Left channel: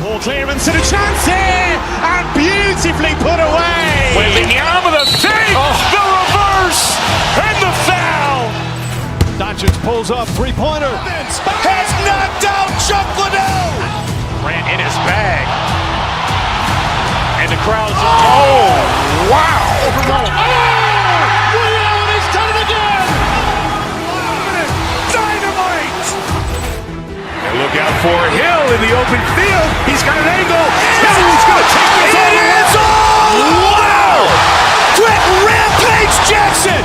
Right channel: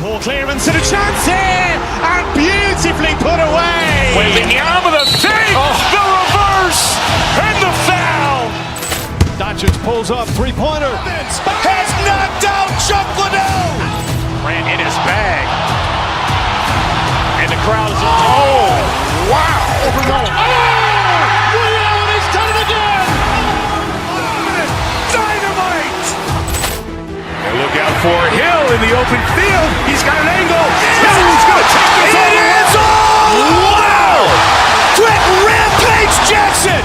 Ball clearance and a chance here, and beautifully put away. Waving the arm of the fake, the reverse, and the foul. Doncic pulls up, three-pointer. Has knocked out Chuck Liddell. Ran in his bag. And the crowd is, oh, wow. Ray Allen has done it again. Dynamite. And look out for Hill in the open field. He's got an angle. He's going to take this all the way. Wow. Quick Rampage Jackson.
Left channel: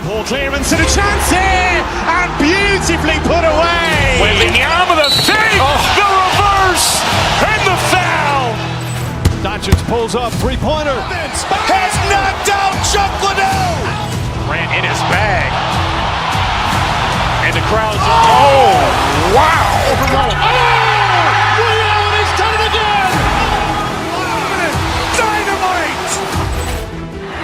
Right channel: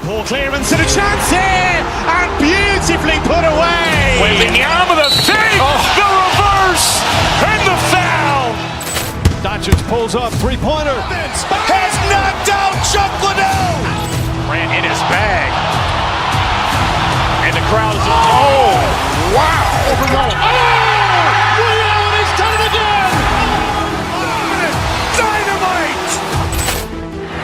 Ball clearance and a chance here, and beautifully put away. Waving the arm of the fake, the reverse, and the foul. Doncic pulls up, three-pointer. Has knocked out Chuck Liddell. Ran in his bag. And the crowd is, oh, wow. Ray Allen has done it again. Dynamite.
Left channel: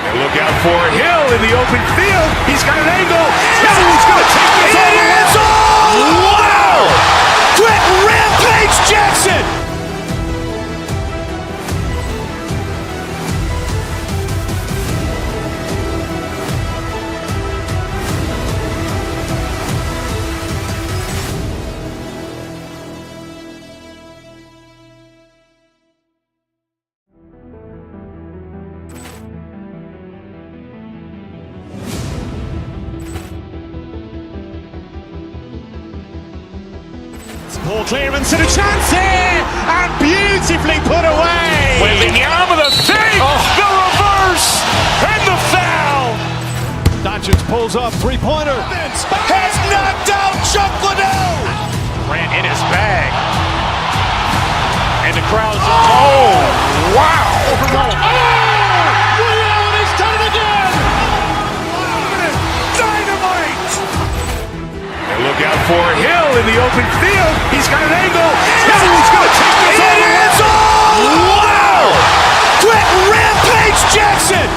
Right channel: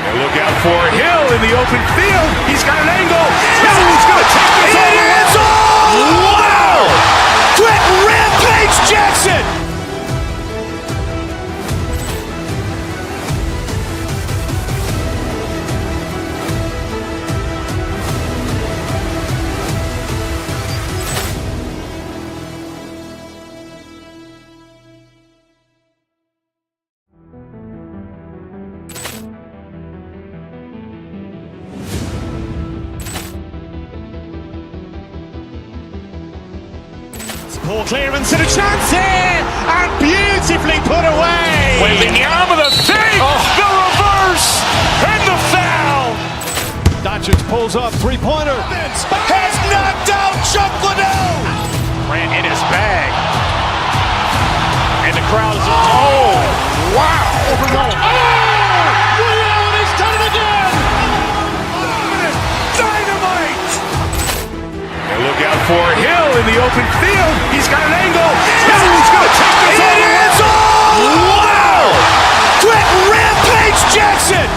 And look out for Hill in the open field. He's got an angle. He's going to take this all the way. Wow. Quick Rampage Jackson. Ball clearance and a chance here, and beautifully put away. Waving the arm of the fake, the reverse, and the foul. Doncic pulls up, three-pointer. Has knocked out Chuck Liddell. Ran in his bag. And the crowd is, oh, wow. Ray Allen has done it again. Dynamite. And look out for Hill in the open field. He's got an angle. He's going to take this all the way. Wow. Quick Rampage Jackson.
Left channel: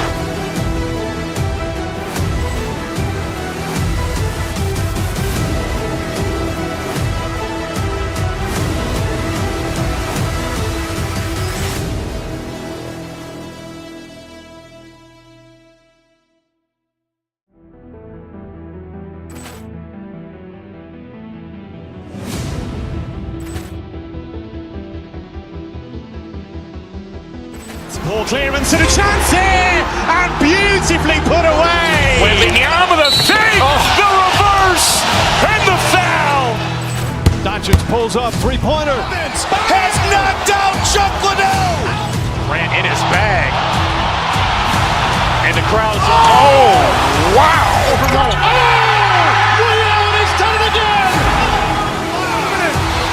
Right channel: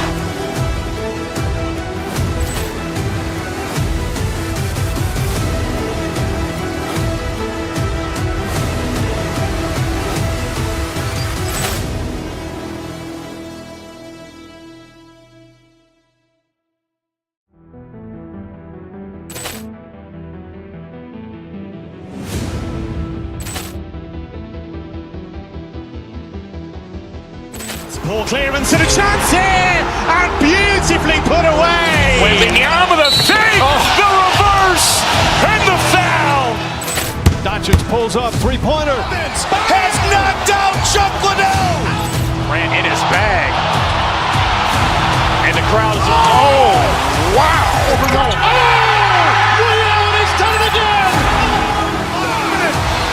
Ball clearance and a chance here, and beautifully put away. Waving the arm of the fake, the reverse, and the foul. Doncic pulls up, three-pointer. Has knocked out Chuck Liddell. Ran in his bag. And the crowd is, oh, wow. Ray Allen has done it again.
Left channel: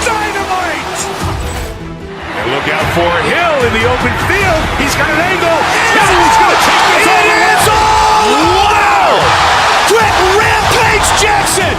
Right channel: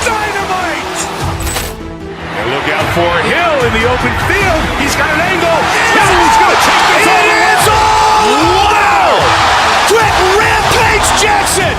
Dynamite. And look out for Hill in the open field. He's got an angle. He's going to take this all the way. Wow. Quick Rampage Jackson.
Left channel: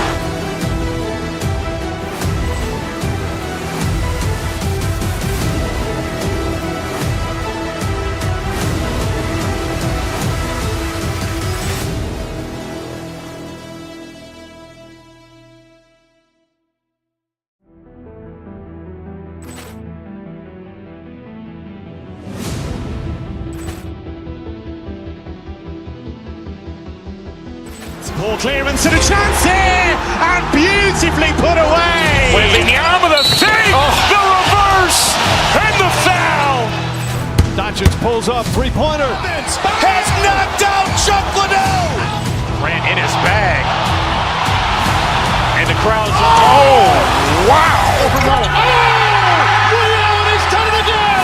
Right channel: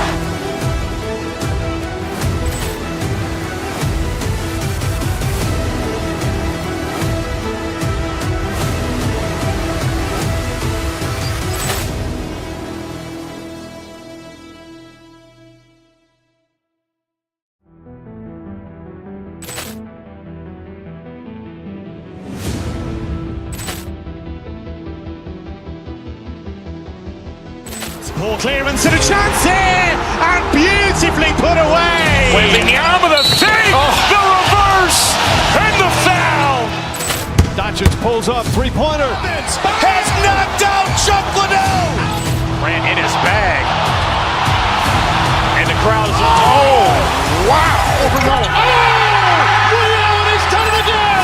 Ball clearance and a chance here, and beautifully put away. Waving the arm of the fake, the reverse, and the foul. Doncic pulls up, three-pointer. Has knocked out Chuck Liddell. Ran in his bag. And the crowd is, oh, wow. Ray Allen has done it again.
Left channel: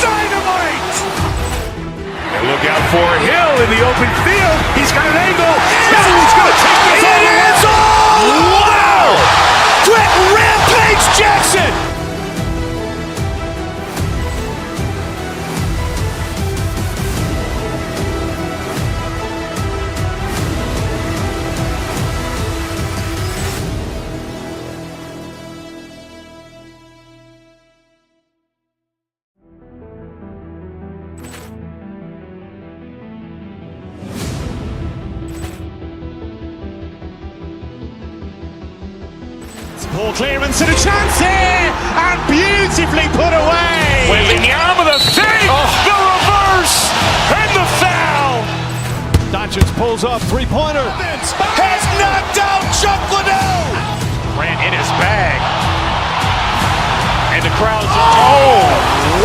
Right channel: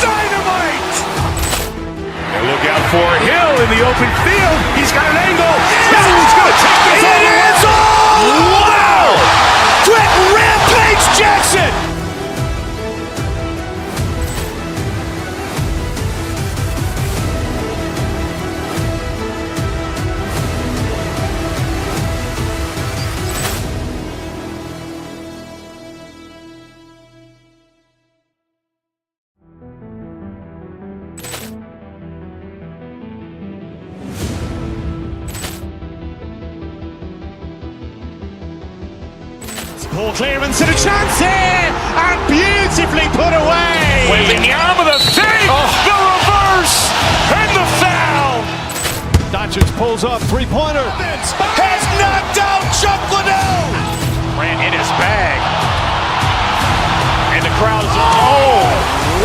Dynamite. And look out for Hill in the open field. He's got an angle. He's going to take this all the way. Wow. Quick Rampage Jackson. Poor clearance and a chance here, and beautifully put away. Wembanyama the fake, the reverse, and the foul. Doncic pulls up, three-pointer. Has knocked out Chuck Liddell. Grant in his bag. And the crowd is, oh,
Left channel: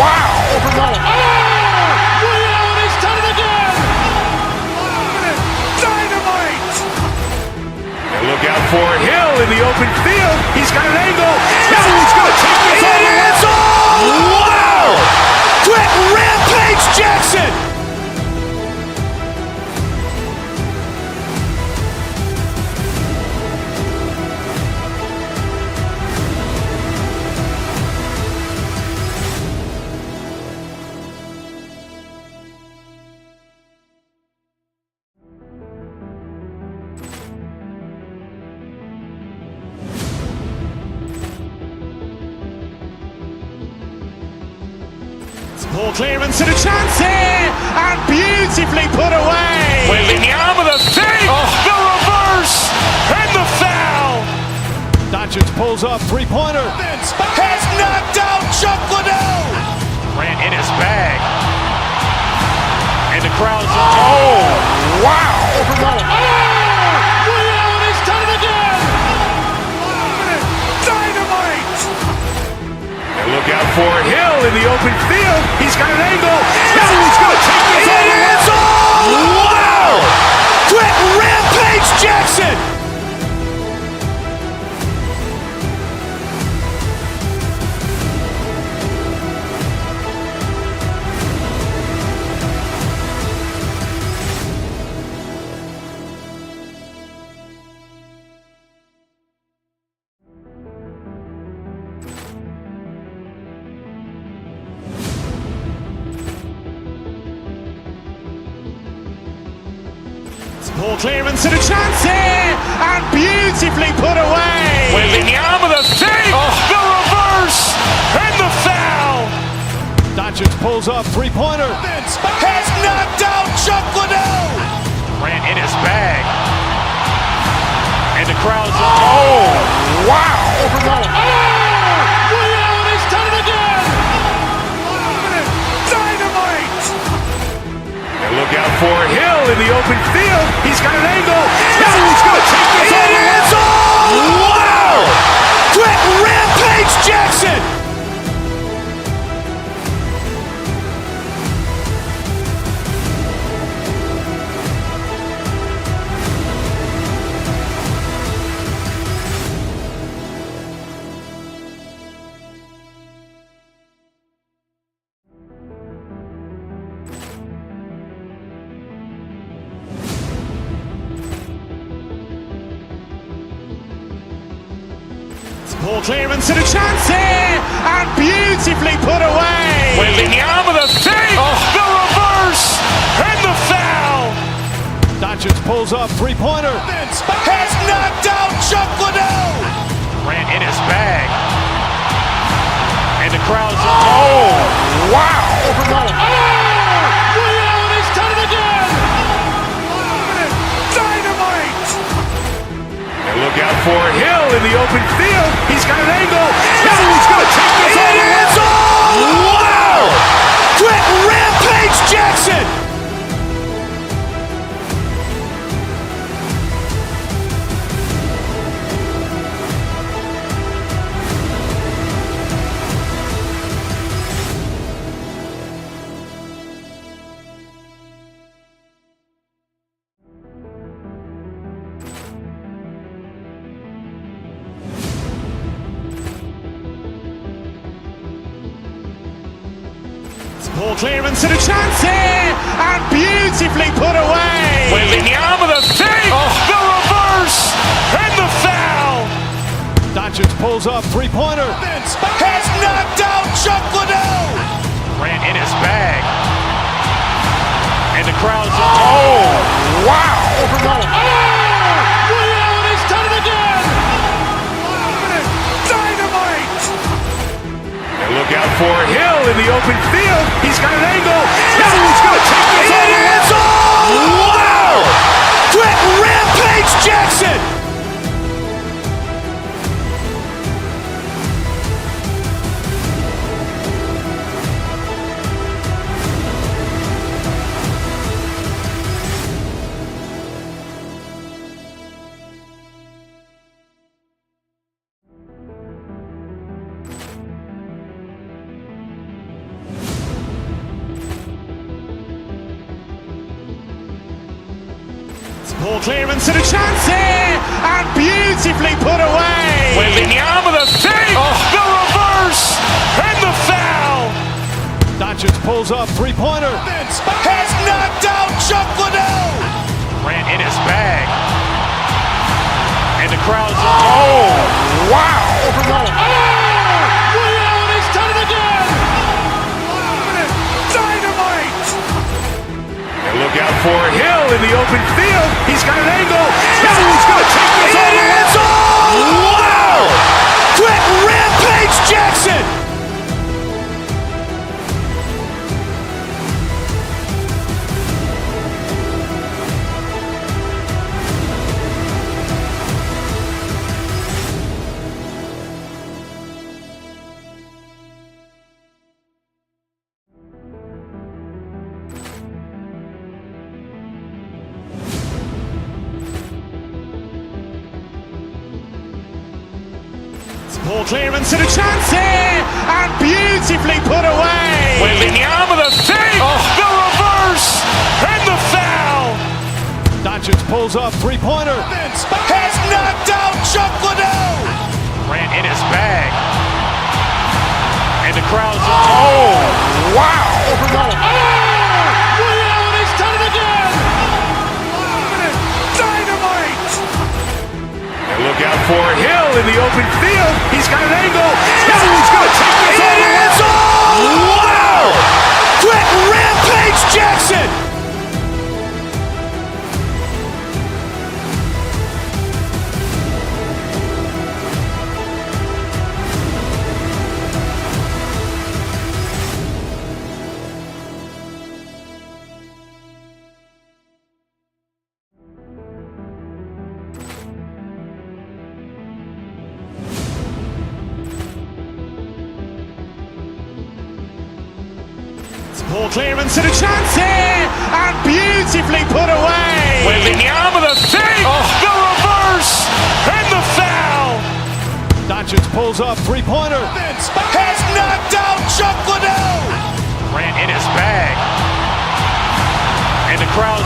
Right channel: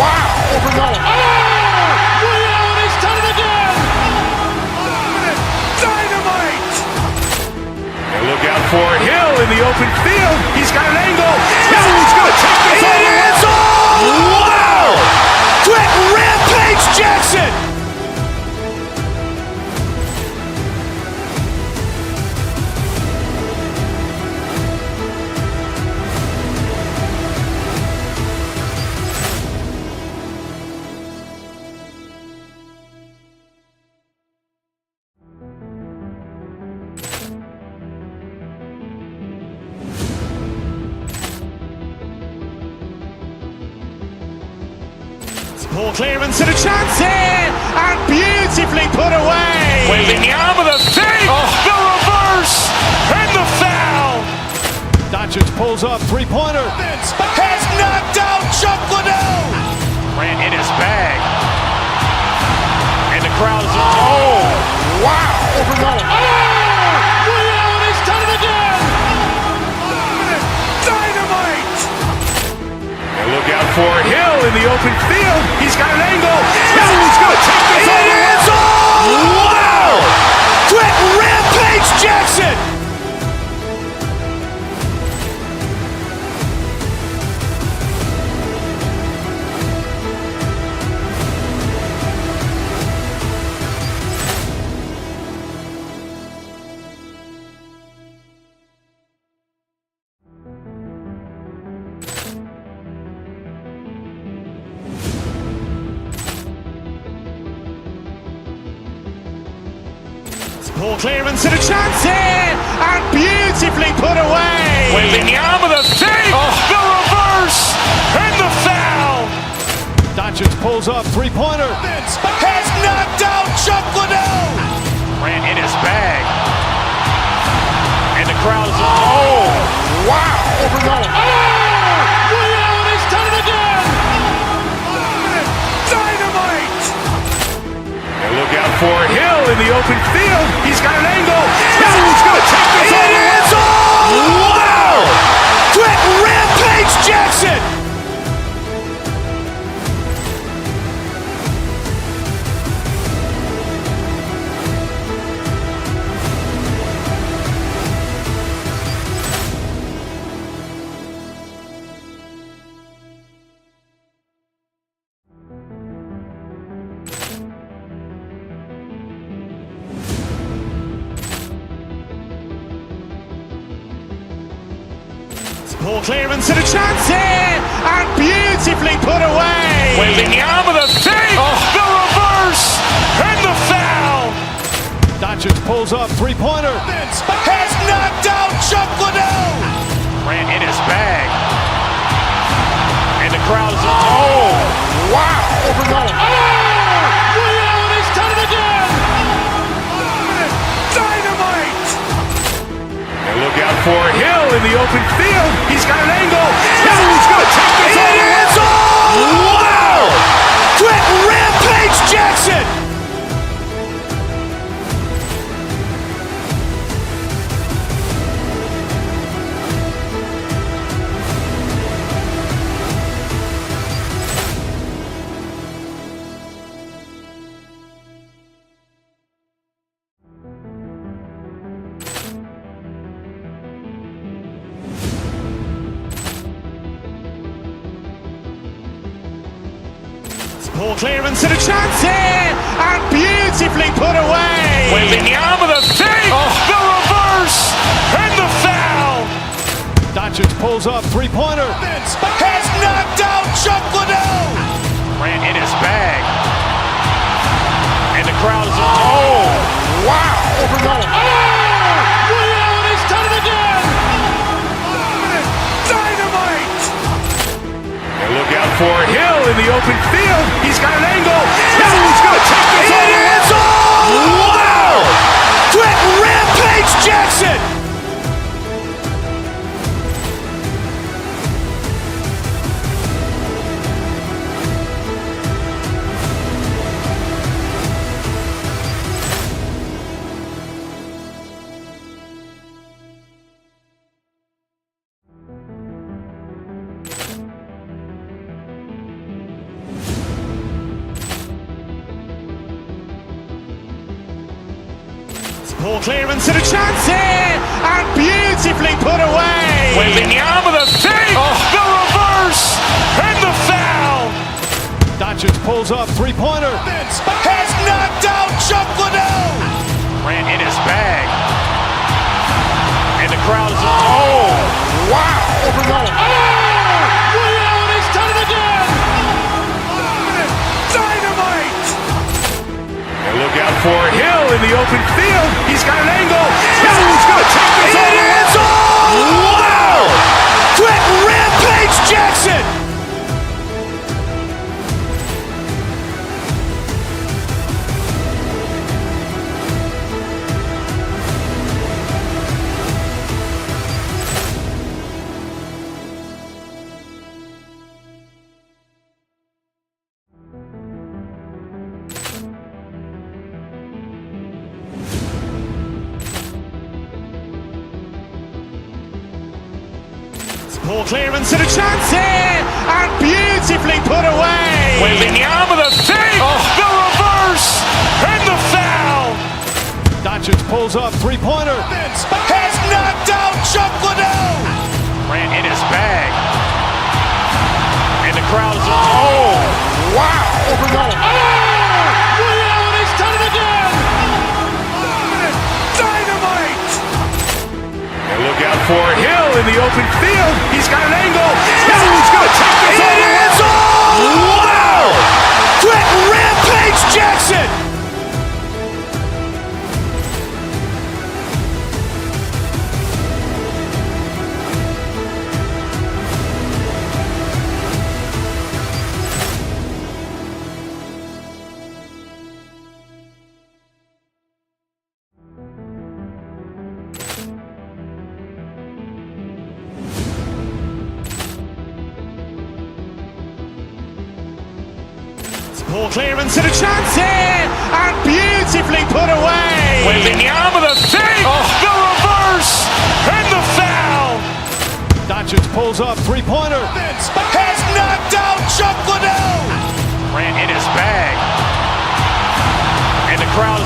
wow. Ray Allen has done it again. Dynamite. And look out for Hill in the open field. He's got an angle. Hill's going to take this all the way. Wow. Quick Rampage Jackson. Poor clearance and a chance here, and beautifully put away. Wembanyama the fake, the reverse, and the foul. Doncic pulls up, three-pointer. Has knocked out Chuck Liddell. Grant in his bag. And the crowd is, oh, wow. Ray Allen has done it again. Dynamite. And look out for Hill in the open field. He's got an angle. Hill's going to take this all the way. Wow. Quick Rampage Jackson. Poor clearance and a chance here, and beautifully put away. Wembanyama the fake, the reverse, and the foul. Doncic pulls up, three-pointer. Has knocked out Chuck Liddell. Grant in his bag. And the crowd is, oh, wow. Ray Allen has done it again. Dynamite. And look out for Hill in the open field. He's got an angle. Hill's going to take this all the way. Wow. Quick Rampage Jackson. Poor clearance and a chance here, and beautifully put away. Wembanyama the fake, the reverse, and the foul. Doncic pulls up, three-pointer. Has knocked out Chuck Liddell. Grant in his bag. And the crowd is, oh, wow. Ray Allen has done it again. Dynamite. And look out for Hill in the open field. He's got an angle. Hill's going to take this all the way. Wow. Quick Rampage Jackson. Poor clearance and a chance here, and beautifully put away. Wembanyama the fake, the reverse, and the foul. Doncic pulls up, three-pointer. Has knocked out Chuck Liddell. Grant in his bag. And the crowd is, oh, wow. Ray Allen has done it again. Dynamite. And look out for Hill in the open field. He's got an angle. Hill's going to take this all the way. Wow. Quick Rampage Jackson. Poor clearance and a chance here, and beautifully put away. Wembanyama with a save, the reverse, and the foul. Doncic pulls up, three-pointer. Has knocked out Chuck Liddell. Grant in his bag. And the crowd is, wow. Ray Allen has done it again. Dynamite. And look out for Hill in the open field. He's got an angle. Hill's going to take this all the way. Wow. Quick Rampage Jackson. Poor clearance and a chance here, and beautifully put away. Wembanyama with a save, the reverse, and the foul. Doncic pulls up, three-pointer. Has knocked out Chuck Liddell. Grant in his bag. And the crowd is, wow. Ray Allen has done it again. Dynamite. And look out for Hill in the open field. He's got an angle. Hill's going to take this all the way. Wow. Quick Rampage Jackson. Poor clearance and a chance here, and beautifully put away. Wembanyama with a save, the reverse, and the foul. Doncic pulls up, three-pointer. Has knocked out Chuck Liddell. Grant in his bag. And the crowd is,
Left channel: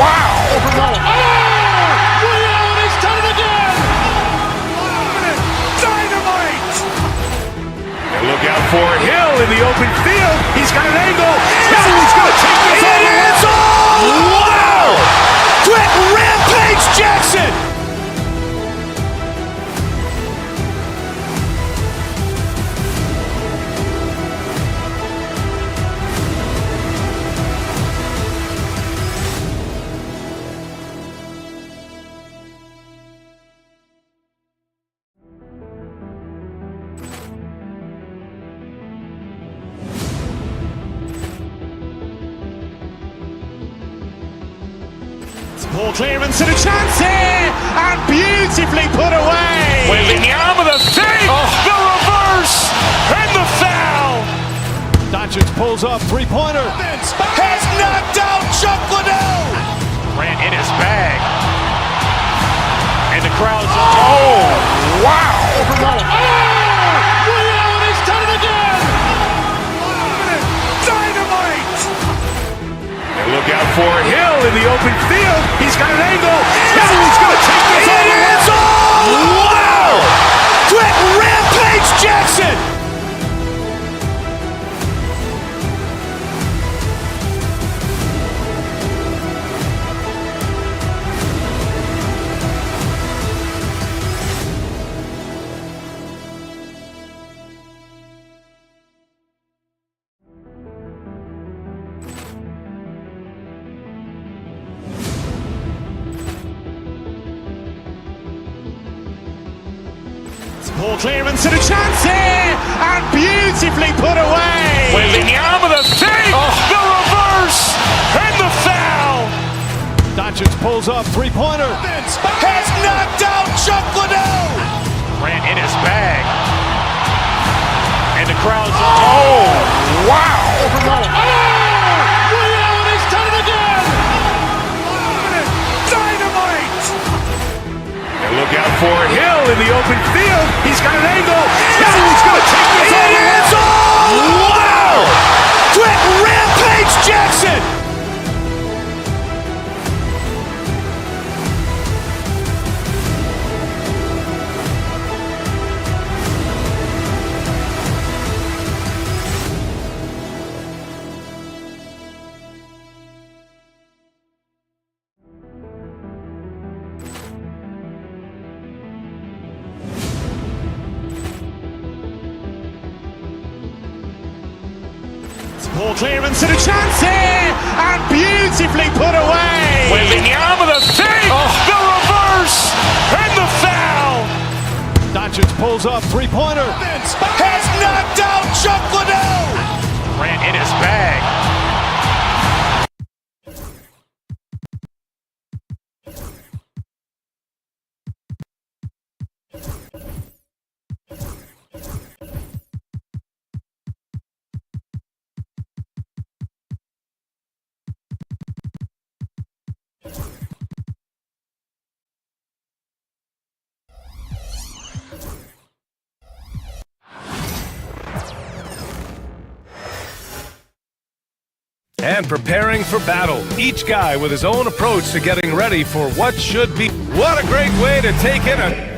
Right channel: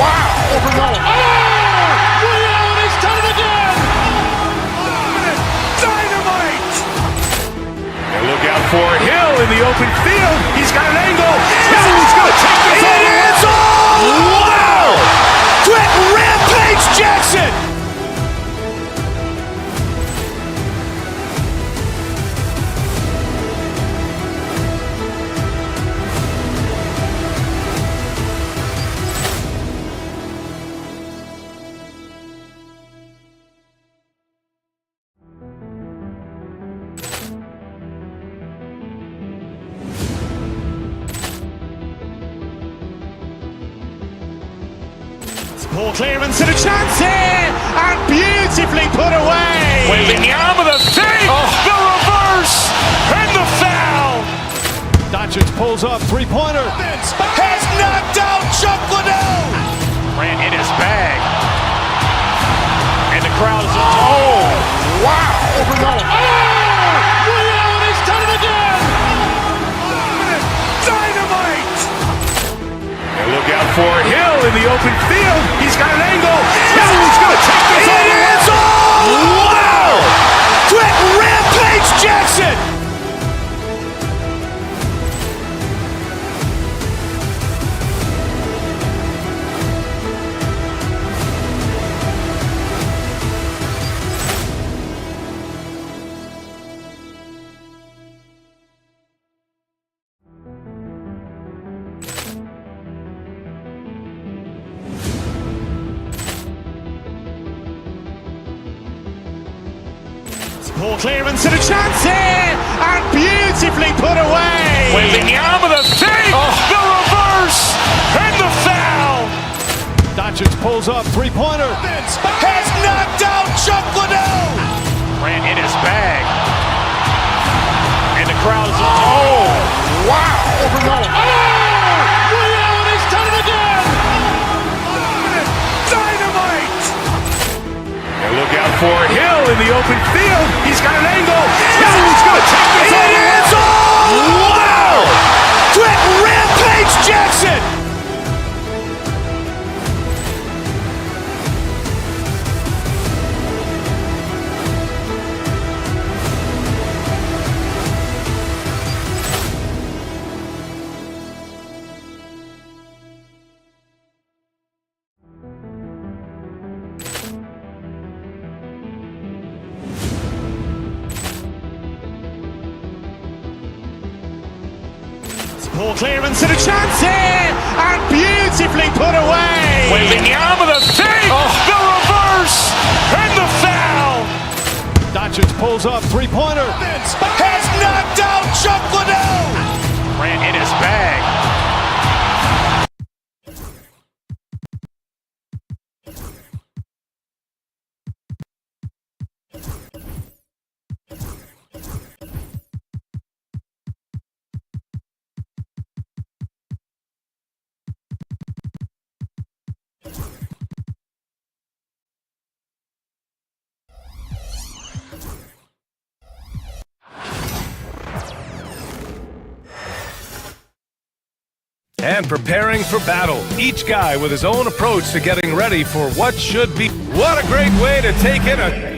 wow. Ray Allen has done it again. Dynamite. And look out for Hill in the open field. He's got an angle. Hill's going to take this all the way. Wow. Quick Rampage Jackson. Poor clearance and a chance here, and beautifully put away. Wembanyama with a save, the reverse, and the foul. Doncic pulls up, three-pointer. Has knocked out Chuck Liddell. Grant in his bag. And the crowd is, wow. Ray Allen has done it again. Dynamite. And look out for Hill in the open field. He's got an angle. Hill's going to take this all the way. Wow. Quick Rampage Jackson. Poor clearance and a chance here, and beautifully put away. Wembanyama with a save, the reverse, and the foul. Doncic pulls up, three-pointer. Has knocked out Chuck Liddell. Grant in his bag. And the crowd is, wow. Ray Allen has done it again. Dynamite. And look out for Hill in the open field. He's got an angle. Hill's going to take this all the way. Wow. Quick Rampage Jackson. Poor clearance and a chance here, and beautifully put away. With the arm of the fake, the reverse, and the foul. Doncic pulls up, three-pointer. Has knocked out Chuck Liddell. Ran in his bag. And preparing for battle. Each guy with his own approach to getting ready for what should be. What a great way to take in a...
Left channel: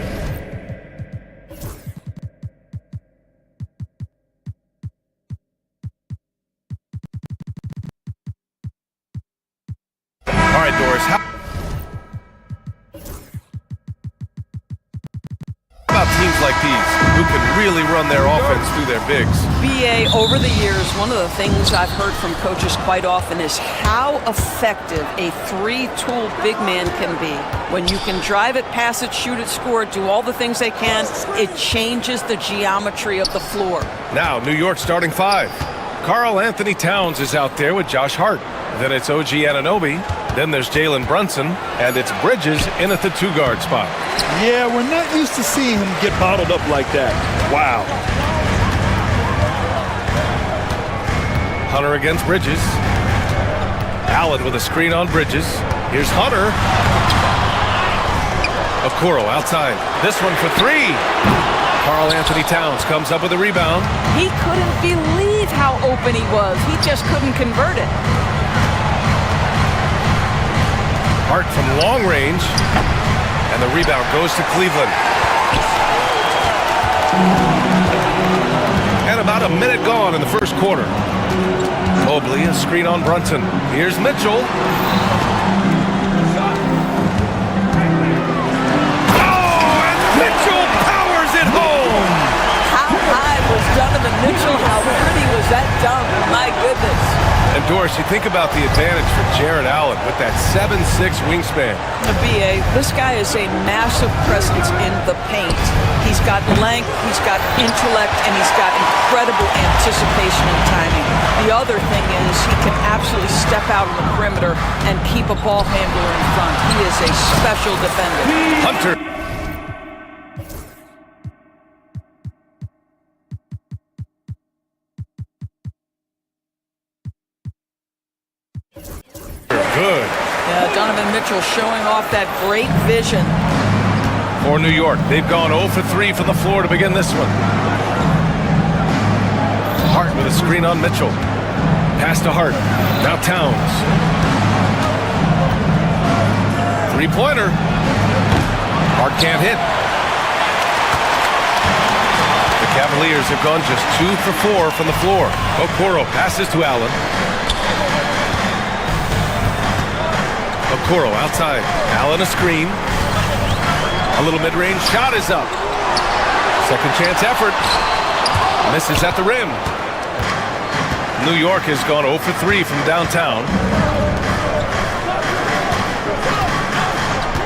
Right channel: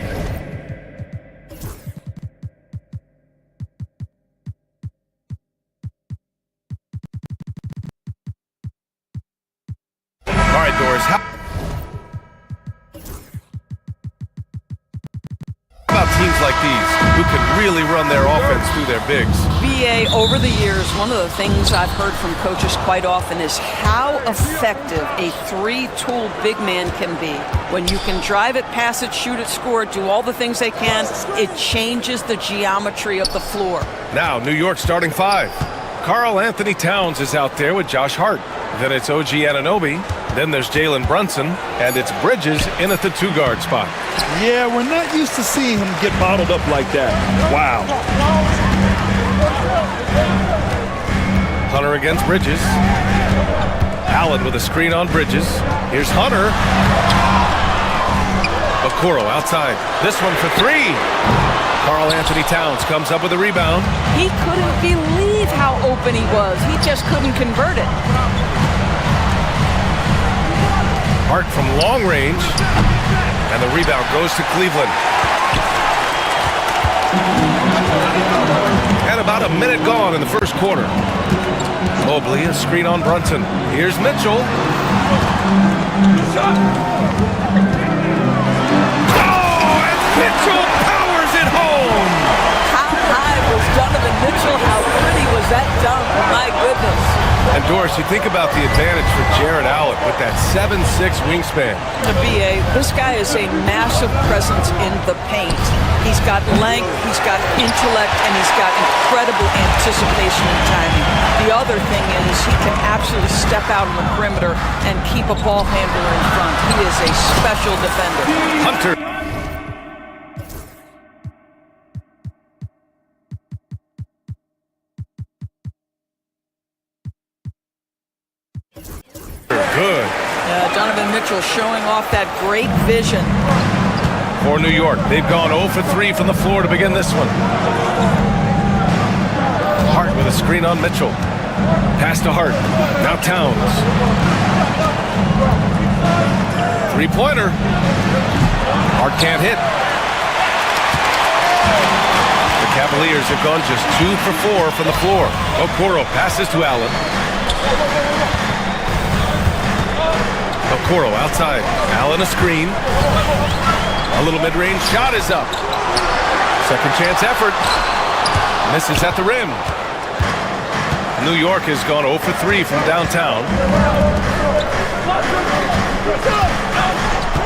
All right, Doris, how about teams like these who can really run their offense through their bigs? BA, over the years, one of the things I've heard from coaches quite often is how effective a three-tool big man can be. When you can drive it, pass it, shoot it, score it, do all the things they can, it changes the geometry of the floor. Now, New York starting five. Karl Anthony Towns is out there with Josh Hart. Then it's OG Anunoby. Then there's Jalen Brunson. And it's Bridges in at the two-guard spot. Yeah, we're not used to seeing him get bottled up like that. Wow. Hunter against Bridges. Allen with a screen on Bridges. Here's Hunter. Okoro outside. This one for three. Karl Anthony Towns comes up with a rebound. He couldn't believe how open he was. He just couldn't convert it. Hart from long range. And the rebound goes to Cleveland. And about a minute gone in the first quarter. Mobley, a screen on Brunson. Here's Mitchell. Oh, and Mitchell powers it home. How high was Donovan Mitchell? How pretty was that dunk? My goodness. And Doris, you think about the advantage for Jared Allen with that 7'6" wingspan. The BA, this guy is a massive presence in the paint. He's got length, he's got intellect, and he's got incredible anticipation and timing. The other thing is he can absolutely step out on the perimeter and keep a ball handler in front. He is a special defender. Hunter. Good. Donovan Mitchell showing off that great vision. For New York, they've gone 0 for 3 from the floor to begin this one. Hart with a screen on Mitchell. Pass to Hart. Now Towns. Three-pointer. Hart can't hit. The Cavaliers have gone just 2 for 4 from the floor. Okoro passes to Allen. Okoro outside. Allen a screen. A little mid-range shot is up. Second chance effort. Misses at the rim. New York has gone 0 for 3 from downtown.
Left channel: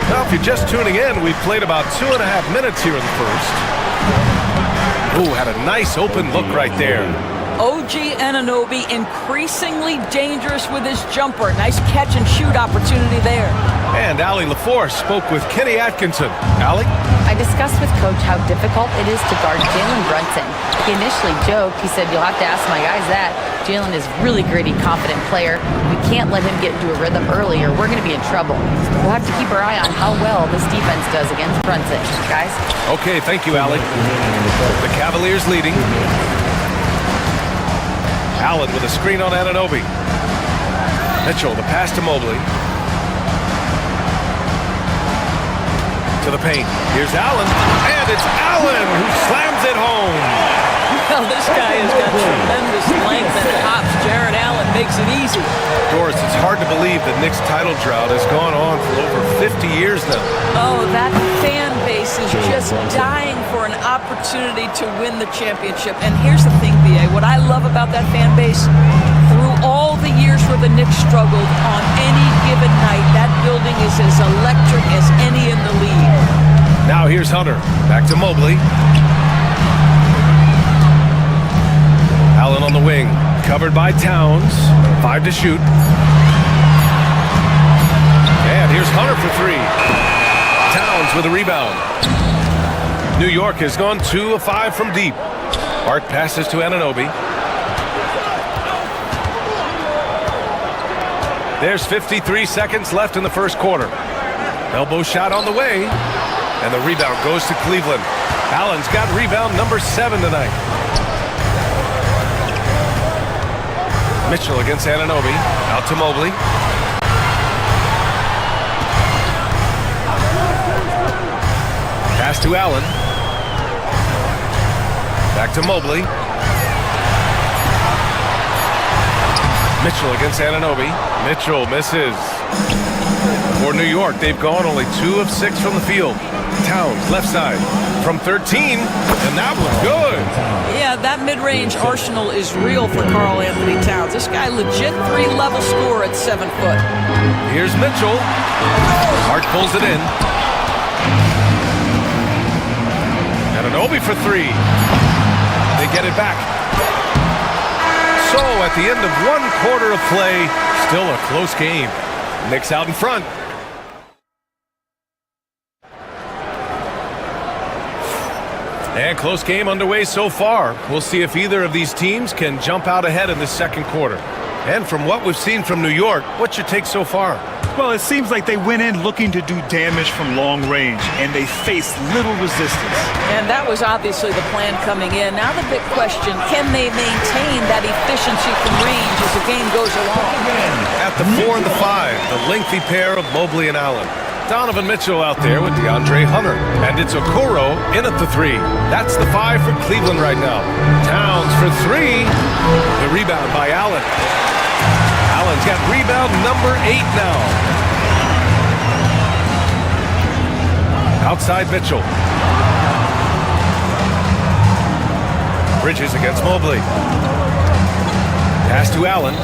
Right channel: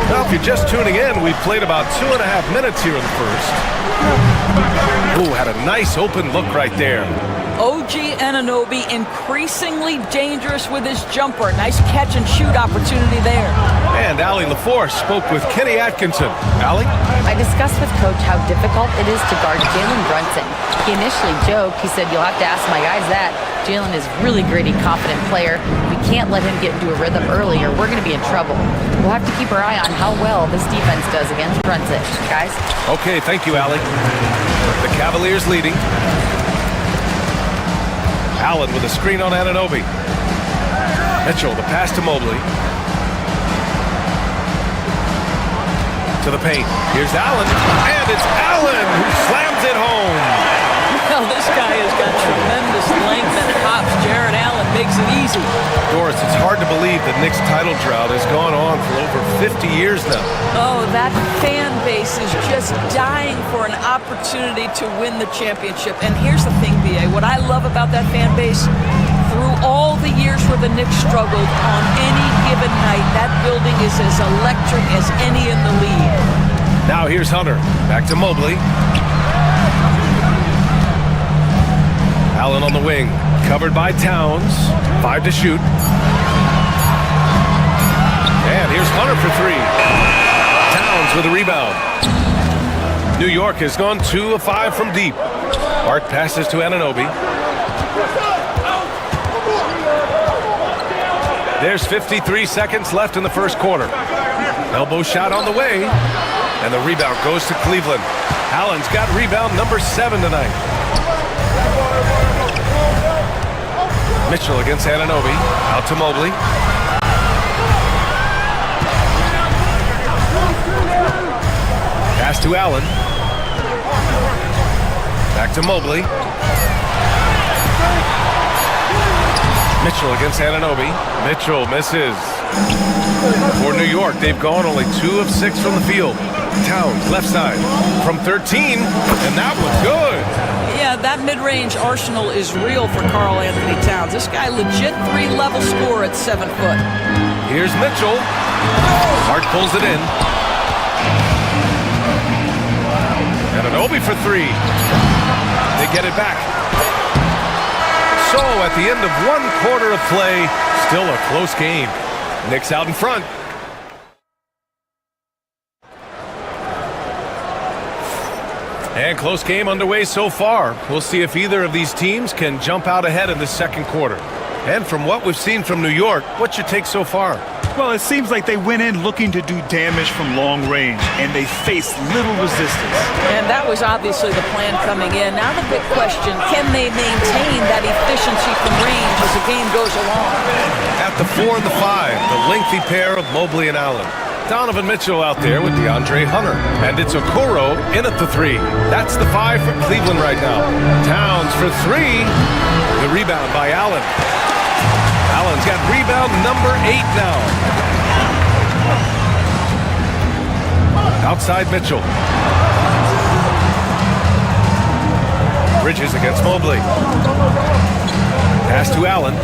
Now, if you're just tuning in, we've played about 2.5 minutes here in the first. Ooh, had a nice open look right there. OG Anunoby increasingly dangerous with his jumper. Nice catch and shoot opportunity there. And Allie LaForce spoke with Kenny Atkinson. Allie? I discussed with Coach how difficult it is to guard Jalen Brunson. He initially joked. He said, "You'll have to ask my guys that." Jalen is really gritty, confident player. We can't let him get into a rhythm early or we're going to be in trouble. We'll have to keep our eye on how well this defense does against Brunson. Guys? Okay, thank you, Allie. The Cavaliers leading. Allen with a screen on Anunoby. Mitchell, the pass to Mobley. To the paint. Here's Allen. And it's Allen who slams it home. Well, this guy has got tremendous length and hops. Jared Allen makes it easy. Doris, it's hard to believe the Knicks title drought has gone on for over 50 years now. Oh, that fan base is just dying for an opportunity to win the championship. And here's the thing, BA, what I love about that fan base, through all the years where the Knicks struggled, on any given night, that building is as electric as any in the league. Now here's Hunter. Back to Mobley. Allen on the wing. Covered by Towns. 5 to shoot. And here's Hunter for 3. Towns with a rebound. New York has gone 2 of 5 from deep. Hart passes to Anunoby. There's 53 seconds left in the first quarter. Elbow shot on the way. And the rebound goes to Cleveland. Allen's got rebound number 7 tonight. Mitchell against Anunoby. Out to Mobley. Pass to Allen. Back to Mobley. Mitchell against Anunoby. Mitchell misses. For New York, they've gone only 2 of 6 from the field. Towns, left side, from 13, and that was good. Yeah, that mid-range arsenal is real for Karl Anthony Towns. This guy, legit 3-level scorer at 7 foot. Here's Mitchell. Hart pulls it in. Anunoby for 3. They get it back. So at the end of 1 quarter of play, still a close game. Knicks out in front. And close game underway so far. We'll see if either of these teams can jump out ahead in the second quarter. And from what we've seen from New York, what's your take so far? Well, it seems like they went in looking to do damage from long range, and they faced little resistance. And that was obviously the plan coming in. Now the big question, can they maintain that efficiency from range as the game goes along? At the 4 and the 5, the lengthy pair of Mobley and Allen. Donovan Mitchell out there with DeAndre Hunter. And it's Okoro in at the 3. That's the 5 for Cleveland right now. Towns for 3. The rebound by Allen. Allen's got rebound number 8 now. Outside Mitchell. Bridges against Mobley. Pass to Allen.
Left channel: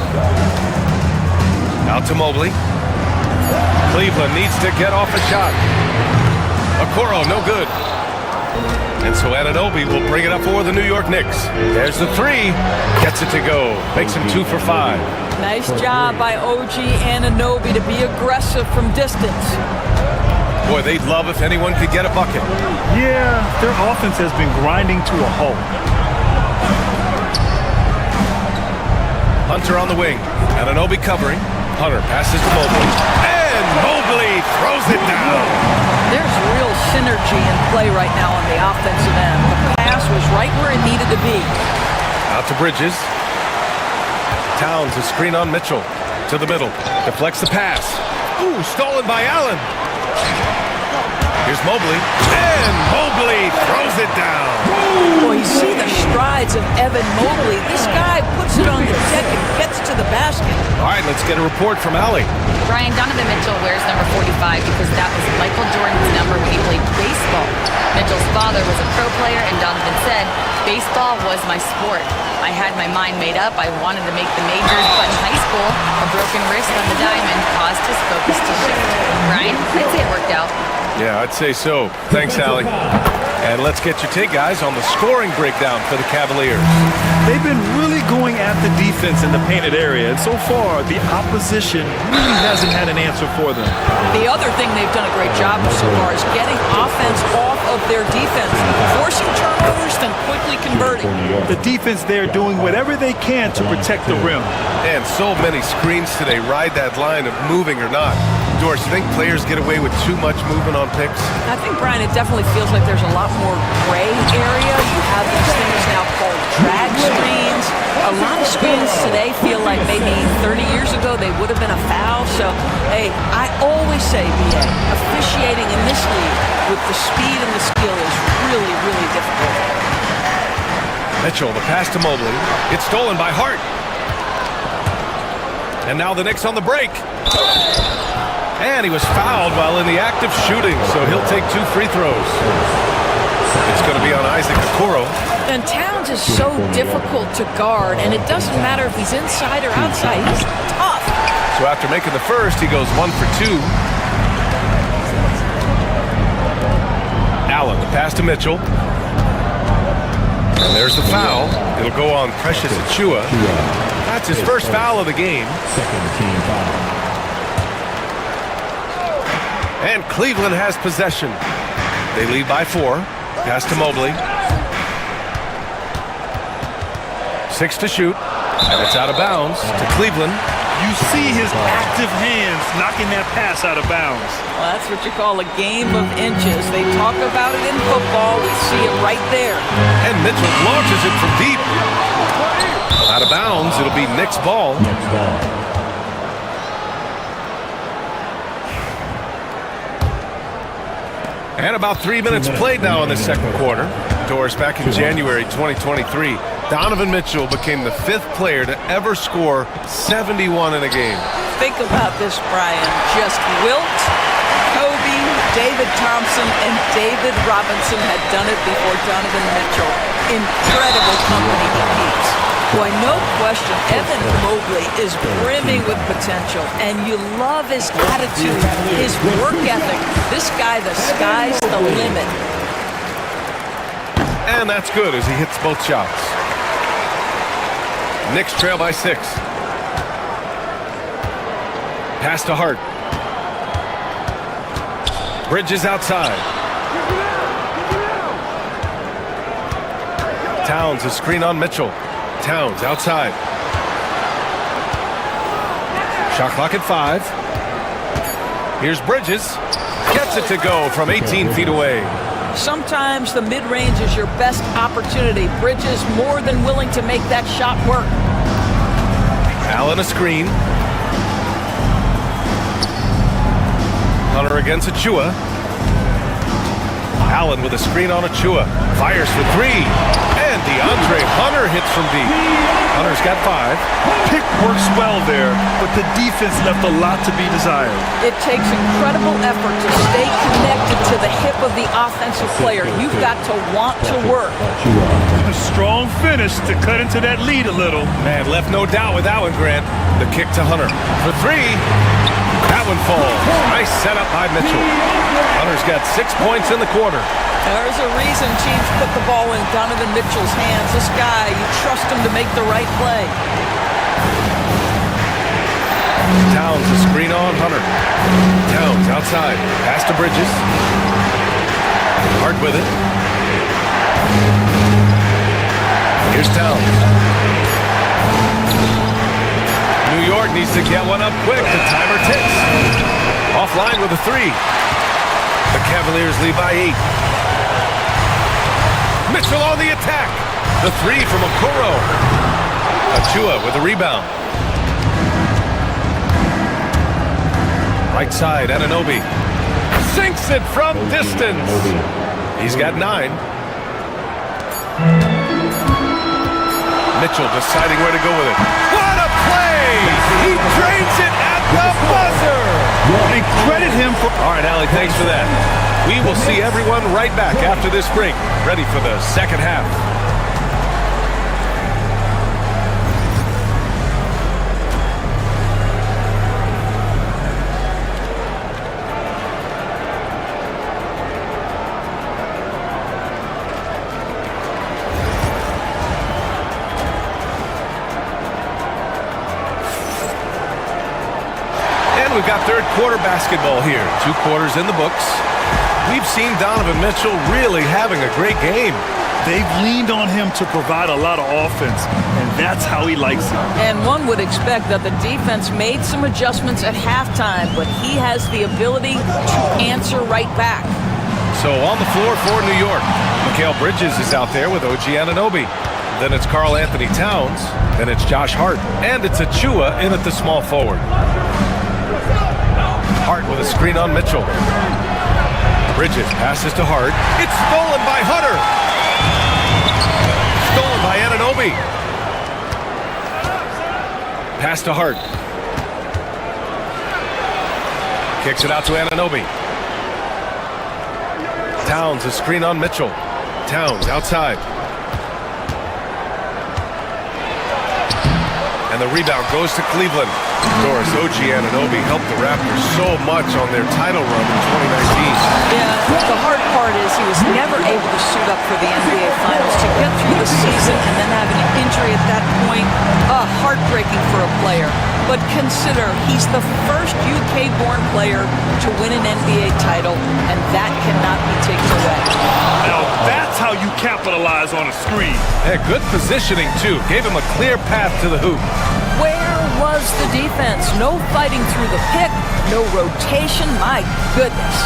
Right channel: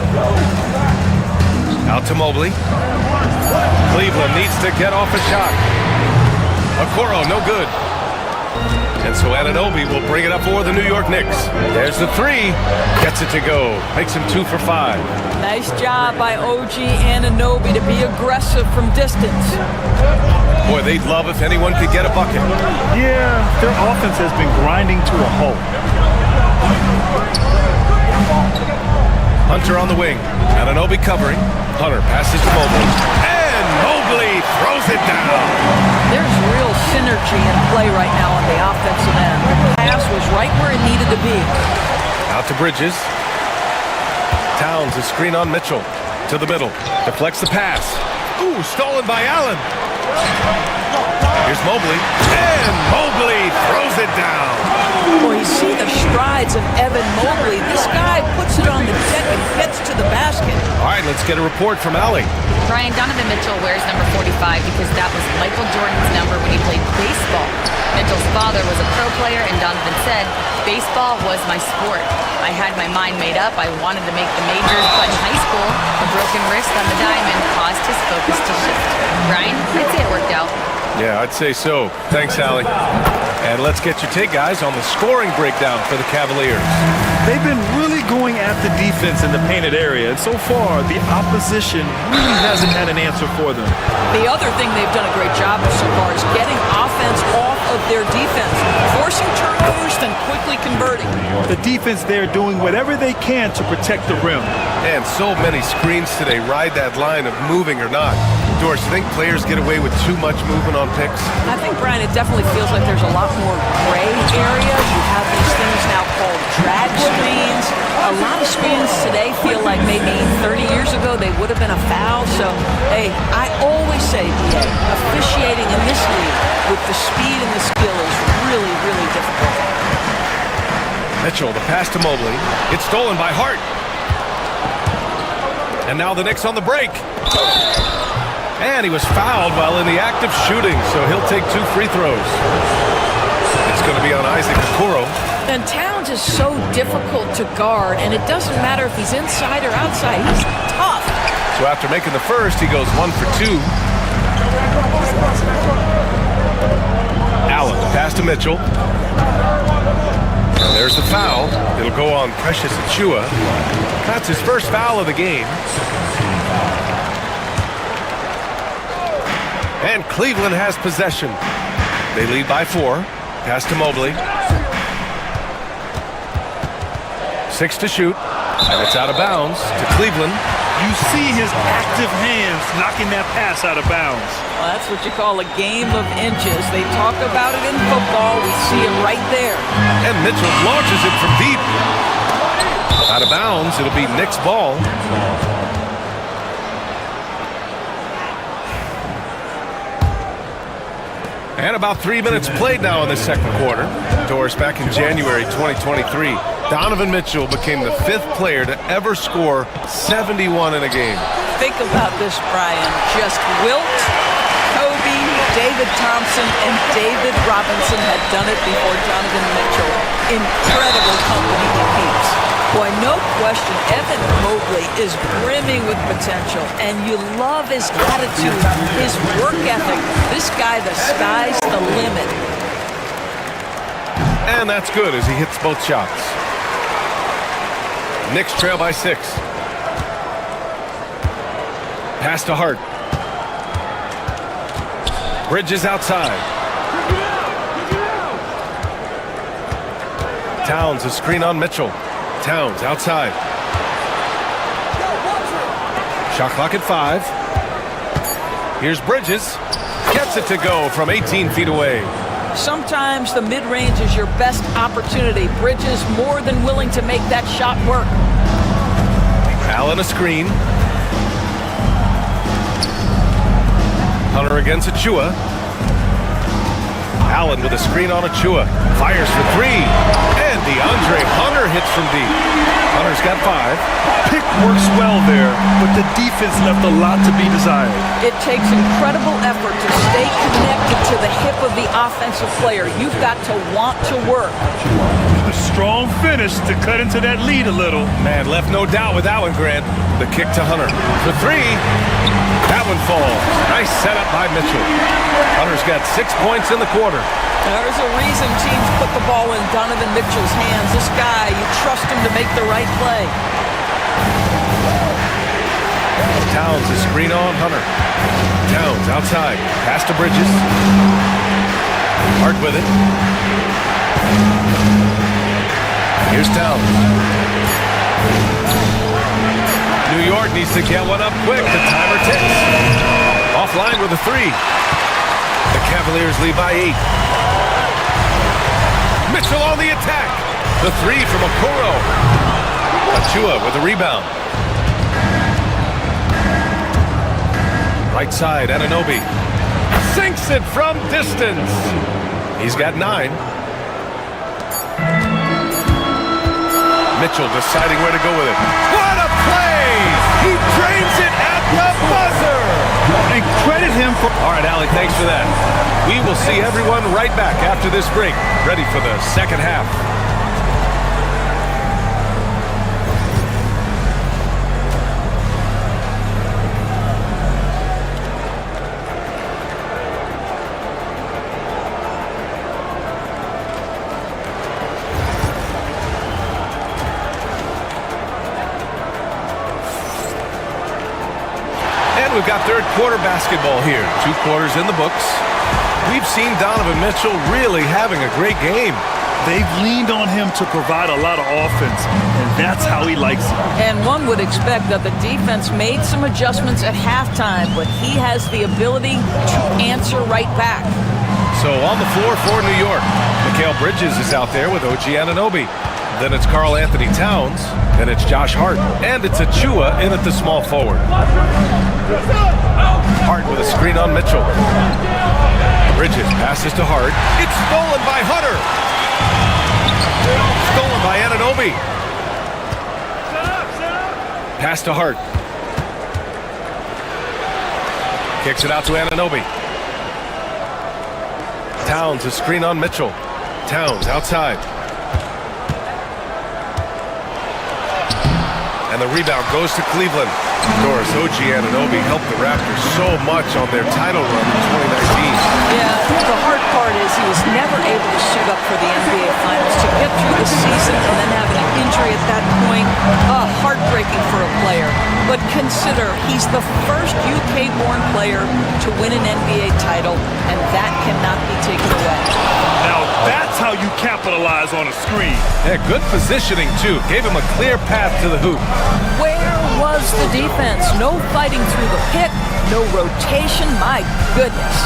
Out to Mobley. Cleveland needs to get off a shot. Okoro, no good. And so Anunoby will bring it up for the New York Knicks. There's the 3. Gets it to go. Makes him 2 for 5. Nice job by OG Anunoby to be aggressive from distance. Boy, they'd love if anyone could get a bucket. Yeah, their offense has been grinding to a halt. Hunter on the wing. Anunoby covering. Hunter passes to Mobley. And Mobley throws it down. There's real synergy in play right now on the offensive end. The pass was right where it needed to be. Out to Bridges. Towns, a screen on Mitchell. To the middle. Deflects the pass. Ooh, stolen by Allen. Here's Mobley. And Mobley throws it down. Well, you see the strides of Evan Mobley. This guy puts it on the deck and gets to the basket. All right, let's get a report from Allie. Brian, Donovan Mitchell wears number 45 because that was Michael Jordan's number when he played baseball. Mitchell's father was a pro player, and Donovan said, "Baseball was my sport. I had my mind made up. I wanted to make the majors, but in high school, a broken wrist on the diamond caused his focus to shift." Brian, I'd say it worked out. Yeah, I'd say so. Thanks, Allie. And let's get your take, guys, on the scoring breakdown for the Cavaliers. They've been really going at the defense in the painted area, and so far, the opposition really hasn't had an answer for them. The other thing they've done a great job of so far is getting offense off of their defense, forcing turnovers, then quickly converting. The defense there doing whatever they can to protect the rim. And so many screens today ride that line of moving or not. Doris, you think players get away with too much movement on picks? I think, Brian, it definitely feels like there's a lot more gray area. You have these things now called drag screens. A lot of screens today feel like maybe 30 years ago they would have been a foul. So, hey, I always say, BA, officiating in this league with the speed and the skill is really, really difficult. Mitchell, the pass to Mobley. It's stolen by Hart. And now the Knicks on the break. And he was fouled while in the act of shooting, so he'll take 2 free throws. It's going to be on Isaac Okoro. And Towns is so difficult to guard, and it doesn't matter if he's inside or outside. He's tough. So after making the first, he goes 1 for 2. Allen, the pass to Mitchell. And there's the foul. It'll go on Precious Achiuwa. That's his first foul of the game. And Cleveland has possession. They lead by 4. Pass to Mobley. 6 to shoot. And it's out of bounds to Cleveland. You see his active hands knocking that pass out of bounds. Well, that's what you call a game of inches. They talk about it in football. We see it right there. And Mitchell launches it from deep. Out of bounds. It'll be Knicks ball. And about 3 minutes played now in the second quarter. Doris, back in January 2023, Donovan Mitchell became the 5th player to ever score 71 in a game. Think about this, Brian. Just Wilt, Kobe, David Thompson, and David Robinson had done it before Donovan Mitchell. Incredible company he keeps. Boy, no question, Evan Mobley is brimming with potential, and you love his attitude, his work ethic. This guy, the sky's the limit. And that's good as he hits both shots. Knicks trail by 6. Pass to Hart. Bridges outside. Towns, a screen on Mitchell. Towns outside. Shot clock at 5. Here's Bridges. Gets it to go from 18 feet away. Sometimes the mid-range is your best opportunity. Bridges more than willing to make that shot work. Allen a screen. Hunter against Achiuwa. Allen with a screen on Achiuwa. Fires for 3. And DeAndre Hunter hits from deep. Hunter's got 5. Pick works well there, but the defense left a lot to be desired. It takes incredible effort to stay connected to the hip of the offensive player. You've got to want to work. A strong finish to cut into that lead a little. Man, left no doubt with that one, Grant. The kick to Hunter. For 3. That one falls. Nice setup by Mitchell. Hunter's got 6 points in the quarter. There's a reason teams put the ball in Donovan Mitchell's hands. This guy, you trust him to make the right play. Towns a screen on Hunter. Towns outside. Pass to Bridges. Hart with it. Here's Towns. New York needs to get one up quick. The timer ticks. Offline with a 3. The Cavaliers lead by 8. Mitchell on the attack. The 3 from Okoro. Achiuwa with a rebound. Right side, Anunoby. Sinks it from distance. He's got 9. Mitchell deciding where to go with it. What a play! He drains it at the buzzer! And credit him for... All right, Allie, thanks for that. We will see everyone right back after this break, ready for the second half. And we've got third quarter basketball here. 2 quarters in the books. We've seen Donovan Mitchell really having a great game. They've leaned on him to provide a lot of offense, and that's how he likes it. And one would expect that the defense made some adjustments at halftime, but he has the ability to answer right back. So on the floor for New York, Mikal Bridges is out there with OG Anunoby. Then it's Karl Anthony Towns. Then it's Josh Hart. And it's Achiuwa in at the small forward. Hart with a screen on Mitchell. Bridges passes to Hart. It's stolen by Hunter. Stolen by Anunoby. Pass to Hart. Kicks it out to Anunoby. Towns a screen on Mitchell. Towns outside. And the rebound goes to Cleveland. Doris Anunoby helped the Raptors so much on their title run in 2019. Yeah, the hard part is he was never able to suit up for the NBA Finals. To get through the season and then have an injury at that point, heartbreaking for a player. But consider, he's the first UK-born player to win an NBA title, and that cannot be taken away. Now that's how you capitalize on a screen. Yeah, good positioning, too. Gave him a clear path to the hoop. Where was the defense? No fighting through the pick, no rotation. My goodness.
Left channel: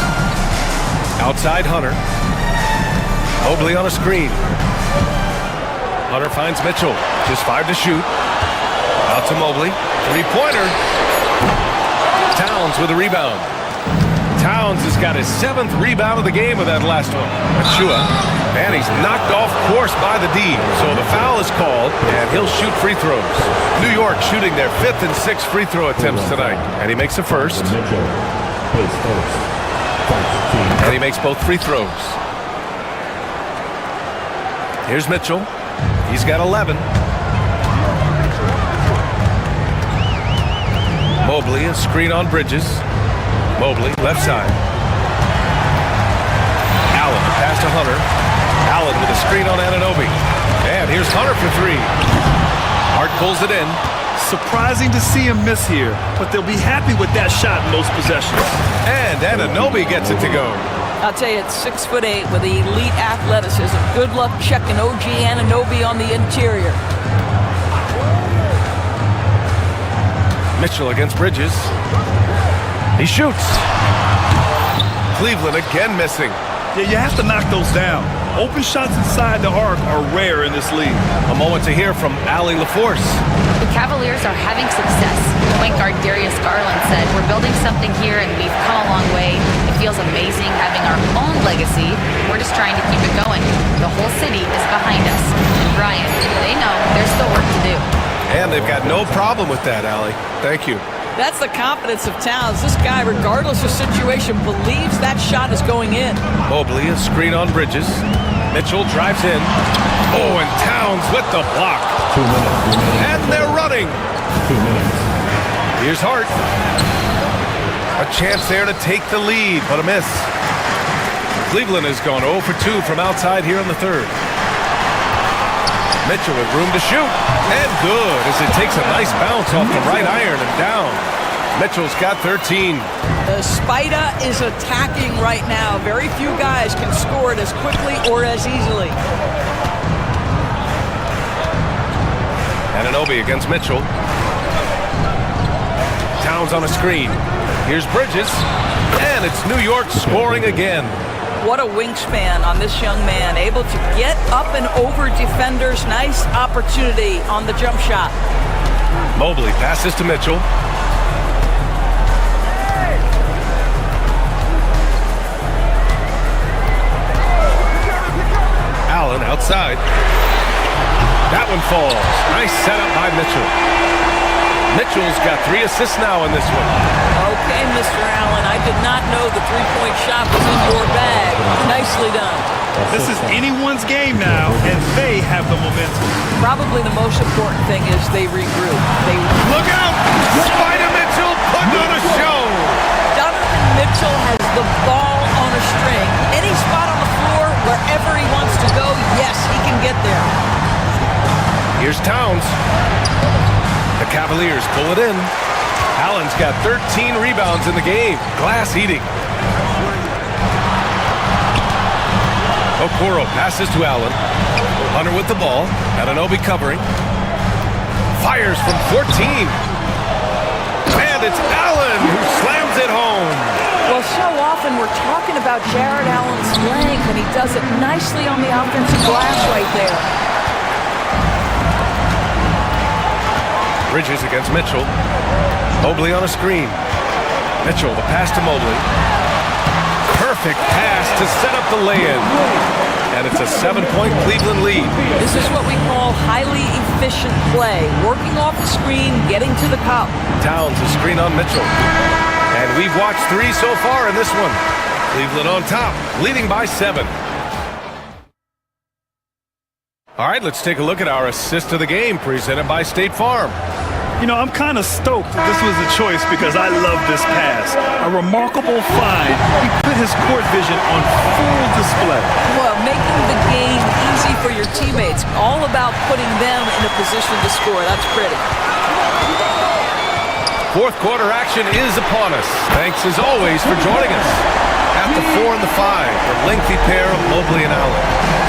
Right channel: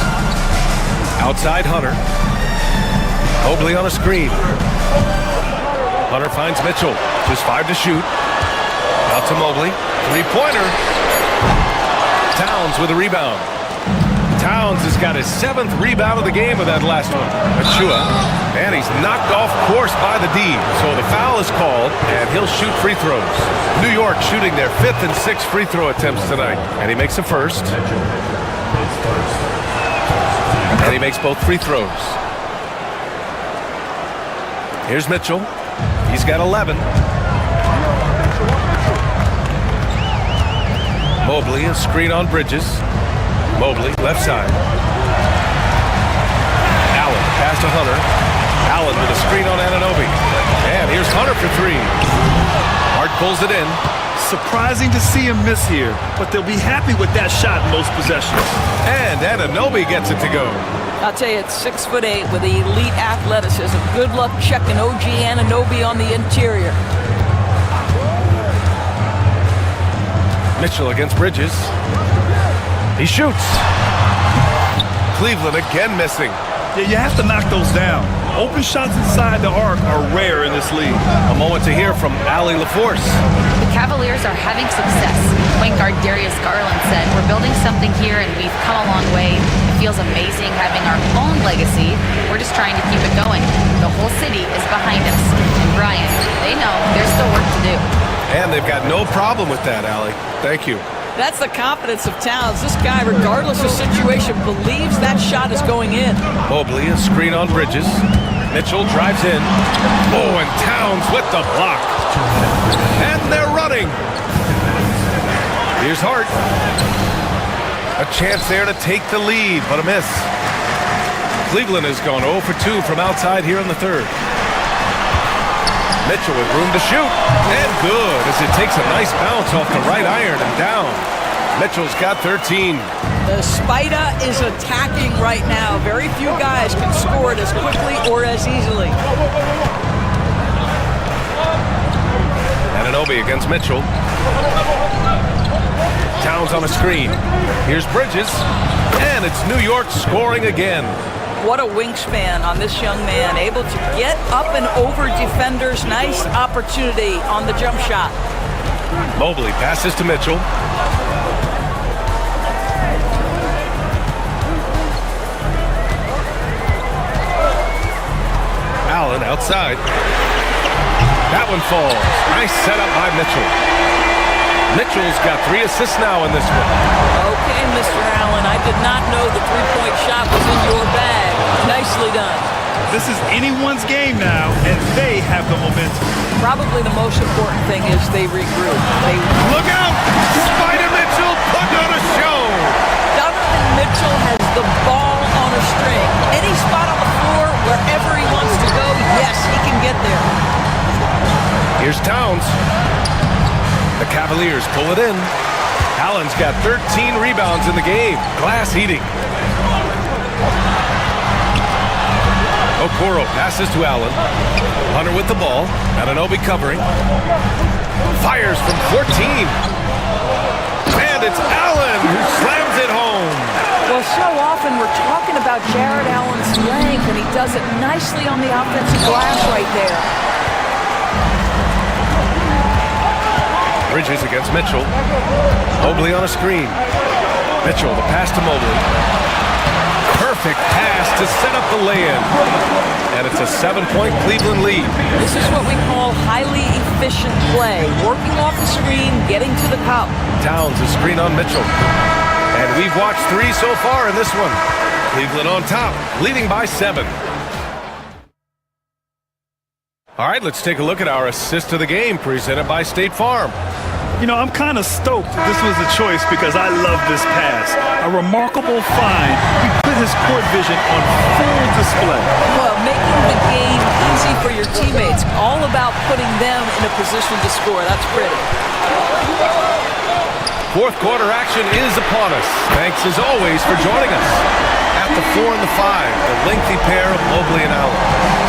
Outside Hunter. Mobley on a screen. Hunter finds Mitchell. Just 5 to shoot. Out to Mobley. Three-pointer. Towns with a rebound. Towns has got his 7th rebound of the game with that last one. Achua. And he's knocked off course by the D. So the foul is called, and he'll shoot free throws. New York shooting their 5th and 6th free throw attempts tonight. And he makes a first. And he makes both free throws. Here's Mitchell. He's got 11. Mobley, a screen on Bridges. Mobley, left side. Allen, the pass to Hunter. Allen with a screen on Anunoby. And here's Hunter for 3. Hart pulls it in. Surprising to see him miss here, but they'll be happy with that shot in most possessions. And Anunoby gets it to go. I'll tell you, it's 6'8" with elite athleticism. Good luck checking OG Anunoby on the interior. Mitchell against Bridges. He shoots. Cleveland again missing. Yeah, you have to knock those down. Open shots inside the arc are rare in this league. A moment to hear from Allie LaForce. The Cavaliers are having success. Point guard Darius Garland said, "We're building something here and we've come a long way. It feels amazing having our own legacy. We're just trying to keep it going. The whole city is behind us." And Brian, they know there's still work to do. And they've got no problem with that, Allie. Thank you. That's the confidence of Towns. This guy, regardless of situation, believes that shot is going in. Mobley, a screen on Bridges. Mitchell drives in. Oh, and Towns with the block. 2 minutes remaining. And they're running. 2 minutes. Here's Hart. A chance there to take the lead, but a miss. Cleveland has gone 0 for 2 from outside here in the third. Mitchell with room to shoot. And good, as it takes a nice bounce off the right iron and down. Mitchell's got 13. The Spider is attacking right now. Very few guys can score it as quickly or as easily. Anunoby against Mitchell. Towns on a screen. Here's Bridges. And it's New York scoring again. What a wingspan on this young man. Able to get up and over defenders. Nice opportunity on the jump shot. Mobley passes to Mitchell. Allen outside. That one falls. Nice setup by Mitchell. Mitchell's got 3 assists now in this one. Okay, Mr. Allen, I did not know the three-point shot was in your bag. Nicely done. This is anyone's game now, and they have the momentum. Probably the most important thing is they regroup. Look out! Spider Mitchell putting on a show! Donovan Mitchell has the ball on a string. Any spot on the floor, wherever he wants to go, yes, he can get there. Here's Towns. The Cavaliers pull it in. Allen's got 13 rebounds in the game. Glass eating. Okoro passes to Allen. Hunter with the ball. Anunoby covering. Fires from 14. And it's Allen who slams it home. Well, so often we're talking about Jared Allen's length, and he does it nicely on the offensive glass right there. Bridges against Mitchell. Mobley on a screen. Mitchell, the pass to Mobley. Perfect pass to set up the lay-in. And it's a 7-point Cleveland lead. This is what we call highly efficient play. Working off the screen, getting to the cup. Towns, a screen on Mitchell. And we've watched 3 so far in this one. Cleveland on top, leading by 7. All right, let's take a look at our assist of the game presented by State Farm. You know, I'm kind of stoked that this was a choice because I love this pass. A remarkable find. He put his court vision on full display. Well, making the game easy for your teammates. All about putting them in a position to score. That's pretty. Fourth quarter action is upon us. Thanks as always for joining us. At the 4 and the 5, the lengthy pair of Mobley and Allen.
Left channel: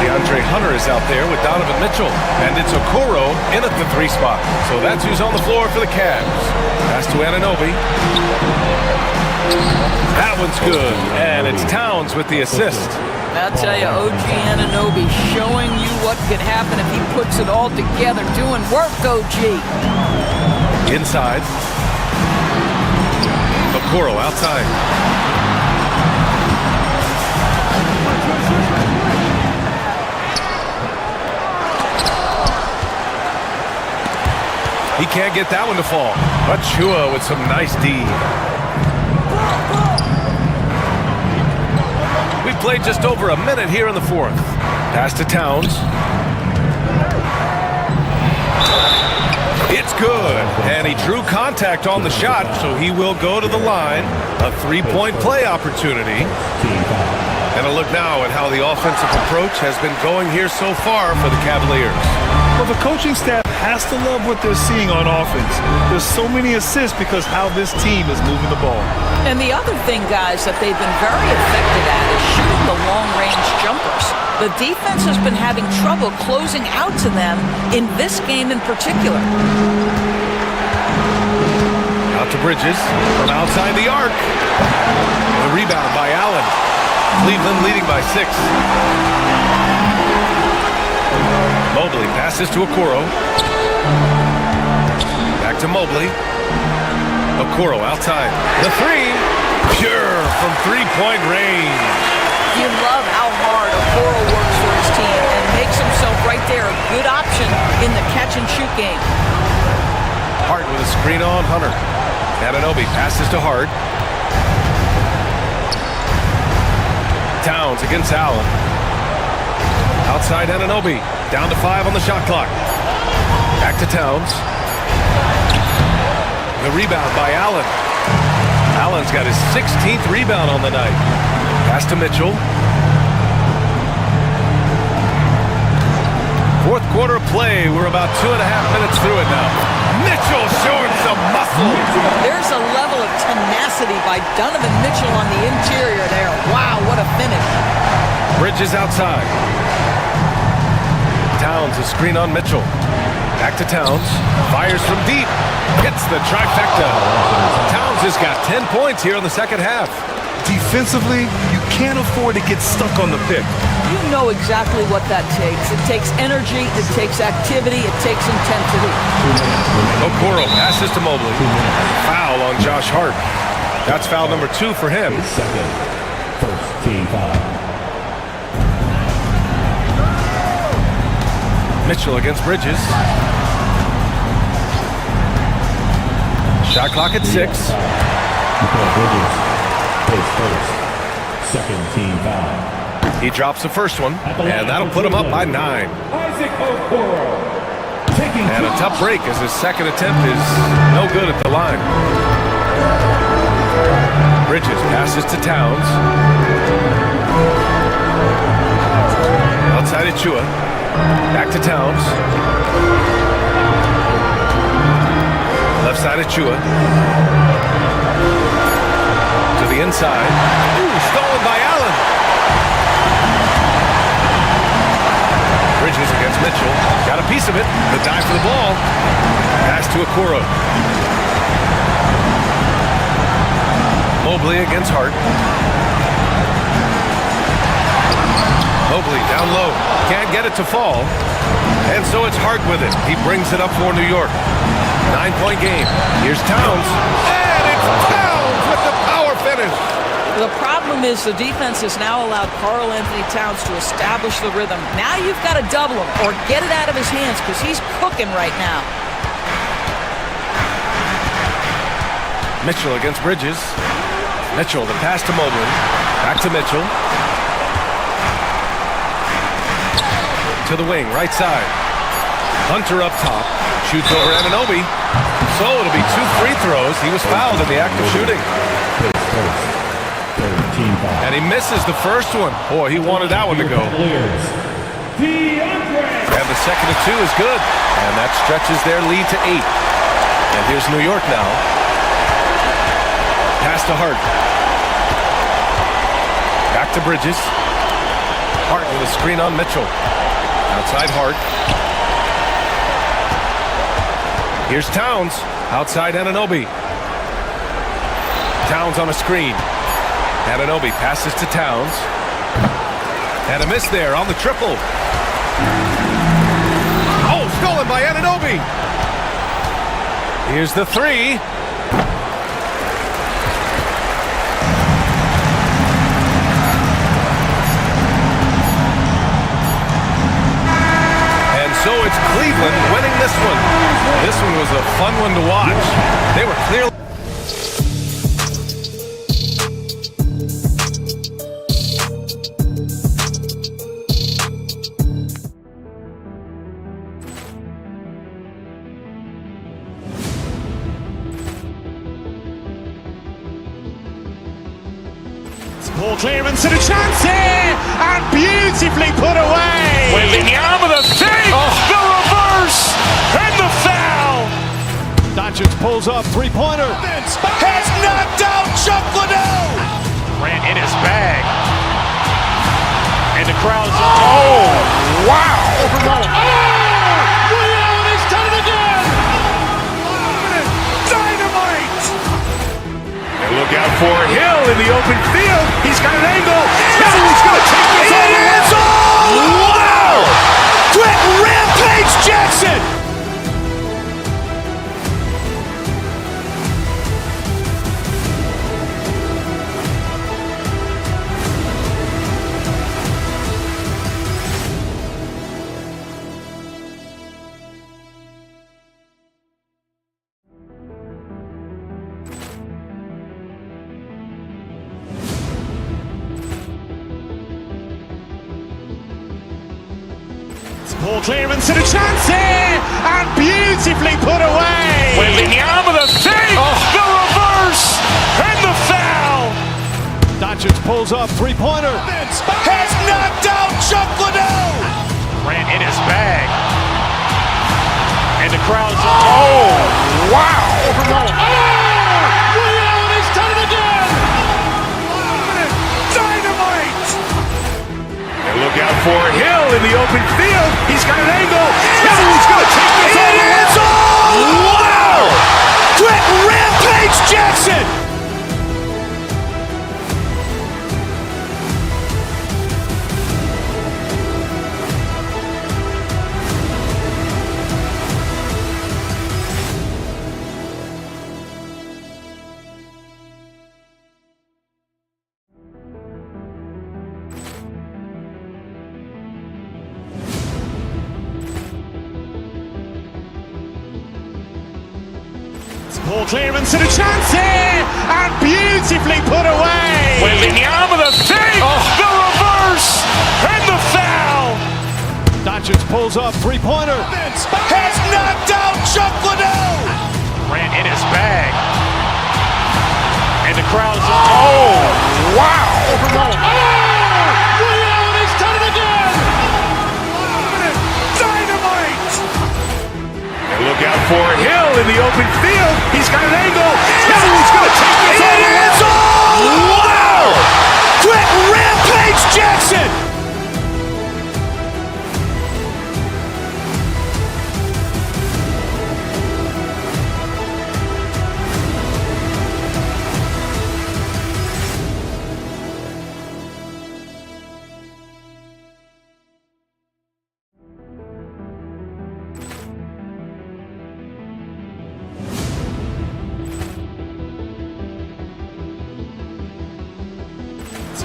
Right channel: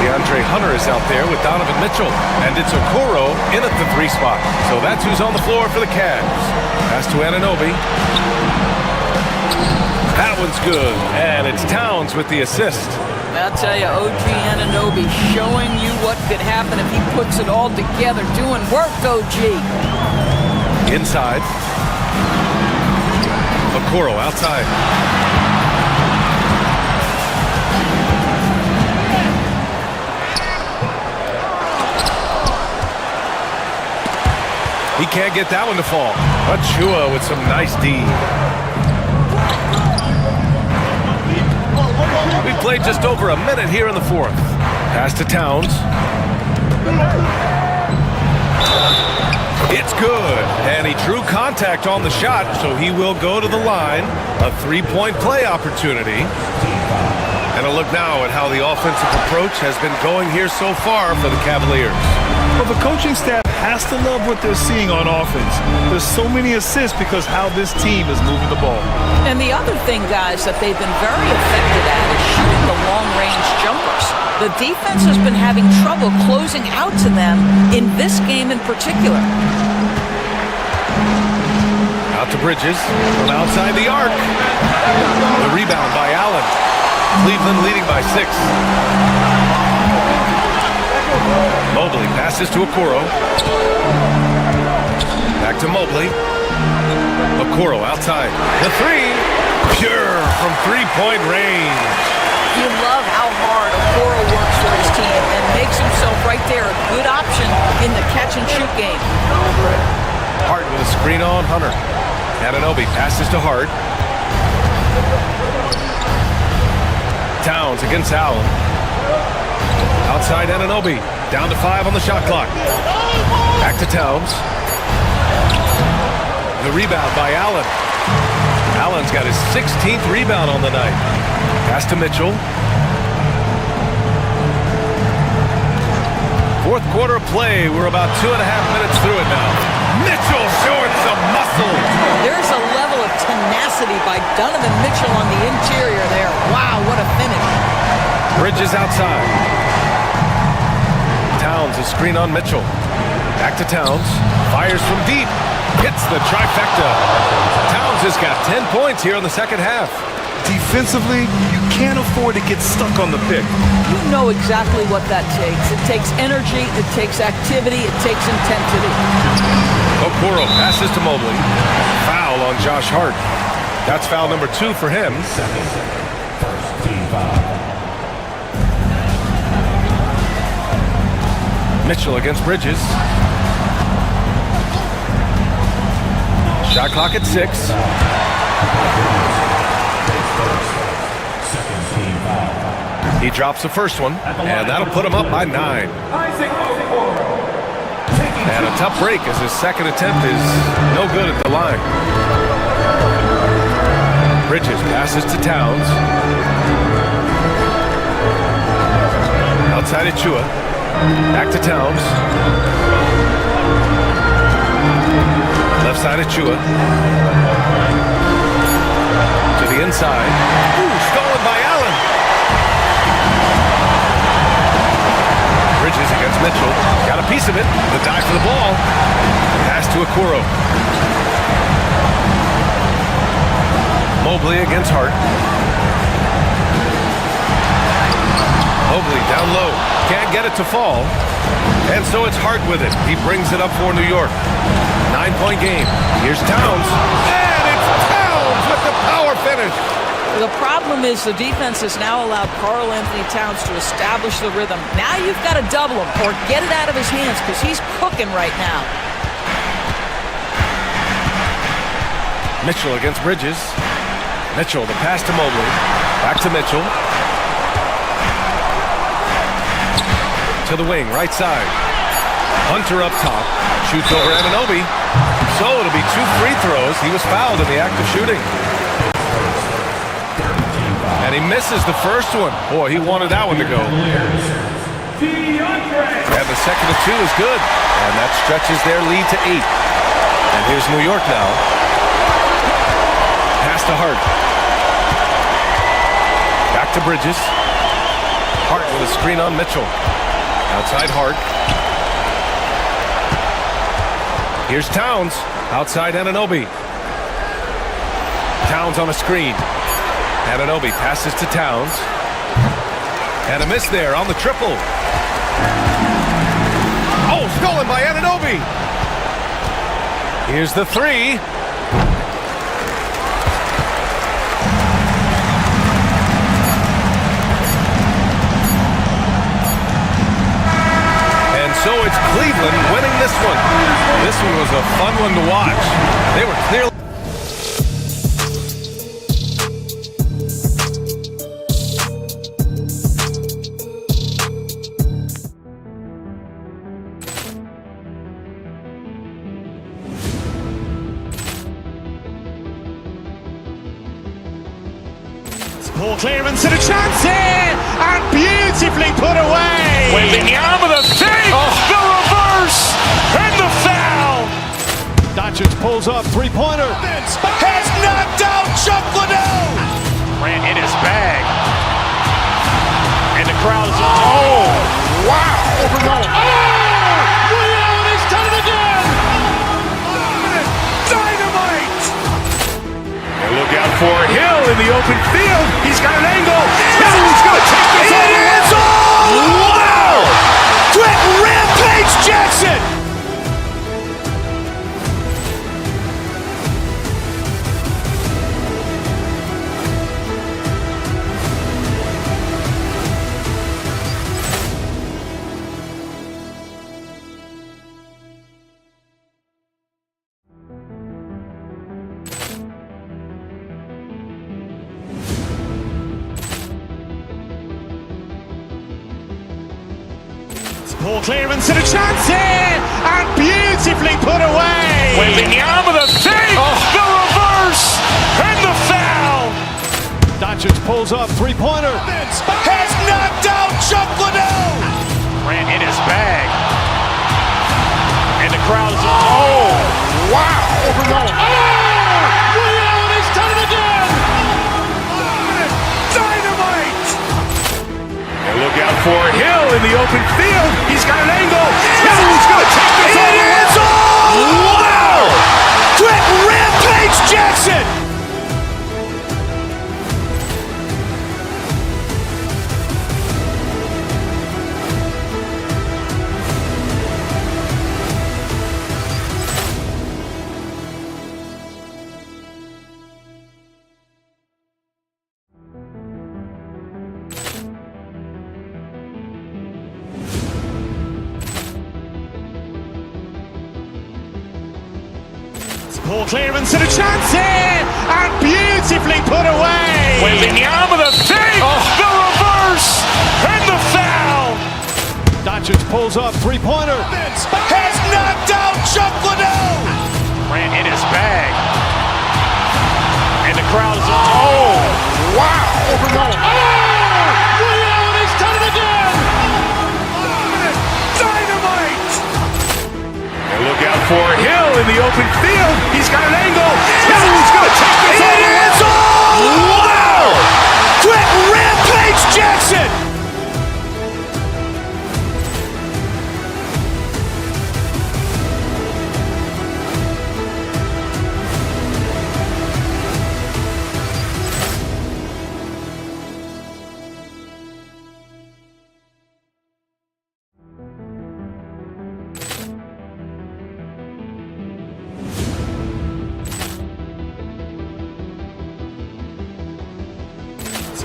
DeAndre Hunter is out there with Donovan Mitchell, and it's Okoro in at the 3 spot. So that's who's on the floor for the Cavs. Pass to Anunoby. That one's good, and it's Towns with the assist. I'll tell you, OG Anunoby showing you what could happen if he puts it all together. Doing work, OG. Inside. Okoro outside. He can't get that one to fall. Achua with some nice D. We played just over a minute here in the fourth. Pass to Towns. It's good. And he drew contact on the shot, so he will go to the line. A 3-point play opportunity. And a look now at how the offensive approach has been going here so far for the Cavaliers. Well, the coaching staff has to love what they're seeing on offense. There's so many assists because how this team is moving the ball. And the other thing, guys, that they've been very effective at is shooting the long-range jumpers. The defense has been having trouble closing out to them in this game in particular. Out to Bridges from outside the arc. The rebound by Allen. Cleveland leading by 6. Mobley passes to Okoro. Back to Mobley. Okoro outside. The 3. Pure from 3-point range. You love how hard Okoro works for his team and makes himself right there a good option in the catch-and-shoot game. Hart with a screen on Hunter. Anunoby passes to Hart. Towns against Allen. Outside Anunoby. Down to 5 on the shot clock. Back to Towns. The rebound by Allen. Allen's got his 16th rebound on the night. Pass to Mitchell. Fourth quarter of play. We're about 2.5 minutes through it now. Mitchell showing some muscle. There's a level of tenacity by Donovan Mitchell on the interior there. Wow, what a finish. Bridges outside. Towns a screen on Mitchell. Back to Towns. Fires from deep. Hits the trifecta. Towns has got 10 points here in the second half. Defensively, you can't afford to get stuck on the pick. You know exactly what that takes. It takes energy, it takes activity, it takes intensity. Okoro passes to Mobley. Foul on Josh Hart. That's foul number 2 for him. Second. First team foul. Mitchell against Bridges. Shot clock at 6. Bridges takes first. Second team foul. He drops the first one, and that'll put him up by 9. And a tough break as his second attempt is no good at the line. Bridges passes to Towns. Outside Achua. Back to Towns. Left side Achua. To the inside. Ooh, stolen by Allen. Bridges against Mitchell. Got a piece of it. The dive for the ball. Pass to Okoro. Mobley against Hart. Mobley down low. Can't get it to fall. And so it's Hart with it. He brings it up for New York. 9-point game. Here's Towns. And it's Towns with the power finish. The problem is the defense has now allowed Karl Anthony Towns to establish the rhythm. Now you've got to double him or get it out of his hands because he's cooking right now. Mitchell against Bridges. Mitchell, the pass to Mobley. Back to Mitchell. To the wing, right side. Hunter up top. Shoots over Anunoby. So it'll be 2 free throws. He was fouled in the act of shooting. And he misses the first one. Boy, he wanted that one to go. And the second of 2 is good. And that stretches their lead to 8. And here's New York now. Pass to Hart. Back to Bridges. Hart with a screen on Mitchell. Outside Hart. Here's Towns. Outside Anunoby. Towns on a screen. Anunoby passes to Towns. And a miss there on the triple. Oh, stolen by Anunoby. Here's the 3. And so it's Cleveland winning this one. This one was a fun one to watch. They were clearly... Poor clearance and a chance here, and beautifully put away. Wembanyama with a save, the reverse, and the foul. Doncic pulls up, three-pointer. Has knocked out Chuck Liddell. Ran in his bag. And the crowd is... Oh, wow. Rio has done it again. Dynamite. And look out for Hill in the open field. He's got an angle. Hill's going to take this all the way. Wow! Quick Rampage Jackson. Poor clearance and a chance here, and beautifully put away. Wembanyama with a save, the reverse, and the foul. Doncic pulls up, three-pointer. Has knocked out Chuck Liddell. Ran in his bag. And the crowd is... Oh, wow. Rio has done it again. Dynamite. And look out for Hill in the open field. He's got an angle. Hill's going to take this all the way. Wow! Quick Rampage Jackson. Poor clearance and a chance here, and beautifully put away. Wembanyama with a save, the reverse, and the foul. Doncic pulls up, three-pointer. Has knocked out Chuck Liddell. Ran in his bag. And the crowd is... Oh, wow. Rio has done it again. Dynamite. And look out for Hill in the open field. He's got an angle. Hill's going to take this all the way. Wow! Quick Rampage Jackson.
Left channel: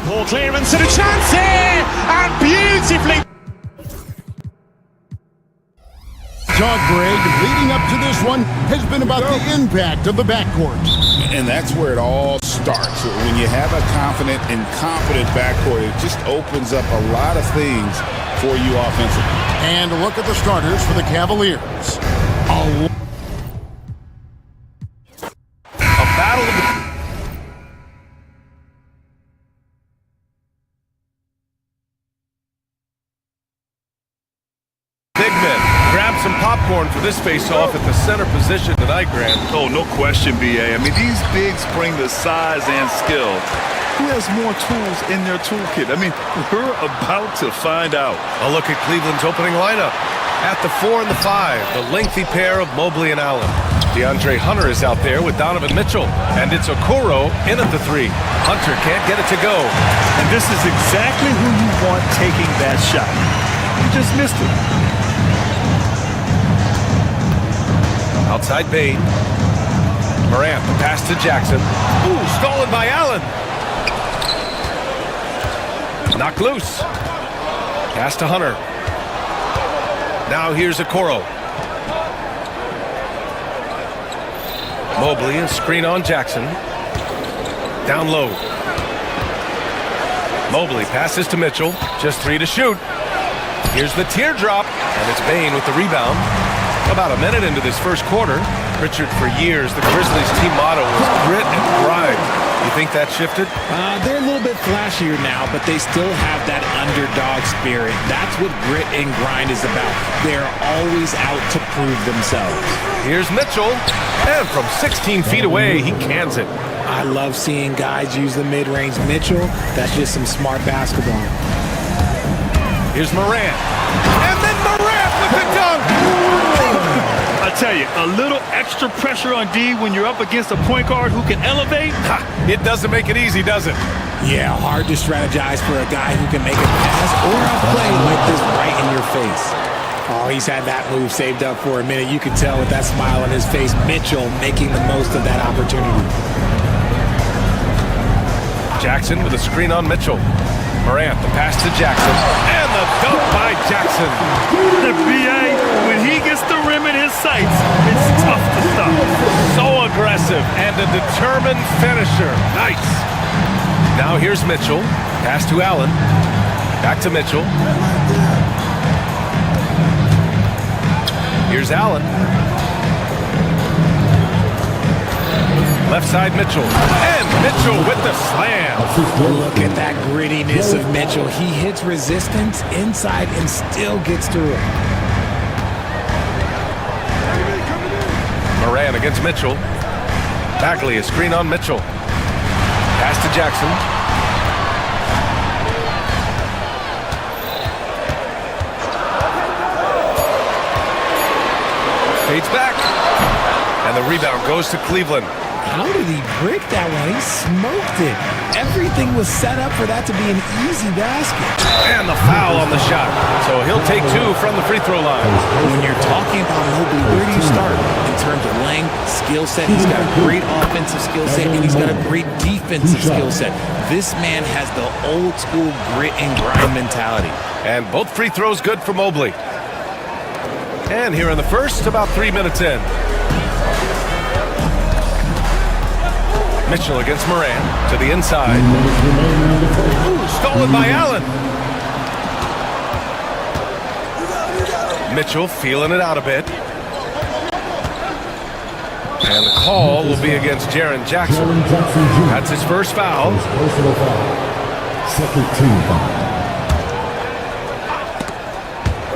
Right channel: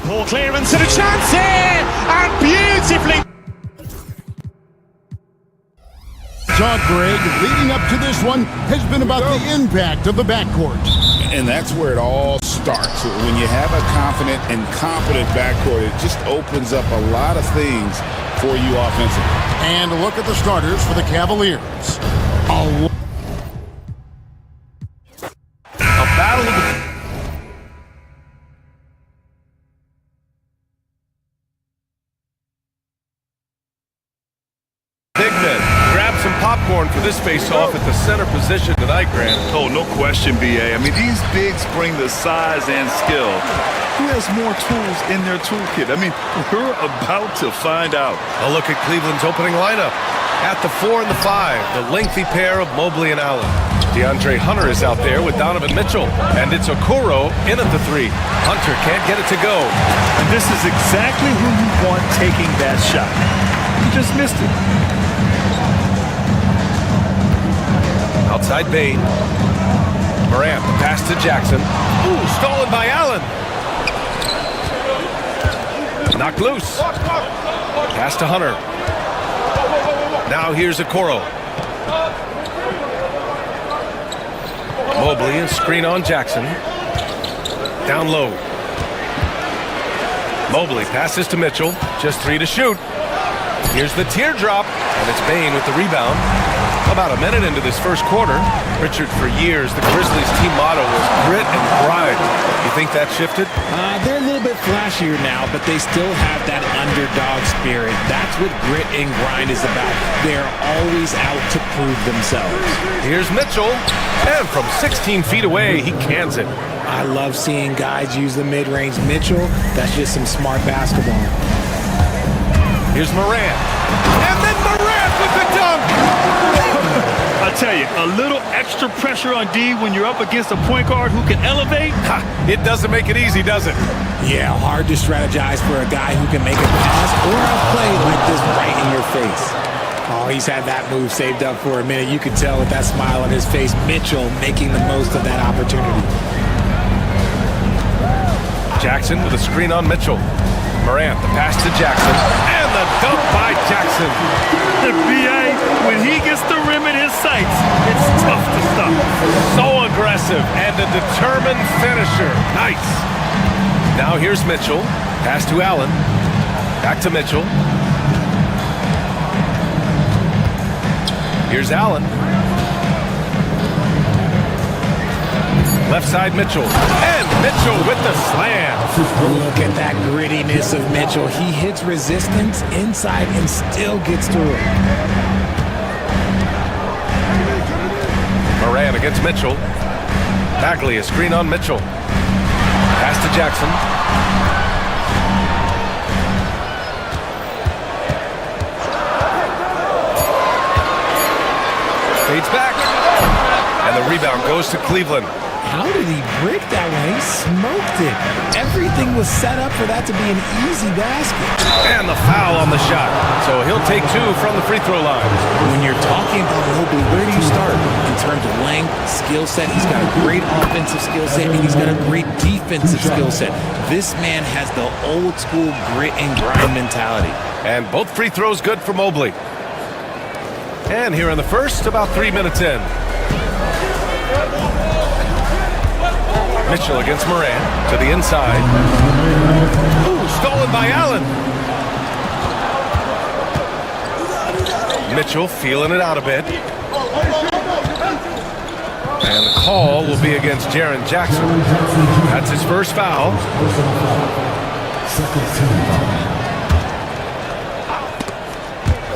Poor clearance and a chance here, and beautifully. Talk, Greg, leading up to this one has been about the impact of the backcourt. And that's where it all starts. When you have a confident and competent backcourt, it just opens up a lot of things for you offensively. And a look at the starters for the Cavaliers. A battle of the... Big men. Grab some popcorn for this face-off at the center position tonight, Grant. Oh, no question, B.A. I mean, these bigs bring the size and skill. Who has more tools in their toolkit? I mean, we're about to find out. A look at Cleveland's opening lineup. At the 4 and the 5, the lengthy pair of Mobley and Allen. DeAndre Hunter is out there with Donovan Mitchell. And it's Okoro in at the 3. Hunter can't get it to go. And this is exactly who you want taking that shot. You just missed it. Outside Bain. Morant, the pass to Jackson. Ooh, stolen by Allen. Knocked loose. Pass to Hunter. Now here's Okoro. Mobley, a screen on Jackson. Down low. Mobley passes to Mitchell. Just 3 to shoot. Here's the teardrop, and it's Bain with the rebound. About a minute into this first quarter. Richard, for years, the Grizzlies' team motto was grit and grind. You think that shifted? They're a little bit flashier now, but they still have that underdog spirit. That's what grit and grind is about. They're always out to prove themselves. Here's Mitchell, and from 16 feet away, he cans it. I love seeing guys use the mid-range. Mitchell, that's just some smart basketball. Here's Morant, and then Morant with the dunk! I tell you, a little extra pressure on D when you're up against a point guard who can elevate. It doesn't make it easy, does it? Yeah, hard to strategize for a guy who can make a pass or a play like this right in your face. Oh, he's had that move saved up for a minute. You could tell with that smile on his face, Mitchell making the most of that opportunity. Jackson with a screen on Mitchell. Morant, the pass to Jackson, and the dunk by Jackson. The B.A., when he gets the rim in his sights, it's tough to stop. So aggressive and a determined finisher. Nice. Now here's Mitchell. Pass to Allen. Back to Mitchell. Here's Allen. Left side Mitchell. And Mitchell with the slam. Look at that grittiness of Mitchell. He hits resistance inside and still gets through it. Morant against Mitchell. Bagley, a screen on Mitchell. Pass to Jackson. Fades back. And the rebound goes to Cleveland. How did he break that one? He smoked it. Everything was set up for that to be an easy basket. And the foul on the shot. So he'll take 2 from the free throw line. When you're talking about Mobley, where do you start? In terms of length, skill set, he's got a great offensive skill set, and he's got a great defensive skill set. This man has the old school grit and grind mentality. And both free throws good for Mobley. And here in the first, about 3 minutes in. Mitchell against Morant to the inside. Ooh, stolen by Allen. Mitchell feeling it out a bit. And the call will be against Jaren Jackson. That's his first foul. Second team foul.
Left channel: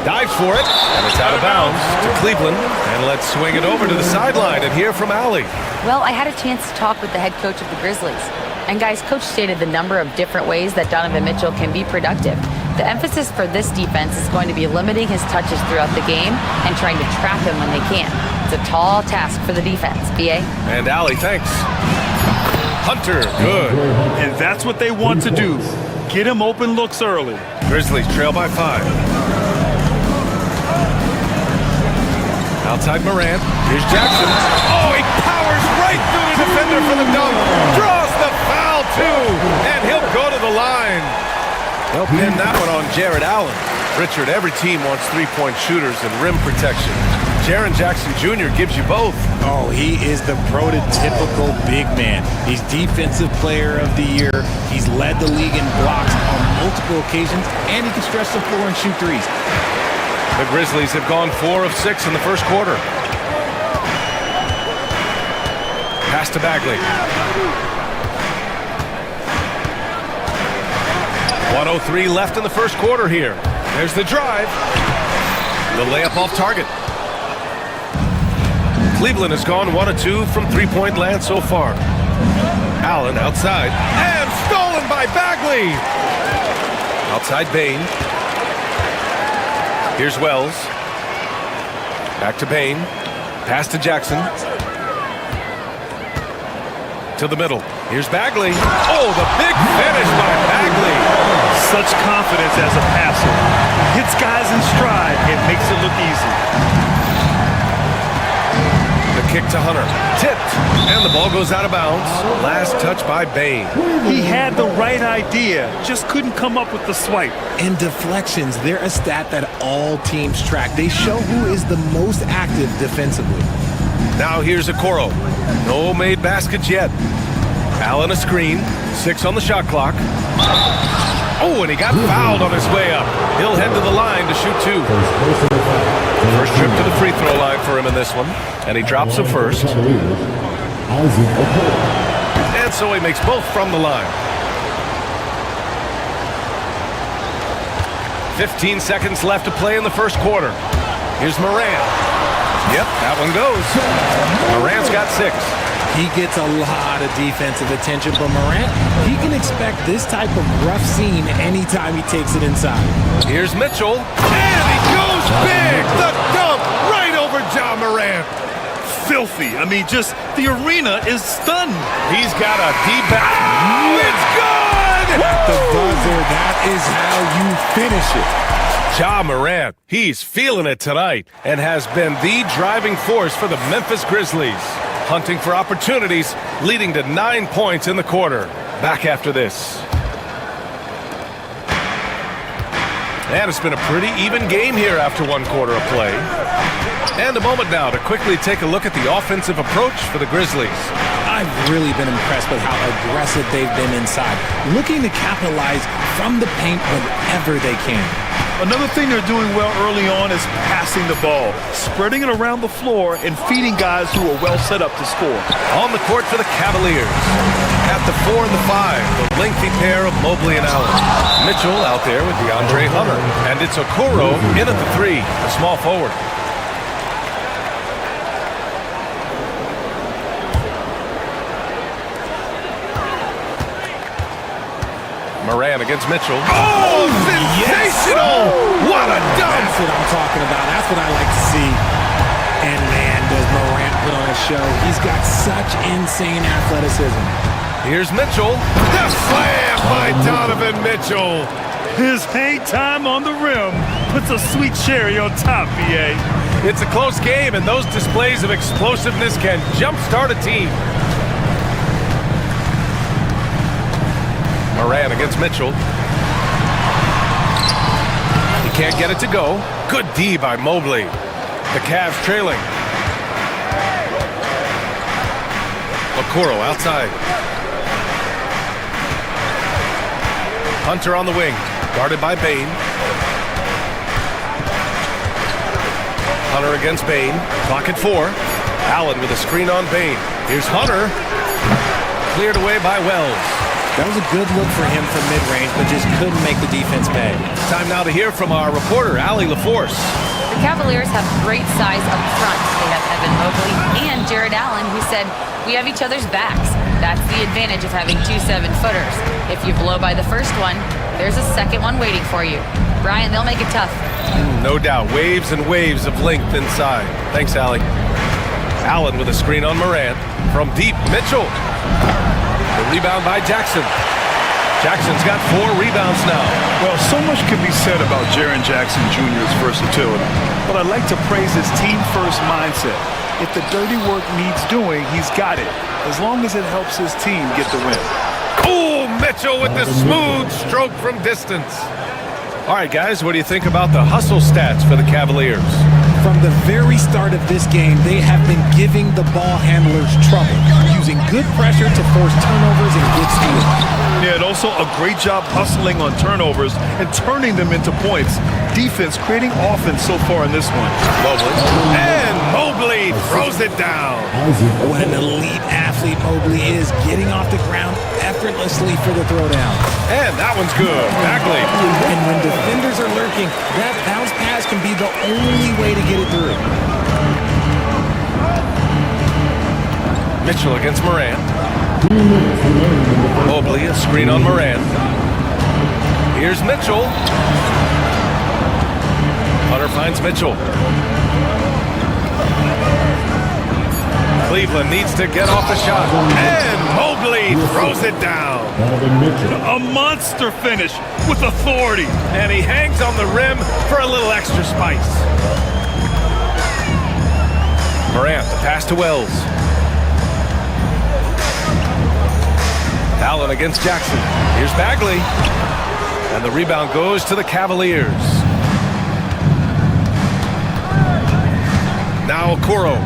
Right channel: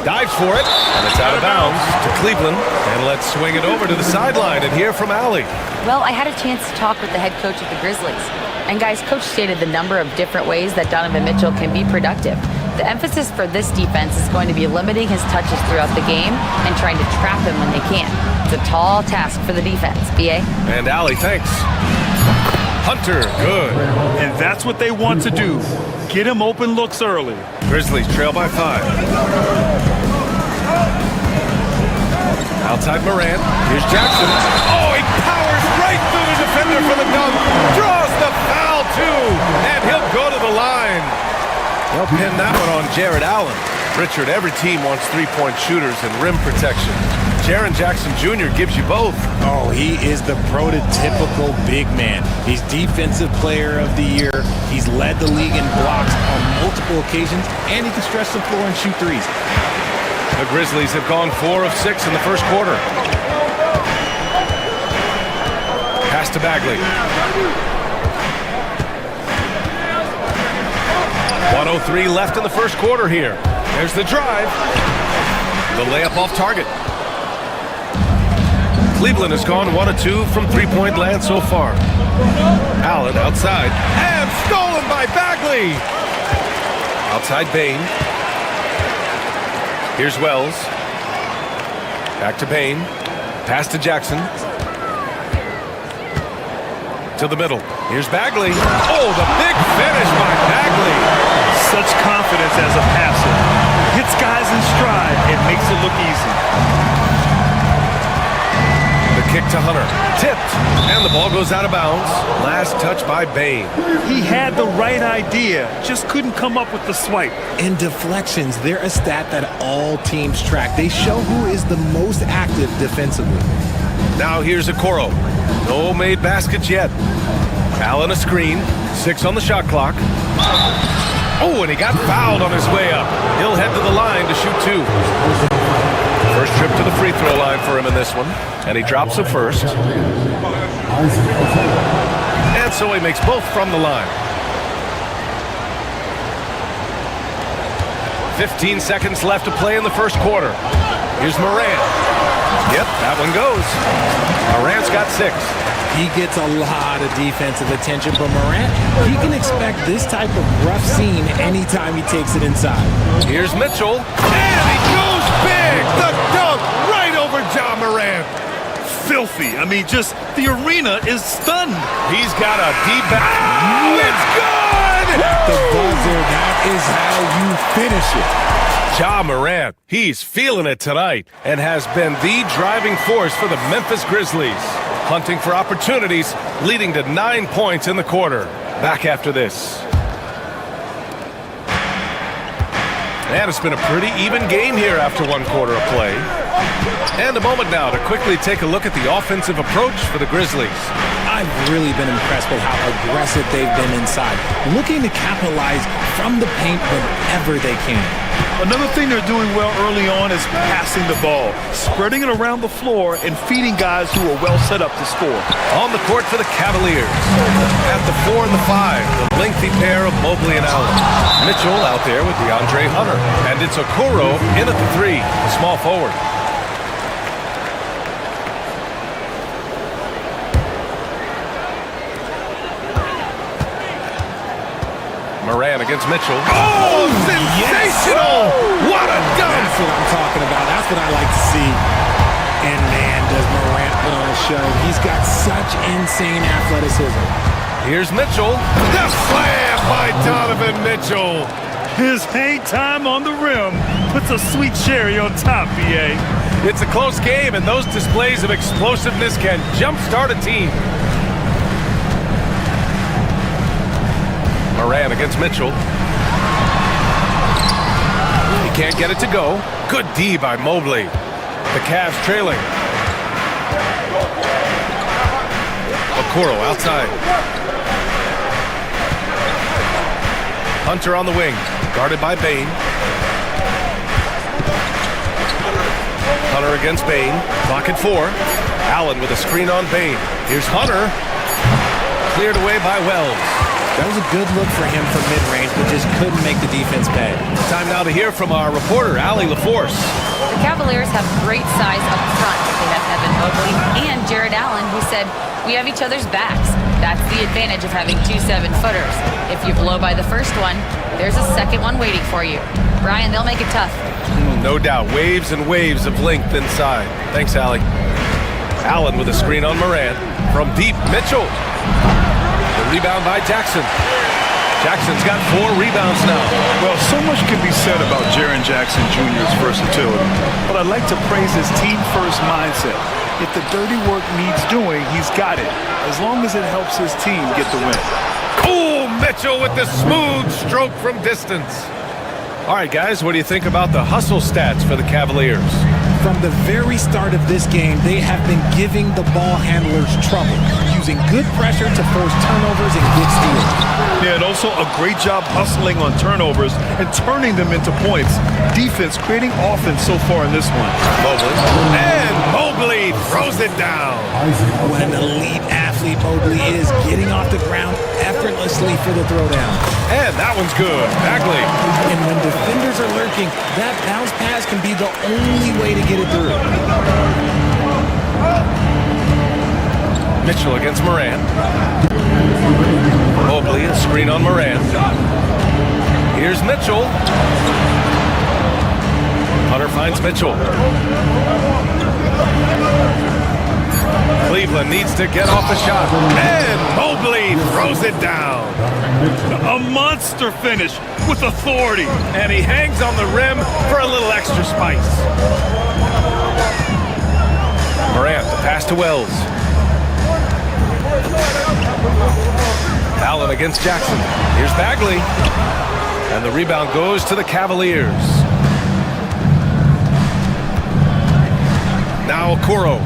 Dives for it, and it's out of bounds to Cleveland. And let's swing it over to the sideline and hear from Allie. Well, I had a chance to talk with the head coach of the Grizzlies. And guys, coach stated the number of different ways that Donovan Mitchell can be productive. The emphasis for this defense is going to be limiting his touches throughout the game and trying to trap him when they can. It's a tall task for the defense, B.A. And Allie, thanks. Hunter, good. And that's what they want to do. Get him open looks early. Grizzlies trail by 5. Outside Morant. Here's Jackson. Oh, he powers right through the defender for the dunk. Draws the foul, too. And he'll go to the line. They'll pin that one on Jared Allen. Richard, every team wants three-point shooters and rim protection. Jaren Jackson Jr. gives you both. Oh, he is the prototypical big man. He's Defensive Player of the Year. He's led the league in blocks on multiple occasions, and he can stretch the floor and shoot threes. The Grizzlies have gone 4 of 6 in the first quarter. Pass to Bagley. 1:03 left in the first quarter here. There's the drive. The layup off target. Cleveland has gone 1 of 2 from three-point land so far. Allen outside. And stolen by Bagley. Outside Bain. Here's Wells. Back to Bain. Pass to Jackson. To the middle. Here's Bagley. Oh, the big finish by Bagley. Such confidence as a passer. Hits guys in stride and makes it look easy. The kick to Hunter. Tipped. And the ball goes out of bounds. Last touch by Bain. He had the right idea, just couldn't come up with the swipe. And deflections, they're a stat that all teams track. They show who is the most active defensively. Now here's Okoro. No made baskets yet. Allen a screen. 6 on the shot clock. Oh, and he got fouled on his way up. He'll head to the line to shoot 2. First trip to the free throw line for him in this one. And he drops the first. And so he makes both from the line. 15 seconds left to play in the first quarter. Here's Morant. Yep, that one goes. Morant's got 6. He gets a lot of defensive attention, but Morant, he can expect this type of rough scene anytime he takes it inside. Here's Mitchell. And he goes big! The dunk right over Ja Morant. Filthy. I mean, just the arena is stunned. He's got a deep back. Oh, it's good! At the buzzer, that is how you finish it. Ja Morant, he's feeling it tonight and has been the driving force for the Memphis Grizzlies. Hunting for opportunities, leading to 9 points in the quarter. Back after this. And it's been a pretty even game here after 1 quarter of play. And a moment now to quickly take a look at the offensive approach for the Grizzlies. I've really been impressed with how aggressive they've been inside, looking to capitalize from the paint whenever they can. Another thing they're doing well early on is passing the ball, spreading it around the floor and feeding guys who are well set up to score. On the court for the Cavaliers. At the 4 and the 5, the lengthy pair of Mobley and Allen. Mitchell out there with DeAndre Hunter. And it's Okoro in at the 3, a small forward. Moran against Mitchell. Oh, sensational! Yes. What a dunk! That's what I'm talking about. That's what I like to see. And man, does Morant put on a show. He's got such insane athleticism. Here's Mitchell. The slam by Donovan Mitchell. His hang time on the rim puts a sweet cherry on top, BA. It's a close game, and those displays of explosiveness can jumpstart a team. Moran against Mitchell. He can't get it to go. Good D by Mobley. The Cavs trailing. Okoro outside. Hunter on the wing. Guarded by Bain. Hunter against Bain. Clock at 4. Allen with a screen on Bain. Here's Hunter. Cleared away by Wells. That was a good look for him from mid-range, but just couldn't make the defense pay. Time now to hear from our reporter, Allie LaForce. The Cavaliers have great size up front. They have Evan Mobley and Jared Allen, who said, "We have each other's backs." That's the advantage of having 2 7-footers. If you blow by the first one, there's a second one waiting for you. Brian, they'll make it tough. No doubt. Waves and waves of length inside. Thanks, Allie. Allen with a screen on Morant. From deep, Mitchell. The rebound by Jackson. Jackson's got 4 rebounds now. Well, so much can be said about Jaren Jackson Jr.'s versatility, but I'd like to praise his team-first mindset. If the dirty work needs doing, he's got it, as long as it helps his team get the win. Oh, Mitchell with the smooth stroke from distance. All right, guys, what do you think about the hustle stats for the Cavaliers? From the very start of this game, they have been giving the ball handlers trouble, using good pressure to force turnovers and get steals. Yeah, and also a great job hustling on turnovers and turning them into points. Defense creating offense so far in this one. Mobley. And Mobley throws it down. What an elite athlete Mobley is, getting off the ground effortlessly for the throwdown. And that one's good. Bagley. And when defenders are lurking, that bounce pass can be the only way to get it through. Mitchell against Morant. Mobley, a screen on Morant. Here's Mitchell. Hunter finds Mitchell. Cleveland needs to get off a shot. And Mobley throws it down. A monster finish with authority. And he hangs on the rim for a little extra spice. Morant, the pass to Wells. Allen against Jackson. Here's Bagley. And the rebound goes to the Cavaliers. Now Okoro.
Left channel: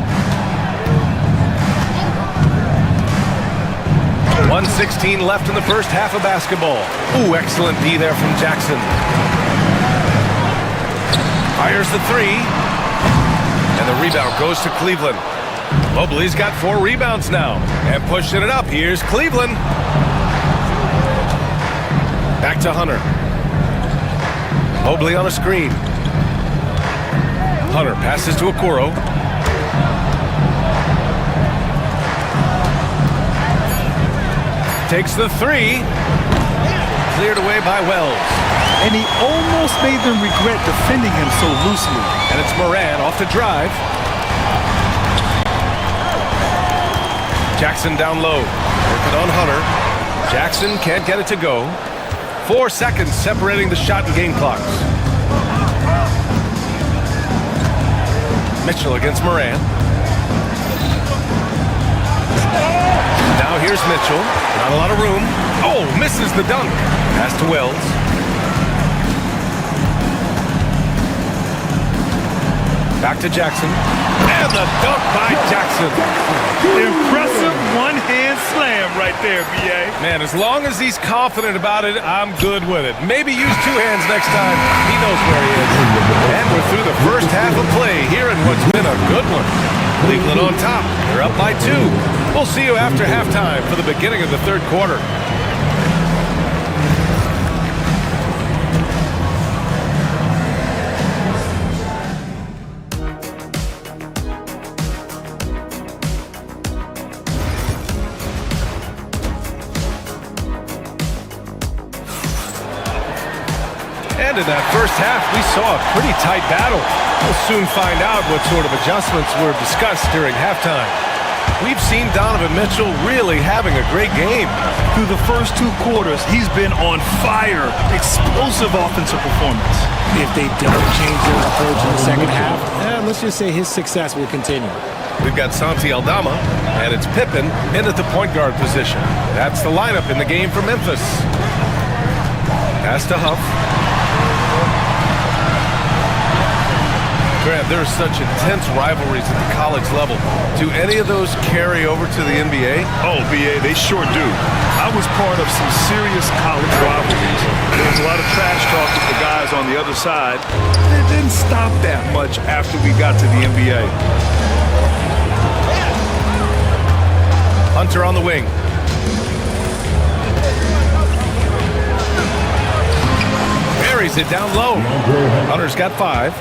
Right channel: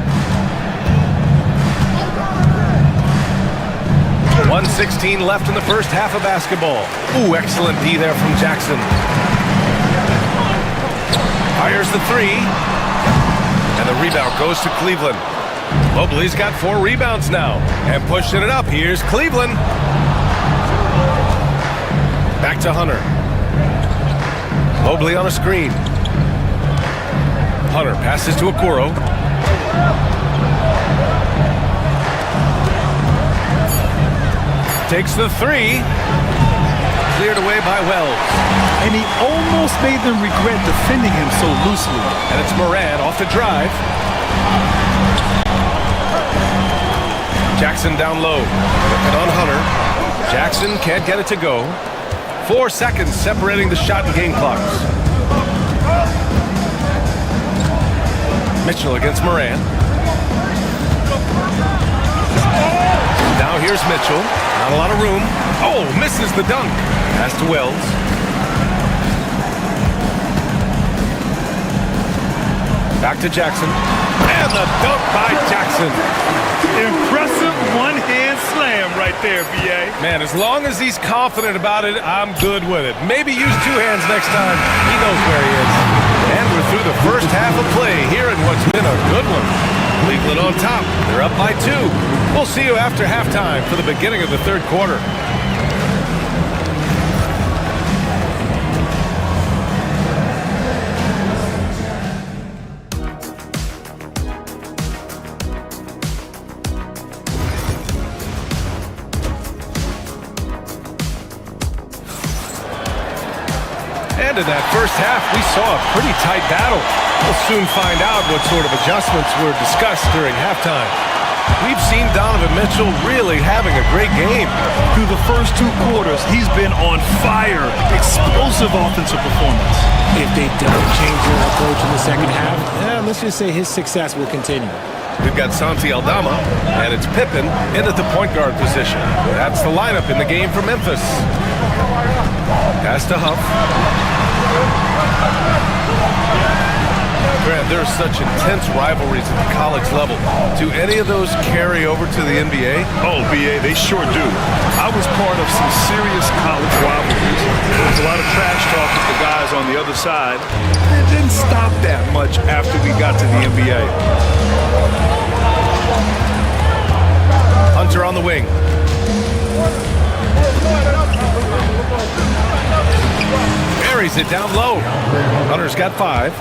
1:16 left in the first half of basketball. Ooh, excellent D there from Jackson. Fires the three. And the rebound goes to Cleveland. Mobley's got 4 rebounds now. And pushing it up, here's Cleveland. Back to Hunter. Mobley on a screen. Hunter passes to Okoro. Takes the three. Cleared away by Wells. And he almost made them regret defending him so loosely. And it's Morant off the drive. Jackson down low. Working on Hunter. Jackson can't get it to go. 4 seconds separating the shot and game clocks. Mitchell against Morant. Now here's Mitchell. Not a lot of room. Oh, misses the dunk. Pass to Wells. Back to Jackson. And the dunk by Jackson. Impressive one-hand slam right there, B.A. Man, as long as he's confident about it, I'm good with it. Maybe use 2 hands next time. He knows where he is. And we're through the first half of play here in what's been a good one. Cleveland on top. They're up by 2. We'll see you after halftime for the beginning of the third quarter. And in that first half, we saw a pretty tight battle. We'll soon find out what sort of adjustments were discussed during halftime. We've seen Donovan Mitchell really having a great game. Through the first 2 quarters, he's been on fire. Explosive offensive performance. If they don't change their approach in the second half, let's just say his success will continue. We've got Santi Aldama, and it's Pippen in at the point guard position. That's the lineup in the game for Memphis. Pass to Huff. Grant, there are such intense rivalries at the college level. Do any of those carry over to the NBA? Oh, B.A., they sure do. I was part of some serious college rivalries. There was a lot of trash talk with the guys on the other side. It didn't stop that much after we got to the NBA. Hunter on the wing. Buries it down low. Hunter's got 5.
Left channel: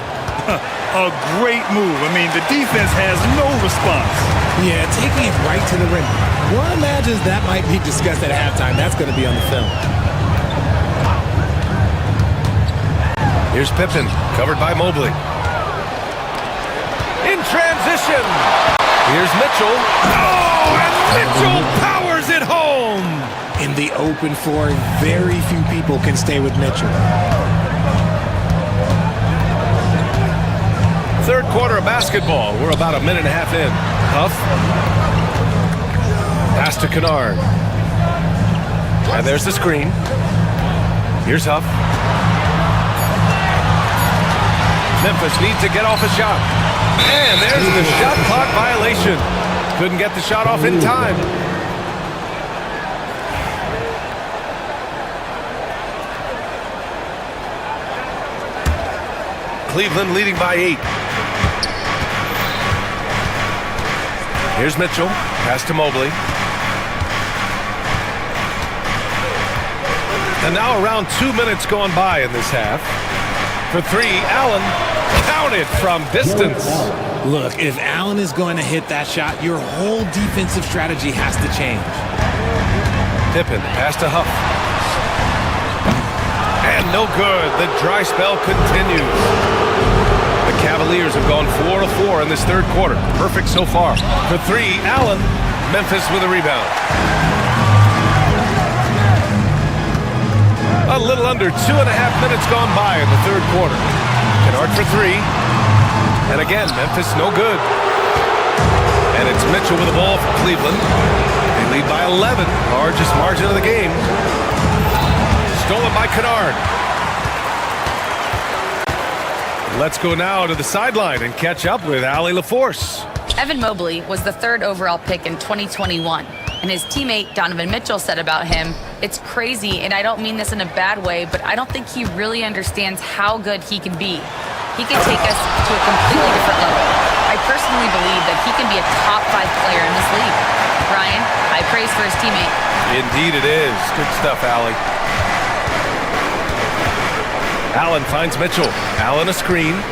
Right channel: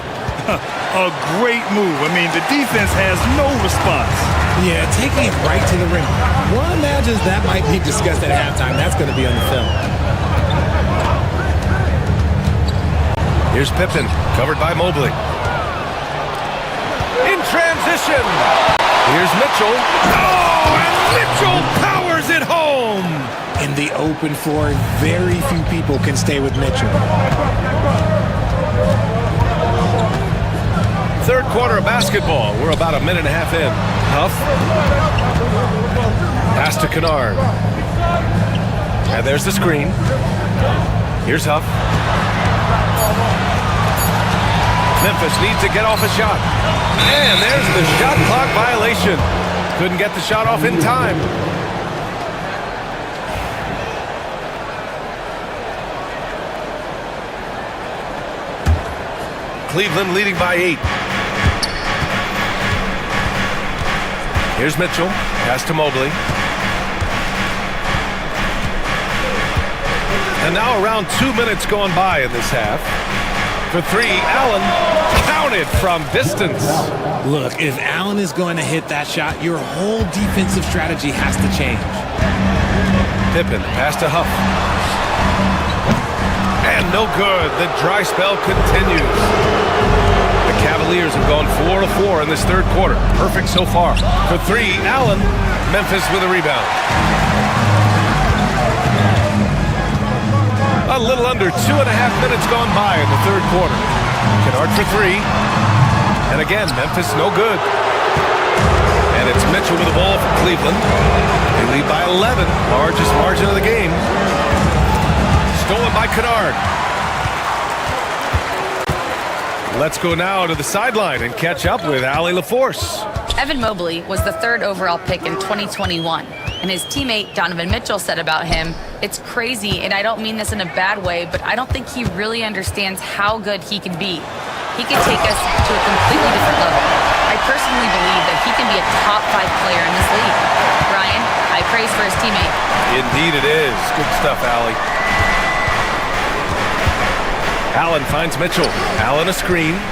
A great move. I mean, the defense has no response. Yeah, taking it right to the rim. One imagines that might be discussed at halftime. That's going to be on the film. Here's Pippen, covered by Mobley. In transition. Here's Mitchell. Oh, and Mitchell powers it home. In the open floor, very few people can stay with Mitchell. Third quarter of basketball. We're about 1.5 minutes in. Huff. Pass to Kennard. And there's the screen. Here's Huff. Memphis needs to get off a shot. And there's the shot clock violation. Couldn't get the shot off in time. Cleveland leading by 8. Here's Mitchell. Pass to Mobley. And now around 2 minutes gone by in this half. For 3, Allen counted from distance. Look, if Allen is going to hit that shot, your whole defensive strategy has to change. Pippen, pass to Huff. And no good. The dry spell continues. The Cavaliers have gone 4 of 4 in this third quarter. Perfect so far. For 3, Allen. Memphis with a rebound. A little under 2.5 minutes gone by in the third quarter. Kennard for 3. And again, Memphis no good. And it's Mitchell with the ball for Cleveland. They lead by 11, largest margin of the game. Stolen by Kennard. Let's go now to the sideline and catch up with Allie LaForce. Evan Mobley was the 3rd overall pick in 2021, and his teammate Donovan Mitchell said about him, "It's crazy, and I don't mean this in a bad way, but I don't think he really understands how good he can be. He can take us to a completely different level. I personally believe that he can be a top 5 player in this league." Brian, high praise for his teammate. Indeed it is. Good stuff, Allie. Allen finds Mitchell. Allen a screen.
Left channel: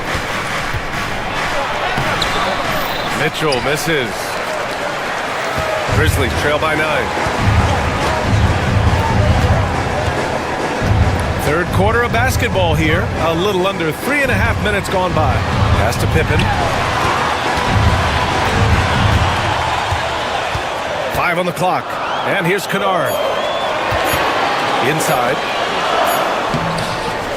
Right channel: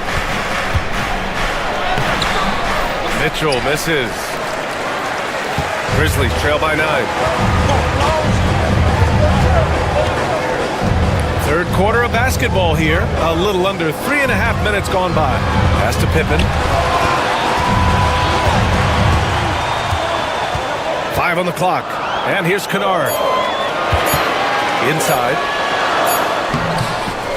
Mitchell misses. Grizzlies trail by 9. Third quarter of basketball here. A little under 3.5 minutes gone by. Pass to Pippen. 5 on the clock. And here's Kennard. Inside.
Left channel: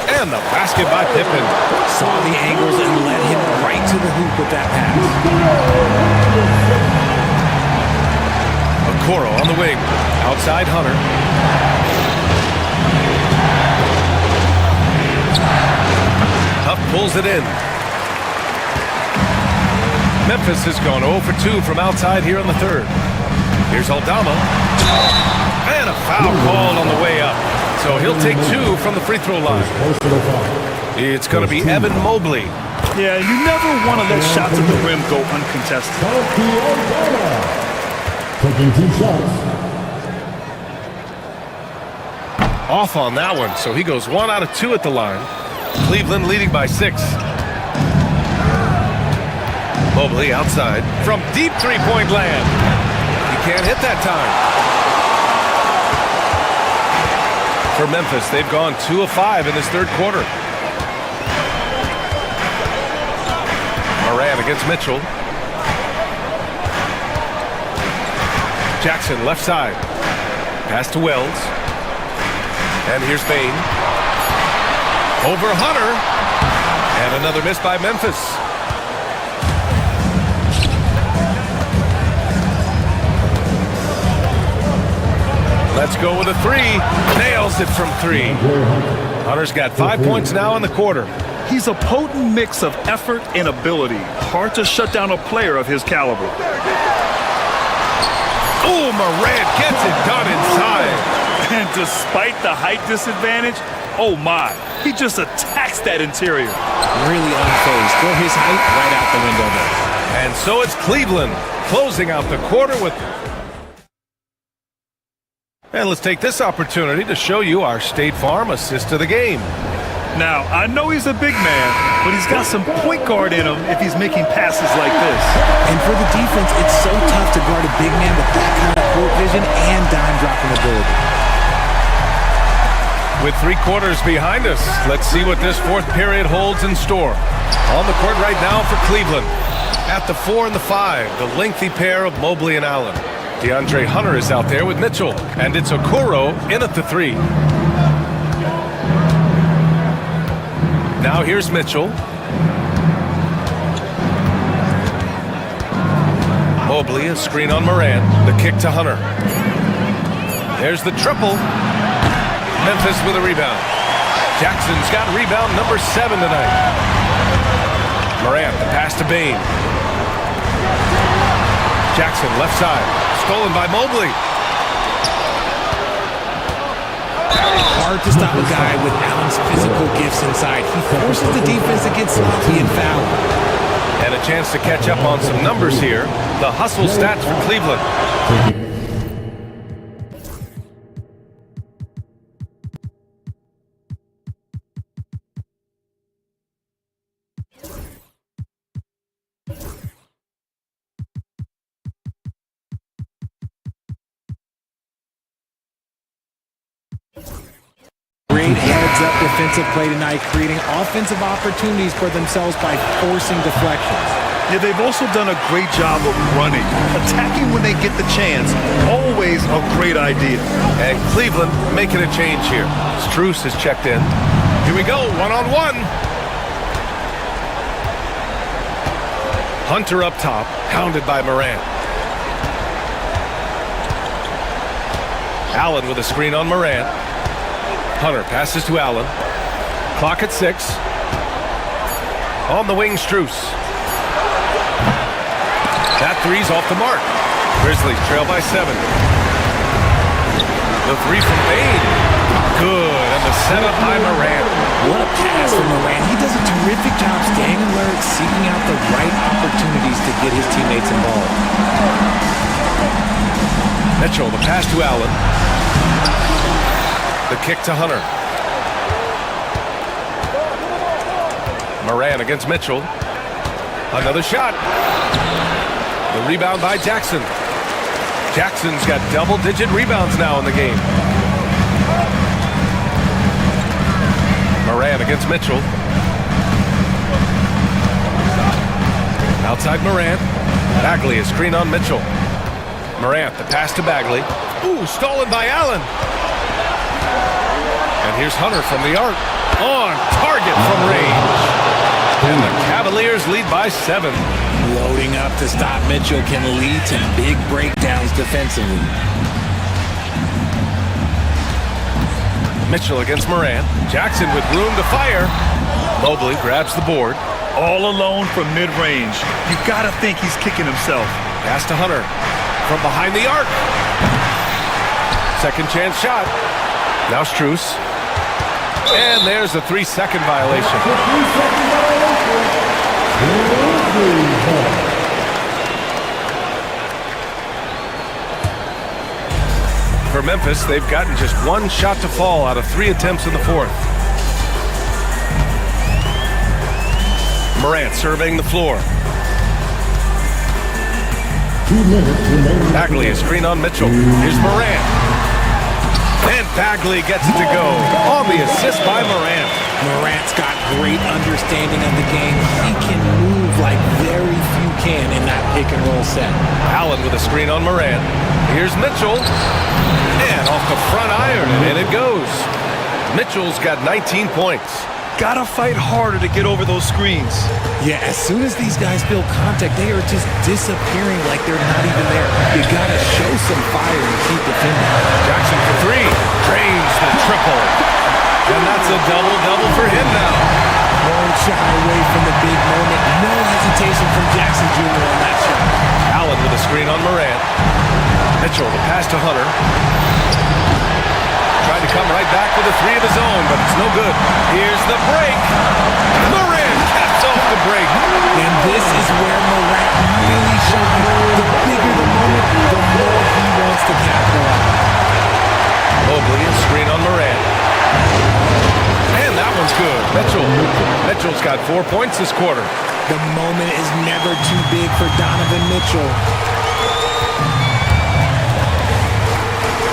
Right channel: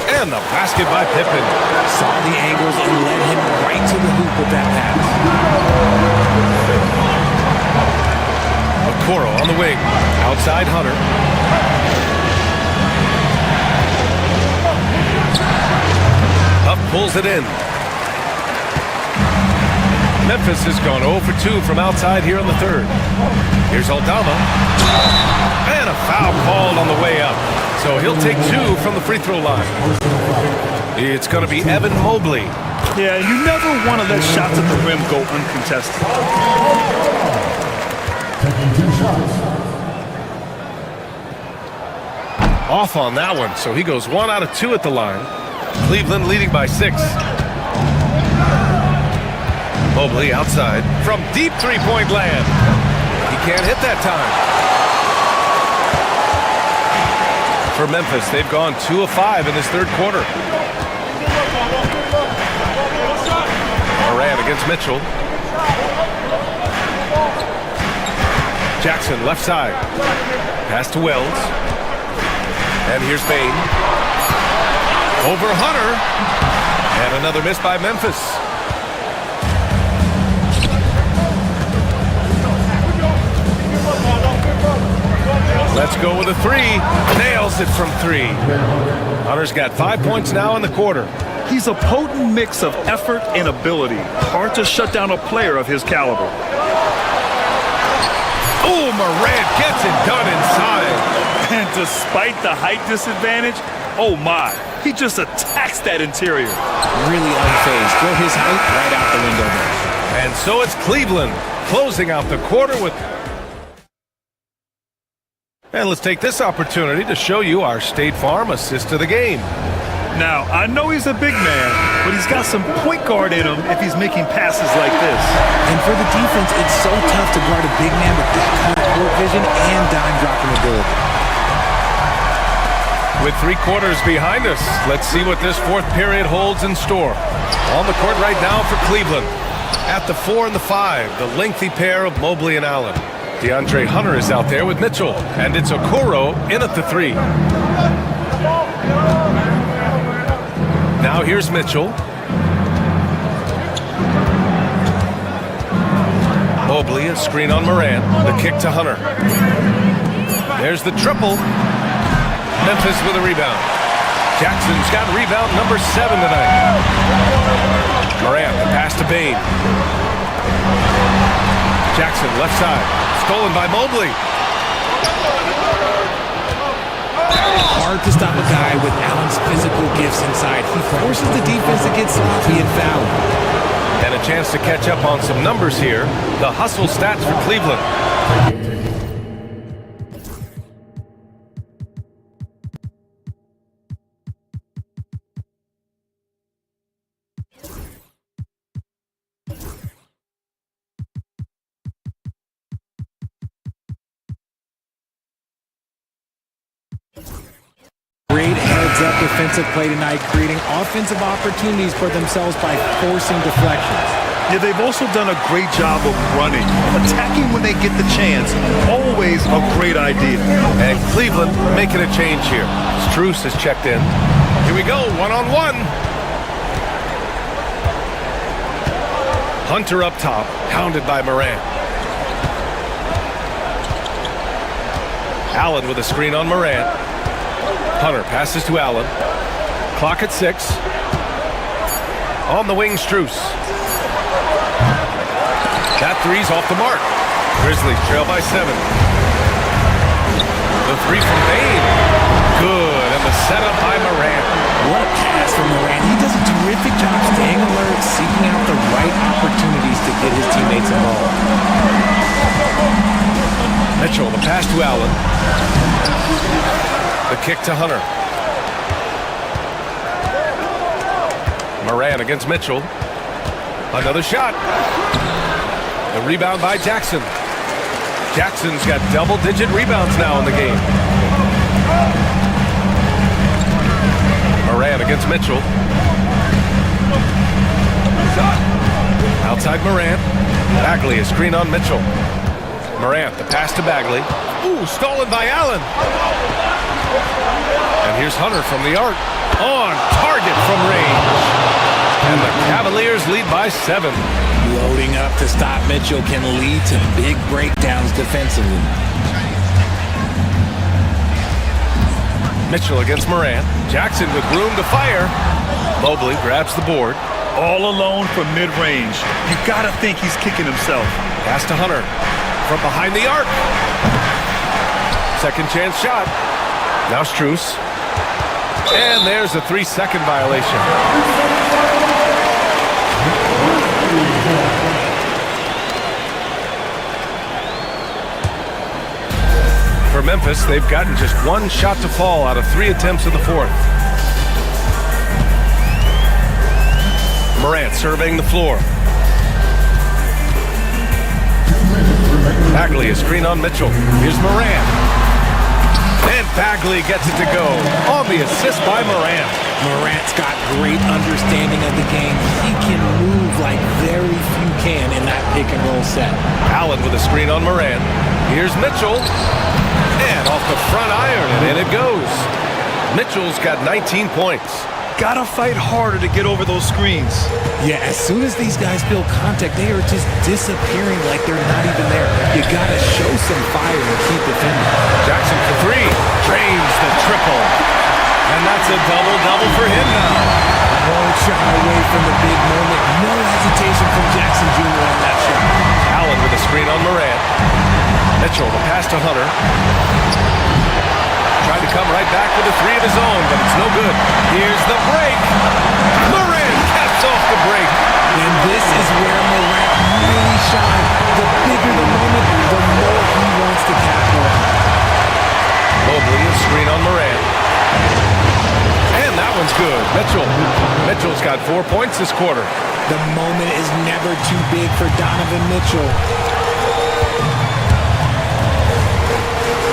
And the basket by Pippen. Saw the angles and led him right to the hoop with that pass. Okoro on the wing. Outside Hunter. Huff pulls it in. Memphis has gone 0 for 2 from outside here in the third. Here's Aldama. And a foul called on the way up. So he'll take 2 from the free throw line. It's going to be Evan Mobley. Yeah, you never want to let shots at the rim go uncontested. Taking 2 shots. Off on that one, so he goes 1 out of 2 at the line. Cleveland leading by 6. Mobley outside from deep three-point land. He can't hit that time. For Memphis, they've gone 2 of 5 in this third quarter. Moran against Mitchell. Jackson left side. Pass to Wells. And here's Bain. Over Hunter. And another miss by Memphis. Let's go with a 3. Nails it from 3. Hunter's got 5 points now in the quarter. He's a potent mix of effort and ability. Hard to shut down a player of his caliber. Oh, Morant gets it done inside. And despite the height disadvantage, oh my, he just attacks that interior. Really unfazed. Throw his height right out the window there. And so it's Cleveland closing out the quarter with... And let's take this opportunity to show you our State Farm assist of the game. Now, I know he's a big man, but he's got some point guard in him if he's making passes like this. And for the defense, it's so tough to guard a big man with that kind of court vision and dime dropping ability. With 3 quarters behind us, let's see what this fourth period holds in store. On the court right now for Cleveland. At the 4 and the 5, the lengthy pair of Mobley and Allen. DeAndre Hunter is out there with Mitchell, and it's Okoro in at the 3. Now here's Mitchell. Mobley, a screen on Moran. The kick to Hunter. There's the triple. Memphis with a rebound. Jackson's got rebound number 7 tonight. Morant, the pass to Bain. Jackson, left side. Stolen by Mobley. Hard to stop a guy with Allen's physical gifts inside. He forces the defense to get sloppy and foul. And a chance to catch up on some numbers here. The hustle stats for Cleveland. Great heads-up defensive play tonight, creating offensive opportunities for themselves by forcing deflections. Yeah, they've also done a great job of running. Attacking when they get the chance, always a great idea. And Cleveland making a change here. Strus has checked in. Here we go, one-on-one. Hunter up top, hounded by Morant. Allen with a screen on Morant. Hunter passes to Allen. Clock at 6. On the wing, Strus. That three's off the mark. Grizzlies trail by 7. The three from Bain. Good, and the setup by Morant. What a pass from Morant. He does a terrific job staying alert, seeking out the right opportunities to get his teammates involved. Mitchell, the pass to Allen. The kick to Hunter. Morant against Mitchell. Another shot. The rebound by Jackson. Jackson's got double-digit rebounds now in the game. Morant against Mitchell. Outside Morant. Bagley, a screen on Mitchell. Morant, the pass to Bagley. Ooh, stolen by Allen. And here's Hunter from the arc. On target from range. And the Cavaliers lead by 7. Loading up to stop Mitchell can lead to big breakdowns defensively. Mitchell against Morant. Jackson with room to fire. Mobley grabs the board. All alone from mid-range. You gotta think he's kicking himself. Pass to Hunter. From behind the arc. Second chance shot. Now Strus. And there's a 3-second violation. For Memphis, they've gotten just 1 shot to fall out of 3 attempts in the 4th. Morant surveying the floor. Bagley, a screen on Mitchell. Here's Morant. And Bagley gets it to go on the assist by Morant. Morant's got great understanding of the game. He can move like very few can in that pick-and-roll set. Allen with a screen on Morant. Here's Mitchell. And off the front iron, and in it goes. Mitchell's got 19 points. Gotta fight harder to get over those screens. Yeah, as soon as these guys feel contact, they are just disappearing like they're not even there. You gotta show some fire and keep defending. Jackson for 3. Drains the triple. And that's a double-double for him now. Won't shy away from the big moment. No hesitation from Jackson Jr. on that shot. Allen with a screen on Morant. Mitchell, the pass to Hunter. Tried to come right back with a 3 of his own, but it's no good. Here's the break. Morant caps off the break. And this is where Morant really shines. The bigger the moment, the more he wants to capitalize. Mobley, a screen on Morant. And that one's good. Mitchell's got 4 points this quarter. The moment is never too big for Donovan Mitchell.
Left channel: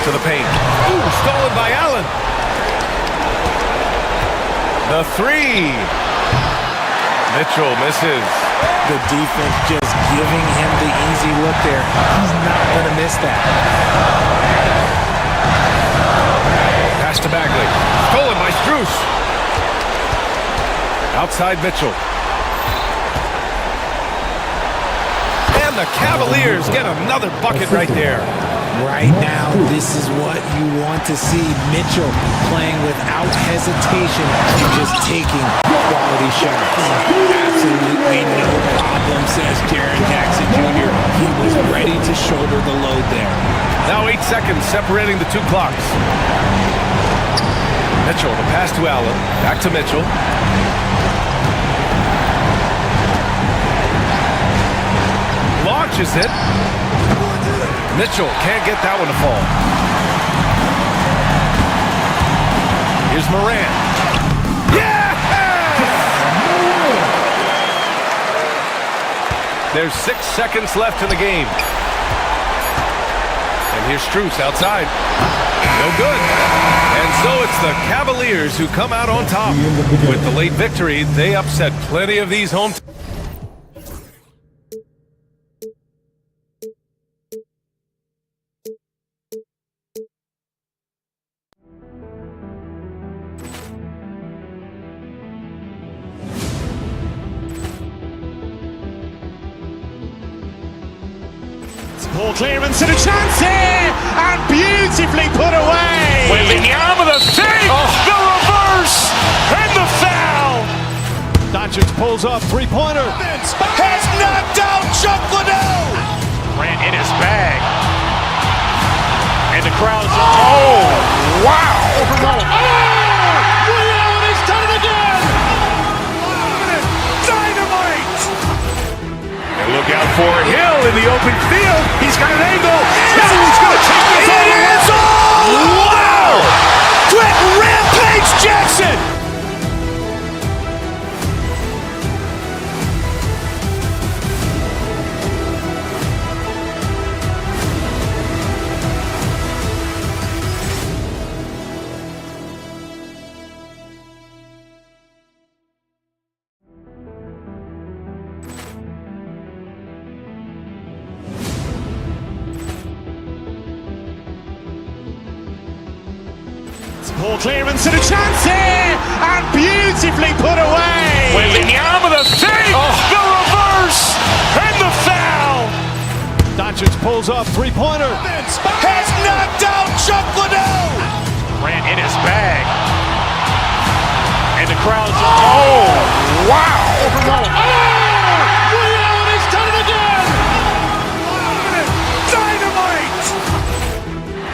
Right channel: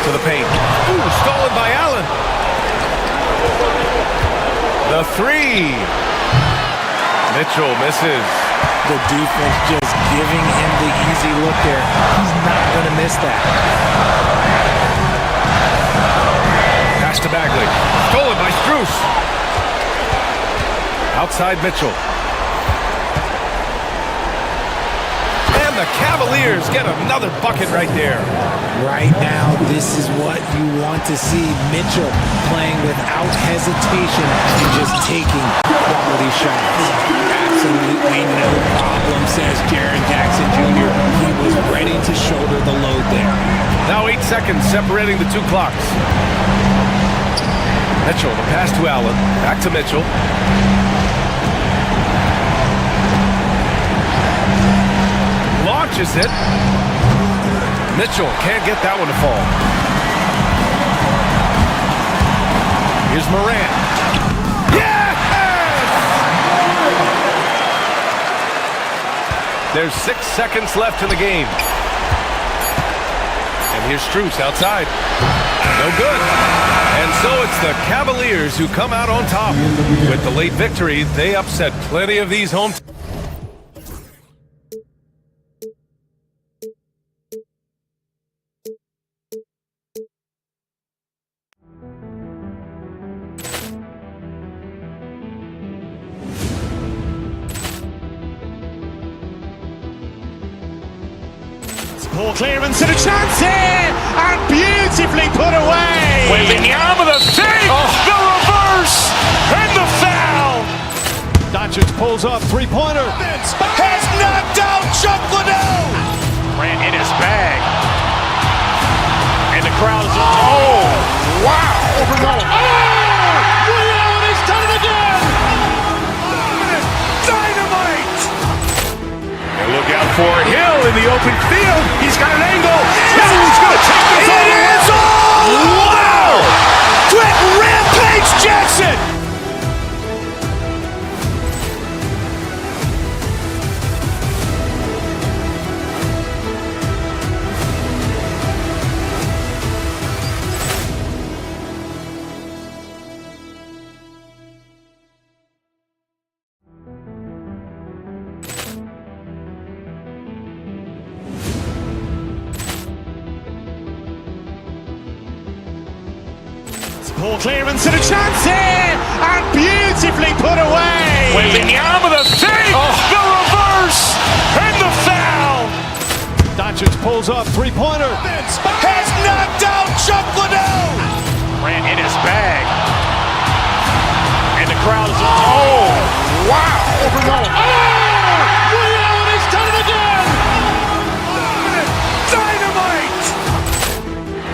To the paint. Ooh, stolen by Allen. The 3. Mitchell misses. The defense just giving him the easy look there. He's not going to miss that. Pass to Bagley. Stolen by Strus. Outside Mitchell. And the Cavaliers get another bucket right there. Right now, this is what you want to see. Mitchell playing without hesitation and just taking quality shots. Absolutely no problem, says Jaren Jackson Jr. He was ready to shoulder the load there. Now 8 seconds separating the two clocks. Mitchell, the pass to Allen. Back to Mitchell. Launches it. Mitchell can't get that one to fall. Here's Moran. Yes! There's 6 seconds left in the game. And here's Strus outside. No good. And so it's the Cavaliers who come out on top. With the late victory, they upset plenty of these home teams. Ball clearance and a chance here, and beautifully put away. Wembanyama the save, the reverse, and the foul. Doncic pulls up, three-pointer. Has knocked out Chuck Liddell. Grant in his bag. And the crowd is... Oh, wow. Ray Allen has done it again. Dynamite. And look out for Hill in the open field. He's got an angle. He's going to take this all the way. Wow. Quick rampage Jackson. Ball clearance and a chance here, and beautifully put away. Wembanyama the save, the reverse, and the foul. Doncic pulls up, three-pointer. Has knocked out Chuck Liddell. Grant in his bag. And the crowd is... Oh, wow. Ray Allen has done it again. Dynamite.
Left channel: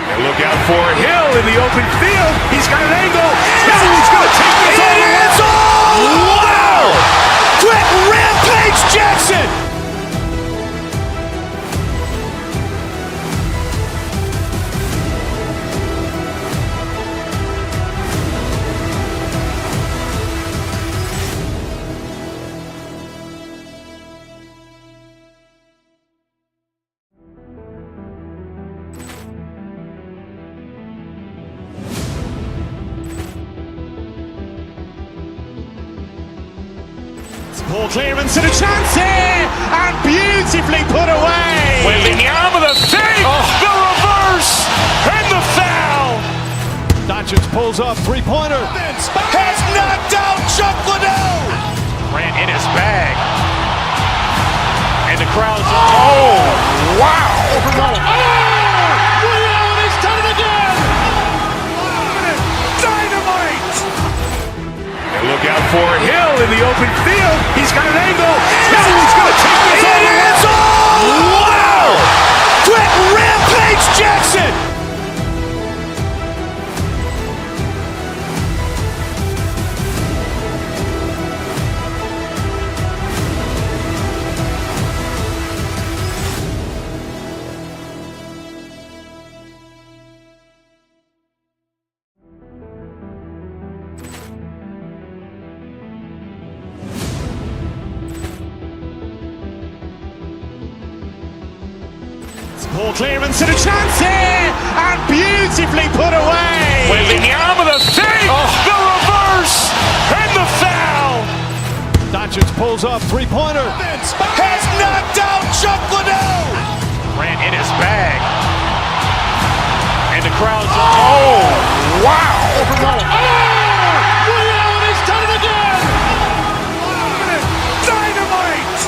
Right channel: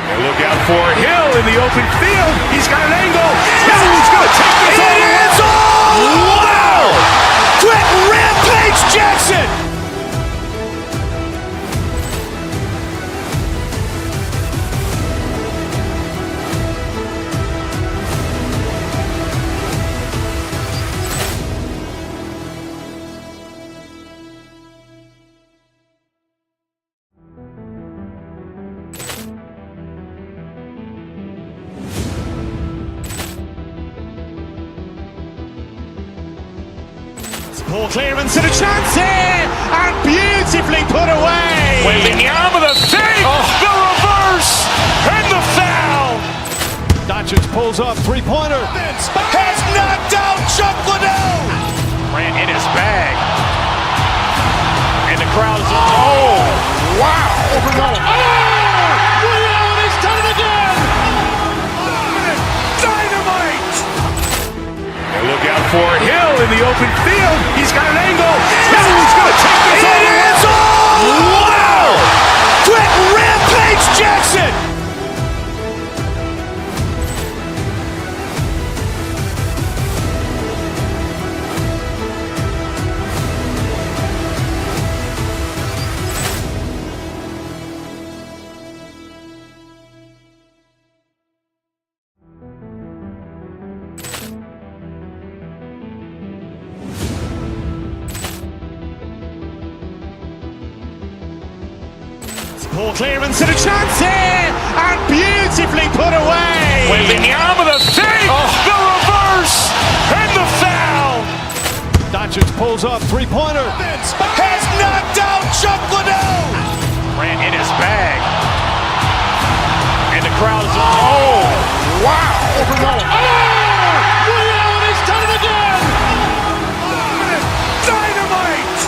And look out for Hill in the open field. He's got an angle. He's going to take this all the way. Wow. Quick rampage Jackson. Ball clearance and a chance here, and beautifully put away. Wembanyama the save, the reverse, and the foul. Doncic pulls up, three-pointer. Has knocked out Chuck Liddell. Grant in his bag. And the crowd is... Oh, wow. Ray Allen has done it again. Dynamite. And look out for Hill in the open field. He's got an angle. He's going to take this all the way. Wow. Quick rampage Jackson. Ball clearance and a chance here, and beautifully put away. Wembanyama the save, the reverse, and the foul. Doncic pulls up, three-pointer. Has knocked out Chuck Liddell. Grant in his bag. And the crowd is... Oh, wow. Ray Allen has done it again. Dynamite.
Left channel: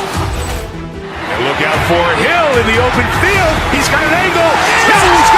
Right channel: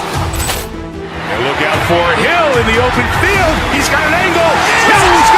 And look out for Hill in the open field. He's got an angle. He's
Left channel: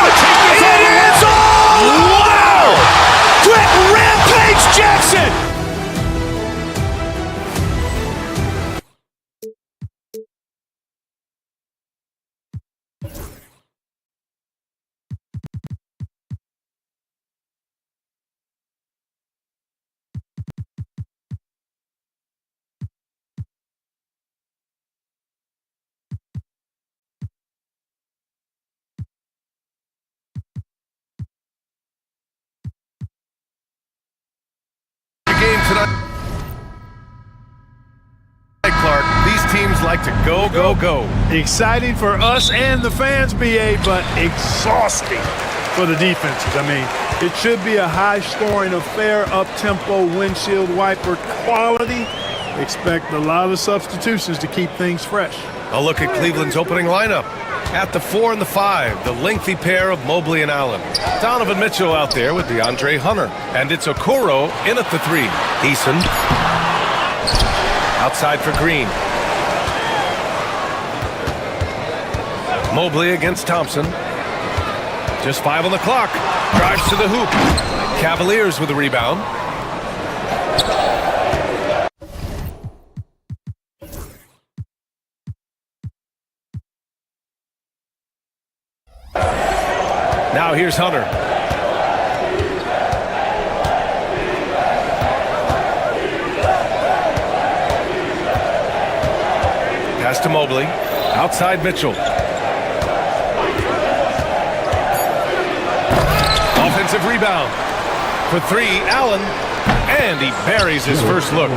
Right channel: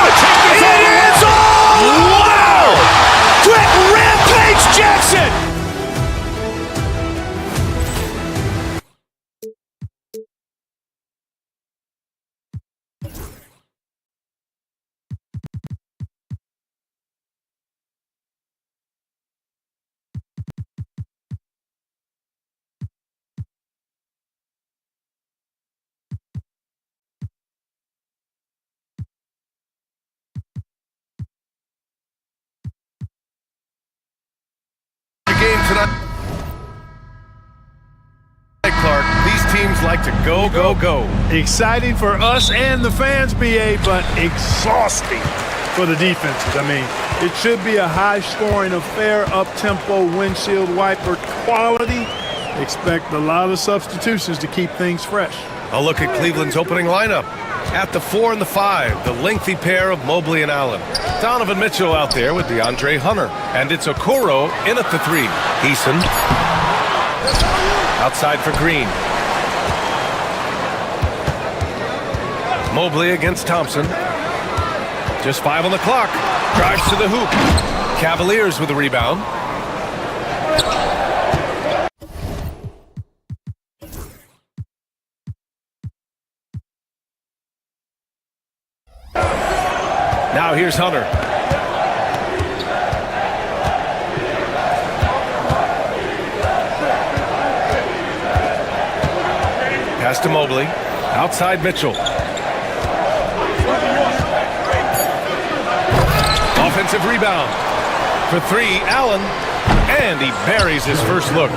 players like to go, go, go. Exciting for us and the fans, BA, but exhausting for the defenses. I mean, it should be a high-scoring affair, up-tempo, windshield wiper quality. Expect a lot of substitutions to keep things fresh. A look at Cleveland's opening lineup. At the 4 and the 5, the lengthy pair of Mobley and Allen. Donovan Mitchell out there with DeAndre Hunter. And it's Okoro in at the 3. Eason. Outside for Green. Mobley against Thompson. Just 5 on the clock. Drives to the hoop. Cavaliers with the rebound. Now here's Hunter. Pass to Mobley. Outside Mitchell. Offensive rebound. For 3, Allen. And he buries his first look.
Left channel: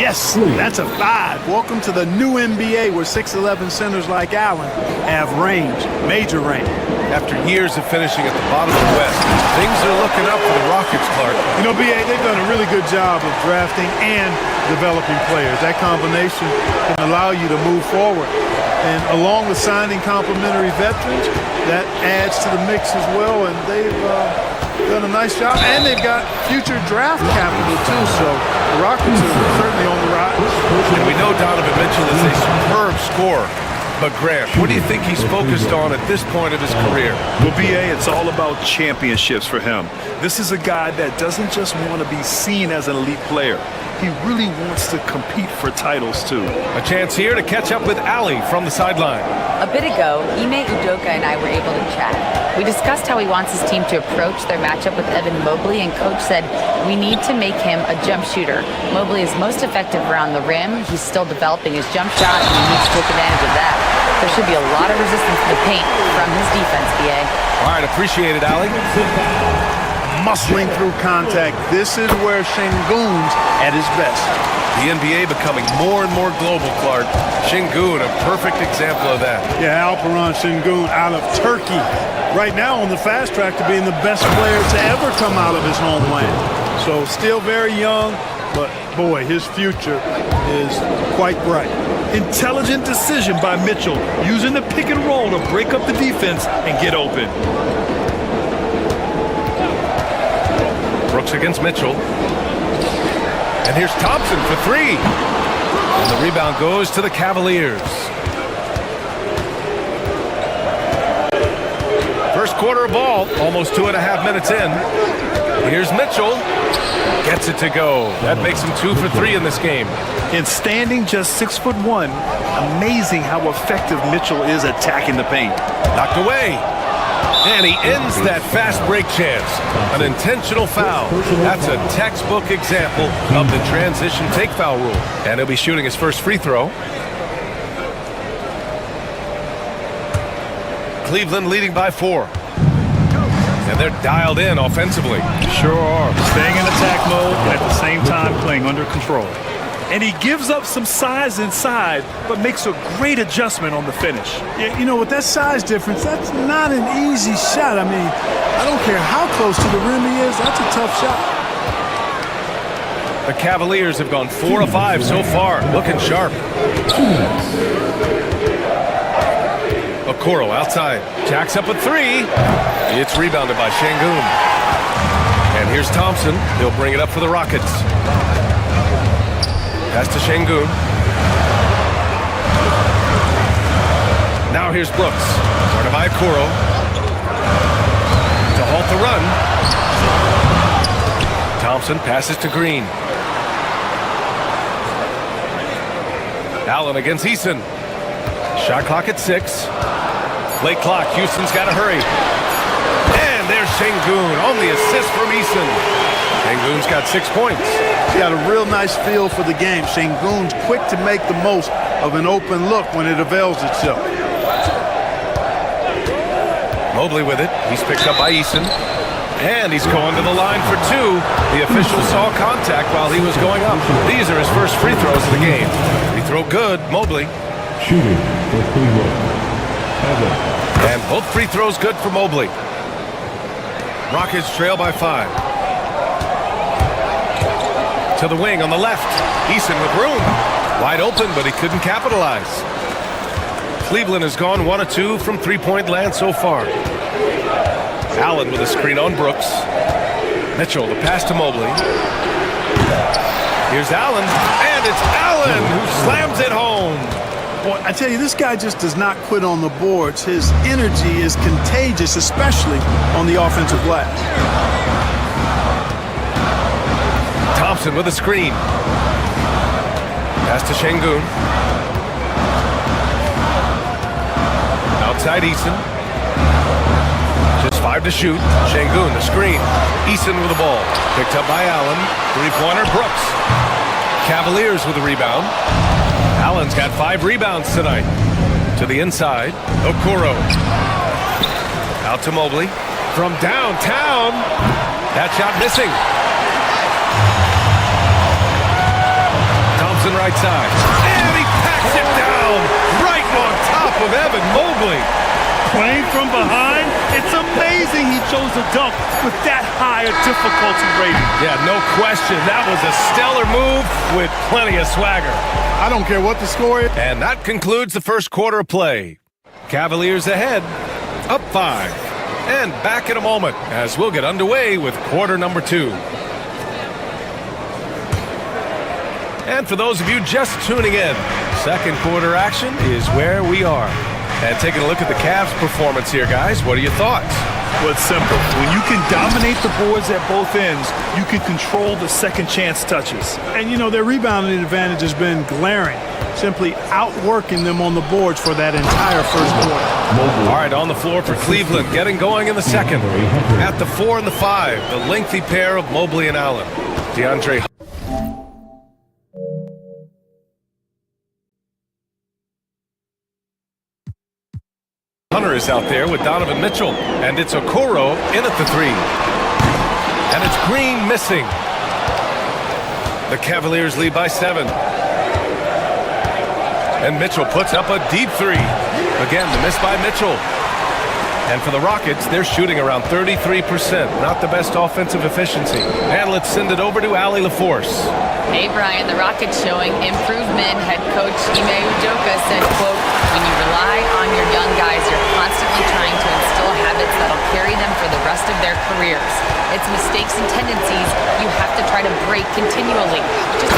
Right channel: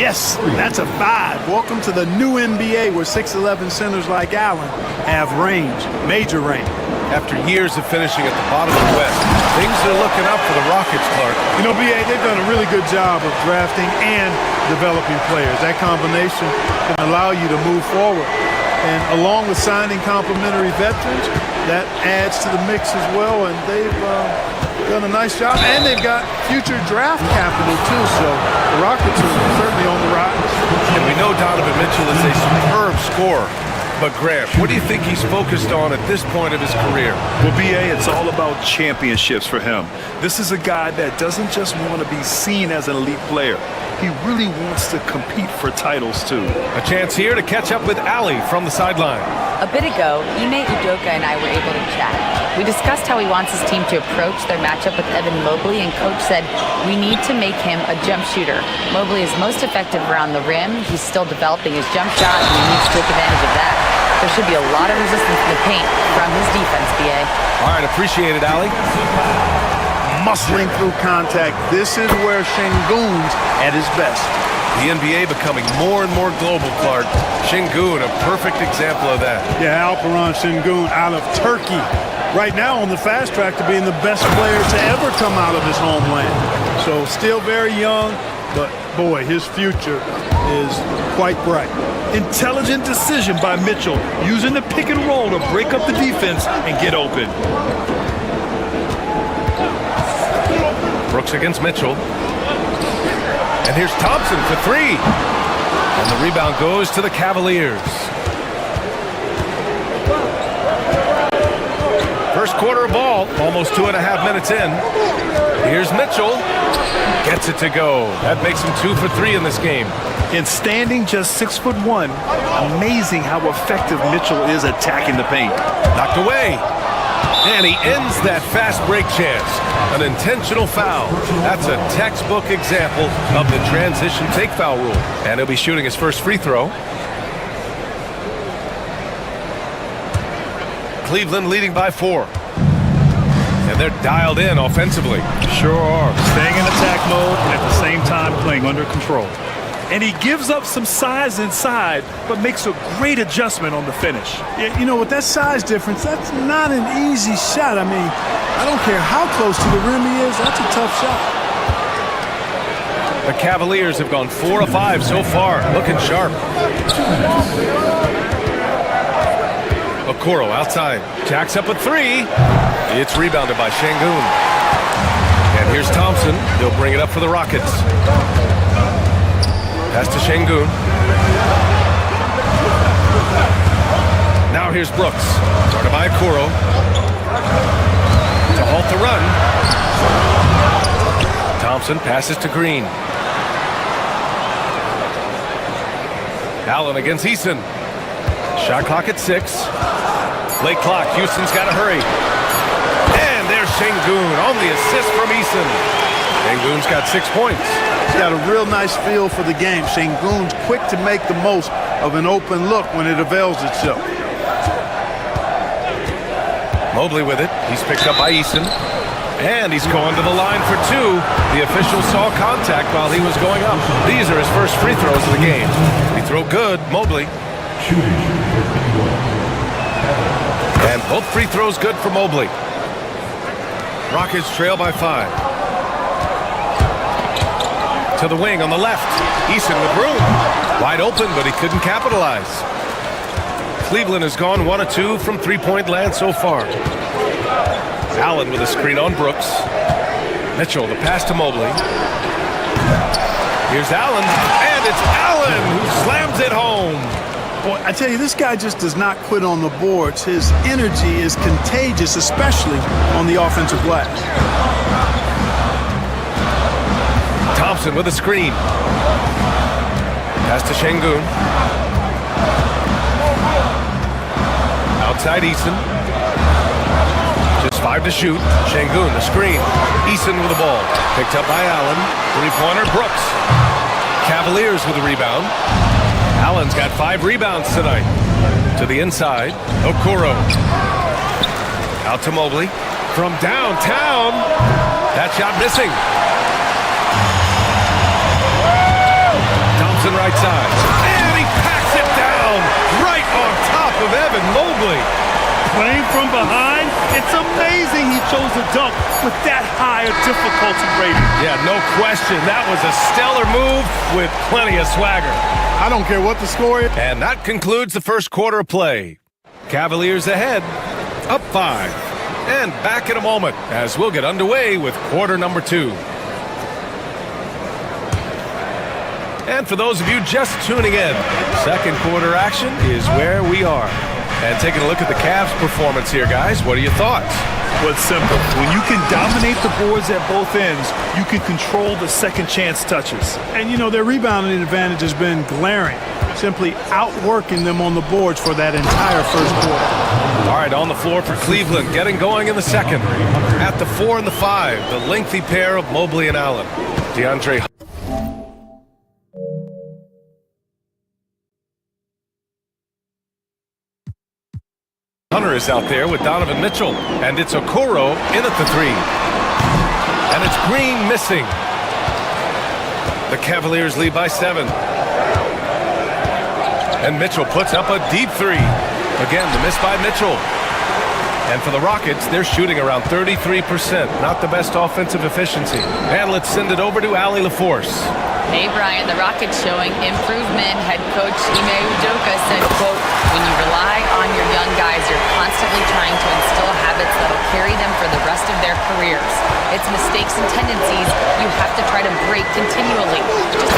Yes, that's a 5. Welcome to the new NBA where 6'11 centers like Allen have range, major range. After years of finishing at the bottom of the West, things are looking up for the Rockets, Clark. You know, BA, they've done a really good job of drafting and developing players. That combination can allow you to move forward. And along with signing complementary veterans, that adds to the mix as well. And they've done a nice job. And they've got future draft capital, too. So the Rockets are certainly on the rise. And we know Donovan Mitchell is a superb scorer. But Grant, what do you think he's focused on at this point of his career? Well, BA, it's all about championships for him. This is a guy that doesn't just want to be seen as an elite player. He really wants to compete for titles, too. A chance here to catch up with Ali from the sideline. A bit ago, Ime Udoka and I were able to chat. We discussed how he wants his team to approach their matchup with Evan Mobley, and Coach said, we need to make him a jump shooter. Mobley is most effective around the rim. He's still developing his jump shot, and he needs to take advantage of that. There should be a lot of resistance in the paint from his defense, BA. All right, appreciate it, Ali. Muscling through contact. This is where Şengün's at his best. The NBA becoming more and more global, Clark. Şengün, a perfect example of that. Yeah, Alperen Şengün out of Turkey. Right now on the fast track to being the best player to ever come out of his homeland. So still very young, but boy, his future is quite bright. Intelligent decision by Mitchell, using the pick and roll to break up the defense and get open. Brooks against Mitchell. And here's Thompson for 3. And the rebound goes to the Cavaliers. First quarter of ball, almost 2.5 minutes in. Here's Mitchell. Gets it to go. That makes him 2 for 3 in this game. And standing just 6'1", amazing how effective Mitchell is attacking the paint. Knocked away. And he ends that fast break chance. An intentional foul. That's a textbook example of the transition take foul rule. And he'll be shooting his first free throw. Cleveland leading by 4. And they're dialed in offensively. Sure are. Staying in attack mode and at the same time playing under control. And he gives up some size inside, but makes a great adjustment on the finish. Yeah, you know, with that size difference, that's not an easy shot. I mean, I don't care how close to the rim he is, that's a tough shot. The Cavaliers have gone 4 of 5 so far, looking sharp. Okoro outside, jacks up a 3. It's rebounded by Şengün. And here's Thompson. He'll bring it up for the Rockets. Pass to Şengün. Now here's Brooks. Guarded by Okoro. To halt the run. Thompson passes to Green. Allen against Eason. Shot clock at 6. Late clock. Houston's got to hurry. And there's Şengün on the assist from Eason. Şengün's got 6 points. He's got a real nice feel for the game. Şengün's quick to make the most of an open look when it avails itself. Mobley with it. He's picked up by Eason. And he's going to the line for 2. The official saw contact while he was going up. These are his first free throws of the game. Free throw good. Mobley. Shooting for Cleveland, Evan. And both free throws good for Mobley. Rockets trail by 5. To the wing on the left. Eason with room. Wide open, but he couldn't capitalize. Cleveland has gone 1 of 2 from three-point land so far. Allen with a screen on Brooks. Mitchell, the pass to Mobley. Here's Allen, and it's Allen who slams it home. Boy, I tell you, this guy just does not quit on the boards. His energy is contagious, especially on the offensive glass. Thompson with a screen. Pass to Şengün. Outside Eason. Just 5 to shoot. Şengün, the screen. Eason with the ball. Picked up by Allen. Three-pointer, Brooks. Cavaliers with a rebound. Allen's got 5 rebounds tonight. To the inside, Okoro. Out to Mobley. From downtown. That shot missing. Thompson right side. And he packs it down right on top of Evan Mobley. Playing from behind, it's amazing he chose to dunk with that high a difficulty rating. Yeah, no question. That was a stellar move with plenty of swagger. I don't care what the score is. And that concludes the first quarter of play. Cavaliers ahead, up 5. And back in a moment as we'll get underway with quarter number 2. And for those of you just tuning in, second quarter action is where we are. And taking a look at the Cavs' performance here, guys, what are your thoughts? Well, it's simple. When you can dominate the boards at both ends, you can control the second chance touches. And, you know, their rebounding advantage has been glaring, simply outworking them on the boards for that entire first quarter. All right, on the floor for Cleveland, getting going in the second. At the 4 and the 5, the lengthy pair of Mobley and Allen. DeAndre Hunter is out there with Donovan Mitchell, and it's Okoro in at the 3. And it's Green missing. The Cavaliers lead by 7. And Mitchell puts up a deep 3. Again, the miss by Mitchell. And for the Rockets, they're shooting around 33%. Not the best offensive efficiency. And let's send it over to Allie LaForce. Hey, Brian, the Rockets showing improvement. Head coach Ime Udoka said, quote, when you rely on your young guys, you're constantly trying to instill habits that'll carry them for the rest of their careers. It's mistakes and tendencies you have to try to break continually.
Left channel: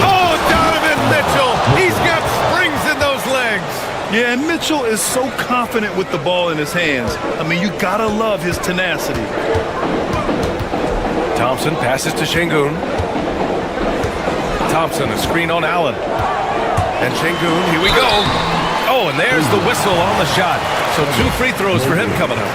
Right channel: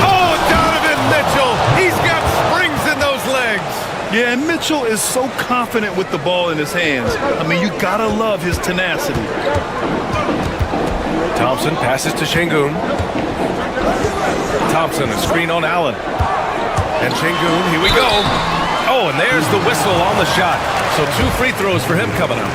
Oh, Donovan Mitchell! He's got springs in those legs! Yeah, and Mitchell is so confident with the ball in his hands. I mean, you gotta love his tenacity. Thompson passes to Şengün. Thompson, a screen on Allen. And Şengün, here we go. Oh, and there's the whistle on the shot. So 2 free throws for him coming up.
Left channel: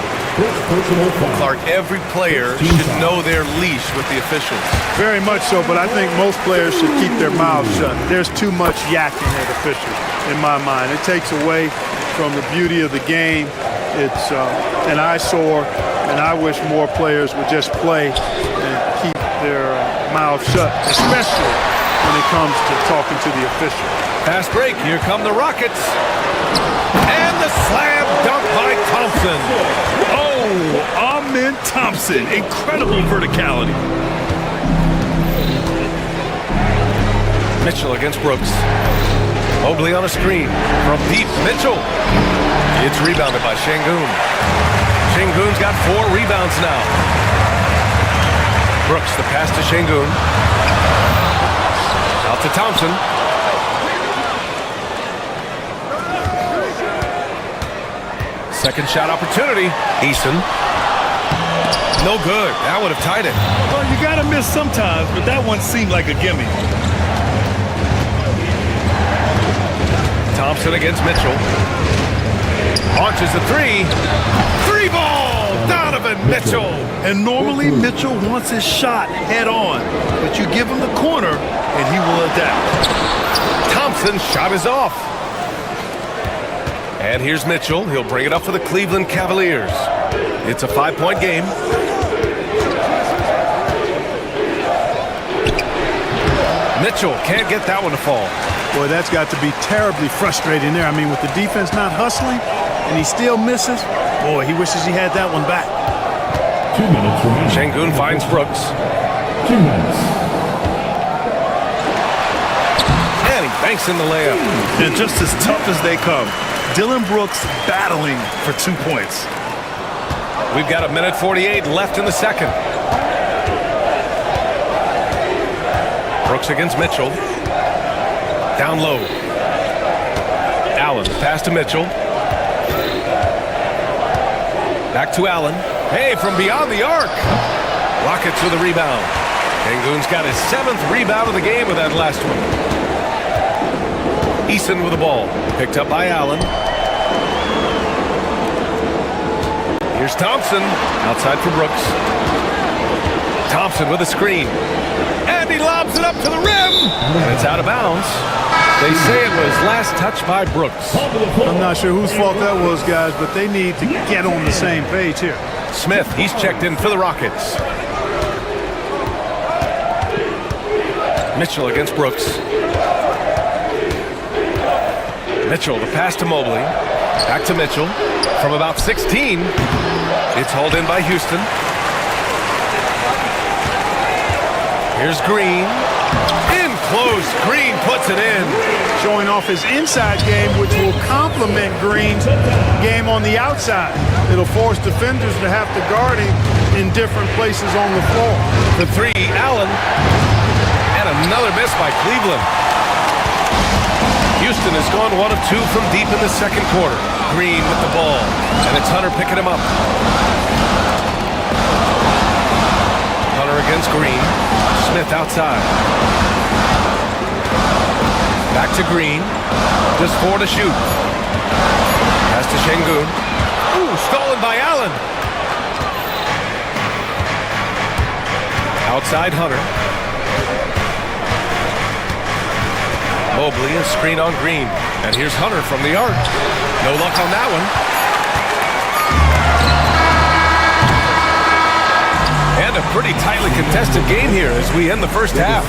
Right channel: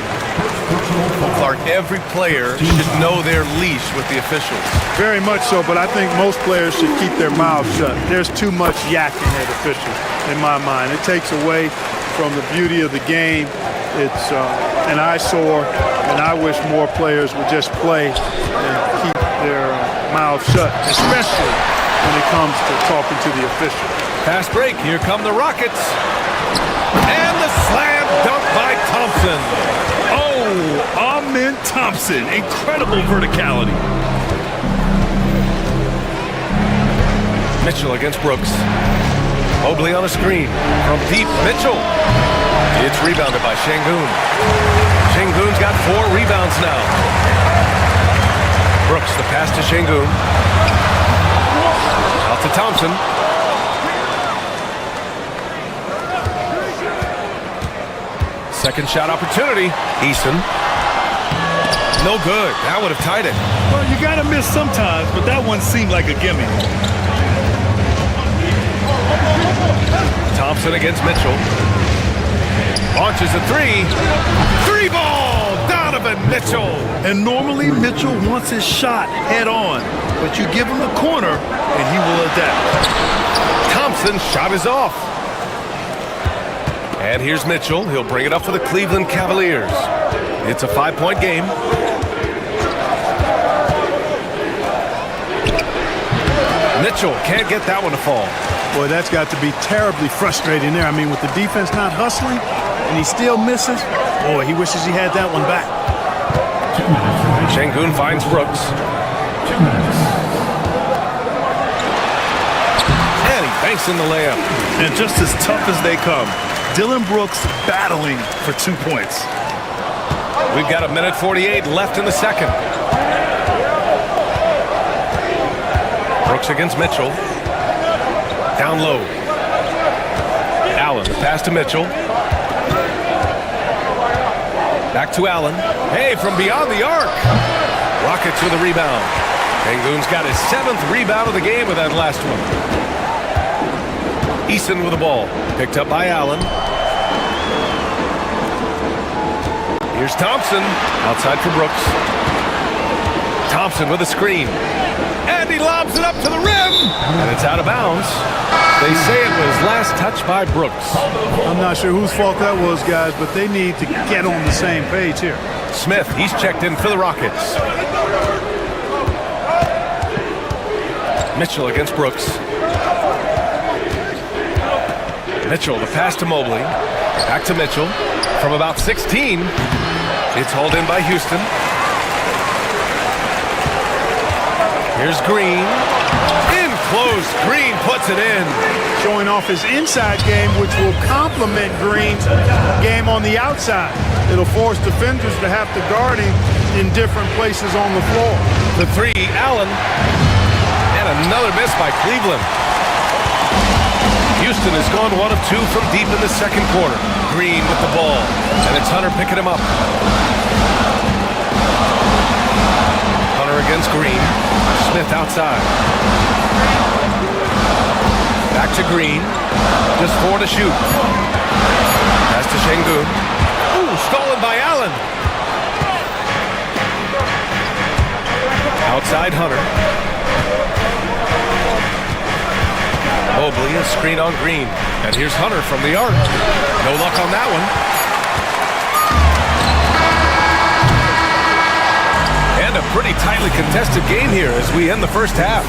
Clark, every player should know their leash with the officials. Very much so, but I think most players should keep their mouths shut. There's too much yakking at officials, in my mind. It takes away from the beauty of the game. It's an eyesore, and I wish more players would just play and keep their mouths shut, especially when it comes to talking to the official. Fast break, here come the Rockets. And the slam dunk by Thompson. Oh, Amen Thompson, incredible verticality. Mitchell against Brooks. Mobley on a screen from deep. Mitchell. It's rebounded by Şengün. Şengün's got 4 rebounds now. Brooks, the pass to Şengün. Out to Thompson. Second shot opportunity. Eason. No good. That would have tied it. Well, you got to miss sometimes, but that one seemed like a gimme. Thompson against Mitchell. Launches a 3. 3-ball! Donovan Mitchell! And normally Mitchell wants his shot head on, but you give him the corner and he will adapt. Thompson's shot is off. And here's Mitchell. He'll bring it up for the Cleveland Cavaliers. It's a 5-point game. Mitchell can't get that one to fall. Boy, that's got to be terribly frustrating there. I mean, with the defense not hustling and he still misses, boy, he wishes he had that one back. 2 minutes remaining. Şengün finds Brooks. 2 minutes. And he banks in the layup. And just as tough as they come, Dillon Brooks battling for 2 points. We've got 1:48 left in the second. Brooks against Mitchell. Down low. Allen, the pass to Mitchell. Back to Allen. Hey, from beyond the arc. Rockets with a rebound. Şengün's got his 7th rebound of the game with that last one. Eason with the ball. Picked up by Allen. Here's Thompson. Outside for Brooks. Thompson with a screen. And he lobs it up to the rim. And it's out of bounds. They say it was last touched by Brooks. I'm not sure whose fault that was, guys, but they need to get on the same page here. Smith, he's checked in for the Rockets. Mitchell against Brooks. Mitchell, the pass to Mobley. Back to Mitchell. From about 16. It's hauled in by Houston. Here's Green. In close. Green puts it in. Showing off his inside game, which will complement Green's game on the outside. It'll force defenders to have to guard him in different places on the floor. The three, Allen. And another miss by Cleveland. Houston has gone 1 of 2 from deep in the second quarter. Green with the ball. And it's Hunter picking him up. Hunter against Green. Smith outside. Back to Green. Just 4 to shoot. Pass to Şengün. Ooh, stolen by Allen. Outside Hunter. Mobley, a screen on Green. And here's Hunter from the arc. No luck on that one. And a pretty tightly contested game here as we end the first half.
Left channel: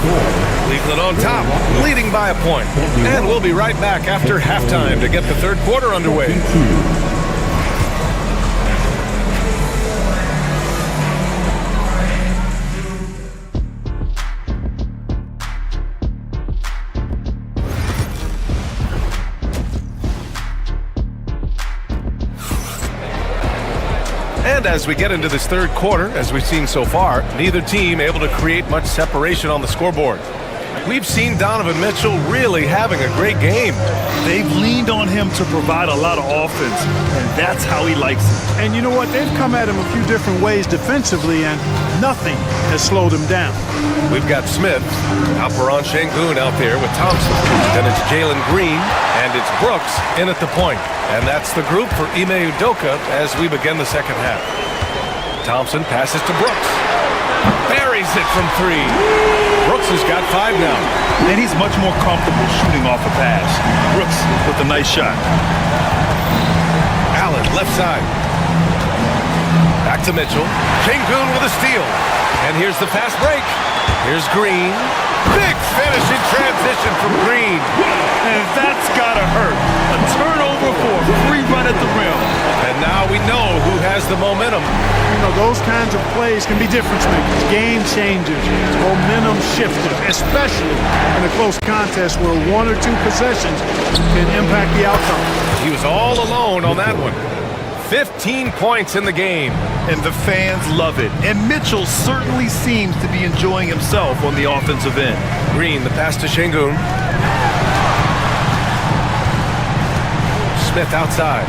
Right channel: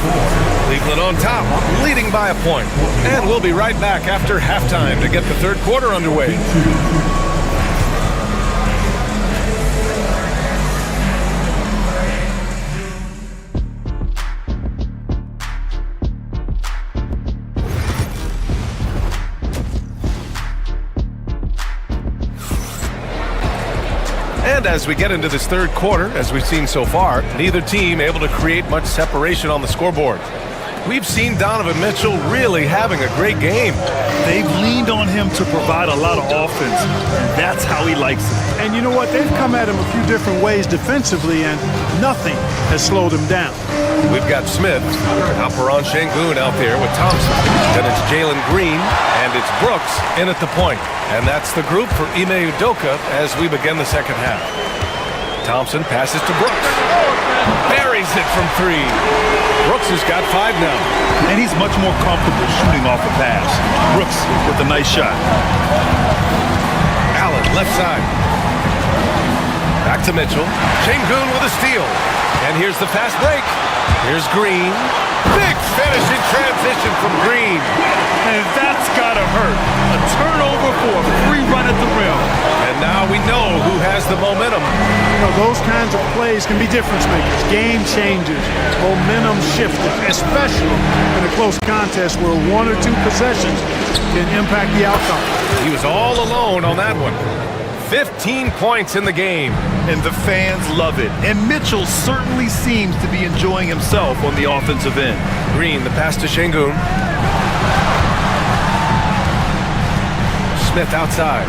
Cleveland on top, leading by a point. And we'll be right back after halftime to get the third quarter underway. And as we get into this third quarter, as we've seen so far, neither team able to create much separation on the scoreboard. We've seen Donovan Mitchell really having a great game. They've leaned on him to provide a lot of offense, and that's how he likes it. And you know what? They've come at him a few different ways defensively, and nothing has slowed him down. We've got Smith, Alperen Şengün out there with Thompson. Then it's Jalen Green, and it's Brooks in at the point. And that's the group for Ime Udoka as we begin the second half. Thompson passes to Brooks. Buries it from 3. Brooks has got 5 now. And he's much more comfortable shooting off a pass. Brooks with a nice shot. Allen, left side. Back to Mitchell. Şengün with a steal. And here's the fast break. Here's Green. Big finish in transition from Green. And that's gotta hurt. A turnover for a free run at the rim. And now we know who has the momentum. You know, those kinds of plays can be difference makers, game changers, momentum shifters, especially in a close contest where 1 or 2 possessions can impact the outcome. He was all alone on that one. 15 points in the game. And the fans love it. And Mitchell certainly seems to be enjoying himself on the offensive end. Green, the pass to Şengün. Smith outside.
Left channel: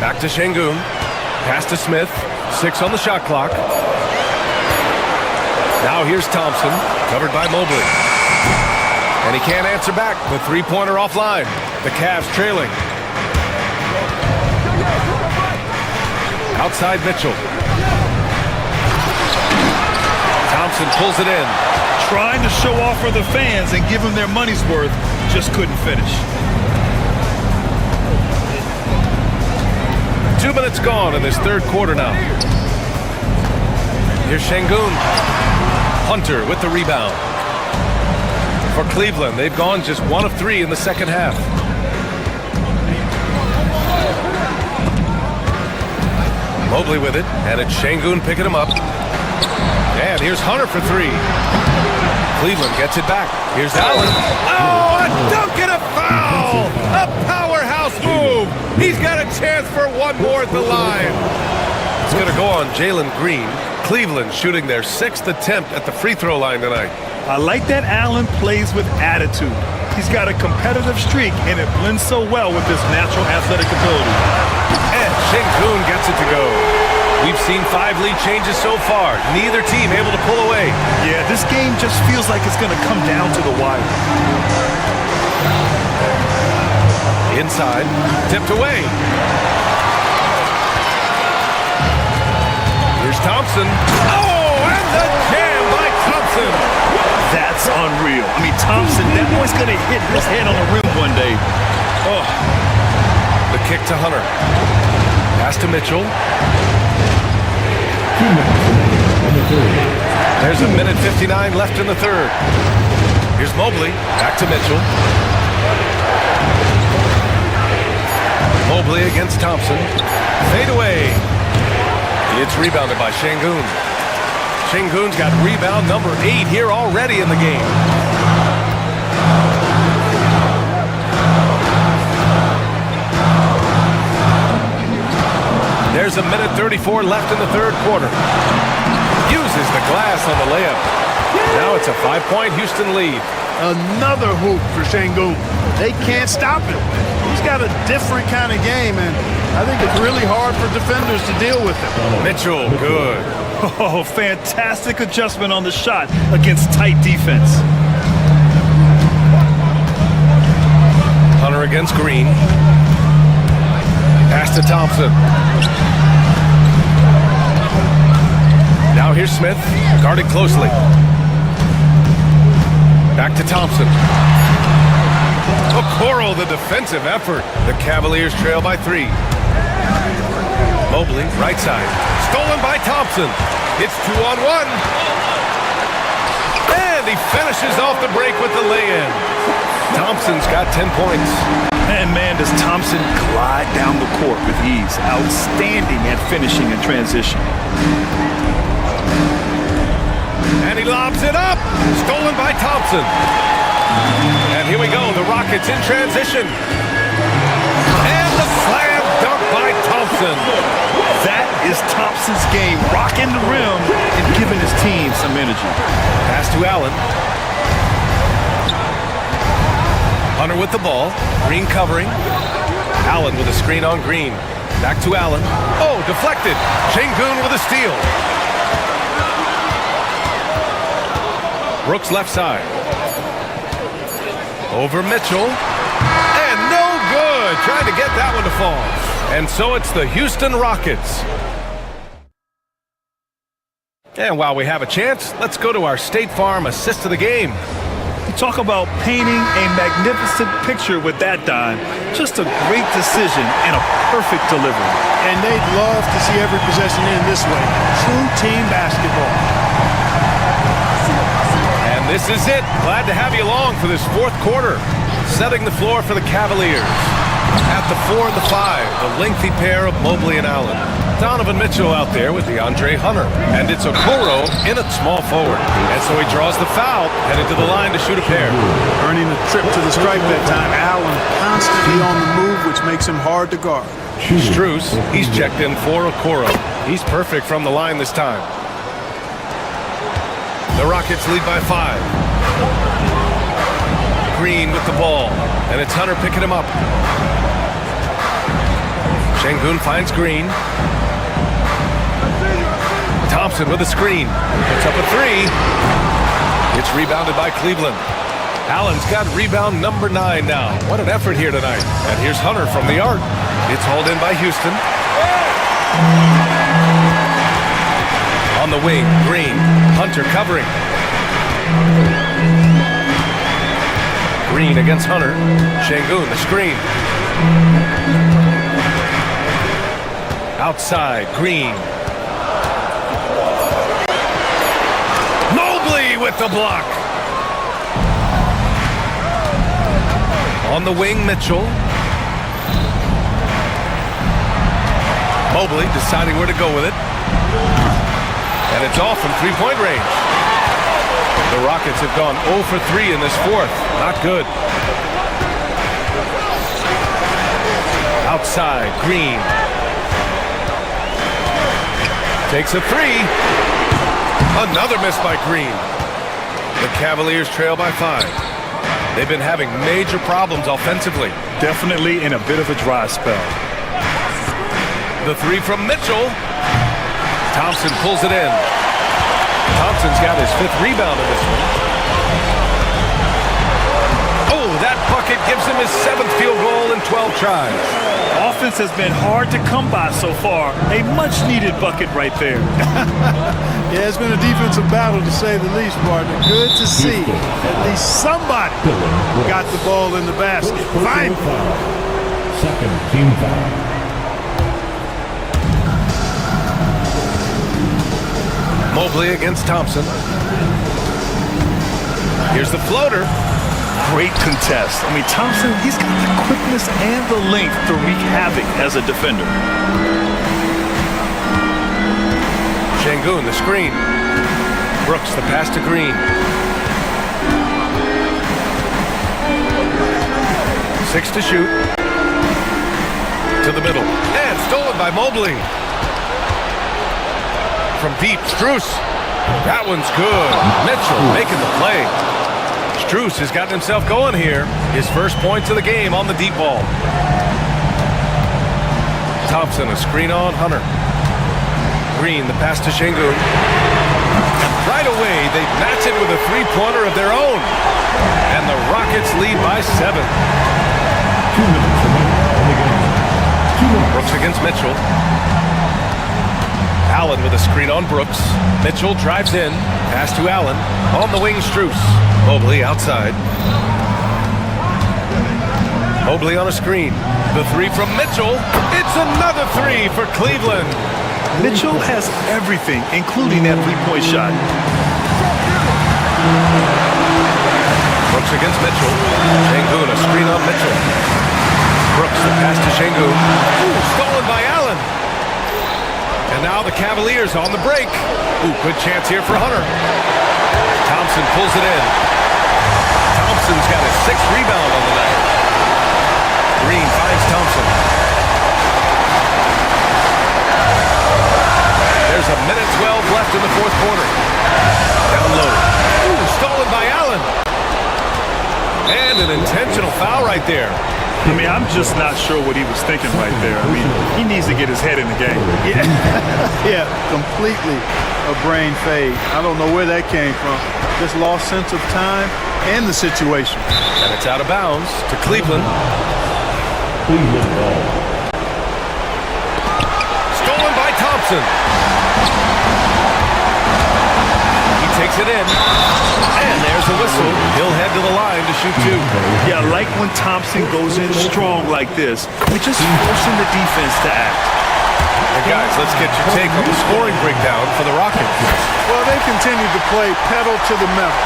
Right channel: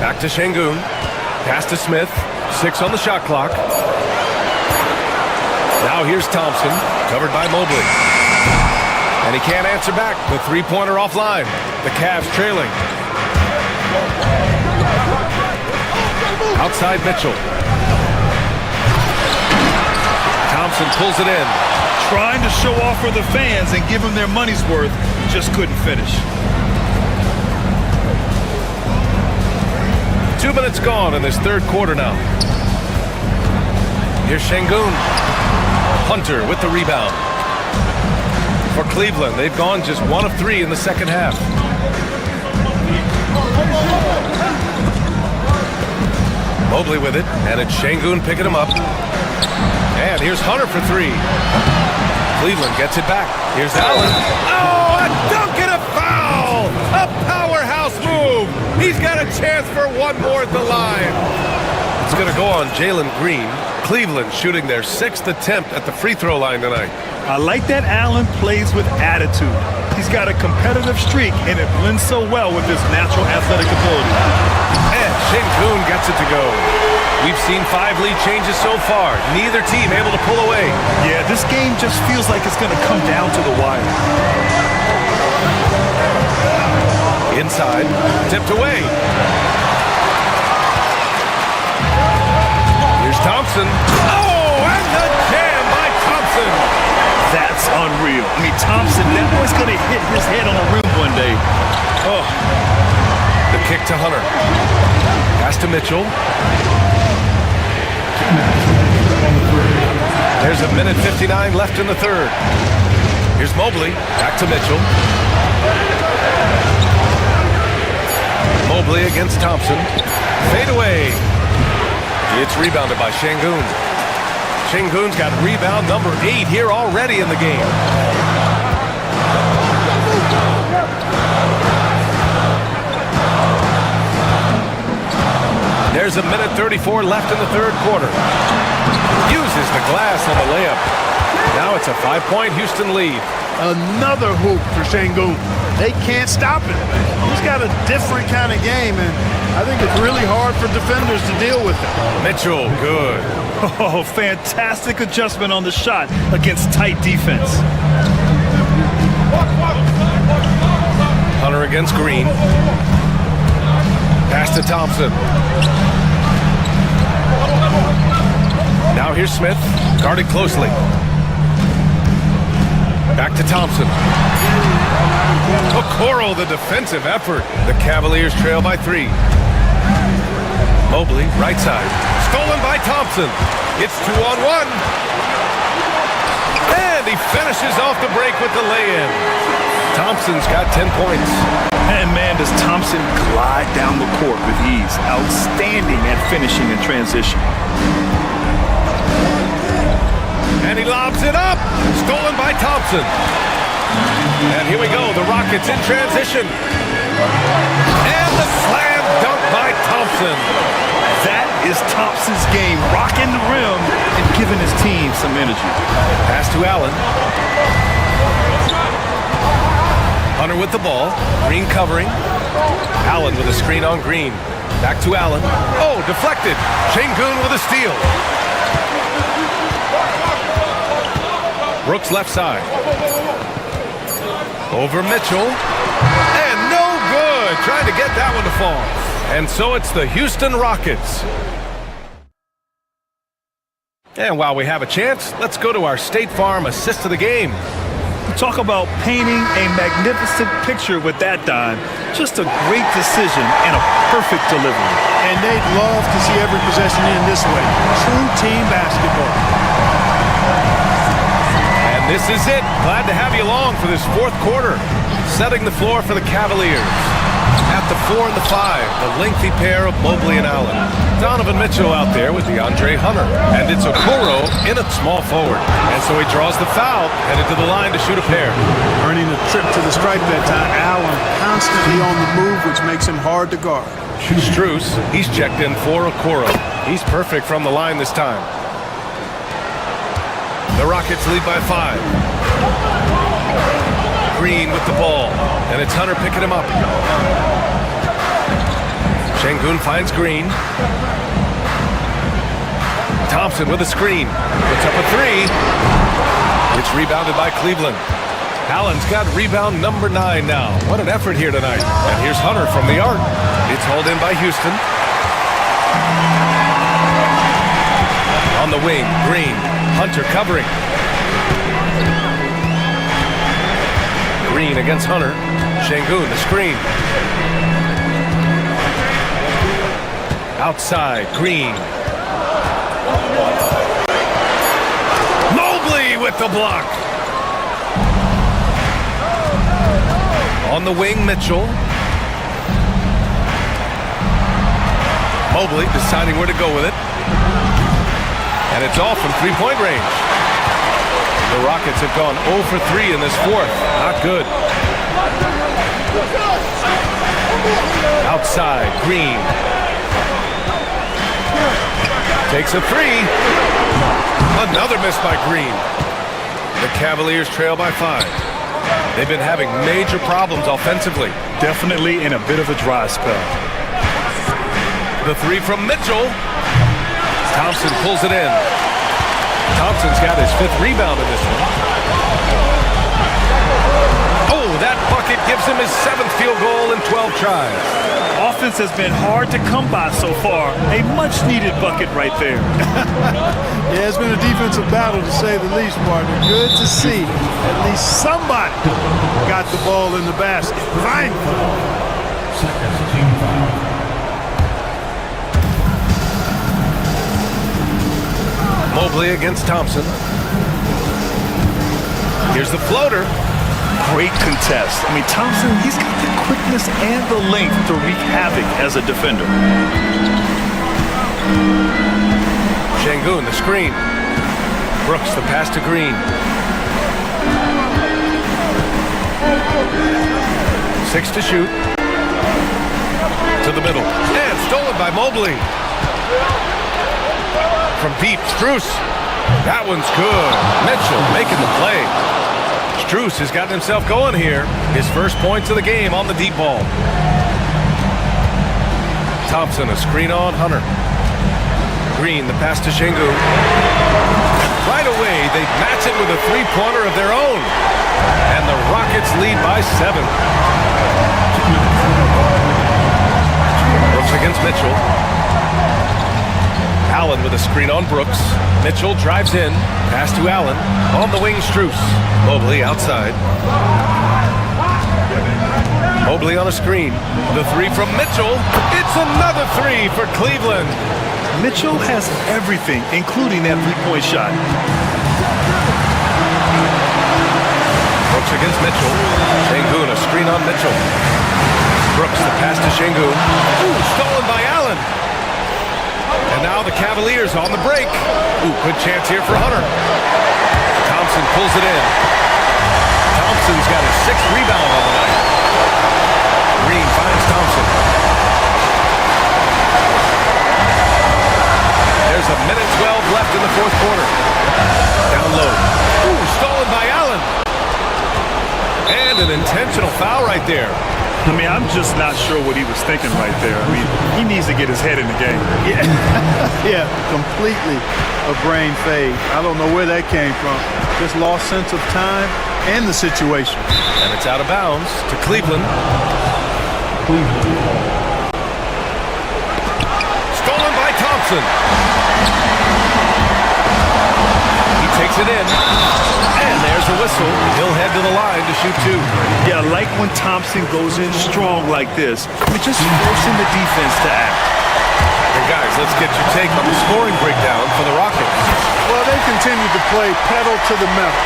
Back to Şengün. Pass to Smith. 6 on the shot clock. Now here's Thompson, covered by Mobley. And he can't answer back. The three-pointer offline. The Cavs trailing. Outside Mitchell. Thompson pulls it in. Trying to show off for the fans and give them their money's worth, just couldn't finish. 2 minutes gone in this third quarter now. Here's Şengün. Hunter with the rebound. for Cleveland. They've gone just 1 of 3 in the second half. Mobley with it, and it's Şengün picking him up. And here's Hunter for 3. Cleveland gets it back. Here's Allen. Oh, a dunk and a foul! A powerhouse move! He's got a chance for one more at the line. It's going to go on Jalen Green. Cleveland shooting their 6th attempt at the free throw line tonight. I like that Allen plays with attitude. He's got a competitive streak, and it blends so well with his natural athletic ability. And Şengün gets it to go. We've seen 5 lead changes so far. Neither team able to pull away. Yeah, this game just feels like it's going to come down to the wire. Inside, tipped away. Here's Thompson. Oh, and the jam by Thompson. That's unreal. I mean, Thompson, that boy's going to hit his head on the rim one day. Oh. The kick to Hunter. Pass to Mitchell. There's 1:59 left in the third. Here's Mobley. Back to Mitchell. Mobley against Thompson. Fade away. It's rebounded by Şengün. Şengün's got rebound number 8 here already in the game. There's 1:34 left in the third quarter. Uses the glass on the layup. Now it's a 5-point Houston lead. Another hoop for Şengün. They can't stop him. He's got a different kind of game, and I think it's really hard for defenders to deal with him. Mitchell, good. Oh, fantastic adjustment on the shot against tight defense. Hunter against Green. Pass to Thompson. Now here's Smith, guarded closely. Back to Thompson. Okoro, the defensive effort. The Cavaliers trail by 3. Mobley, right side. Stolen by Thompson. It's 2-on-1. And he finishes off the break with the lay-in. Thompson's got 10 points. And man, does Thompson glide down the court with ease. Outstanding at finishing in transition. And he lobs it up. Stolen by Thompson. And here we go. The Rockets in transition. And the slam dunk by Thompson. That is Thompson's game. Rocking the rim and giving his team some energy. Pass to Allen. Hunter with the ball. Green covering. Allen with a screen on Green. Back to Allen. Oh, deflected. Şengün with a steal. Brooks left side. Over Mitchell. And no good. Trying to get that one to fall. And so it's the Houston Rockets. And while we have a chance, let's go to our State Farm assist of the game. Talk about painting a magnificent picture with that dime. Just a great decision and a perfect delivery. And they'd love to see every possession end this way. True team basketball. And this is it. Glad to have you along for this fourth quarter. Setting the floor for the Cavaliers. At the 4 and the 5, the lengthy pair of Mobley and Allen. Donovan Mitchell out there with DeAndre Hunter. And it's Okoro in at small forward. And so he draws the foul, headed to the line to shoot a pair. Earning a trip to the stripe that time. Allen constantly on the move, which makes him hard to guard. Strus, he's checked in for Okoro. He's perfect from the line this time. The Rockets lead by 5. Green with the ball, and it's Hunter picking him up. Şengün finds Green. Thompson with a screen. Puts up a 3. It's rebounded by Cleveland. Allen's got rebound number 9 now. What an effort here tonight. And here's Hunter from the arc. It's hauled in by Houston. On the wing, Green. Hunter covering. Green against Hunter. Şengün, the screen. Outside, Green. Mobley with the block. On the wing, Mitchell. Mobley deciding where to go with it. And it's off from three-point range. The Rockets have gone 0 for 3 in this fourth. Not good. Outside, Green. Takes a three. Another miss by Green. The Cavaliers trail by 5. They've been having major problems offensively. Definitely in a bit of a dry spell. The three from Mitchell. Thompson pulls it in. Thompson's got his 5th rebound in this one. Oh, that bucket gives him his 7th field goal in 12 tries. Offense has been hard to come by so far. A much-needed bucket right there. Yeah, it's been a defensive battle to say the least, partner. Good to see at least somebody got the ball in the basket. Finally. Second team foul. Mobley against Thompson. Here's the floater. Great contest. I mean, Thompson, he's got the quickness and the length to wreak havoc as a defender. Şengün, the screen. Brooks, the pass to Green. 6 to shoot. To the middle. And stolen by Mobley. From deep, Strus. That one's good. Mitchell making the play. Strus has gotten himself going here. His first points of the game on the deep ball. Thompson, a screen on Hunter. Green, the pass to Şengün. And right away, they match it with a three-pointer of their own. And the Rockets lead by 7. Brooks against Mitchell. Allen with a screen on Brooks. Mitchell drives in. Pass to Allen. On the wing, Strus. Mobley outside. Mobley on a screen. The three from Mitchell. It's another three for Cleveland. Mitchell has everything, including that three-point shot. Brooks against Mitchell. Şengün, a screen on Mitchell. Brooks, the pass to Şengün. Ooh, stolen by Allen. And now the Cavaliers on the break. Ooh, good chance here for Hunter. Thompson pulls it in. Thompson's got his 6th rebound on the night. Green finds Thompson. There's a minute 12 left in the fourth quarter. Down low. Ooh, stolen by Allen. And an intentional foul right there. I mean, I'm just not sure what he was thinking right there. I mean, he needs to get his head in the game. Yeah, yeah, completely a brain fade. I don't know where that came from. Just lost sense of time and the situation. And it's out of bounds to Cleveland. Stolen by Thompson. He takes it in. And there's a whistle. He'll head to the line to shoot 2. Yeah, I like when Thompson goes in strong like this. We're just forcing the defense to act. And guys, let's get your take on the scoring breakdown for the Rockets. Well, they've continued to play pedal to the metal,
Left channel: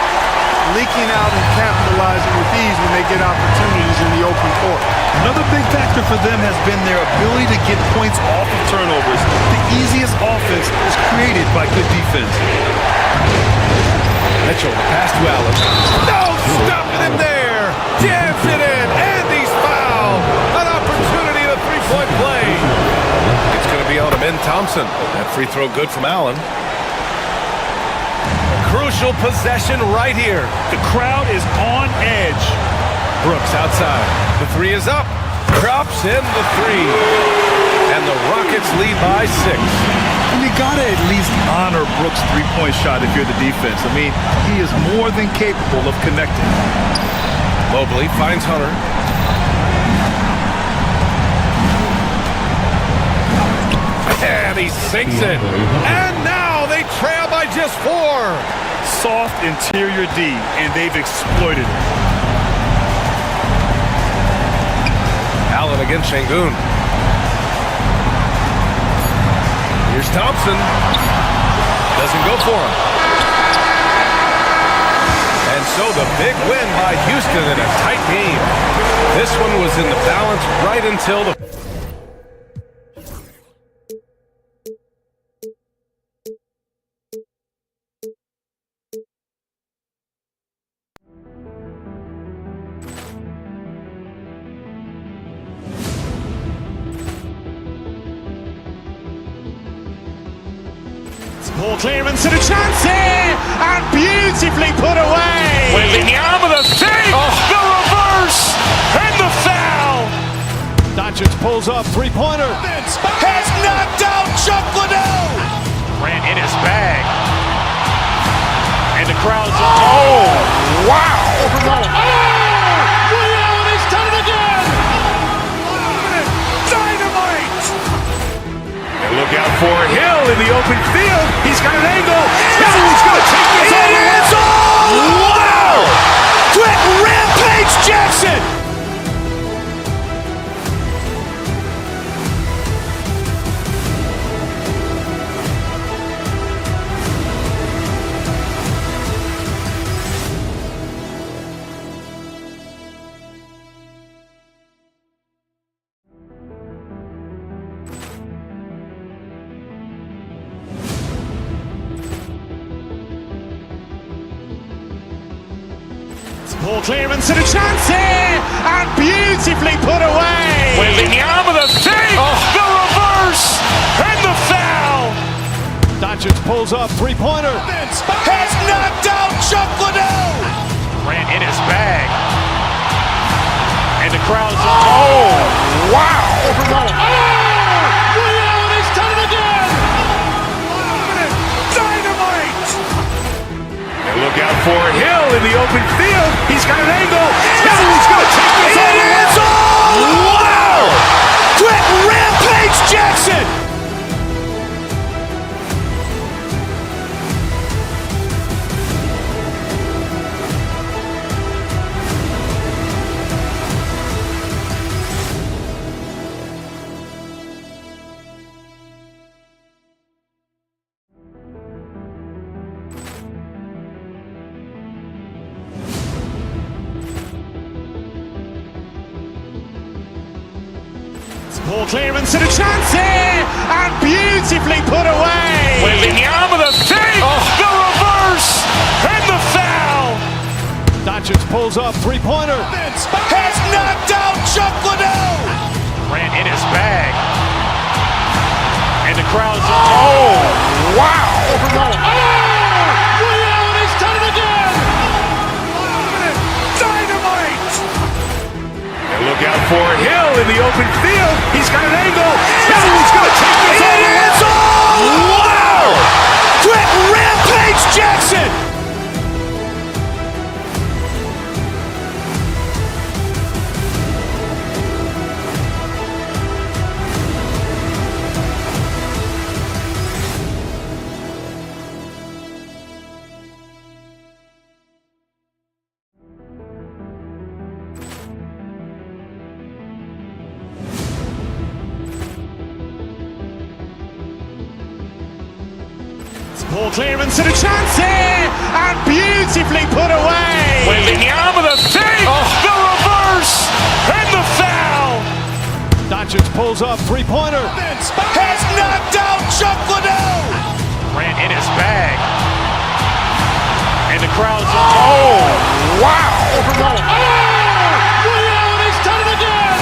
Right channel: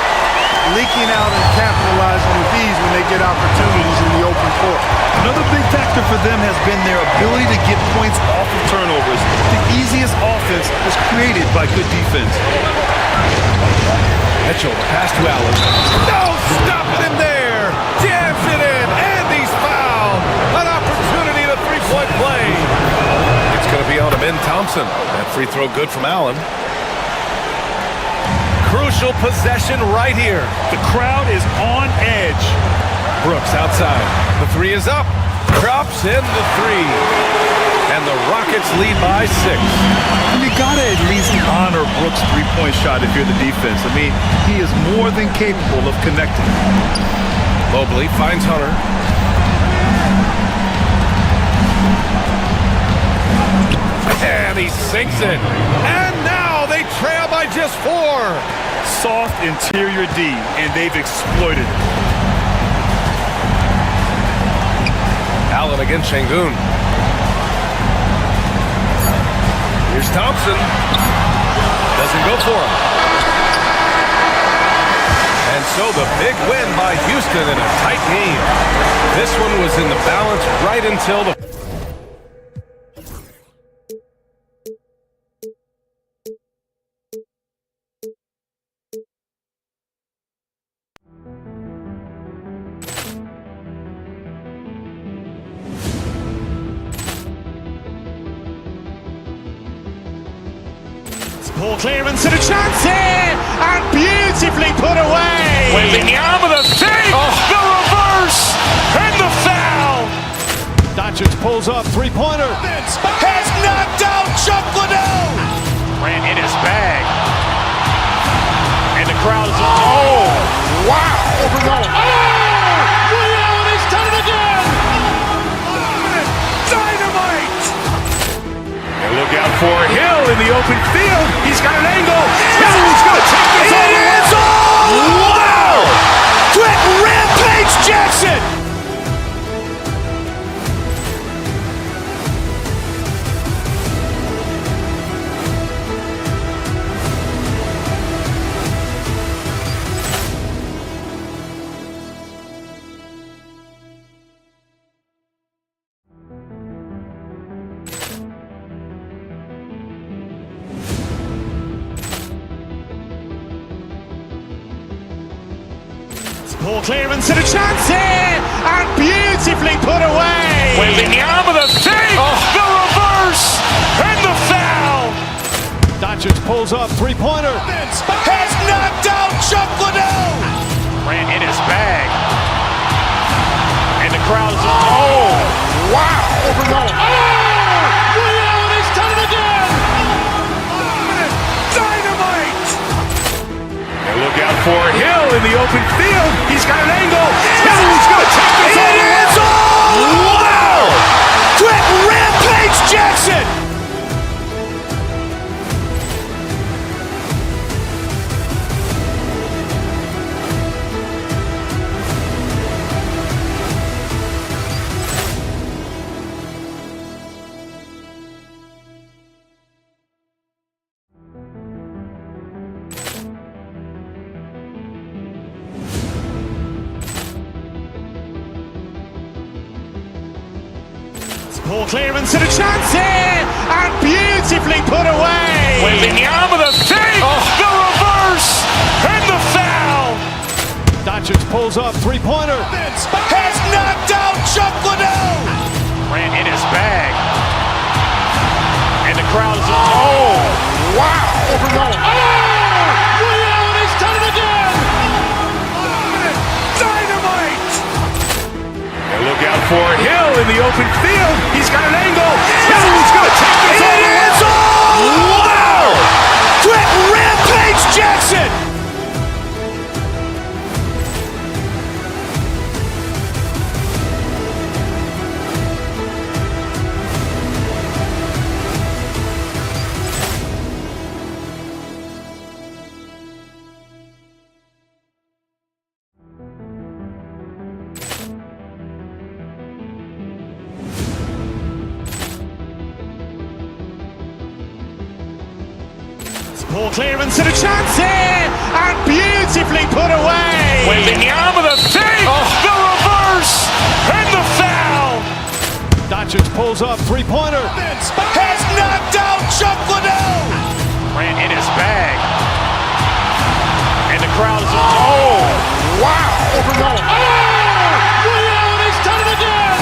leaking out and capitalizing with ease when they get opportunities in the open court. Another big factor for them has been their ability to get points off of turnovers. The easiest offense is created by good defense. Mitchell, the pass to Allen. No, stopping him there. Jams it in, and he's fouled. An opportunity to three-point play. It's going to be on him in Thompson. That free throw good from Allen. Crucial possession right here. The crowd is on edge. Brooks outside. The three is up. Drops in the three. And the Rockets lead by 6. And you gotta at least honor Brooks' three-point shot if you're the defense. I mean, he is more than capable of connecting. Mobley finds Hunter. And he sinks it. And now they trail by just 4. Soft interior D, and they've exploited it. Allen against Şengün. Here's Thompson. Doesn't go for him. And so the big win by Houston in a tight game. This one was in the balance right until the Poor clearance and a chance here, and beautifully put away. Wembanyama with a save, the reverse, and the foul. Doncic pulls up, three-pointer. Has knocked out Chuck Liddell. Ran in his bag. And the crowd is, oh, wow. Ray Allen has done it again. Dynamite. And look out for Hill in the open field. He's got an angle. Hill's going to take this all the way. Wow. Quick rampage Jackson. Poor clearance and a chance here, and beautifully put away. Wembanyama with a save, the reverse, and the foul. Doncic pulls up, three-pointer. Has knocked out Chuck Liddell. Ran in his bag. And the crowd is, oh, wow. Ray Allen has done it again. Dynamite. And look out for Hill in the open field. He's got an angle. Hill's going to take this all the way. Wow. Quick rampage Jackson. Poor clearance and a chance here, and beautifully put away. Wembanyama with a save, the reverse, and the foul. Doncic pulls up, three-pointer. Has knocked out Chuck Liddell. Ran in his bag. And the crowd is, oh, wow. Ray Allen has done it again. Dynamite. And look out for Hill in the open field. He's got an angle. Hill's going to take this all the way. Wow. Quick rampage Jackson. Poor clearance and a chance here, and beautifully put away. Wembanyama with a save, the reverse, and the foul. Doncic pulls up, three-pointer. Has knocked out Chuck Liddell. Ran in his bag. And the crowd is, oh, wow. Ray Allen has done it again.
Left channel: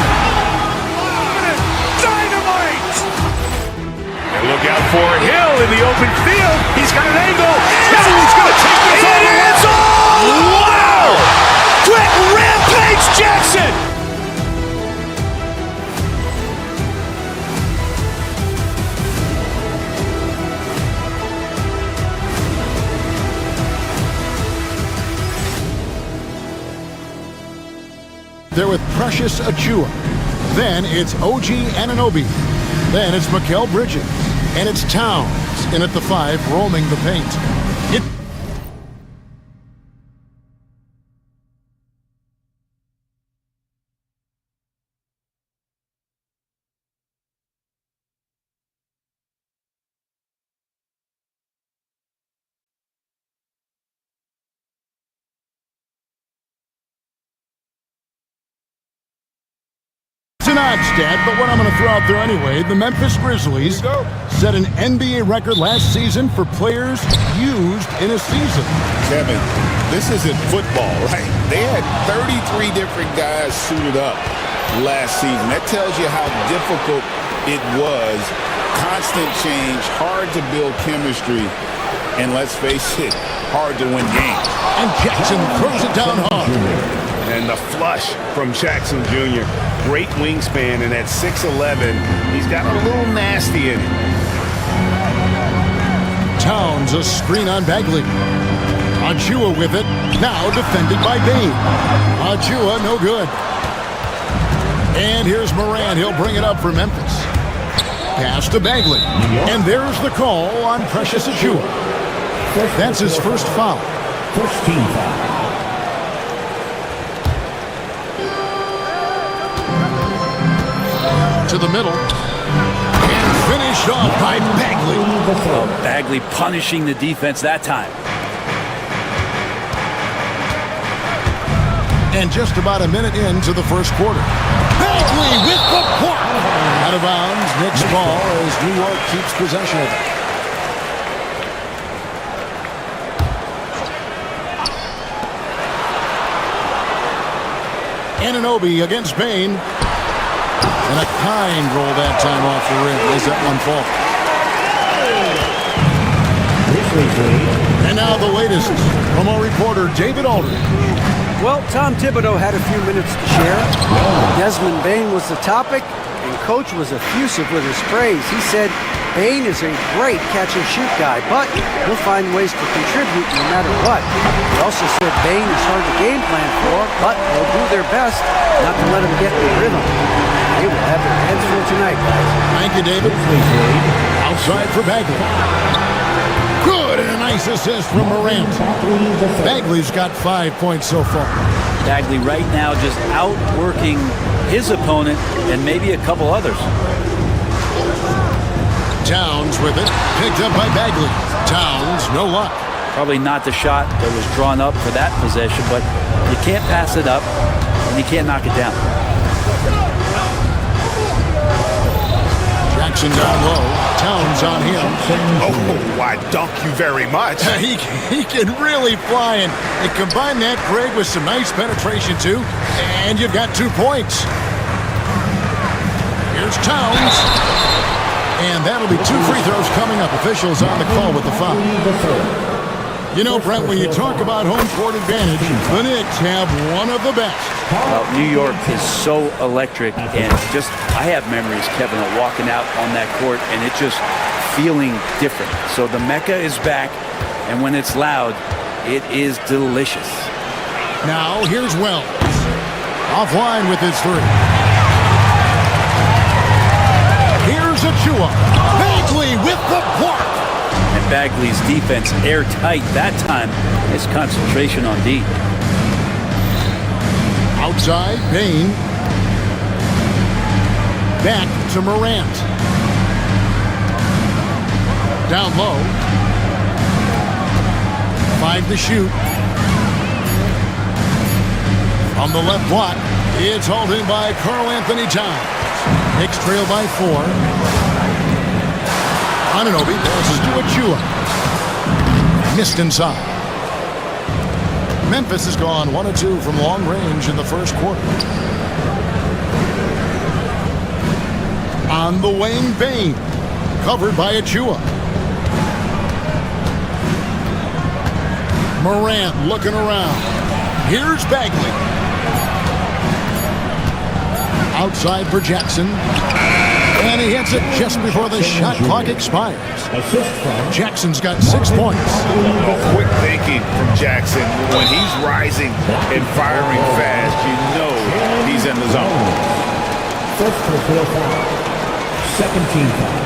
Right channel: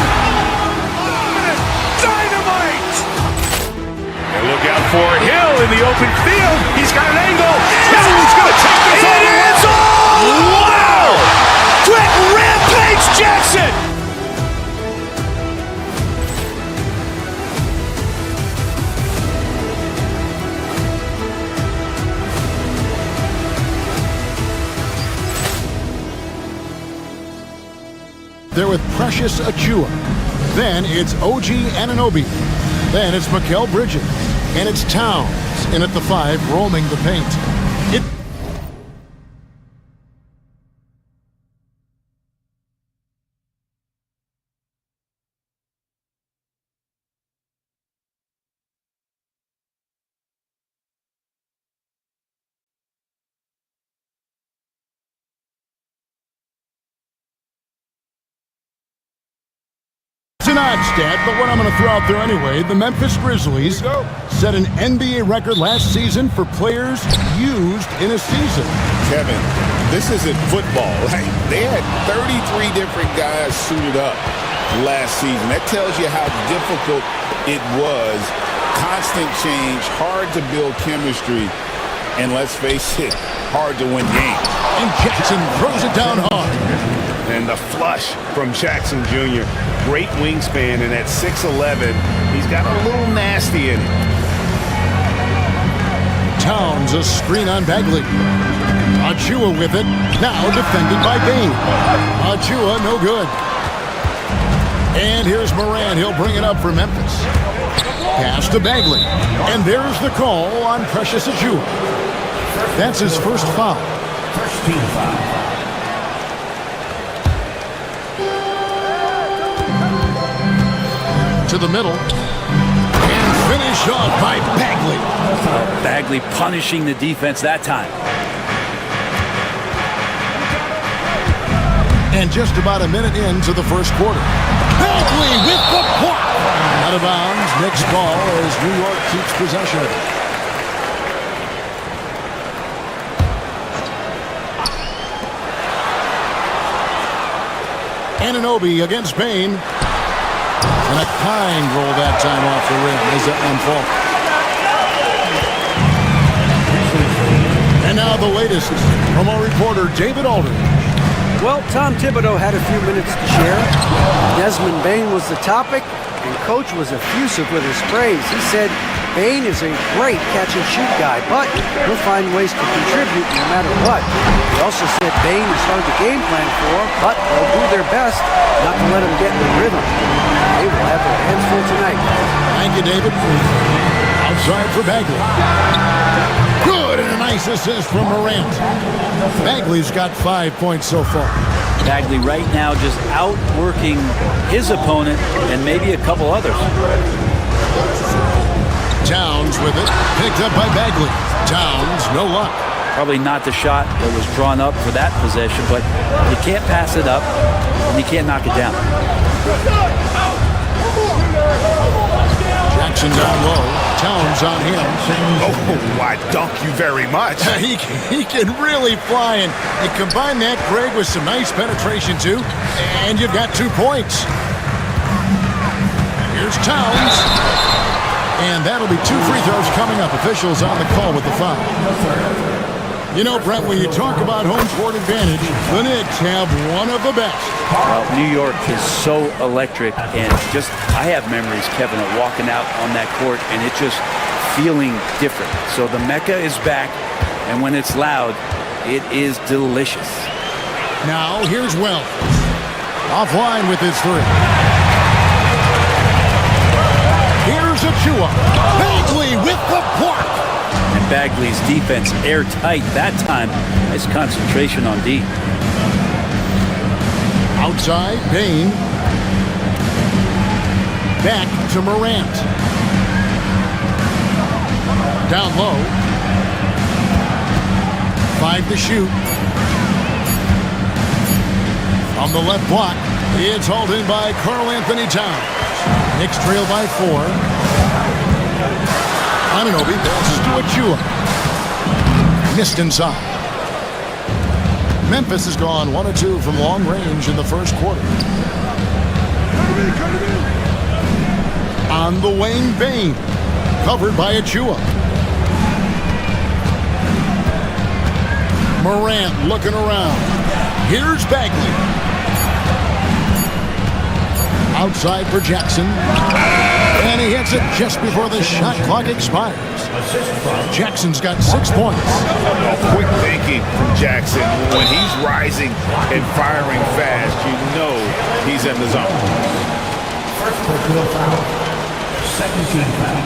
Dynamite. And look out for Hill in the open field. He's got an angle. Hill's going to take this all the way. Wow. Quick rampage Jackson. They're with Precious Achua. Then it's OG Anunoby. Then it's Mikal Bridges. And it's Towns in at the 5, roaming the paint. odd stat, but what I'm going to throw out there anyway. The Memphis Grizzlies set an NBA record last season for players used in a season. Kevin, this isn't football, right? They had 33 different guys suited up last season. That tells you how difficult it was. Constant change, hard to build chemistry, and let's face it, hard to win games. And Jackson throws it down hard. And the flush from Jackson Jr. Great wingspan, and at 6'11", he's got a little nasty in it. Towns a screen on Bagley. Achua with it, now defended by Bain. Achua no good. And here's Moran, he'll bring it up for Memphis. Pass to Bagley. And there's the call on Precious Achua. That's his first foul. First team foul. To the middle. And finished off by Bagley. Bagley punishing the defense that time. And just about a minute into the first quarter. Bagley with the block. Out of bounds, Knicks ball as New York keeps possession of it. Anunoby against Bain. And a kind roll that time off the rim. Is that one fault? And now the latest from our reporter David Aldridge. Well, Tom Thibodeau had a few minutes to share. Desmond Bain was the topic, and Coach was effusive with his praise. He said Bain is a great catch-and-shoot guy, but he'll find ways to contribute no matter what. He also said Bain is hard to game plan for, but they'll do their best not to let him get in the rhythm. They will have their hands full tonight, guys. Thank you, David. Outside for Bagley. Good, and a nice assist from Morant. Bagley's got 5 points so far. Bagley right now just outworking his opponent and maybe a couple others. Towns with it. Picked up by Bagley. Towns, no luck. Probably not the shot that was drawn up for that possession, but you can't pass it up and you can't knock it down. Jackson down low. Towns on him. Oh, why, dunk you very much. He can really fly, and combine that, Greg, with some nice penetration, too, and you've got 2 points. Here's Towns. And that'll be 2 free throws coming up. Officials on the call with the foul. You know, Brent, when you talk about home court advantage, the Knicks have one of the best. Well, New York is so electric, and I have memories, Kevin, of walking out on that court and it just feeling different. So the Mecca is back, and when it's loud, it is delicious. Now, here's Wells. Offline with his 3. Here's Achua. Bagley with the block. And Bagley's defense airtight that time. Nice concentration on D. Outside, Bain. Back to Morant. Down low. 5 to shoot. On the left block, it's hauled in by Karl Anthony Towns. Knicks trail by 4. Anunoby passes to Achua. Missed inside. Memphis has gone 1 of 2 from long range in the first quarter. On the wing, Bain. Covered by Achua. Morant looking around. Here's Bagley. Outside for Jackson. And he hits it just before the shot clock expires. Jackson's got 6 points. Oh, quick thinking from Jackson. When he's rising and firing fast, you know he's in the zone. First personal foul. Second team foul.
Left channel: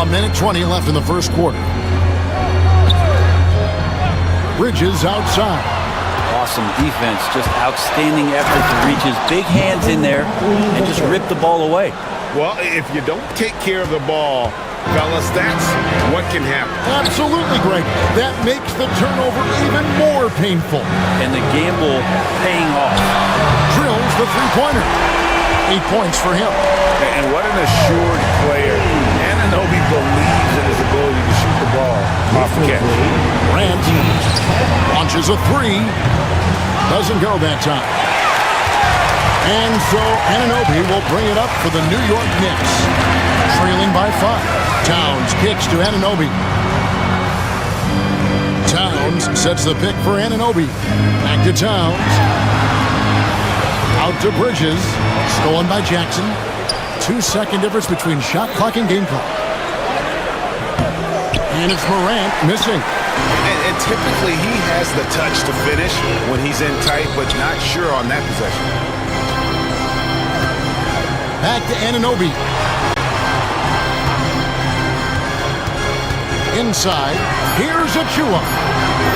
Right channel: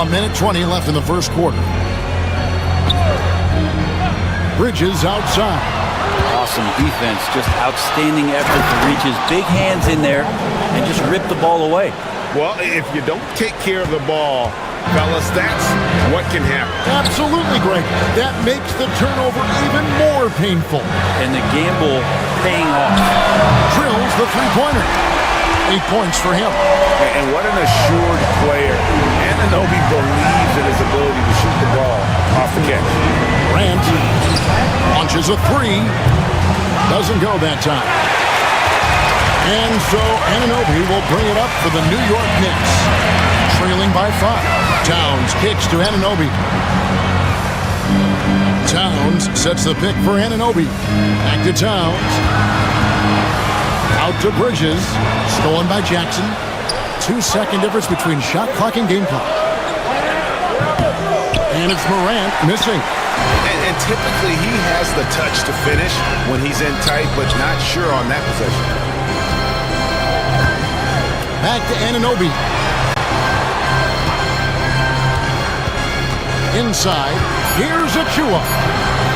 A minute 20 left in the first quarter. Bridges outside. Awesome defense, just outstanding effort to reach his big hands in there and just rip the ball away. Well, if you don't take care of the ball, fellas, that's what can happen. Absolutely, Greg. That makes the turnover even more painful. And the gamble paying off. Drills the three-pointer. 8 points for him. And what an assured player. Anunoby believes in his ability to shoot the ball off the catch. Morant launches a three. Doesn't go that time. And so Anunoby will bring it up for the New York Knicks. Trailing by 5. Towns kicks to Anunoby. Towns sets the pick for Anunoby. Back to Towns. Out to Bridges. Stolen by Jackson. 2-second difference between shot clock and game clock. And it's Morant missing. And typically he has the touch to finish when he's in tight, but not sure on that possession. Back to Anunoby. Inside, here's Achua.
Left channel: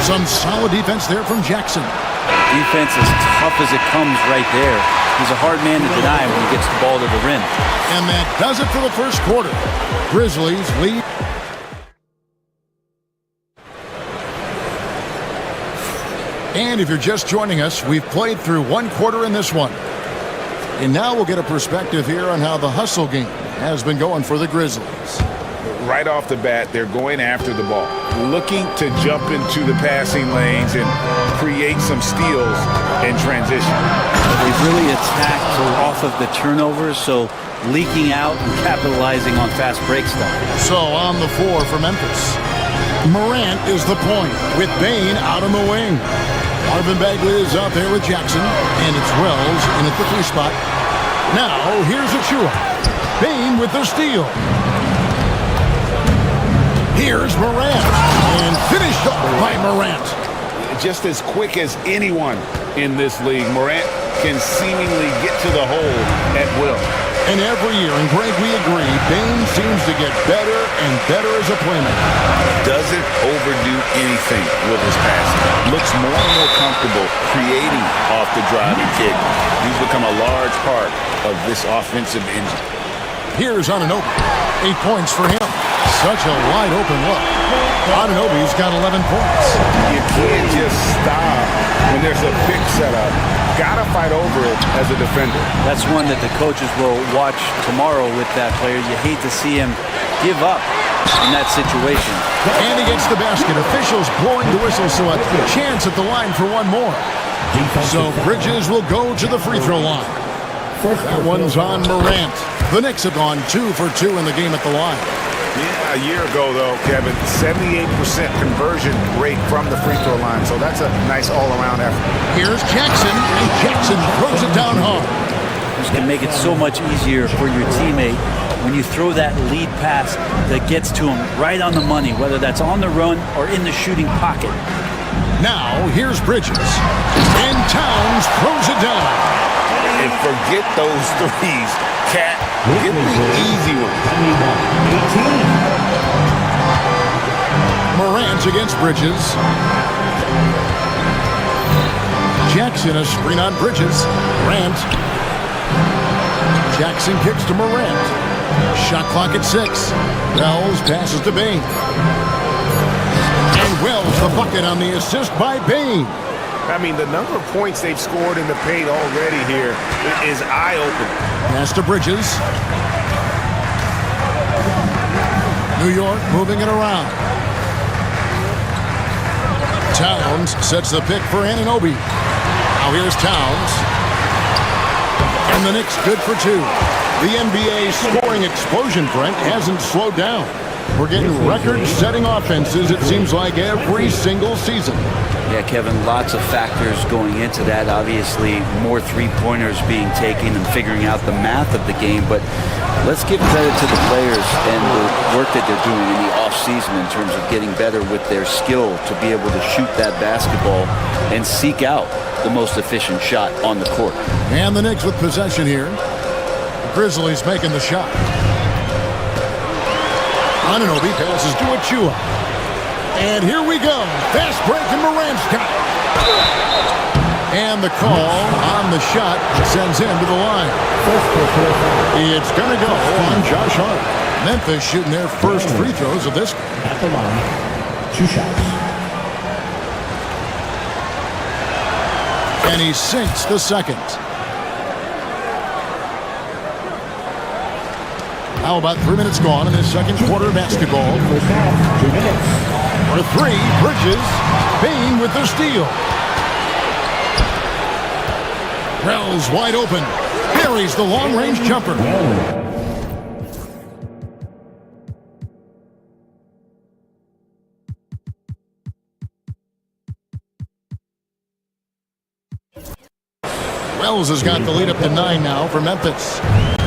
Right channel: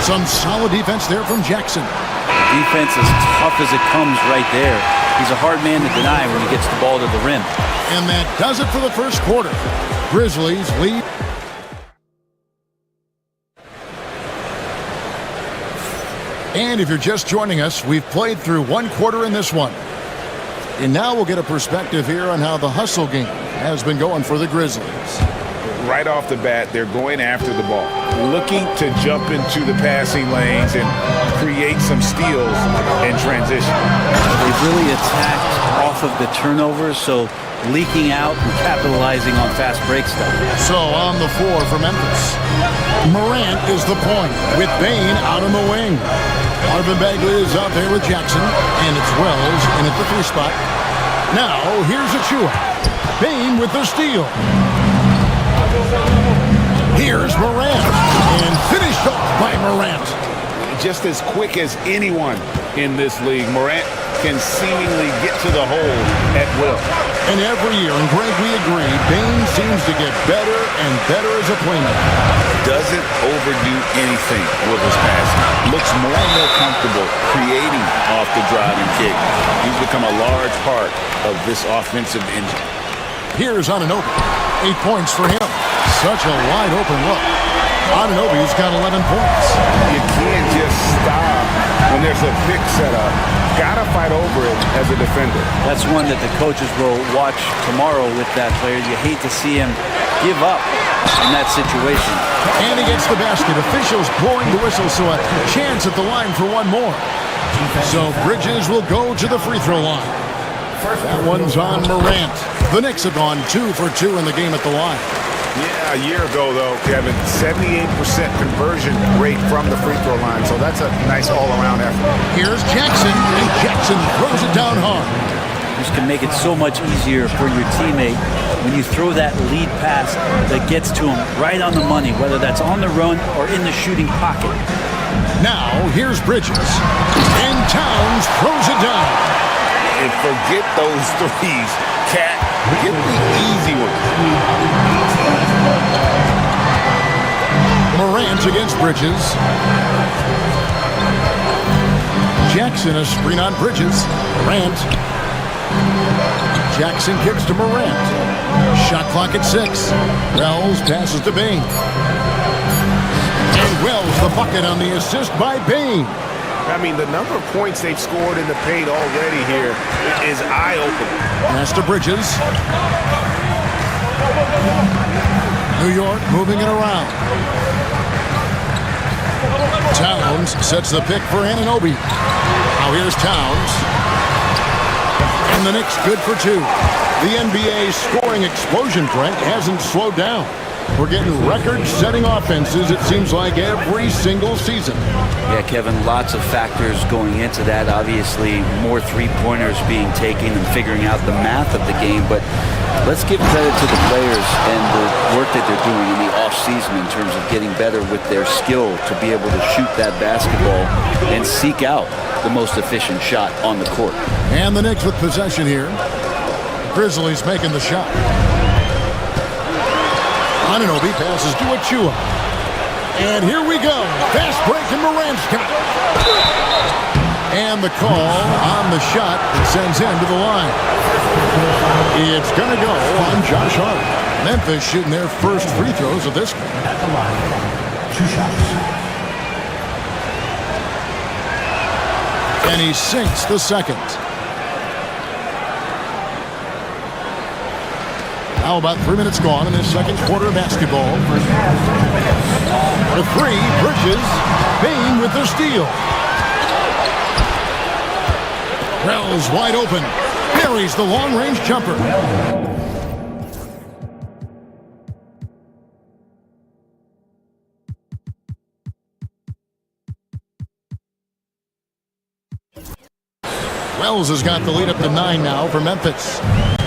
Some solid defense there from Jackson. Defense as tough as it comes right there. He's a hard man to deny when he gets the ball to the rim. And that does it for the first quarter. Grizzlies lead. And if you're just joining us, we've played through one quarter in this one. And now we'll get a perspective here on how the hustle game has been going for the Grizzlies. Right off the bat, they're going after the ball, looking to jump into the passing lanes and create some steals in transition. They've really attacked off of the turnovers, so leaking out and capitalizing on fast break stuff. So on the floor for Memphis, Morant is the point with Bane out on the wing. Marvin Bagley is out there with Jackson, and it's Wells in at the 3 spot. Now here's Achua. Bane with the steal. Here's Morant, and finished up by Morant. Just as quick as anyone in this league, Morant can seemingly get to the hole at will. And every year, and Greg, we agree, Bane seems to get better and better as a playmaker. Doesn't overdo anything with his passing. Looks more and more comfortable creating off the driving kick. He's become a large part of this offensive engine. Here's Anunoby. 8 points for him. Such a wide open look. Anunoby's got 11 points. You can't just stop when there's a pick set up. Gotta fight over it as a defender. That's one that the coaches will watch tomorrow with that player. You hate to see him give up in that situation. And he gets the basket. Officials blowing the whistle, so a chance at the line for one more. So Bridges will go to the free throw line. That one's on Morant. The Knicks have gone 2 for 2 in the game at the line. Yeah, a year ago, though, Kevin, 78% conversion rate from the free throw line, so that's a nice all-around effort. Here's Jackson, and Jackson throws it down hard. This can make it so much easier for your teammate when you throw that lead pass that gets to him right on the money, whether that's on the run or in the shooting pocket. Now, here's Bridges, and Towns throws it down. And forget those threes, Cat. Get the easy ones. Morant against Bridges. Jackson, a screen on Bridges. Morant. Jackson kicks to Morant. Shot clock at 6. Wells passes to Bane. And Wells the bucket on the assist by Bane. I mean, the number of points they've scored in the paint already here is eye-opening. Pass to Bridges. New York moving it around. Towns sets the pick for Anunoby. Now here's Towns. And the Knicks good for 2. The NBA scoring explosion, Brent, hasn't slowed down. We're getting record-setting offenses, it seems like, every single season. Yeah, Kevin, lots of factors going into that. Obviously, more three-pointers being taken and figuring out the math of the game. But let's give credit to the players and the work that they're doing in the off-season in terms of getting better with their skill to be able to shoot that basketball and seek out the most efficient shot on the court. And the Knicks with possession here. The Grizzlies making the shot. Anunoby passes to Achua. And here we go. Fast break, and Morant's got it. And the call on the shot sends him to the line. It's going to go on Josh Hart. Memphis shooting their first free throws of this game. At the line, 2 shots. And he sinks the second. Now about 3 minutes gone in this second quarter of basketball. First half, 2 minutes. For 3, Bridges. Bain with the steal. Wells wide open. Buries the long-range jumper. Wells has got the lead up to 9 now for Memphis.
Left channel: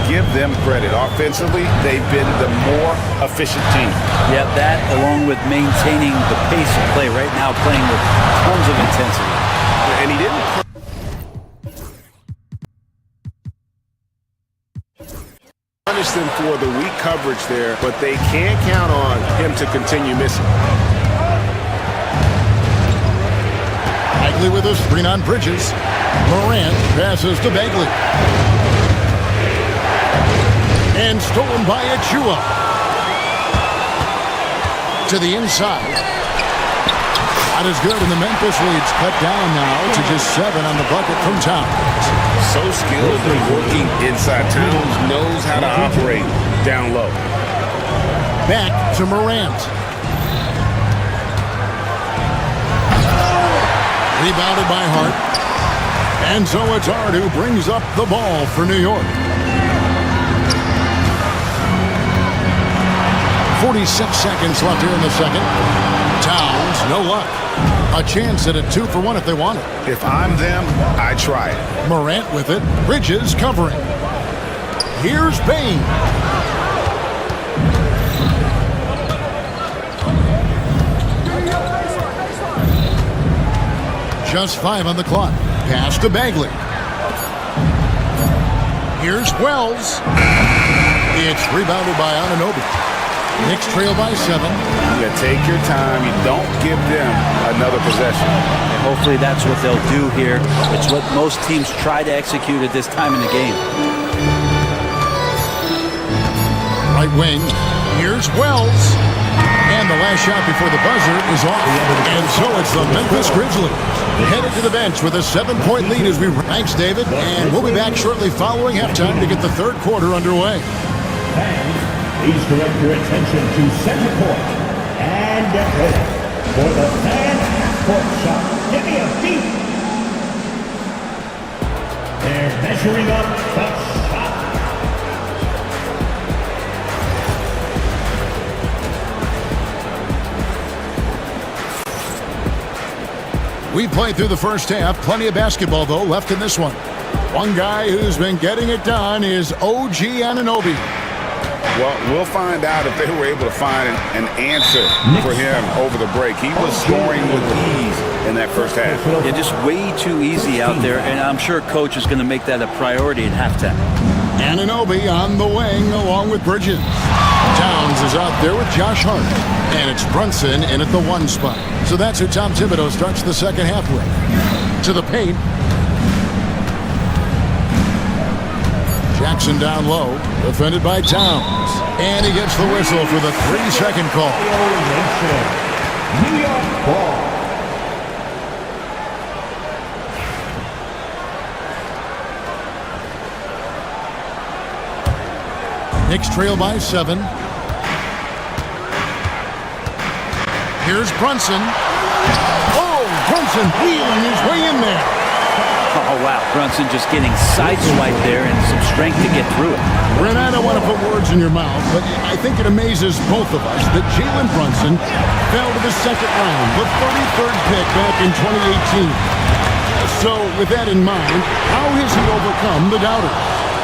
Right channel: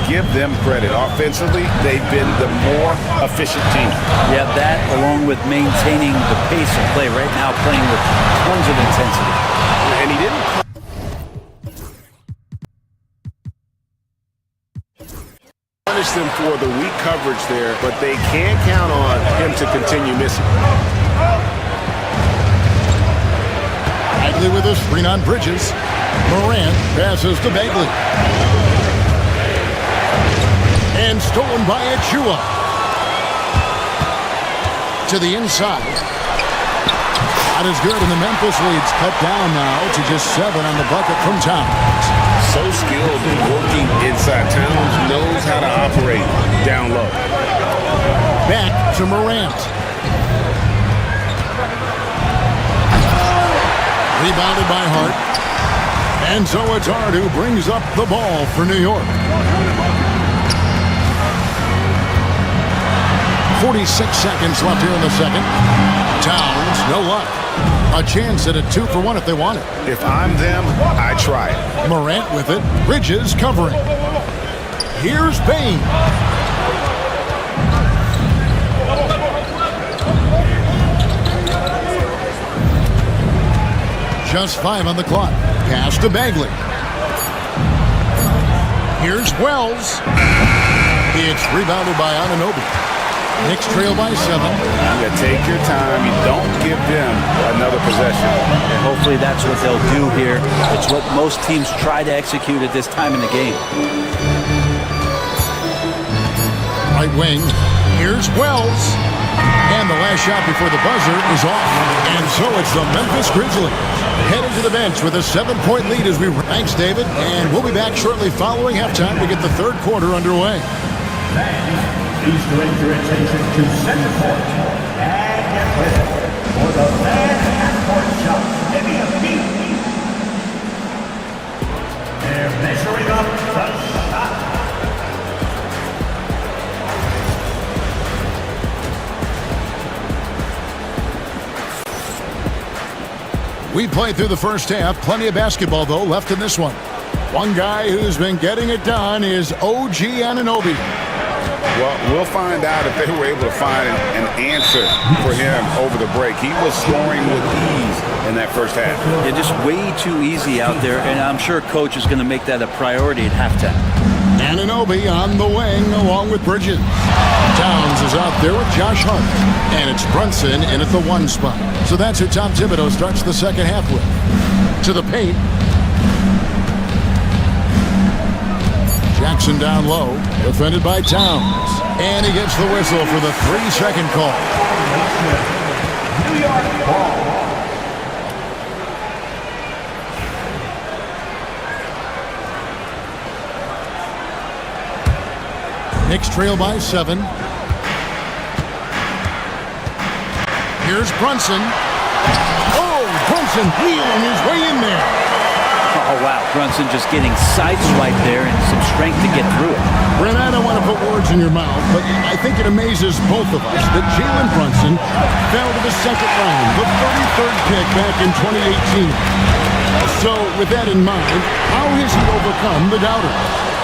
Give them credit. Offensively, they've been the more efficient team. Yeah, that along with maintaining the pace of play right now, playing with tons of intensity. And he didn't punish them for the weak coverage there, but they can't count on him to continue missing. Bagley with a screen on Bridges. Morant passes to Bagley. And stolen by Achua. To the inside. Shot is good, and the Memphis lead's cut down now to just 7 on the bucket from Towns. So skilled in working inside. Towns knows how to operate down low. Back to Morant. Rebounded by Hart. And so it's Hart who brings up the ball for New York. 46 seconds left here in the second. Towns, no luck. A chance at a 2-for-1 if they want it. If I'm them, I try it. Morant with it. Bridges covering. Here's Bain. Just 5 on the clock. Pass to Bagley. Here's Wells. It's rebounded by Anunoby. Knicks trail by 7. You take your time. You don't give them another possession. And hopefully that's what they'll do here. It's what most teams try to execute at this time in the game. Right wing. Here's Wells. And the last shot before the buzzer is off. And so it's the Memphis Grizzlies headed to the bench with a 7-point lead as we... Thanks, David. And we'll be back shortly following halftime to get the third quarter underway. Please direct your attention to center court and get ready for the fan half-court shot. Give me a beat. They're measuring up the shot. We played through the first half. Plenty of basketball, though, left in this one. One guy who's been getting it done is OG Anunoby. Well, we'll find out if they were able to find an answer for him over the break. He was scoring with ease in that first half. Yeah, just way too easy out there, and I'm sure Coach is going to make that a priority at halftime. Anunoby on the wing along with Bridges. Towns is out there with Josh Hart. And it's Brunson in at the 1 spot. So that's who Tom Thibodeau starts the second half with. To the paint. Jackson down low, defended by Towns. And he gets the whistle for the 3-second call. New York ball. Knicks trail by 7. Here's Brunson. Oh, Brunson wheeling his way in there. Oh, wow. Brunson just getting sideswiped there and some strength to get through it. Brent, I don't want to put words in your mouth, but I think it amazes both of us that Jalen Brunson fell to the second round, the 33rd pick back in 2018. So, with that in mind, how has he overcome the doubters?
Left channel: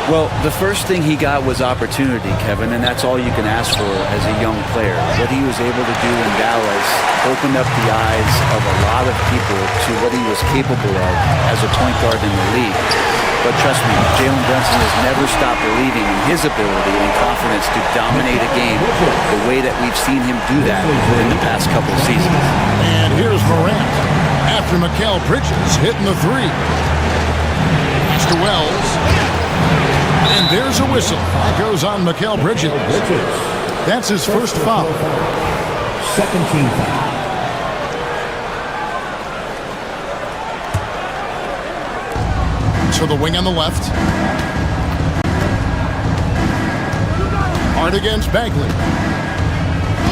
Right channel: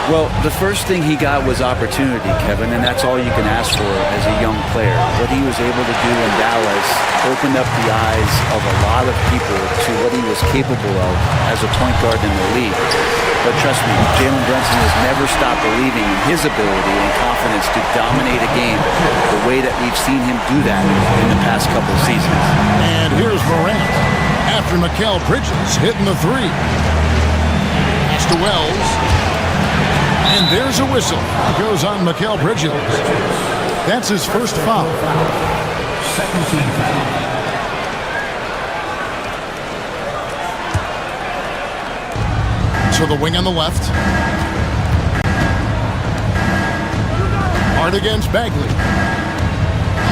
Well, the first thing he got was opportunity, Kevin, and that's all you can ask for as a young player. What he was able to do in Dallas opened up the eyes of a lot of people to what he was capable of as a point guard in the league. But trust me, Jalen Brunson has never stopped believing in his ability and confidence to dominate a game the way that we've seen him do that in the past couple of seasons. And here's Morant. after Mikal Bridges hitting the three. Pass to Wells. And there's a whistle. That goes on Mikal Bridges. That's his first foul. Second team foul. To the wing on the left. Hard against Bagley.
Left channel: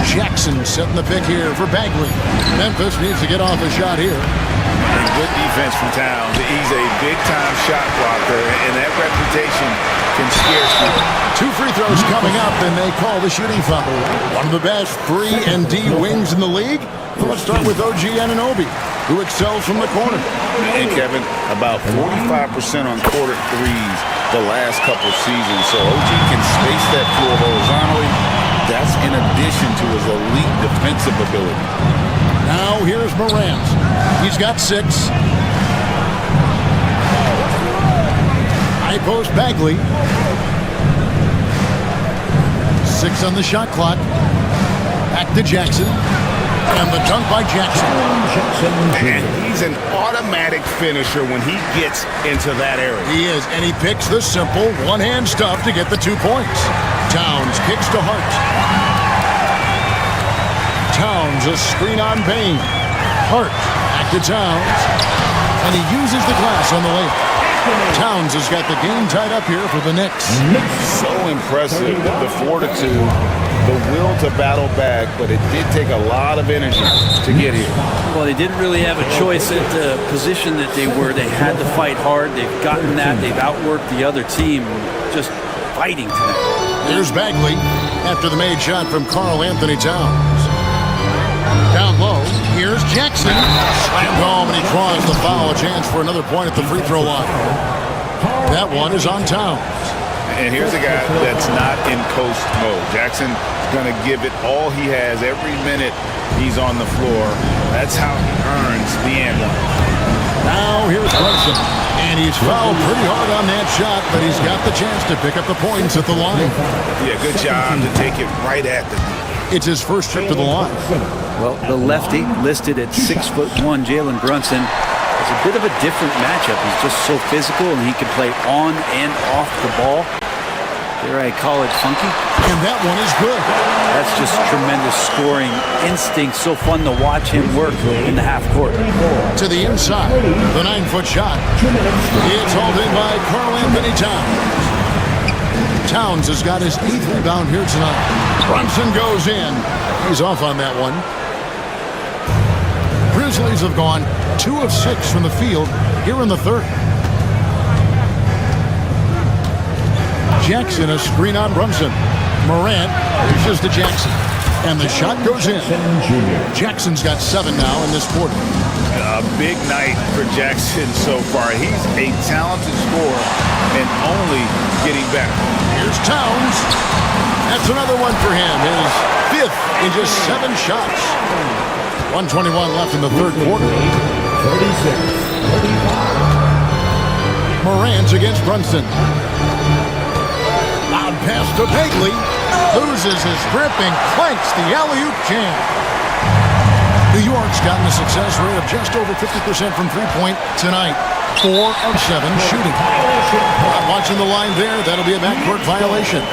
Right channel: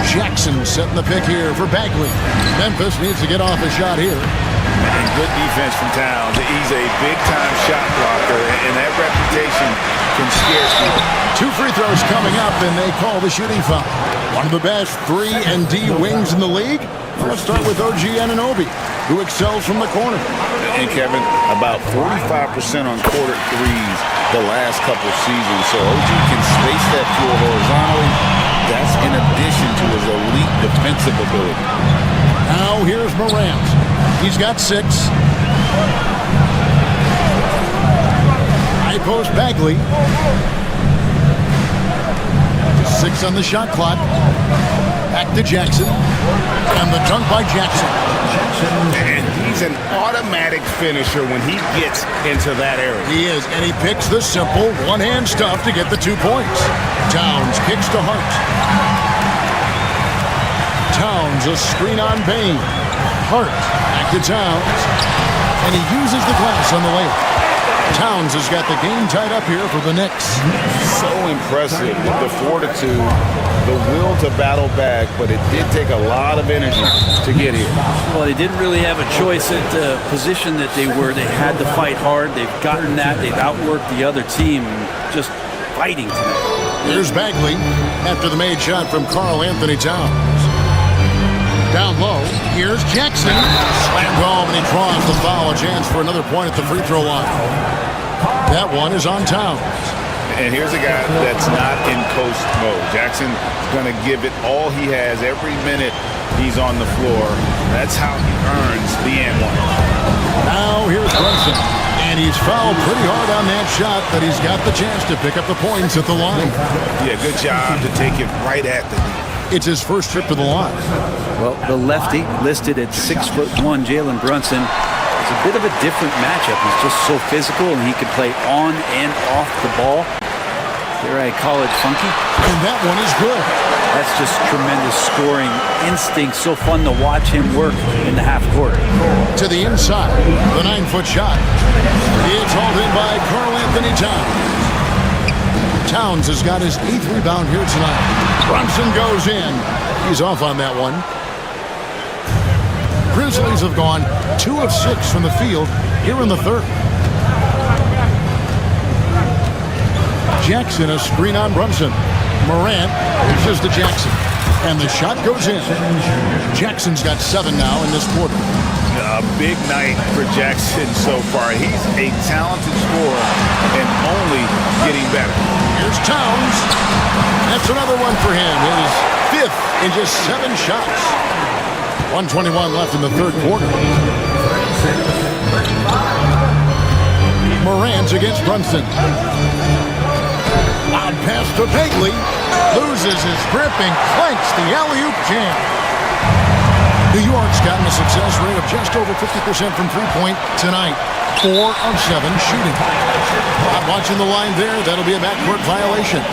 Jackson setting the pick here for Bagley. Memphis needs to get off a shot here. And good defense from Towns. He's a big-time shot blocker, and that reputation can scare you. 2 free throws coming up, and they call the shooting foul. One of the best 3-and-D wings in the league. Well, let's start with OG Anunoby, who excels from the corner. And Kevin, about 45% on quarter threes the last couple seasons. So OG can space that floor horizontally. That's in addition to his elite defensive ability. Now here's Morant. He's got 6. High post Bagley. 6 on the shot clock. Back to Jackson. And the dunk by Jackson. And he's an automatic finisher when he gets into that area. He is, and he picks the simple one-hand stuff to get the 2 points. Towns kicks to Hart. Towns, a screen on Bain. Hart, back to Towns. And he uses the glass on the layup. Towns has got the game tied up here for the Knicks. So impressive, the fortitude, the will to battle back, but it did take a lot of energy to get here. Well, they didn't really have a choice at the position that they were. They had to fight hard. They've gotten that. They've outworked the other team, just fighting tonight. Here's Bagley after the made shot from Karl Anthony Towns. Down low, here's Jackson. Slammed home, and he draws the foul. A chance for another point at the free throw line. That one is on Towns. And here's a guy that's not in coast mode. Jackson's going to give it all he has every minute he's on the floor. That's how he earns the and one. Now here's Brunson. And he's fouled pretty hard on that shot, but he's got the chance to pick up the points at the line. Yeah, good job to take it right at the D. It's his first trip to the line. Well, the lefty listed at 6'1", Jalen Brunson. It's a bit of a different matchup. He's just so physical, and he can play on and off the ball. Dare I call it funky? And that one is good. That's just tremendous scoring instinct. So fun to watch him work in the half court. To the inside, the 9-foot shot. It's hauled in by Karl Anthony Towns. Towns has got his 8th rebound here tonight. Brunson goes in. He's off on that one. Grizzlies have gone 2 of 6 from the field here in the third. Jackson, a screen on Brunson. Morant reaches to Jackson. And the shot goes in. Jackson's got 7 now in this quarter. A big night for Jackson so far. He's a talented scorer and only getting better. Here's Towns. That's another one for him. His 5th in just 7 shots. 1:21 left in the third quarter. Morant against Brunson. Loud pass to Bagley. Loses his grip and clanks the alley-oop jam. New York's gotten a success rate of just over 50% from three-point tonight. 4 of 7 shooting. Not watching the line there. That'll be a backcourt violation.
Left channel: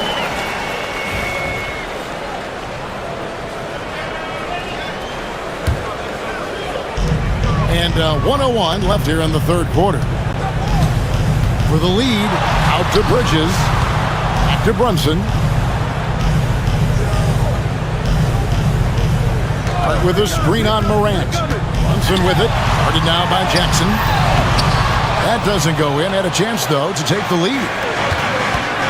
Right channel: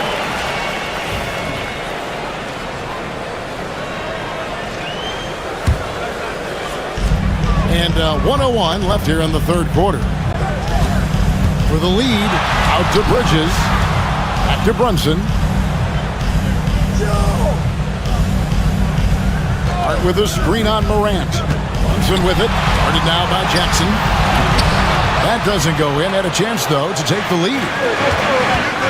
And 1:01 left here in the third quarter. For the lead, out to Bridges. Back to Brunson. Hart with a screen on Morant. Brunson with it. Guarded now by Jackson. That doesn't go in. Had a chance, though, to take the lead.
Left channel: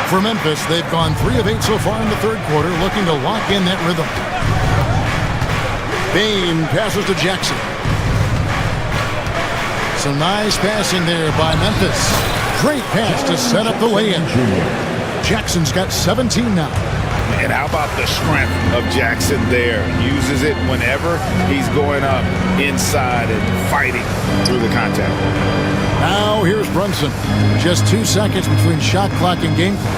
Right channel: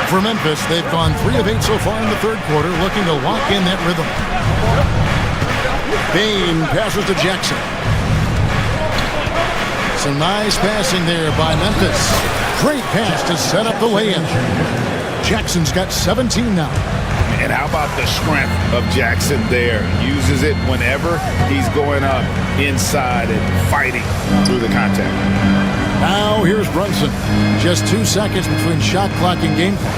For Memphis, they've gone 3 of 8 so far in the third quarter, looking to lock in that rhythm. Bain passes to Jackson. Some nice passing there by Memphis. Great pass to set up the lay-in. Jackson's got 17 now. And how about the strength of Jackson there? Uses it whenever he's going up inside and fighting through the contact. Now here's Brunson. Just 2 seconds between shot clock and game clock.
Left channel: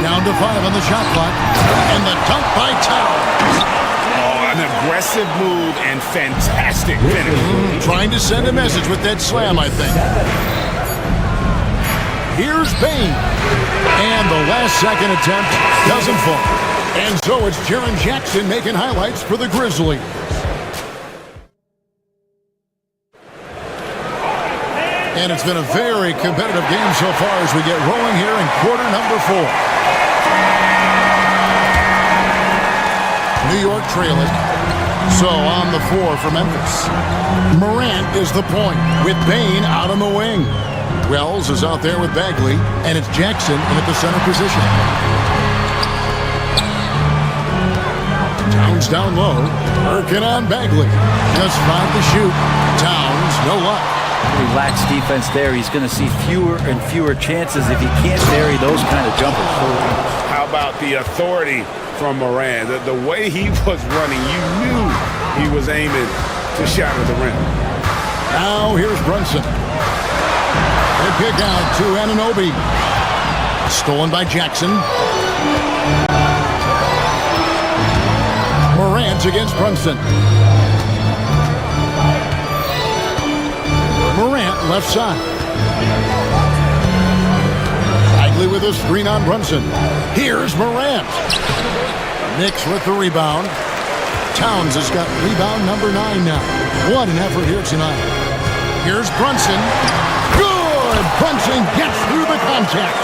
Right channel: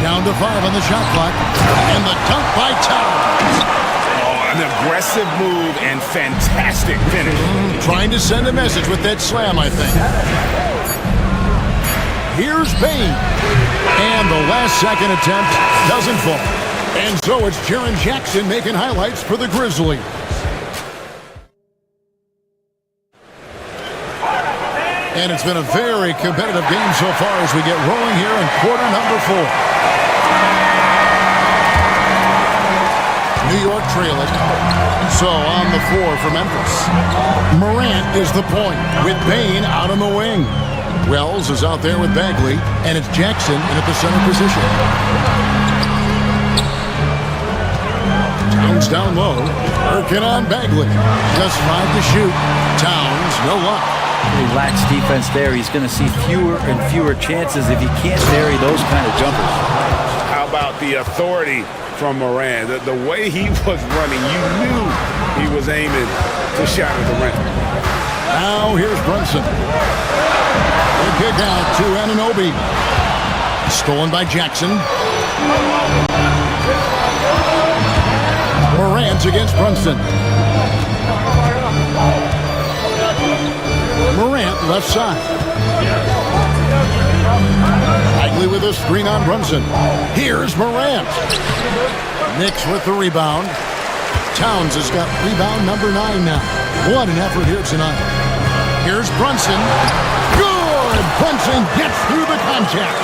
Down to 5 on the shot clock. And the dunk by Towns. Oh, An aggressive move and fantastic finish. Trying to send a message with that slam, I think. Here's Bane. And the last second attempt doesn't fall. And so it's Jaren Jackson making highlights for the Grizzlies. And it's been a very competitive game so far as we get rolling here in quarter number 4. New York trailing. So on the 4 for Memphis. Morant is the point with Bane out on the wing. Wells is out there with Bagley, and it's Jackson in at the center position. Towns down low, working on Bagley. Just 5 to shoot. Towns, no luck. Pretty lax defense there. He's going to see fewer and fewer chances if he can't bury those kind of jumpers. How about the authority from Moran? The way he was running, you knew he was aiming to shatter the rim. Now here's Brunson. They kick out to Anunoby. Stolen by Jackson. Morant against Brunson. Morant left side. Bagley with a screen on Brunson. Here's Morant. Knicks with the rebound. Towns has got rebound number 9 now. What an effort here tonight. Here's Brunson. Good! Brunson gets through the contact.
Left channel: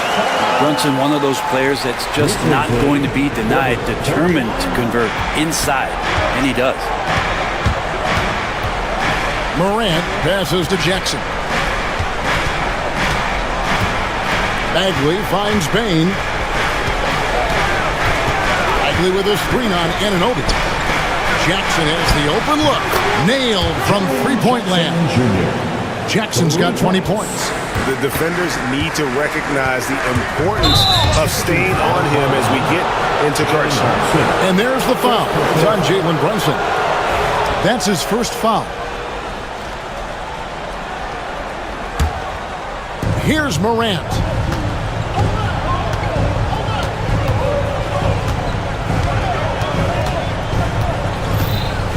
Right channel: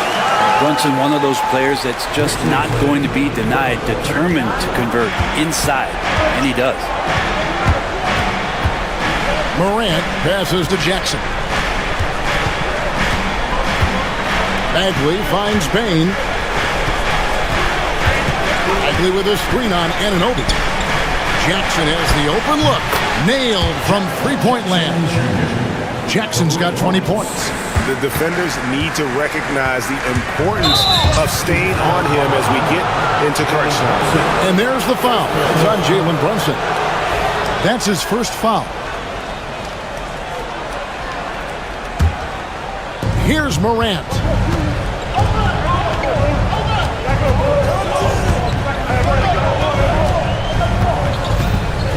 Brunson, one of those players that's just not going to be denied, determined to convert inside, and he does. Morant passes to Jackson. Bagley finds Bane. Bagley with a screen on Anunoby. Jackson has the open look. Nailed from three-point land. Jackson's got 20 points. The defenders need to recognize the importance of staying on him as we get into crunch time. And there's the foul. It's on Jalen Brunson. That's his first foul. Here's Morant.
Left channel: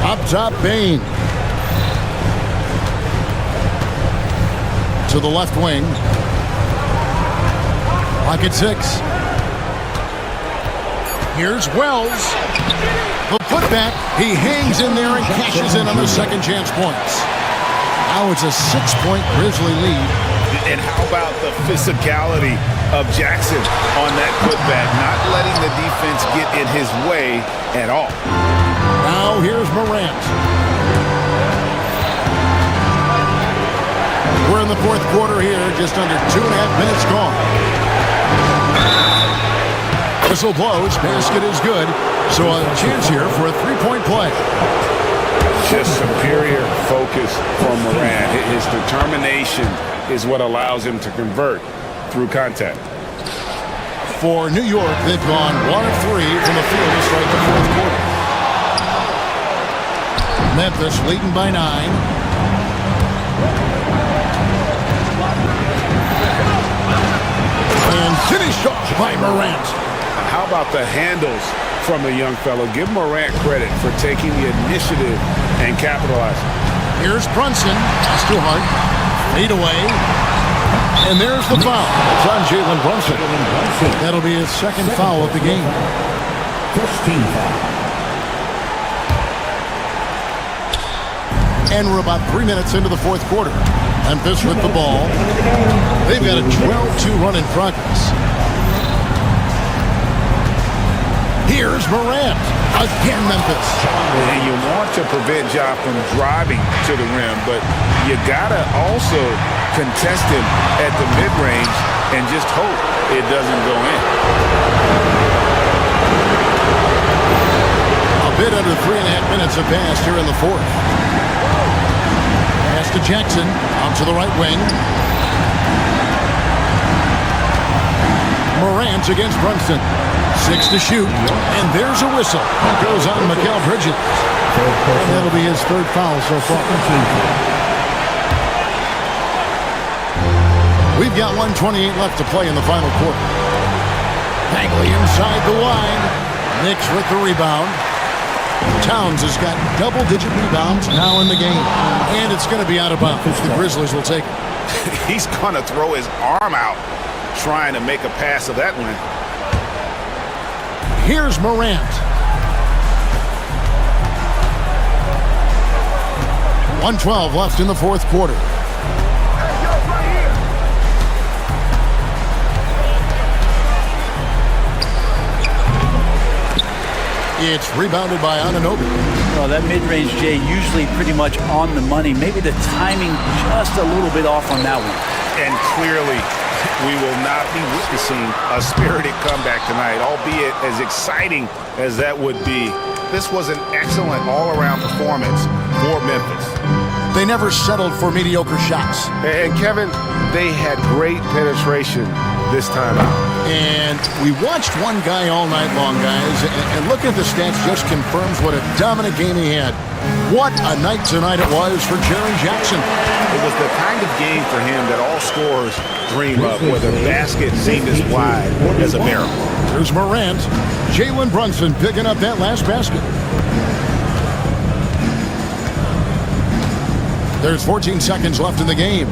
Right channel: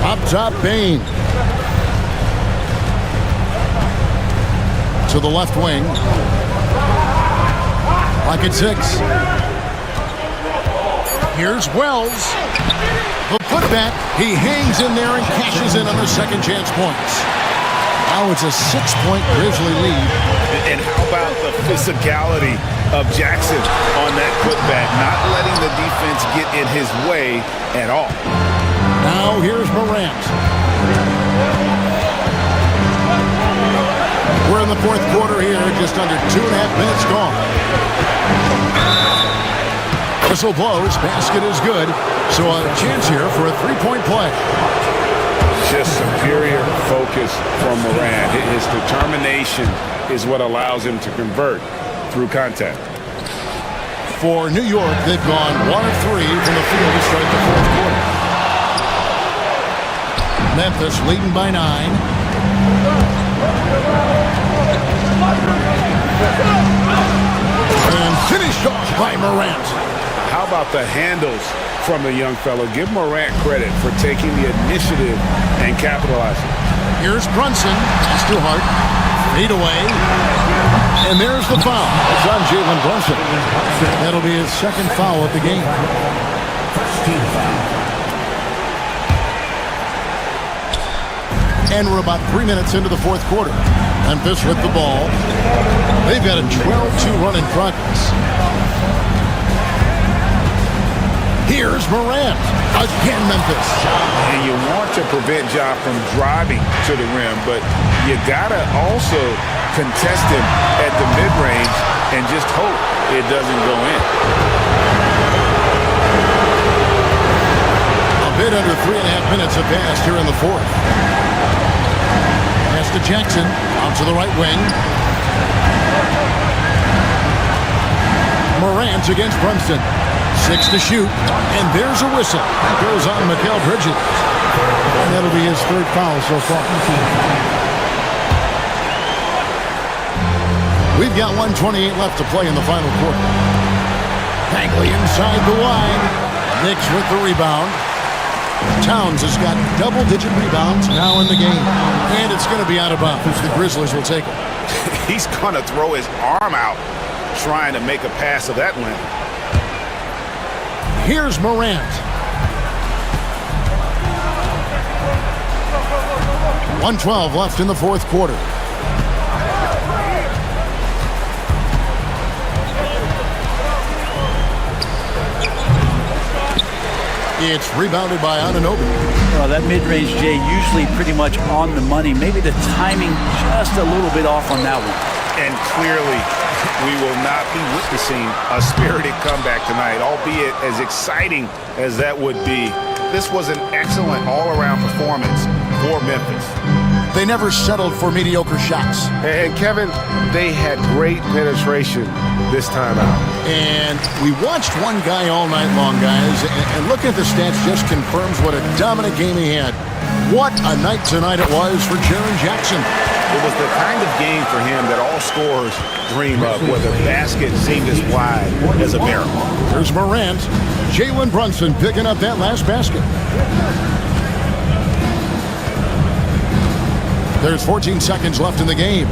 Up top, Bane. To the left wing. Like at 6. Here's Wells. The putback. He hangs in there and cashes in on the second chance points. Now it's a 6-point Grizzly lead. And how about the physicality of Jackson on that putback, not letting the defense get in his way at all. Now here's Morant. We're in the fourth quarter here, just under 2.5 minutes gone. Whistle blows, basket is good, so a chance here for a 3-point play. Just superior focus from Morant. His determination is what allows him to convert through contact. For New York, they've gone 1 of 3 from the field to start the fourth quarter. Memphis leading by 9. And finished off by Morant. How about the handles from the young fellow? Give Morant credit for taking the initiative and capitalizing. Here's Brunson. Pass too hard. Fade away. And there's the foul. It's on Jalen Brunson. That'll be his second foul of the game. First team foul. And we're about 3 minutes into the fourth quarter. Memphis with the ball. They've got a 12-2 run in progress. Here's Morant. Again, Memphis. And you want to prevent Ja from driving to the rim, but you got to also contest him at the mid-range and just hope it doesn't go in. A bit under 3.5 minutes have passed here in the fourth. Pass to Jackson. Out to the right wing. Morant against Brunson. 6 to shoot. And there's a whistle. That goes on Mikal Bridges. And that'll be his third foul so far. We've got 1:28 left to play in the final quarter. Bagley inside the line. Knicks with the rebound. Towns has got double-digit rebounds now in the game. And it's going to be out of bounds. The Grizzlies will take it. He's going to throw his arm out trying to make a pass of that length. Here's Morant. 1:12 left in the fourth quarter. It's rebounded by Anunoby. Well, that mid-range, Jay, usually pretty much on the money. Maybe the timing just a little bit off on that one. And clearly, we will not be witnessing a spirited comeback tonight, albeit as exciting as that would be. This was an excellent all-around performance for Memphis. They never settled for mediocre shots. And Kevin, they had great penetration this time out. And we watched one guy all night long, guys, and looking at the stats just confirms what a dominant game he had. What a night tonight it was for Jaren Jackson. It was the kind of game for him that all scorers dream of, where the basket seemed as wide as a barrel. There's Morant. Jalen Brunson picking up that last basket. There's 14 seconds left in the game.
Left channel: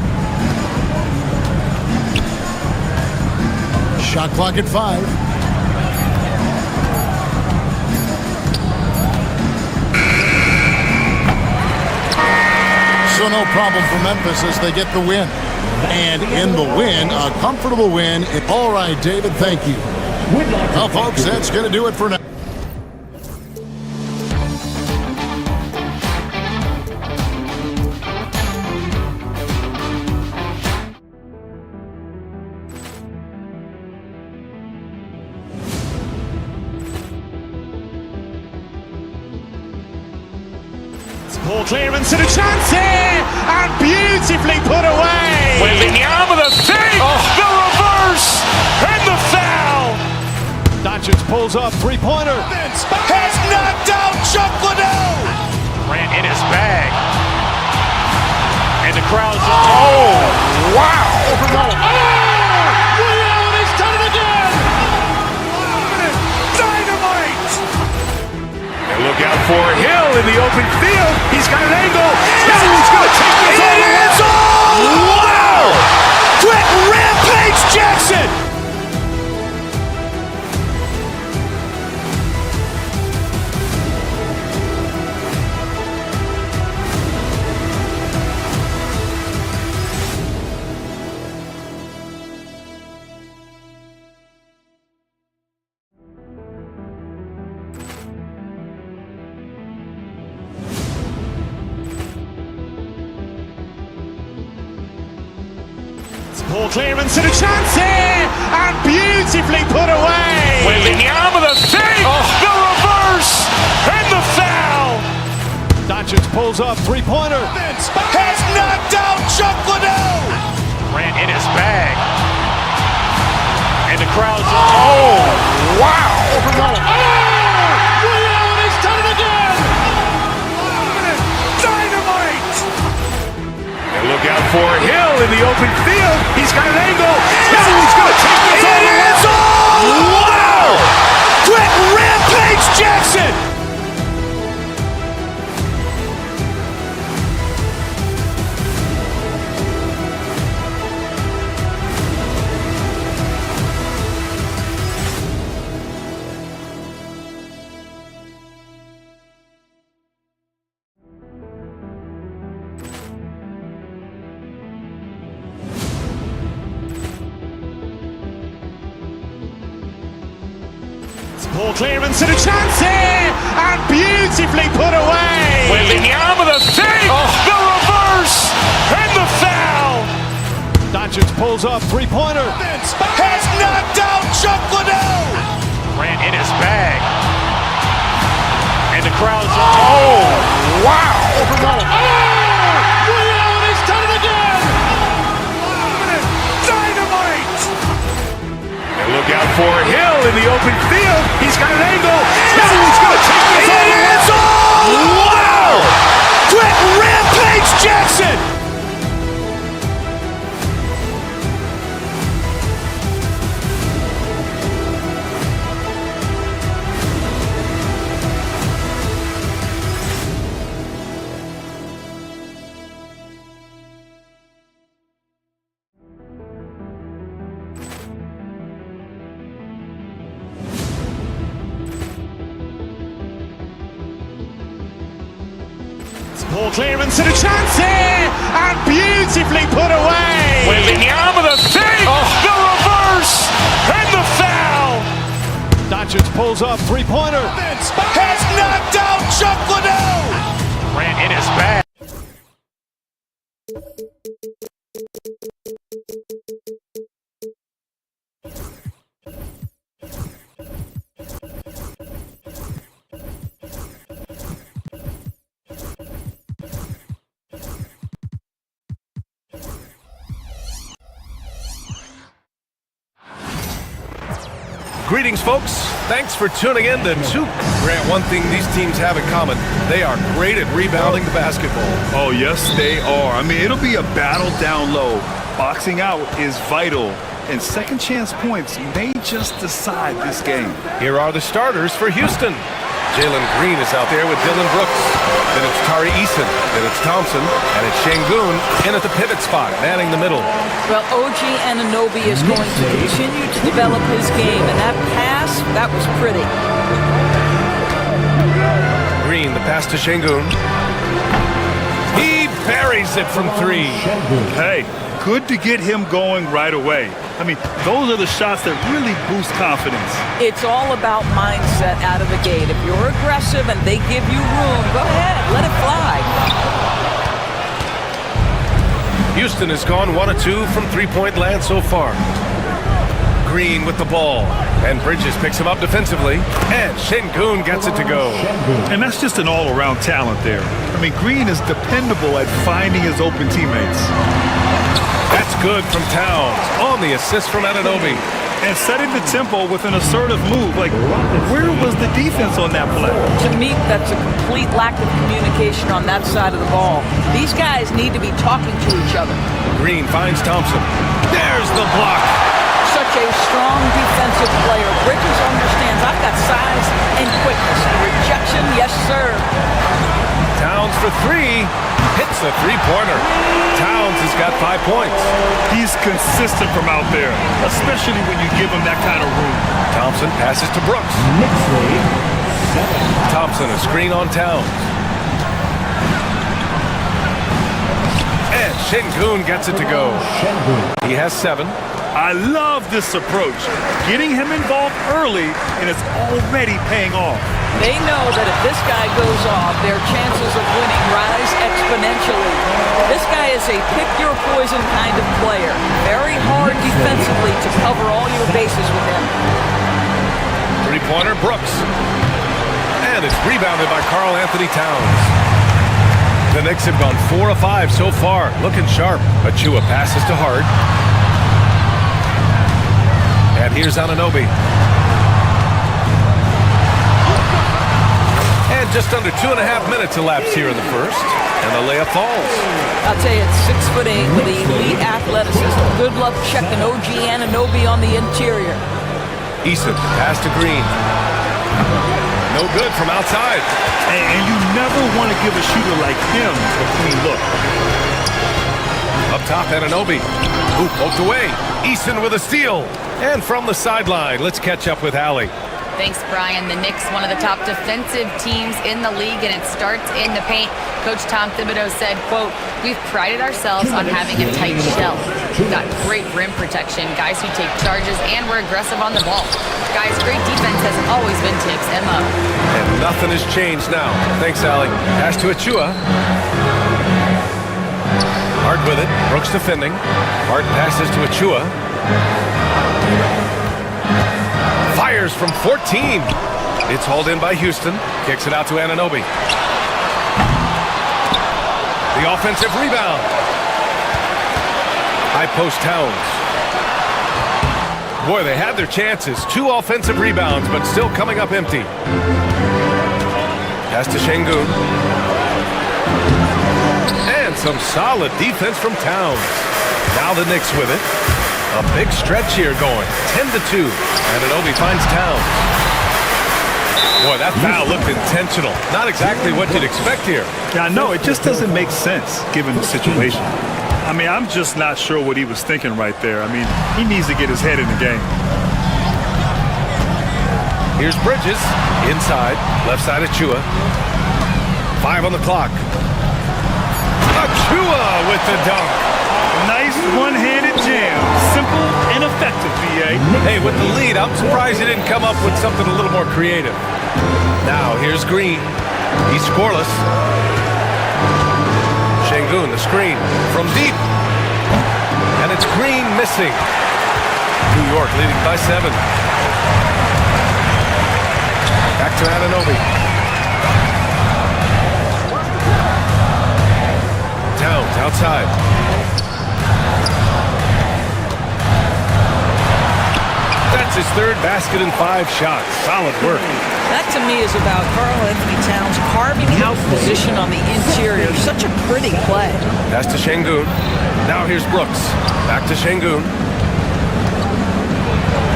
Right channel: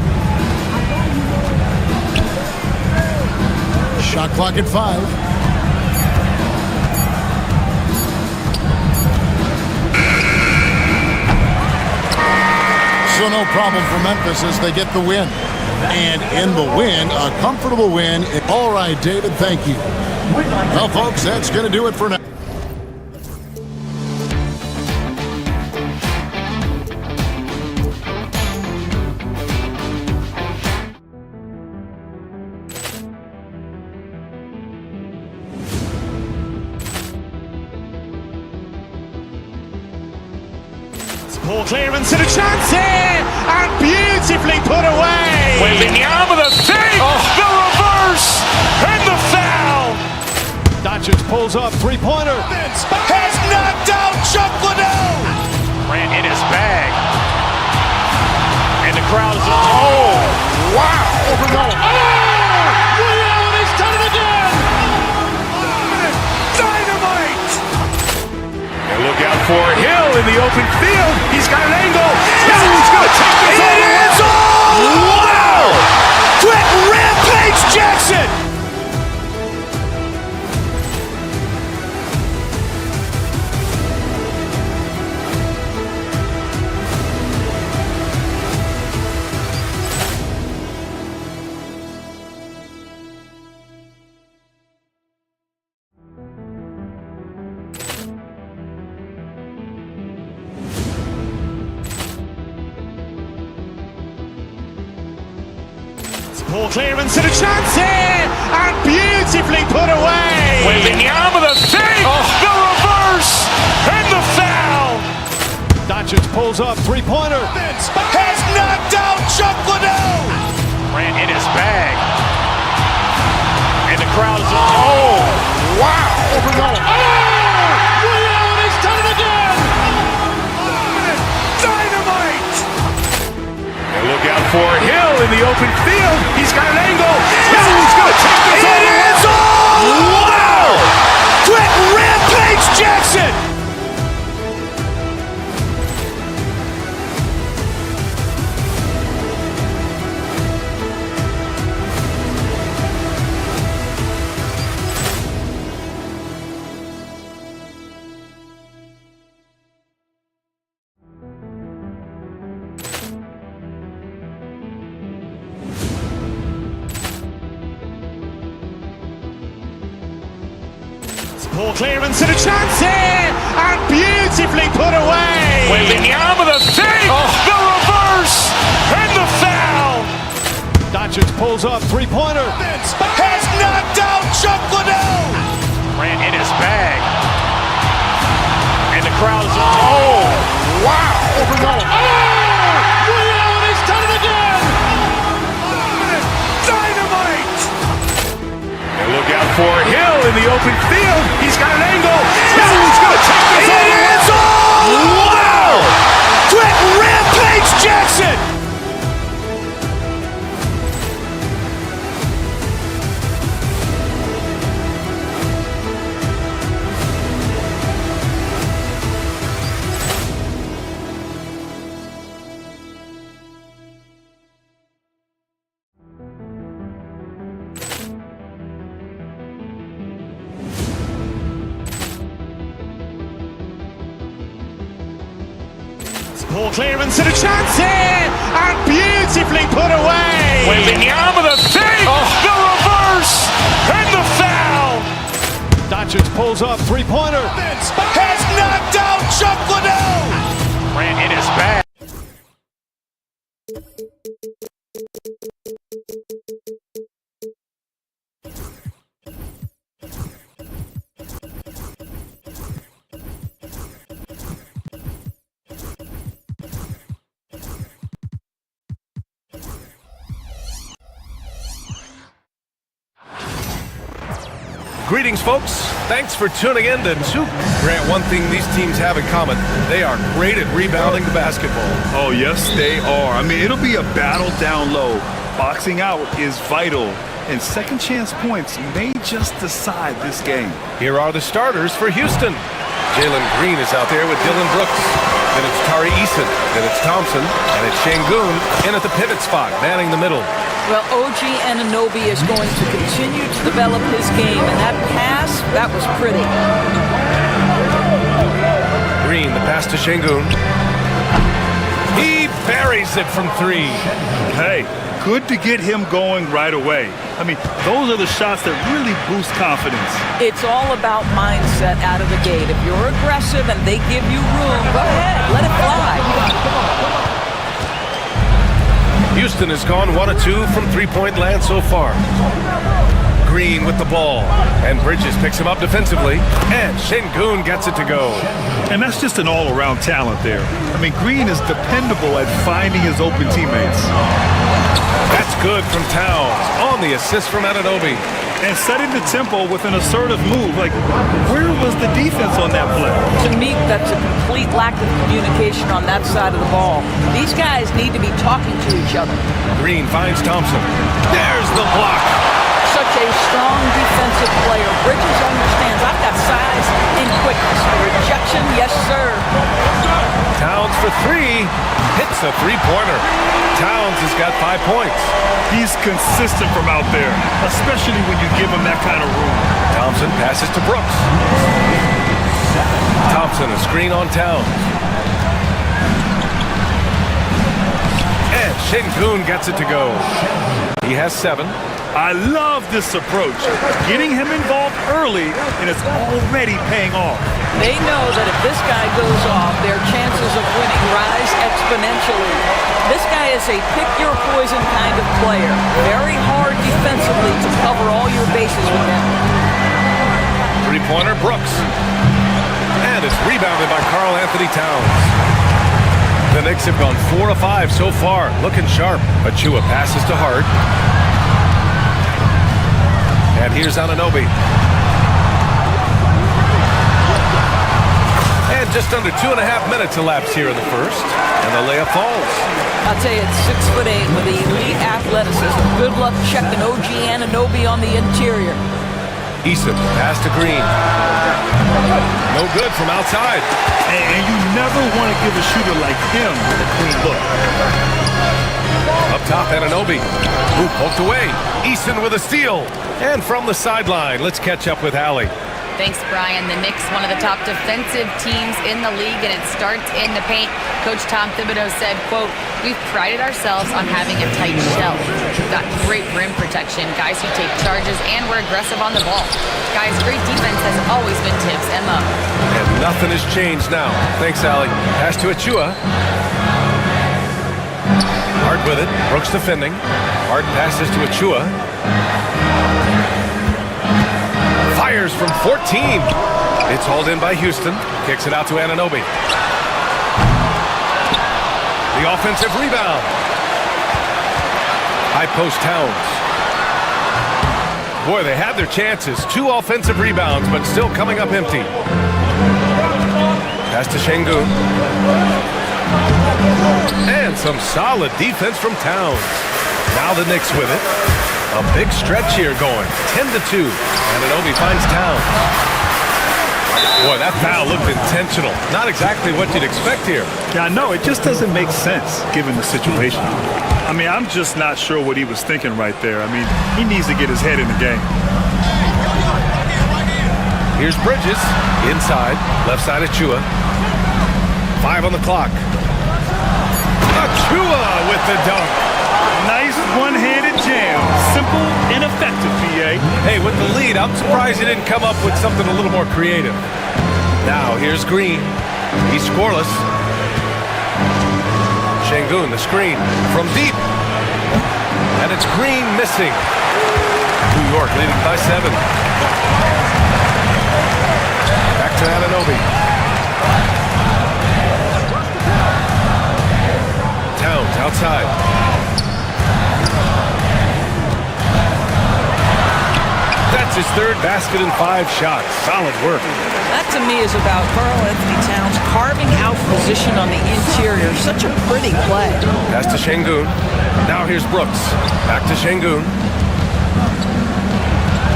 Shot clock at 5. So no problem for Memphis as they get the win. And in the win, a comfortable win. All right, David, thank you. Well, folks, that's going to do it for now. Poor clearance and a chance here, and beautifully put away. Wembanyama the fake, the reverse, and the foul. Doncic pulls up, three-pointer. Has knocked out Chuck Liddell. Ran in his bag. And the crowd's Oh, wow. He's done it again. Dynamite. And look out for Hill in the open field. He's got an angle. He's going to take this all the way. Wow! Quick rampage Jackson. Poor clearance and a chance here, and beautifully put away. Wembanyama the fake, the reverse, and the foul. Doncic pulls up, three-pointer. Has knocked out Chuck Liddell. Ran in his bag. And the crowd's wow. He's done it again. Dynamite. And look out for Hill in the open field. He's got an angle. He's going to take this all the way. Wow! Quick rampage Jackson. Poor clearance and a chance here, and beautifully put away. Wembanyama the fake, the reverse, and the foul. Doncic pulls up, three-pointer. Has knocked out Chuck Liddell. Ran in his bag. And the crowd's wow. He's done it again. Dynamite. And look out for Hill in the open field. He's got an angle. He's going to take this all the way. Wow! Quick rampage Jackson. Poor clearance and a chance here, and beautifully put away. Wembanyama the save, the reverse, and the foul. Doncic pulls up, three-pointer. Has knocked out Chuck Liddell. Ran in his bag. Greetings, folks. Thanks for tuning in to Two. Grant, one thing these teams have in common, they are great at rebounding the basketball. Oh, yes, they are. I mean, it'll be a battle down low. Boxing out is vital, and second chance points may just decide this game. Here are the starters for Houston. Jalen Green is out there with Dylan Brooks. Then it's Tari Eason. Then it's Thompson. And it's Şengün in at the pivot spot, manning the middle. Well, OG Anunoby is going to continue to develop his game, and that pass, that was pretty. Green, the pass to Şengün. He buries it from three. Hey, good to get him going right away. I mean, those are the shots that really boost confidence. It's all about mindset out of the gate. If you're aggressive and they give you room, go ahead, let it fly. Houston has gone 1 of 2 from three-point land so far. Green with the ball. And Bridges picks him up defensively. And Şengün gets it to go. And that's just an all-around talent there. I mean, Green is dependable at finding his open teammates. That's good from Towns on the assist from Anunoby. And setting the tempo with an assertive move. Like, where was the defense on that play? To me, that's a complete lack of communication on that side of the ball. These guys need to be talking to each other. Green finds Thompson. There's the block. Such a strong defensive player. Bridges understands I've got size and quickness. The rejection, yes, sir. Towns for three. Hits a three-pointer. Towns has got 5 points. He's consistent from out there, especially when you give him that kind of room. Thompson passes to Brooks. Thompson, a screen on Towns. And Şengün gets it to go. He has 7. I love this approach. Getting him involved early, and it's already paying off. They know that if this guy goes off, their chances of winning rise exponentially. This guy is a pick-your-poison kind of player. Very hard defensively to cover all your bases with him. Three-pointer, Brooks. And it's rebounded by Karl Anthony Towns. The Knicks have gone 4 of 5 so far, looking sharp. Achua passes to Hart. And here's Anunoby. And just under 2.5 minutes elapsed here in the first. And the layup falls. I'll tell you, it's 6'8" with elite athleticism. Good luck checking OG Anunoby on the interior. Eason, pass to Green. No good from outside. And you never want to give a shooter like him a clean look. Up top, Anunoby. Who poked away. Eason with a steal. And from the sideline, let's catch up with Allie. Thanks, Brian. The Knicks, one of the top defensive teams in the league, and it starts in the paint. Coach Tom Thibodeau said, quote, "We've prided ourselves on having a tight shell. We've got great rim protection, guys who take charges, and we're aggressive on the ball. Guys, great defense has always been Tibbs' MO." And nothing has changed now. Thanks, Allie. Pass to Achua. Hart with it. Brooks defending. Hart passes to Achua. Fires from 14. It's hauled in by Houston. Kicks it out to Anunoby. The offensive rebound. High post Towns. Boy, they had their chances. 2 offensive rebounds, but still coming up empty. Pass to Şengün. And some solid defense from Towns. Now the Knicks with it. A big stretch here going. 10-2. Anunoby finds Towns. Boy, that foul looked intentional. Not exactly what you'd expect here. Yeah, I know. It just doesn't make sense given the situation. I mean, I'm just not sure what he was thinking right there. I mean, he needs to get his head in the game. Here's Bridges. Inside. Left side of Chua. 5 on the clock. Achua with the dunk. Nice one-handed jam. Simple and effective, BA. Hey, with the lead, I'm surprised he didn't come up with something a little more creative. Now, here's Green. He's scoreless. Şengün, the screen from deep. And it's Green missing. New York leading by 7. Back to Anunoby. Towns outside. That's his third basket in 5 shots. Solid work. That to me is about Karl Anthony Towns carving out position on the interior. Such a pretty play. Pass to Şengün. Now here's Brooks. Back to Şengün.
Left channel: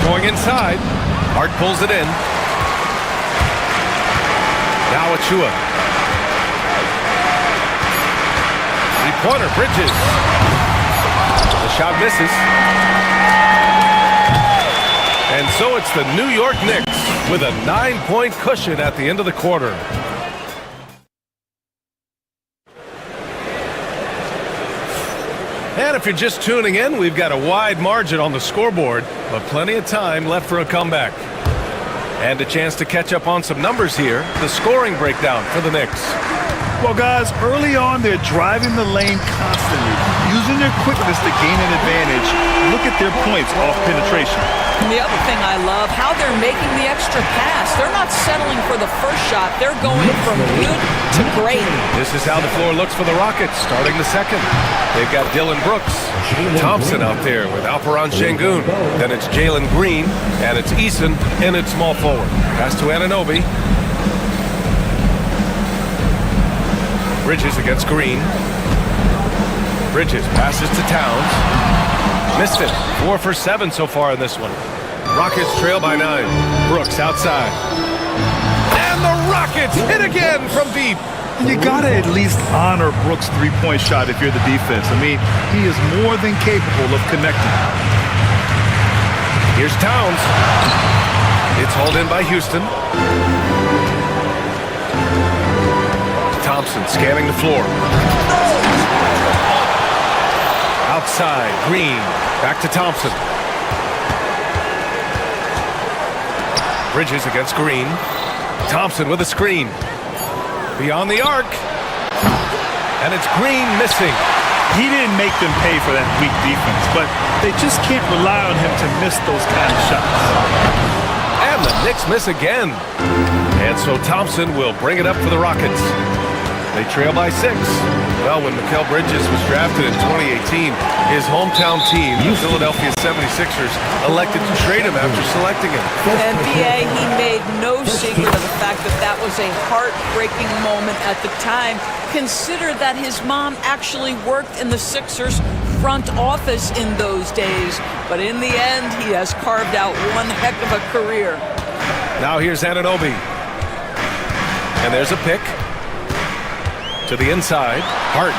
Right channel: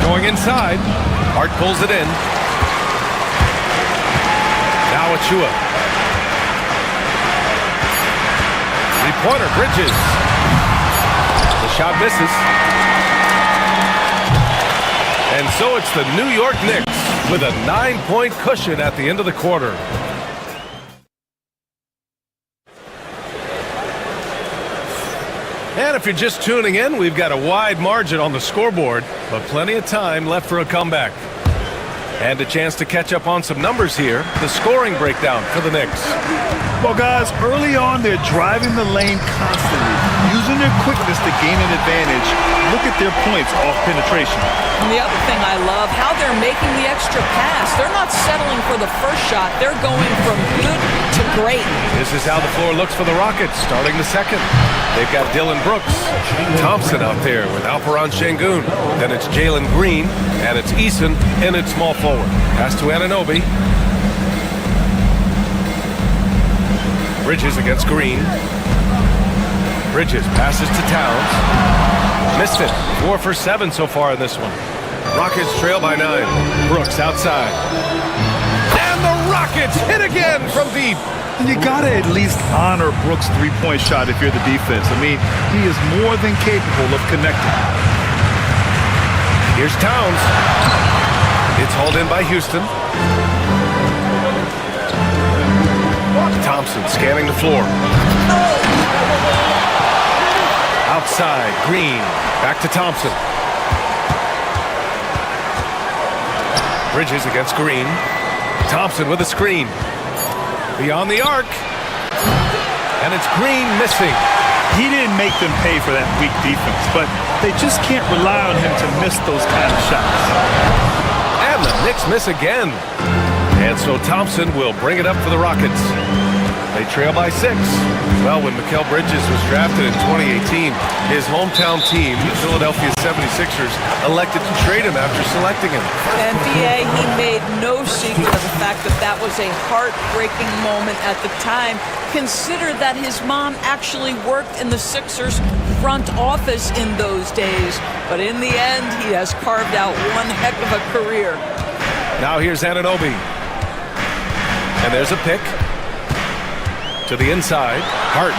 Going inside. Hart pulls it in. Now Achua. Three-pointer, Bridges. The shot misses. And so it's the New York Knicks with a 9-point cushion at the end of the quarter. And if you're just tuning in, we've got a wide margin on the scoreboard, but plenty of time left for a comeback. And a chance to catch up on some numbers here. The scoring breakdown for the Knicks. Well, guys, early on, they're driving the lane constantly, using their quickness to gain an advantage. Look at their points off penetration. And the other thing I love, how they're making the extra pass. They're not settling for the first shot. They're going from good to great. This is how the floor looks for the Rockets, starting the second. They've got Dylan Brooks, Thompson out there with Alperen Şengün. Then it's Jalen Green, and it's Eason in at small forward. Pass to Anunoby. Bridges against Green. Bridges passes to Towns. Missed it. 4 for 7 so far in this one. Rockets trail by 9. Brooks outside. And the Rockets hit again from deep. And you got to at least honor Brooks' three-point shot if you're the defense. I mean, he is more than capable of connecting. Here's Towns. It's hauled in by Houston. Thompson scanning the floor. Outside, Green. Back to Thompson. Bridges against Green. Thompson with a screen. Beyond the arc. And it's Green missing. He didn't make them pay for that weak defense, but they just can't rely on him to miss those kind of shots. And the Knicks miss again. And so Thompson will bring it up for the Rockets. They trail by 6. Well, when Mikal Bridges was drafted in 2018, his hometown team, the Philadelphia 76ers, elected to trade him after selecting him. And BA, he made no secret of the fact that that was a heartbreaking moment at the time. Consider that his mom actually worked in the Sixers front office in those days. But in the end, he has carved out one heck of a career. Now here's Anunoby. And there's a pick. To the inside, Hart.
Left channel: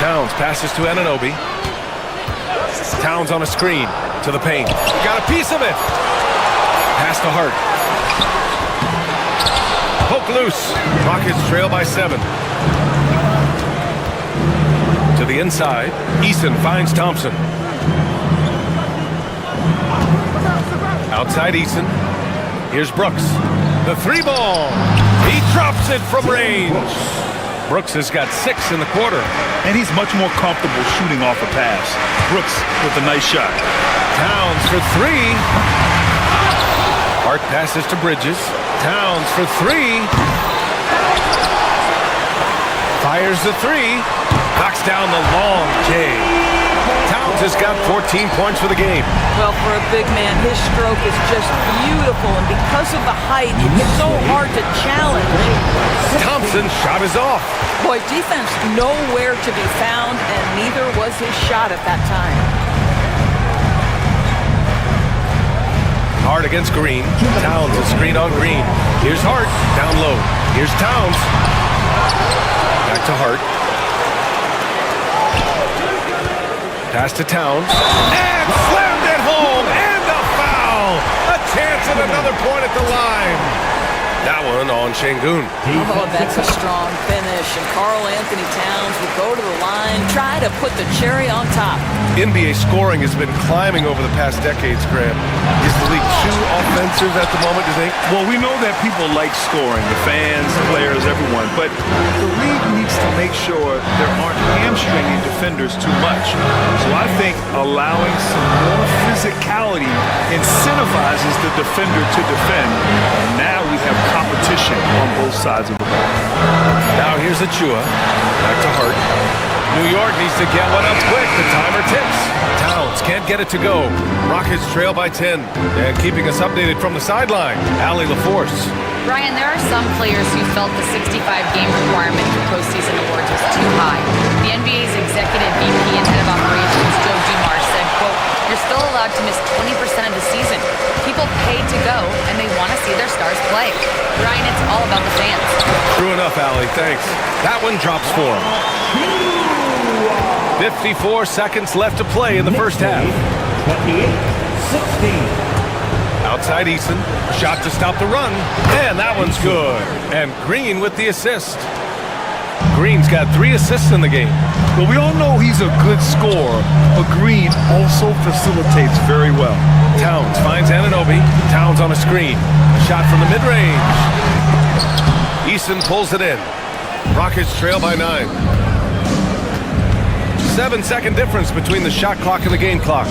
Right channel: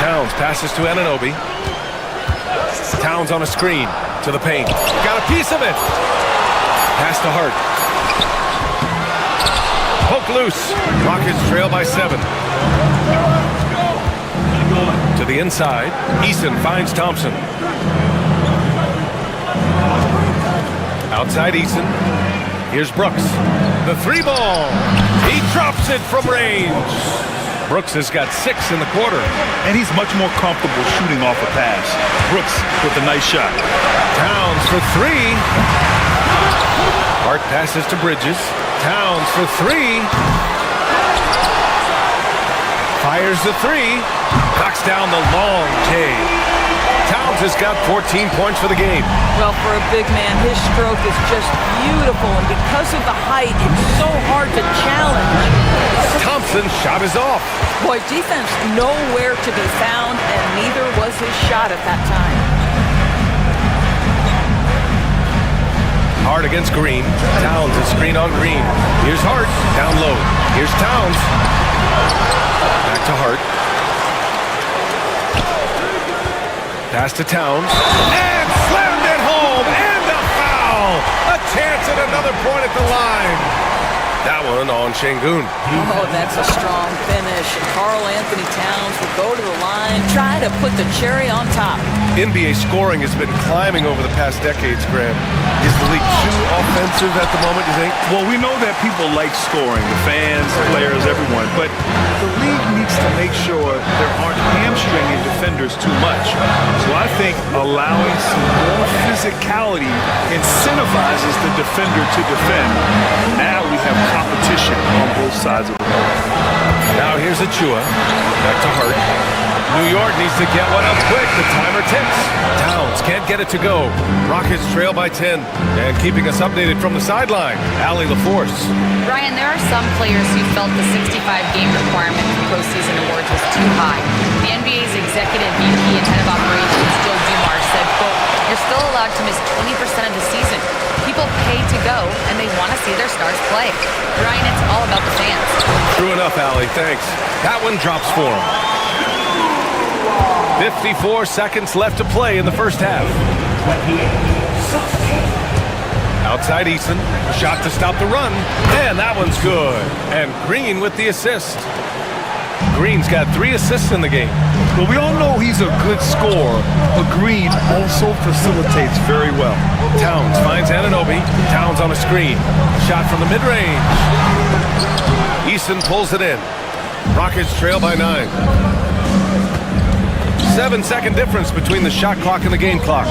Towns passes to Anunoby. Towns on a screen to the paint. Got a piece of it. Pass to Hart. Poke loose. Rockets trail by 7. To the inside, Eason finds Thompson. Outside Eason. Here's Brooks. The 3-ball. He drops it from range. Brooks has got 6 in the quarter. And he's much more comfortable shooting off a pass. Brooks with a nice shot. Towns for 3. Hart passes to Bridges. Towns for 3. Fires the 3. Knocks down the long J. Towns has got 14 points for the game. Well, for a big man, his stroke is just beautiful, and because of the height, it's so hard to challenge. Thompson's shot is off. Boy, defense nowhere to be found, and neither was his shot at that time. Hart against Green. Towns is screen on Green. Here's Hart, down low. Here's Towns. Back to Hart. Pass to Towns. And slammed it home. And a foul. A chance at another point at the line. That one on Şengün. Oh, that's a strong finish. And Karl Anthony Towns will go to the line, try to put the cherry on top. NBA scoring has been climbing over the past decades, Graham. Is the league too offensive at the moment, you think? Well, we know that people like scoring, the fans, players, everyone, but the league needs to make sure there aren't hamstringing defenders too much. So I think allowing some more physicality incentivizes the defender to defend, and now we have competition on both sides of the ball. Now here's Achua. Back to Hart. New York needs to get one up quick. The timer ticks. Towns can't get it to go. Rockets trail by 10. And keeping us updated from the sideline, Allie LaForce. Brian, there are some players who felt the 65-game requirement for postseason awards was too high. The NBA's executive VP and head of operations, Joe Dumars, said, quote, "You're still allowed to miss 20% of the season. People pay to go, and they want to see their stars play." Brian, it's all about the fans. True enough, Allie. Thanks. That one drops for him. 54 seconds left to play in the first half. 28-16. Outside Eason, a shot to stop the run, and that one's good. And Green with the assist. Green's got 3 assists in the game. Well, we all know he's a good scorer, but Green also facilitates very well. Towns finds Anunoby. Towns on a screen. A shot from the mid-range. Eason pulls it in. Rockets trail by 9. 7-second difference between the shot clock and the game clock.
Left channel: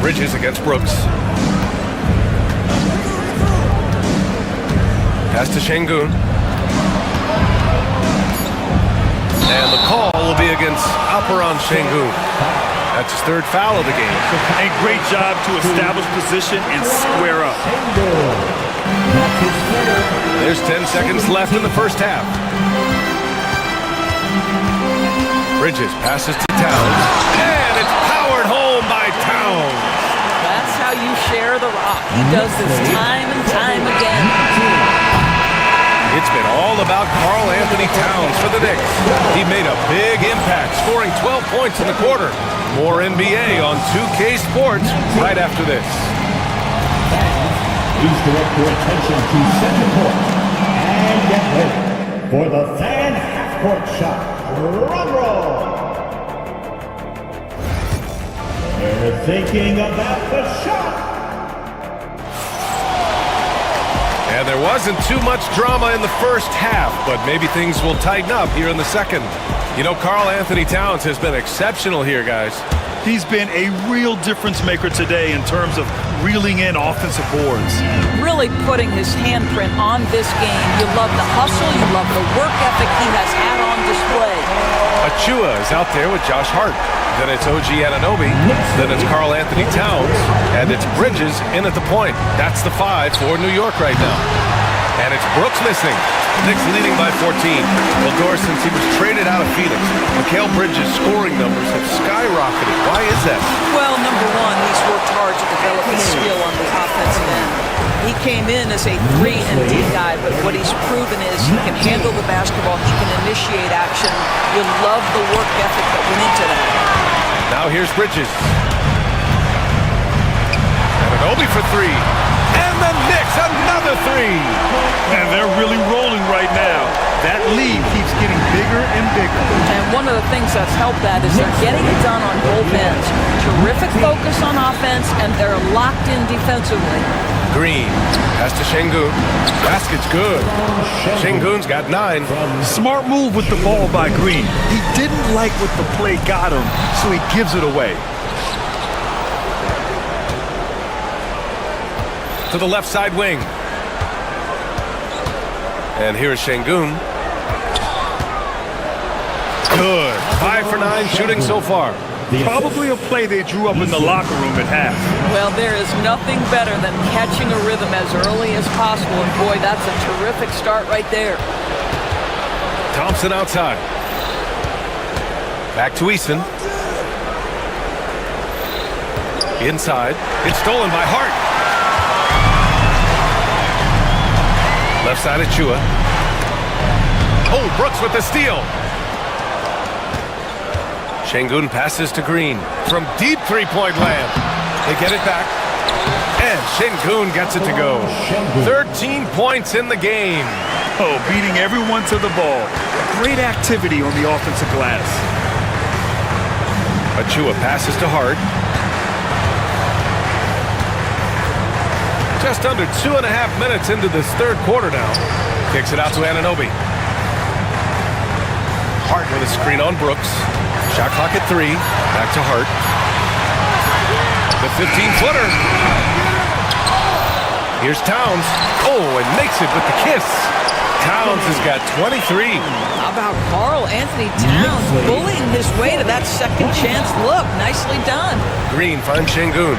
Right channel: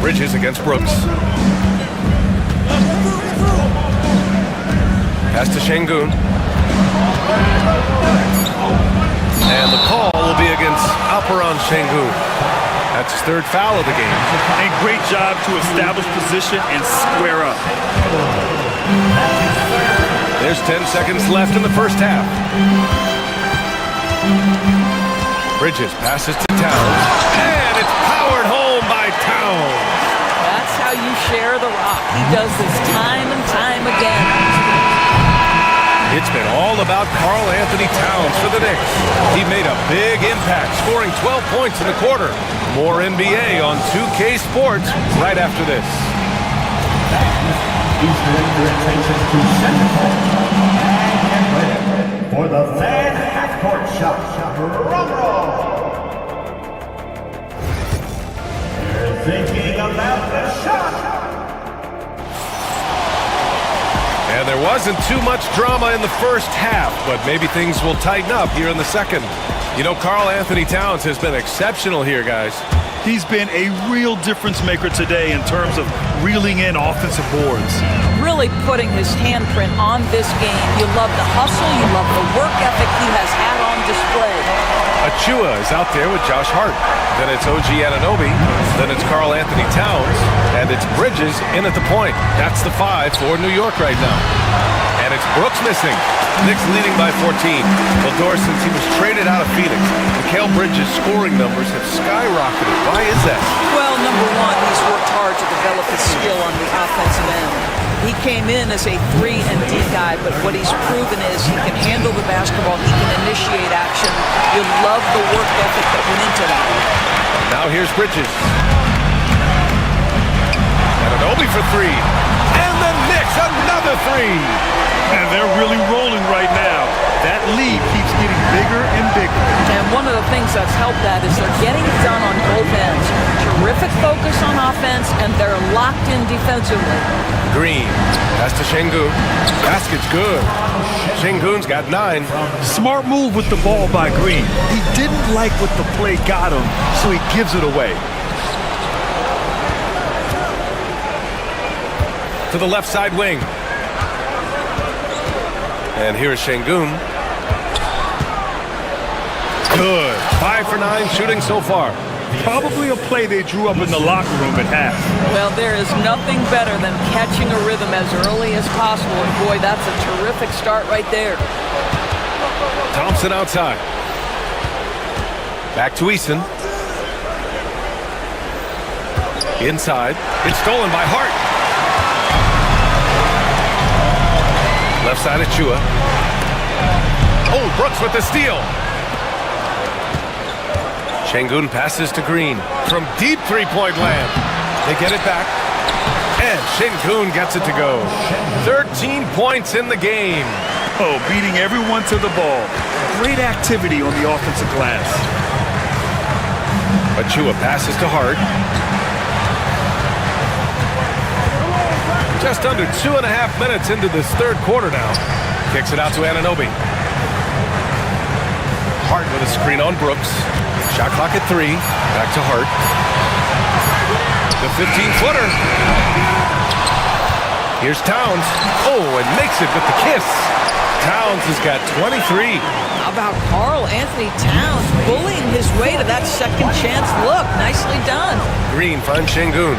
Bridges against Brooks. Pass to Şengün. And the call will be against Alperen Şengün. That's his 3rd foul of the game. And great job to establish position and square up. There's 10 seconds left in the first half. Bridges passes to Towns, and it's powered home by Towns. That's how you share the rock. He does this time and time again. It's been all about Karl Anthony Towns for the Knicks. He made a big impact, scoring 12 points in the quarter. More NBA on 2K Sports right after this. Please direct your attention to center court and get ready for the fan half-court shot. Drum roll. They're thinking about the shot. And there wasn't too much drama in the first half, but maybe things will tighten up here in the second. You know, Karl Anthony Towns has been exceptional here, guys. He's been a real difference maker today in terms of reeling in offensive boards. Really putting his handprint on this game. You love the hustle, you love the work ethic he has had on display. Achua is out there with Josh Hart. Then it's OG Anunoby. Then it's Karl Anthony Towns. And it's Bridges in at the point. That's the 5 for New York right now. And it's Brooks missing. Knicks leading by 14. Valdor, since he was traded out of Phoenix, Mikal Bridges' scoring numbers have skyrocketed. Why is that? Well, number one, he's worked hard to develop his skill on the offensive end. He came in as a 3-and-D guy, but what he's proven is he can handle the basketball, he can initiate action. You love the work ethic that went into that. Now here's Bridges. Anunoby for 3. And the Knicks, another 3. And they're really rolling right now. That lead keeps getting bigger and bigger. And one of the things that's helped that is they're getting it done on both ends. Terrific focus on offense, and they're locked in defensively. Green, pass to Şengün. Basket's good. Şengün's got 9. Smart move with the ball by Green. He didn't like what the play got him, so he gives it away. To the left side wing. And here's Şengün. Good. 5 for 9 shooting so far. Probably a play they drew up in the locker room at half. Well, there is nothing better than catching a rhythm as early as possible. And boy, that's a terrific start right there. Thompson outside. Back to Eason. Inside. It's stolen by Hart. Left side of Chua. Oh, Brooks with the steal. Şengün passes to Green from deep three-point land. They get it back. And Şengün gets it to go. 13 points in the game. Oh, beating everyone to the ball. Great activity on the offensive glass. Achua passes to Hart. Just under 2.5 minutes into this third quarter now. Kicks it out to Anunoby. Hart with a screen on Brooks. Shot clock at 3. Back to Hart. The 15-footer. Here's Towns. Oh, and makes it with the kiss. Towns has got 23. How about Karl Anthony Towns bullying his way to that second chance look? Nicely done. Green finds Şengün.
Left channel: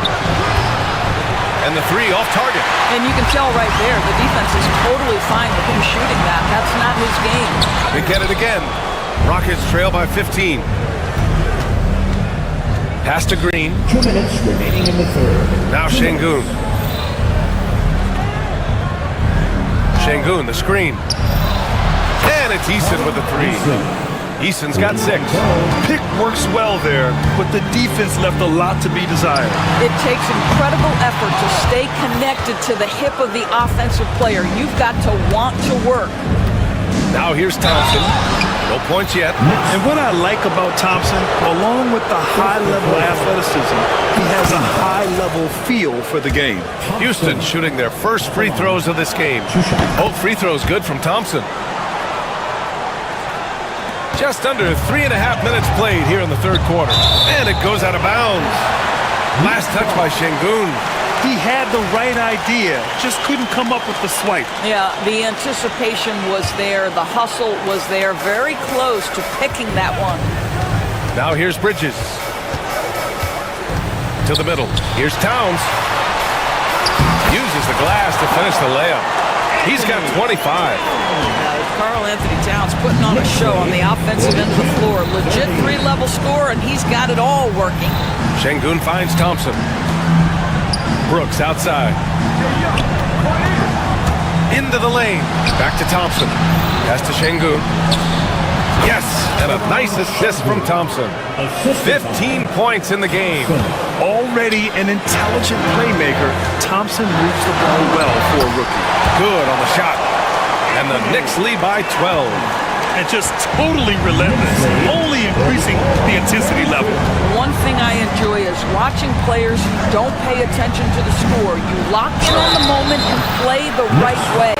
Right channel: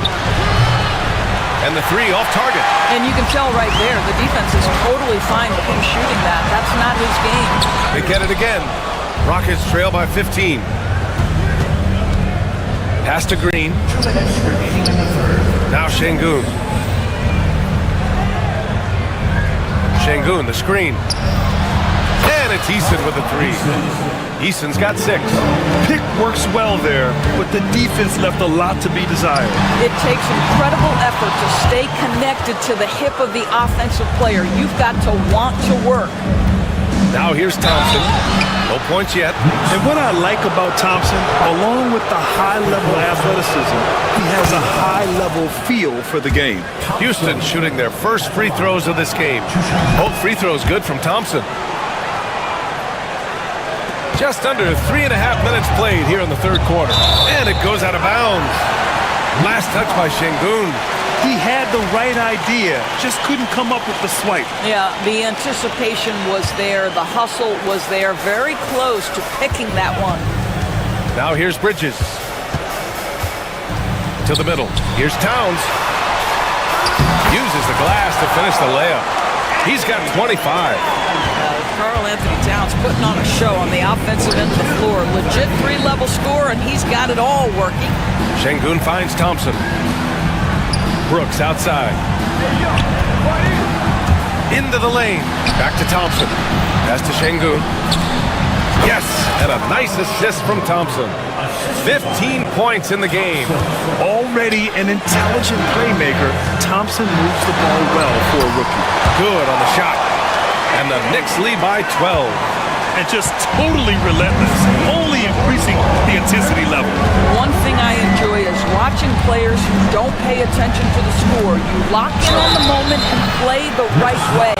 And the 3 off target. And you can tell right there, the defense is totally fine with him shooting that. That's not his game. They get it again. Rockets trail by 15. Pass to Green. 2 minutes remaining in the third. Now Şengün. Şengün, the screen. And it's Eason with the 3. Eason's got 6. Pick works well there, but the defense left a lot to be desired. It takes incredible effort to stay connected to the hip of the offensive player. You've got to want to work. Now here's Thompson. No points yet. And what I like about Thompson, along with the high-level athleticism, he has a high-level feel for the game. Houston shooting their first free throws of this game. Both free throws good from Thompson. Just under 3.5 minutes played here in the third quarter. And it goes out of bounds. Last touch by Şengün. He had the right idea, just couldn't come up with the swipe. Yeah, the anticipation was there. The hustle was there. Very close to picking that one. Now here's Bridges. To the middle. Here's Towns. Uses the glass to finish the layup. He's got 25. Karl Anthony Towns putting on a show on the offensive end of the floor. Legit 3-level score, and he's got it all working. Şengün finds Thompson. Brooks outside. Into the lane. Back to Thompson. Pass to Şengün. Yes, and a nice assist from Thompson. 15 points in the game. Already an intelligent playmaker, Thompson moves the ball well for a rookie. Good on the shot. And the Knicks lead by 12. And just totally relentless, only increasing the intensity level. One thing I enjoy is watching players who don't pay attention to the score. You lock in on the moment and play the right way.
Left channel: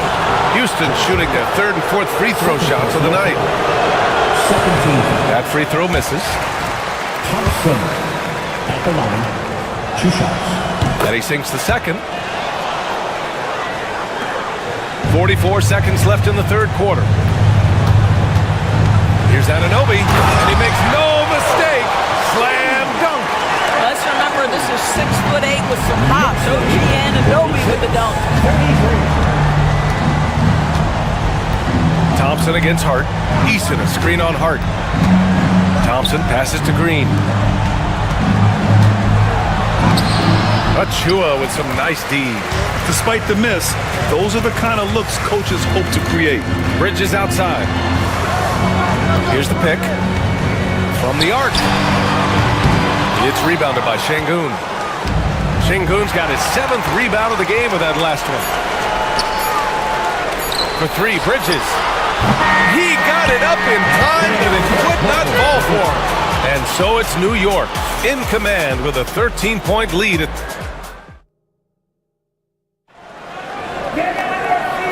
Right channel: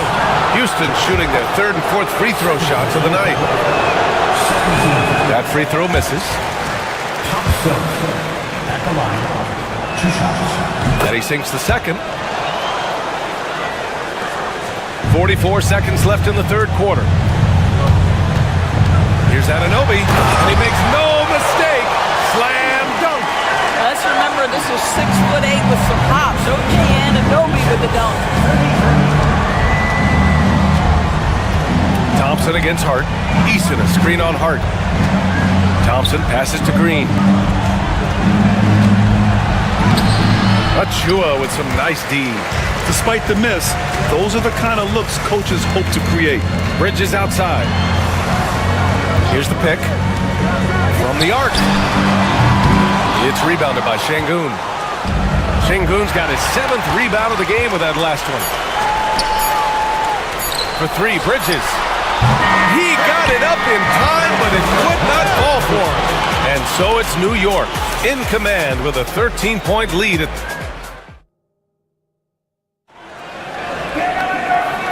Houston shooting their third and fourth free throw shots of the night. That free throw misses. Thompson at the line. 2 shots. And he sinks the second. 44 seconds left in the third quarter. Here's Anunoby, and he makes no mistake. Slam dunk. Let's remember this is 6'8" with some hops. OG Anunoby with the dunk. Thompson against Hart. Eason a screen on Hart. Thompson passes to Green. Achua with some nice D. Despite the miss, those are the kind of looks coaches hope to create. Bridges outside. Here's the pick. From the arc. It's rebounded by Şengün. Şengün's got his 7th rebound of the game with that last one. For 3, Bridges. He got it up in time, but it would not fall for him. And so it's New York in command with a 13-point lead.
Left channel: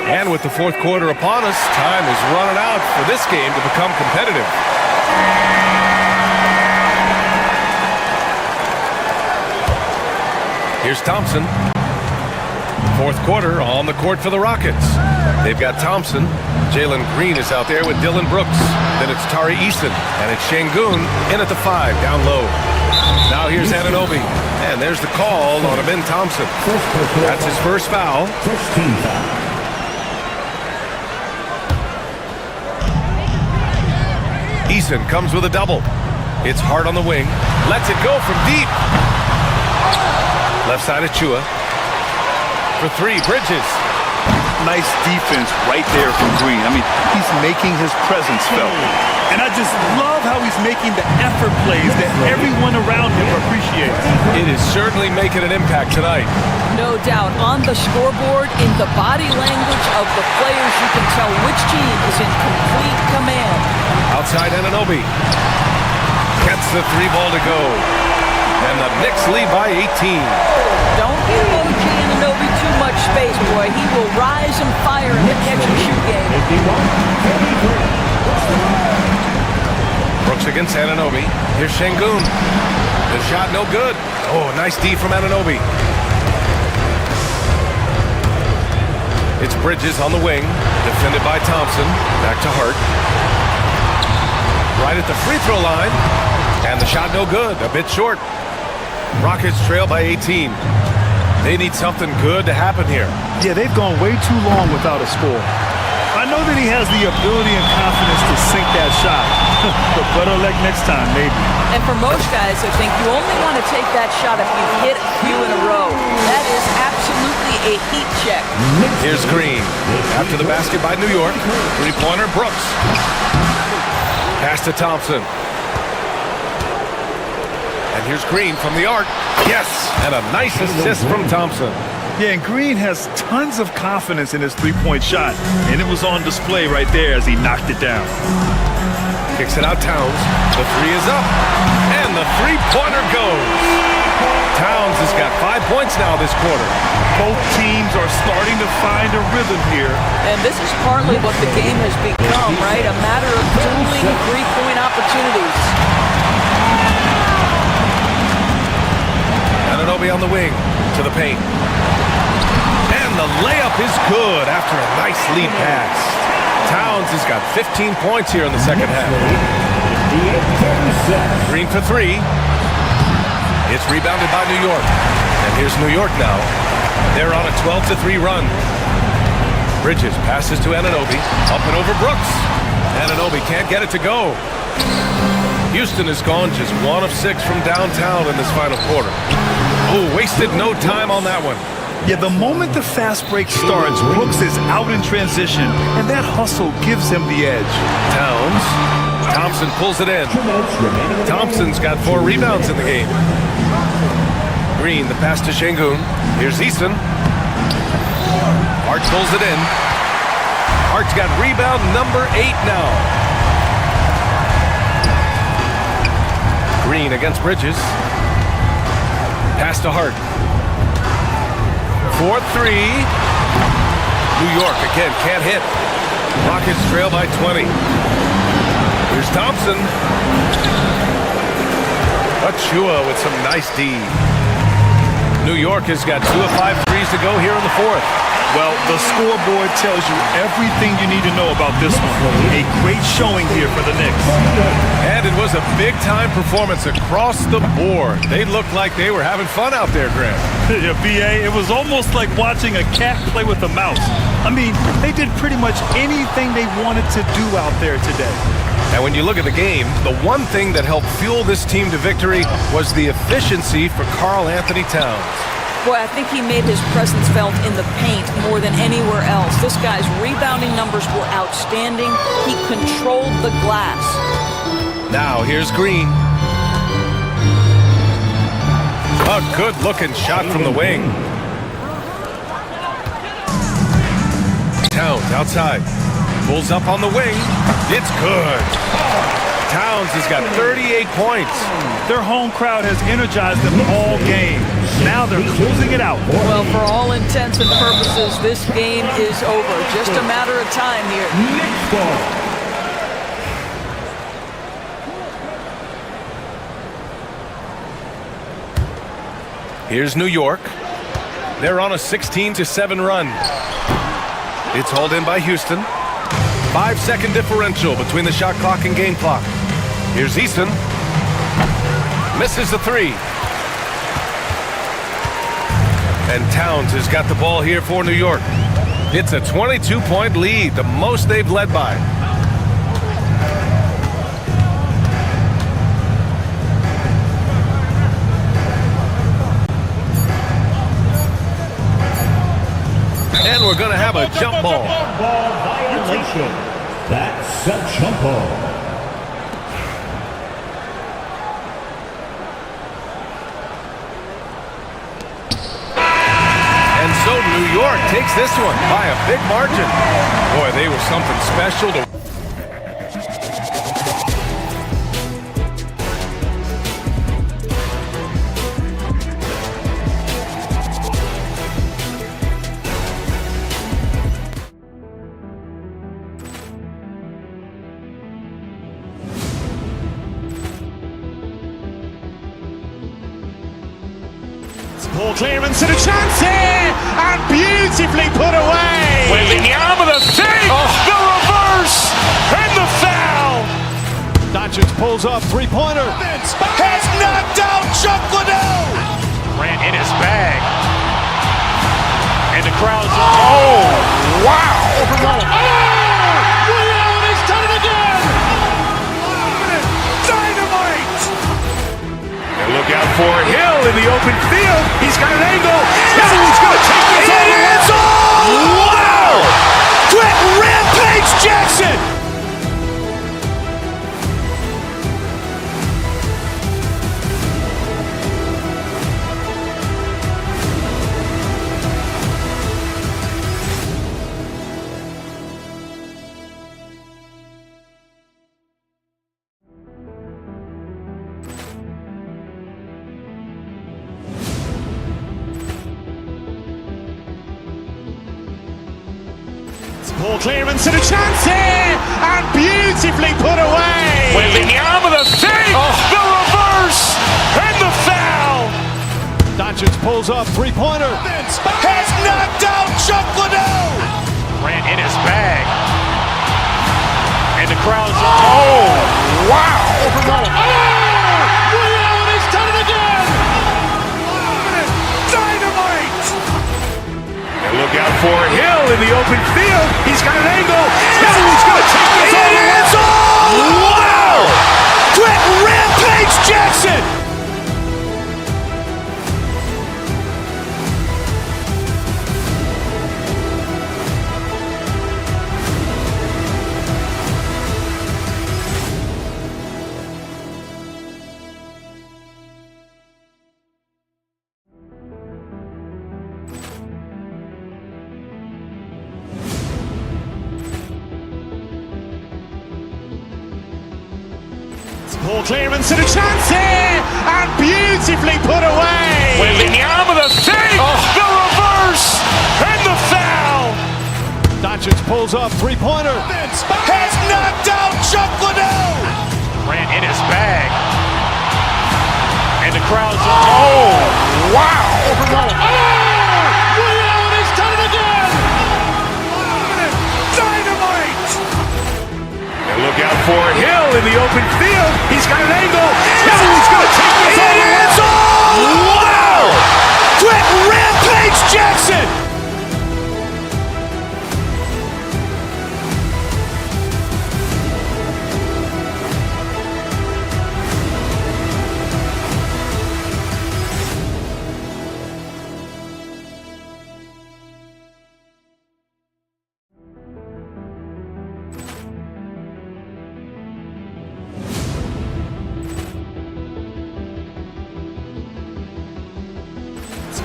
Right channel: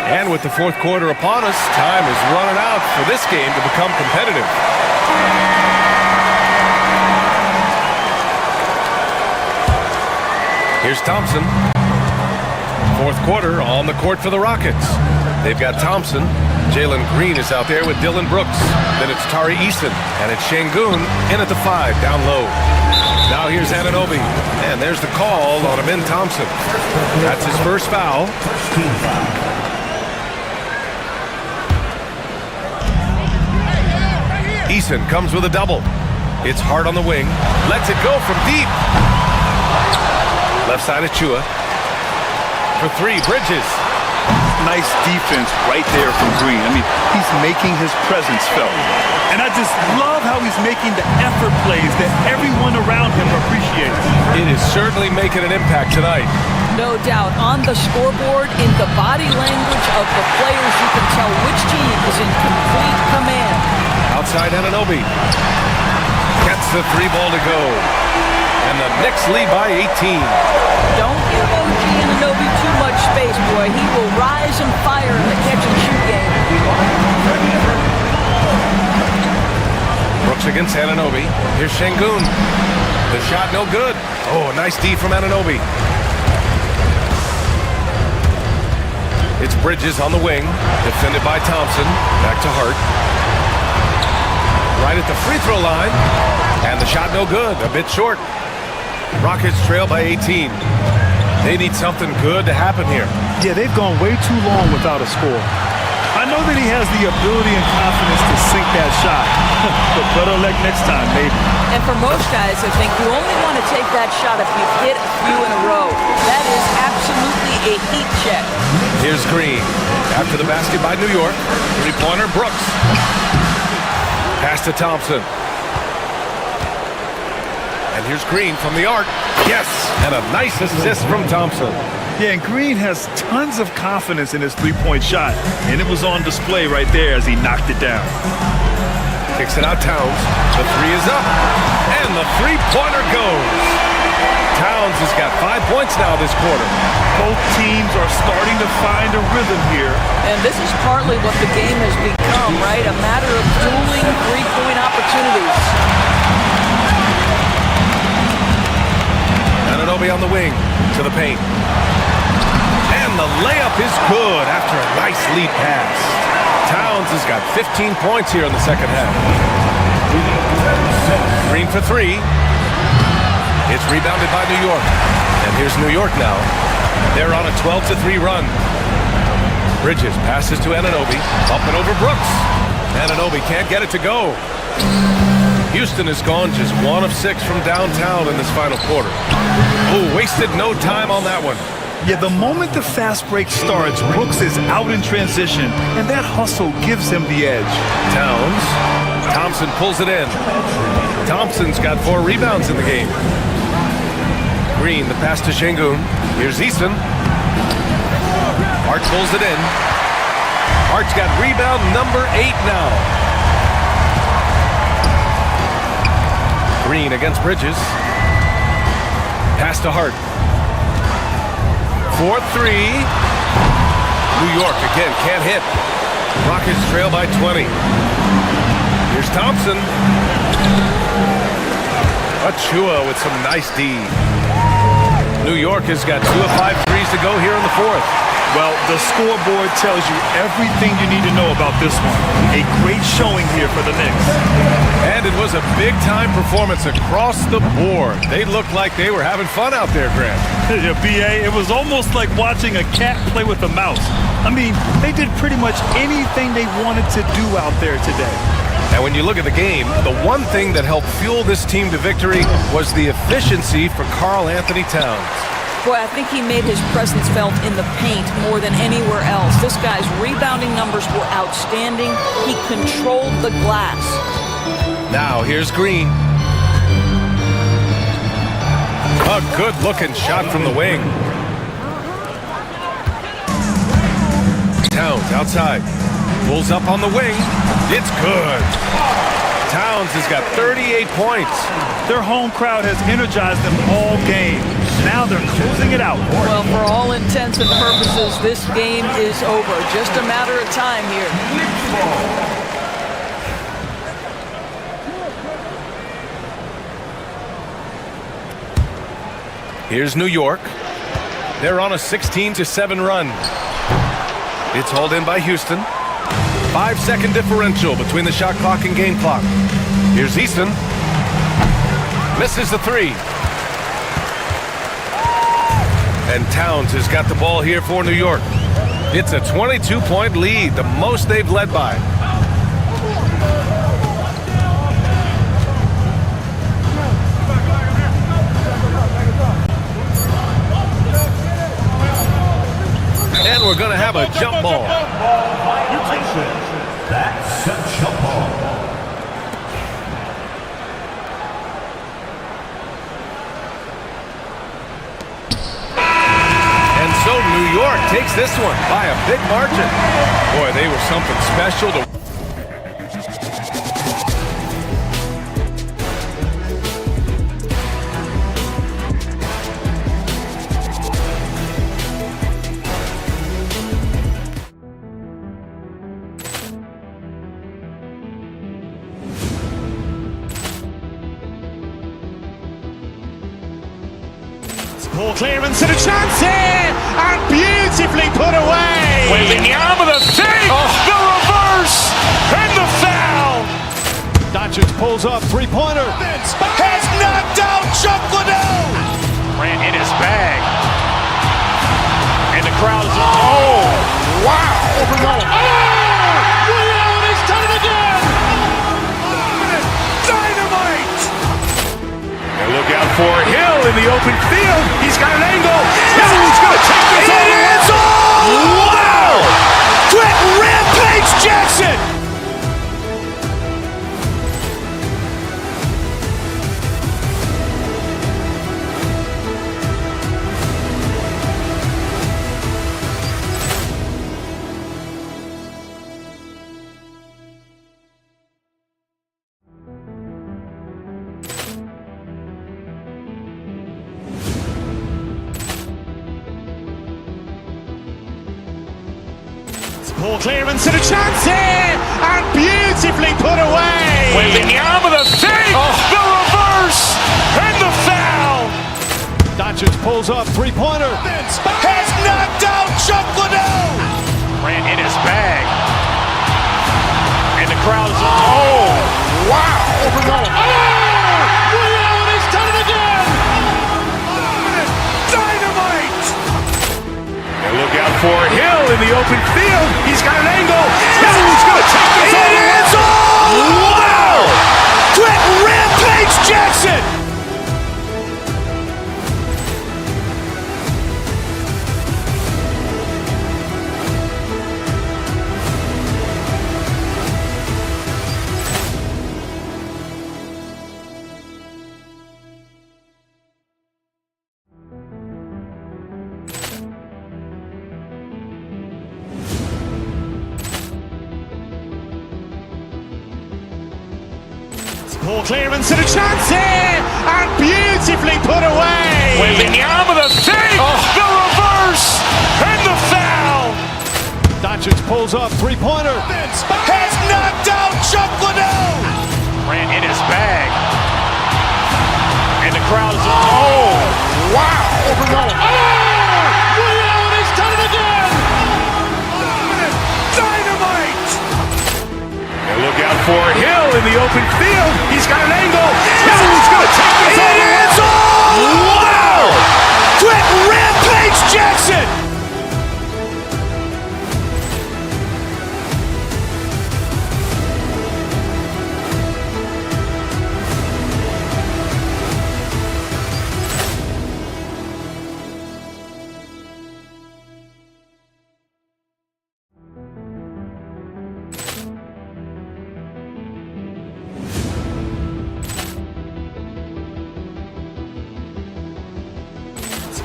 And with the fourth quarter upon us, time is running out for this game to become competitive. Here's Thompson. Fourth quarter on the court for the Rockets. They've got Thompson. Jalen Green is out there with Dylan Brooks. Then it's Tari Eason. And it's Şengün in at the 5, down low. Now here's Anunoby. And there's the call on Amin Thompson. That's his first foul. First team foul. Eason comes with a double. It's Hart on the wing. Lets it go from deep. Left side Achua. For 3, Bridges. Nice defense right there from Green. I mean, he's making his presence felt. And I just love how he's making the effort plays that everyone around him appreciates. It is certainly making an impact tonight. No doubt. On the scoreboard, in the body language of the players, you can tell which team is in complete command. Outside Anunoby. Gets the 3 ball to go. And the Knicks lead by 18. Don't give OG Anunoby too much space, boy. He will rise and fire in the catch-and-shoot game. Brooks against Anunoby. Here's Şengün. The shot no good. Oh, nice D from Anunoby. It's Bridges on the wing. Defended by Thompson. Back to Hart. Right at the free throw line. And the shot no good. A bit short. Rockets trail by 18. They need something good to happen here. Yeah, they've gone way too long without a score. I know that he has the ability and confidence to sink that shot, but better luck next time, maybe. And for most guys, I think you only want to take that shot if you've hit a few in a row. That is absolutely a heat check. Here's Green. After the basket by New York. 3-pointer, Brooks. Pass to Thompson. And here's Green from the arc. Yes! And a nice assist from Thompson. Yeah, and Green has tons of confidence in his three-point shot, and it was on display right there as he knocked it down. Kicks it out, Towns. The 3 is up, and the 3-pointer goes. Towns has got 5 points now this quarter. Both teams are starting to find a rhythm here. And this is partly what the game has become, right? A matter of dueling three-point opportunities. Anunoby on the wing to the paint. And the layup is good after a nice lead pass. Towns has got 15 points here in the second half. Green for 3. It's rebounded by New York. And here's New York now. They're on a 12-3 run. Bridges passes to Anunoby. Up and over Brooks. Anunoby can't get it to go. Houston has gone just 1 of 6 from downtown in this final quarter. Oh, wasted no time on that one. Yeah, the moment the fast break starts, Brooks is out in transition, and that hustle gives him the edge. Towns. Thompson pulls it in. Thompson's got 4 rebounds in the game. Green, the pass to Şengün. Here's Easton. Hart pulls it in. Hart's got rebound number 8 now. Green against Bridges. Pass to Hart. 4-3. New York again can't hit. Rockets trail by 20. Here's Thompson. Achua with some nice D. New York has got 2 of 5 threes to go here in the fourth. Well, the scoreboard tells you everything you need to know about this one. A great showing here for the Knicks. And it was a big-time performance across the board. They looked like they were having fun out there, Grant. Yeah, B.A., it was almost like watching a cat play with a mouse. I mean, they did pretty much anything they wanted to do out there today. And when you look at the game, the one thing that helped fuel this team to victory was the efficiency for Karl Anthony Towns. Boy, I think he made his presence felt in the paint more than anywhere else. This guy's rebounding numbers were outstanding. He controlled the glass. Now here's Green. A good-looking shot from the wing. Towns outside. Pulls up on the wing. It's good. Towns has got 38 points. Their home crowd has energized them all game. Now they're closing it out. Well, for all intents and purposes, this game is over. Just a matter of time here. Here's New York. They're on a 16-7 run. It's hauled in by Houston. 5-second differential between the shot clock and game clock. Here's Easton. Misses the 3. And Towns has got the ball here for New York. It's a 22-point lead, the most they've led by. And we're going to have a jump ball. Violation. That's a jump ball. York takes this one by a big margin. Boy, they were something special to. Poor clearance and a chance here, and beautifully put away. Wembanyama the fake, the reverse, and the foul. Doncic pulls up, three-pointer. Has knocked out Chuck Liddell. Ran in his bag. And the crowd is, oh, wow. He's done it again. Dynamite. And look out for Hill in the open field. He's got an angle. He's going to take this all the way. Wow. Quick rampage Jackson. Poor clearance and a chance here, and beautifully put away. Wembanyama the fake, the reverse, and the foul. Doncic pulls up, three-pointer. Has knocked out Chuck Liddell. Ran in his bag. And the crowd is, oh, wow. He's done it again. Dynamite. And look out for Hill in the open field. He's got an angle. He's going to take this all the way. Wow. Quick rampage Jackson. Poor clearance and a chance here, and beautifully put away. Wembanyama the fake, the reverse, and the foul. Doncic pulls up, three-pointer. Has knocked out Chuck Liddell. Ran in his bag. And the crowd is, oh, wow. He's done it again. Dynamite. And look out for Hill in the open field. He's got an angle. He's going to take this all the way. Wow. Quick rampage Jackson.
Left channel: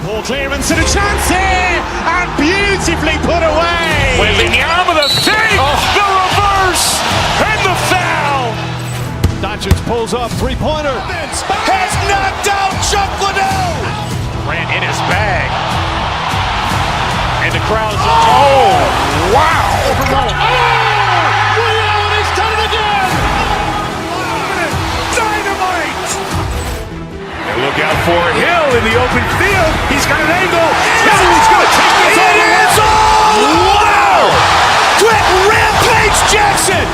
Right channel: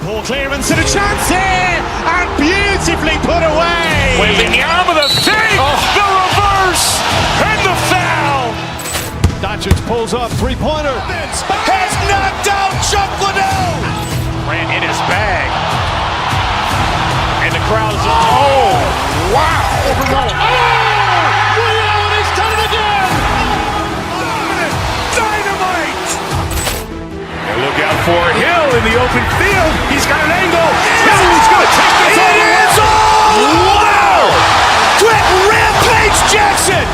Poor clearance and a chance here, and beautifully put away. Wembanyama the fake, the reverse, and the foul. Doncic pulls up, three-pointer. Has knocked out Chuck Liddell. Ran in his bag. And the crowd is, oh, wow. He's done it again. Dynamite. And look out for Hill in the open field. He's got an angle. He's going to take this all the way. Wow. Quick rampage Jackson.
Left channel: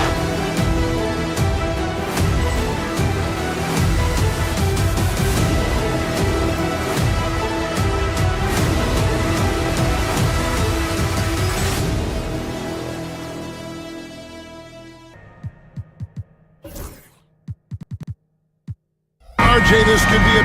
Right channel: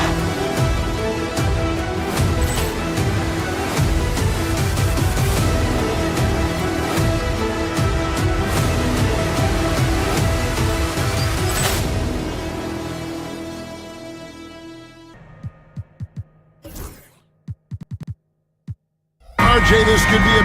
RJ, this could be a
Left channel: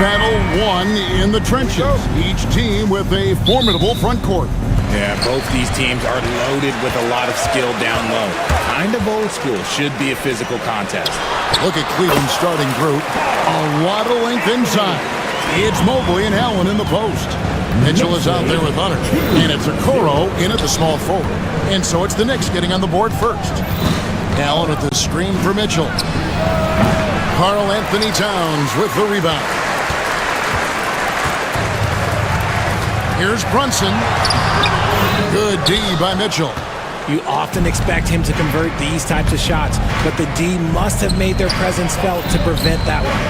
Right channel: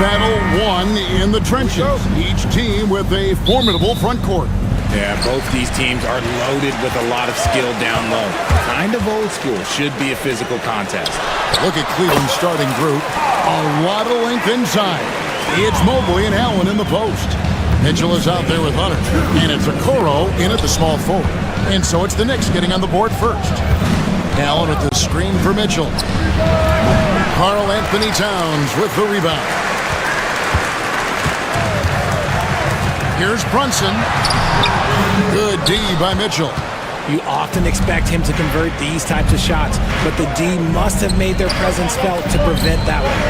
Battle won in the trenches, each team with a formidable front court. Yeah, both these teams are loaded with a lot of skill down low. Kind of old school. Should be a physical contest. Look at Cleveland's starting group. A lot of length inside. It's Mobley and Allen in the post. Mitchell is out there with Hunter. And it's Okoro in at the small forward. And so it's the Knicks getting on the board first. Allen with the screen for Mitchell. Karl Anthony Towns with the rebound. Here's Brunson. Good D by Mitchell. You often expect him to convert these types of shots, but the D must have made their presence felt to prevent that one.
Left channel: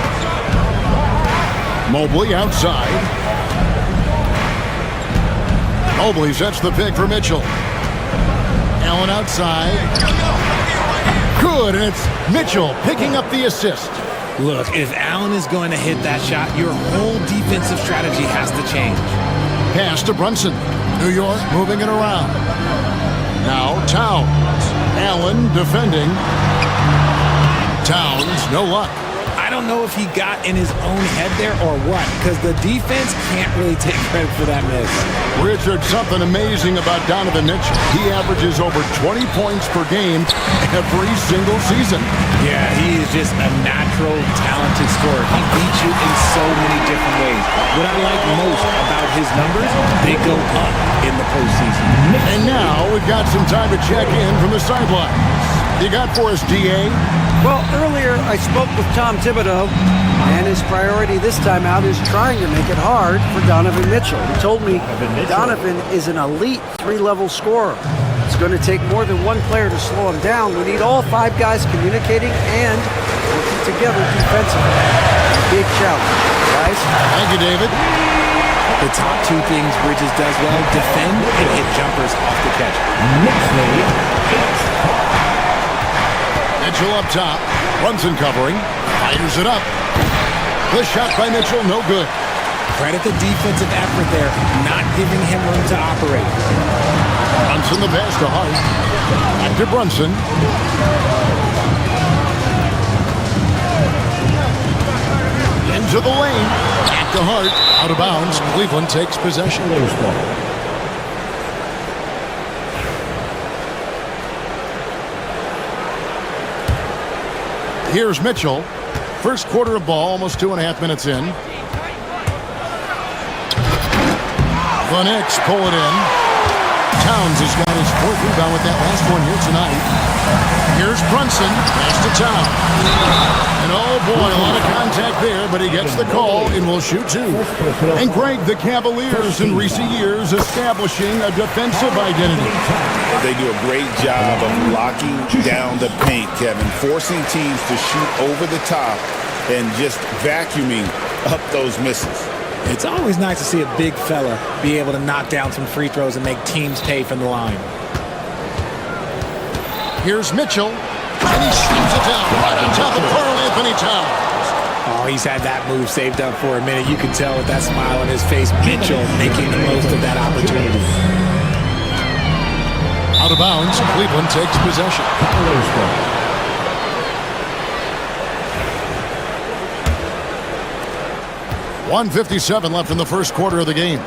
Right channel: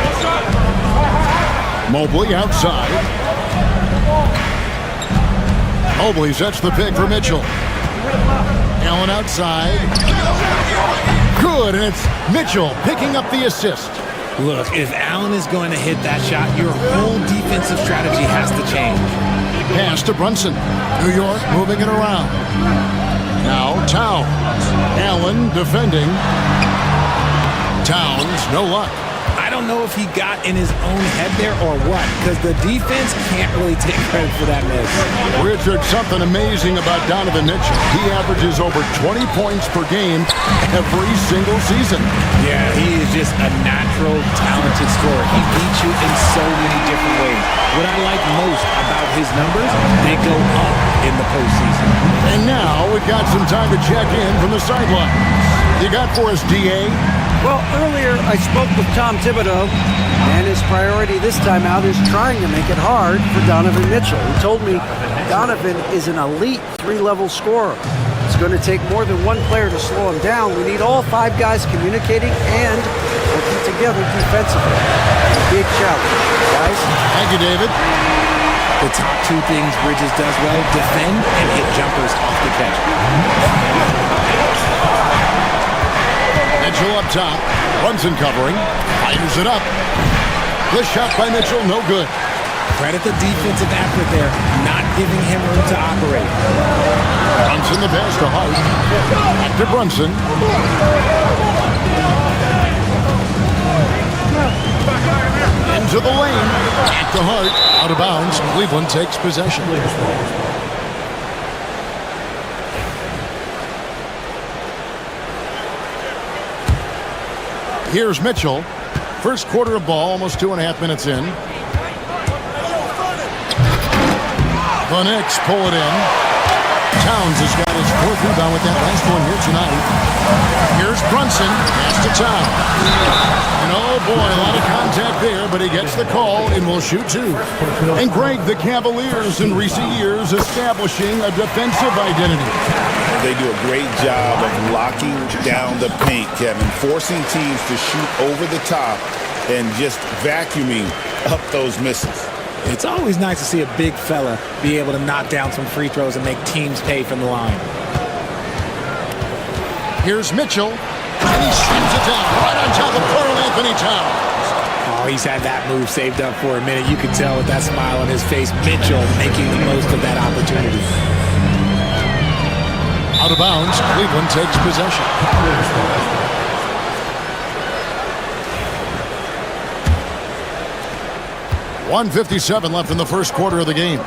Mobley outside. Mobley sets the pick for Mitchell. Allen outside. Good, and it's Mitchell picking up the assist. Look, if Allen is going to hit that shot, your whole defensive strategy has to change. Pass to Brunson. New York moving it around. Now Towns. Allen defending. Towns, no luck. I don't know if he got in his own head there or what, because the defense can't really take credit for that miss. Richard, something amazing about Donovan Mitchell. He averages over 20 points per game every single season. Yeah, he is just a natural, talented scorer. He beats you in so many different ways. What I like most about his numbers, they go up in the postseason. And now we've got some time to check in from the sidelines. You got for us, D.A.? Well, earlier I spoke with Tom Thibodeau, and his priority this time out is trying to make it hard for Donovan Mitchell. He told me Donovan is an elite three-level scorer. It's going to take more than one player to slow him down. We need all five guys communicating and working together defensively. Big challenge, guys. Thank you, David. The top two things Bridges does well, defend and hit jumpers off the catch. Mitchell up top. Brunson covering. Fires it up. The shot by Mitchell, no good. Credit the defensive effort there, not giving him room to operate. Brunson the pass to Hart. Back to Brunson. Into the lane. Back to Hart. Out of bounds. Cleveland takes possession. Here's Mitchell. First quarter of ball, almost 2.5 minutes in. The Knicks pull it in. Towns has got his fourth rebound with that last one here tonight. Here's Brunson. Pass to Towns. And oh boy, a lot of contact there, but he gets the call and will shoot two. And Greg, the Cavaliers in recent years establishing a defensive identity. They do a great job of locking down the paint, Kevin, forcing teams to shoot over the top and just vacuuming up those misses. It's always nice to see a big fella be able to knock down some free throws and make teams pay from the line. Here's Mitchell, and he slams it down right on top of Karl Anthony Towns. Oh, he's had that move saved up for a minute. You can tell with that smile on his face, Mitchell making the most of that opportunity. Out of bounds, Cleveland takes possession. 1:57 left in the first quarter of the game.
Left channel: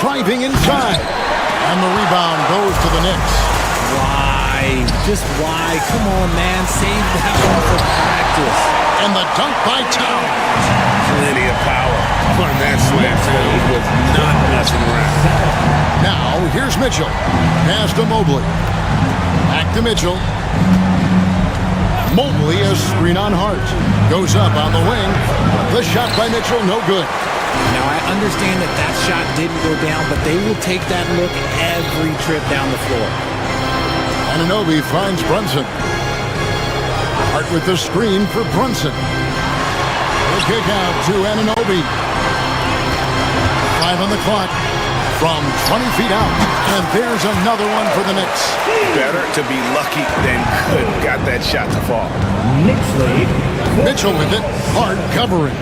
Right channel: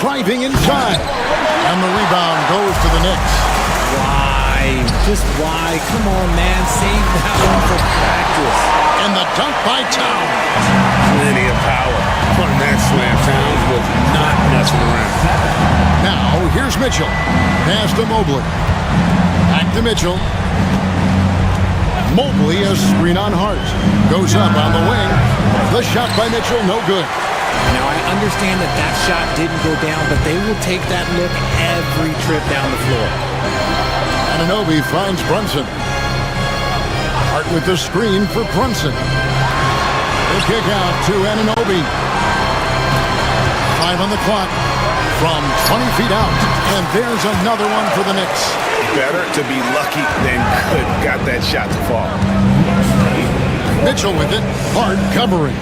Driving inside. And the rebound goes to the Knicks. Why? Just why? Come on, man. Save that one for practice. And the dunk by Towns. Plenty of power on that slam. Towns was not messing around. Now, here's Mitchell. Pass to Mobley. Back to Mitchell. Mobley, a screen on Hart. Goes up on the wing. The shot by Mitchell, no good. Now, I understand that that shot didn't go down, but they will take that look every trip down the floor. Anunoby finds Brunson. Hart with the screen for Brunson. The kick out to Anunoby. 5 on the clock. From 20 feet out. And there's another one for the Knicks. Better to be lucky than good. Got that shot to fall. Mitchell with it. Hart covering.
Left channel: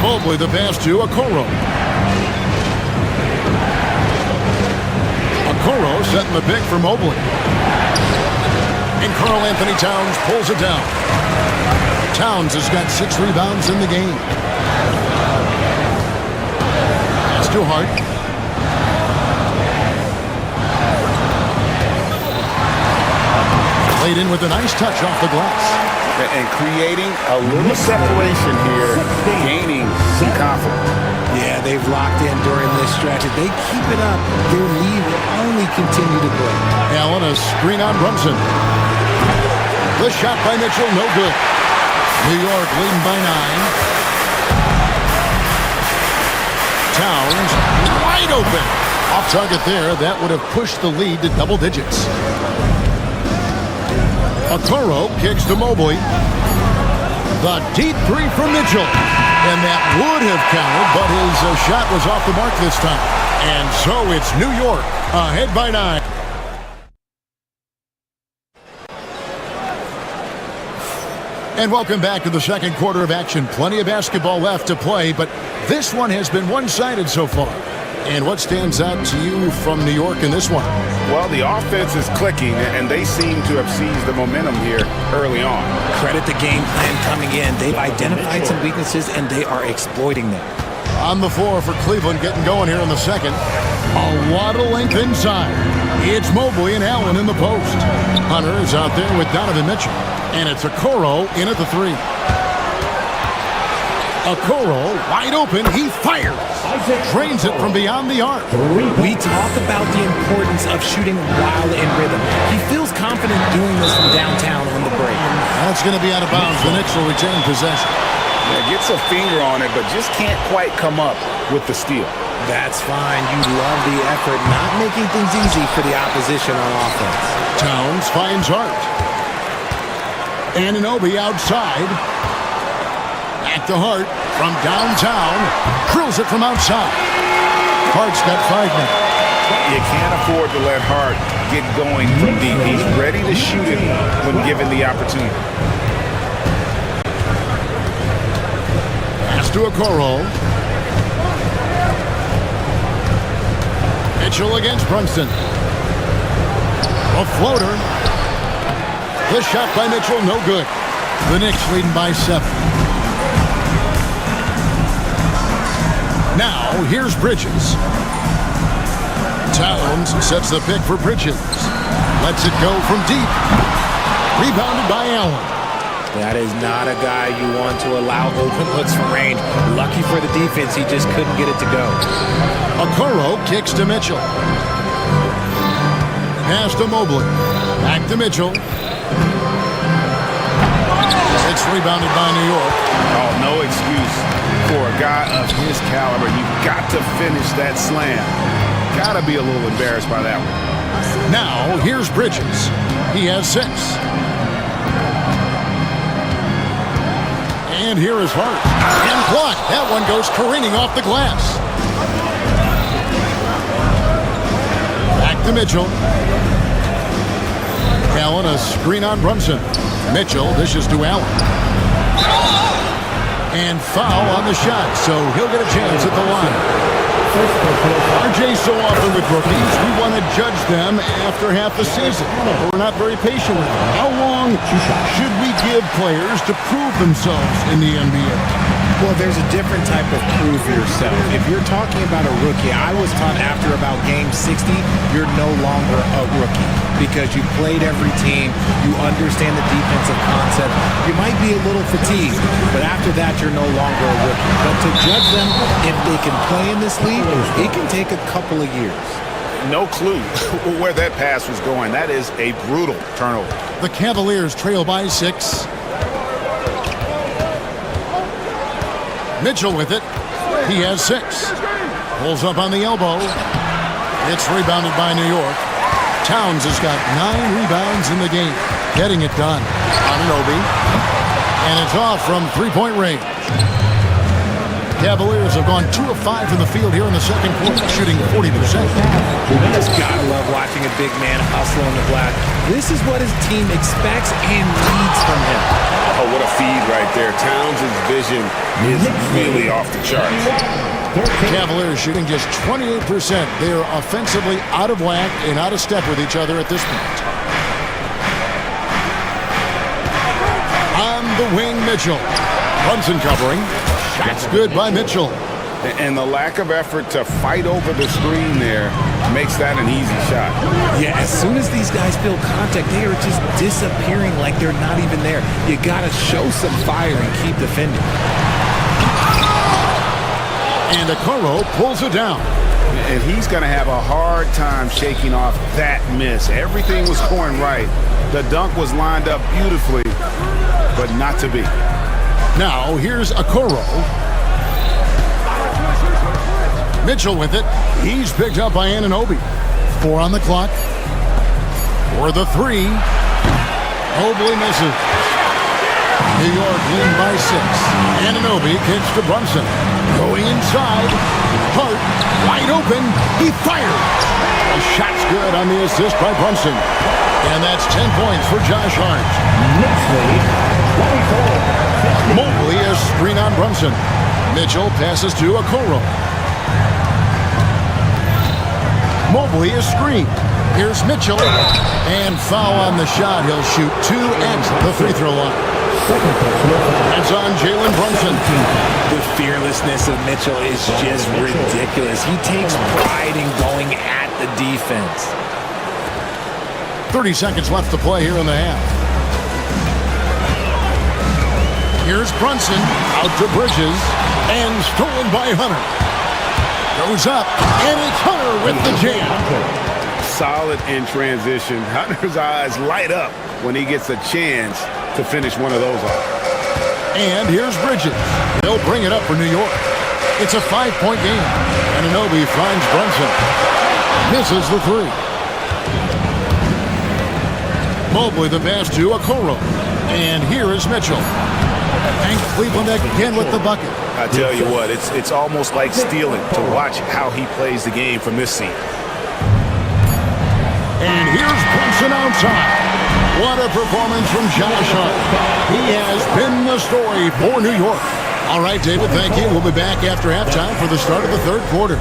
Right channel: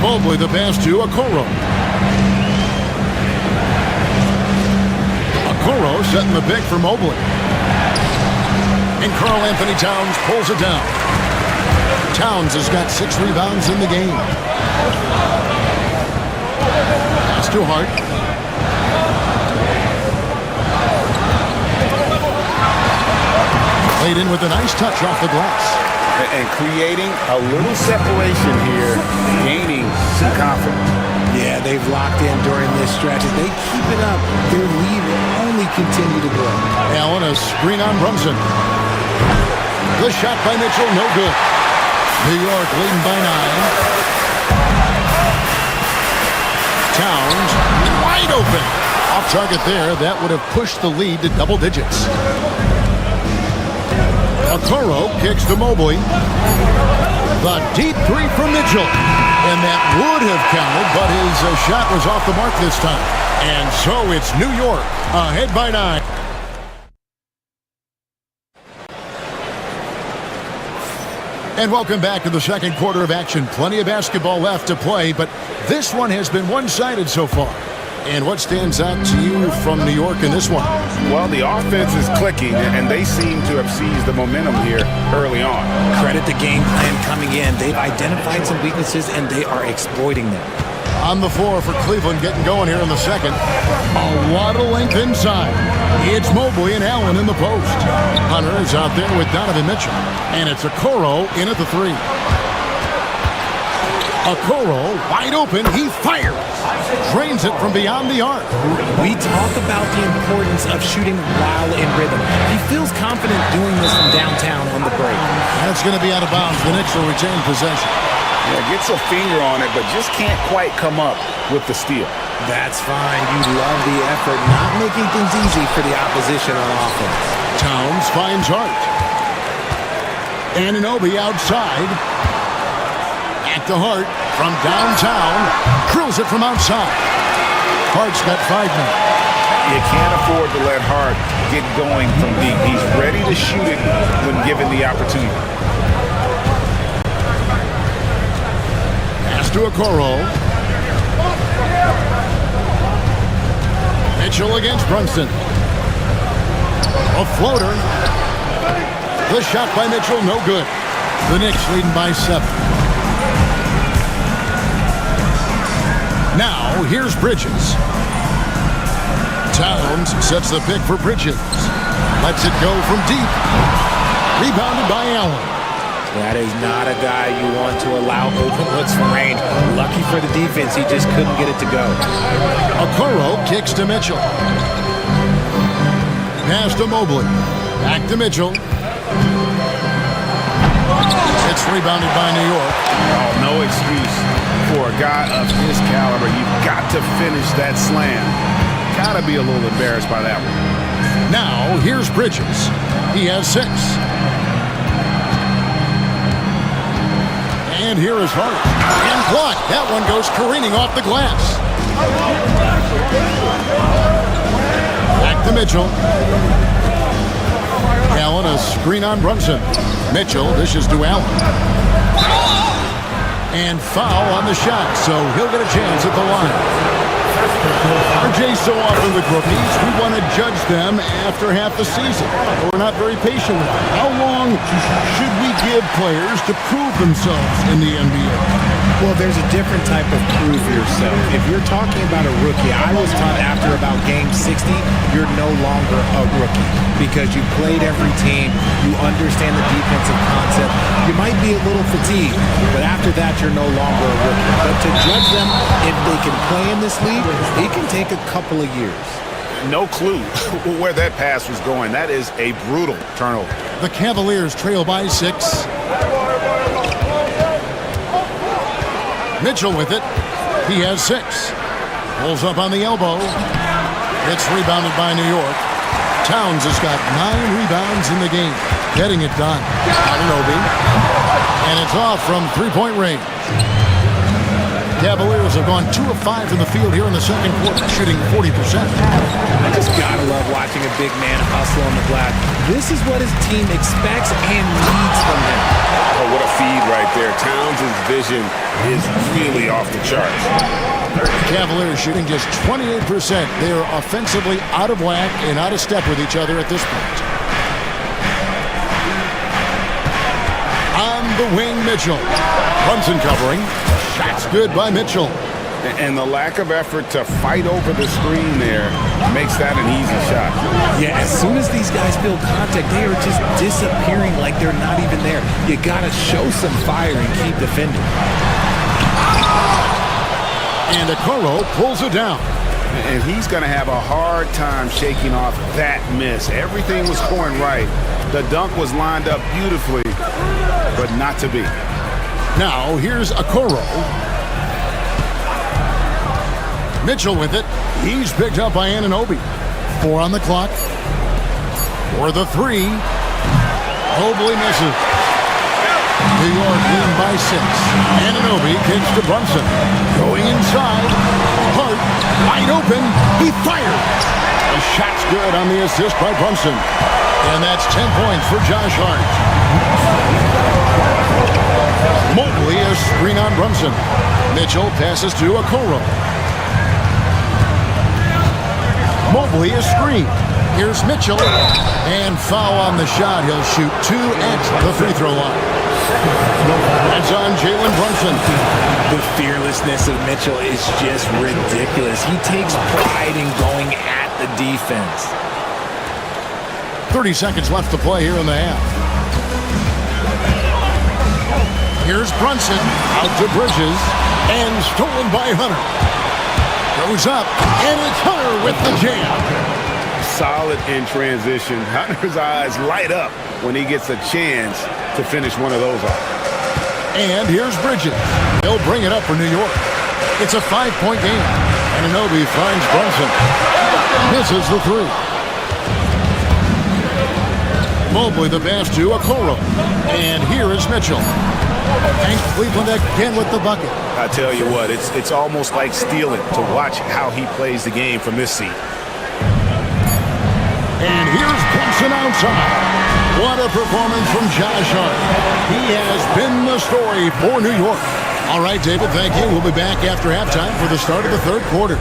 Mobley the pass to Okoro. Okoro setting the pick for Mobley. And Karl Anthony Towns pulls it down. Towns has got 6 rebounds in the game. Pass to Hart. Played in with a nice touch off the glass. And creating a little separation here, gaining some confidence. Yeah, they've locked in during this stretch. If they keep it up, their lead will only continue to grow. Allen, a screen on Brunson. The shot by Mitchell, no good. New York leading by 9. Towns wide open. Off target there. That would have pushed the lead to double digits. Okoro kicks to Mobley. The deep 3 from Mitchell. And that would have counted, but his shot was off the mark this time. And so it's New York ahead by 9. And welcome back to the second quarter of action. Plenty of basketball left to play, but this one has been one-sided so far. And what stands out to you from New York in this one? Well, the offense is clicking, and they seem to have seized the momentum here early on. Credit the game plan coming in. They've identified some weaknesses, and they are exploiting them. On the floor for Cleveland, getting going here in the second. A lot of length inside. It's Mobley and Allen in the post. Hunter is out there with Donovan Mitchell. And it's Okoro in at the 3. Okoro wide open. He fires. Drains it from beyond the arc. We talk about the importance of shooting while in rhythm. He feels confident doing this from downtown on the break. That's going to be out of bounds. The Knicks will retain possession. Yeah, gets a finger on it, but just can't quite come up with the steal. That's fine. You love the effort, not making things easy for the opposition on offense. Towns finds Hart. Anunoby outside. Back to Hart from downtown. Drills it from outside. Hart's got 5 now. You can't afford to let Hart get going from deep. He's ready to shoot it when given the opportunity. Pass to Okoro. Mitchell against Brunson. A floater. The shot by Mitchell, no good. The Knicks leading by 7. Now, here's Bridges. Towns sets the pick for Bridges. Lets it go from deep. Rebounded by Allen. That is not a guy you want to allow open looks from range. Lucky for the defense, he just couldn't get it to go. Okoro kicks to Mitchell. Pass to Mobley. Back to Mitchell. It's rebounded by New York. Oh, no excuse for a guy of his caliber. You've got to finish that slam. Got to be a little embarrassed by that one. Now, here's Bridges. He has 6. And here is Hart. And blocked. That one goes careening off the glass. Back to Mitchell. Allen, a screen on Brunson. Mitchell dishes to Allen. And foul on the shot, so he'll get a chance at the line. RJ, so often with rookies, we want to judge them after half the season. We're not very patient with them. How long should we give players to prove themselves in the NBA? Well, there's a different type of prove yourself. If you're talking about a rookie, I was taught after about game 60, you're no longer a rookie because you played every team, you understand the defensive concept. You might be a little fatigued, but after that, you're no longer a rookie. But to judge them, if they can play in this league, it can take a couple of years. No clue where that pass was going. That is a brutal turnover. The Cavaliers trail by 6. Mitchell with it. He has 6. Pulls up on the elbow. It's rebounded by New York. Towns has got 9 rebounds in the game. Getting it done. Anunoby. And it's off from 3-point range. Cavaliers have gone 2 of 5 from the field here in the second quarter, shooting 40%. You just gotta love watching a big man hustle on the glass. This is what his team expects and needs from him. Oh, what a feed right there. Towns' vision is really off the charts. Cavaliers shooting just 28%. They are offensively out of whack and out of step with each other at this point. On From the wing, Mitchell. Brunson covering. Shot's good by Mitchell. And the lack of effort to fight over the screen there makes that an easy shot. Yeah, as soon as these guys feel contact, they are just disappearing like they're not even there. You got to show some fire and keep defending. And Okoro pulls it down. And he's going to have a hard time shaking off that miss. Everything was going right. The dunk was lined up beautifully, but not to be. Now, here's Okoro. Mitchell with it. He's picked up by Anunoby. 4 on the clock. For the 3. Mobley misses. New York lead by 6. Anunoby kicks to Brunson. Going inside. Hart wide open. He fires. The shot's good on the assist by Brunson. And that's 10 points for Josh Hart. Mobley a screen on Brunson. Mitchell passes to Okoro. Mobley a screen. Here's Mitchell. And foul on the shot. He'll shoot 2 at the free throw line. That's on Jalen Brunson. The fearlessness of Mitchell is just ridiculous. He takes pride in going at the defense. 30 seconds left to play here in the half. Here's Brunson out to Bridges and stolen by Hunter. Goes up and it's Hunter with the jam. Solid in transition. Hunter's eyes light up when he gets a chance to finish one of those off. And here's Bridges. They'll bring it up for New York. It's a 5-point game. Anunoby finds Brunson. Misses the 3. Mobley the pass to Okoro. And here is Mitchell. And Cleveland again with the bucket. I tell you what, it's almost like stealing to watch how he plays the game from this seat. And here's Brunson outside. What a performance from Josh Hart. He has been the story for New York. All right, David, thank you. We'll be back after halftime for the start of the third quarter.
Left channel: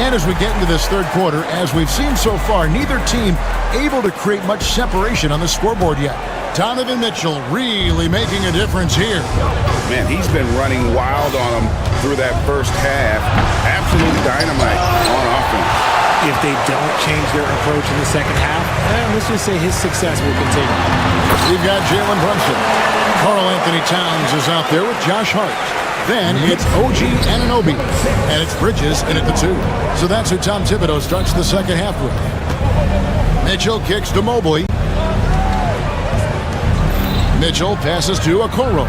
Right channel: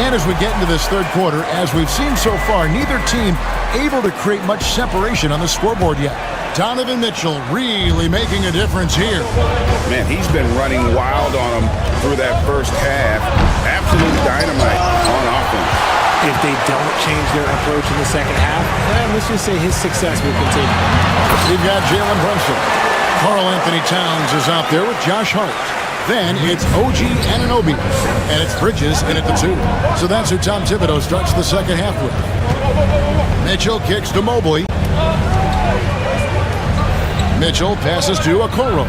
And as we get into this third quarter, as we've seen so far, neither team able to create much separation on the scoreboard yet. Donovan Mitchell really making a difference here. Man, he's been running wild on them through that first half. Absolute dynamite on offense. If they don't change their approach in the second half, let's just say his success will continue. We've got Jalen Brunson. Karl Anthony Towns is out there with Josh Hart. Then it's OG Anunoby, and it's Bridges in at the 2. So that's who Tom Thibodeau starts the second half with. Mitchell kicks to Mobley. Mitchell passes to Okoro.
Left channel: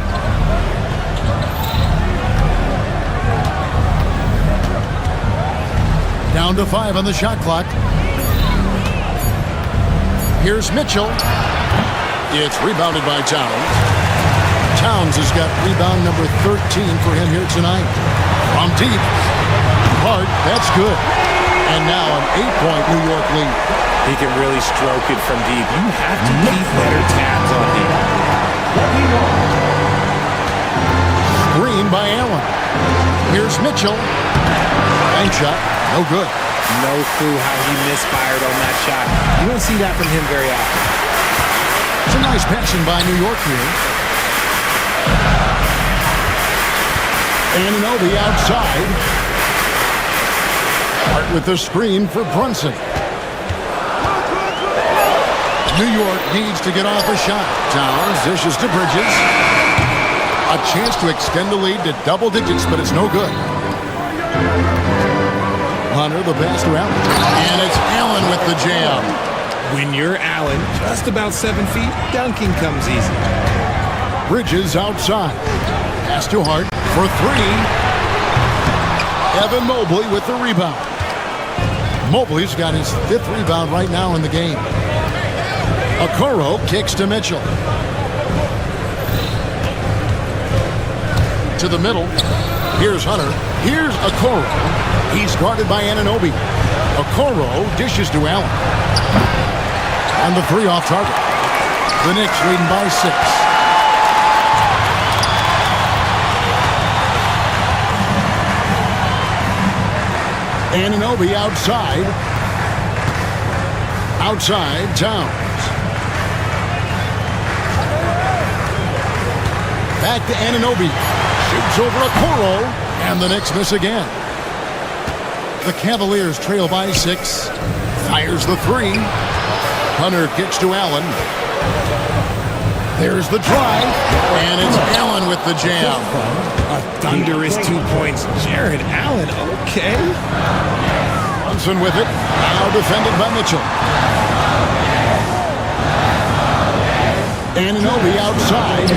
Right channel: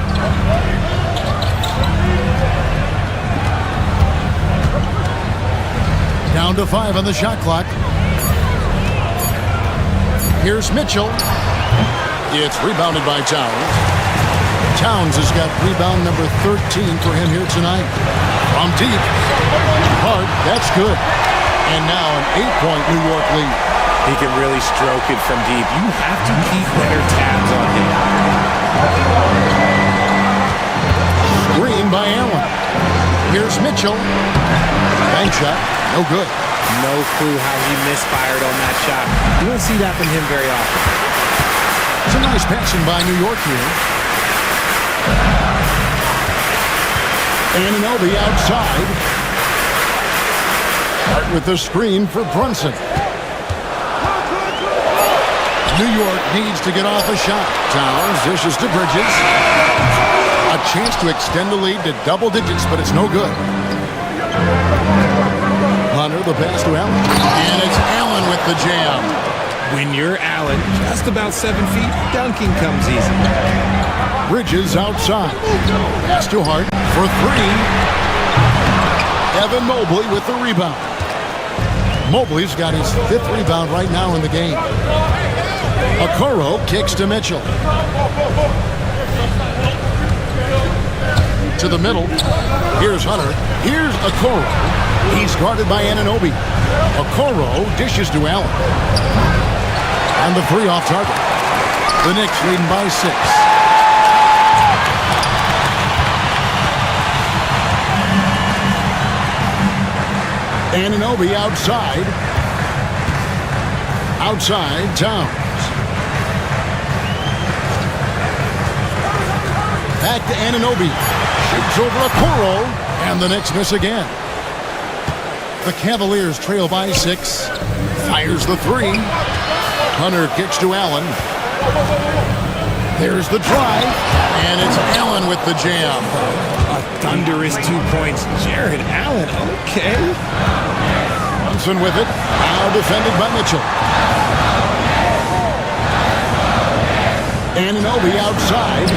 Down to 5 on the shot clock. Here's Mitchell. It's rebounded by Towns. Towns has got rebound number 13 for him here tonight. From deep. Hart, that's good. And now an 8-point New York lead. He can really stroke it from deep. You have to keep better tabs on him. Screen by Allen. Here's Mitchell. Bank shot, no good. No clue how he misfired on that shot. You don't see that from him very often. Some nice passing by New York here. Anunoby outside. Hart with the screen for Brunson. New York needs to get off a shot. Towns dishes to Bridges. A chance to extend the lead to double digits, but it's no good. Hunter the pass to Allen. And it's Allen with the jam. When you're Allen, just about 7 feet, dunking comes easy. Bridges outside. Pass to Hart for 3. Evan Mobley with the rebound. Mobley's got his 5th rebound right now in the game. Okoro kicks to Mitchell. To the middle. Here's Hunter. Here's Okoro. He's guarded by Anunoby. Okoro dishes to Allen. And the three off target. The Knicks leading by 6. Anunoby outside. Outside, Towns. Back to Anunoby. Shoots over Okoro. And the Knicks miss again. The Cavaliers trail by 6. Fires the 3. Hunter kicks to Allen. There's the drive. And it's Allen with the jam. A thunderous 2 points. Jared Allen, okay. Brunson with it. Now defended by Mitchell. Anunoby outside.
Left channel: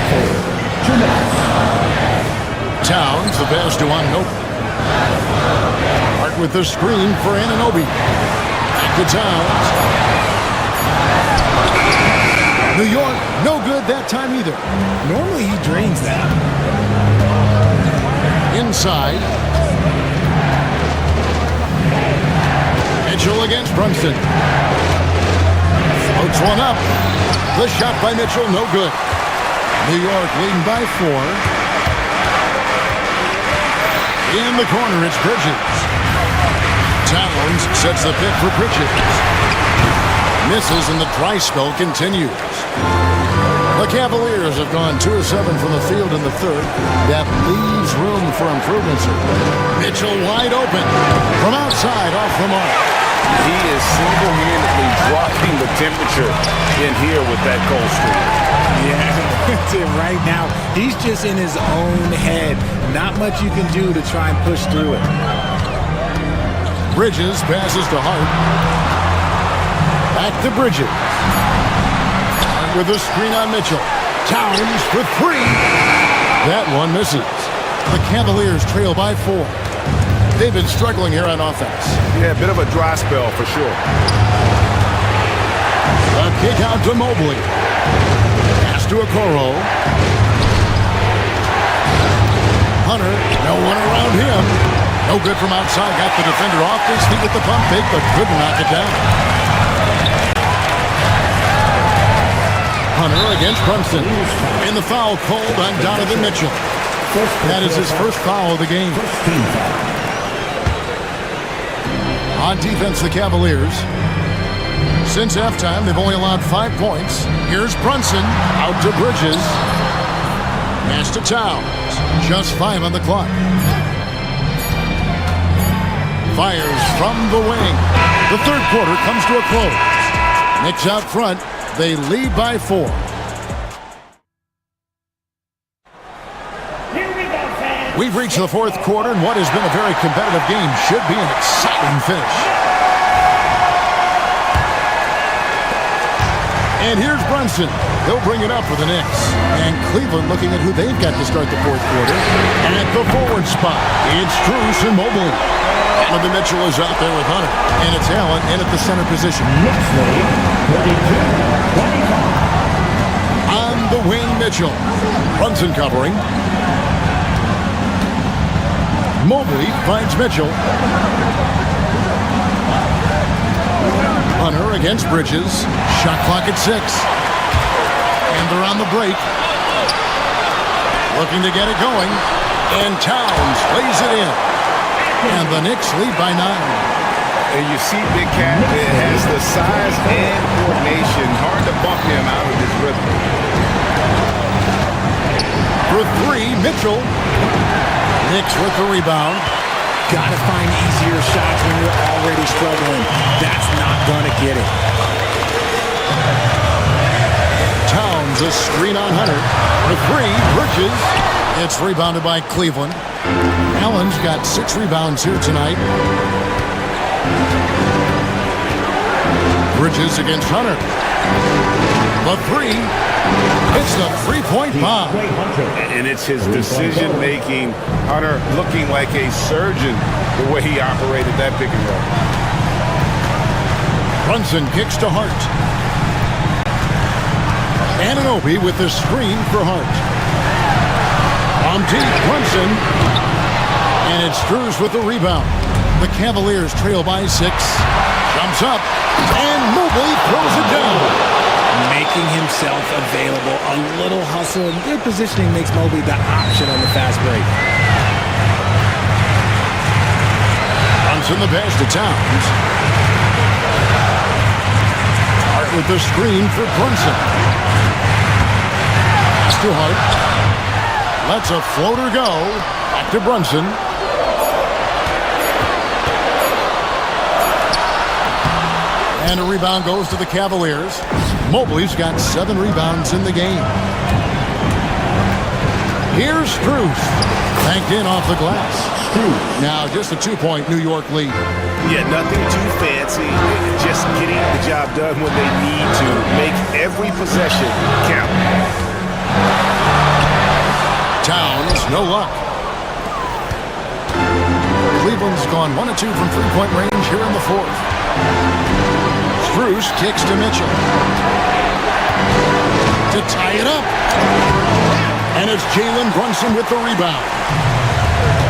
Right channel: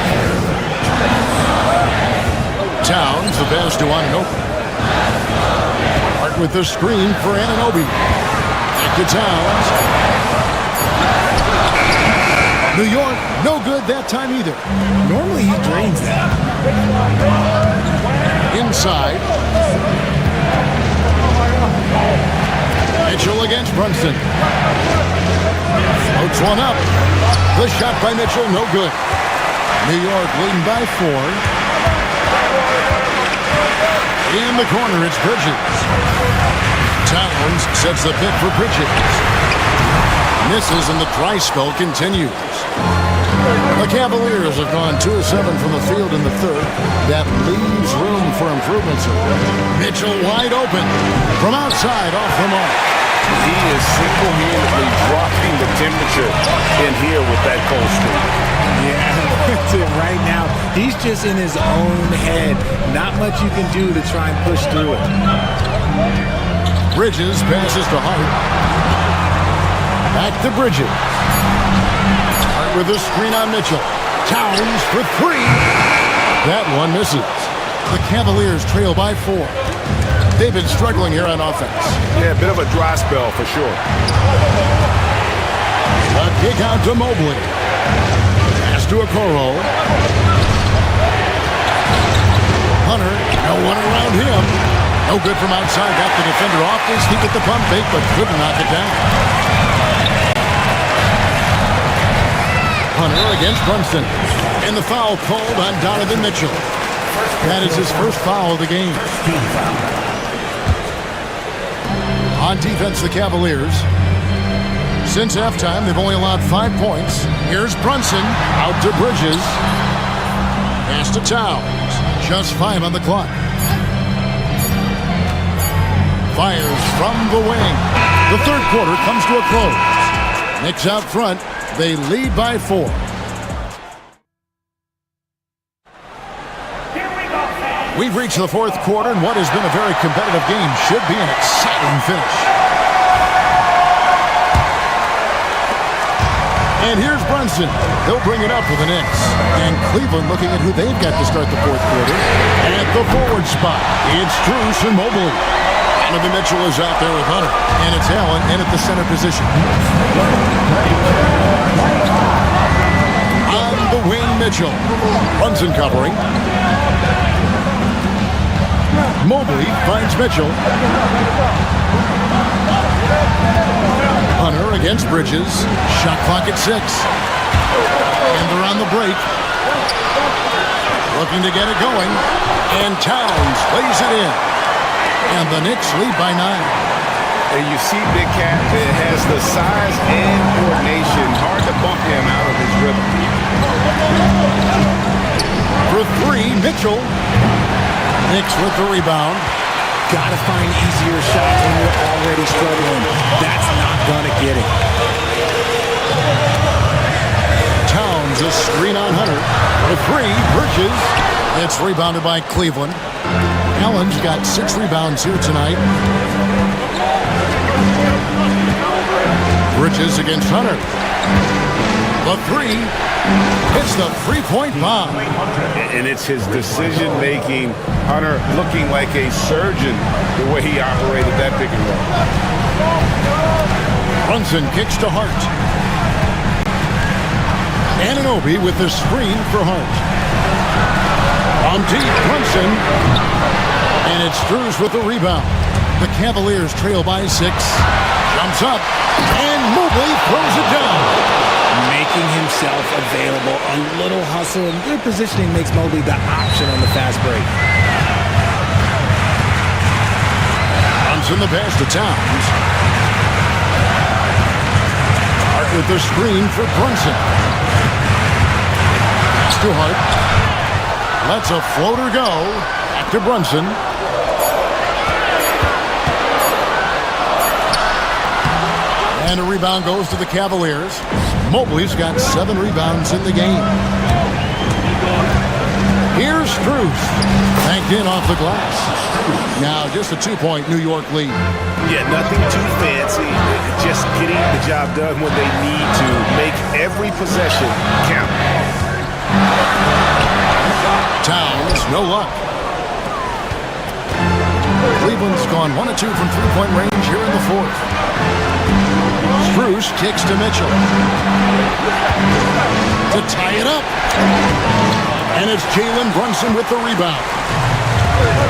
Towns, the pass to Anunoby. Hart with the screen for Anunoby. Back to Towns. New York, no good that time either. Normally he drains that. Inside. Mitchell against Brunson. Floats one up. The shot by Mitchell, no good. New York leading by 4. In the corner, it's Bridges. Towns sets the pick for Bridges. Misses and the dry spell continues. The Cavaliers have gone 2 of 7 from the field in the third. That leaves room for improvements. Mitchell wide open. From outside, off the mark. He is single-handedly dropping the temperature in here with that cold streak. Yeah, that's it right now. He's just in his own head. Not much you can do to try and push through it. Bridges passes to Hart. Back to Bridges. Hart with a screen on Mitchell. Towns for 3. That one misses. The Cavaliers trail by 4. They've been struggling here on offense. Yeah, a bit of a dry spell for sure. A kick out to Mobley. Pass to Okoro. Hunter, no one around him. No good from outside. Got the defender off his feet with the pump fake, but couldn't knock it down. Hunter against Brunson. And the foul called on Donovan Mitchell. That is his first foul of the game. On defense, the Cavaliers. Since halftime, they've only allowed 5 points. Here's Brunson out to Bridges. Pass to Towns. Just 5 on the clock. Fires from the wing. The third quarter comes to a close. Knicks out front. They lead by 4. We've reached the fourth quarter, and what has been a very competitive game should be an exciting finish. And here's Brunson. He'll bring it up for the Knicks. And Cleveland looking at who they've got to start the fourth quarter. At the forward spot, it's Strus and Mobley. Donovan Mitchell is out there with Hunter. And it's Allen in at the center position. On the wing, Mitchell. Brunson covering. Mobley finds Mitchell. Hunter against Bridges. Shot clock at 6. And they're on the break. Looking to get it going. And Towns lays it in. And the Knicks lead by 9. And you see Big Cat that has the size and coordination. Hard to bump him out of his rhythm. For 3, Mitchell. Knicks with the rebound. Gotta find easier shots when you're already struggling. That's not gonna get it. Towns, a screen on Hunter. For 3, Bridges. It's rebounded by Cleveland. Allen's got 6 rebounds here tonight. Bridges against Hunter. The 3. It's the 3-point bomb. And it's his decision-making. Hunter looking like a surgeon the way he operated that pick and roll. Brunson kicks to Hart. Anunoby with the screen for Hart. From deep, Brunson. And it's Strus with the rebound. The Cavaliers trail by 6. Jumps up, and Mobley throws it down. Making himself available. A little hustle and good positioning makes Mobley the option on the fast break. Brunson the pass to Towns. Hart with the screen for Brunson. Pass to Hart. Lets a floater go. Back to Brunson. And a rebound goes to the Cavaliers. Mobley's got 7 rebounds in the game. Here's Strus. Banked in off the glass. Now just a 2-point New York lead. Yeah, nothing too fancy. Just getting the job done when they need to. Make every possession count. Towns, no luck. Cleveland's gone 1 of 2 from 3-point range here in the 4th. Strus kicks to Mitchell. To tie it up. And it's Jalen Brunson with the rebound.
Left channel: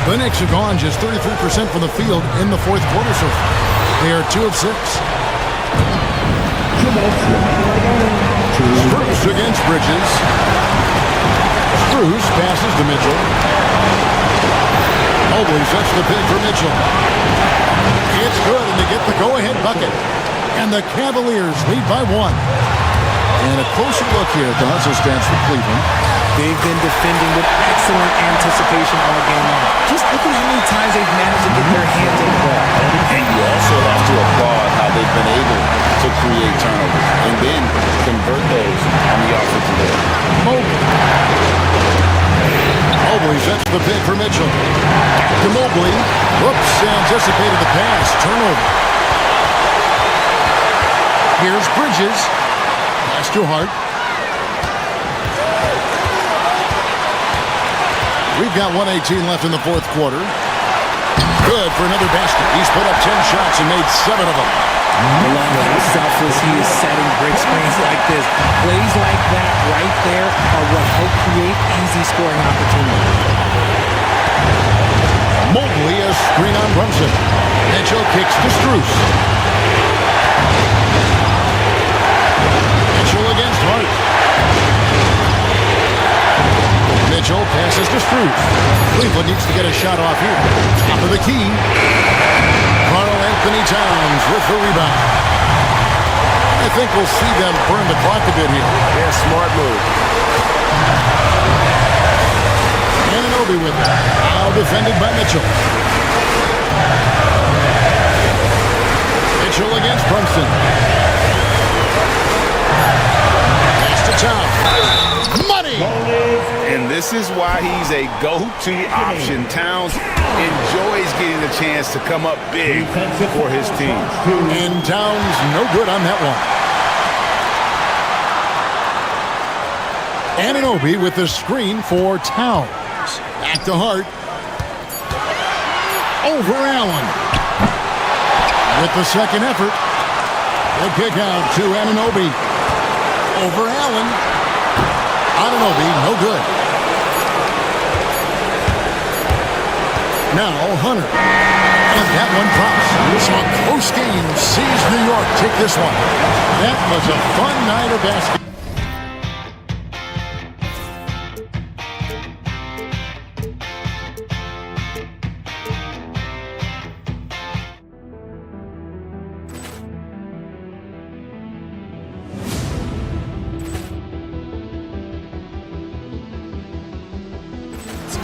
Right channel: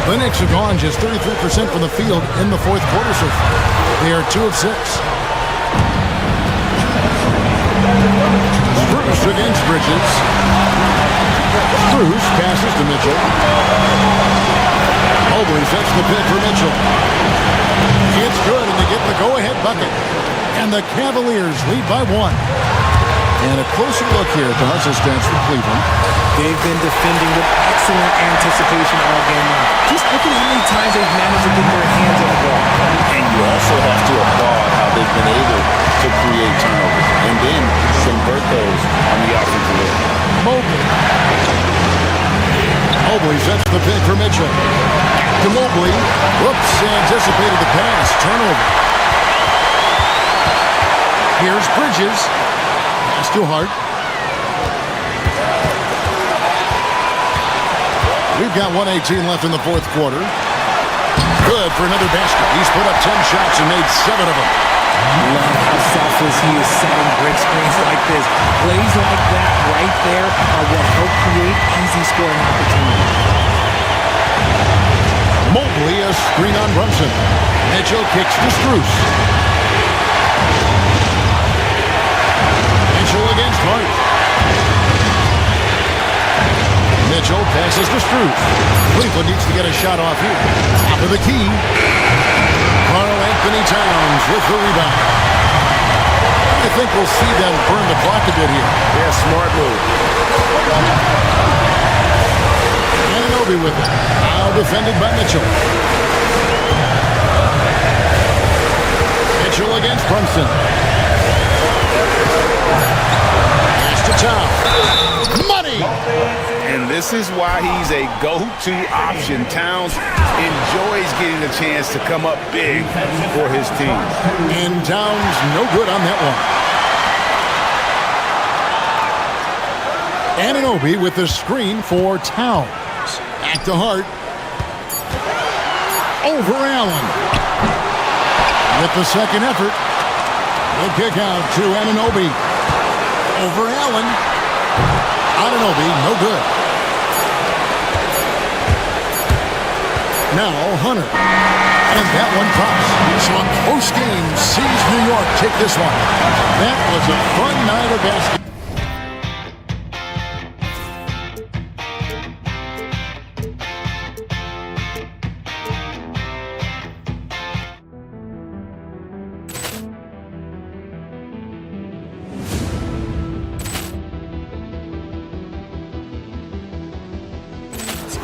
The Knicks have gone just 33% from the field in the 4th quarter so far. They are 2 of 6. Strus against Bridges. Strus passes to Mitchell. Mobley sets the pick for Mitchell. It's good, and they get the go-ahead bucket. And the Cavaliers lead by 1. And a closer look here at the hustle stats for Cleveland. They've been defending with excellent anticipation all game long. Just look at how many times they've managed to get their hands on the ball. And you also have to applaud how they've been able to create turnovers and then convert those on the offensive end. Mobley sets the pick for Mitchell. Back to Mobley. Whoops, anticipated the pass. Turnover. Here's Bridges. Pass to Hart. We've got 1:18 left in the 4th quarter. Good for another basket. He's put up 10 shots and made 7 of them. Love how selfless he is setting brick screens like this. Plays like that right there are what help create easy scoring opportunities. Mobley a screen on Brunson. Mitchell kicks to Strus. Mitchell against Hart. Mitchell passes to Strus. Cleveland needs to get a shot off here. Top of the key. Karl Anthony Towns with the rebound. I think we'll see them burn the clock a bit here. Yeah, smart move. Anunoby with it. Now defended by Mitchell. Mitchell against Brunson. Pass to Towns. Money! And this is why he's a go-to option. Towns enjoys getting the chance to come up big for his team. And Towns no good on that one. Anunoby with the screen for Towns. Back to Hart. Over Allen. With the second effort. The kick out to Anunoby. Over Allen. Anunoby, no good. Now Hunter. And that one drops. So a close game sees New York take this one. That was a fun night of basketball.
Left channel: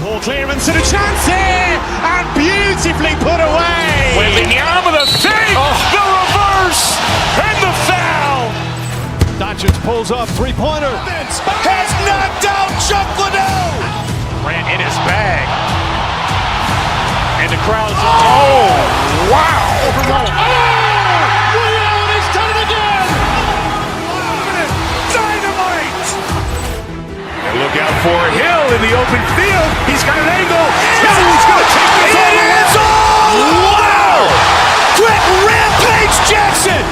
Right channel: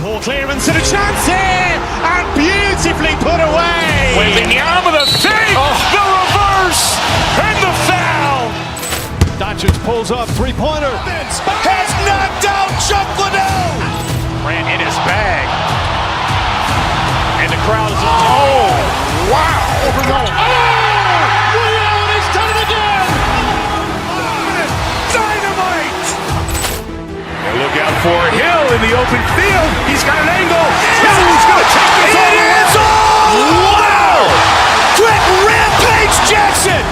Poor clearance and a chance here, and beautifully put away. Wembanyama the fake, the reverse, and the foul. Doncic pulls up, three-pointer. Has knocked out Chuck Liddell. Ran in his bag. And the crowd is... Oh, wow. He's done it again. Dynamite. And look out for Hill in the open field. He's got an angle. He's going to take this all the way. Wow! Quick rampage Jackson.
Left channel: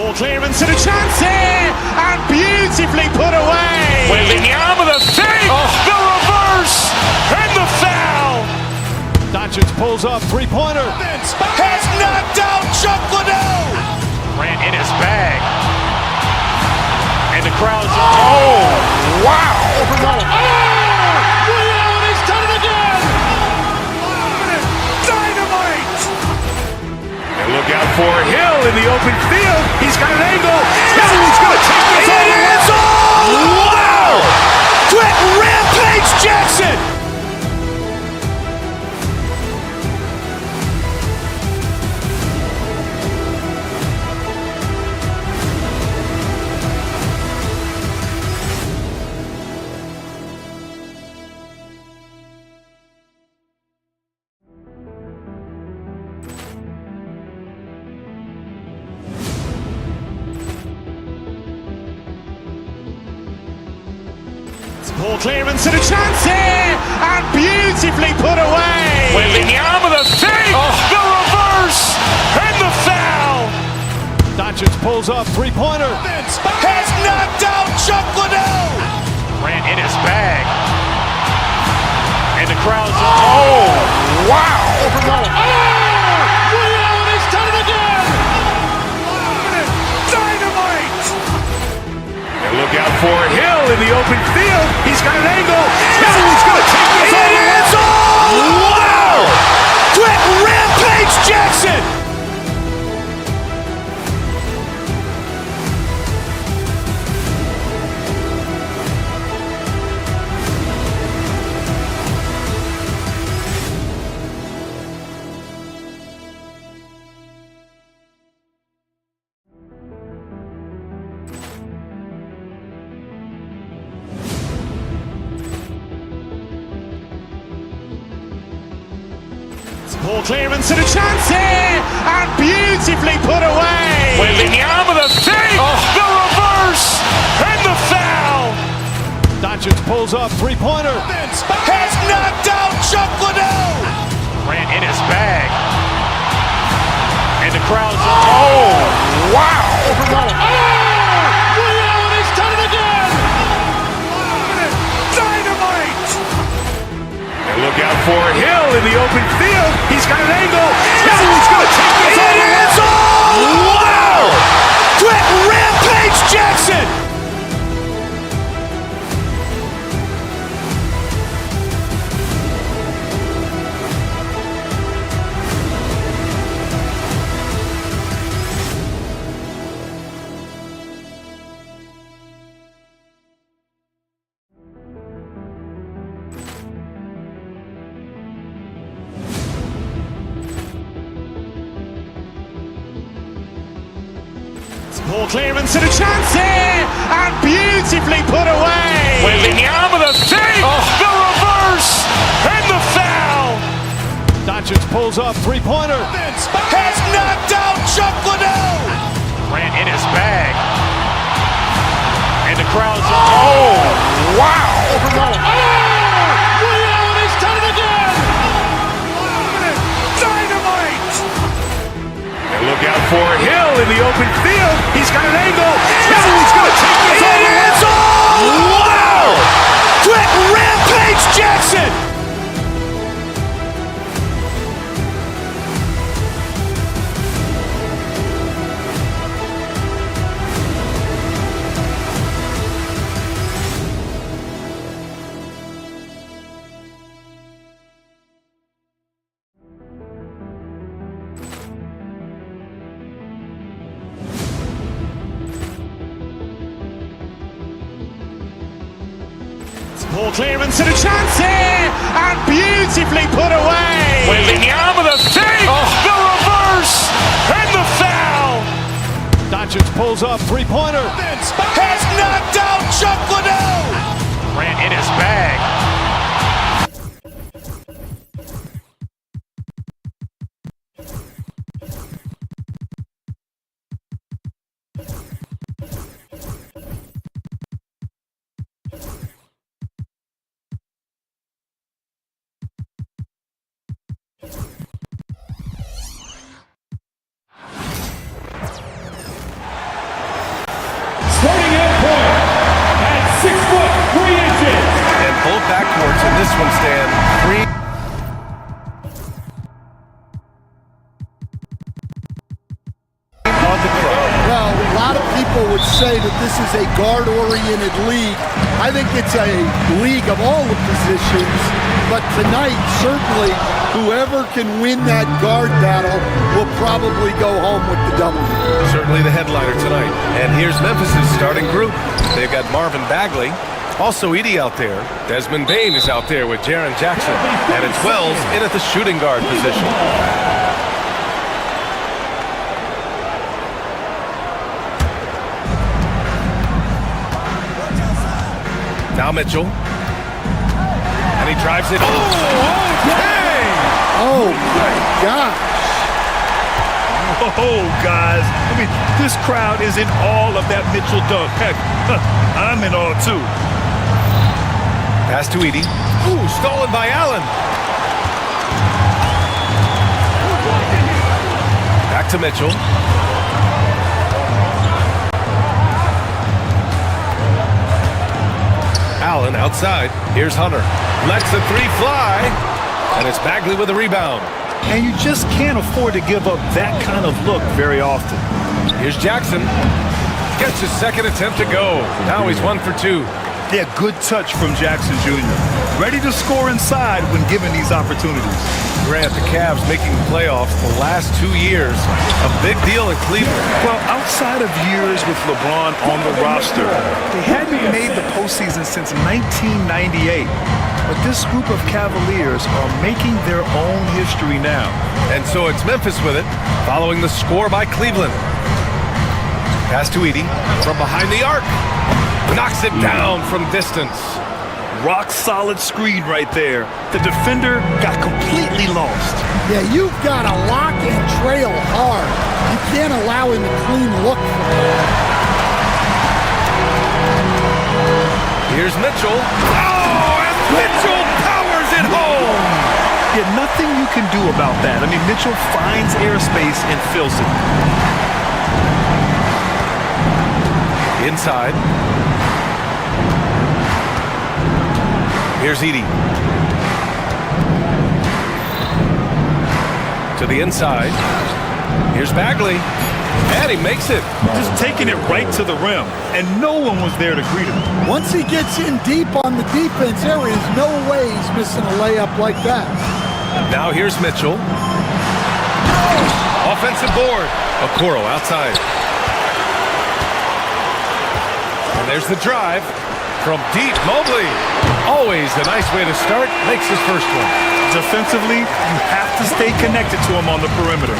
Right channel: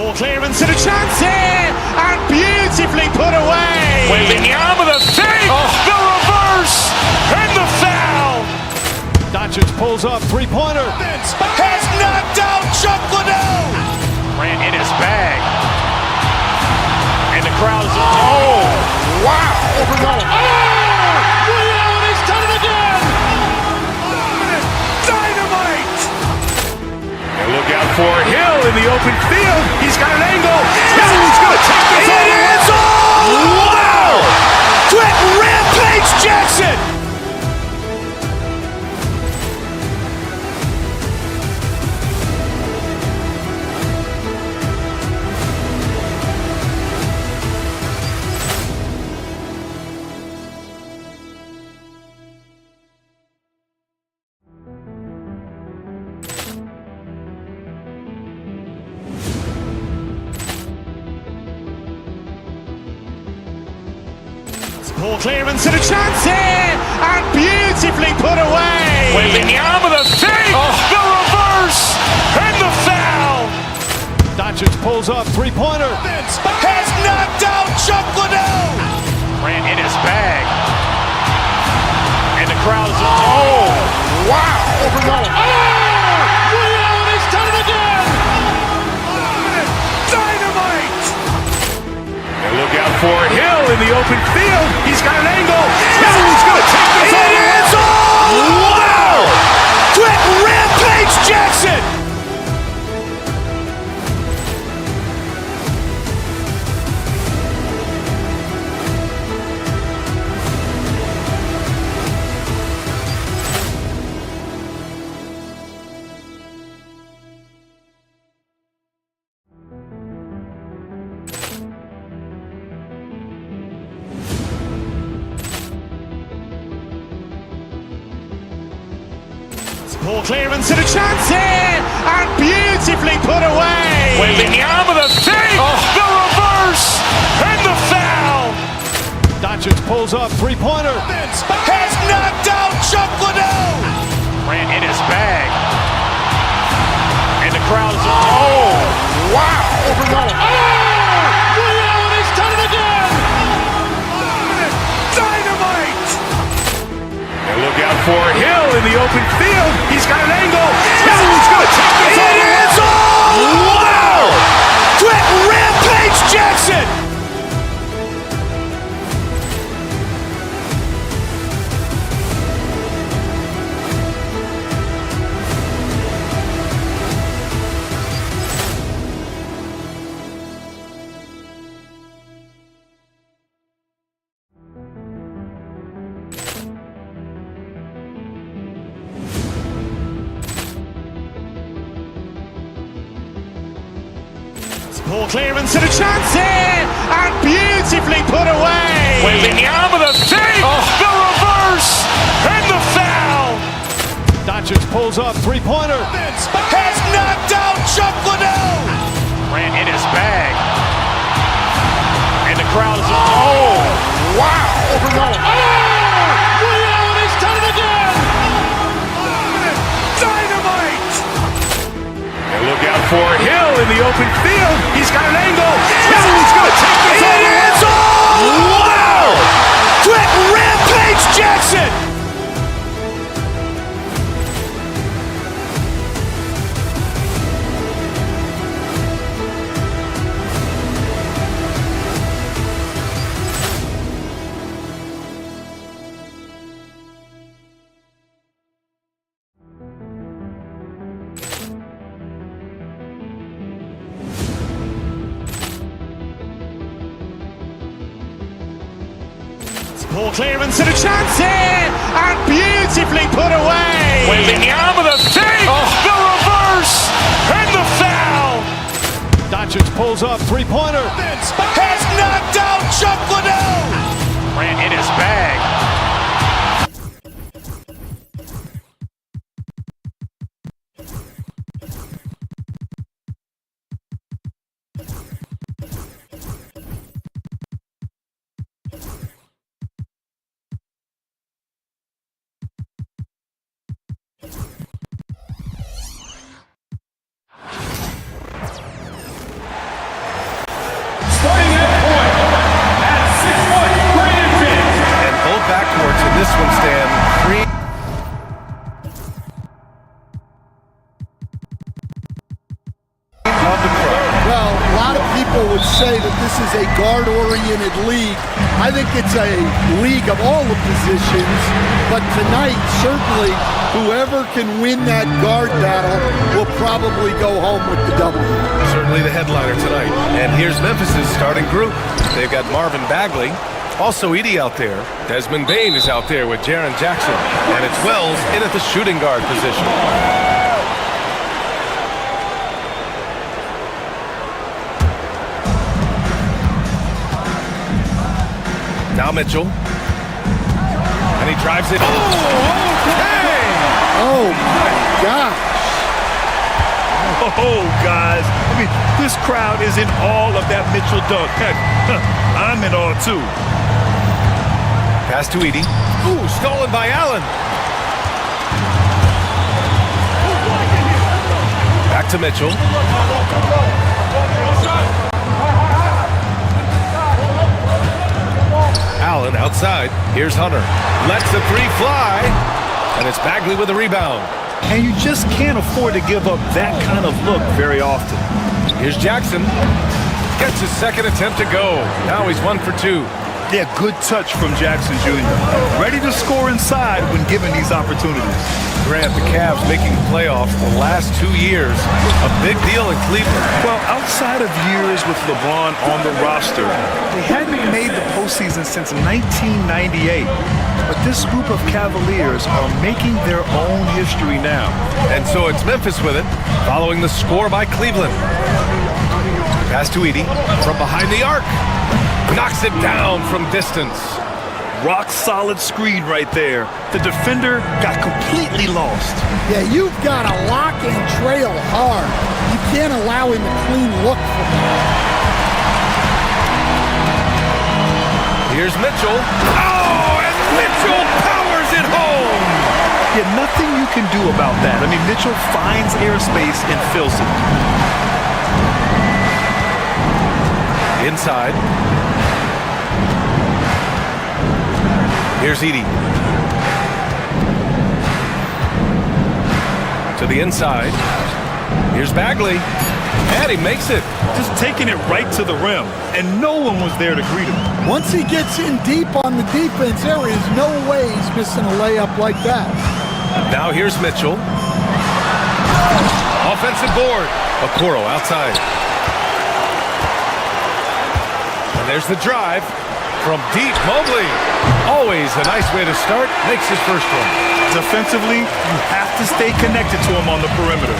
Poor clearance and a chance here, and beautifully put away. Wembanyama with a fake, the reverse, and the foul. Doncic pulls up, three-pointer. Has knocked out Chuck Liddell. Grant in his bag. And the crowd's, oh, wow. Ray Allen has done it again. Dynamite. And look out for Hill in the open field. He's got an angle. Hill's going to take this all the way. Wow. Quick rampage Jackson. Poor clearance and a chance here, and beautifully put away. Wembanyama with a fake, the reverse, and the foul. Doncic pulls up, three-pointer. Has knocked out Chuck Liddell. Grant in his bag. And the crowd's, oh, wow. Ray Allen has done it again. Dynamite. And look out for Hill in the open field. He's got an angle. Hill's going to take this all the way. Wow. Quick rampage Jackson. Poor clearance and a chance here, and beautifully put away. Wembanyama with a fake, the reverse, and the foul. Doncic pulls up, three-pointer. Has knocked out Chuck Liddell. Grant in his bag. And the crowd's, oh, wow. Ray Allen has done it again. Dynamite. And look out for Hill in the open field. He's got an angle. Hill's going to take this all the way. Wow. Quick rampage Jackson. Poor clearance and a chance here, and beautifully put away. Wembanyama with a fake, the reverse, and the foul. Doncic pulls up, three-pointer. Has knocked out Chuck Liddell. Grant in his bag. And the crowd's, oh, wow. Ray Allen has done it again. Dynamite. And look out for Hill in the open field. He's got an angle. Hill's going to take this all the way. Wow. Quick rampage Jackson. Poor clearance and a chance here, and beautifully put away. Wembanyama with a fake, the reverse, and the foul. Doncic pulls up, three-pointer. Has knocked out Chuck Liddell. Grant in his bag. both backcourts in this one, Stan. Of the crowd. Well, a lot of people would say that this is a guard-oriented league. I think it's a league of all the positions, but tonight, certainly, whoever can win that guard battle will probably go home with the W. Certainly the headliner tonight. And here's Memphis's starting group. They've got Marvin Bagley, also Edey out there. Desmond Bane is out there with Jaren Jackson. And it's Wells in at the shooting guard position. Now Mitchell. And he drives it. Oh, okay! Oh, my gosh. Oh, guys. I mean, this crowd is in awe of that Mitchell dunk. Heck, I'm in awe, too. Pass to Edey. Ooh, stolen by Allen. Back to Mitchell. Allen outside. Here's Hunter. Lets the three fly. And it's Bagley with the rebound. And you just can't afford to give up that kind of look very often. Here's Jackson. Gets his second attempt to go. Now he's 1 for 2. Yeah, good touch from Jackson Jr. Ready to score inside when given these opportunities. Grant, the Cavs making the playoffs the last 2 years. A big deal in Cleveland. Well, outside of years with LeBron on the roster, they hadn't made the postseason since 1998. But this group of Cavaliers are making their own history now. And so it's Memphis with it, following the score by Cleveland. Pass to Edey from behind the arc. Knocks it down from distance. Rock solid screen right there. The defender got completely lost. Yeah, you've got to lock and trail hard. You can't allow him a clean look from there. Here's Mitchell. Oh, and Mitchell powers it home. Yeah, nothing you can do about that. I mean, Mitchell finds airspace and fills it. Inside. Here's Edey. To the inside. Here's Bagley. And he makes it. Just taking it right to the rim. And no one was there to greet him. Once he gets in deep on the defense, there is no way he's missing a layup like that. Now here's Mitchell. Offensive board. Okoro outside. And there's the drive. From deep, Mobley. Always a nice way to start. Makes his first one. Defensively, you have to stay connected to him on the perimeter.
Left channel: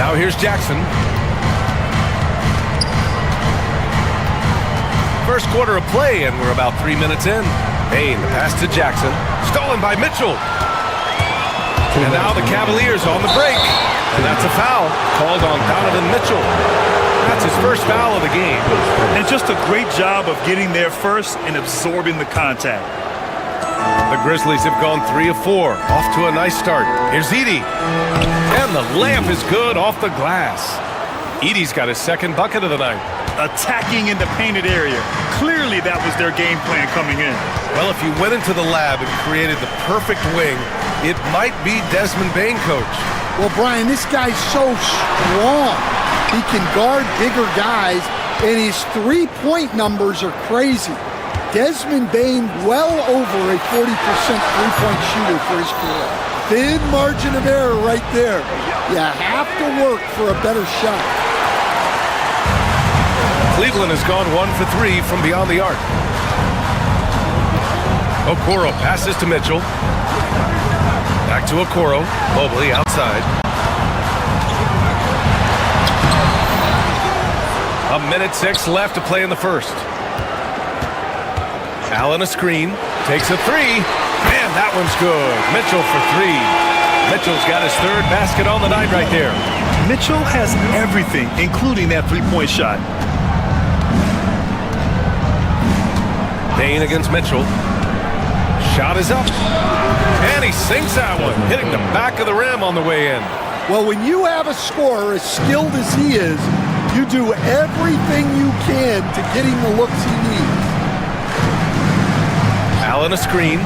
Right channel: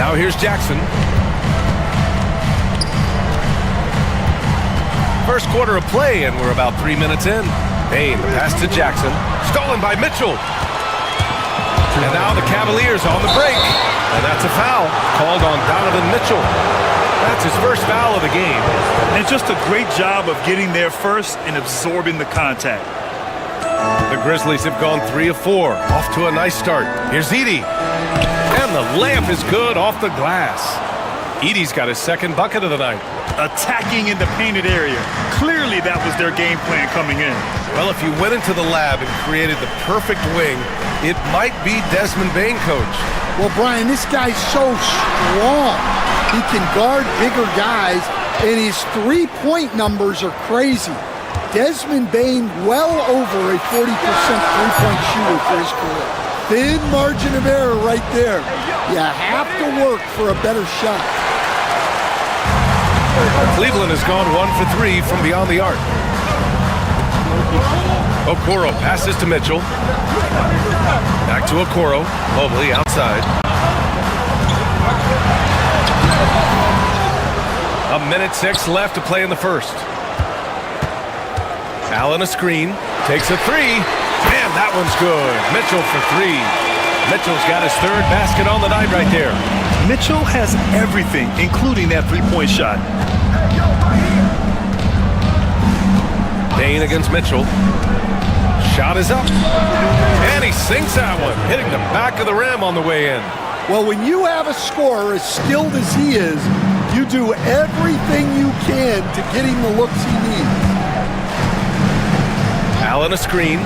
Now here's Jackson. First quarter of play, and we're about 3 minutes in. Bane, the pass to Jackson. Stolen by Mitchell. And now the Cavaliers on the break. And that's a foul called on Donovan Mitchell. That's his first foul of the game. And just a great job of getting there first and absorbing the contact. The Grizzlies have gone 3 of 4. Off to a nice start. Here's Edey. And the layup is good off the glass. Edey's got his second bucket of the night. Attacking in the painted area. Clearly that was their game plan coming in. Well, if you went into the lab and created the perfect wing, it might be Desmond Bane, coach. Well, Brian, this guy's so strong. He can guard bigger guys, and his three-point numbers are crazy. Desmond Bane, well over a 40% three-point shooter for his career. Thin margin of error right there. You have to work for a better shot. Cleveland has gone 1 for 3 from beyond the arc. Okoro passes to Mitchell. Back to Okoro. Mobley outside. A minute 6 left to play in the first. Allen a screen. Takes a 3. And that one's good. Mitchell for 3. Mitchell's got his third basket on the night right there. Mitchell has everything, including that three-point shot. Bane against Mitchell. Shot is up. And he sinks that one, hitting the back of the rim on the way in. Well, when you have a scorer as skilled as he is, You do everything you can to get him the looks he needs. Allen a screen.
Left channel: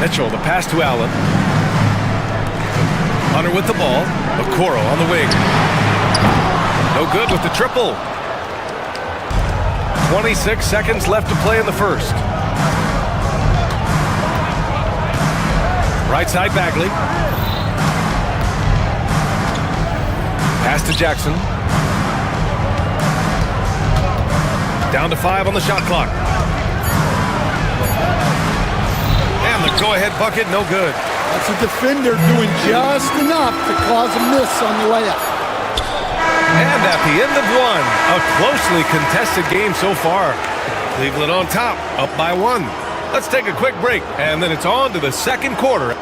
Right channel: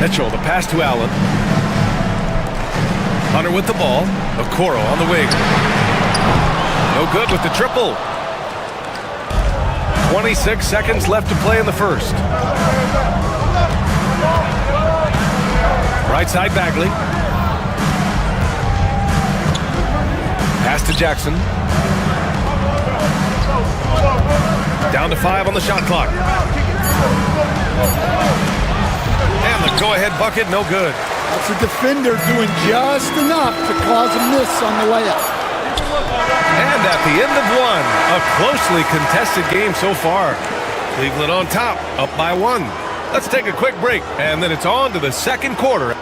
Mitchell, the pass to Allen. Hunter with the ball. Okoro on the wing. No good with the triple. 26 seconds left to play in the first. Right side Bagley. Pass to Jackson. Down to 5 on the shot clock. And the go-ahead bucket, no good. That's a defender doing just enough to cause a miss on the layup. And at the end of one, a closely contested game so far. Cleveland on top, up by 1. Let's take a quick break, and then it's on to the second quarter.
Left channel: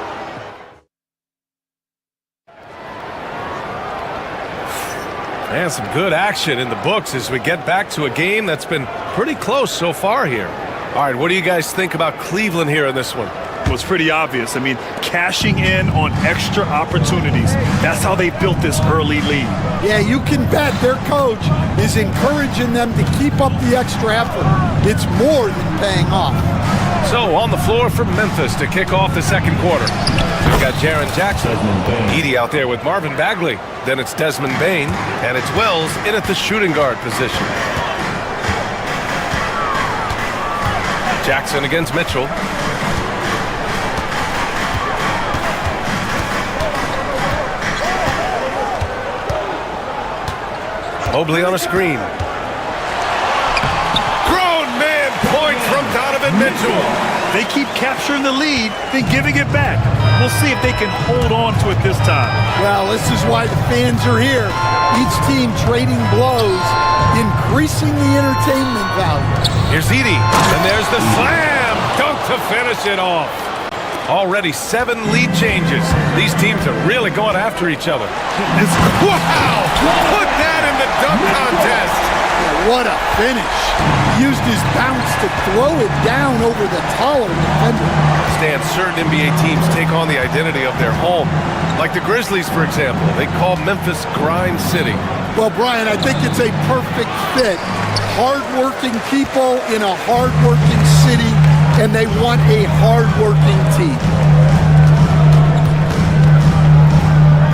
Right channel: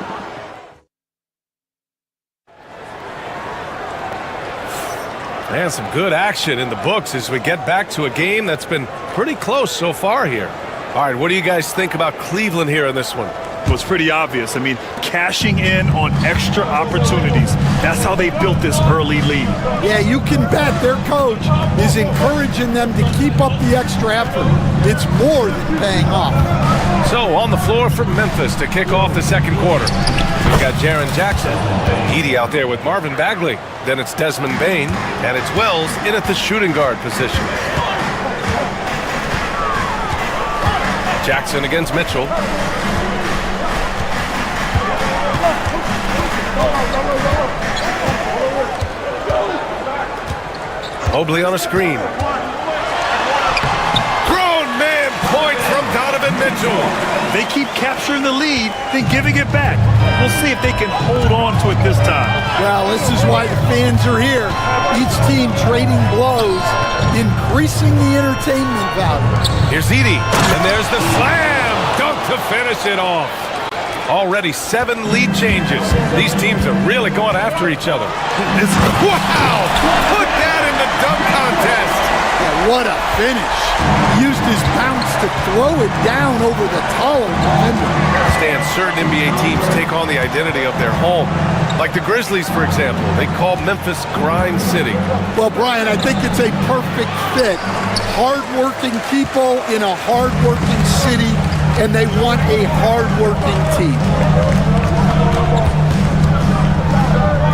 And some good action in the books as we get back to a game that's been pretty close so far here. All right, what do you guys think about Cleveland here in this one? Well, it's pretty obvious. I mean, cashing in on extra opportunities. That's how they built this early lead. Yeah, you can bet their coach is encouraging them to keep up the extra effort. It's more than paying off. So on the floor for Memphis to kick off the second quarter. We've got Jaren Jackson, Edey out there with Marvin Bagley. Then it's Desmond Bane, and it's Wells in at the shooting guard position. Jackson against Mitchell. Mobley on a screen. Grown man point from Donovan Mitchell. They keep capturing the lead, then giving it back. We'll see if they can hold on to it this time. Well, this is why the fans are here. Each team trading blows, increasing the entertainment value. Here's Edey, and there's the slam dunk to finish it off. Already 7 lead changes. These teams are really going after each other. Wow! Put that in the dunk contest. Yeah, what a finish. He used his bounce to throw it down over the taller defender. Stan, certain NBA teams take on the identity of their home. Like the Grizzlies, for example. They call Memphis Grind City. Well, Brian, I think it's a perfect fit. Hard-working people in a hard-working city, and they want a hard-working team.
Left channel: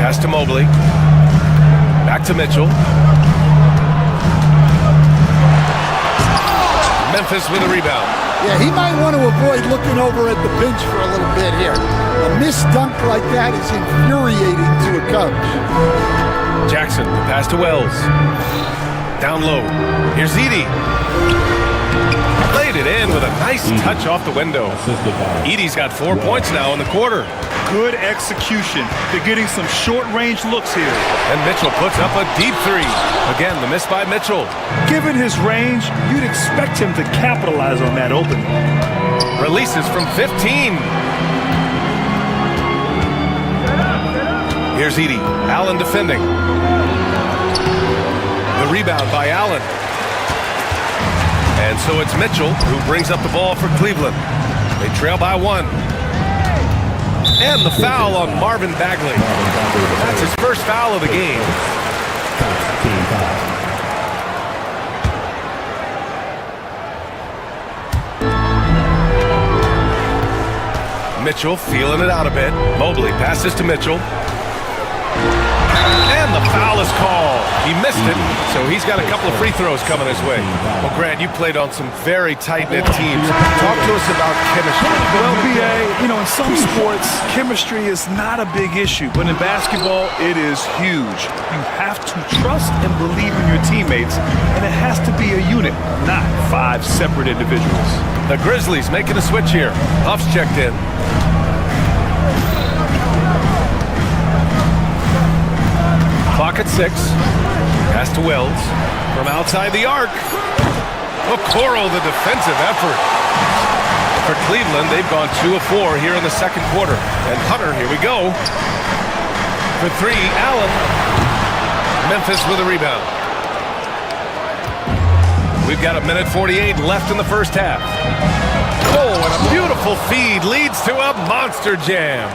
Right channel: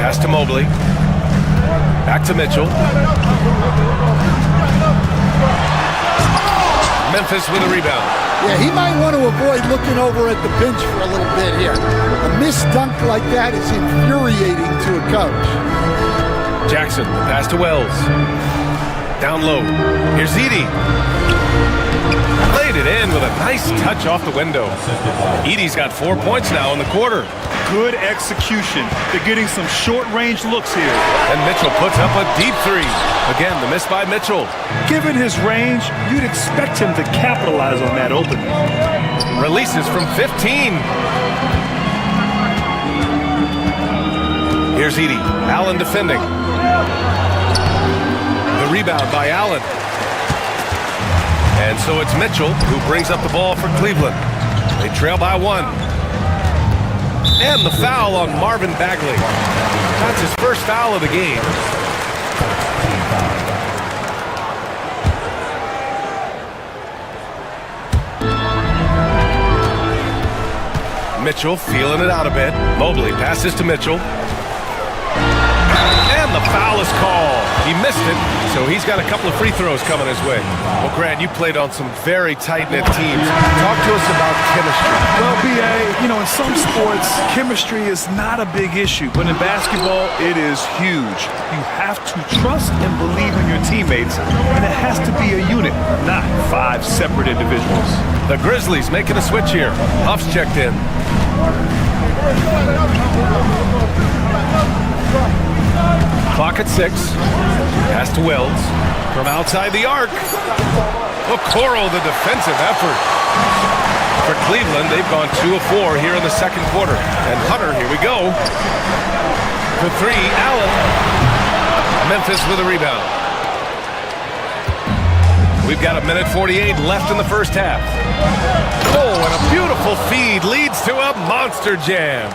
Pass to Mobley. Back to Mitchell. Memphis with a rebound. Yeah, he might want to avoid looking over at the bench for a little bit here. A missed dunk like that is infuriating to a coach. Jackson, the pass to Wells. Down low. Here's Edey. Laid it in with a nice touch off the window. Edey's got 4 points now in the quarter. Good execution. They're getting some short-range looks here. And Mitchell puts up a deep 3. Again, the miss by Mitchell. Given his range, you'd expect him to capitalize on that opening. Releases from 15. Here's Edey. Allen defending. The rebound by Allen. And so it's Mitchell who brings up the ball for Cleveland. They trail by 1. And the foul on Marvin Bagley. That's his first foul of the game. Mitchell feeling it out a bit. Mobley passes to Mitchell. And the foul is called. He missed it, so he's got a couple of free throws coming his way. Well, Grant, you played on some very tight-knit teams. Talk to us about chemistry. Well, B.A., in some sports, chemistry is not a big issue, but in basketball, it is huge. You have to trust and believe in your teammates, and it has to be a unit, not 5 separate individuals. The Grizzlies making a switch here. Huff's checked in. Clock at 6. Pass to Wells. From outside the arc. Okoro, the defensive effort. For Cleveland, they've gone 2 of 4 here in the second quarter. And Hunter, here we go. For 3, Allen. Memphis with a rebound. We've got 1:48 left in the first half. Oh, and a beautiful feed leads to a monster jam.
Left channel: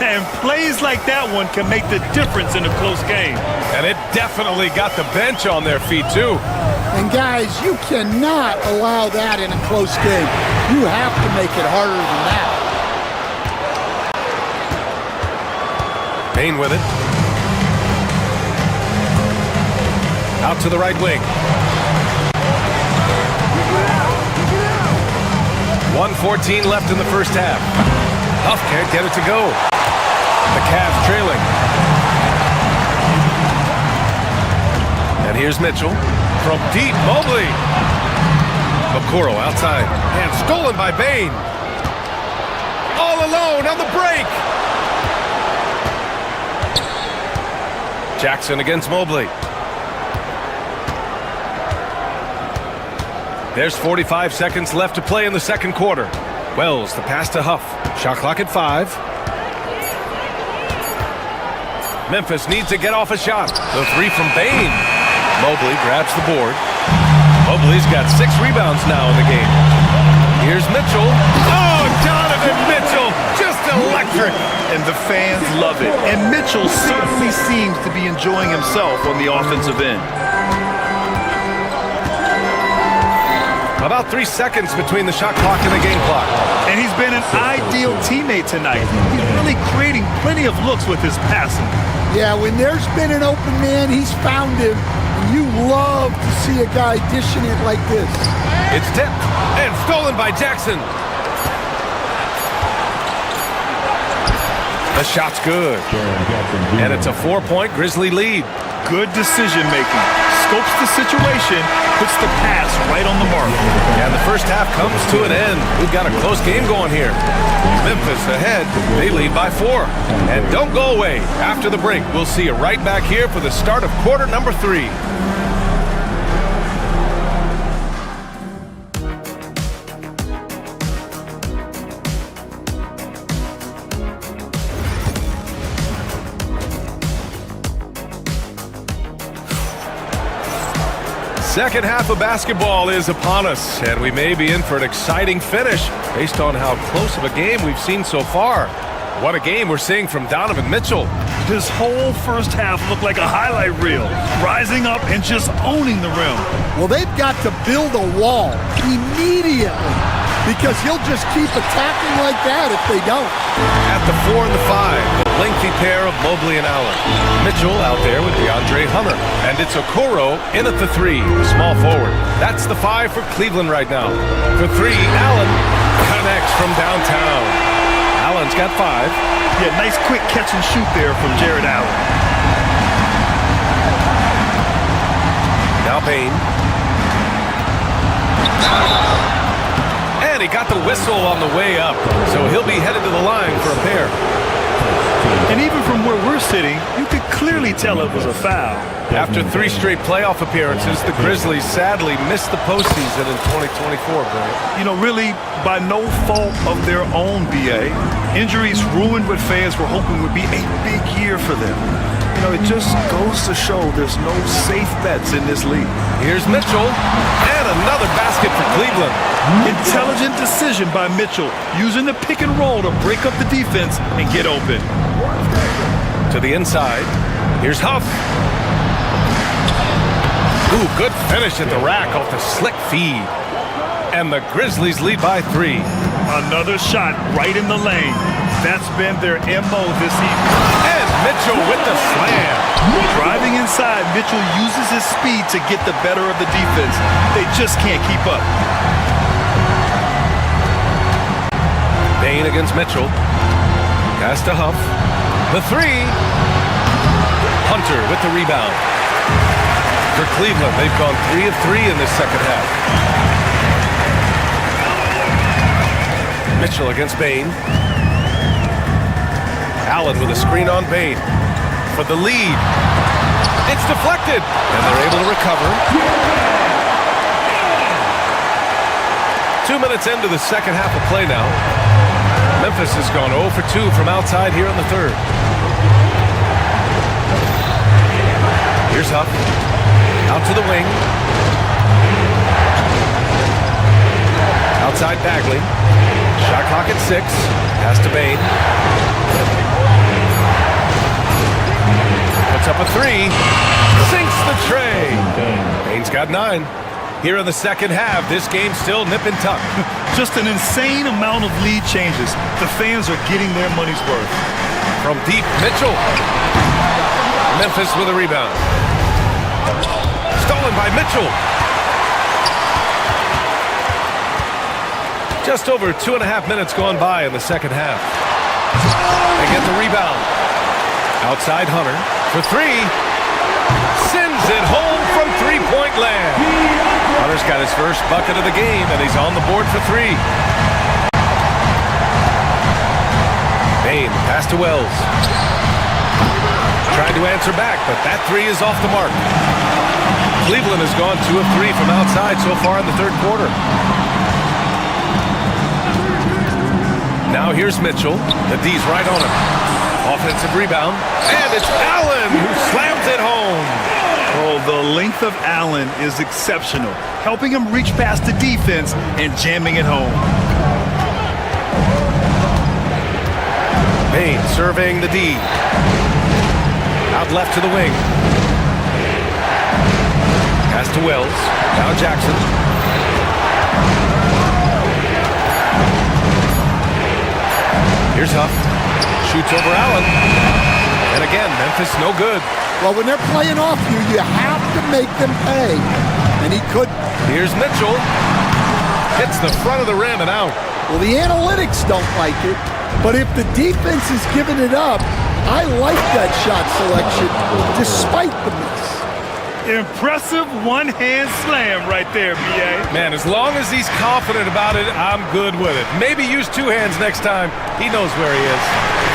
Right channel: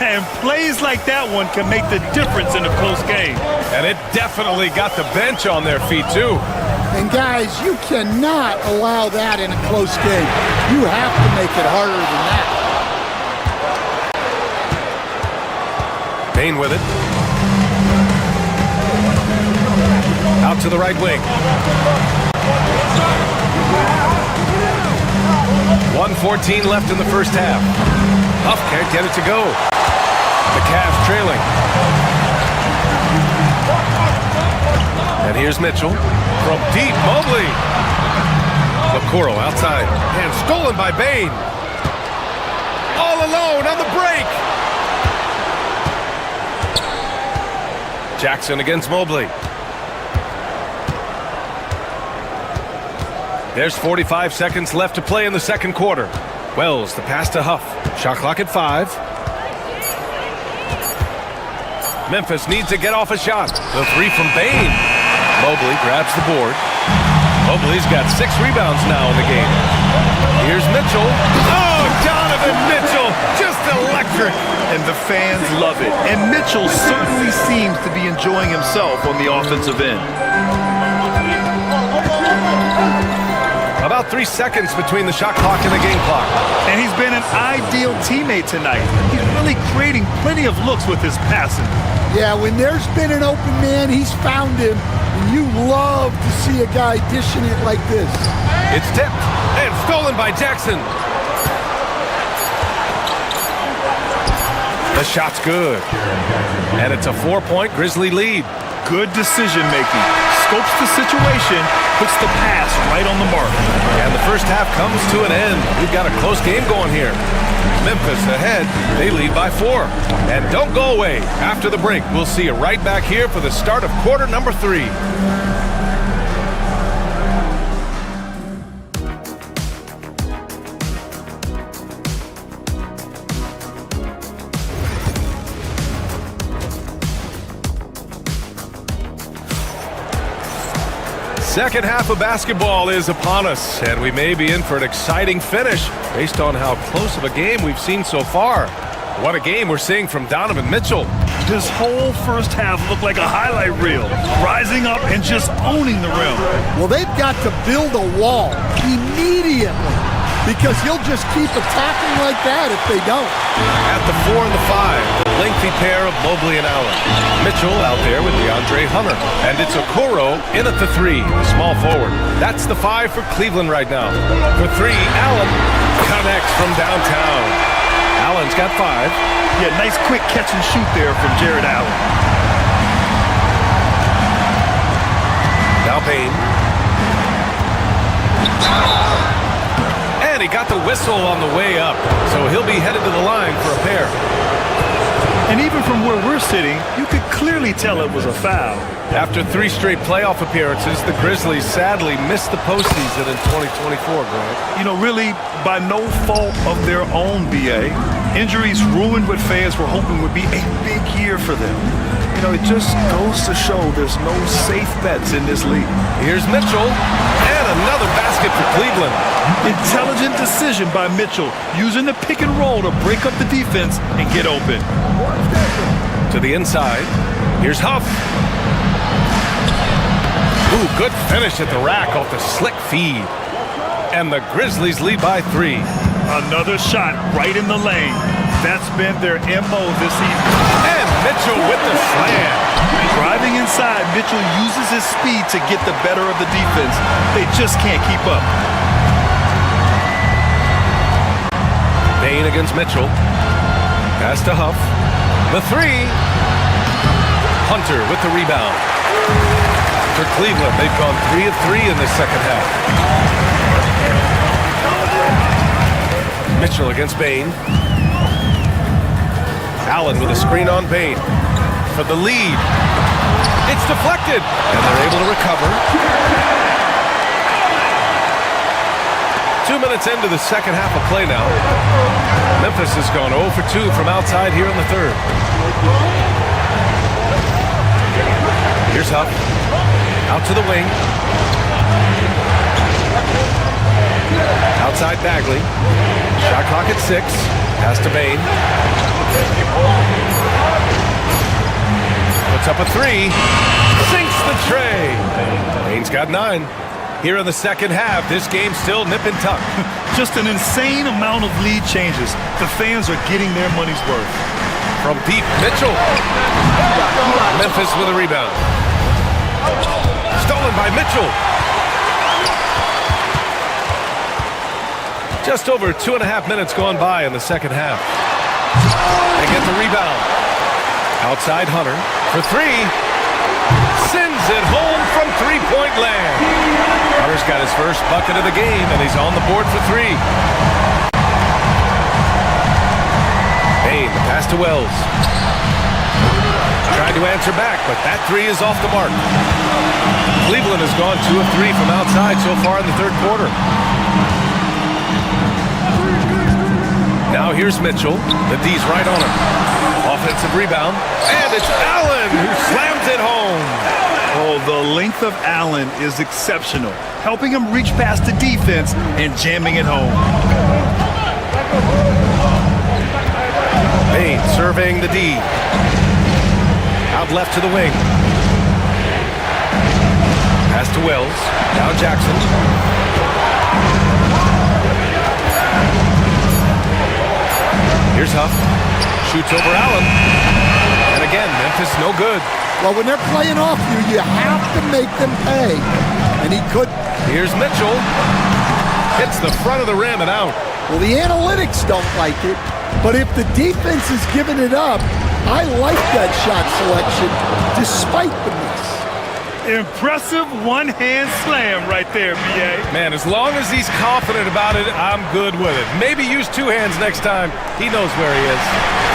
And plays like that one can make the difference in a close game. And it definitely got the bench on their feet, too. And guys, you cannot allow that in a close game. You have to make it harder than that. Bain with it. Out to the right wing. 1:14 left in the first half. Huff can't get it to go. The Cavs trailing. And here's Mitchell. From deep, Mobley. Okoro outside. And stolen by Bain. All alone on the break. Jackson against Mobley. There's 45 seconds left to play in the second quarter. Wells, the pass to Huff. Shot clock at 5. Memphis needs to get off a shot. The 3 from Bain. Mobley grabs the board. Mobley's got 6 rebounds now in the game. Here's Mitchell. Oh, Donovan Mitchell, just electric. And the fans love it. And Mitchell certainly seems to be enjoying himself on the offensive end. About 3 seconds between the shot clock and the game clock. And he's been an ideal teammate tonight. He's really creating plenty of looks with his passing. Yeah, when there's been an open man, he's found him. And you love to see a guy dishing it like this. It's tipped and stolen by Jackson. The shot's good. And it's a 4-point Grizzly lead. Good decision making. Scopes the situation, puts the pass right on the mark. And the first half comes to an end. We've got a close game going here. Memphis ahead. They lead by 4. And don't go away. After the break, we'll see you right back here for the start of quarter number 3. Second half of basketball is upon us, and we may be in for an exciting finish based on how close of a game we've seen so far. What a game we're seeing from Donovan Mitchell. This whole first half looked like a highlight reel, rising up and just owning the rim. Well, they've got to build a wall immediately because he'll just keep attacking like that if they don't. At the 4 and the 5, the lengthy pair of Mobley and Allen. Mitchell out there with DeAndre Hunter. And it's Okoro in at the 3, the small forward. That's the 5 for Cleveland right now. For 3, Allen connects from downtown. Allen's got 5. Yeah, nice quick catch and shoot there from Jared Allen. Now Bain. And he got the whistle on the way up, so he'll be headed to the line for a pair. And even from where we're sitting, you could clearly tell it was a foul. After 3 straight playoff appearances, the Grizzlies sadly missed the postseason in 2024, Grant. You know, really by no fault of their own, BA. Injuries ruined what fans were hoping would be a big year for them. You know, it just goes to show there's no safe bets in this league. Here's Mitchell, and another basket for Cleveland. Intelligent decision by Mitchell, using the pick and roll to break up the defense and get open. To the inside, here's Huff. Ooh, good finish at the rack off the slick feed. And the Grizzlies lead by 3. Another shot right in the lane. That's been their MO this evening. And Mitchell with the slam. Driving inside, Mitchell uses his speed to get the better of the defense. They just can't keep up. Bain against Mitchell. Pass to Huff. The 3. Hunter with the rebound. For Cleveland, they've gone 3 of 3 in this second half. Mitchell against Bain. Allen with a screen on Bain. For the lead. It's deflected. And they're able to recover. 2 minutes into the second half of play now. Memphis has gone 0 for 2 from outside here in the third. Here's Huff. Out to the wing. Outside Bagley. Shot clock at 6. Pass to Bain. Puts up a three. Sinks the tray. Bain's got 9. Here in the second half, this game's still nip and tuck. Just an insane amount of lead changes. The fans are getting their money's worth. From deep, Mitchell. Memphis with a rebound. Stolen by Mitchell. Just over 2.5 minutes gone by in the second half. They get the rebound. Outside Hunter for 3. Sends it home from three-point land. Hunter's got his first bucket of the game, and he's on the board for 3. Bain, the pass to Wells. Trying to answer back, but that 3 is off the mark. Cleveland has gone 2 of 3 from outside so far in the third quarter. Now here's Mitchell. The D's right on him. Offensive rebound, and it's Allen who slams it home. Oh, the length of Allen is exceptional, helping him reach past the defense and jamming it home. Bain surveying the D. Out left to the wing. Pass to Wells. Now Jackson. Here's Huff. Shoots over Allen. And again, Memphis no good. Well, when they're playing off you, you have to make them pay. And he could. Here's Mitchell. Hits the front of the rim and out. Well, the analytics don't like it. But if the defense is giving it up, I like that shot selection despite the miss. Impressive one-hand slam right there, B.A. Man, as long as he's confident about it, I'm good with it. Maybe use 2 hands next time. He knows where he is.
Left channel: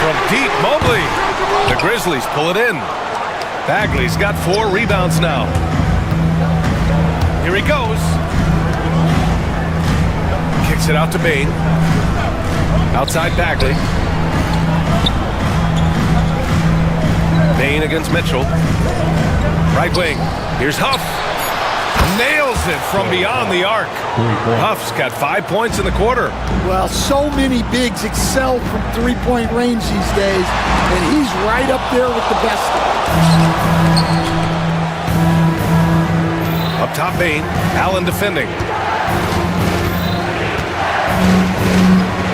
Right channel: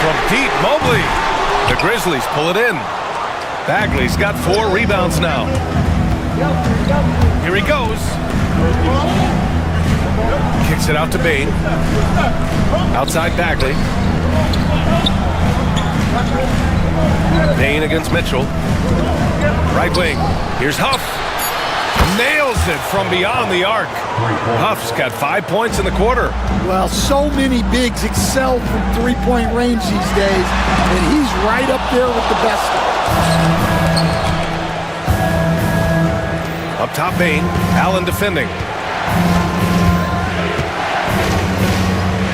From deep, Mobley. The Grizzlies pull it in. Bagley's got 4 rebounds now. Here he goes. Kicks it out to Bain. Outside Bagley. Bain against Mitchell. Right wing. Here's Huff. Nails it from beyond the arc. Huff's got 5 points in the quarter. Well, so many bigs excel from three-point range these days, and he's right up there with the best of them. Up top, Bain. Allen defending.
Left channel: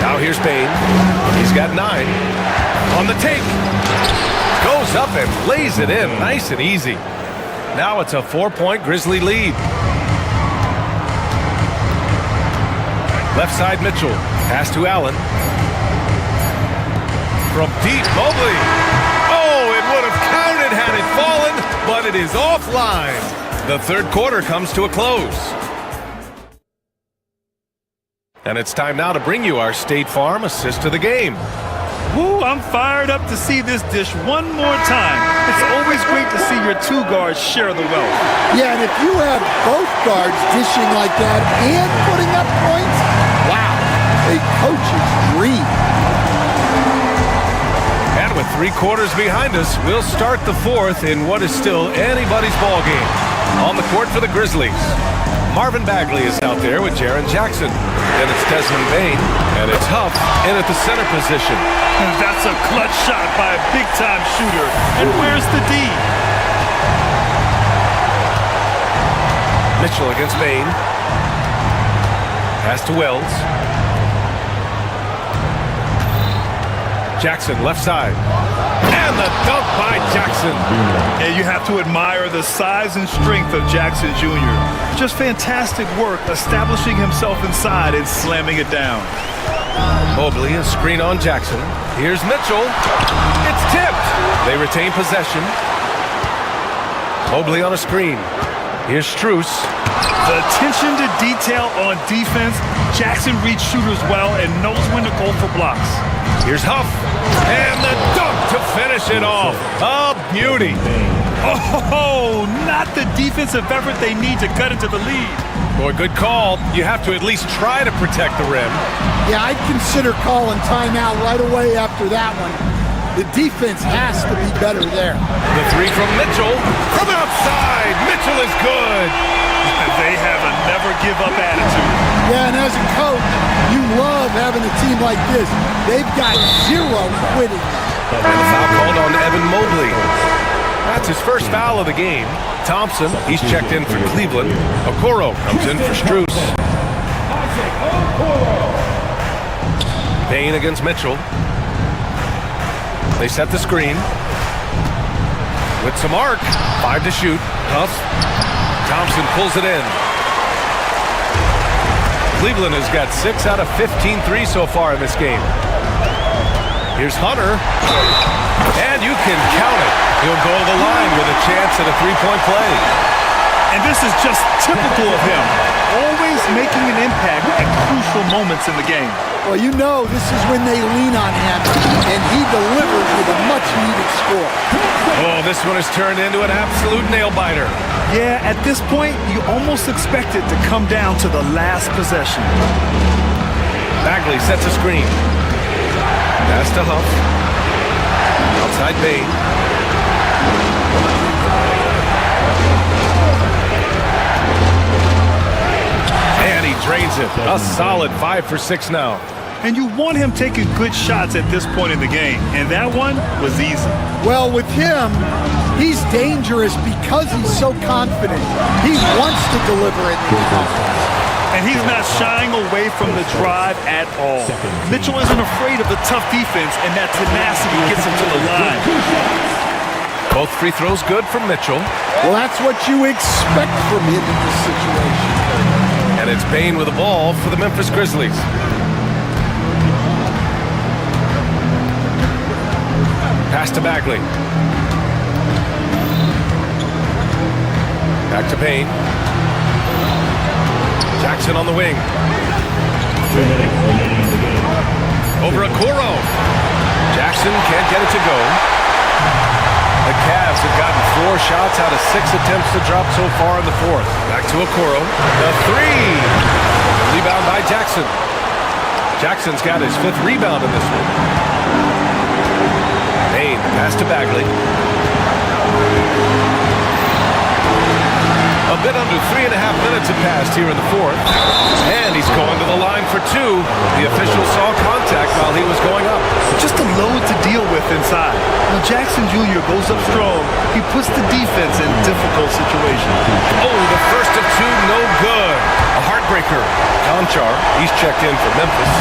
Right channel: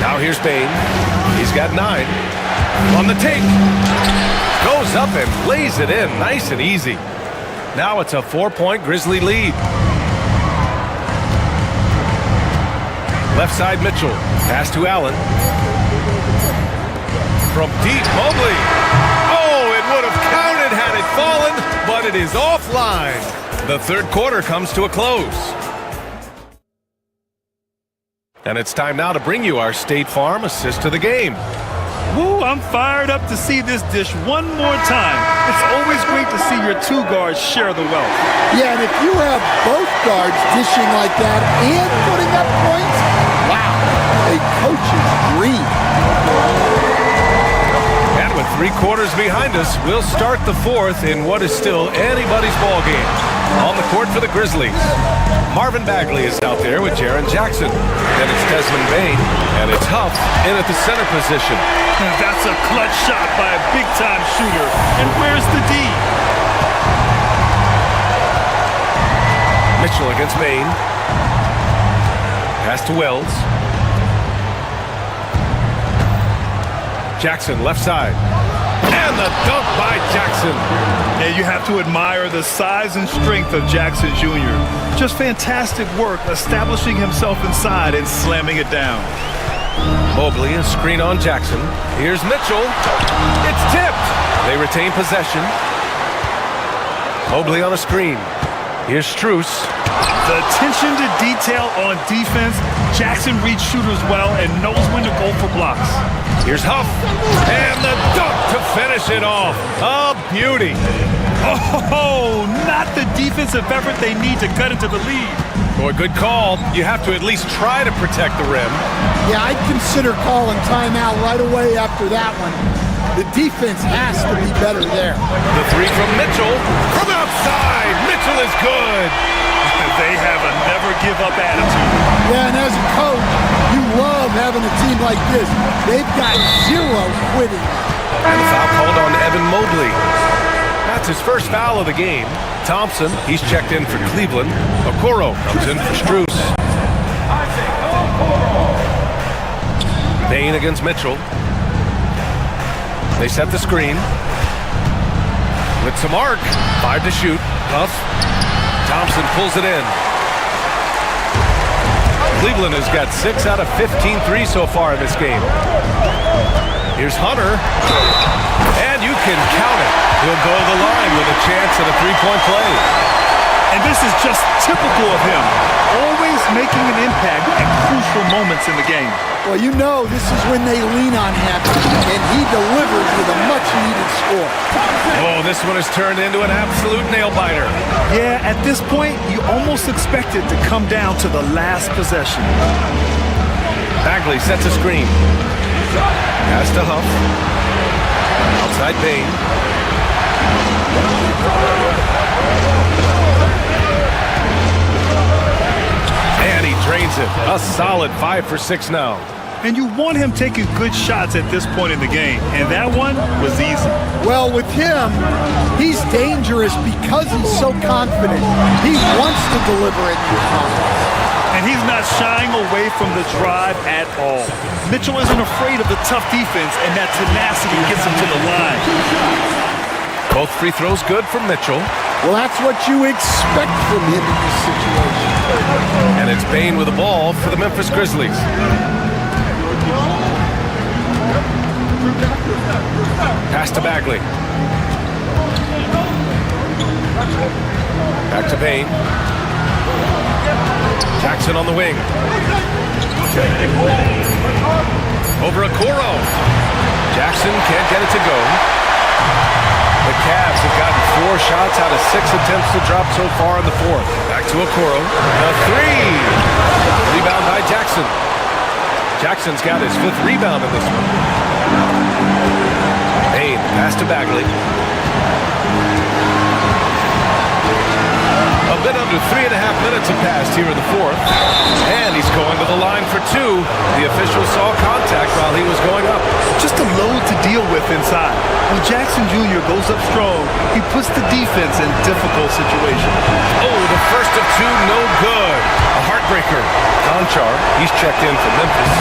Now here's Bain. He's got 9. On the take. Goes up and lays it in. Nice and easy. Now it's a 4-point Grizzly lead. Left side, Mitchell. Pass to Allen. From deep, Mobley. Oh, it would have counted had it fallen, but it is offline. The third quarter comes to a close. And it's time now to bring you our State Farm assist of the game. Woo, I'm fired up to see this dish one more time. It's always great to see your 2 guards share the wealth. Yeah, and if you have both guards dishing like that and putting up points, wow, a coach's dream. And with 3 quarters behind us, we'll start the 4th in what is still anybody's ball game. On the court for the Grizzlies, Marvin Bagley is out there with Jaren Jackson. Then it's Desmond Bain, and it's Huff in at the center position. That's a clutch shot by a big-time shooter. And where's the D? Mitchell against Bain. Pass to Wells. Jackson left side. And the dunk by Jackson. Yeah, you have to admire the size and strength of Jackson Jr. Just fantastic work establishing himself inside and slamming it down. Mobley, a screen on Jackson. Here's Mitchell. It's tipped. They retain possession. Mobley on a screen. Here's Strus. The attention to detail on defense. Jackson reads shooters well and knows when to go for blocks. Here's Huff. And the dunk to finish it off. A beauty. Oh, not the defensive effort they need to cut into the lead. Boy, good call. You have to at least try to protect the rim. Yeah, I'd consider calling timeout right away after that one. The defense has to be better there. The 3 from Mitchell. From outside. Mitchell is good. They have a never-give-up attitude. Yeah, and as a coach, You love having a team like this. They've got zero quitting. And the foul called on Evan Mobley. That's his first foul of the game. Thompson, he's checked in for Cleveland. Okoro comes in for Strus. Payne against Mitchell. They set the screen. With some arc. 5 to shoot. Huff. Thompson pulls it in. Cleveland has got 6 out of 15 threes so far in this game. Here's Hunter. And you can count it. He'll go to the line with a chance at a three-point play. And this is just typical of him. Always making an impact at crucial moments in the game. Well, you know this is when they lean on him, and he delivers with a much-needed score. Oh, this one has turned into an absolute nail-biter. Yeah, at this point, you almost expect it to come down to the last possession. Bagley sets a screen. Pass to Huff. Outside Payne. And he drains it. A solid 5 for 6 now. And you want him taking good shots at this point in the game. And that one was easy. Well, with him, he's dangerous because he's so confident. He wants to deliver in these moments. And he's not shying away from the drive at all. Mitchell isn't afraid of the tough defense, and that tenacity gets him to the line. Both free throws good from Mitchell. Well, that's what you expect from him in this situation. And it's Payne with the ball for the Memphis Grizzlies. Pass to Bagley. Back to Payne. Jackson on the wing. Over Okoro. Jackson can't get it to go. The Cavs have gotten 4 shots out of 6 attempts to drop so far in the 4th. Back to Okoro. The 3. Rebound by Jackson. Jackson's got his 5th rebound in this one. Payne, the pass to Bagley. A bit under 3.5 minutes have passed here in the 4th. And he's going to the line for 2. The official saw contact while he was going up. Just a load to deal with inside. When Jackson Jr. goes up strong, he puts the defense in difficult situations. Oh, the first of 2, no good. A heartbreaker. Conchar, he's checked in for Memphis.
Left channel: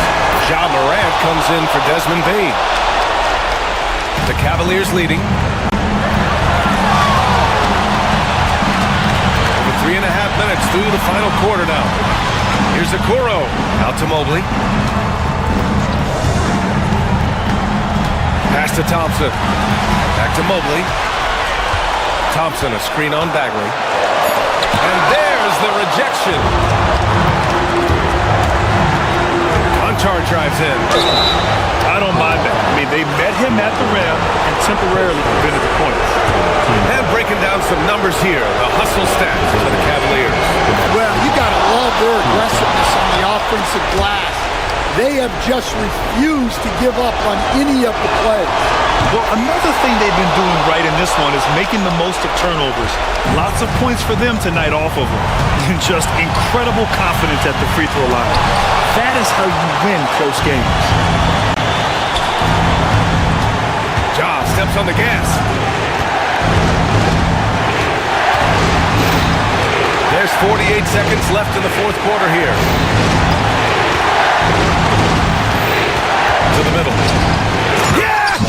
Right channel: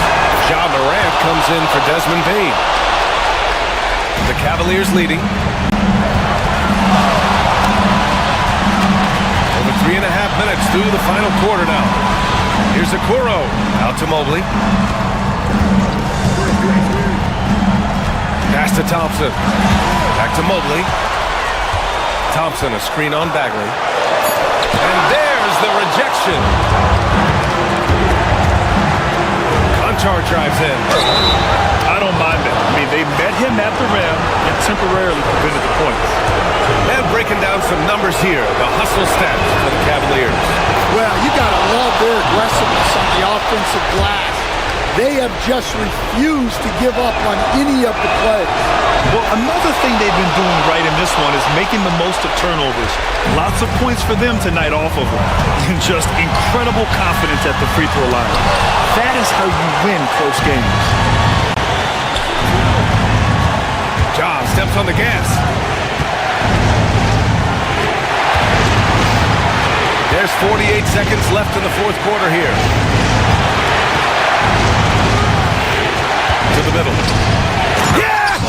Ja Morant comes in for Desmond Bane. The Cavaliers leading. 3.5 minutes through the final quarter now. Here's Okoro. Out to Mobley. Pass to Thompson. Back to Mobley. Thompson, a screen on Bagley. And there's the rejection. Conchar drives in. I don't mind that. I mean, they met him at the rim and temporarily prevented the points. And breaking down some numbers here, the hustle stats for the Cavaliers. Well, you got to love their aggressiveness on the offensive glass. They have just refused to give up on any of the plays. Well, another thing they've been doing right in this one is making the most of turnovers. Lots of points for them tonight off of them. And just incredible confidence at the free throw line. That is how you win close games. Ja steps on the gas. There's 48 seconds left in the 4th quarter here. To the middle. Yes!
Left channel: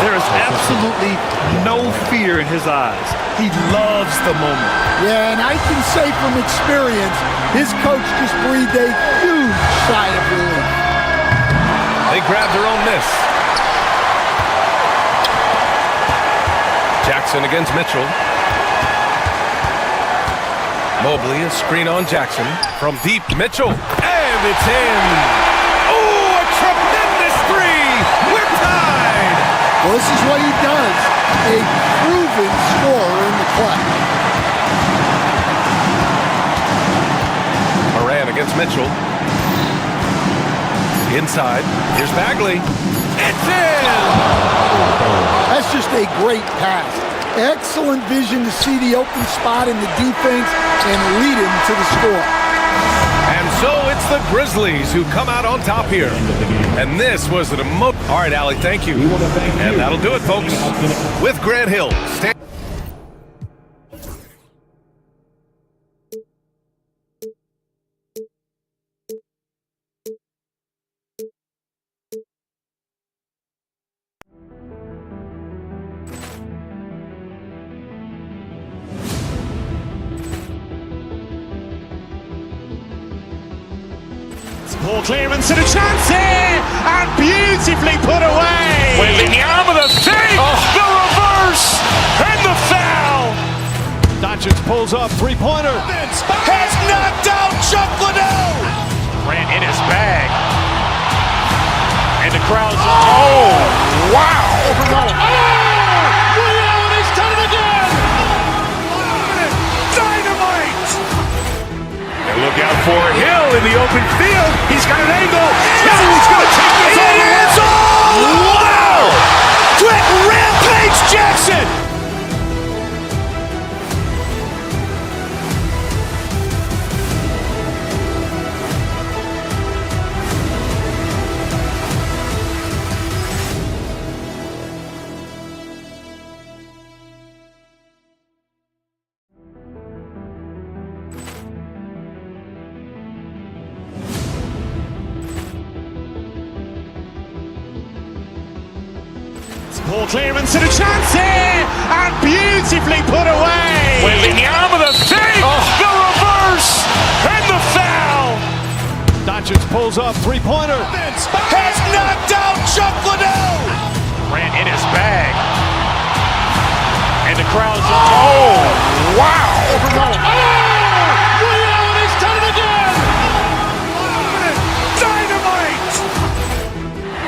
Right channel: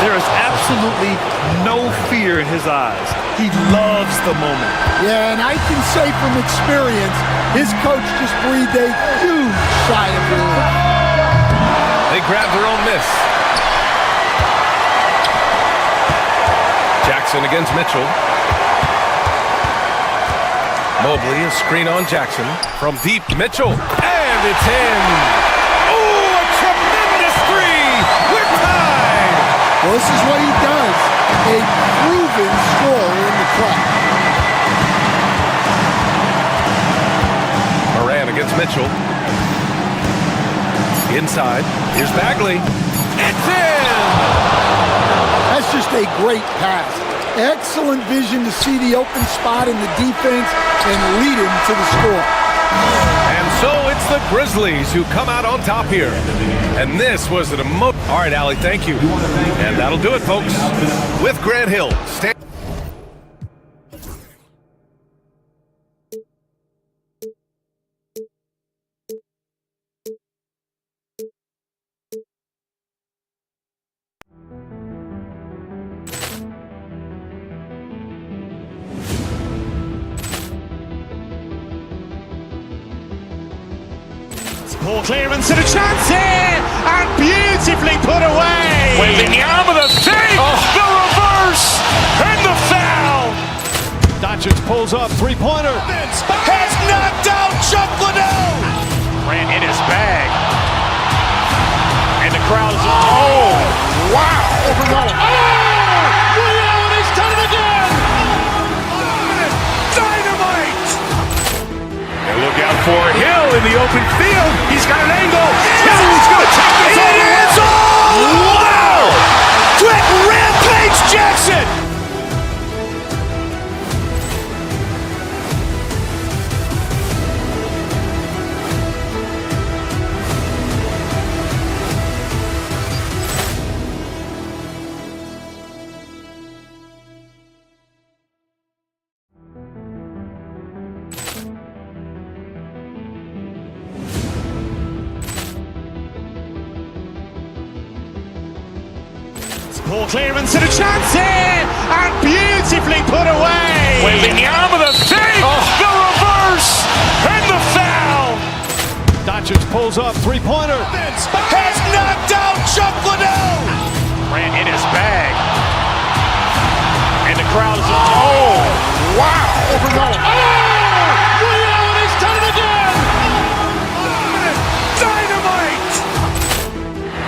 There is absolutely no fear in his eyes. He loves the moment. Yeah, and I can say from experience, his coach just breathed a huge sigh of relief. They grab their own miss. Jackson against Mitchell. Mobley, a screen on Jackson. From deep, Mitchell. And it's in. Oh, a tremendous 3. We're tied. Well, this is what he does. A proven scorer in the clutch. Moran against Mitchell. Inside. Here's Bagley. It's in. That's just a great pass. Excellent vision to see the open spot in the defense and lead him to the score. And so it's the Grizzlies who come out on top here. And this was an All right, Allie, thank you. And that'll do it, folks. With Grant Hill. Poor clearance and a chance here, and beautifully put away. Wembanyama the save, the reverse, and the foul. Doncic pulls up, three-pointer. Has knocked out Chuck Liddell. Grant in his bag, and the crowd's Wow. He's done it again. Dynamite. And look out for Hill in the open field. He's got an angle. Hill's going to take this all the way. Wow! Quick rampage Jackson. Poor clearance and a chance here, and beautifully put away. Wembanyama the save, the reverse, and the foul. Doncic pulls up, three-pointer. Has knocked out Chuck Liddell. Grant in his bag, and the crowd's Wow. He's done it again. Dynamite.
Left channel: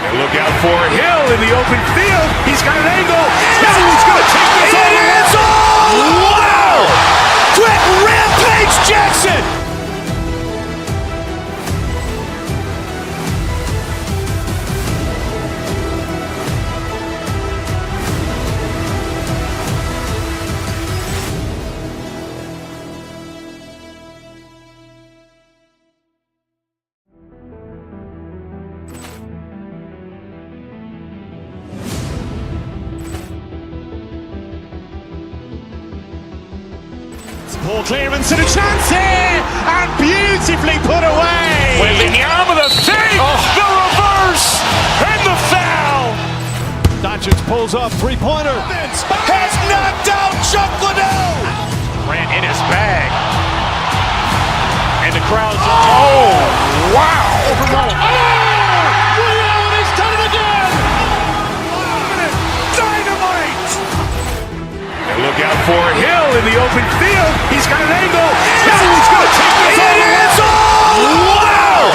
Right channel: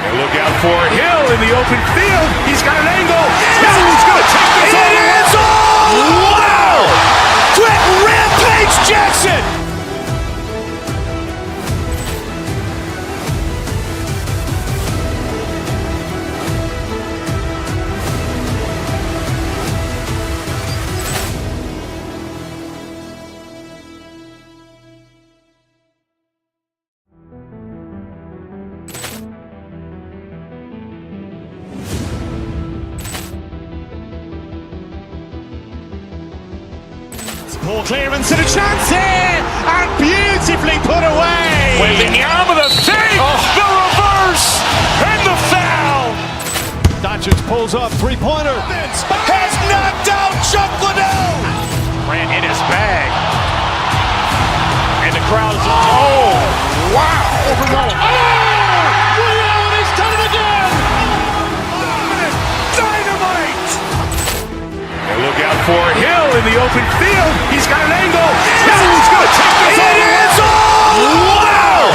And look out for Hill in the open field. He's got an angle. Hill's going to take this all the way. Wow! Quick rampage Jackson. Poor clearance and a chance here, and beautifully put away. Wembanyama the save, the reverse, and the foul. Doncic pulls up, three-pointer. Has knocked out Chuck Liddell. Grant in his bag, and the crowd's Wow. He's done it again. Dynamite. And look out for Hill in the open field. He's got an angle. Hill's going to take this all the way. Wow!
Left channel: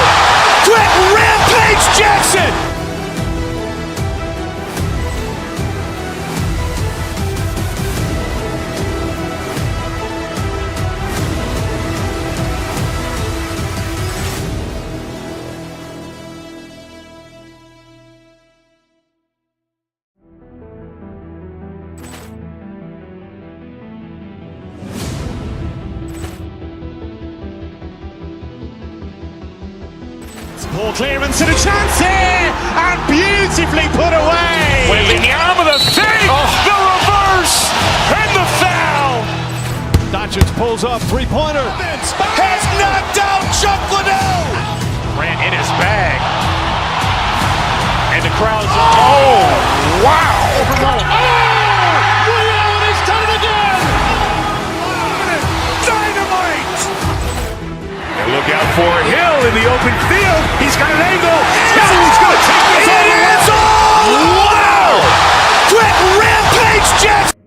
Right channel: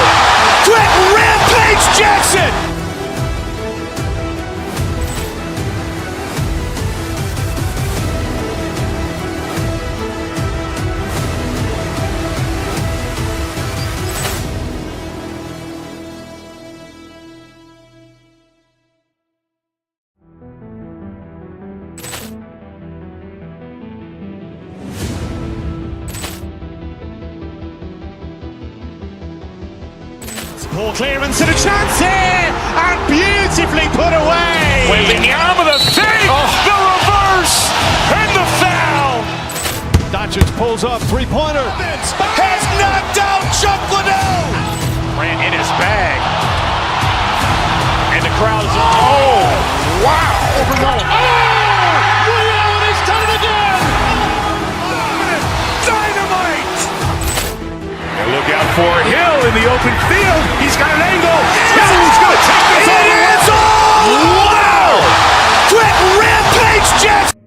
Quick rampage Jackson. Poor clearance and a chance here, and beautifully put away. Wembanyama the save, the reverse, and the foul. Doncic pulls up, three-pointer. Has knocked out Chuck Liddell. Grant in his bag, and the crowd's Wow. He's done it again. Dynamite. And look out for Hill in the open field. He's got an angle. Hill's going to take this all the way. Wow! Quick rampage Jackson.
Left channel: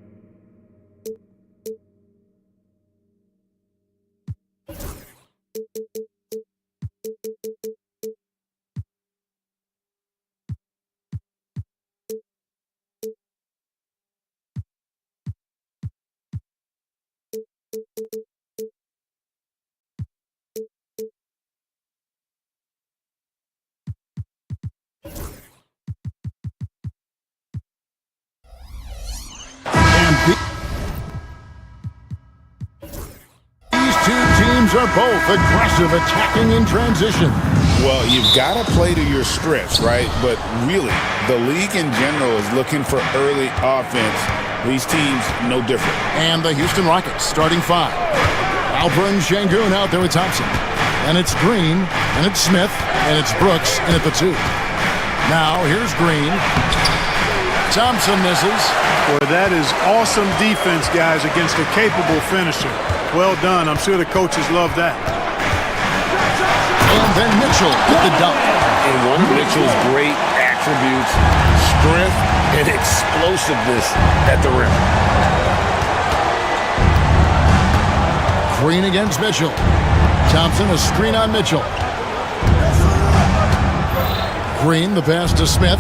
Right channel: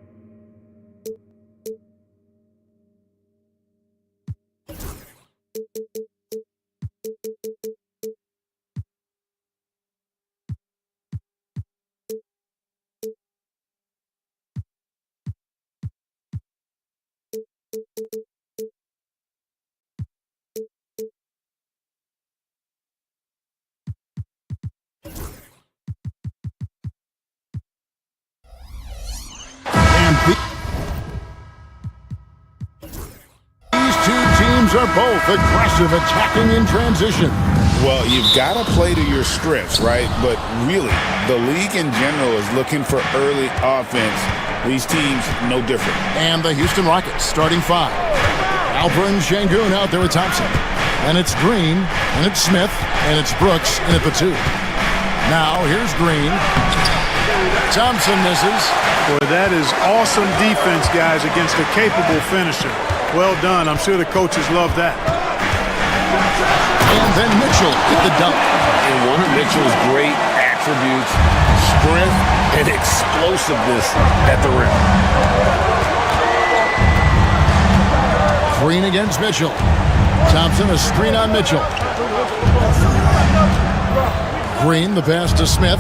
These are both aggressive, attacking in transition. Well, you've got to play to your strengths, right? But really, the league in general is looking for early offense. These teams, no different. And the Houston Rockets starting 5. Alperen Sengun out there with Thompson. And it's Green, and it's Smith, and it's Brooks in at the 2. Now, here's Green. Thompson misses. Boy, that is awesome defense, guys, against a capable finisher. Well done. I'm sure the coaches love that. And then Mitchell with the dunk. And one of Mitchell's great attributes, strength and explosiveness at the rim. Green against Mitchell. Thompson, a screen on Mitchell. Green, the pass to Smith.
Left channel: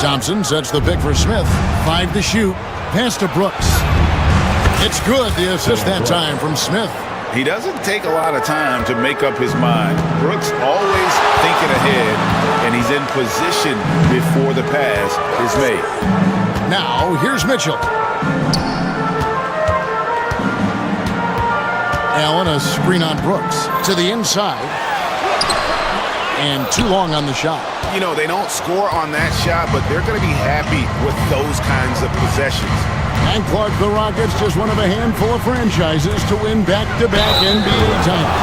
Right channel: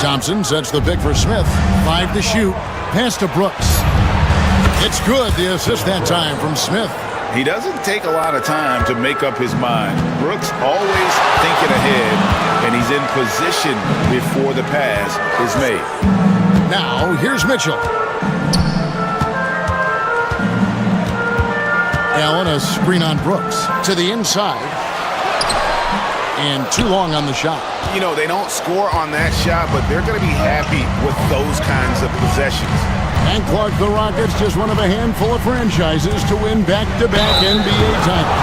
Thompson sets the pick for Smith. 5 to shoot. Pass to Brooks. It's good. The assist that time from Smith. He doesn't take a lot of time to make up his mind. Brooks always thinking ahead, and he's in position before the pass is made. Now, here's Mitchell. Allen, a screen on Brooks. To the inside. And too long on the shot. You know, they don't score on that shot, but they're going to be happy with those kinds of possessions. And Clark, the Rockets, just one of a handful of franchises to win back-to-back NBA titles.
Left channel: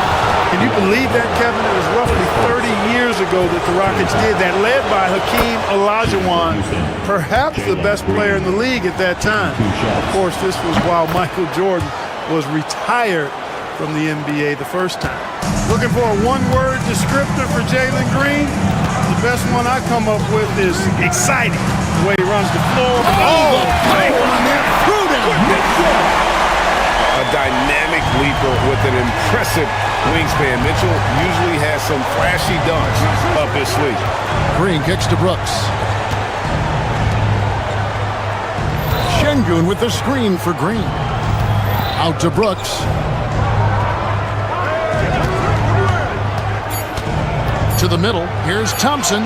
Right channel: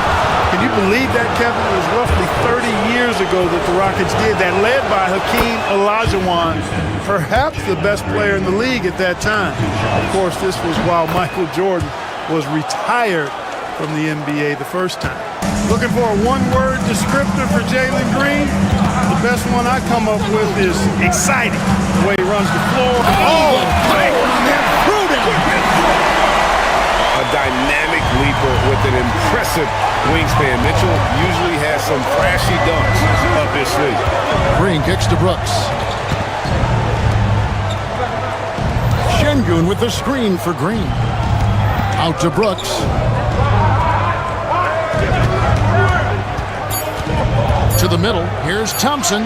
Can you believe that, Kevin? It was roughly 30 years ago that the Rockets did that, led by Hakeem Olajuwon, perhaps the best player in the league at that time. Of course, this was while Michael Jordan was retired from the NBA the first time. Looking for a one-word descriptor for Jalen Green? The best one I come up with is exciting. The way he runs the floor. Oh, on that goodness! A dynamic leaper with an impressive wingspan. Mitchell usually has some flashy dunks up his sleeve. Green kicks to Brooks. Sengun with the screen for Green. Out to Brooks. To the middle. Here's Thompson.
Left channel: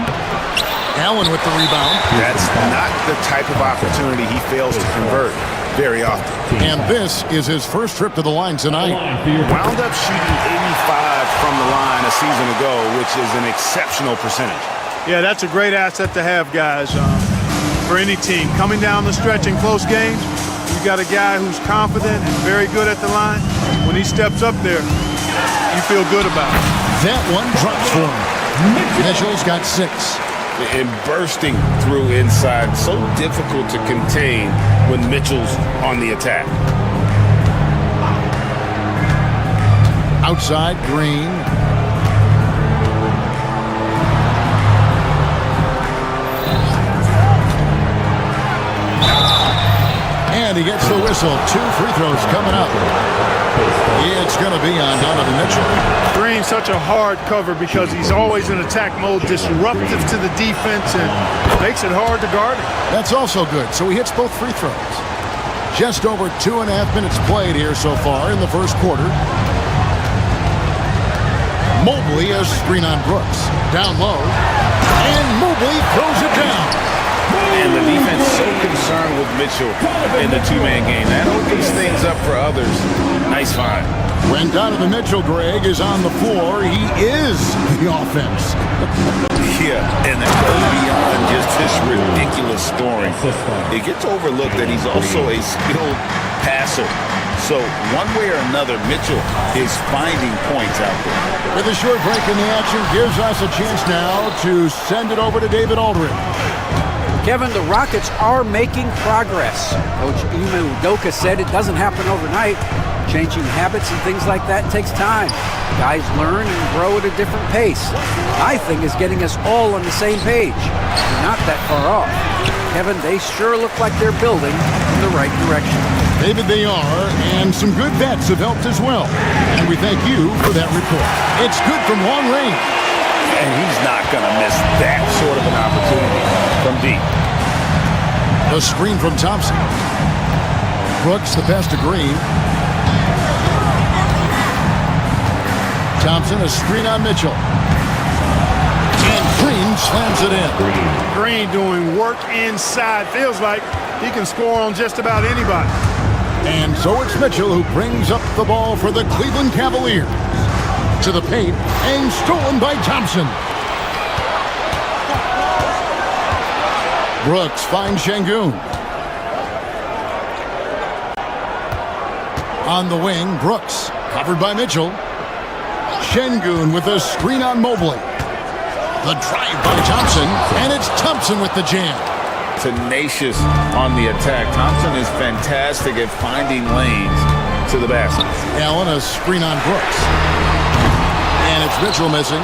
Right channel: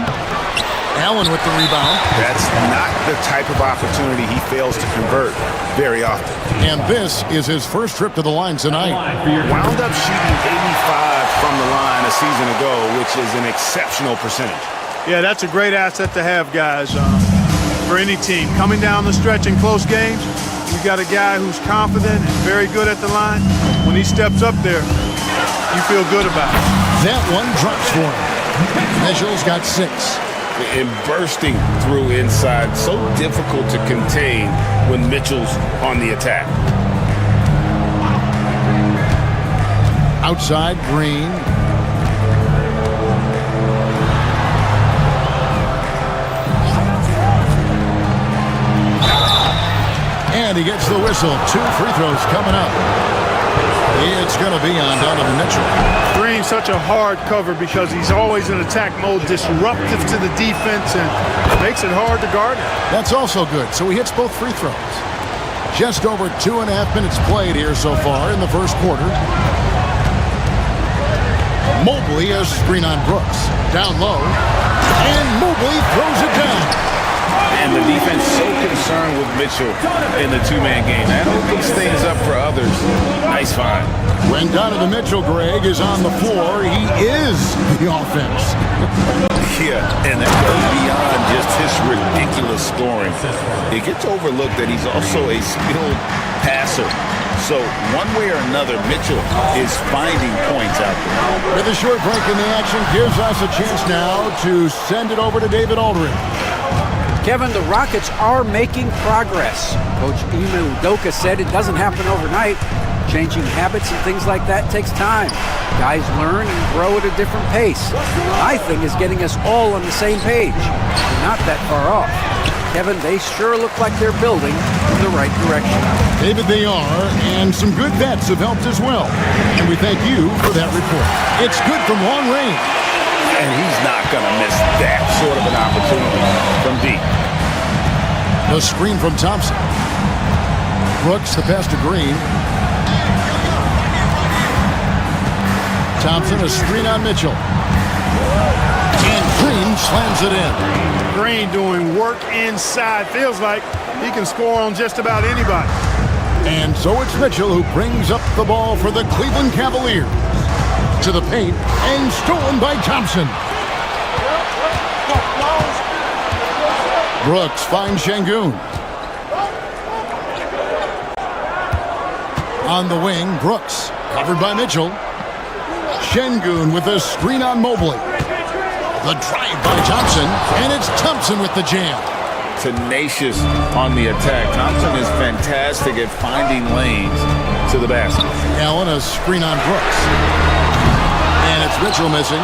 Allen with the rebound. That's not the type of opportunity he fails to convert very often. And this is his first trip to the line tonight. Wound up shooting 85 from the line a season ago, which is an exceptional percentage. Yeah, that's a great asset to have, guys, for any team. Coming down the stretch in close games, you got a guy who's confident and very good at the line. When he steps up there, you feel good about it. That one drops for him. Mitchell's got 6. And bursting through inside, so difficult to contain when Mitchell's on the attack. Outside, Green. And he gets the whistle. 2 free throws coming up. It's going to be on Donovan Mitchell. Green, such a hard cover because he's always in attack mode, disruptive to the defense, and makes it hard to guard him. That's also good. So he hits both free throws. Just over 2.5 minutes played here so far in the first quarter. Mobley has screen on Brooks. Down low. And Mobley throws it down. And the defense so concerned with Mitchell in the two-man game. That opens things up for others. Nice find. When Donovan Mitchell, Greg, is on the floor, he is the offense. Yeah, and that goes beyond just his ridiculous scoring. It gets overlooked that he's also a skilled passer. So one way or another, Mitchell is finding points out there. With a short break in the action, gives us a chance now to send it over to David Aldridge. Kevin, the Rockets are making progress. Coach Ime Udoka said it doesn't happen overnight. Changing habits and things like that takes time. Guys learn and grow at a different pace. My thing is getting us all on the same page. We're not that far off. Kevin, they sure look like they're building in the right direction. David, they are, and some good vets have helped as well. And we thank you for that report. It's good from long range. And he's not going to miss that sort of an opportunity from deep. The screen from Thompson. Brooks, the pass to Green. Thompson, a screen on Mitchell. And Green slams it in. Green doing work inside. Feels like he can score on just about anybody. And so it's Mitchell who brings up the ball for the Cleveland Cavaliers. To the paint and stolen by Thompson. Brooks finds Şengün. On the wing, Brooks, covered by Mitchell. Şengün with a screen on Mobley. The drive by Thompson, and it's Thompson with the jam. Tenacious on the attack. Thompson is fantastic at finding lanes to the basket. Allen, a screen on Brooks. And it's Mitchell missing.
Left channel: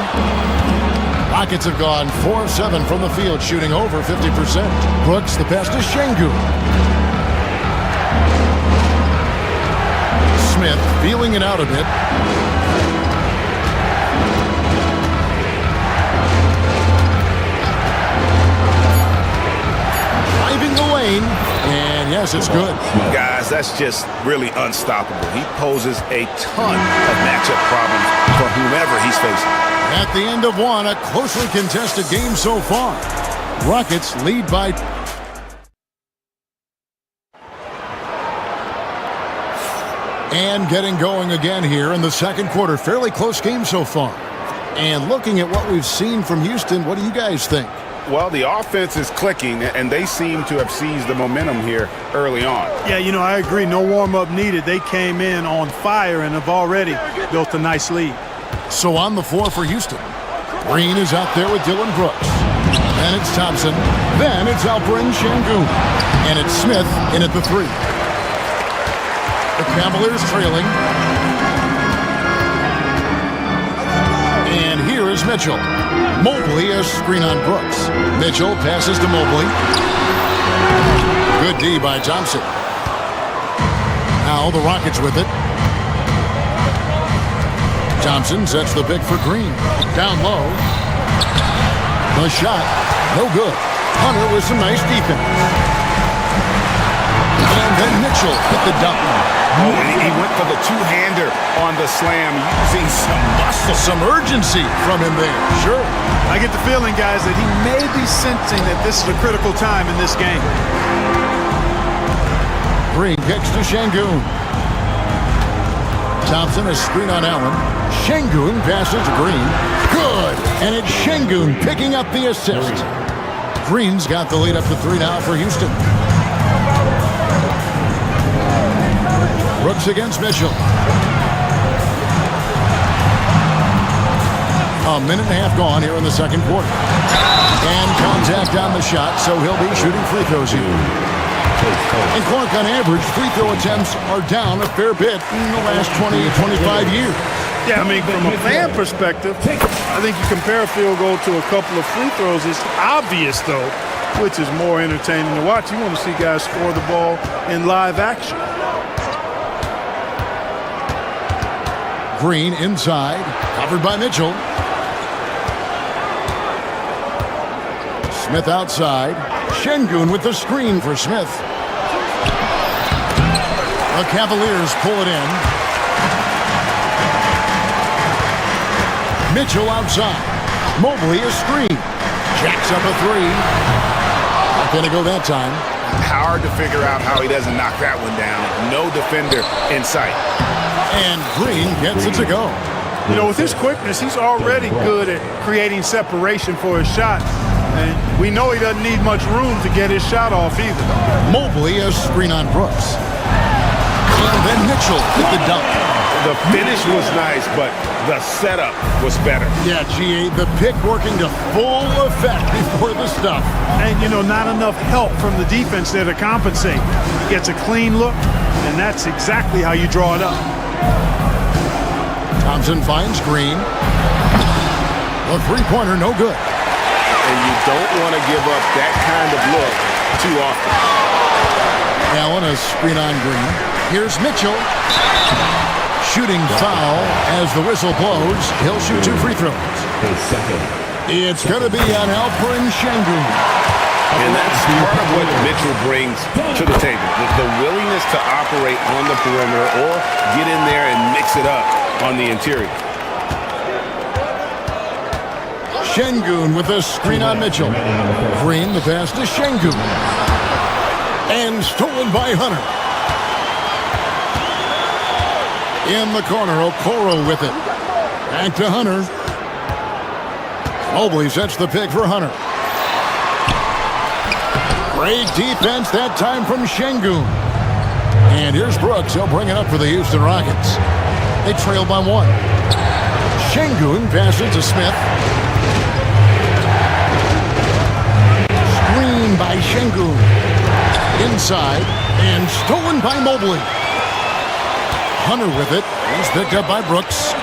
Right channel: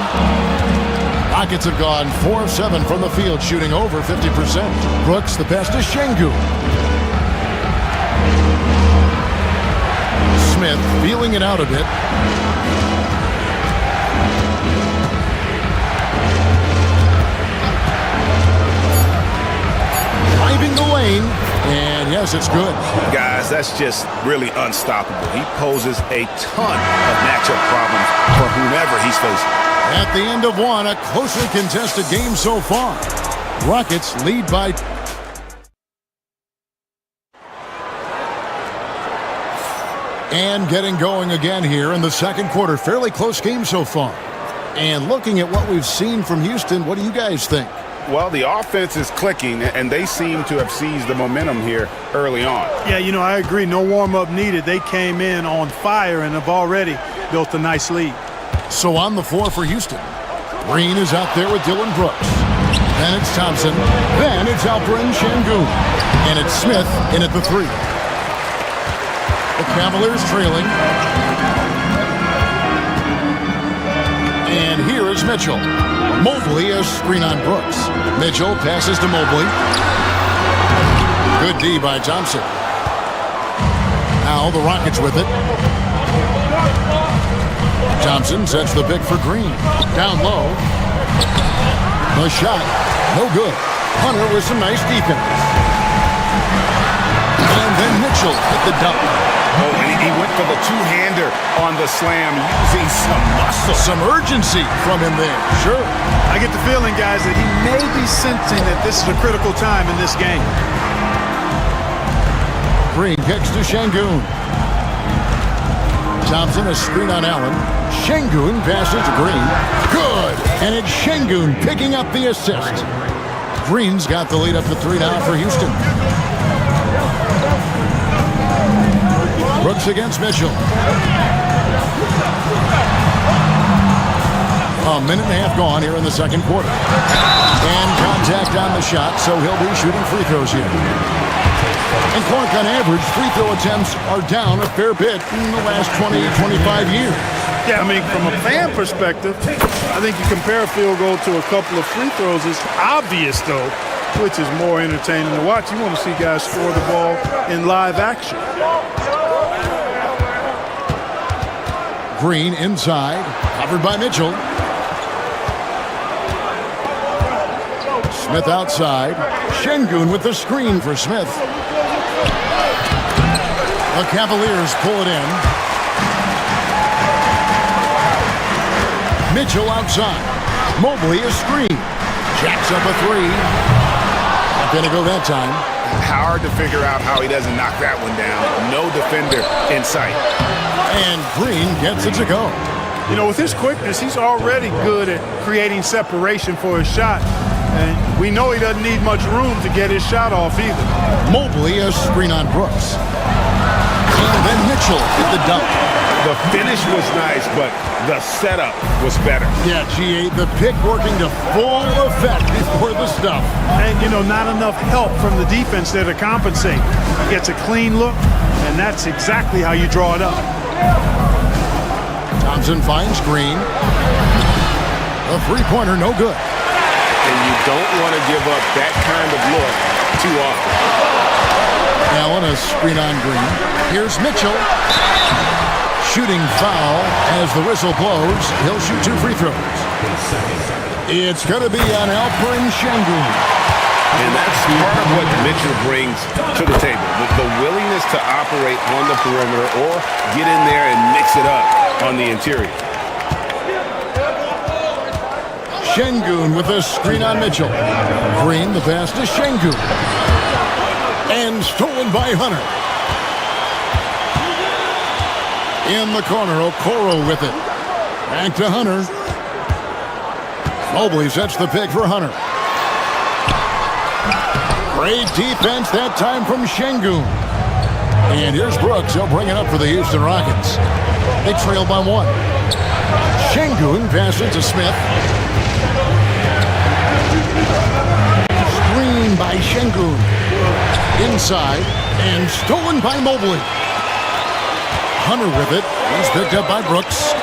Rockets have gone 4 of 7 from the field, shooting over 50%. Brooks, the pass to Şengün. Smith feeling it out a bit. Driving the lane, and yes, it's good. Guys, that's just really unstoppable. He poses a ton of matchup problems for whomever he's facing. At the end of one, a closely contested game so far. Rockets lead by... And getting going again here in the second quarter. Fairly close game so far. And looking at what we've seen from Houston, what do you guys think? Well, the offense is clicking, and they seem to have seized the momentum here early on. Yeah, I agree. No warm-up needed. They came in on fire and have already built a nice lead. So on the floor for Houston, Green is out there with Dillon Brooks. Then it's Thompson. Then it's Alperen Şengün. And it's Smith in at the 3. The Cavaliers trailing. And here is Mitchell. Mobley, a screen on Brooks. Mitchell passes to Mobley. Good D by Thompson. Now the Rockets with it. Thompson sets the pick for Green. Down low. The shot, no good. Hunter with some nice defense. And then Mitchell with the dunk. Oh, and he went for the two-hander on the slam, using some muscle. Some urgency from him there, sure. I get the feeling, guys, that he may be sensing that this is a critical time in this game. Green kicks to Şengün. Thompson, a screen on Allen. Şengün passes to Green. Good! And it's Şengün picking up the assist. Green's got the lead up to 3 now for Houston. Brooks against Mitchell. A minute and a half gone here in the second quarter. And contact on the shot, so he'll be shooting free throws here. And Clark, on average, free throw attempts are down a fair bit in the last 20, 25 years. Yeah, from a fan perspective, I think you compare a field goal to a couple of free throws. It's obvious, though, which is more entertaining to watch. You want to see guys score the ball in live action. Green inside, covered by Mitchell. Smith outside. Şengün with the screen for Smith. The Cavaliers pull it in. Mitchell outside. Mobley a screen. Jacks up a 3. Not going to go that time. Hard to figure out how he doesn't knock that one down. No defender in sight. And Green gets it to go. With his quickness, he's already good at creating separation for his shot. And we know he doesn't need much room to get his shot off either. Mobley a screen on Brooks. And then Mitchell with the dunk. The finish was nice, but the setup was better. Yeah, GA, the pick working to full effect before the stuff. And, not enough help from the defense there to compensate. He gets a clean look, and that's exactly how you draw it up. Thompson finds Green. The three-pointer, no good. And you don't want to give up that kind of look too often. Allen, a screen on Green. Here's Mitchell. Shooting foul as the whistle blows. He'll shoot 2 free throws. It's going to be on Alperen Şengün. And that's part of what Mitchell brings to the table. The willingness to operate on the perimeter or get in there and mix it up on the interior. Şengün with a screen on Mitchell. Green, the pass to Şengün. And stolen by Hunter. In the corner, Okoro with it. Back to Hunter. Mobley sets the pick for Hunter. Great defense that time from Şengün. And here's Brooks. He'll bring it up for the Houston Rockets. They trail by 1. Şengün passes to Smith. Screen by Şengün. Inside and stolen by Mobley. Hunter with it. He's picked up by Brooks.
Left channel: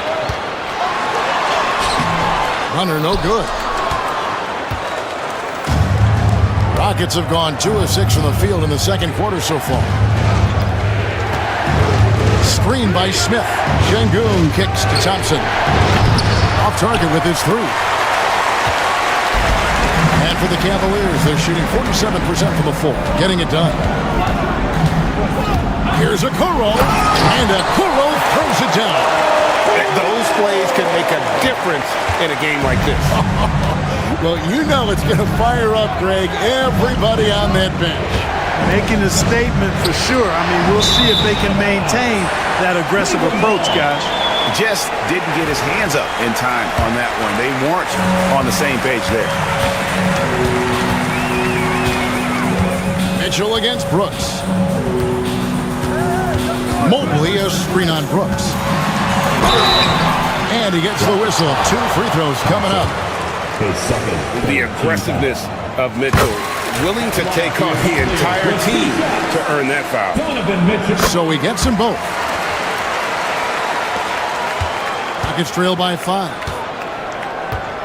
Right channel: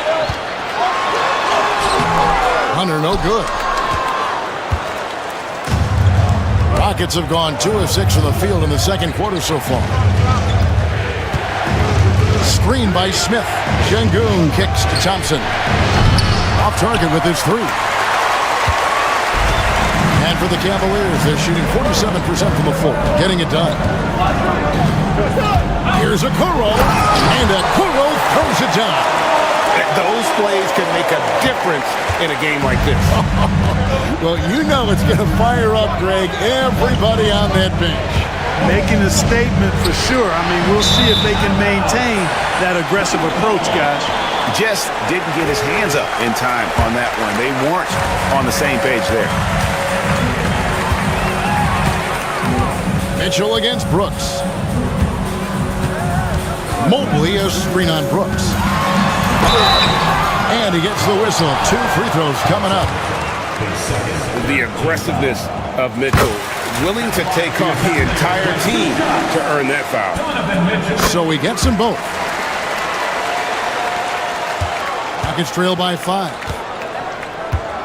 Hunter no good. Rockets have gone 2 of 6 from the field in the second quarter so far. Screen by Smith. Şengün kicks to Thompson. Off target with his 3. And for the Cavaliers, they're shooting 47% from the floor, getting it done. Here's Okoro, and Okoro throws it down. Those plays can make a difference in a game like this. Well, you know it's going to fire up, Greg, everybody on that bench. Making a statement for sure. I mean, we'll see if they can maintain that aggressive approach, guys. Just didn't get his hands up in time on that one. They weren't on the same page there. Mitchell against Brooks. Mobley a screen on Brooks. And he gets the whistle. 2 free throws coming up. The aggressiveness of Mitchell, willing to take on the entire team to earn that foul. So he gets them both. Rockets trail by 5.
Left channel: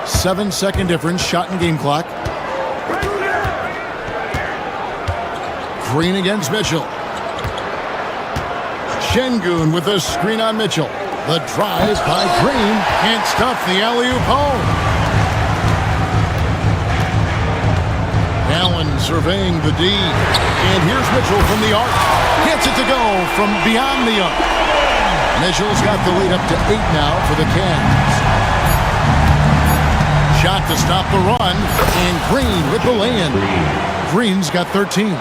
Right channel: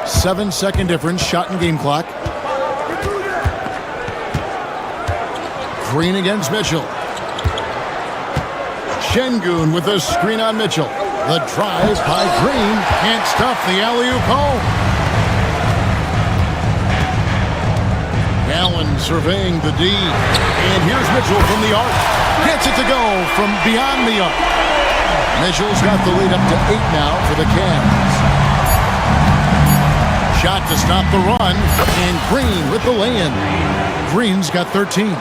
7-second difference, shot and game clock. Green against Mitchell. Şengün with a screen on Mitchell. The drive by Green. Can't stop the alley-oop home. Allen surveying the D. And here's Mitchell from the arc. Gets it to go from beyond the arc. Mitchell's got the lead up to 8 now for the Cavs. Shot to stop the run. And Green with the lay-in. Green's got 13.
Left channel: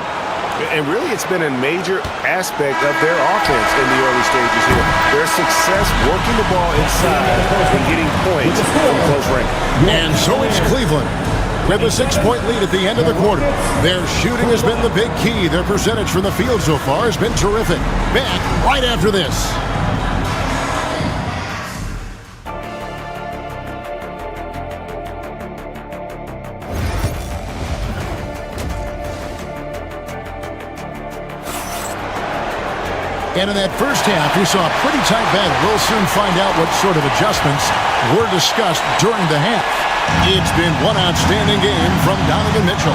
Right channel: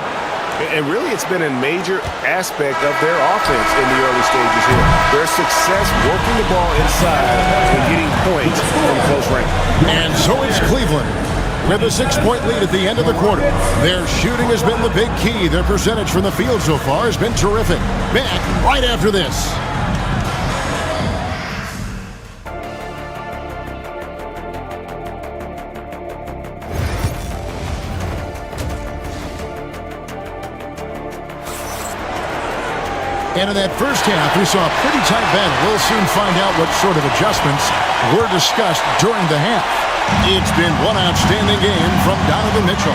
And really, it's been a major aspect of their offense in the early stages here. Their success working the ball inside and getting points from close range. And so it's Cleveland with a 6-point lead at the end of the quarter. Their shooting has been the big key. Their percentage from the field so far has been terrific. Back right after this. And in that first half, we saw a pretty tight battle. We'll soon find out what sort of adjustments were discussed during the half. It's been one outstanding game from Donovan Mitchell.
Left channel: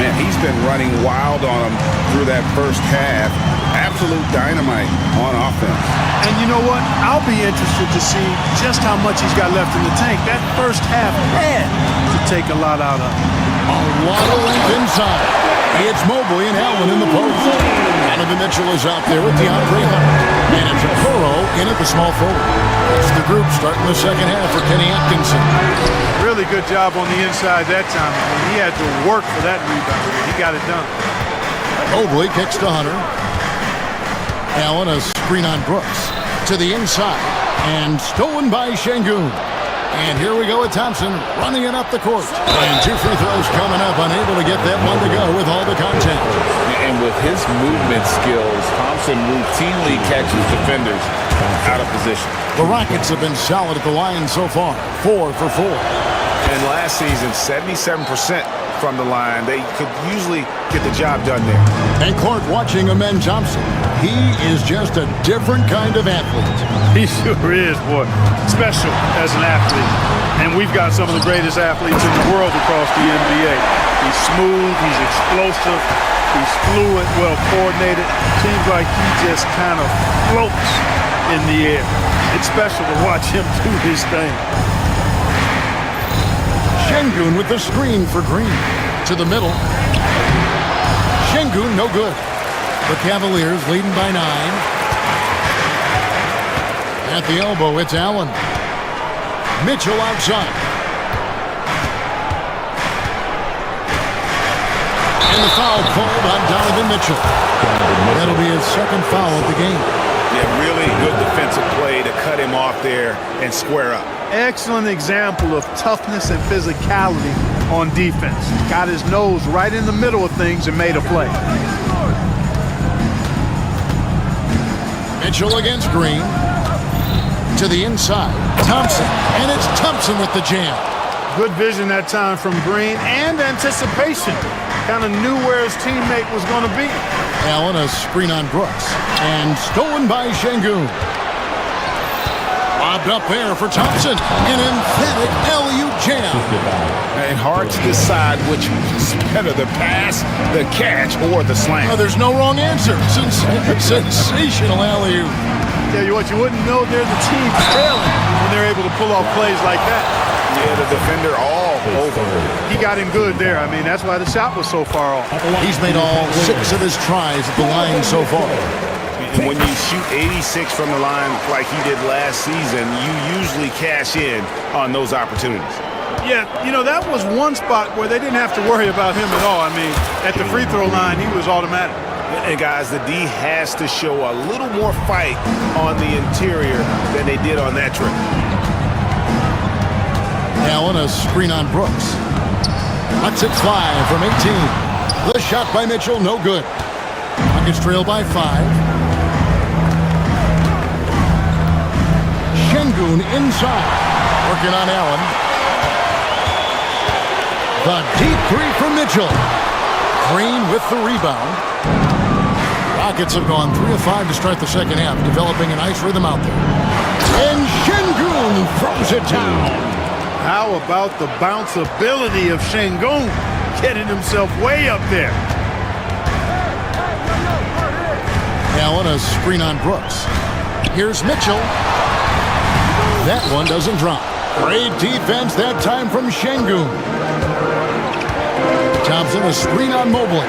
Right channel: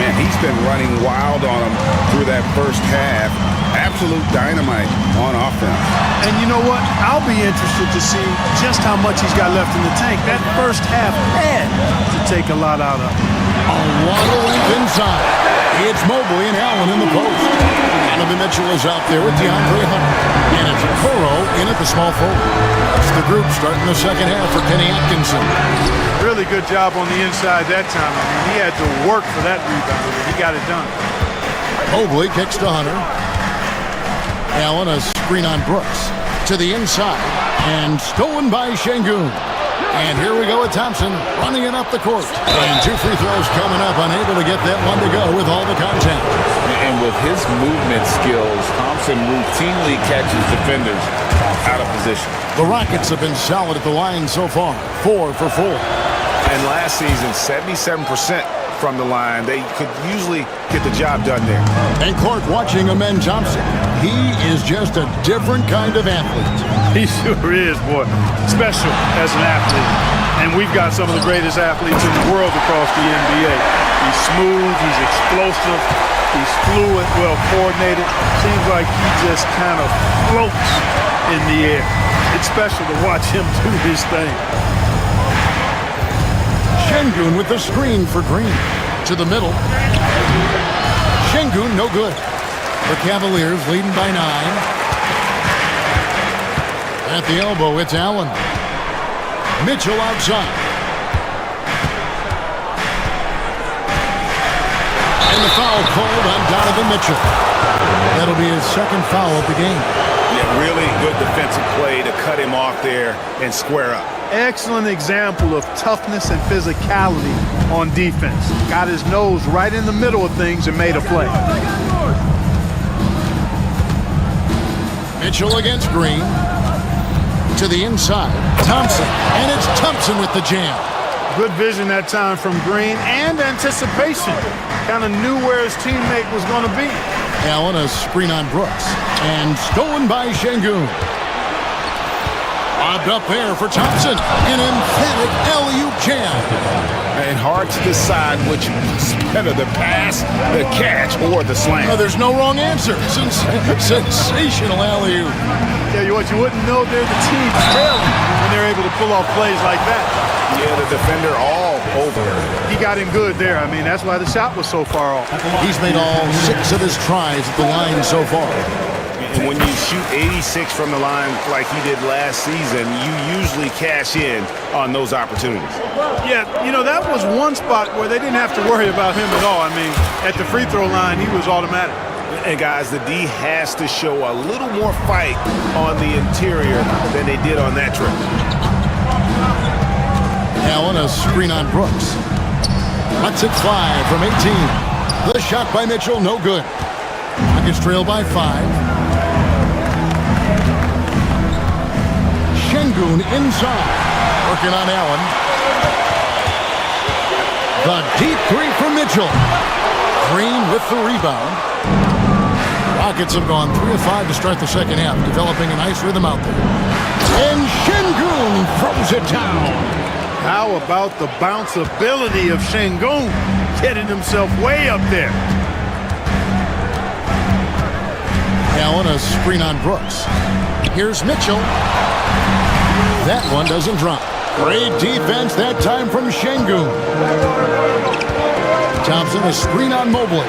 Man, he's been running wild on them through that first half. Absolute dynamite on offense. And you know what? I'll be interested to see just how much he's got left in the tank. That first half had to take a lot out of him. A lot of length inside. It's Mobley and Allen in the post. Donovan Mitchell is out there with DeAndre Hunter. And it's Okoro in at the small forward. That's the group starting the second half for Kenny Atkinson. Really good job on the inside that time. I mean, he had to work for that rebound, and he got it done. Mobley kicks to Hunter. Allen a screen on Brooks. To the inside. And stolen by Şengün. And here we go with Thompson running it up the court. And 2 free throws coming up, unable to get that one to go with all the contact. And with his movement skills, Thompson routinely catches defenders out of position. The Rockets have been solid at the line so far, 4 for 4. And last season, 77% from the line. They could usually get the job done there. And Clark watching Amen Thompson. He is just a different kind of athlete. He sure is, boy. Special as an athlete. And we've got some of the greatest athletes in the world across the NBA. He's smooth, he's explosive, he's fluid, well coordinated. Seems like he just kind of floats in the air. It's special to watch him do his thing. Şengün with the screen for Green. To the middle. Şengün no good. The Cavaliers leading by 9. At the elbow, it's Allen. Mitchell outside. And the foul called on Donovan Mitchell. That'll be his second foul of the game. Yeah, really good defensive play to cut him off there and square up. Excellent example of toughness and physicality on defense. Got his nose right in the middle of things and made a play. Mitchell against Green. To the inside. Thompson. And it's Thompson with the jam. Good vision that time from Green and anticipation. Kind of knew where his teammate was going to be. Allen, a screen on Brooks. And stolen by Şengün. Lobbed up there for Thompson. An emphatic alley-oop jam. And hard to decide which was better, the pass, the catch, or the slam. Oh, there's no wrong answer. Sensational alley-oop. Tell you what, you wouldn't know they're the team trailing when they're able to pull off plays like that. Yeah, the defender all over. He got him good there. I mean, that's why the shot was so far off. He's made all 6 of his tries at the line so far. And when you shoot 86 from the line like he did last season, you usually cash in on those opportunities. Yeah, you know, that was one spot where they didn't have to worry about him at all. I mean, at the free throw line, he was automatic. And guys, the D has to show a little more fight on the interior than they did on that trip. Allen, a screen on Brooks. Lets it fly from 18. The shot by Mitchell, no good. Rockets trail by 5. Şengün inside. Working on Allen. The deep 3 from Mitchell. Green with the rebound. Rockets have gone 3 of 5 to start the second half, developing a nice rhythm out there. And Şengün throws it down. How about the bounceability of Şengün, getting himself way up there. Allen, a screen on Brooks. Here's Mitchell. That one doesn't drop. Great defense that time from Şengün. Thompson, a screen on Mobley.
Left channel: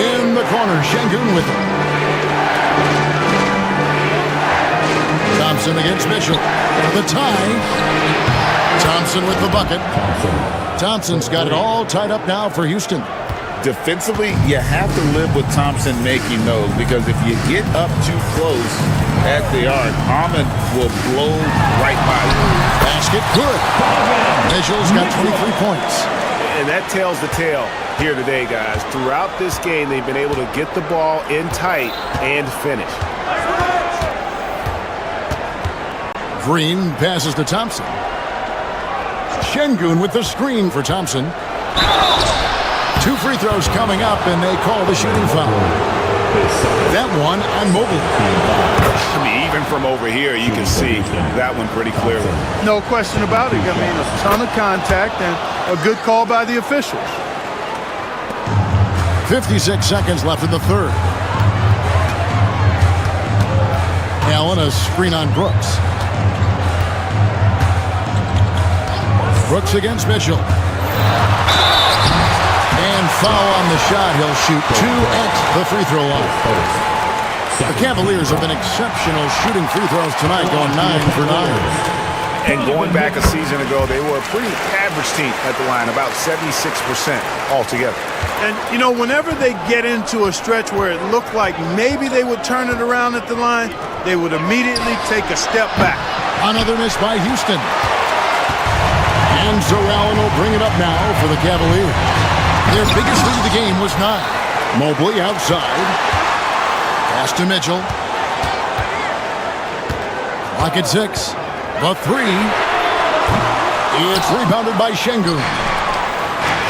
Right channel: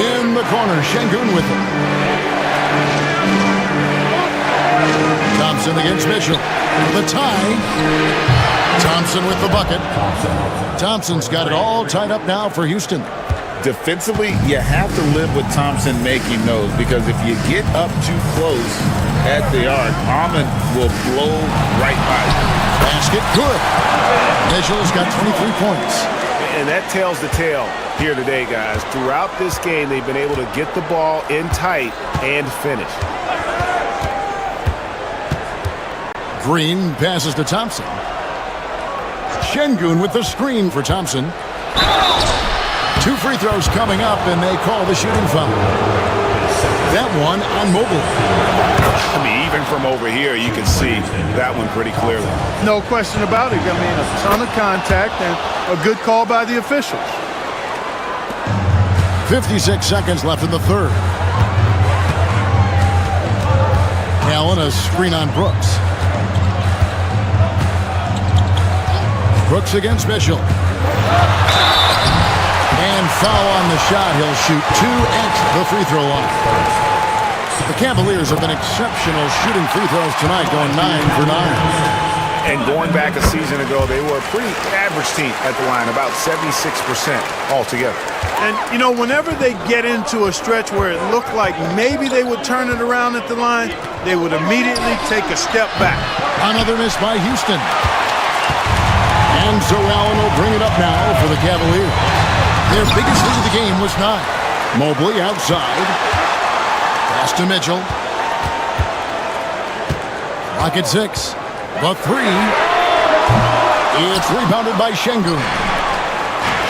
In the corner, Şengün with it. Thompson against Mitchell. For the tie. Thompson with the bucket. Thompson's got it all tied up now for Houston. Defensively, you have to live with Thompson making those, because if you get up too close at the arc, Ahmed will blow right by you. Basket good. Mitchell's got 23 points. And that tells the tale here today, guys. Throughout this game, they've been able to get the ball in tight and finish. Green passes to Thompson. Şengün with the screen for Thompson. 2 free throws coming up, and they call the shooting foul. That one on Mobley. I mean, even from over here, you can see that one pretty clearly. No question about it. I mean, a ton of contact and a good call by the officials. 56 seconds left in the third. Allen, a screen on Brooks. Brooks against Mitchell. And foul on the shot. He'll shoot 2 at the free throw line. The Cavaliers have been exceptional shooting free throws tonight, going 9 for 9. And going back a season ago, they were a pretty average team at the line, about 76% altogether. And, you know, whenever they get into a stretch where it looked like maybe they would turn it around at the line, they would immediately take a step back. Another miss by Houston. And so Allen will bring it up now for the Cavaliers. Their biggest lead of the game was 9. Mobley outside. Pass to Mitchell. Clock at 6. The 3. It's rebounded by Şengün.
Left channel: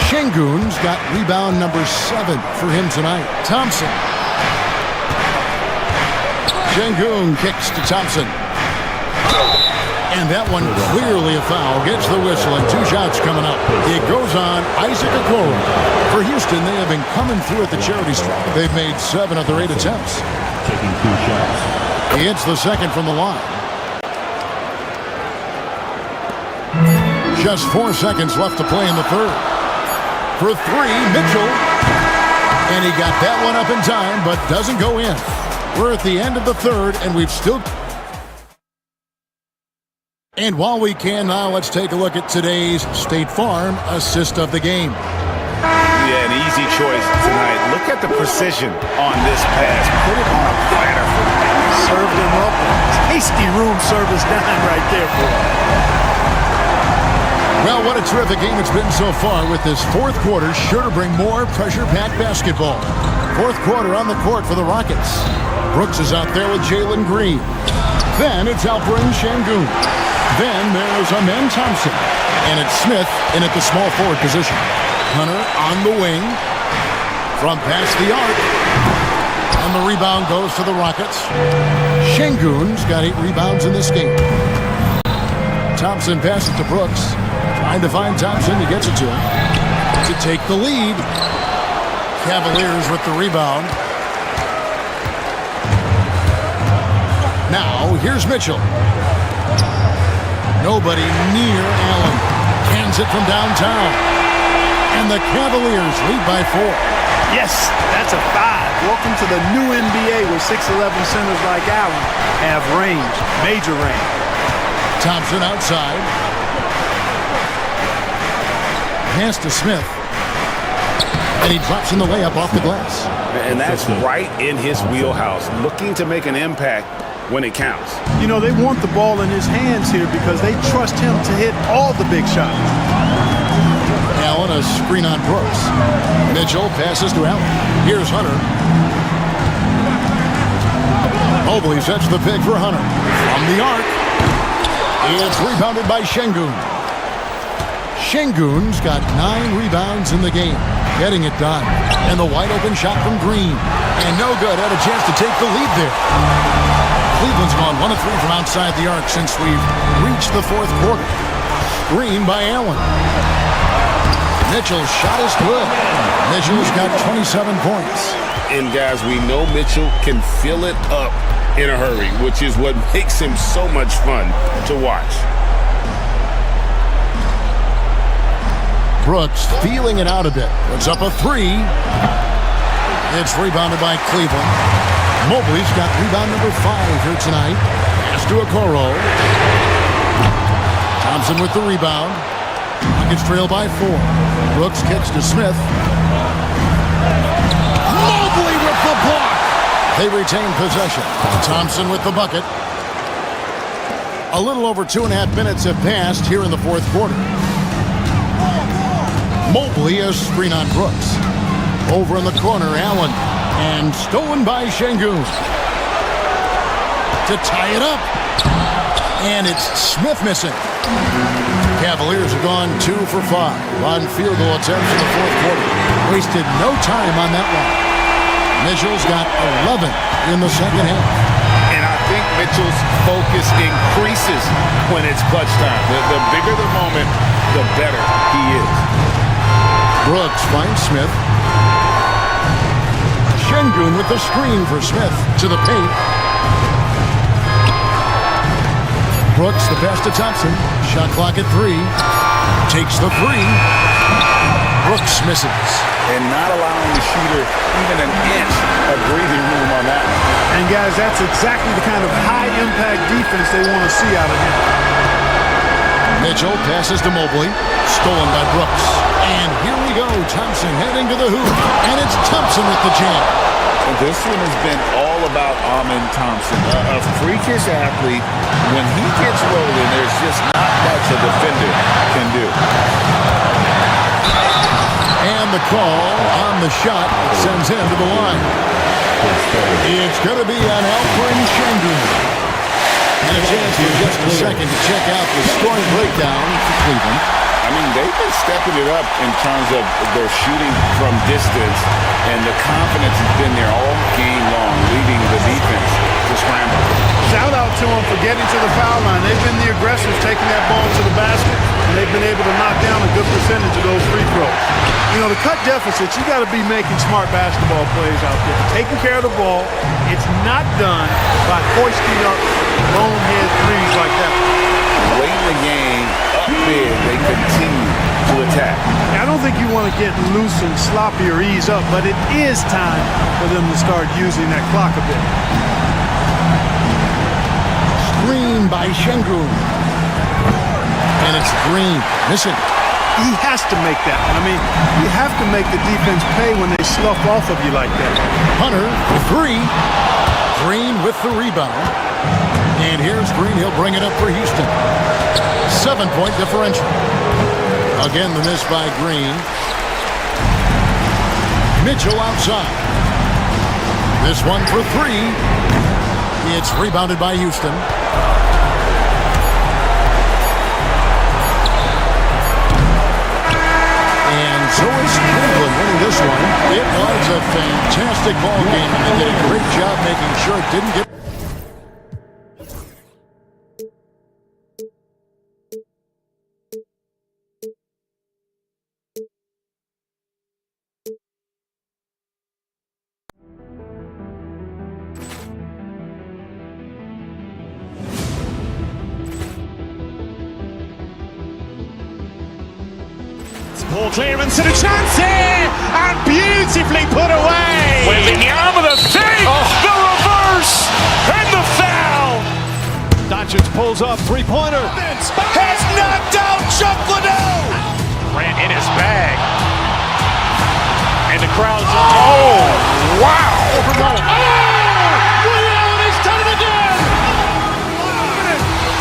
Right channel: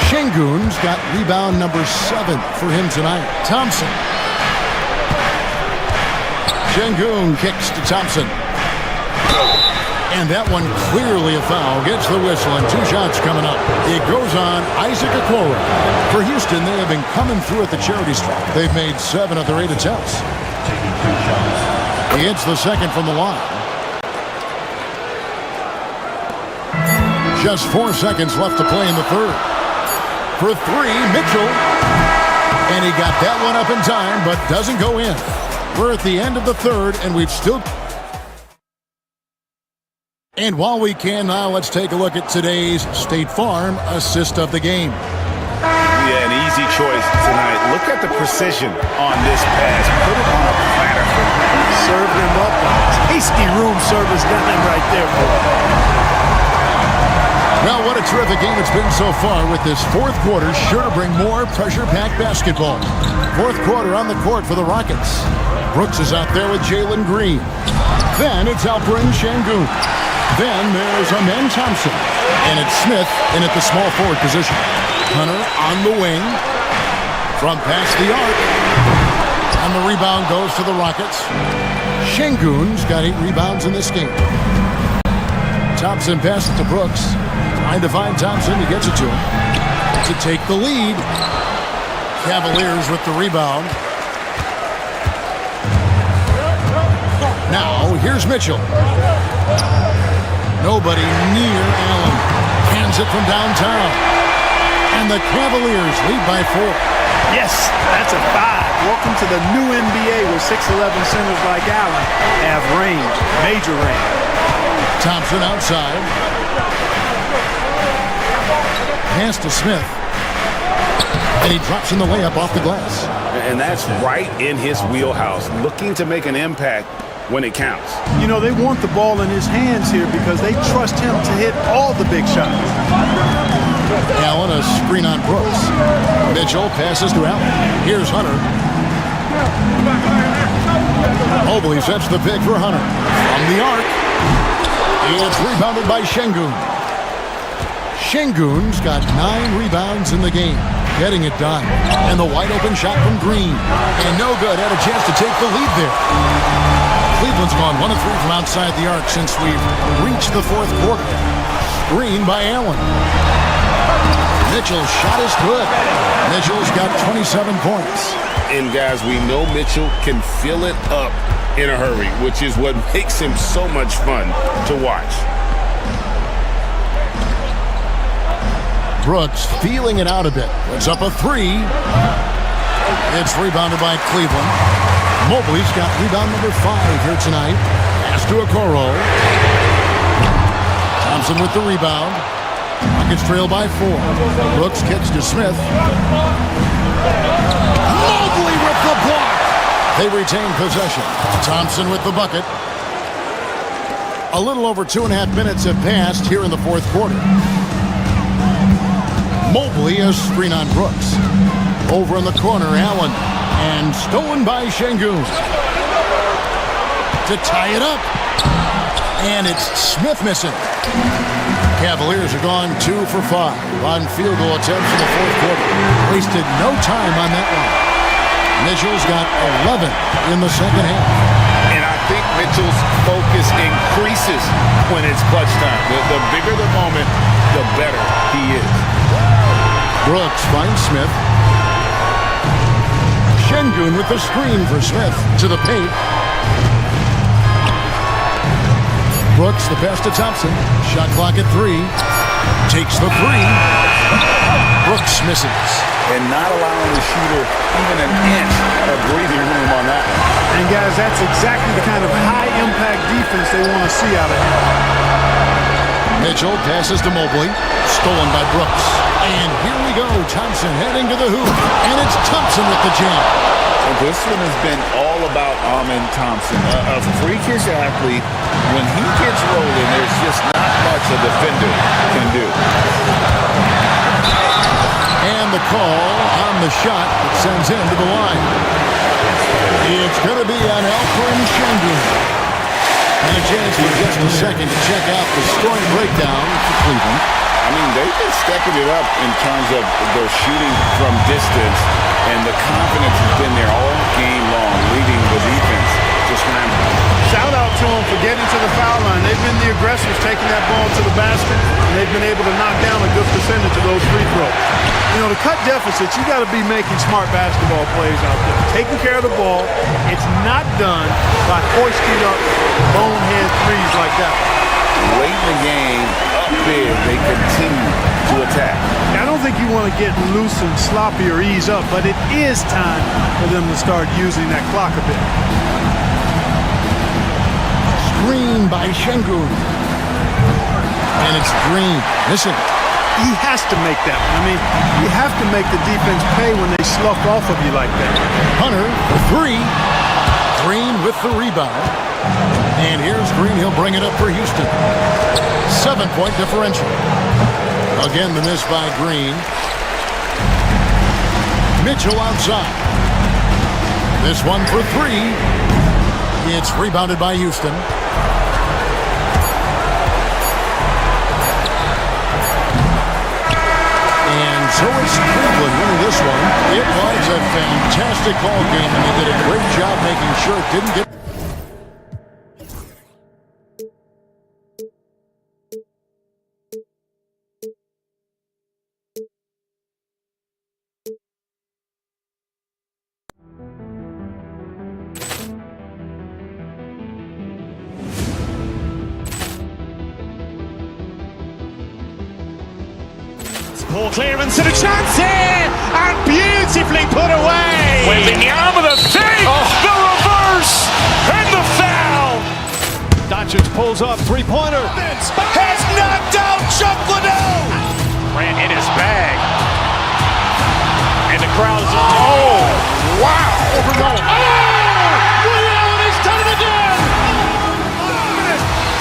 Şengün's got rebound number 7 for him tonight. Thompson. Şengün kicks to Thompson. And that one clearly a foul. Gets the whistle, and 2 shots coming up. It goes on Isaac Okoro. For Houston, they have been coming through at the charity stripe. They've made 7 of their 8 attempts. Taking 2 shots. He hits the second from the line. Just 4 seconds left to play in the third. For 3, Mitchell. And he got that one up in time, but doesn't go in. We're at the end of the third, and we've still... And while we can now, let's take a look at today's State Farm assist of the game. Yeah, an easy choice tonight. Look at the precision on this pass. Put it on a platter for served him up a tasty room service dime right there for him. Well, what a terrific game it's been so far with this fourth quarter. Sure to bring more pressure-packed basketball. Fourth quarter on the court for the Rockets. Brooks is out there with Jalen Green. Then it's Alperen Şengün. Then there's Amen Thompson. And it's Smith in at the small forward position. Hunter on the wing. From past the arc. And the rebound goes to the Rockets. Şengün's got 8 rebounds in this game. Thompson passes to Brooks. Trying to find Thompson. He gets it to him. To take the lead. Cavaliers with the rebound. Now, here's Mitchell. Nobody near Allen. Hands it from downtown. And the Cavaliers lead by 4. Yes, that's a 5. Welcome to the new NBA where 6'11 centers like Allen have range, major range. Thompson outside. Pass to Smith. And he drops in the layup off the glass. And that's right in his wheelhouse, looking to make an impact when it counts. You know, they want the ball in his hands here because they trust him to hit all the big shots. Allen, a screen on Brooks. Mitchell passes to Allen. Here's Hunter. Mobley sets the pick for Hunter. From the arc. It's rebounded by Şengün. Şengün's got 9 rebounds in the game. Getting it done. And the wide open shot from Green. And no good. Had a chance to take the lead there. Cleveland's gone 1 of 3 from outside the arc since we've reached the fourth quarter. Screen by Allen. Mitchell's shot is good. Mitchell's got 27 points. And guys, we know Mitchell can fill it up in a hurry, which is what makes him so much fun to watch. Brooks feeling it out a bit. Puts up a 3. It's rebounded by Cleveland. Mobley's got rebound number 5 here tonight. Pass to Okoro. Thompson with the rebound. Rockets trail by 4. Brooks kicks to Smith. Mobley with the block. They retain possession. Thompson with the bucket. A little over 2.5 minutes have passed here in the fourth quarter. Mobley a screen on Brooks. Over in the corner, Allen. And stolen by Şengün. To tie it up. And it's Smith missing. Cavaliers have gone 2 for 5 on field goal attempts in the fourth quarter. Wasted no time on that one. Mitchell's got 11 in the second half. And I think Mitchell's focus increases when it's clutch time. The bigger the moment, the better he is. Brooks finds Smith. Şengün with the screen for Smith to the paint. Brooks the pass to Thompson. Shot clock at 3. Takes the 3. Brooks misses. And not allowing the shooter even an inch of breathing room on that one. And guys, that's exactly the kind of high-impact defense they want to see out of him. Mitchell passes to Mobley. Stolen by Brooks. And here we go. Thompson heading to the hoop. And it's Thompson with the jam. And this one has been all about Amen Thompson. A freakish athlete. When he gets rolling, there's just not much a defender can do. And the call on the shot that sends him to the line. It's going to be on Alperen Şengün. And a chance for just a second to check out the scoring breakdown for Cleveland. I mean, they've been stepping it up in terms of their shooting from distance, and the confidence has been there all game long, leading the defense to scramble. Shout out to them for getting to the foul line. They've been the aggressors taking that ball to the basket, and they've been able to knock down a good percentage of those free throws. You know, to cut deficits, you got to be making smart basketball plays out there. Taking care of the ball, it's not done by hoisting up bonehead threes like that. Late in the game, up big, they continue to attack. I don't think you want to get loose and sloppy or ease up, but it is time for them to start using that clock a bit. Screen by Şengün. And it's Green missing. He has to make that one. I mean, you have to make the defense pay when they slough off of you like that. Hunter for 3. Green with the rebound. And here's Green. He'll bring it up for Houston. 7-point differential. Again, the miss by Green. Mitchell outside. This one for three. It's rebounded by Houston. And so it's Cleveland winning this one. It was a fantastic ball game, and they did a great job making sure it didn't get... Ball clearance and a chance here, and beautifully put away. Wembanyama the fake, the reverse, and the foul. Doncic pulls up, three-pointer. Has knocked out Chuck Liddell. Ran in his bag. And the crowd's, oh, wow. Liddell, and he's done it again.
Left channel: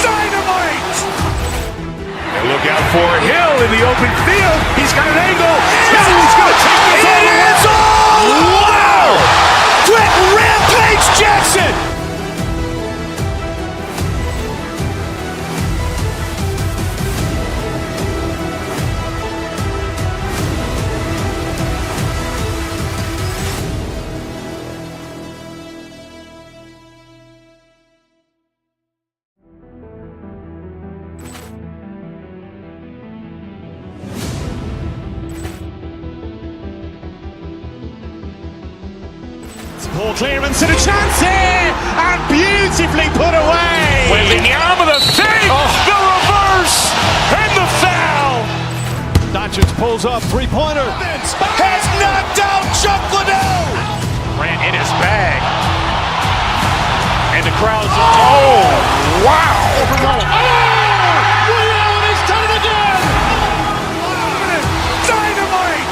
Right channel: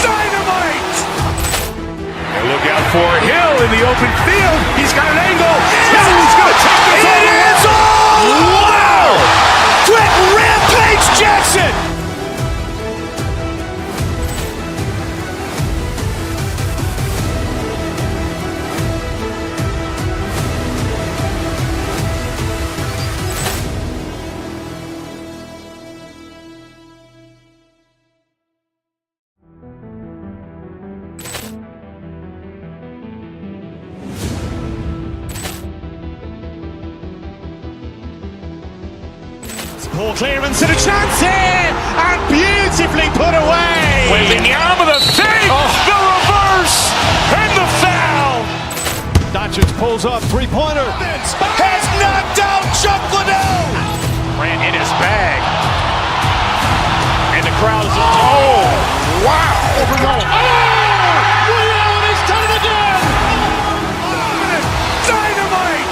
Dynamite. And look out for Hill in the open field. He's got an angle. He's going to take this all the way. Wow! Quick Rampage Jackson. Ball clearance and a chance here, and beautifully put away. Wembanyama the fake, the reverse, and the foul. Doncic pulls up, three-pointer. Has knocked out Chuck Liddell. Ran in his bag. And the crowd's, oh, wow. Liddell, and he's done it again. Dynamite.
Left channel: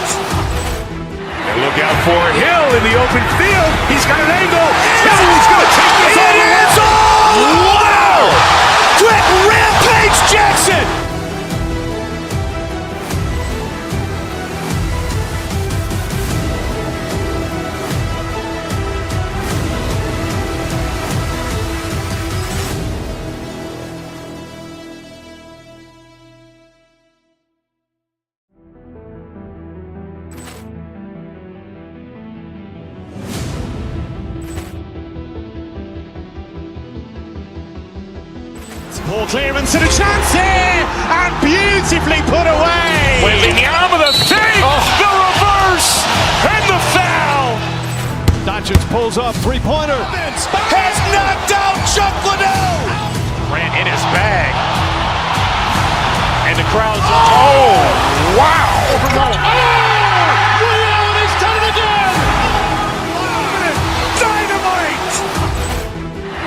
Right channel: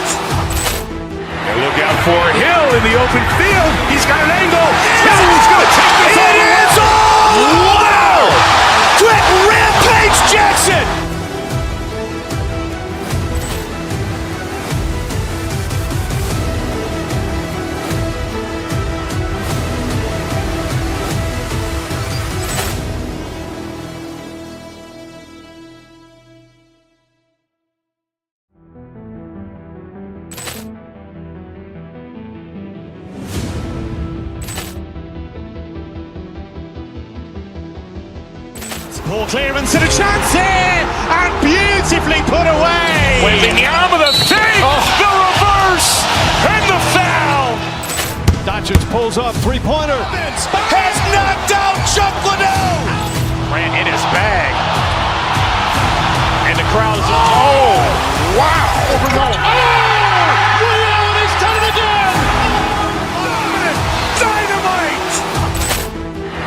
And look out for Hill in the open field. He's got an angle. He's going to take this all the way. Wow! Quick Rampage Jackson. Ball clearance and a chance here, and beautifully put away. Wembanyama the fake, the reverse, and the foul. Doncic pulls up, three-pointer. Has knocked out Chuck Liddell. Ran in his bag. And the crowd's, oh, wow. Liddell, and he's done it again. Dynamite.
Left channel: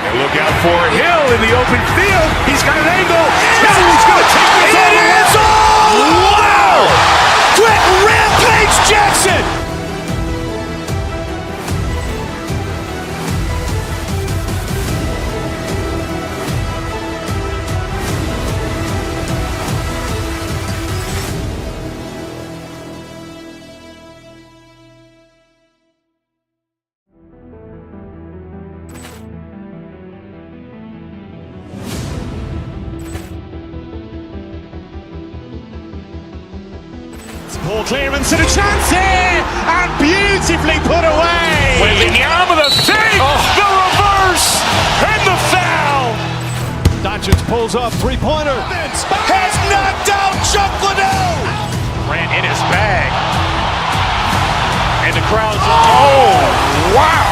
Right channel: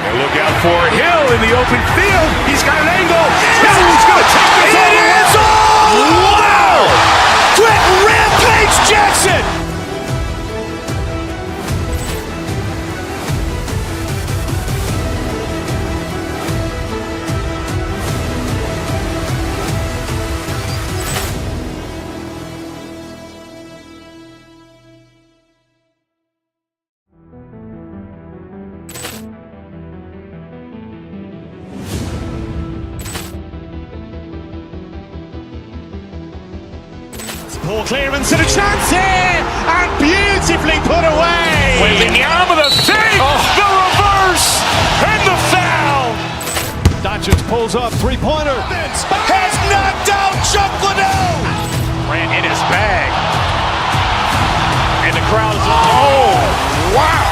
And look out for Hill in the open field. He's got an angle. He's going to take this all the way. Wow! Quick Rampage Jackson. Ball clearance and a chance here, and beautifully put away. Wembanyama the fake, the reverse, and the foul. Doncic pulls up, three-pointer. Has knocked out Chuck Liddell. Ran in his bag. And the crowd's, oh, wow.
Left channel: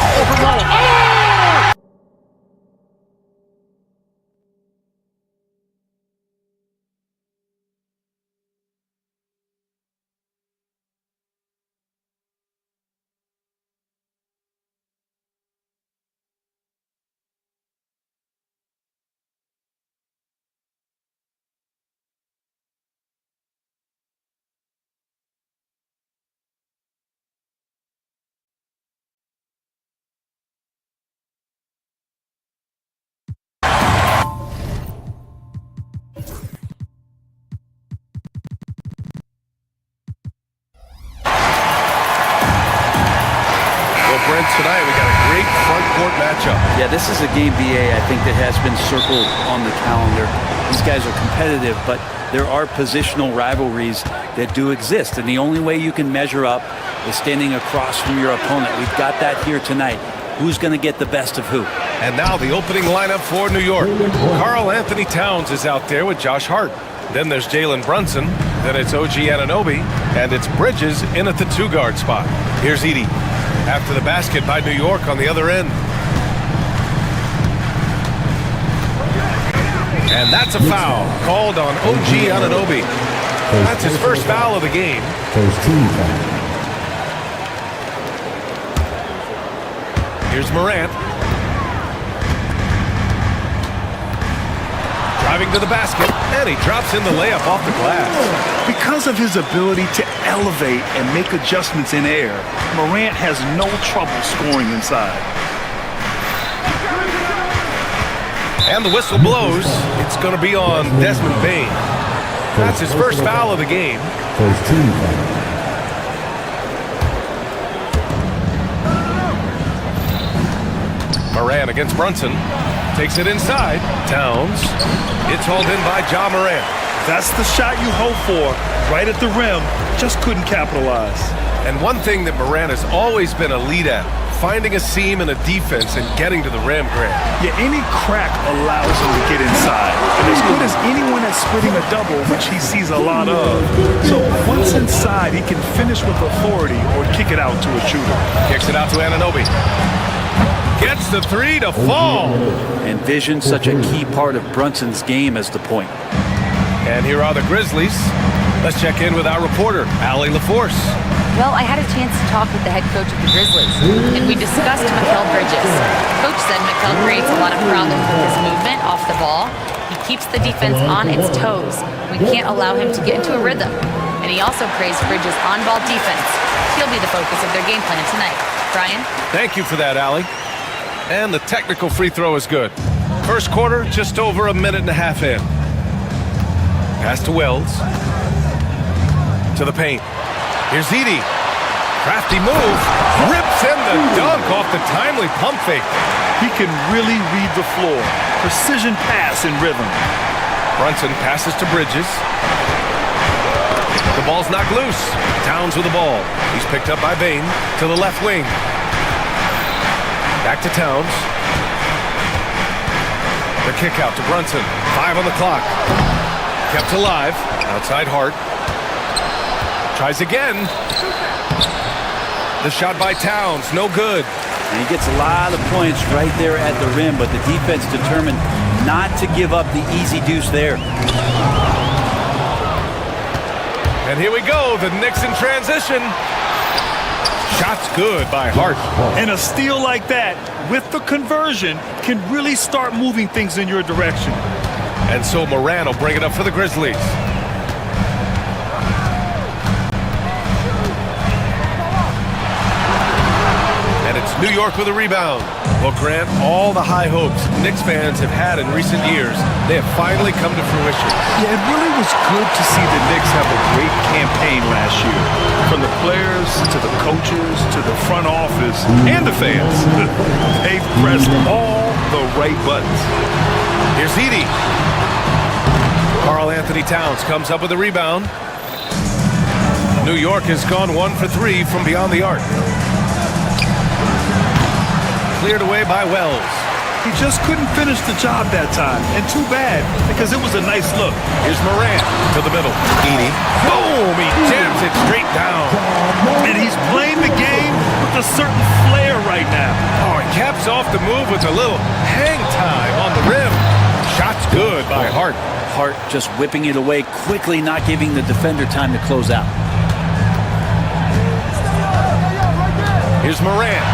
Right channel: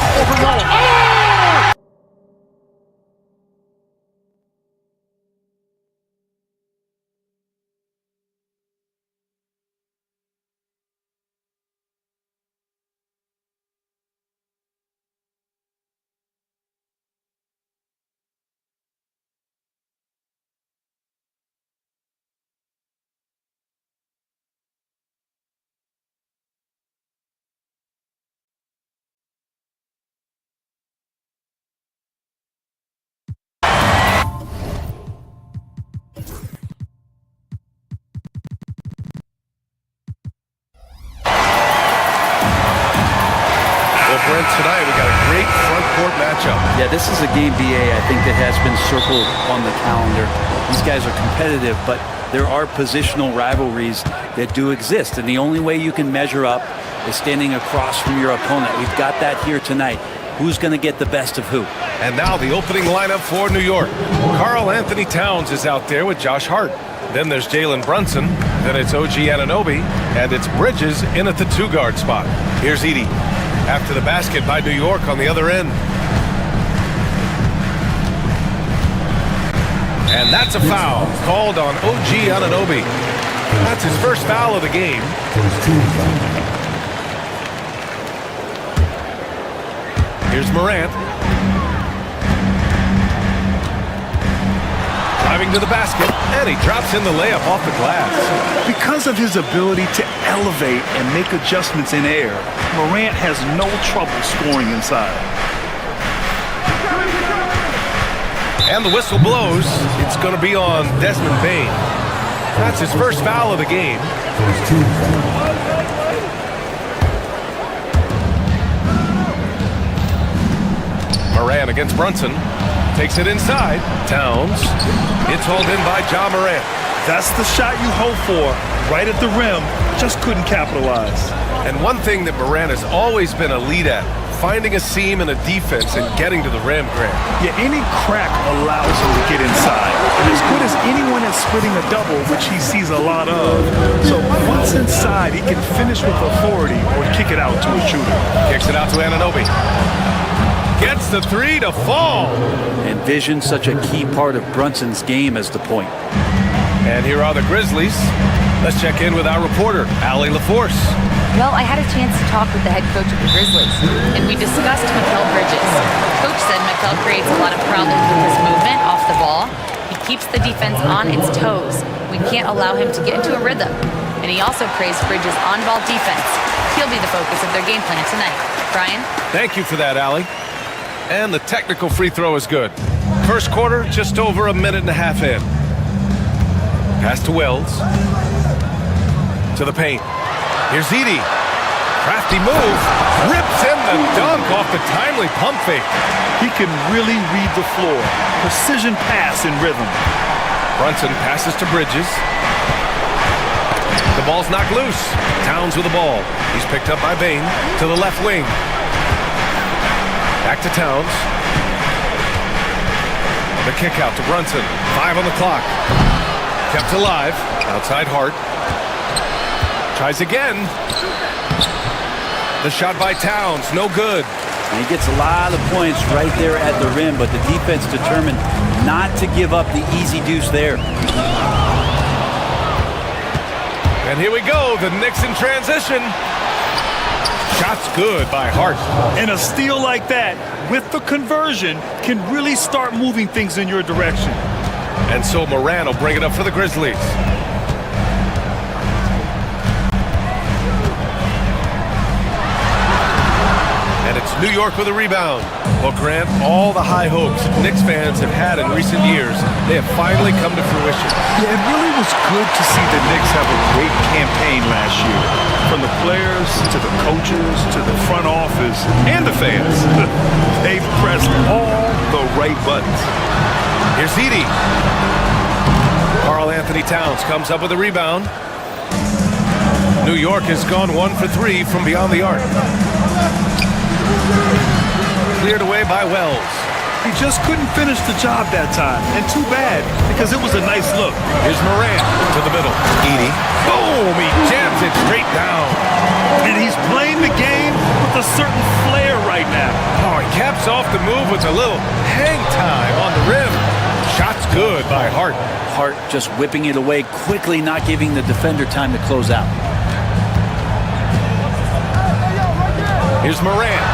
Brent, tonight we got a great front court matchup. Yeah, this is a game, BA, I think that has been circled on the calendar. These guys are competitive, but there are positional rivalries that do exist, and the only way you can measure up is standing across from your opponent. We've got that here tonight. Who's going to get the best of who? And now the opening lineup for New York. Karl Anthony Towns is out there with Josh Hart. Then there's Jalen Brunson. Then it's OG Anunoby. And it's Bridges in at the 2-guard spot. Here's Edey. After the basket by New York on the other end. And that's a foul called on OG Anunoby. That's his first foul of the game. Here's Morant. Driving to the basket, and he drops in the layup off the glass. Because of his ability to elevate and make adjustments in air, Morant has no trouble scoring inside. And the whistle blows. It's going to be on Desmond Bane. That's his first foul of the game. Morant against Brunson. Takes it inside. Towns. It's hauled in by Ja Morant. That's the shot you hope for. Right at the rim. Just couldn't capitalize. And one thing that Morant has always been elite at, finding a seam in a defense and getting to the rim, Grant. Yeah, any crack allows him to get inside. And as good as anyone at splitting a double, which he sees a lot of. So once inside, he can finish with authority or kick it out to a shooter. Kicks it out to Anunoby. Gets the 3 to fall. And vision, such a key part of Brunson's game as the point. And here are the Grizzlies. Let's check in with our reporter, Allie LaForce. Well, I had a chance to talk with the head coach of the Grizzlies, and we discussed Mikal Bridges. Coach said Mikal creates a lot of problems with his movement off the ball. He keeps the defense on its toes. We can't allow him to get into a rhythm. And he also praised Bridges' on-ball defense. He'll be the focus of their game plan tonight. Brian? Thank you for that, Allie. And the technical free throw is good. First quarter, just over a minute and a half in. Pass to Wells. To the paint. Here's Edey. Crafty move. Rips in the dunk off the timely pump fake. He can really read the floor. Precision pass in rhythm. Brunson passes to Bridges. The ball's knocked loose. Towns with the ball. He's picked up by Bane to the left wing. Back to Towns. The kick out to Brunson. 5 on the clock. Kept alive. Outside Hart. Tries again. The shot by Towns. No good. And he gets a lot of points right there at the rim, but the defense determined not to give up the easy deuce there. And here we go. The Knicks in transition. Shot's good by Hart. And a steal like that, with the conversion, can really start moving things in your direction. And so Morant will bring it up for the Grizzlies. And it's New York with a rebound. Well, Grant, all the high hopes Knicks fans have had in recent years, they have finally come to fruition. Yeah, it really was good to see the Knicks have a great campaign last year. From the players, to the coaches, to the front office, and the fans. They've pressed all the right buttons. Here's Edey. Karl Anthony Towns comes up with a rebound. New York has gone 1 for 3 from beyond the arc. Cleared away by Wells. He just couldn't finish the job that time, and too bad, because it was a nice look. Here's Morant to the middle. Edey. Boom! He jams it straight down. And he's playing the game with a certain flair right now. Oh, he caps off the move with a little hang time on the rim. Shot's good by Hart. Hart just whipping it away quickly, not giving the defender time to close out. Here's Morant.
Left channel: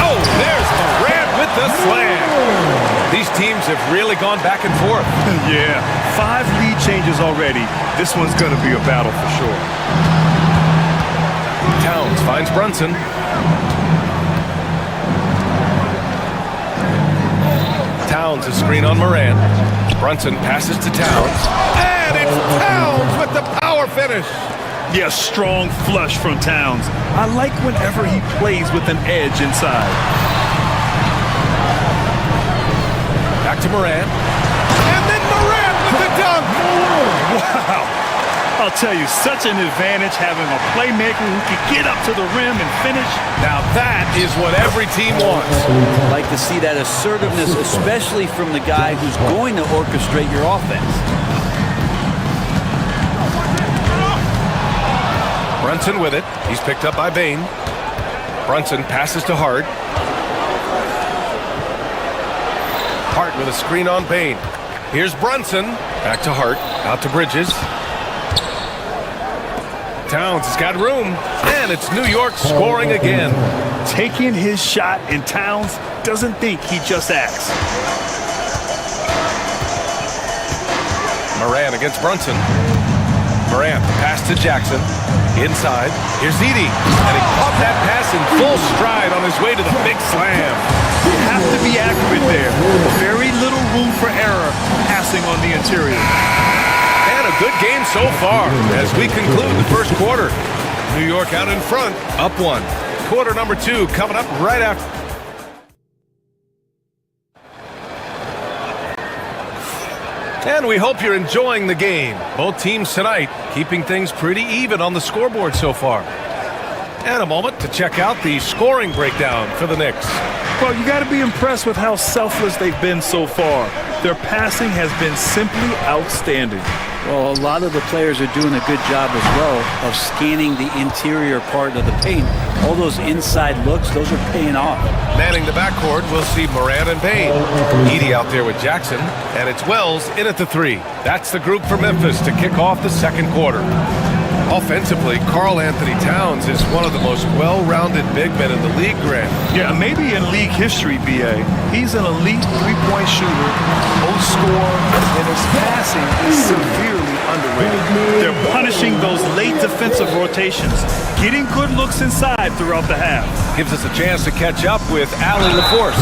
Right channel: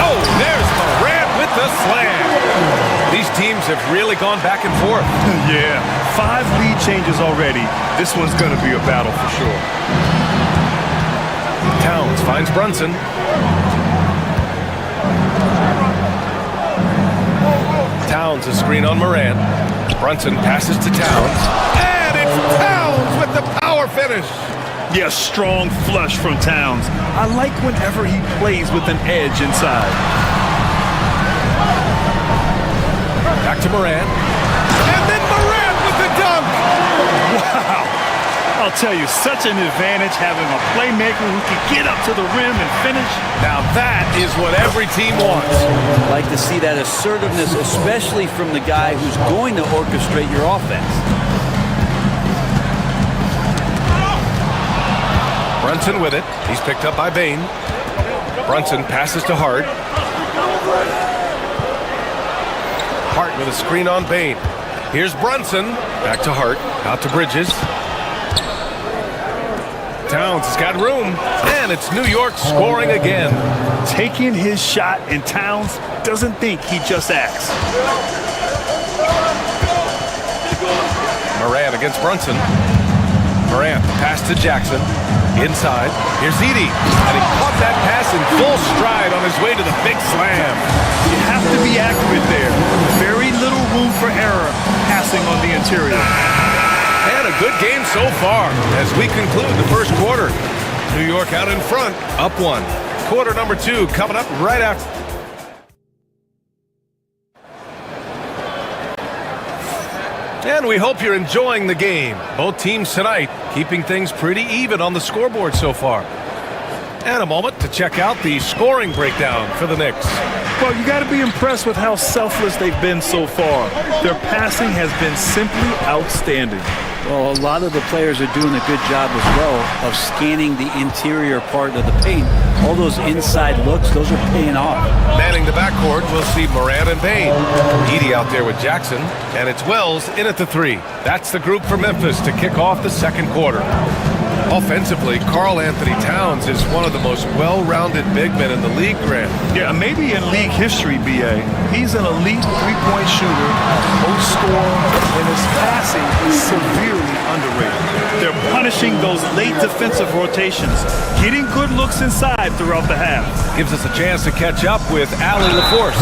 Oh, there's Morant with the slam. These teams have really gone back and forth. Yeah, 5 lead changes already. This one's going to be a battle for sure. Towns finds Brunson. Towns a screen on Morant. Brunson passes to Towns. And it's Towns with the power finish. Yeah, strong flush from Towns. I like whenever he plays with an edge inside. Back to Morant. And then Morant with the dunk. Wow. I'll tell you, such an advantage having a playmaker who can get up to the rim and finish. Now that is what every team wants. I'd like to see that assertiveness, especially from the guy who's going to orchestrate your offense. Brunson with it. He's picked up by Bane. Brunson passes to Hart. Hart with a screen on Bane. Here's Brunson. Back to Hart. Out to Bridges. Towns has got room. And it's New York scoring again. Taking his shot, and Towns doesn't think he just acts. Morant against Brunson. Morant, pass to Jackson. Inside, here's Edie, and he caught that pass in full stride on his way to the big slam. You have to be accurate there. Very little room for error passing on the interior. And a good game so far as we conclude the first quarter. New York out in front, up 1. Quarter number 2 coming up right after. And we hope you're enjoying the game. Both teams tonight keeping things pretty even on the scoreboard so far. And a moment to check out the scoring breakdown for the Knicks. Well, you got to be impressed with how selfless they've been so far. Their passing has been simply outstanding. Well, a lot of the players are doing a good job as well of scanning the interior part of the paint. All those inside looks, those are paying off. Manning the backcourt, we'll see Morant and Bane. Edie out there with Jackson, and it's Wells in at the 3. That's the group for Memphis to kick off the second quarter. Offensively, Karl Anthony Towns is one of the most well-rounded big men in the league, Grant. Yeah, maybe in league history, B.A. He's an elite three-point shooter, most scorer, and his passing is severely underrated. They're punishing those late defensive rotations, getting good looks inside throughout the half. Gives us a chance to catch up with Allie LaForce.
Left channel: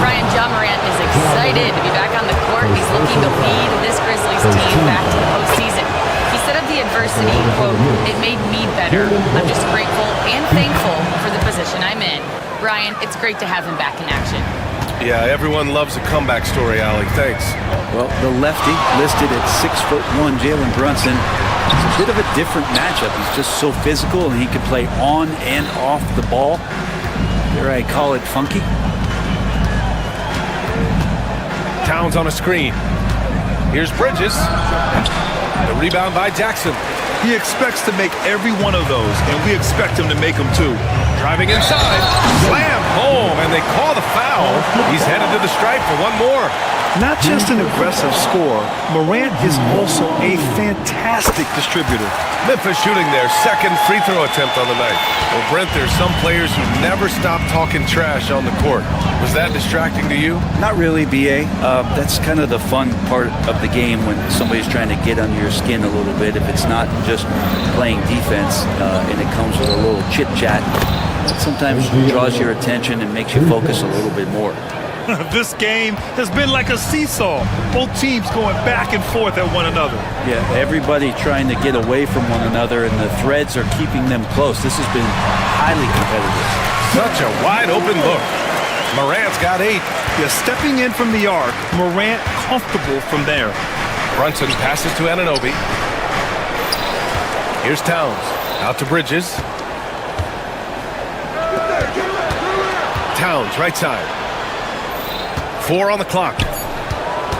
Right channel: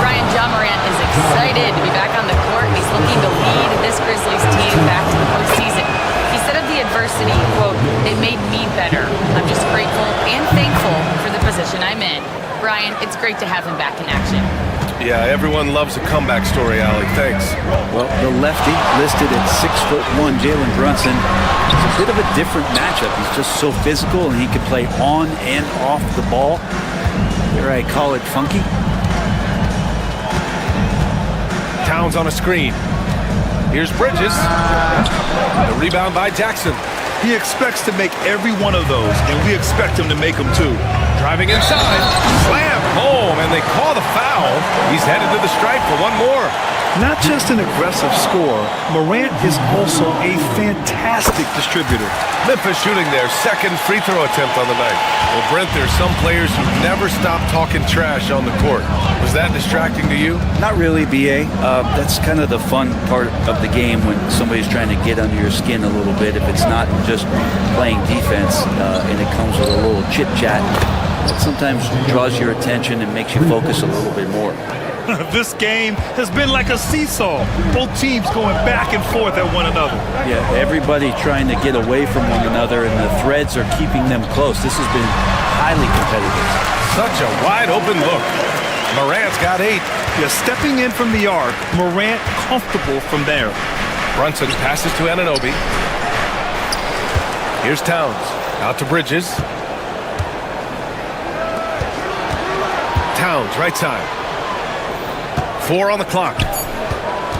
Brian Ja Morant is excited to be back on the court. He's looking to lead this Grizzlies team back to the postseason. He said of the adversity, quote, "It made me better. I'm just grateful and thankful for the position I'm in." Brian, it's great to have him back in action. Yeah, everyone loves a comeback story, Allie. Thanks. Well, the lefty listed at 6'1", Jalen Brunson. It's a bit of a different matchup. He's just so physical, and he can play on and off the ball. Here I call it funky. Towns on a screen. Here's Bridges. The rebound by Jackson. He expects to make every one of those, and we expect him to make them too. Driving inside, slam home, and they call the foul. He's headed to the stripe for one more. Not just an aggressive scorer, Morant is also a fantastic distributor. Memphis shooting their second free throw attempt on the night. Well, Brent, there's some players who never stop talking trash on the court. Was that distracting to you? Not really, B.A. That's kind of the fun part of the game when somebody's trying to get under your skin a little bit. If it's not just playing defense and it comes with a little chit-chat, that sometimes draws your attention and makes you focus a little bit more. This game has been like a seesaw. Both teams going back and forth at one another. Yeah, everybody trying to get away from one another, and the threads are keeping them close. This has been highly competitive. Such a wide open look. Morant's got 8. Yeah, stepping in from the arc, Morant comfortable from there. Brunson passes to Anunoby. Here's Towns. Out to Bridges. Towns, right side. 4 on the clock.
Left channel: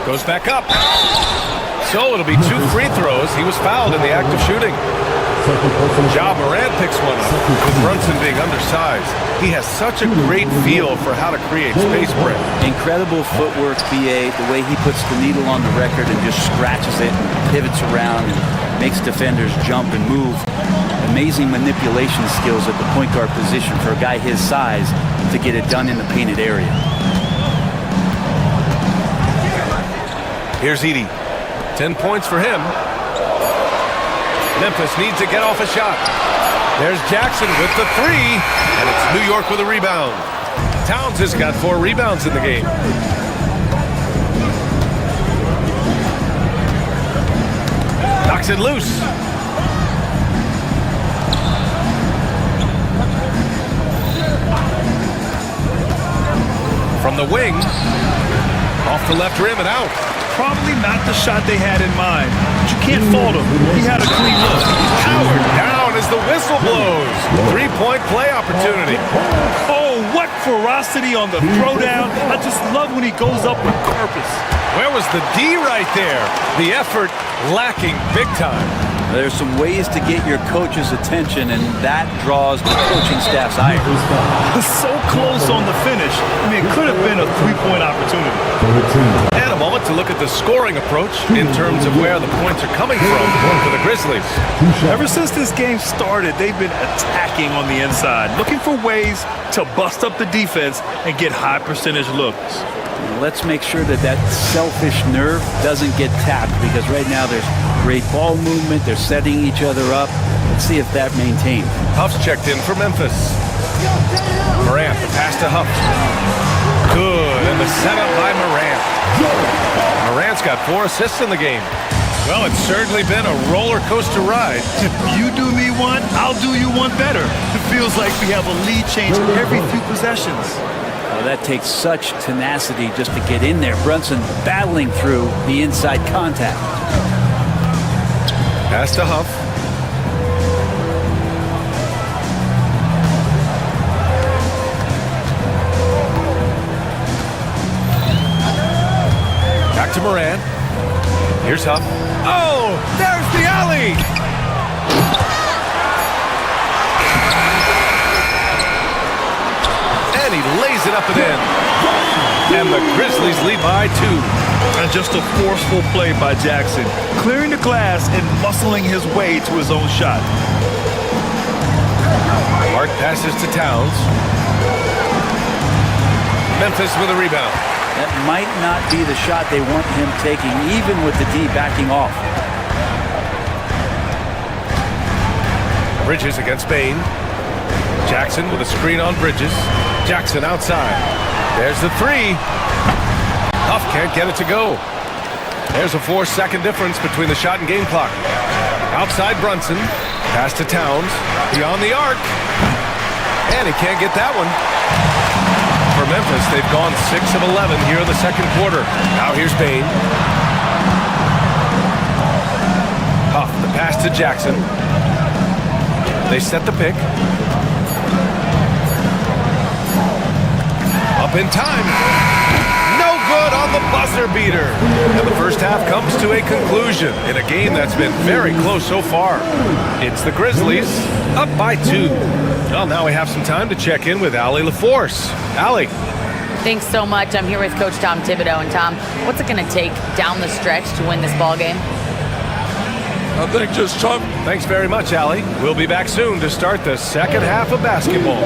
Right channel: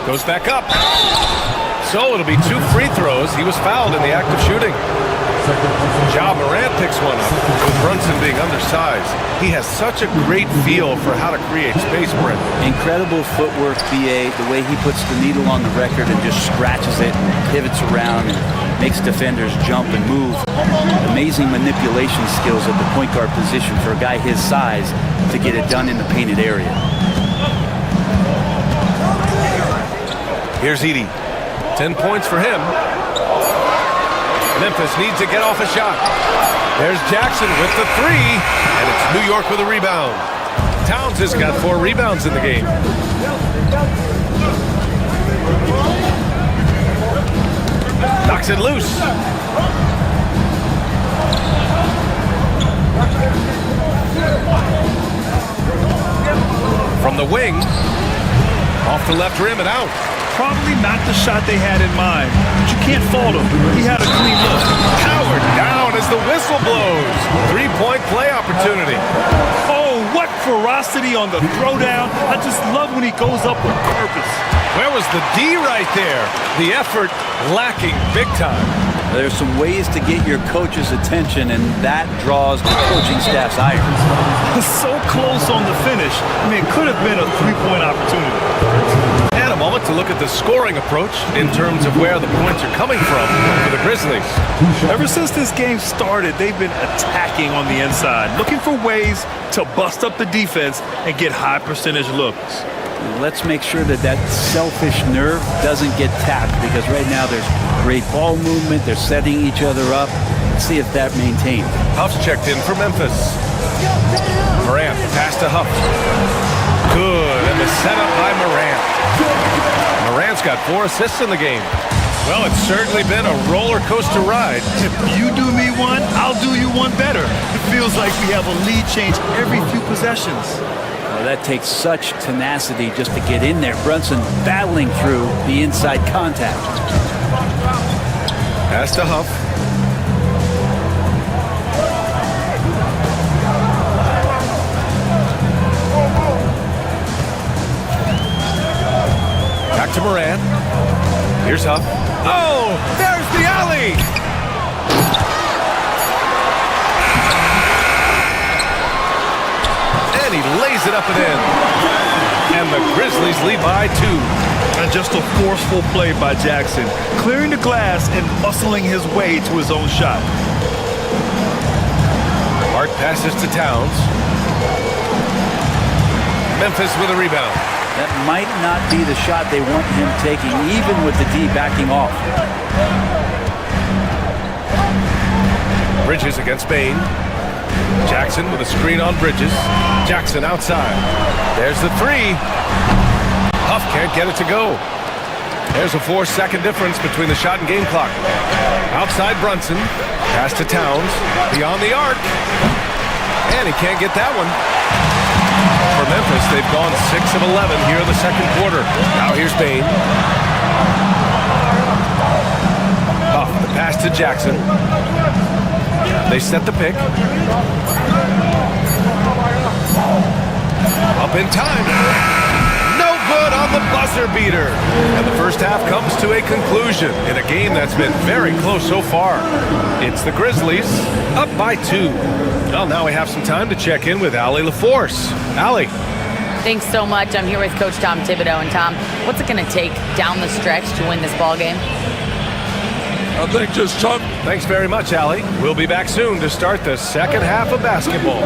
Goes back up. So it'll be 2 free throws. He was fouled in the act of shooting. Ja Morant picks one up, with Brunson being undersized. He has such a great feel for how to create space, Brent. Incredible footwork, B.A., the way he puts the needle on the record and just scratches it and pivots around and makes defenders jump and move. Amazing manipulation skills at the point guard position for a guy his size to get it done in the painted area. Here's Edie. 10 points for him. Memphis needs to get off a shot. There's Jackson with the 3, and it's New York with a rebound. Towns has got 4 rebounds in the game. Knocks it loose. From the wing, off the left rim and out. Probably not the shot they had in mind, but you can't fault him. He had a clean look. Howard down as the whistle blows. 3-point play opportunity. Oh, what ferocity on the throwdown. I just love when he goes up with purpose. Where was the D right there? The effort lacking big time. There's some ways to get your coach's attention, and that draws the coaching staff's ire. So close on the finish. I mean, it could have been a 3-point opportunity. And a moment to look at the scoring approach in terms of where the points are coming from for the Grizzlies. Ever since this game started, they've been attacking on the inside, looking for ways to bust up the defense and get high percentage looks. Let's make sure that that selfish nerve doesn't get tapped, because right now there's great ball movement. They're setting each other up. Let's see if that maintains. Huff's checked in for Memphis. Morant, the pass to Huff. Good, and the setup by Morant. Morant's got 4 assists in the game. Well, it's certainly been a roller coaster ride. If you do me one, I'll do you one better. It feels like we have a lead change every few possessions. Oh, that takes such tenacity just to get in there. Brunson battling through the inside contact. Pass to Huff. Back to Morant. Here's Huff. Oh, there's the alley! And he lays it up and in. And the Grizzlies lead by 2. And just a forceful play by Jackson, clearing the glass and muscling his way to his own shot. Mark passes to Towns. Memphis with a rebound. That might not be the shot they want him taking, even with the D backing off. Bridges against Bain. Jackson with a screen on Bridges. Jackson outside. There's the 3. Huff can't get it to go. There's a 4-second difference between the shot and game clock. Outside Brunson. Pass to Towns. Beyond the arc. And he can't get that one. For Memphis, they've gone 6 of 11 here in the second quarter. Now here's Bain. Huff, the pass to Jackson. They set the pick. Up in time. No good on the buzzer beater. And the first half comes to a conclusion in a game that's been very close so far. It's the Grizzlies up by 2. Well, now we have some time to check in with Allie LaForce. Allie. Thanks so much. I'm here with Coach Tom Thibodeau. And Tom, what's it going to take down the stretch to win this ball game? I think just Tom. Thanks very much, Allie. We'll be back soon to start the second half of basketball.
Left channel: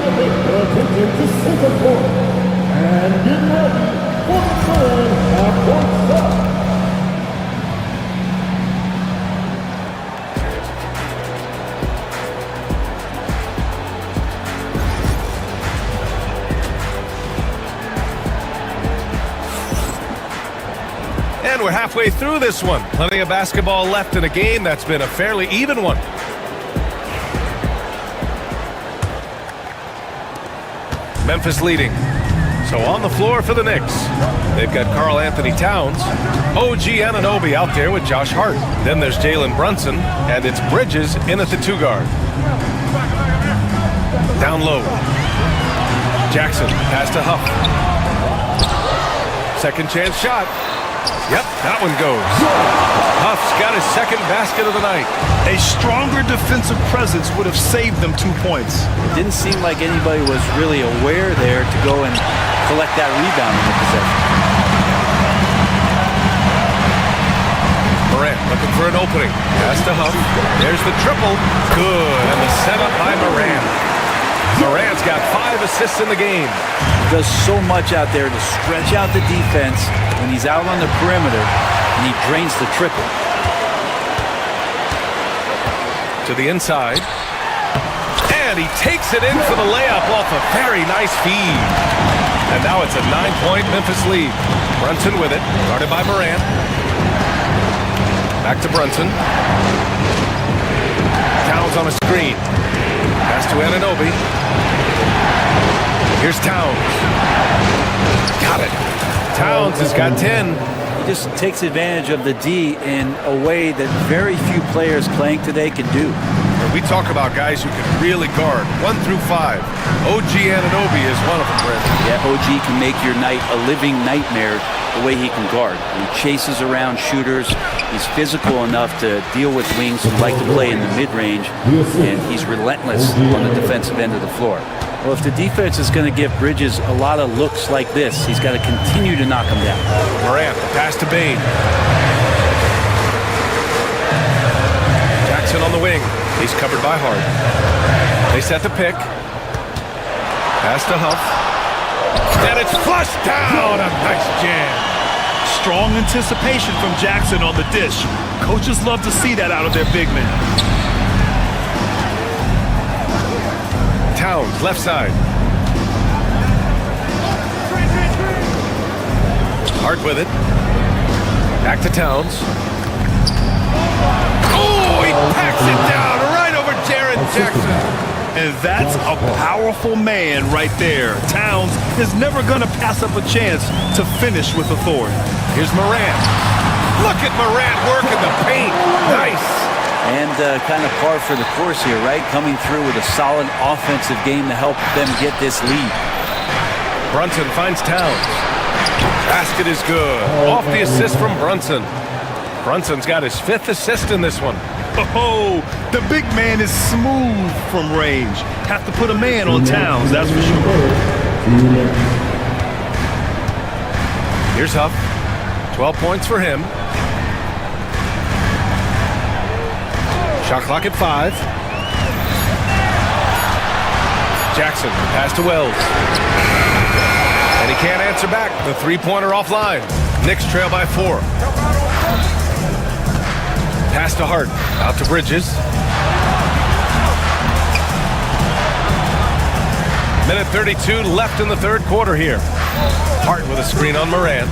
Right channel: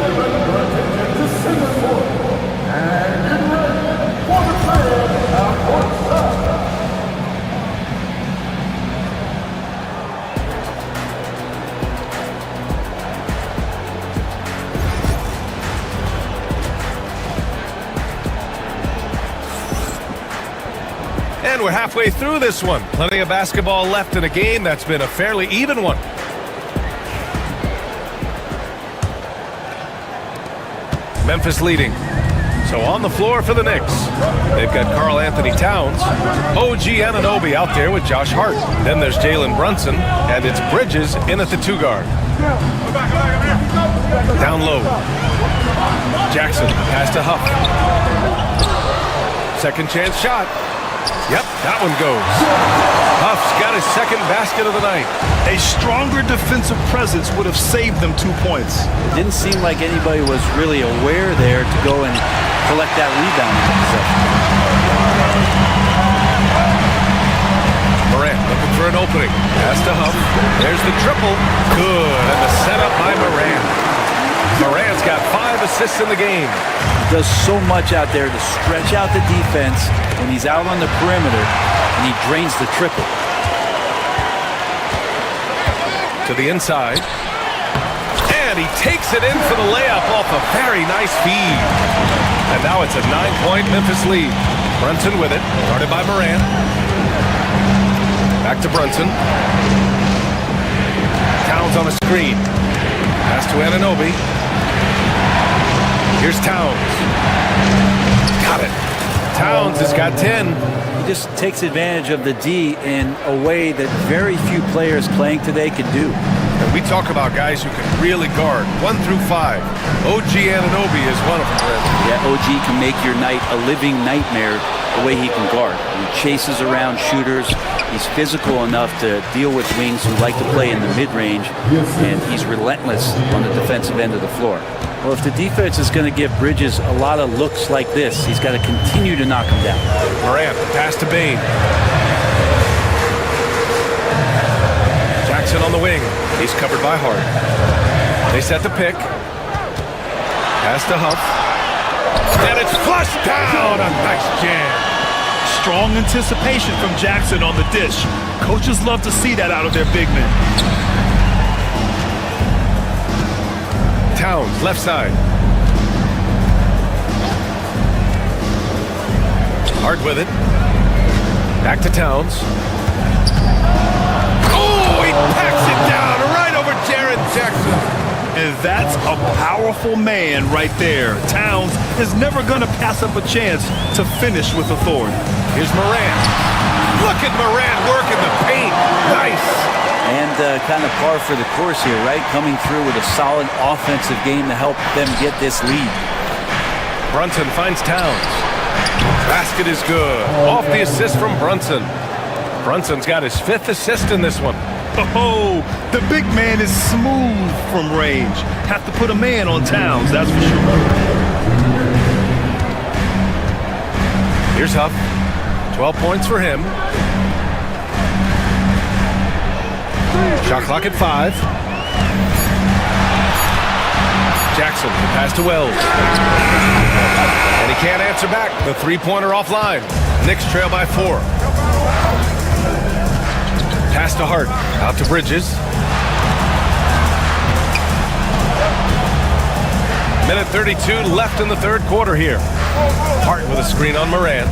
And we're halfway through this one. Plenty of basketball left in a game that's been a fairly even one. Memphis leading. So on the floor for the Knicks, they've got Karl Anthony Towns, OG Anunoby out there with Josh Hart. Then there's Jalen Brunson, and it's Bridges in at the 2 guard. Down low. Jackson, pass to Huff. Second chance shot. Yep, that one goes. Huff's got his second basket of the night. A stronger defensive presence would have saved them 2 points. It didn't seem like anybody was really aware there to go and collect that rebound in the possession. Morant looking for an opening. Pass to Huff. There's the triple. Good, and the setup by Morant. Morant's got 5 assists in the game. He does so much out there to stretch out the defense when he's out on the perimeter, and he drains the triple. To the inside. And he takes it in for the layup off a very nice feed. And now it's a 9-point Memphis lead. Brunson with it, guarded by Morant. Back to Brunson. Towns on a screen. Pass to Anunoby. Here's Towns. Got it. Towns has got 10. He just takes advantage of the D in a way that very few players playing today can do. And we talk about guys who can really guard 1 through 5. OG Anunoby is one of them, Brandon. Yeah, OG can make your night a living nightmare the way he can guard. He chases around shooters. He's physical enough to deal with wings who like to play in the mid-range, and he's relentless on the defensive end of the floor. Well, if the defense is going to give Bridges a lot of looks like this, he's got to continue to knock him down. Morant, the pass to Bane. Jackson on the wing. He's covered by Hart. They set the pick. Pass to Huff. And it's flushed down. A nice jam. Strong anticipation from Jackson on the dish. Coaches love to see that out of their big men. Towns, left side. Hart with it. Back to Towns. Oh, he packs it down right over Jaren Jackson. And that's a powerful man right there. Towns is never going to pass up a chance to finish with authority. Here's Morant. Look at Morant working the paint. Nice. And kind of par for the course here, right? Coming through with a solid offensive game to help them get this lead. Brunson finds Towns. Basket is good. Off the assist from Brunson. Brunson's got his 5th assist in this one. Oh, the big man is smooth from range. Have to put a man on Towns, that's for sure. Here's Huff. 12 points for him. Shot clock at 5. Jackson, the pass to Wells. And he can't answer back. The three-pointer offline. Knicks trail by 4. Pass to Hart. Out to Bridges. Minute 32 left in the third quarter here. Hart with a screen on Morant.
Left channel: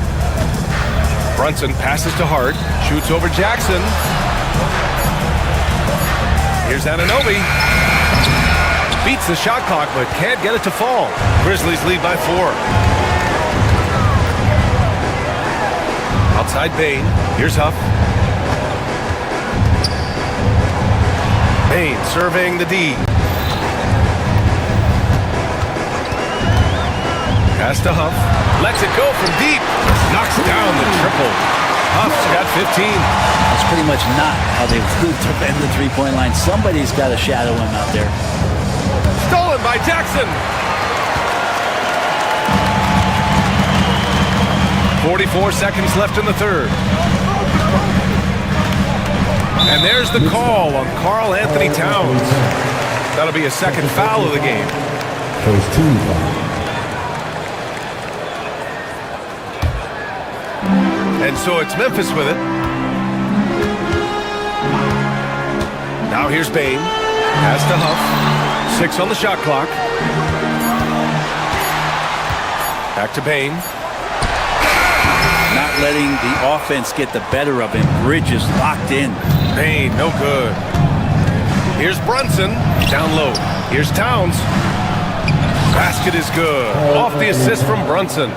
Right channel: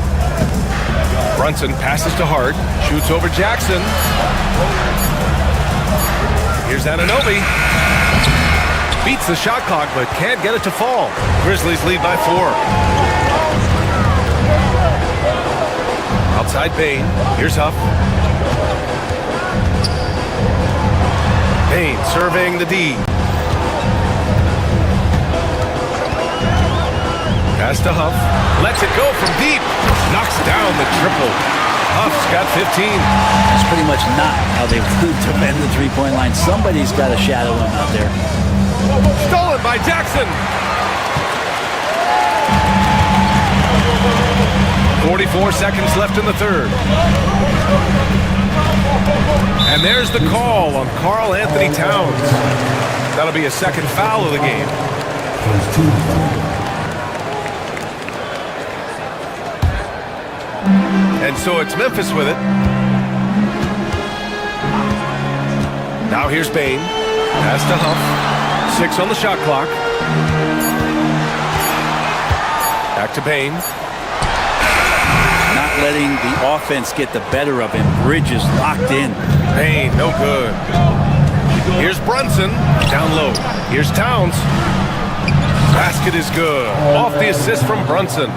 Brunson passes to Hart. Shoots over Jackson. Here's Anunoby. Beats the shot clock, but can't get it to fall. Grizzlies lead by 4. Outside Bane. Here's Huff. Bane surveying the D. Pass to Huff. Lets it go from deep. Knocks down the triple. Huff's got 15. That's pretty much not how they defend the three-point line. Somebody's got to shadow him out there. Stolen by Jackson. 44 seconds left in the third. And there's the call on Karl Anthony Towns. That'll be a second foul of the game. First team foul. And so it's Memphis with it. Now here's Bane. Pass to Huff. 6 on the shot clock. Back to Bane. Not letting the offense get the better of him. Bridges locked in. Bane, no good. Here's Brunson. Down low. Here's Towns. Basket is good. Off the assist from Brunson.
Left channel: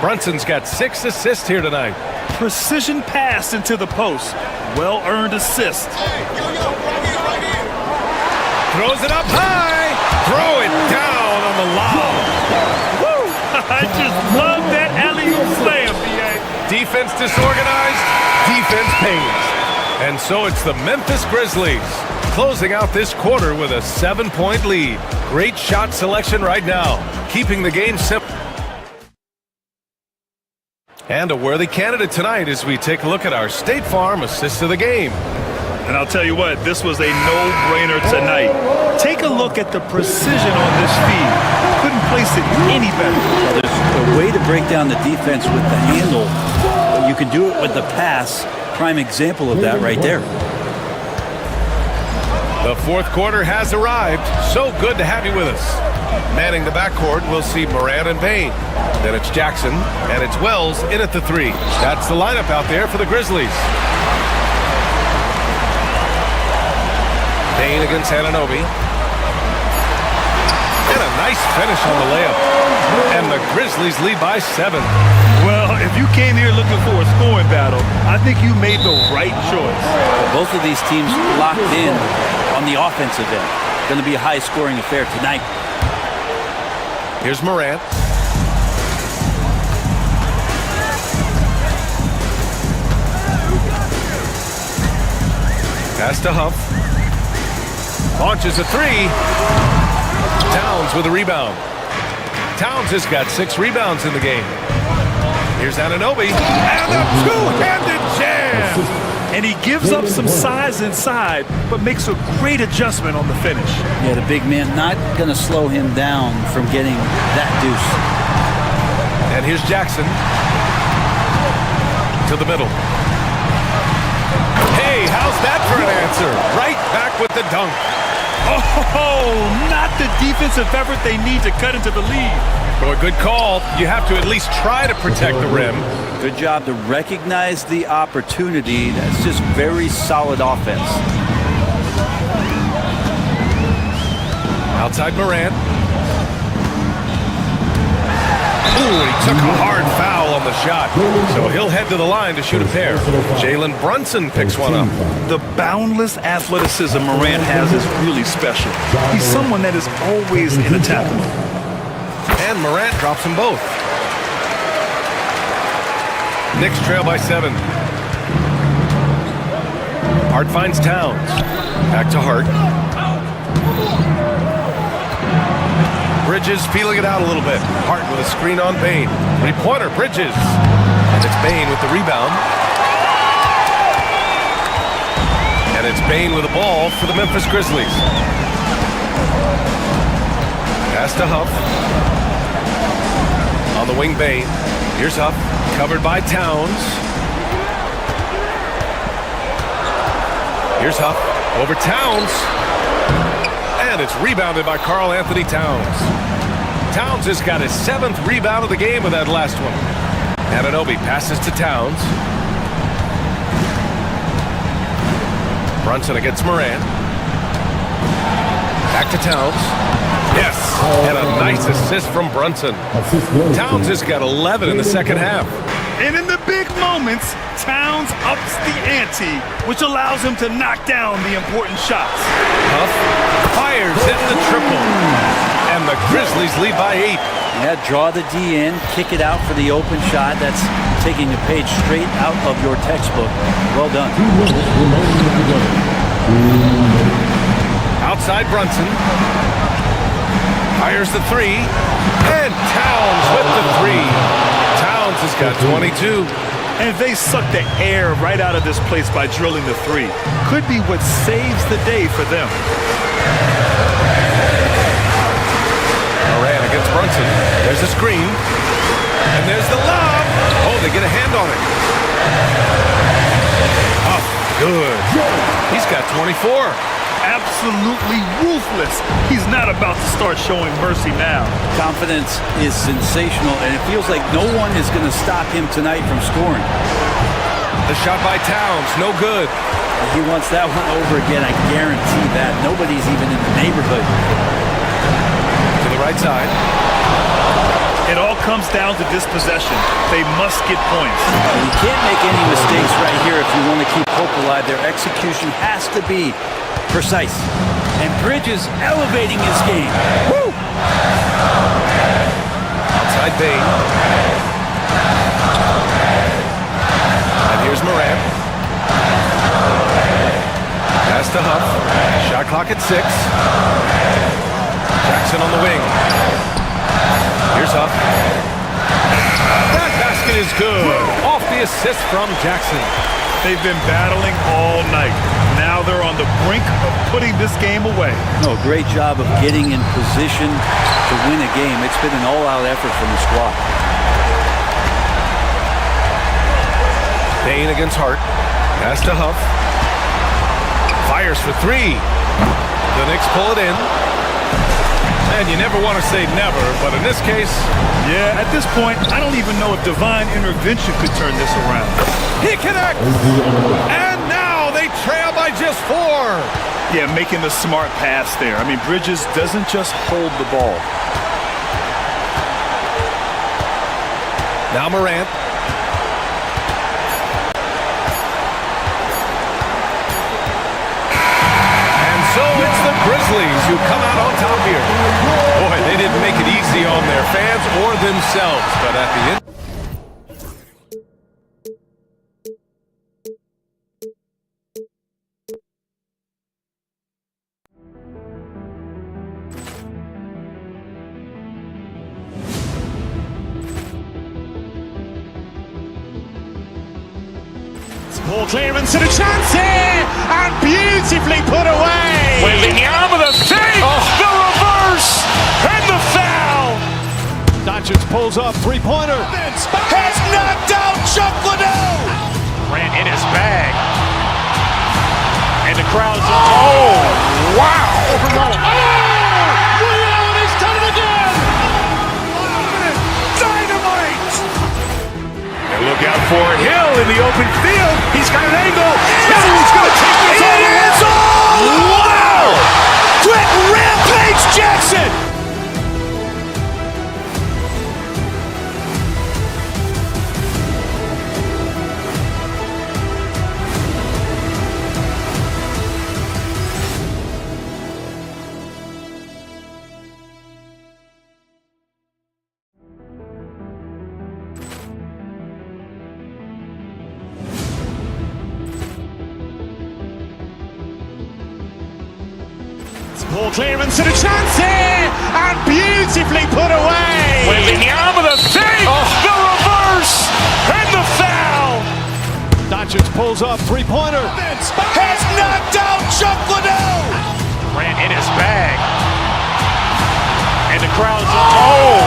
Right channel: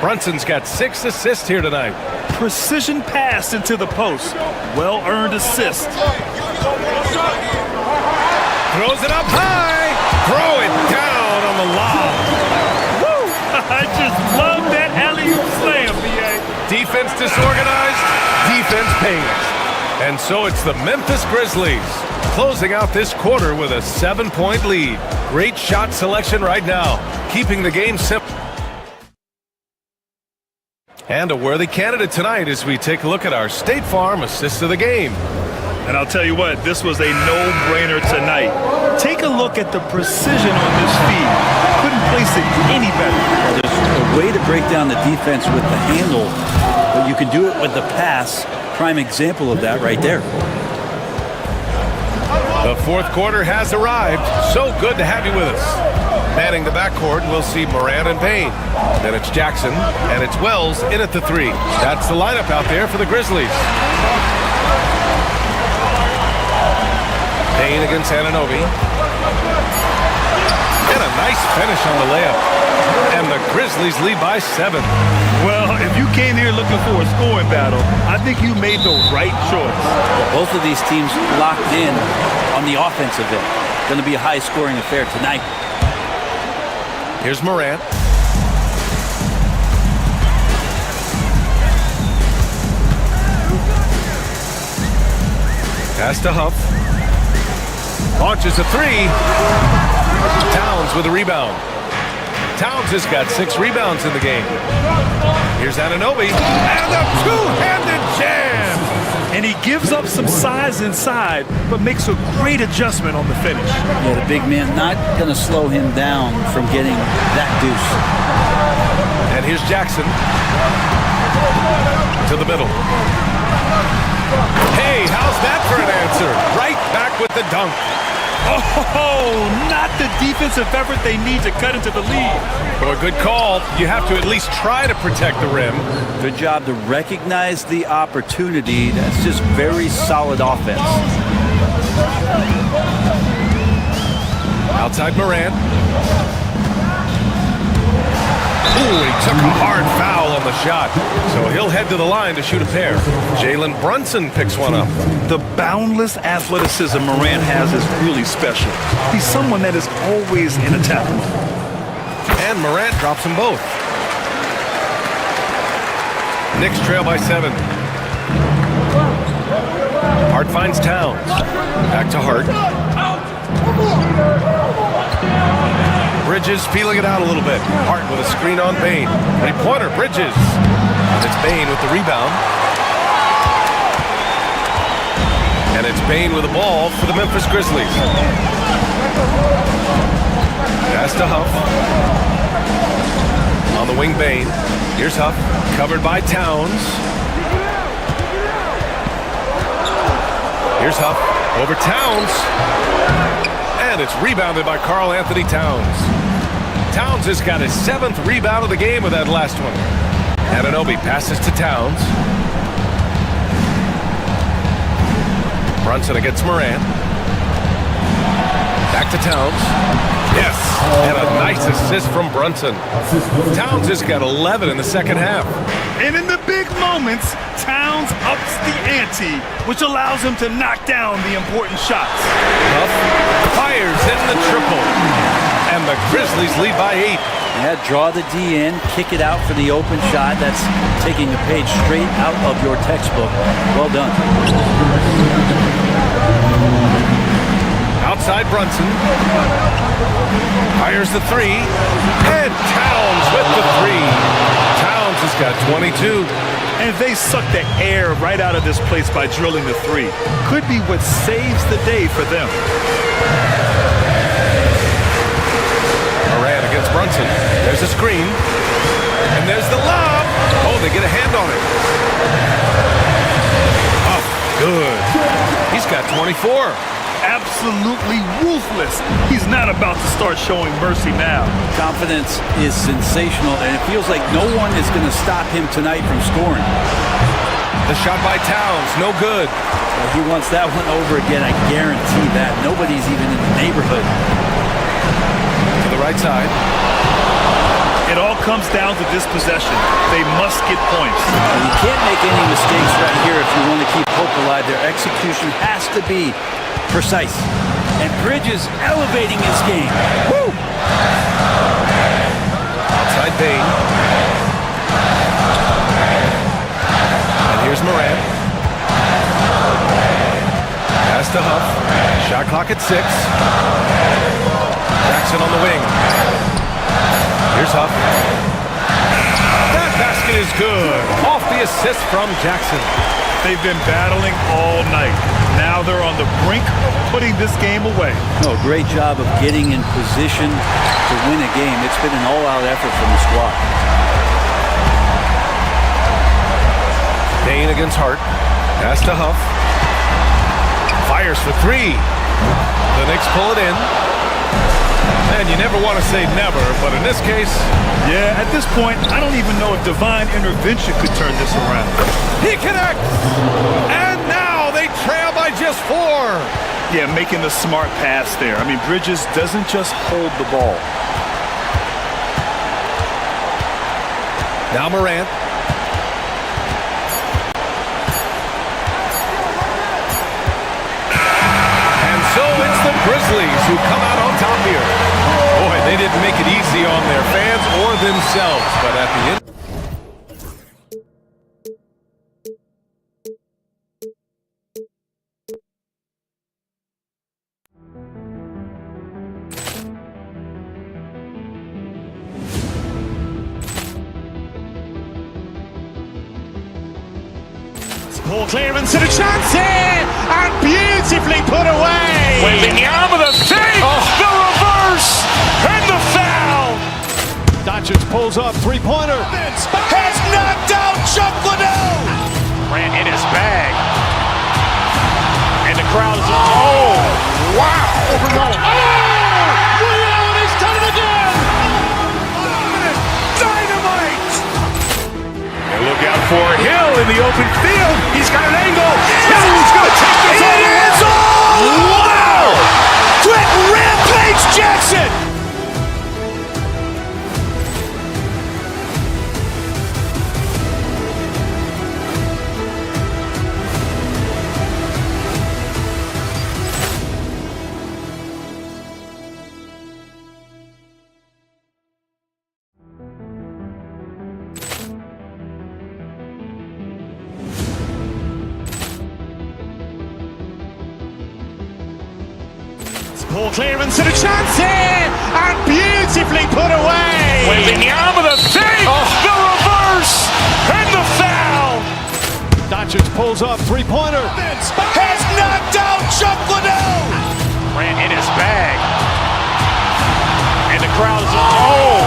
Brunson's got 6 assists here tonight. Precision pass into the post. Well-earned assist. Throws it up high. Throw it down on the lob. Woo! I just love that alley-oop slam, B.A. Defense disorganized. Defense pays. And so it's the Memphis Grizzlies closing out this quarter with a 7-point lead. Great shot selection right now, keeping the game simple. And a worthy candidate tonight as we take a look at our State Farm assist of the game. And I'll tell you what, this was a no-brainer tonight. Take a look at the precision on this feed. Couldn't place it any better. Well, there's a way to break down the defense with the handle, but you can do it with the pass. Prime example of that right there. The fourth quarter has arrived. So good to have you with us. Manning the backcourt, we'll see Morant and Bane. Then it's Jackson, and it's Wells in at the 3. That's the lineup out there for the Grizzlies. Bane against Anunoby. And a nice finish on the layup. And the Grizzlies lead by 7. Well, if you came here looking for a scoring battle, I think you made the right choice. Both of these teams locked in on the offensive end. Going to be a high-scoring affair tonight. Here's Morant. Pass to Huff. Launches a 3. Towns with a rebound. Towns has got 6 rebounds in the game. Here's Anunoby. And a two-handed jam! And he gives up some size inside, but makes a great adjustment on the finish. Yeah, the big man not going to slow him down from getting that deuce. And here's Jackson. To the middle. Hey, how's that for an answer? Right back with the dunk. Oh, not the defensive effort they need to cut into the lead. Boy, good call. You have to at least try to protect the rim. Good job to recognize the opportunity. That's just very solid offense. Outside Morant. Ooh, he took a hard foul on the shot. So he'll head to the line to shoot a pair. Jalen Brunson picks one up. The boundless athleticism Morant has is really special. He's someone that is always in attack mode. And Morant drops them both. Knicks trail by 7. Hart finds Towns. Back to Hart. Bridges feeling it out a little bit. Hart with a screen on Bane. 3-pointer, Bridges. And it's Bane with the rebound. And it's Bane with the ball for the Memphis Grizzlies. Pass to Huff. On the wing, Bane. Here's Huff. Covered by Towns. Here's Huff. Over Towns. And it's rebounded by Karl Anthony Towns. Towns has got his 7th rebound of the game with that last one. Anunoby passes to Towns. Brunson against Morant. Back to Towns. Yes, and a nice assist from Brunson. Towns has got 11 in the second half. And in the big moments, Towns ups the ante, which allows him to knock down the important shots. Huff fires in the triple. And the Grizzlies lead by 8. Yeah, draw the D in, kick it out for the open shot. That's taking a page straight out of your textbook. Well done. Outside Brunson. Fires the 3. And Towns with the 3. Towns has got 22. And they suck the air right out of this place by drilling the 3. Could be what saves the day for them. Morant against Brunson. There's the screen. And there's the lob. Oh, they get a hand on it. Oh, good. He's got 24. Absolutely ruthless. He's not about to start showing mercy now. Confidence is sensational, and it feels like no one is going to stop him tonight from scoring. The shot by Towns, no good. He wants that one over again, I guarantee that. Nobody's even in the neighborhood. To the right side. It all comes down to this possession. They must get points. And you can't make any mistakes right here if you want to keep hope alive. Their execution has to be precise. And Bridges elevating his game. Woo! Outside Bane. And here's Morant. Pass to Huff. Shot clock at 6. Jackson on the wing. Here's Huff. That basket is good. Off the assist from Jackson. They've been battling all night. Now they're on the brink of putting this game away. No, great job of getting in position to win a game. It's been an all-out effort from the squad. Bane against Hart. Pass to Huff. Fires for 3. The Knicks pull it in. And you never want to say never, but in this case... Yeah, at this point, I don't even know if divine intervention could turn this around. He connects! And now they trail by just 4. Yeah, making the smart pass there. I mean, Bridges doesn't just hold the ball. Now Morant. And so it's the Grizzlies who come out on top here. Boy, they didn't make it easy on their fans or themselves, but at the end. Poor clearance and a chance here, and beautifully put away. Wembanyama the save, the reverse, and the foul. Doncic pulls up, three-pointer. Has knocked out Chuck Liddell. Ran in his bag. And the crowd is, oh, wow. He's done it again. Dynamite. And look out for Hill in the open field. He's got an angle. Hill's going to take this all the way. It is all. Wow. Quick rampage Jackson. Poor clearance and a chance here, and beautifully put away. Wembanyama the save, the reverse, and the foul. Doncic pulls up, three-pointer. Has knocked out Chuck Liddell. Ran in his bag. And the crowd is, oh,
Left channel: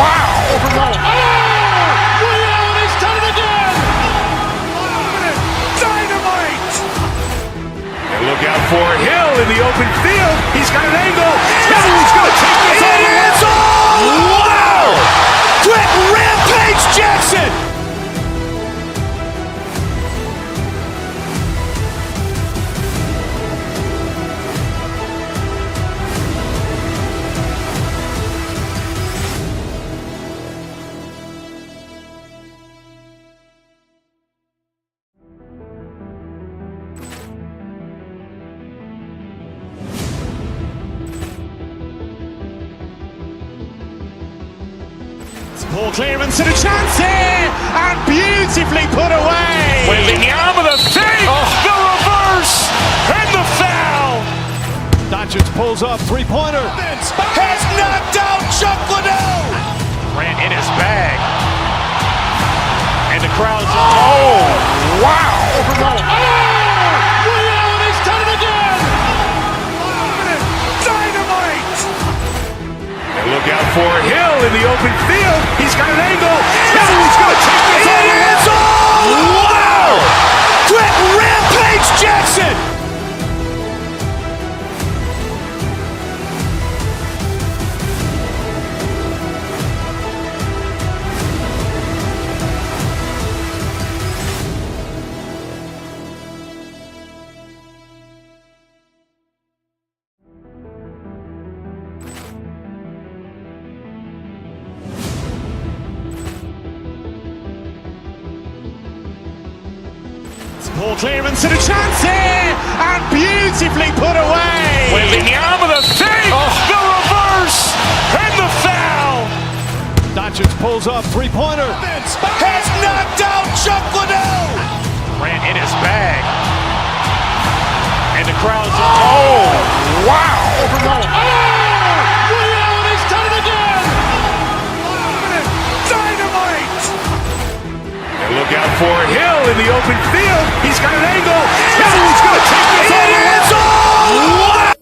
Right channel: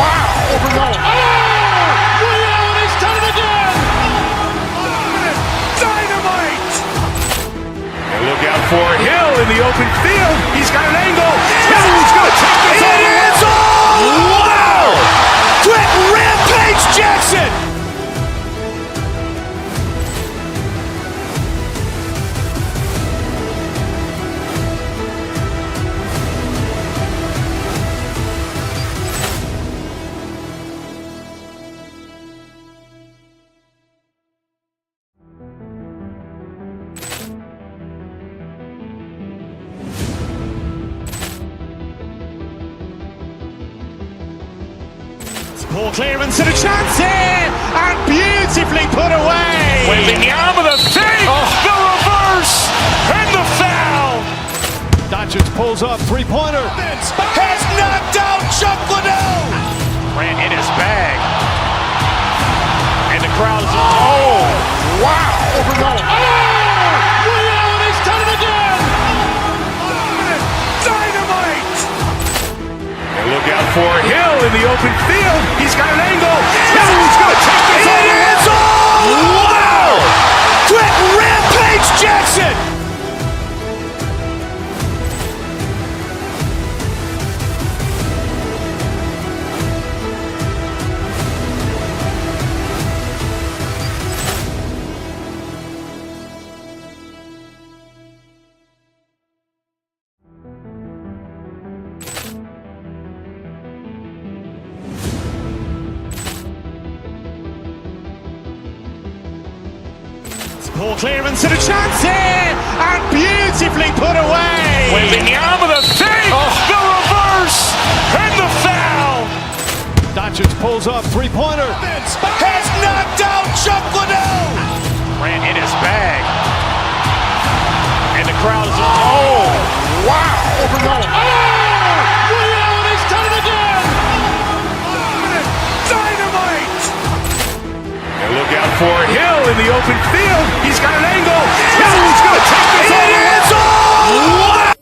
wow. He's done it again. Dynamite. And look out for Hill in the open field. He's got an angle. Hill's going to take this all the way. It is all. Wow. Quick rampage Jackson. Poor clearance and a chance here, and beautifully put away. Wembanyama the save, the reverse, and the foul. Doncic pulls up, three-pointer. Has knocked out Chuck Liddell. Ran in his bag. And the crowd is, oh, wow. He's done it again. Dynamite. And look out for Hill in the open field. He's got an angle. Hill's going to take this all the way. It is all. Wow. Quick rampage Jackson. Poor clearance and a chance here, and beautifully put away. Wembanyama the save, the reverse, and the foul. Doncic pulls up, three-pointer. Has knocked out Chuck Liddell. Ran in his bag. And the crowd is, oh, wow. He's done it again. Dynamite. And look out for Hill in the open field. He's got an angle. Hill's going to take this all the way. It's all. Wow.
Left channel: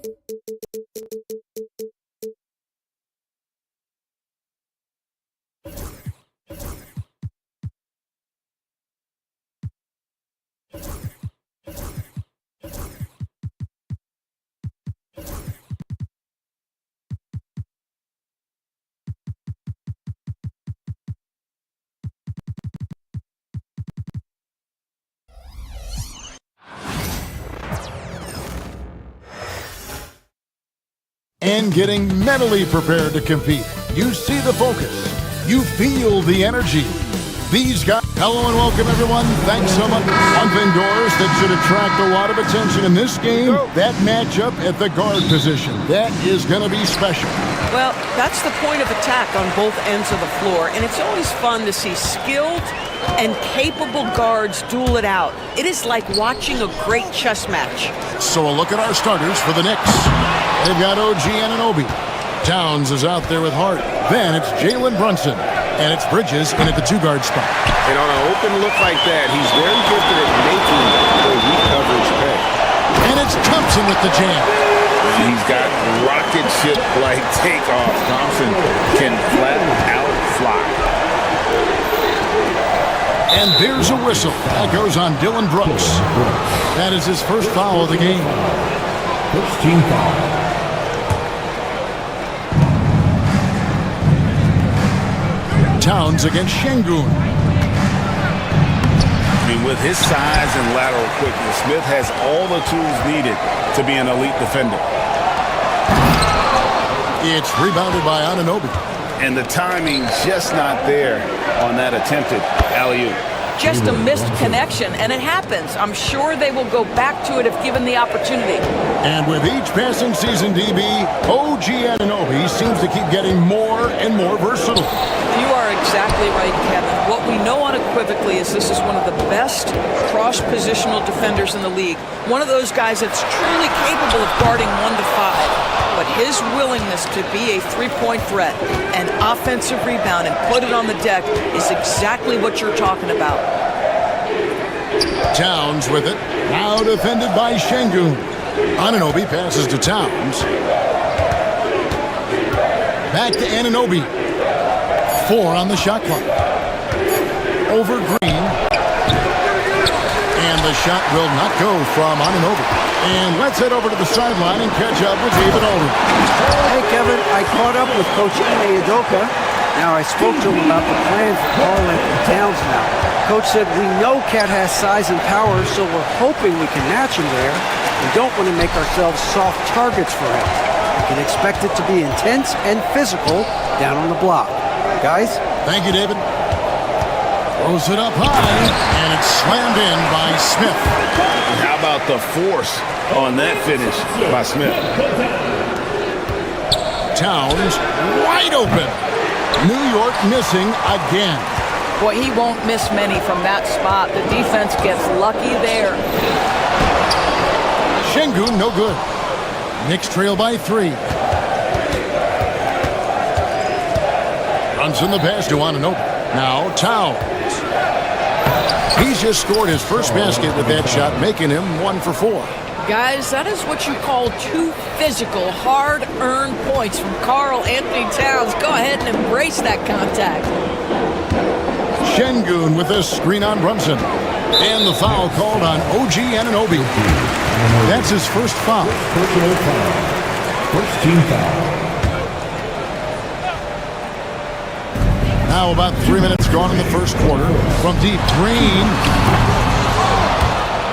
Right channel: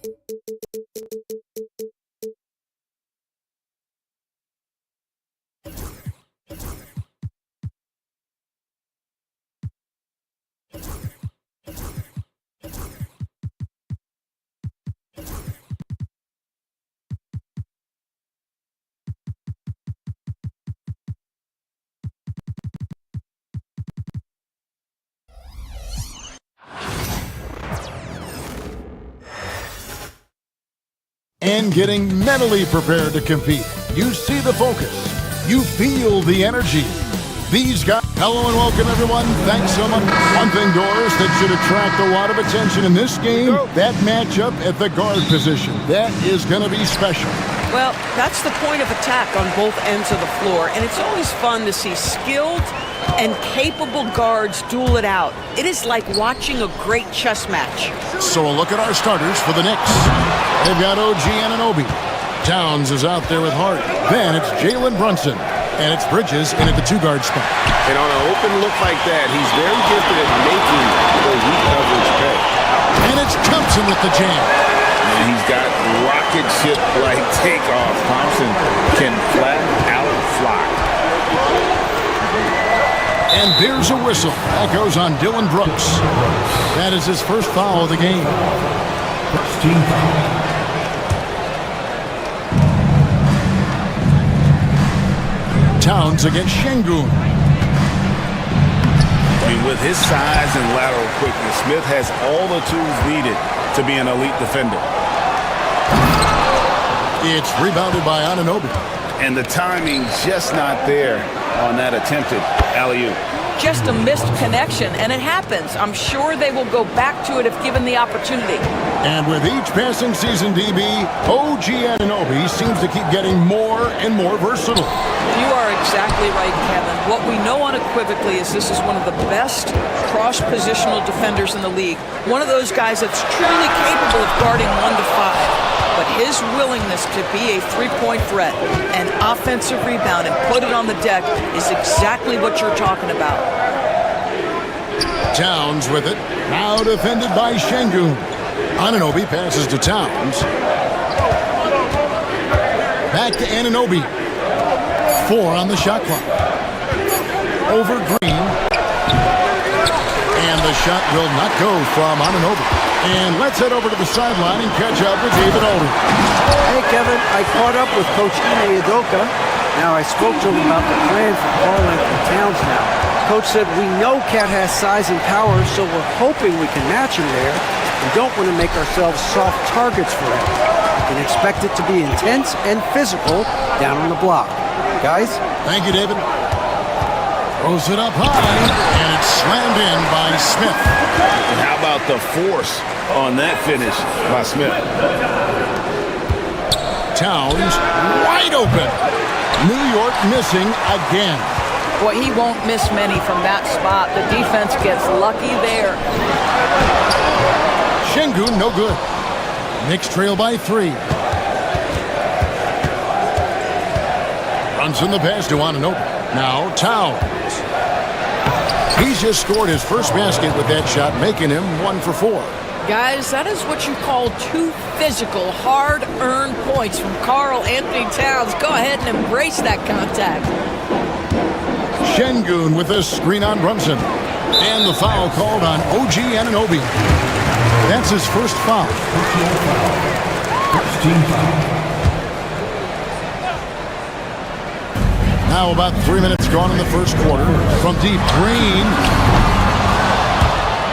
and getting mentally prepared to compete. You see the focus. You feel the energy. These guys. Hello and welcome, everyone. Thanks so much. One thing, Doris, that should attract a lot of attention in this game, that matchup at the guard position. That is going to be special. Well, that's the point of attack on both ends of the floor, and it's always fun to see skilled and capable guards duel it out. It is like watching a great chess match. So a look at our starters for the Knicks. They've got OG Anunoby. Towns is out there with Hart. Then it's Jalen Brunson. And it's Bridges in at the two-guard spot. And on an open look like that, he's very gifted at making the weak coverage pay. And it's Thompson with the jam. And he's got rocket ship-like takeoff. Thompson can flat out fly. And there's a whistle. That goes on Dylan Brooks. That is his first foul of the game. First team foul. Towns against Şengün. I mean, with his size and lateral quickness, Smith has all the tools needed to be an elite defender. It's rebounded by Anunoby. And the timing just not there on that attempted alley-oop. Just a missed connection, and it happens. I'm sure they will go back to it if given the opportunity. And with each passing season, DB, OG Anunoby seems to keep getting more and more versatile. You are exactly right, Kevin. What we know unequivocally is this is one of the best cross-positional defenders in the league. One of those guys that's truly capable of guarding 1 to 5. But his willingness to be a three-point threat, an offensive rebound, and put it on the deck is exactly what you're talking about. Towns with it. Now defended by Şengün. Anunoby passes to Towns. Back to Anunoby. 4 on the shot clock. Over Green. And the shot will not go from Anunoby. And let's head over to the sideline and catch up with David Aldridge. Hey, Kevin, I caught up with Coach Ime Udoka. Now, I spoke to him about the plan for Karl-Anthony Towns now. Coach said, we know Cat has size and power, so we're hoping we can match him there. We don't want to make ourselves soft targets for him. You can expect it to be intense and physical down on the block. Guys? Thank you, David. Throws it up high, and it's slammed in by Smith. And how about the force on that finish by Smith? Towns wide open. New York missing again. Boy, he won't miss many from that spot. The defense gets lucky there. Şengün, no good. Knicks trail by 3. Runs in the pass to Anunoby. Now Towns. He's just scored his first basket with that shot, making him 1 for 4. Guys, that is what you call 2 physical, hard-earned points from Karl-Anthony Towns. Go ahead and embrace that contact. Şengün with a screen on Brunson. And the foul called on OG Anunoby. That's his first foul. Personal foul. First team foul. Now about 3 minutes gone in the first quarter. From deep, Green.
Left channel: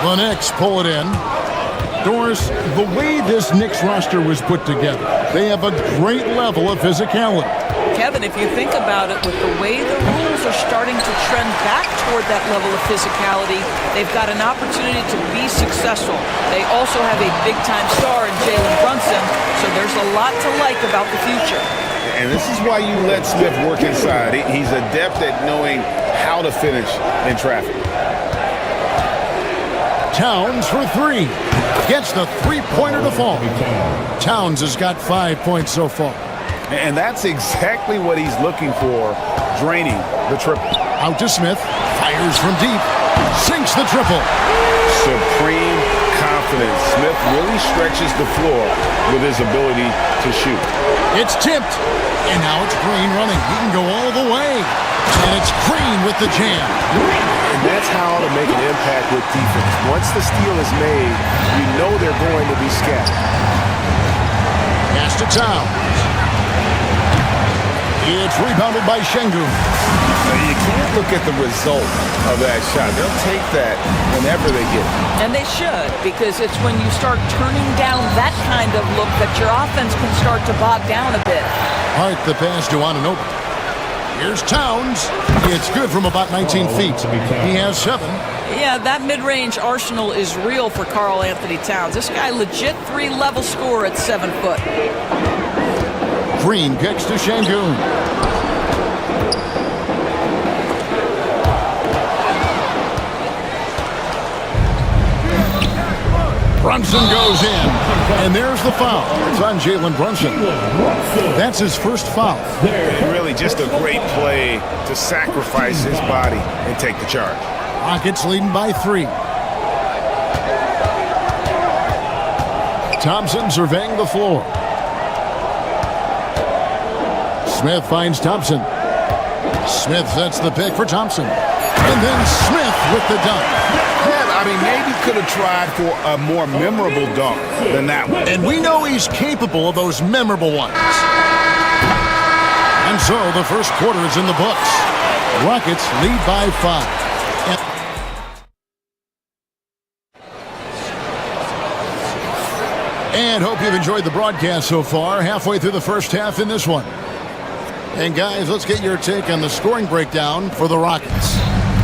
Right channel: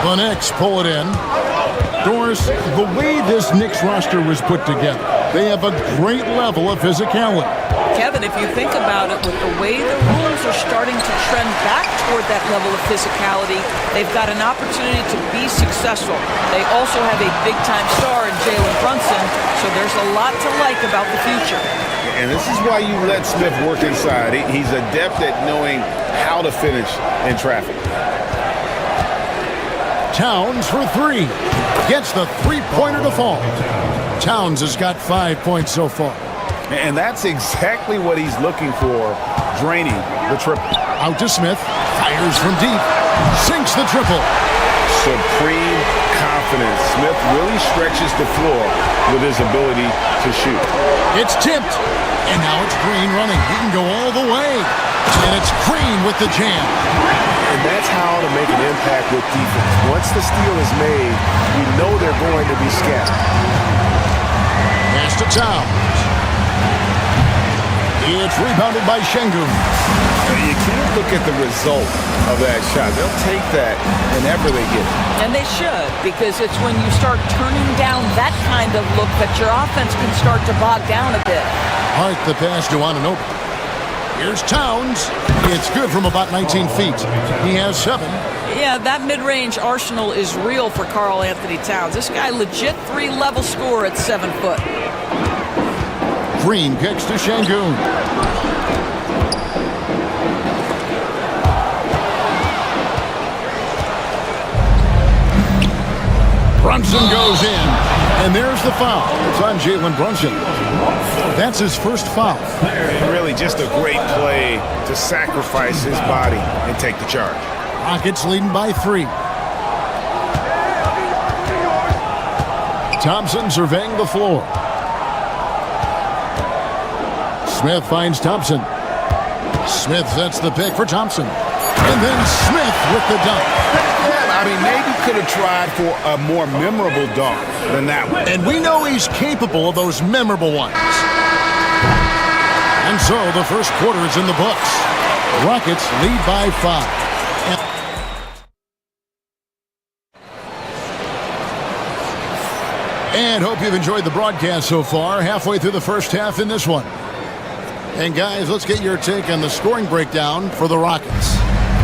The Knicks pull it in. Doris, the way this Knicks roster was put together, they have a great level of physicality. Kevin, if you think about it, with the way the rules are starting to trend back toward that level of physicality, they've got an opportunity to be successful. They also have a big-time star in Jalen Brunson, so there's a lot to like about the future. And this is why you let Smith work inside. He's adept at knowing how to finish in traffic. Towns for 3. Gets the three-pointer to fall. Towns has got 5 points so far. And that's exactly what he's looking for, draining the triple. Out to Smith. Fires from deep. Sinks the triple. Supreme confidence. Smith really stretches the floor with his ability to shoot. It's tipped. And now it's Green running. He can go all the way. And it's Green with the jam. And that's how to make an impact with defense. Once the steal is made, you know they're going to be scattered. Pass to Towns. It's rebounded by Şengün. You can't look at the result of that shot. They'll take that whenever they get it. And they should, because it's when you start turning down that kind of look that your offense can start to bog down a bit. Hart the pass to Anunoby. Here's Towns. It's good from about 19 feet. He has 7. Yeah, that mid-range arsenal is real for Karl Anthony Towns. This guy legit 3-level scorer at 7 foot. Green kicks to Şengün. Brunson goes in, and there's the foul. It's on Jalen Brunson. That's his first foul. And really just a great play to sacrifice his body and take the charge. Rockets leading by 3. Thompson surveying the floor. Smith finds Thompson. Smith sets the pick for Thompson. And then Smith with the dunk. Yeah, I mean, maybe could have tried for a more memorable dunk than that one. And we know he's capable of those memorable ones. And so the first quarter is in the books. Rockets lead by 5. And hope you've enjoyed the broadcast so far. Halfway through the first half in this one. And guys, let's get your take on the scoring breakdown for the Rockets.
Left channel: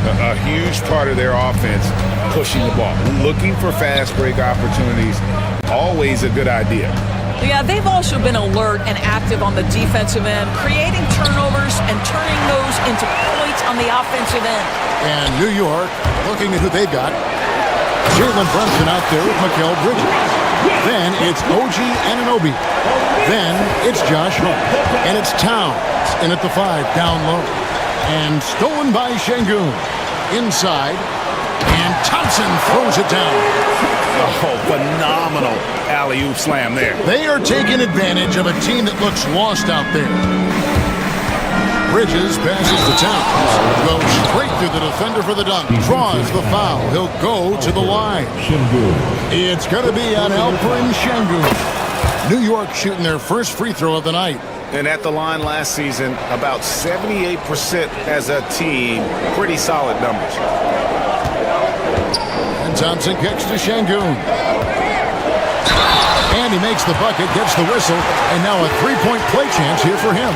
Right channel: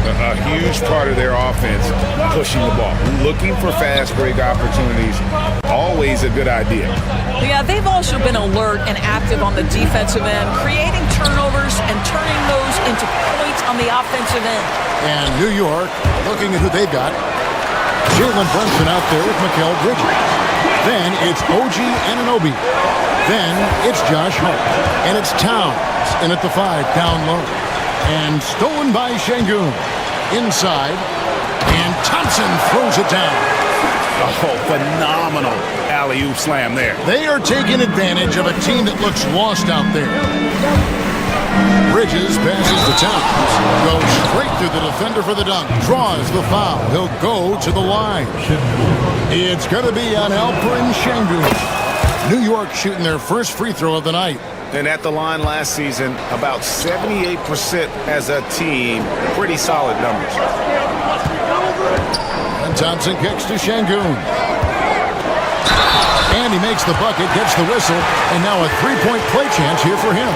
A huge part of their offense, pushing the ball, looking for fast break opportunities, always a good idea. Yeah, they've also been alert and active on the defensive end, creating turnovers and turning those into points on the offensive end. And New York, looking at who they've got. Jalen Brunson out there with Mikal Bridges. Then it's OG Anunoby. Then it's Josh Hart. And it's Towns in at the 5 down low. And stolen by Şengün. Inside. And Thompson throws it down. Oh, phenomenal alley-oop slam there. They are taking advantage of a team that looks lost out there. Bridges passes to Towns. Goes straight through the defender for the dunk. Draws the foul. He'll go to the line. It's going to be on Alperen Şengün. New York shooting their first free throw of the night. And at the line last season, about 78% as a team. Pretty solid numbers. And Thompson kicks to Şengün. And he makes the bucket, gets the whistle, and now a three-point play chance here for him.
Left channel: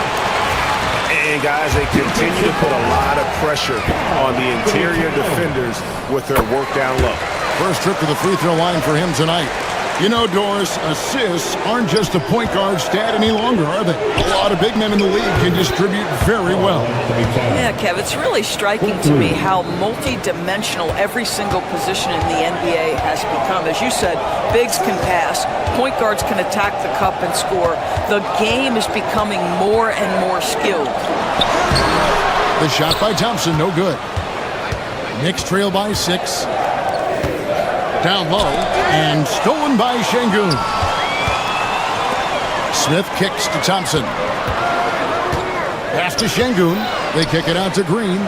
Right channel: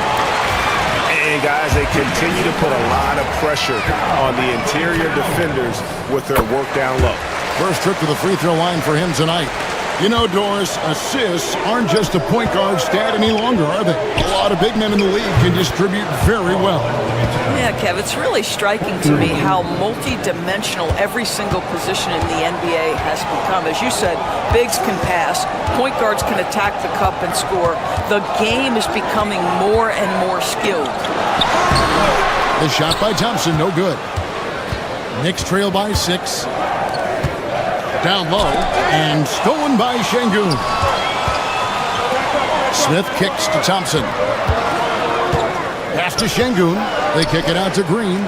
And guys, they continue to put a lot of pressure on the interior defenders with their work down low. First trip to the free throw line for him tonight. You know, Doris, assists aren't just a point guard stat any longer, are they? A lot of big men in the league can distribute very well. Yeah, Kev, it's really striking to me how multi-dimensional every single position in the NBA has become. As you said, bigs can pass, point guards can attack the cup and score. The game is becoming more and more skilled. The shot by Thompson, no good. Knicks trail by 6. Down low, and stolen by Şengün. Smith kicks to Thompson. Pass to Şengün. They kick it out to Green.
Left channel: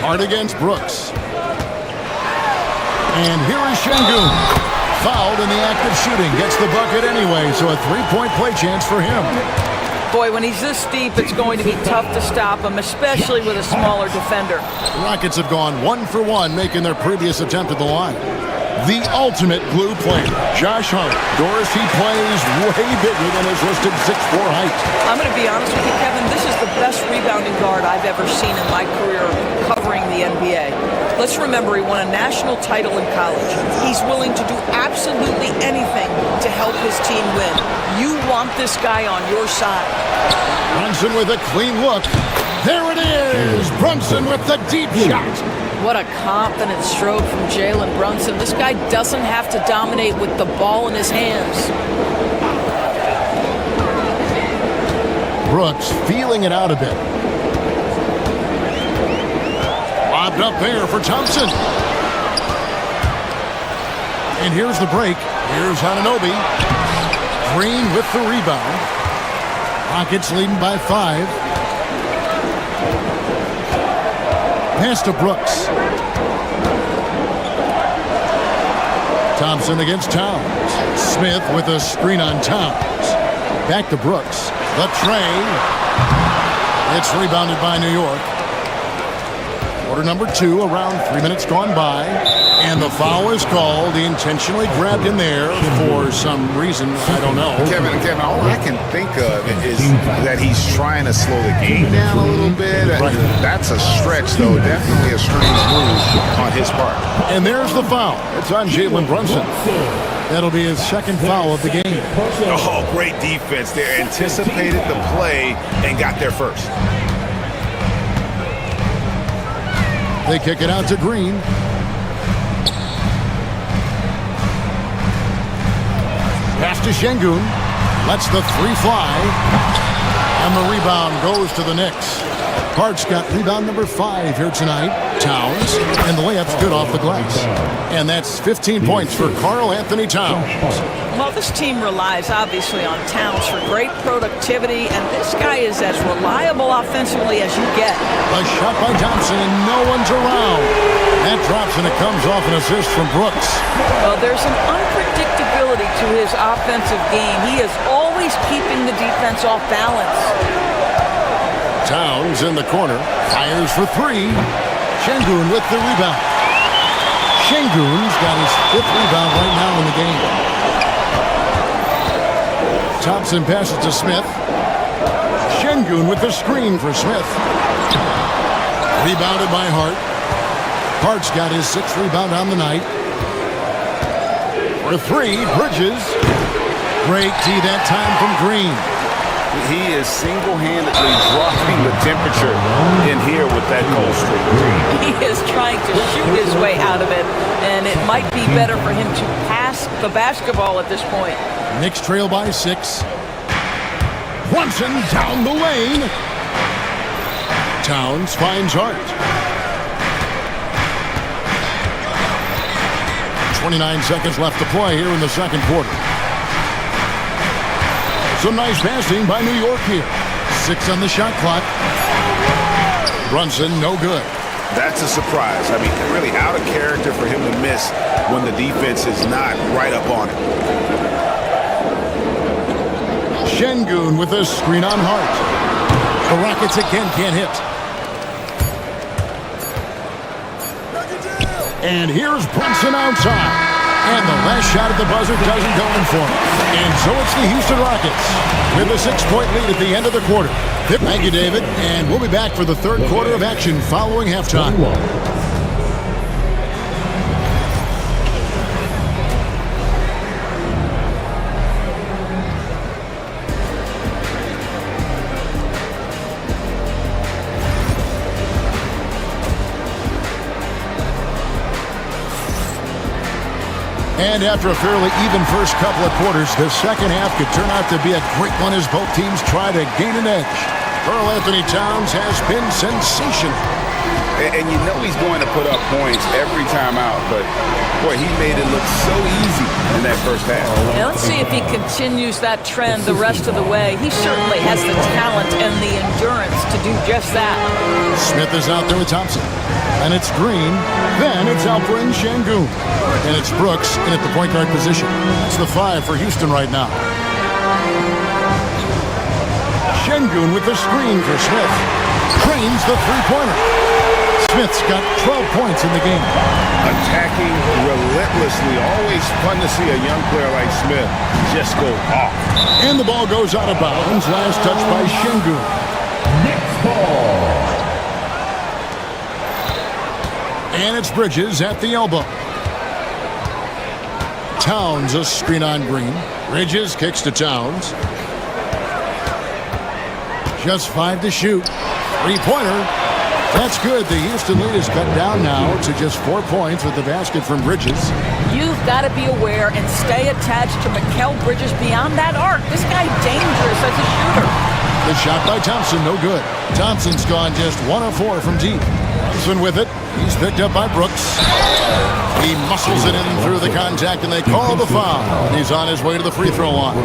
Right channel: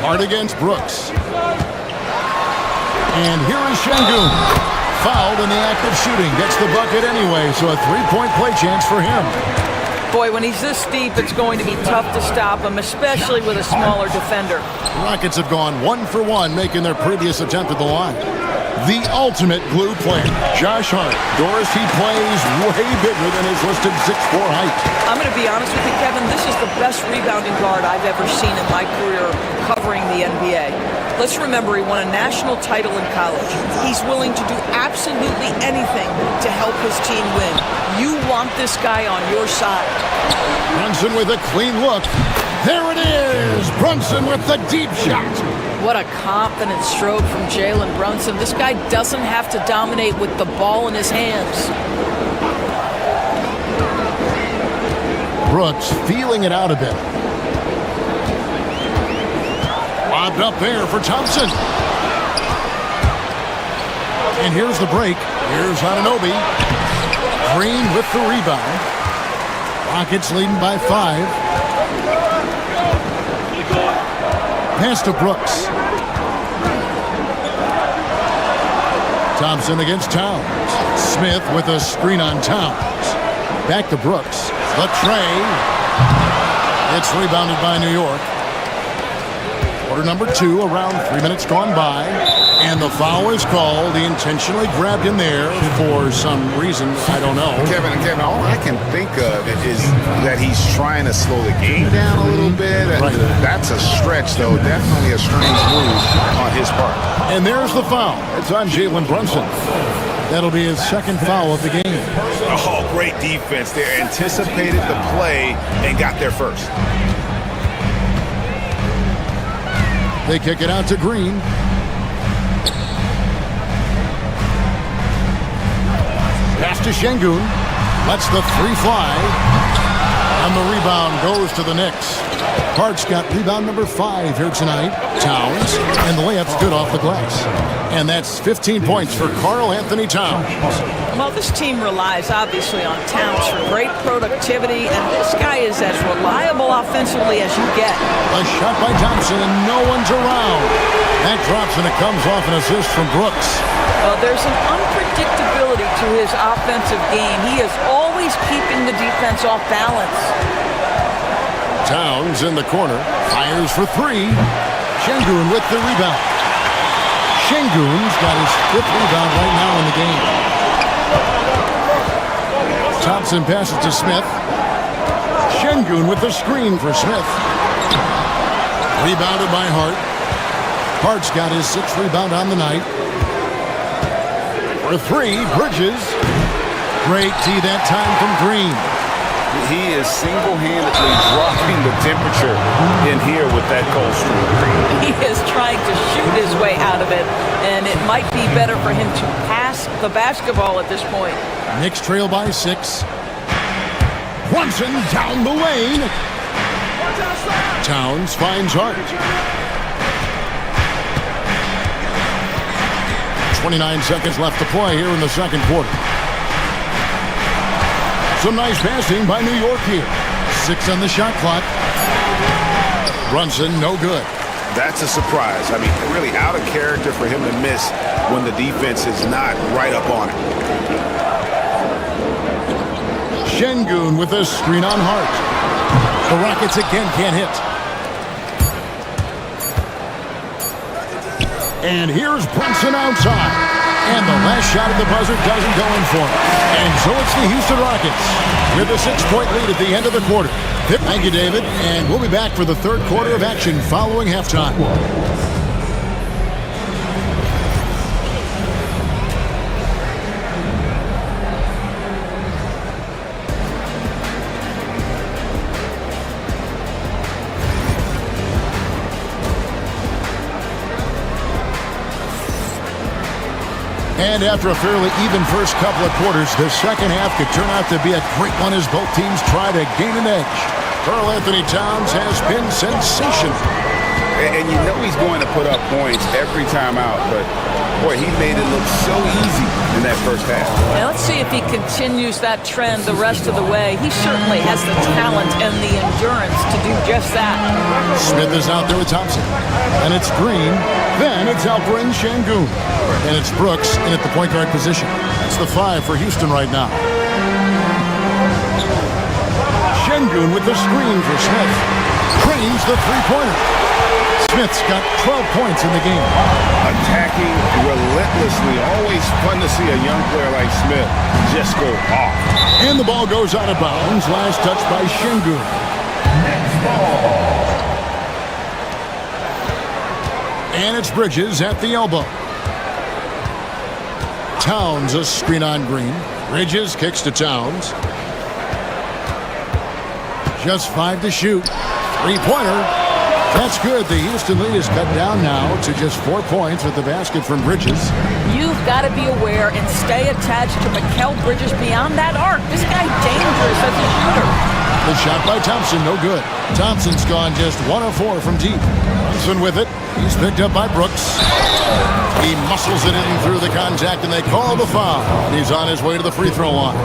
Hard against Brooks. And here is Şengün. Fouled in the act of shooting. Gets the bucket anyway, so a three-point play chance for him. Boy, when he's this deep, it's going to be tough to stop him, especially with a smaller defender. The Rockets have gone 1 for 1, making their previous attempt at the line. The ultimate glue player, Josh Hart. Doris, he plays way bigger than his listed 6'4" height. I'm going to be honest with you, Kevin. This is the best rebounding guard I've ever seen in my career covering the NBA. Let's remember, he won a national title in college. He's willing to do absolutely anything to help his team win. You want this guy on your side. Brunson with a clean look. There it is! Brunson with the deep shot. What a confident stroke from Jalen Brunson. This guy doesn't have to dominate with the ball in his hands. Brooks feeling it out a bit. Lobbed up there for Thompson. And here's the break. Here's Anunoby. Green with the rebound. Rockets leading by 5. Pass to Brooks. Thompson against Towns. Smith with a screen on Towns. Back to Brooks. The tray. It's rebounded by New York. Quarter number 2, around 3 minutes gone by. And the foul is called. He intentionally grabbed in there for some reason. I don't know. Kevin, all I can think of is that he's trying to slow the game down a little bit. Right. That's a stretch, though. Definitely a strange move on his part. And there's the foul. It's on Jalen Brunson. That'll be his second foul of the game. Oh, great defense there. Anticipated the play and got there first. They kick it out to Green. Pass to Şengün. Lets the 3 fly. And the rebound goes to the Knicks. Hart's got rebound number 5 here tonight. Towns. And the layup's good off the glass. And that's 15 points for Karl Anthony Towns. Well, this team relies obviously on Towns for great productivity, and this guy is as reliable offensively as you get. A shot by Thompson, and no one's around. That drops, and it comes off an assist from Brooks. Well, there's an unpredictability to his offensive game. He is always keeping the defense off balance. Towns in the corner, fires for 3. Şengün with the rebound. Şengün's got his 5th rebound right now in the game. Thompson passes to Smith. Şengün with the screen for Smith. Rebounded by Hart. Hart's got his 6th rebound on the night. For 3, Bridges. Great D that time from Green. He is single-handedly dropping the temperature in here with that cold streak. He is trying to shoot his way out of it, and it might be better for him to pass the basketball at this point. Knicks trail by 6. Brunson down the lane. Towns finds Hart. 29 seconds left to play here in the second quarter. Some nice passing by New York here. 6 on the shot clock. Brunson, no good. That's a surprise. I mean, really out of character for him to miss when the defense is not right up on it. Şengün with a screen on Hart. The Rockets again can't hit. And here's Brunson outside. And the last shot at the buzzer doesn't go in for him. And so it's the Houston Rockets with a 6-point lead at the end of the quarter. Thank you, David. And we'll be back for the third quarter of action following halftime. And after a fairly even first couple of quarters, the second half could turn out to be a great one as both teams try to gain an edge. Karl Anthony Towns has been sensational. And you know he's going to put up points every time out, but boy, he made it look so easy in that first half. Now let's see if he continues that trend the rest of the way. He certainly has the talent and the endurance to do just that. Smith is out there with Thompson. And it's Green. Then it's Alperen Şengün. And it's Brooks in at the point guard position. That's the 5 for Houston right now. Şengün with the screen for Smith. Cranes the three-pointer. Smith's got 12 points in the game. Attacking relentlessly. Always fun to see a young player like Smith just go off. And the ball goes out of bounds. Last touch by Şengün. Next ball. And it's Bridges at the elbow. Towns a screen on Green. Bridges kicks to Towns. Just 5 to shoot. Three-pointer. That's good. The Houston lead is cut down now to just 4 points with the basket from Bridges. You've got to be aware and stay attached to Mikal Bridges beyond that arc. This guy dangerous as a shooter. The shot by Thompson, no good. Thompson's gone just 1 of 4 from deep. Brunson with it. He's picked up by Brooks. He muscles it in through the contact, and they call the foul. And he's on his way to the free throw line.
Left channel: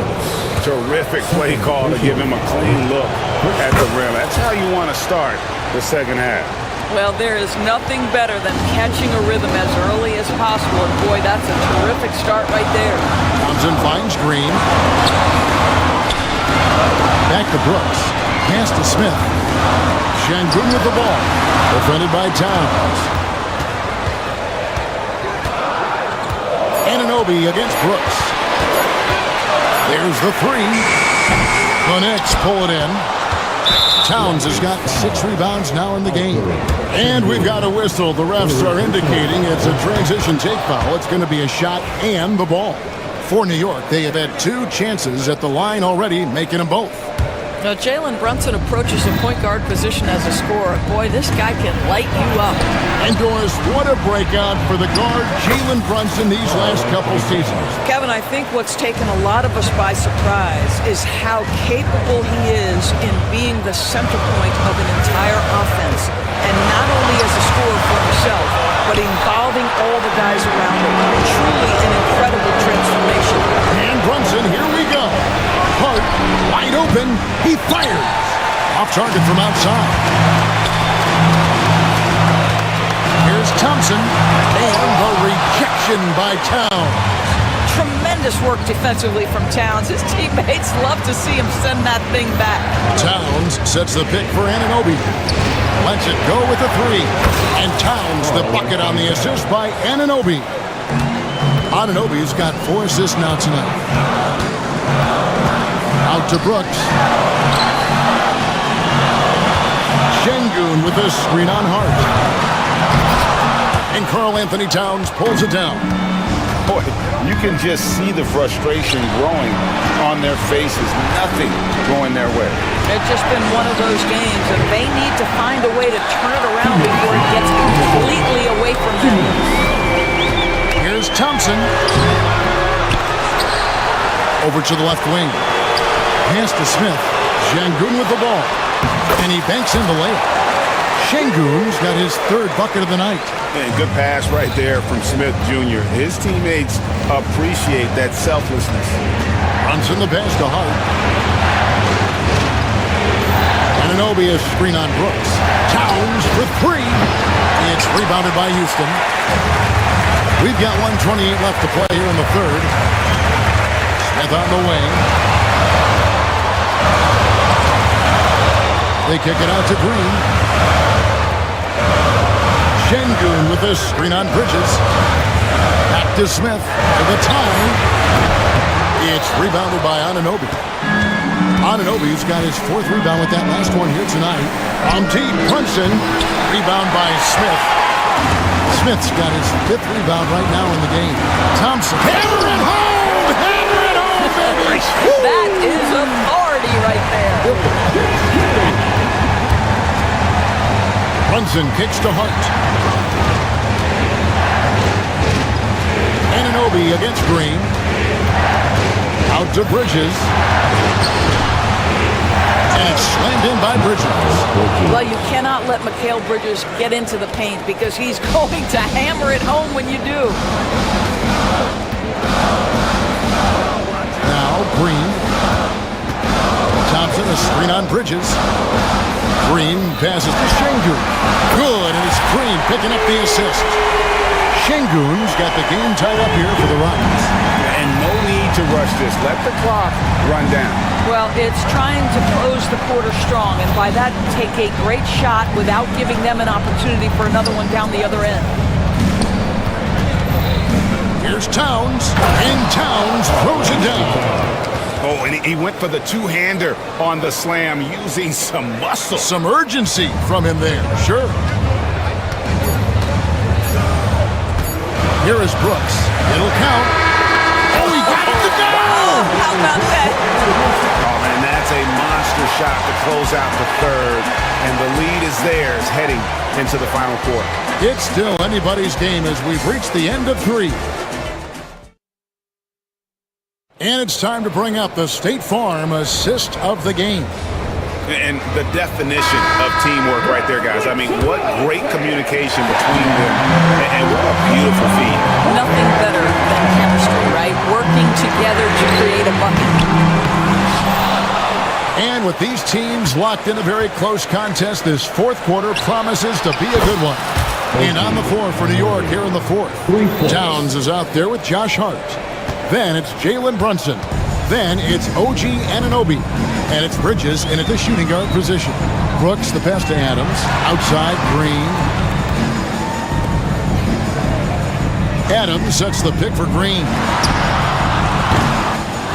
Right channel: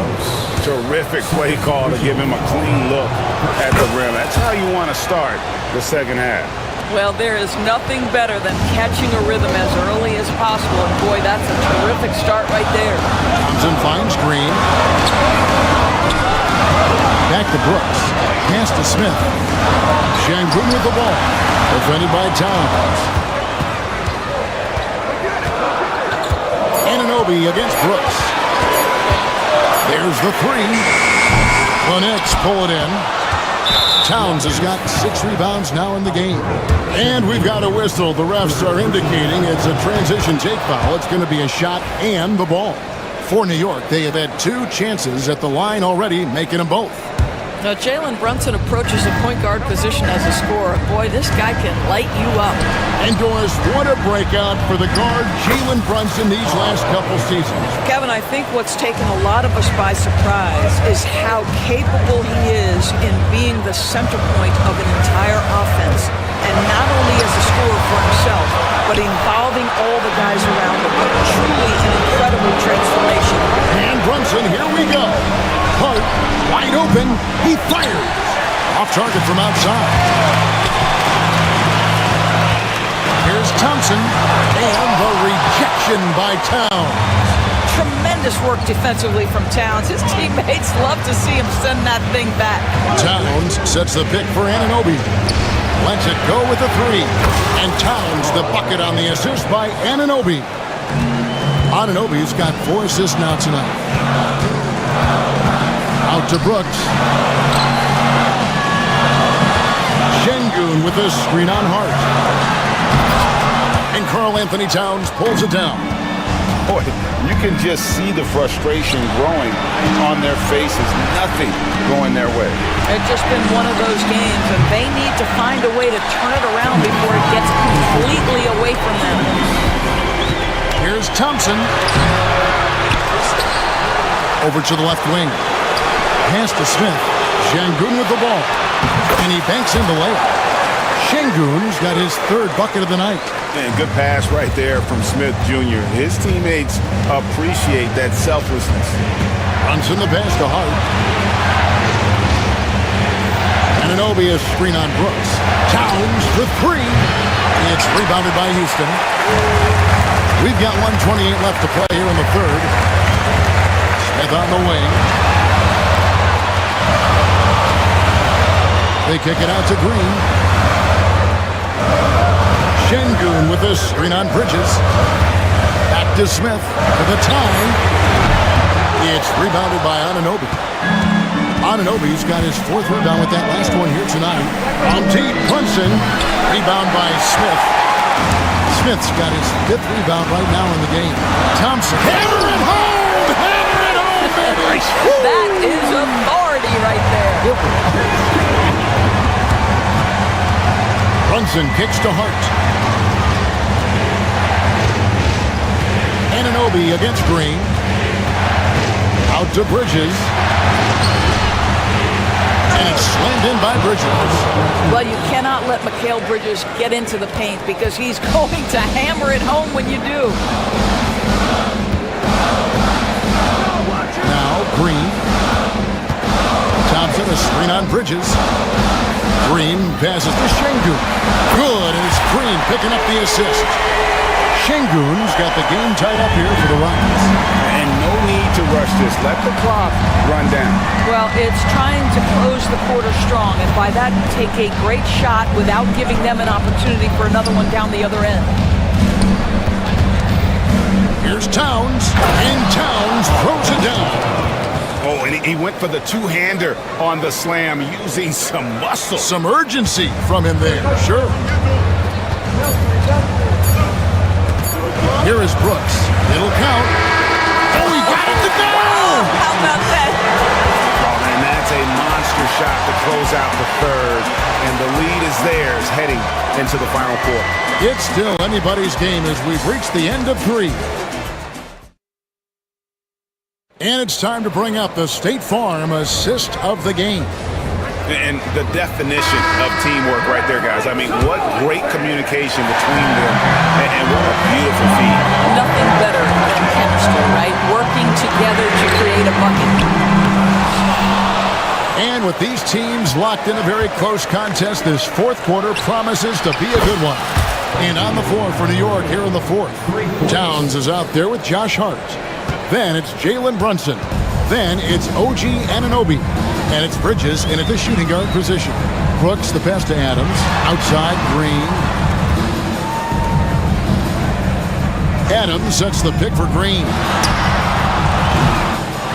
Terrific play call to give him a clean look at the rim. That's how you want to start the second half. Well, there is nothing better than catching a rhythm as early as possible. And boy, that's a terrific start right there. Thompson finds Green. Back to Brooks. Pass to Smith. Şengün with the ball. Defended by Towns. Anunoby against Brooks. There's the three. The Knicks pull it in. Towns has got 6 rebounds now in the game. And we've got a whistle. The refs are indicating it's a transition take foul. It's going to be a shot and the ball. For New York, they have had 2 chances at the line already, making them both. Now, Jalen Brunson approaches the point guard position as a scorer. Boy, this guy can light you up. And Doris, what a breakout for the guard Jalen Brunson these last couple seasons. Kevin, I think what's taken a lot of us by surprise is how capable he is in being the center point of an entire offense. And not only as a scorer for himself, but involving all the guys around him. Truly an incredible transformation. And Brunson, here we go. Hart, wide open, he fires. Off target from outside. Here's Thompson, and the rejection by Towns. Tremendous work defensively from Towns. His teammates love to see him send that thing back. Towns sets the pick for Anunoby. Lets it go with a 3. And Towns the bucket on the assist by Anunoby. Anunoby's got 4 assists now tonight. Out to Brooks. Şengün with a screen on Hart. And Karl Anthony Towns pulls it down. Boy, you can just see the frustration growing on their faces. Nothing going their way. It's just been one of those games, and they need to find a way to turn it around before it gets completely away from them. Here's Thompson. Over to the left wing. Pass to Smith. Şengün with the ball. And he banks in the layup. Şengün's got his 3rd bucket of the night. And good pass right there from Smith Jr. His teammates appreciate that selflessness. Runs in the pass to Hart. Anunoby a screen on Brooks. Towns for 3. It's rebounded by Houston. We've got 1:28 left to play here in the 3rd. Smith on the wing. They kick it out to Green. Şengün with a screen on Bridges. Back to Smith for the tie. It's rebounded by Anunoby. Anunoby's got his 4th rebound with that last one here tonight. Omteed Brunson. Rebound by Smith. Smith's got his 5th rebound right now in the game. Thompson. Hammer it home! Hammer it home, baby! That is authority right there. Brunson kicks to Hart. Anunoby against Green. Out to Bridges. And it's slammed in by Bridges. Well, you cannot let Mikal Bridges get into the paint because he's going to hammer it home when you do. Now Green. Thompson a screen on Bridges. Green passes to Şengün. Good, and it's Green picking up the assist. Şengün's got the game tied up here for the Rockets. And no need to rush this. Let the clock run down. Well, it's trying to close the quarter strong, and by that, take a great shot without giving them an opportunity for another one down the other end. Here's Towns, and Towns throws it down. Oh, and he went for the 2-hander on the slam, using some muscle. Some urgency from him there, sure. Here is Brooks. It'll count. Oh, he got it to go! Wow, how about that? Oh, man, that's a monster shot to close out the 3rd. And the lead is theirs heading into the final quarter. It's still anybody's game as we've reached the end of 3. And it's time to bring up the State Farm assist of the game. And the definition of teamwork right there, guys. I mean, what great communication between them, and what a beautiful feat. Nothing better than chemistry, right? Working together to create a bucket. And with these teams locked in a very close contest, this 4th quarter promises to be a good one. And on the floor for New York here in the 4th, Towns is out there with Josh Hart. Then it's Jalen Brunson. Then it's OG Anunoby. And it's Bridges in at the shooting guard position. Brooks, the pass to Adams. Outside, Green. Adams sets the pick for Green.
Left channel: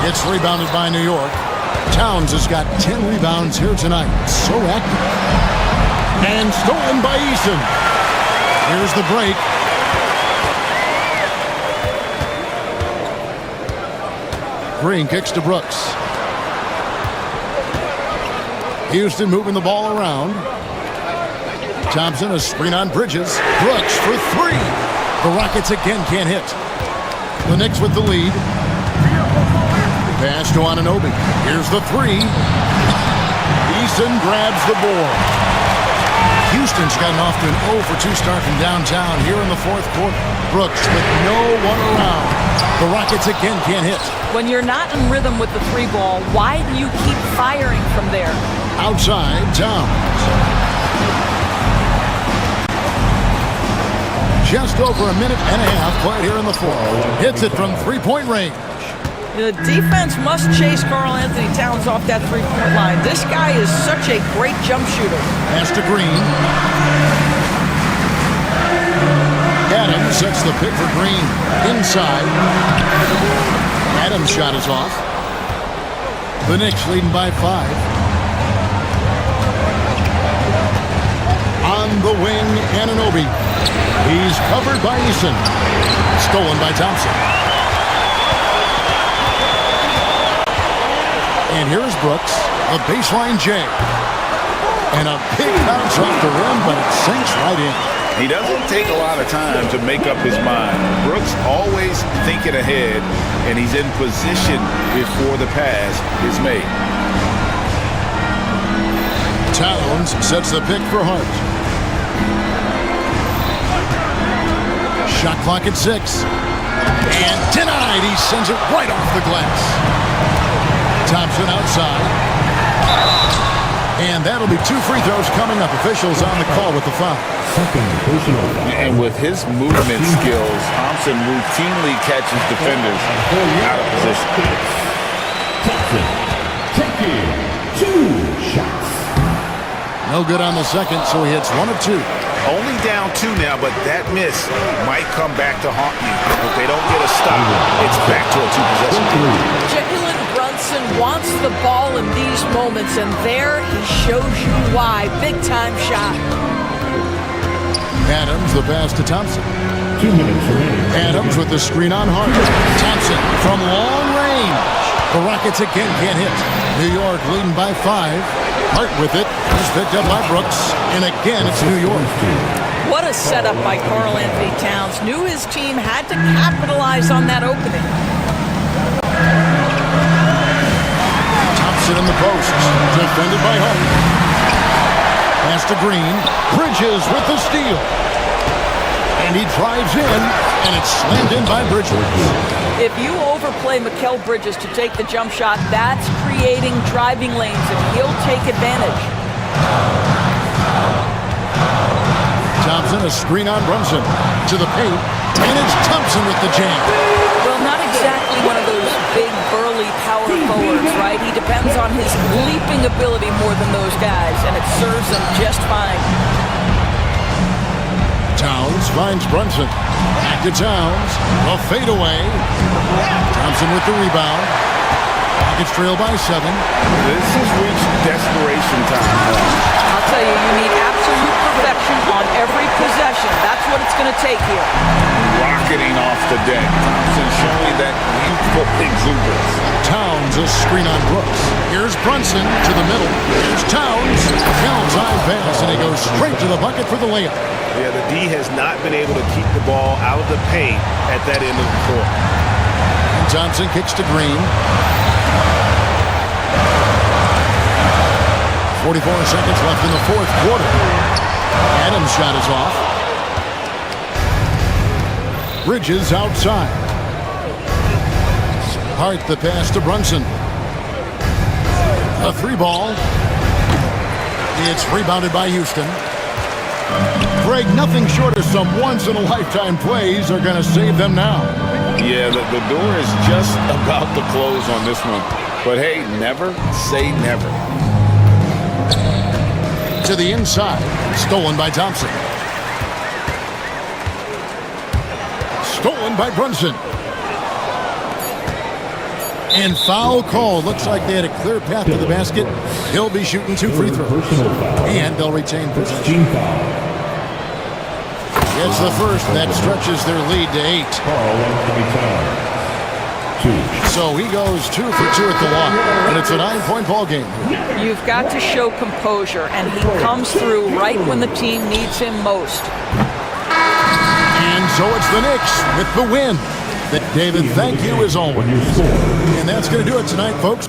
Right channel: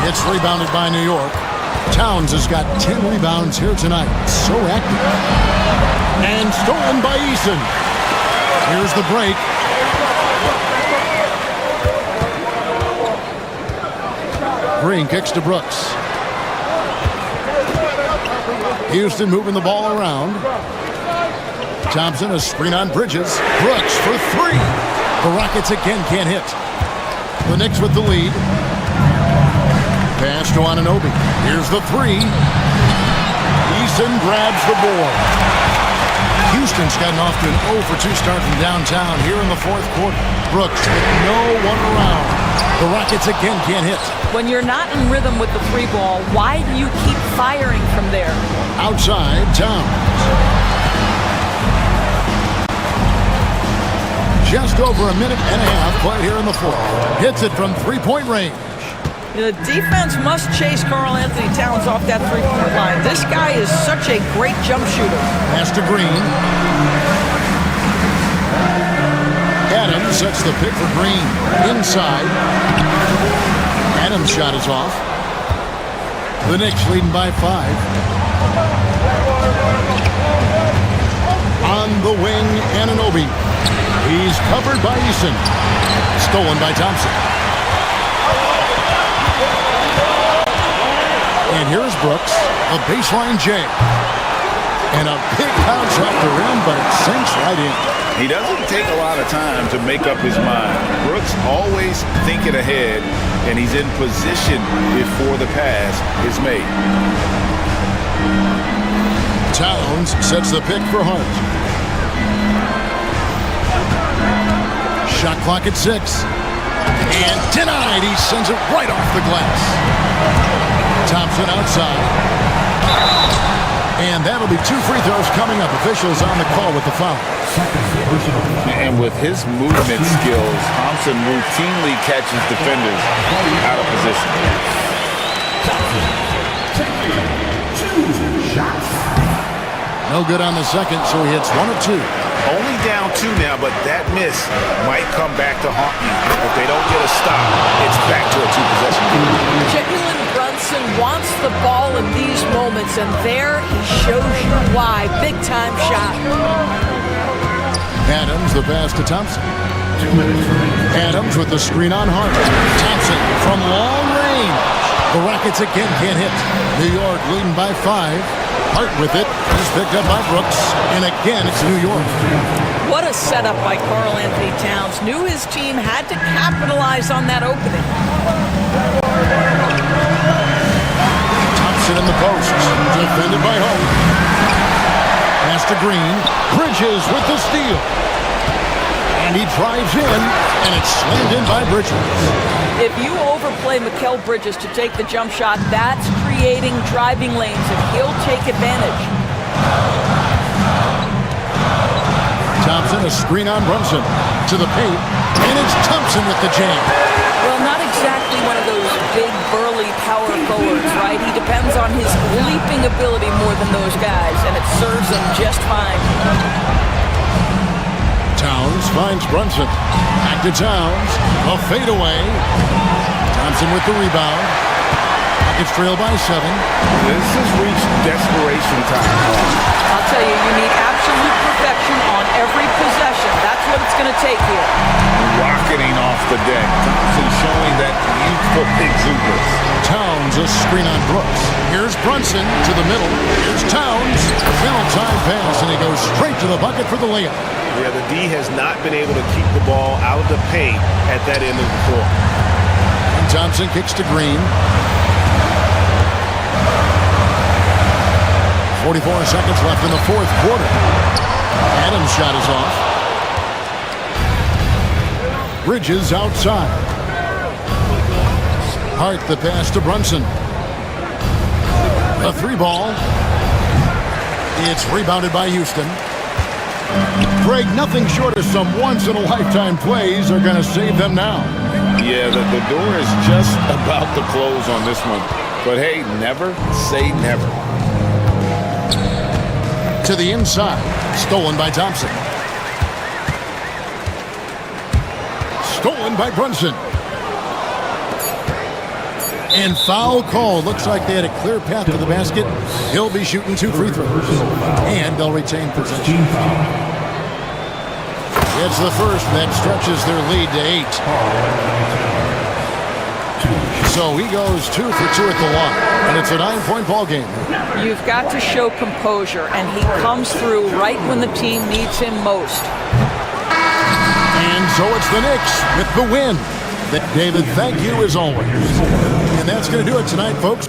It's rebounded by New York. Towns has got 10 rebounds here tonight. So active. And stolen by Eason. Here's the break. Green kicks to Brooks. Houston moving the ball around. Thompson, a screen on Bridges. Brooks for three. The Rockets again can't hit. The Knicks with the lead. Pass to Anunoby. Here's the three. Eason grabs the board. Houston's gotten off to an 0 for 2 start from downtown here in the fourth quarter. Brooks with no one around. The Rockets again can't hit. When you're not in rhythm with the three ball, why do you keep firing from there? Outside, Towns. Just over a minute and a half played here in the fourth. Hits it from three-point range. The defense must chase Karl Anthony Towns off that three-point line. This guy is such a great jump shooter. Pass to Green. Adams sets the pick for Green. Inside. Adams' shot is off. The Knicks leading by 5. On the wing, Anunoby. He's covered by Eason. Stolen by Thompson. And here's Brooks, a baseline J. And a big bounce off the rim, but it sinks right in. He doesn't take a lot of time to make up his mind. Brooks always thinking ahead, and he's in position before the pass is made. Towns sets the pick for Hart. Shot clock at 6. And denied. He sends it right off the glass. Thompson outside. And that'll be 2 free throws coming up. Officials on the call with the foul. And with his movement skills, Thompson routinely catches defenders out of position. No good on the second, so he hits 1 of 2. Only down 2 now, but that miss might come back to haunt you. If they don't get a stop, it's back to a 2-possession game. Jalen Brunson wants the ball in these moments, and there he shows you why. Big-time shot. Adams, the pass to Thompson. 2 minutes remaining. Adams with the screen on Hart. Thompson from long range. The Rockets again can't hit. New York leading by 5. Hart with it. He's picked up by Brooks. And again, it's New York. What a setup by Karl Anthony Towns. Knew his team had to capitalize on that opening. Thompson in the post. Defended by Hart. Pass to Green. Bridges with the steal. And he drives in. And it's slammed in by Bridges. If you overplay Mikal Bridges to take the jump shot, that's creating driving lanes, and he'll take advantage. Thompson, a screen on Brunson. To the paint. And it's Thompson with the jam. Well, not exactly one of those big, burly power forwards, right? He depends on his leaping ability more than those guys, and it serves him just fine. Towns finds Brunson. Back to Towns. A fadeaway. Thompson with the rebound. Rockets trail by 7. This has reached desperation time. I'll tell you, you need absolute perfection on every possession. That's what it's going to take here. Rocketing off the deck. Thompson showing that youthful exuberance. Towns, a screen on Brooks. Here's Brunson to the middle. Here's Towns. Well-timed pass, and he goes straight to the bucket for the layup. Yeah, the D has not been able to keep the ball out of the paint at that end of the floor. And Thompson kicks to Green. 44 seconds left in the fourth quarter. Adams' shot is off. Bridges outside. Hart the pass to Brunson. A 3 ball. It's rebounded by Houston. Greg, nothing short of some once-in-a-lifetime plays are going to save them now. Yeah, the door is just about to close on this one. But hey, never say never. To the inside, stolen by Thompson. Stolen by Brunson. And foul call. Looks like they had a clear path to the basket. He'll be shooting 2 free throws. And they'll retain possession. Gets the first, and that stretches their lead to 8. So he goes 2 for 2 at the line, and it's a 9-point ball game. You've got to show composure, and he comes through right when the team needs him most. And so it's the Knicks with the win. David, thank you as always. And that's going to do it tonight, folks.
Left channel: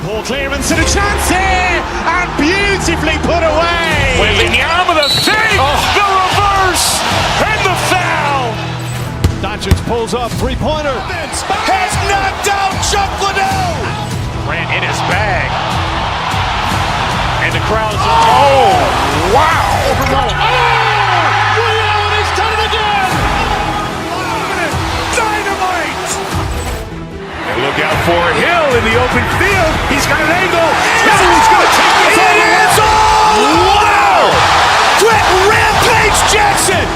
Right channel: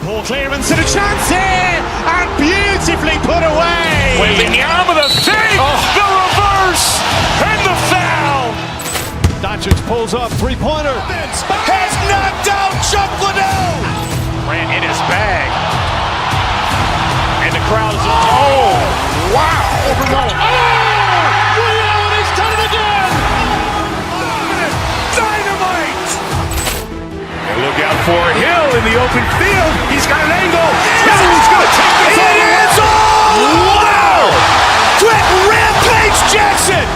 Poor clearance and a chance here, and beautifully put away. Wembanyama the save, the reverse, and the foul. Doncic pulls up, three-pointer. Has knocked out Chuck Liddell. Grant in his bag, and the crowd is wow! He's done it again. Dynamite. Look out for Hill in the open field. He's got an angle. He's going to take this all the way. Wow! Quick Rampage Jackson.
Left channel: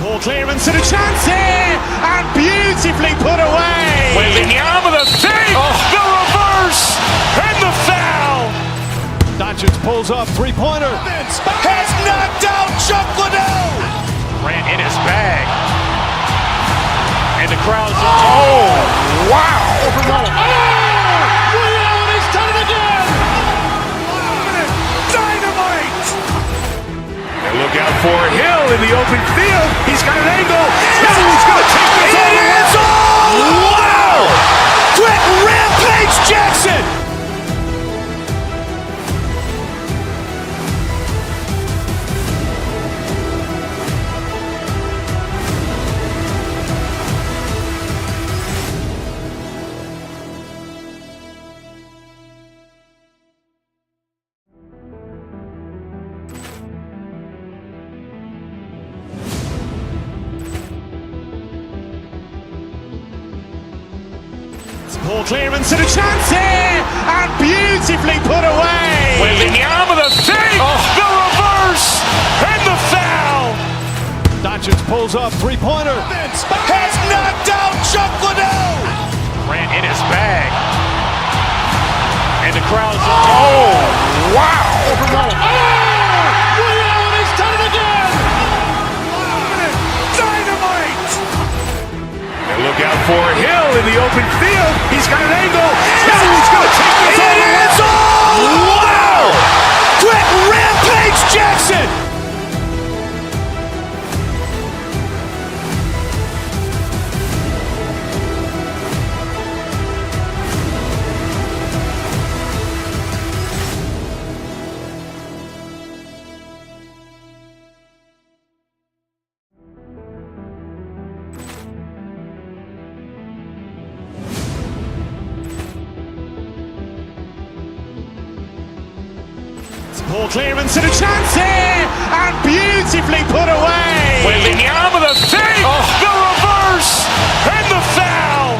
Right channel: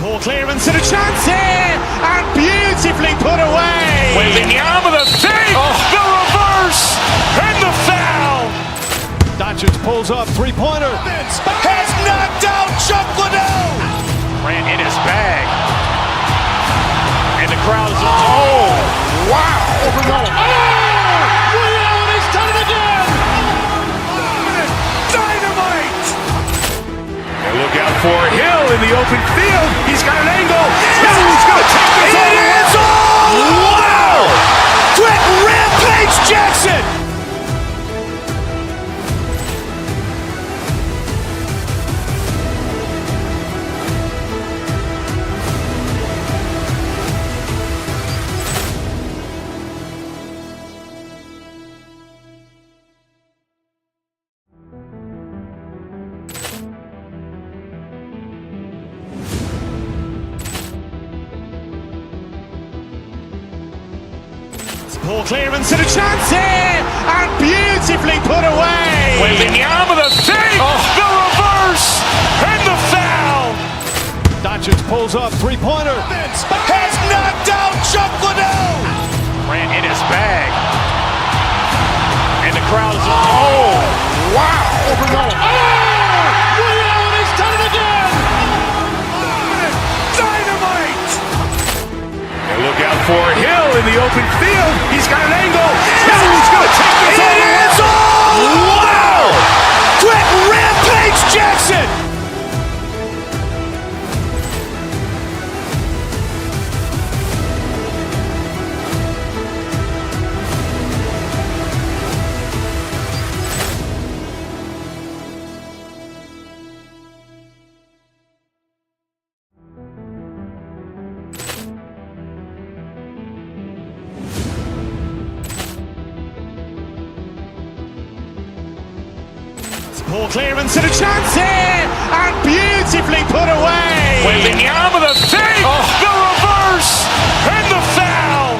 Poor clearance and a chance here, and beautifully put away. Wembanyama the save, the reverse, and the foul. Doncic pulls up, three-pointer. Has knocked out Chuck Liddell. Grant in his bag, and the crowd is wow! He's done it again. Dynamite. And look out for Hill in the open field. He's got an angle. He's going to take this all the way. Wow! Quick Rampage Jackson. Poor clearance and a chance here, and beautifully put away. Wembanyama the save, the reverse, and the foul. Doncic pulls up, three-pointer. Has knocked out Chuck Liddell. Grant in his bag, and the crowd is wow! He's done it again. Dynamite. And look out for Hill in the open field. He's got an angle. He's going to take this all the way. Wow! Quick Rampage Jackson. Poor clearance and a chance here, and beautifully put away. Wembanyama the save, the reverse, and the foul.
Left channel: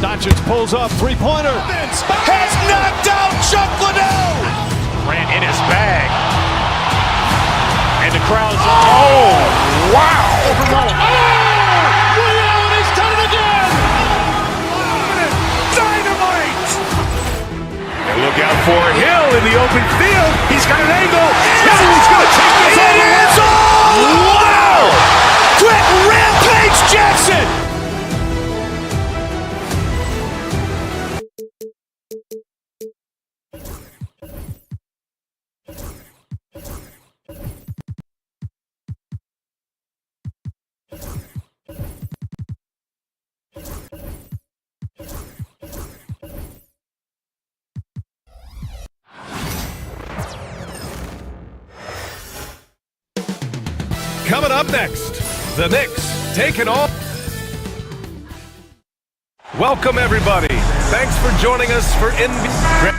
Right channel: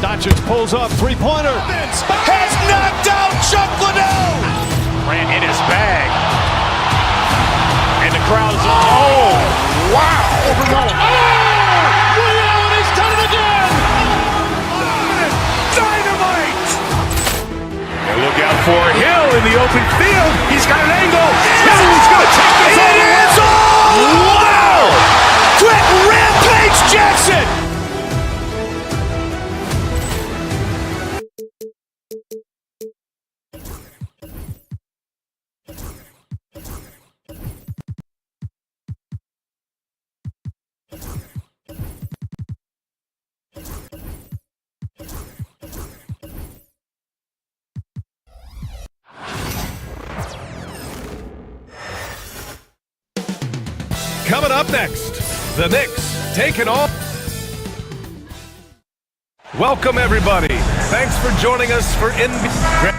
Doncic pulls up, three-pointer. Has knocked out Chuck Liddell. Grant in his bag, and the crowd is wow! He's done it again. Dynamite. And look out for Hill in the open field. He's got an angle. He's going to take this all the way. Coming up next, the Knicks taking on. Welcome, everybody. Thanks for joining us for NBA.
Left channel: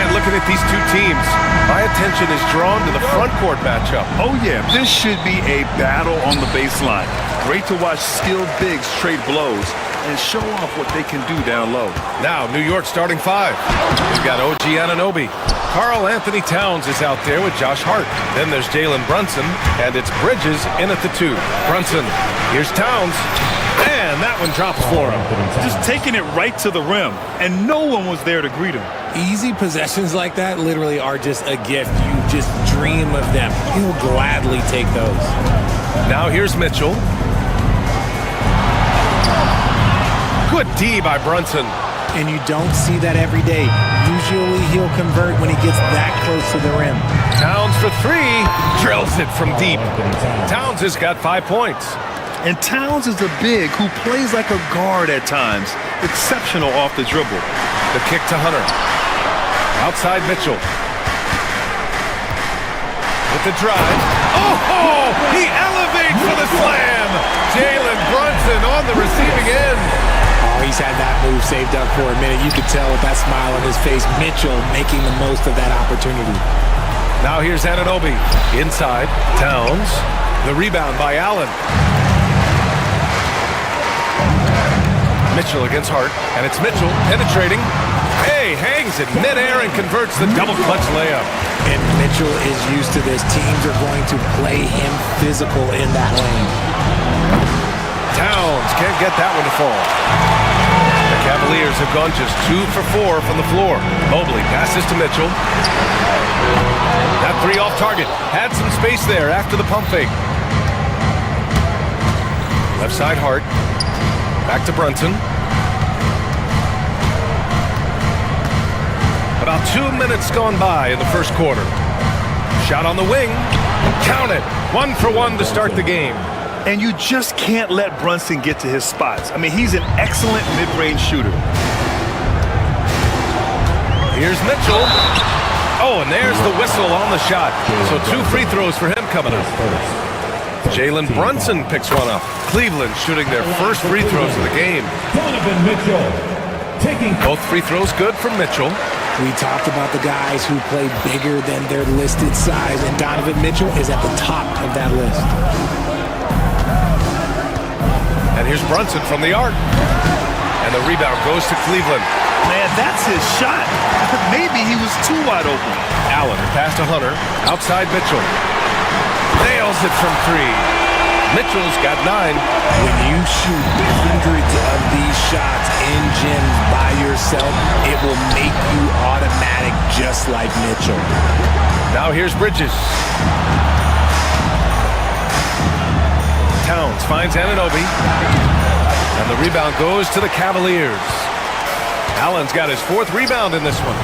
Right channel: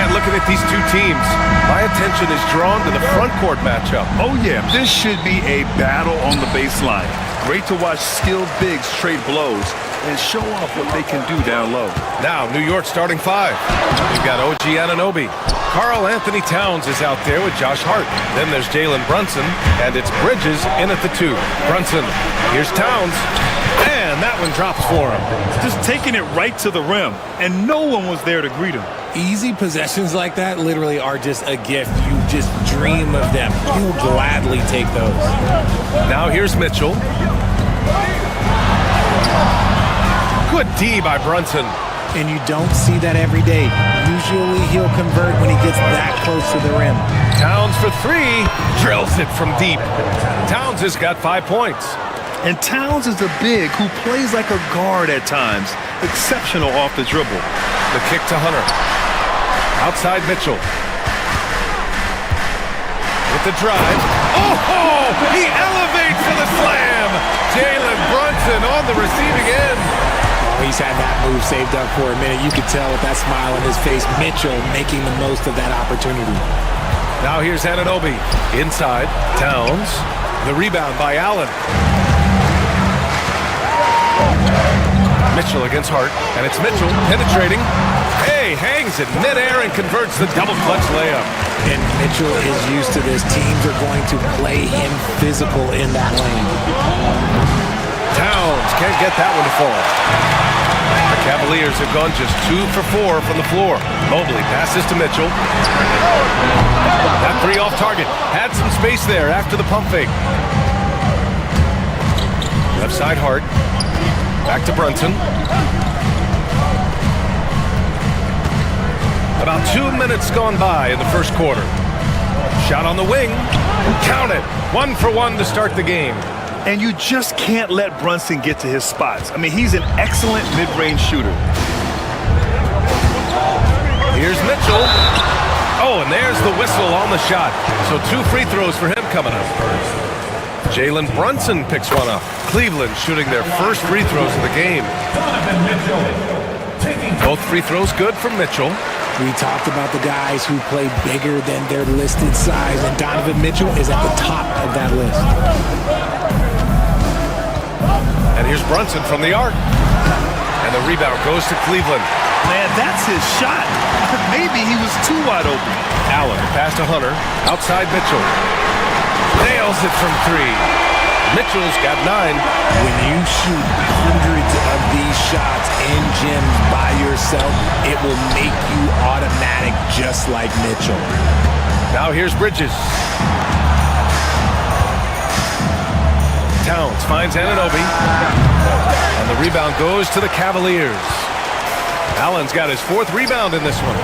And looking at these two teams, my attention is drawn to the front court matchup. Oh, yeah. This should be a battle on the baseline. Great to watch skilled bigs trade blows and show off what they can do down low. Now, New York starting five. We've got OG Anunoby. Karl Anthony Towns is out there with Josh Hart. Then there's Jalen Brunson, and it's Bridges in at the 2. Brunson, here's Towns, and that one drops for him. Just taking it right to the rim, and no one was there to greet him. Easy possessions like that literally are just a gift. You just dream of them. He'll gladly take those. Now here's Mitchell. Good D by Brunson. And you don't see that every day. Usually he'll convert when he gets that close to the rim. Towns for 3. Drills it from deep. Towns has got 5 points. And Towns is a big who plays like a guard at times. Exceptional off the dribble. The kick to Hunter. Outside Mitchell. With the drive. Oh! He elevates for the slam! Jalen Brunson on the receiving end. Oh, he's had that move saved up for a minute. You could tell with that smile on his face. Mitchell making the most of that opportunity. Now here's Anunoby. Inside. Towns. The rebound by Allen. Mitchell against Hart. And it's Mitchell penetrating. Hey, hangs in midair and converts the double clutch layup. And Mitchell is used to this. Teams are going to play him physical in that lane. Towns can't get that one to fall. The Cavaliers have gone just 2 for 4 from the floor. Mobley passes to Mitchell. That 3 off target. Had some space there after the pump fake. Left side Hart. Back to Brunson. About 2 minutes gone by in the first quarter. Shot on the wing. Count it. 1 for 1 to start the game. And you just can't let Brunson get to his spots. I mean, he's an excellent mid-range shooter. Here's Mitchell. Oh, and there's the whistle on the shot. So 2 free throws for him coming up. Jalen Brunson picks one up. Cleveland shooting their first free throws of the game. Both free throws good from Mitchell. We talked about the guys who play bigger than their listed size, and Donovan Mitchell is at the top of that list. And here's Brunson from the arc. And the rebound goes to Cleveland. Man, that's his shot. Maybe he was too wide open. Allen pass to Hunter. Outside Mitchell. Nails it from 3. Mitchell's got 9. When you shoot hundreds of these shots in gyms by yourself, it will make you automatic just like Mitchell. Now here's Bridges. Towns finds Anunoby. And the rebound goes to the Cavaliers. Allen's got his 4th rebound in this one.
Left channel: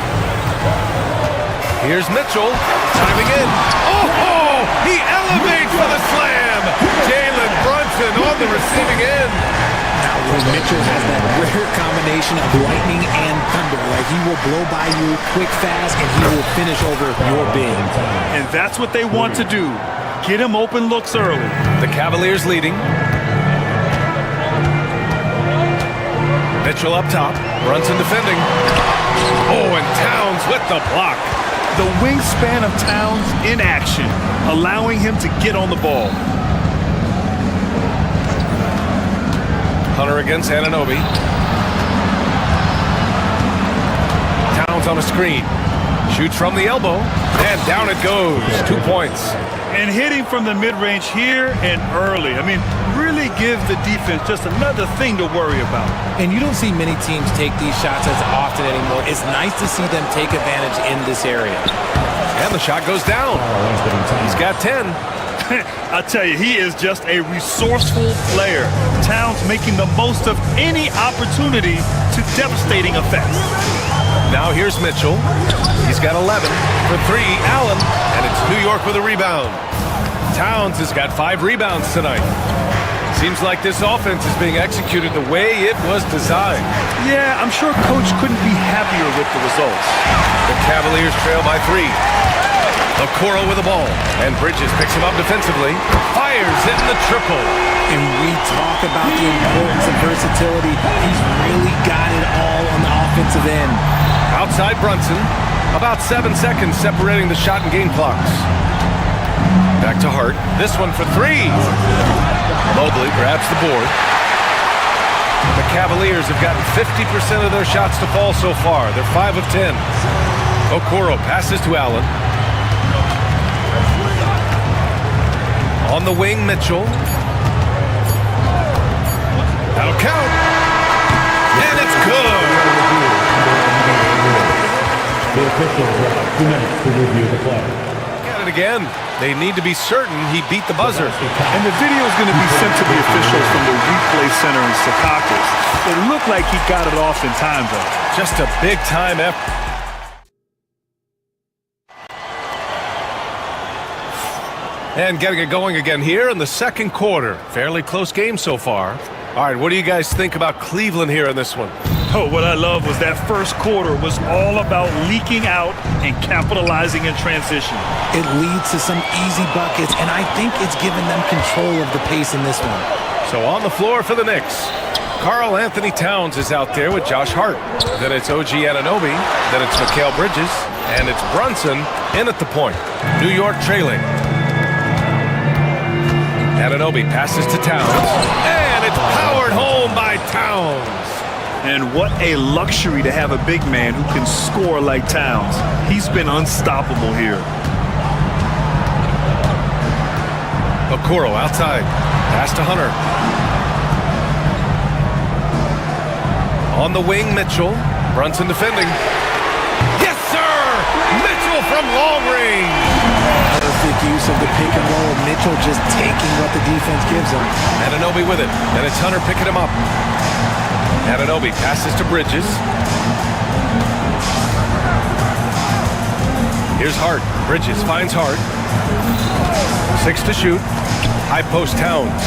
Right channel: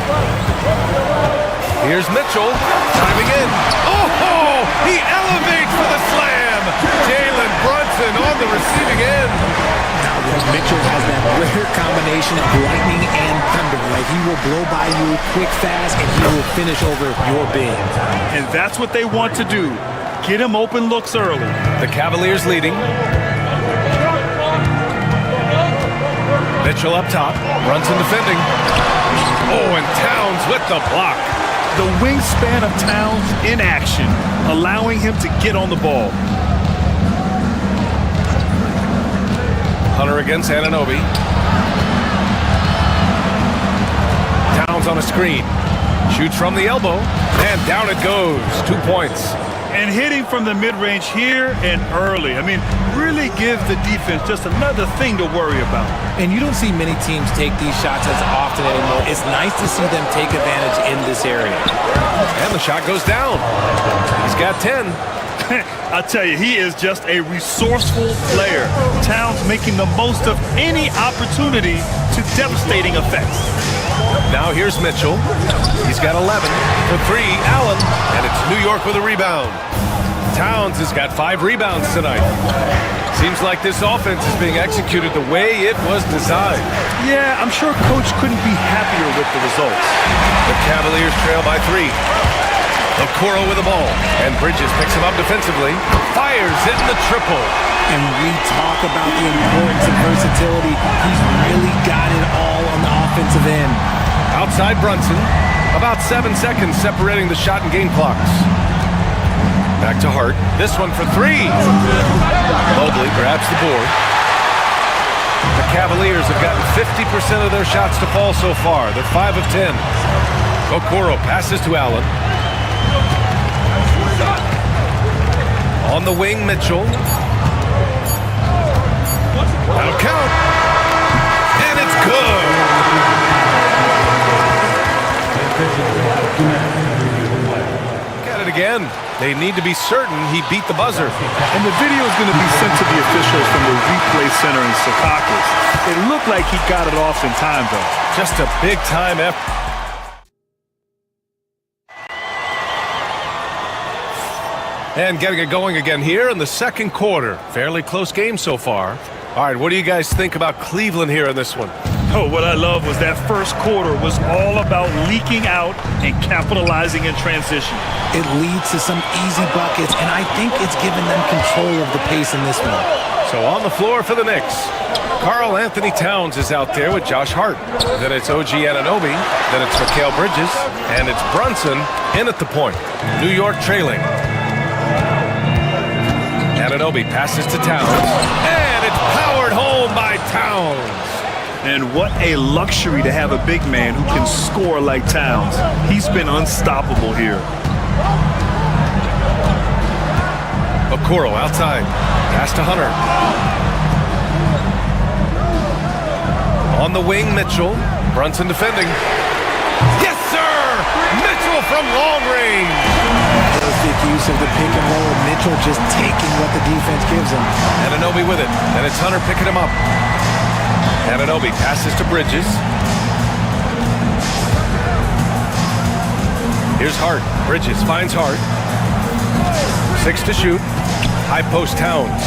Here's Mitchell, diving in. Oh, he elevates for the slam. Jalen Brunson on the receiving end. Now, Mitchell has that rare combination of lightning and thunder. Like, he will blow by you quick, fast, and he will finish over your big. And that's what they want to do. Get him open looks early. The Cavaliers leading. Mitchell up top. Brunson defending. Oh, and Towns with the block. The wingspan of Towns in action, allowing him to get on the ball. Hunter against Anunoby. Towns on a screen. Shoots from the elbow. And down it goes. 2 points. And hitting from the mid-range here and early. I mean, really give the defense just another thing to worry about. And you don't see many teams take these shots as often anymore. It's nice to see them take advantage in this area. And the shot goes down. He's got 10. I'll tell you, he is just a resourceful player. Towns making the most of any opportunity to devastating effects. Now here's Mitchell. He's got 11 for 3. Allen, and it's New York with a rebound. Towns has got 5 rebounds tonight. Seems like this offense is being executed the way it was designed. Yeah, I'm sure Coach couldn't be happier with the results. The Cavaliers trail by 3. Okoro with the ball. And Bridges picks him up defensively. Fires in the triple. And we talk about the importance of versatility. He's really got it all on the offensive end. Outside Brunson. About 7 seconds separating the shot and game clocks. Back to Hart. This one for three. Mobley grabs the board. The Cavaliers have gotten 50% of their shots to fall so far. They're 5 of 10. Okoro passes to Allen. On the wing, Mitchell. That'll count. And it's good. Look at it again. They need to be certain he beat the buzzer. And the video is going to be sent to the officials from the replay center in Secaucus. It looked like he got it off in time, though. Just a big-time effort. And getting it going again here in the second quarter. Fairly close game so far. All right, what do you guys think about Cleveland here in this one? Oh, what I love was that first quarter was all about leaking out and capitalizing in transition. It leads to some easy buckets, and I think it's given them control of the pace in this one. So on the floor for the Knicks, Karl Anthony Towns is out there with Josh Hart. Then it's OG Anunoby. Then it's Mikal Bridges. And it's Brunson in at the point. New York trailing. Anunoby passes to Towns. And it's powered home by Towns. And what a luxury to have a big man who can score like Towns. He's been unstoppable here. Okoro outside. Pass to Hunter. On the wing, Mitchell. Brunson defending. Yes, sir! Mitchell from long range. Perfect use of the pick and roll. Mitchell just taking what the defense gives him. Anunoby with it. Then it's Hunter picking him up. Anunoby passes to Bridges. Here's Hart. Bridges finds Hart. 6 to shoot. High post Towns.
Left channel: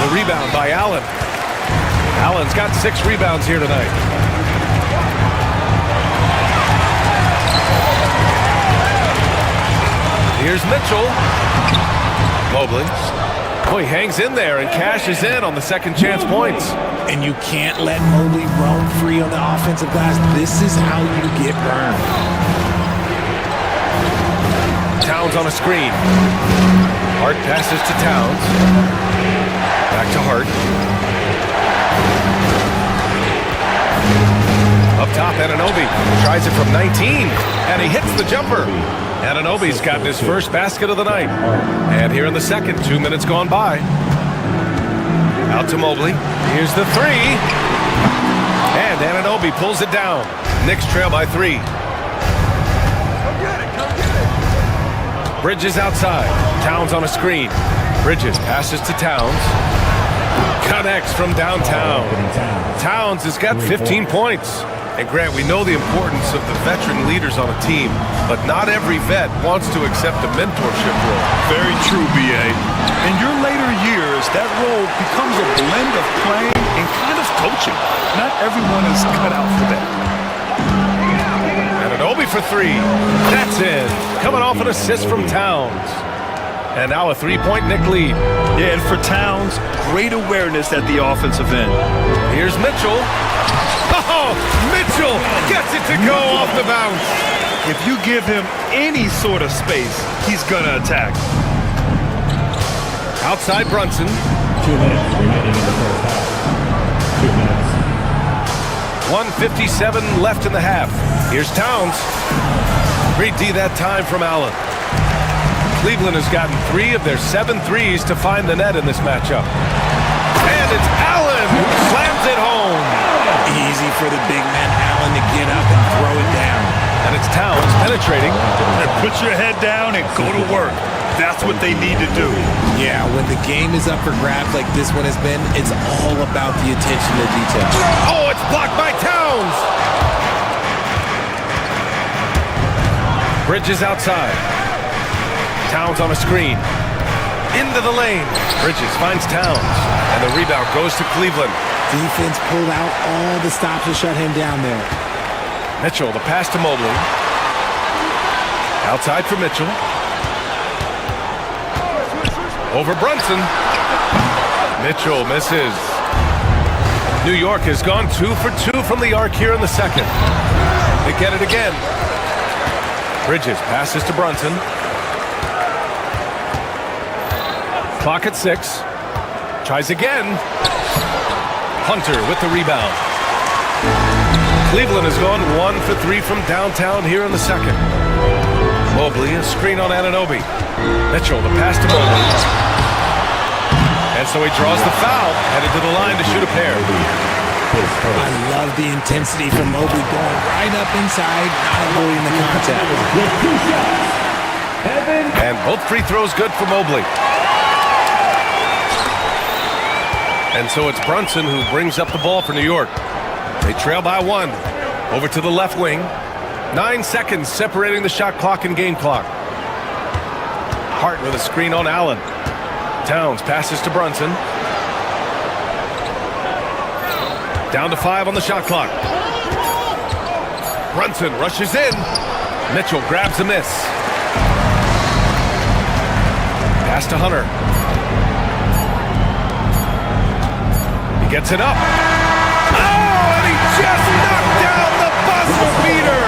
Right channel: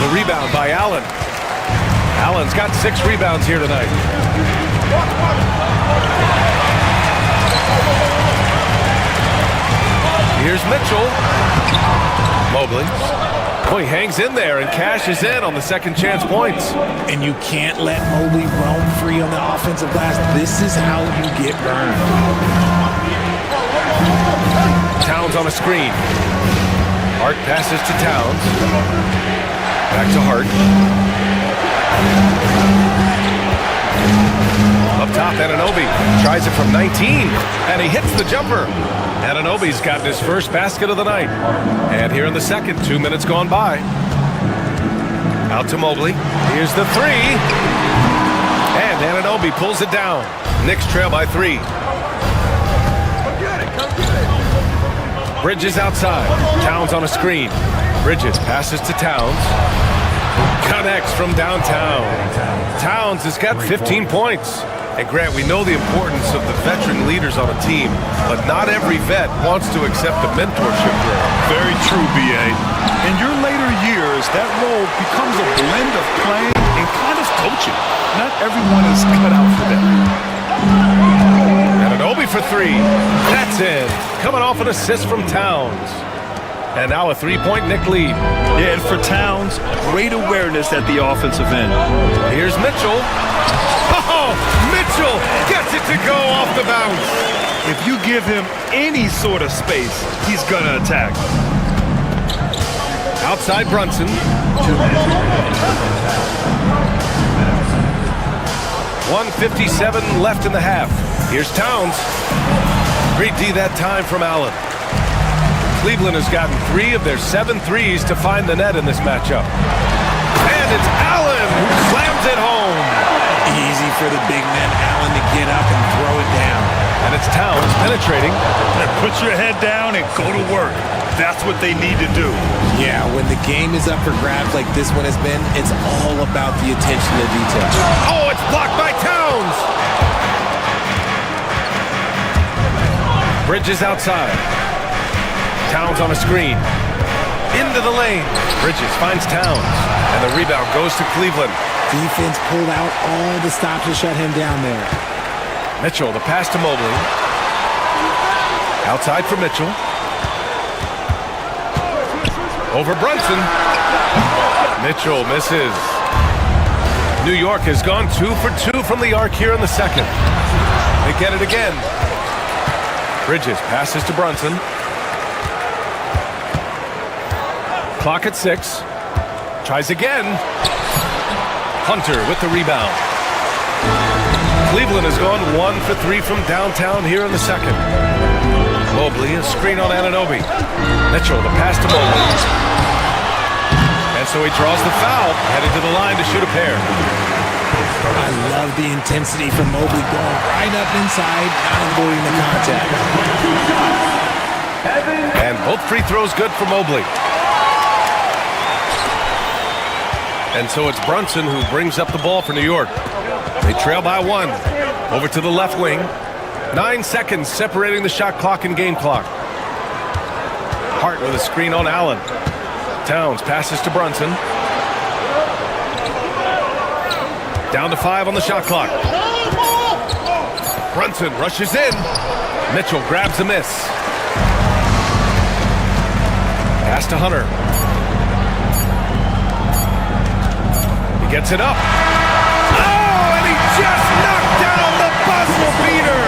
The rebound by Allen. Allen's got 6 rebounds here tonight. Here's Mitchell. Mobley. Oh, he hangs in there and cashes in on the second chance points. And you can't let Mobley roam free on the offensive glass. This is how you get burned. Towns on a screen. Hart passes to Towns. Back to Hart. Up top, Anunoby tries it from 19, and he hits the jumper. Anunoby's gotten his first basket of the night. And here in the second, 2 minutes gone by. Out to Mobley. Here's the three. And Anunoby pulls it down. Knicks trail by 3. Come get it, come get it. Bridges outside. Towns on a screen. Bridges passes to Towns. Connects from downtown. Towns has got 15 points. And Grant, we know the importance of the veteran leaders on a team, but not every vet wants to accept a mentorship role. Very true, B.A. In your later years, that role becomes a blend of playing and kind of coaching. Not everyone is cut out for that. Anunoby for 3. That's in. Coming off an assist from Towns. And now a 3-point Knick lead. Yeah, and for Towns, great awareness at the offensive end. Here's Mitchell. Oh, Mitchell gets it to go off the bounce. If you give him any sort of space, he's gonna attack. Outside Brunson. 2 minutes remaining in the first half. 2 minutes. 1:57 left in the half. Here's Towns. Great D that time from Allen. Cleveland has gotten 3 of their 7 threes to find the net in this matchup. And it's Allen who slams it home. Easy for the big man Allen to get up and throw it down. And it's Towns penetrating. And put your head down and go to work. That's what they need to do. Yeah, when the game is up for grabs like this one has been, it's all about the attention to detail. Oh, it's blocked by Towns. Bridges outside. Towns on a screen. Into the lane. Bridges finds Towns. And the rebound goes to Cleveland. Defense pulled out all the stops to shut him down there. Mitchell, the pass to Mobley. Outside for Mitchell. Over Brunson. Mitchell misses. New York has gone 2 for 2 from the arc here in the second. They get it again. Bridges passes to Brunson. Clock at 6. Tries again. Hunter with the rebound. Cleveland has gone 1 for 3 from downtown here in the second. Mobley, a screen on Anunoby. Mitchell, the pass to Mobley. And so he draws the foul, headed to the line to shoot a pair. I love the intensity from Mobley going right up inside, not avoiding the contact. And both free throws good for Mobley. And so it's Brunson who brings up the ball for New York. They trail by 1. Over to the left wing. 9 seconds separating the shot clock and game clock. Hart with a screen on Allen. Towns passes to Brunson. Down to 5 on the shot clock. Brunson rushes in. Mitchell grabs a miss. Pass to Hunter. He gets it up. Oh, and he just knocked down the buzzer beater.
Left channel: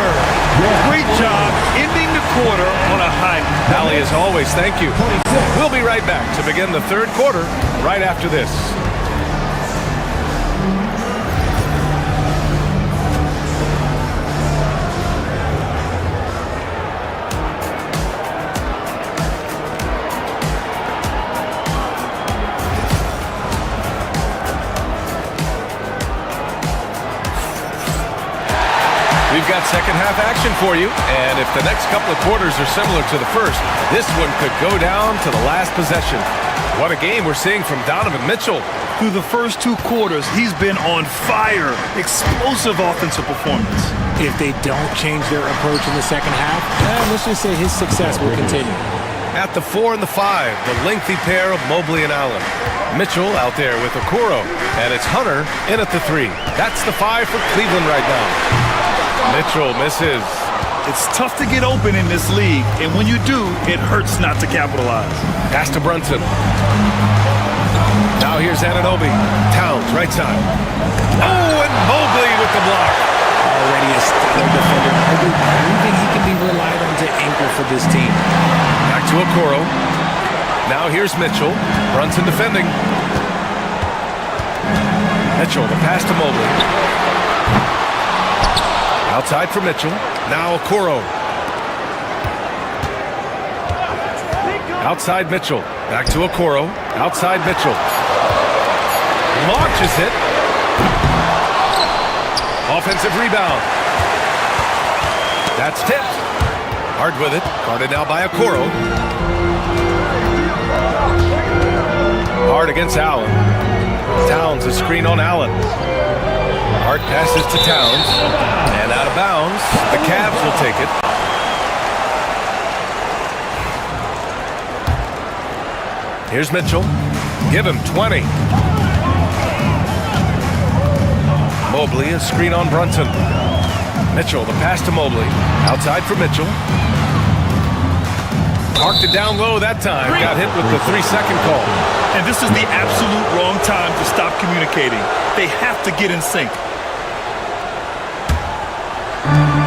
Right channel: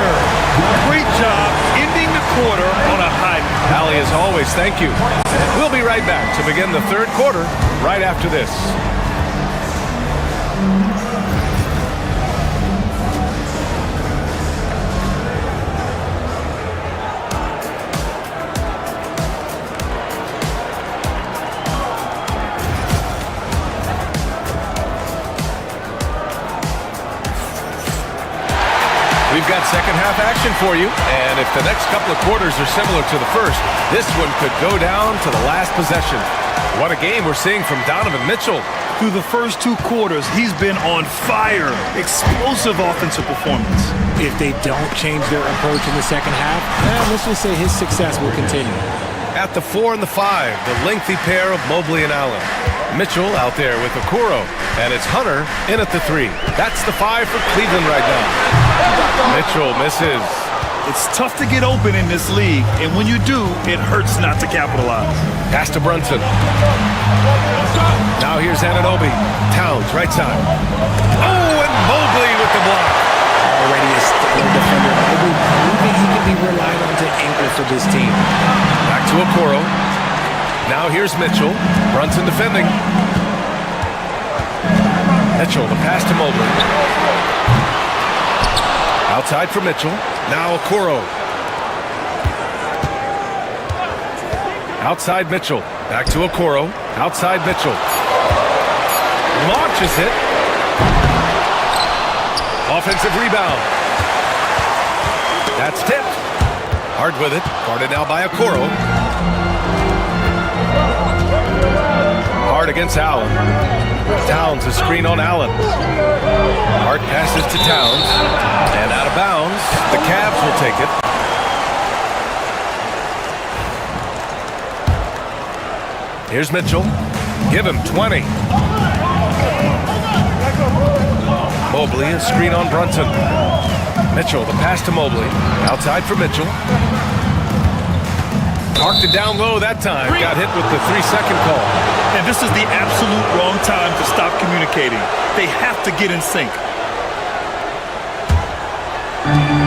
Great job ending the quarter on a high. Allie, as always, thank you. We'll be right back to begin the third quarter right after this. We've got second half action for you, and if the next couple of quarters are similar to the first, this one could go down to the last possession. What a game we're seeing from Donovan Mitchell. Through the first 2 quarters, he's been on fire. Explosive offensive performance. If they don't change their approach in the second half, let's just say his success will continue. At the 4 and the 5, the lengthy pair of Mobley and Allen. Mitchell out there with Okoro, and it's Hunter in at the 3. That's the 5 for Cleveland right now. Mitchell misses. It's tough to get open in this league, and when you do, it hurts not to capitalize. Pass to Brunson. Now here's Anunoby. Towns, right side. Oh, and Mobley with the block. Already a stellar defender, Mobley proving he can be relied on to anchor for this team. Back to Okoro. Now here's Mitchell. Brunson defending. Mitchell, the pass to Mobley. Outside for Mitchell. Now Okoro. Outside Mitchell. Back to Okoro. Outside Mitchell. Launches it. Offensive rebound. That's tipped. Hard with it. Guarded now by Okoro. Hard against Allen. Towns, a screen on Allen. Hart passes to Towns. And out of bounds. The Cavs will take it. Here's Mitchell. Give him 20. Mobley, a screen on Brunson. Mitchell, the pass to Mobley. Outside for Mitchell. Parked it down low that time. Got hit with the 3-second call. And this is the absolute wrong time to stop communicating. They have to get in sync.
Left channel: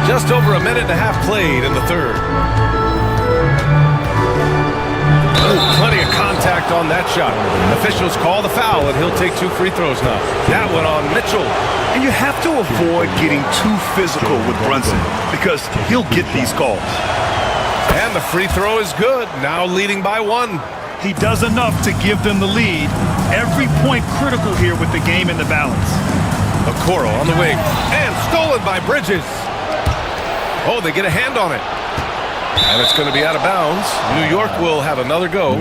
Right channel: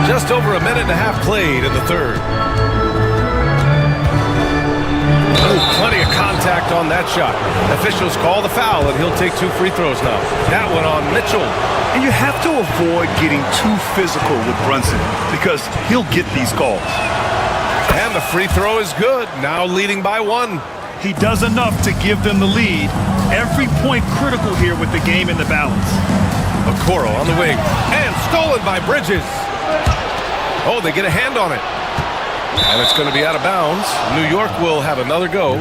Just over a minute and a half played in the third. Oh, plenty of contact on that shot. Officials call the foul, and he'll take 2 free throws now. That one on Mitchell. And you have to avoid getting too physical with Brunson because he'll get these calls. And the free throw is good, now leading by 1. He does enough to give them the lead. Every point critical here with the game in the balance. Okoro on the wing, and stolen by Bridges. Oh, they get a hand on it. And it's going to be out of bounds. New York will have another go.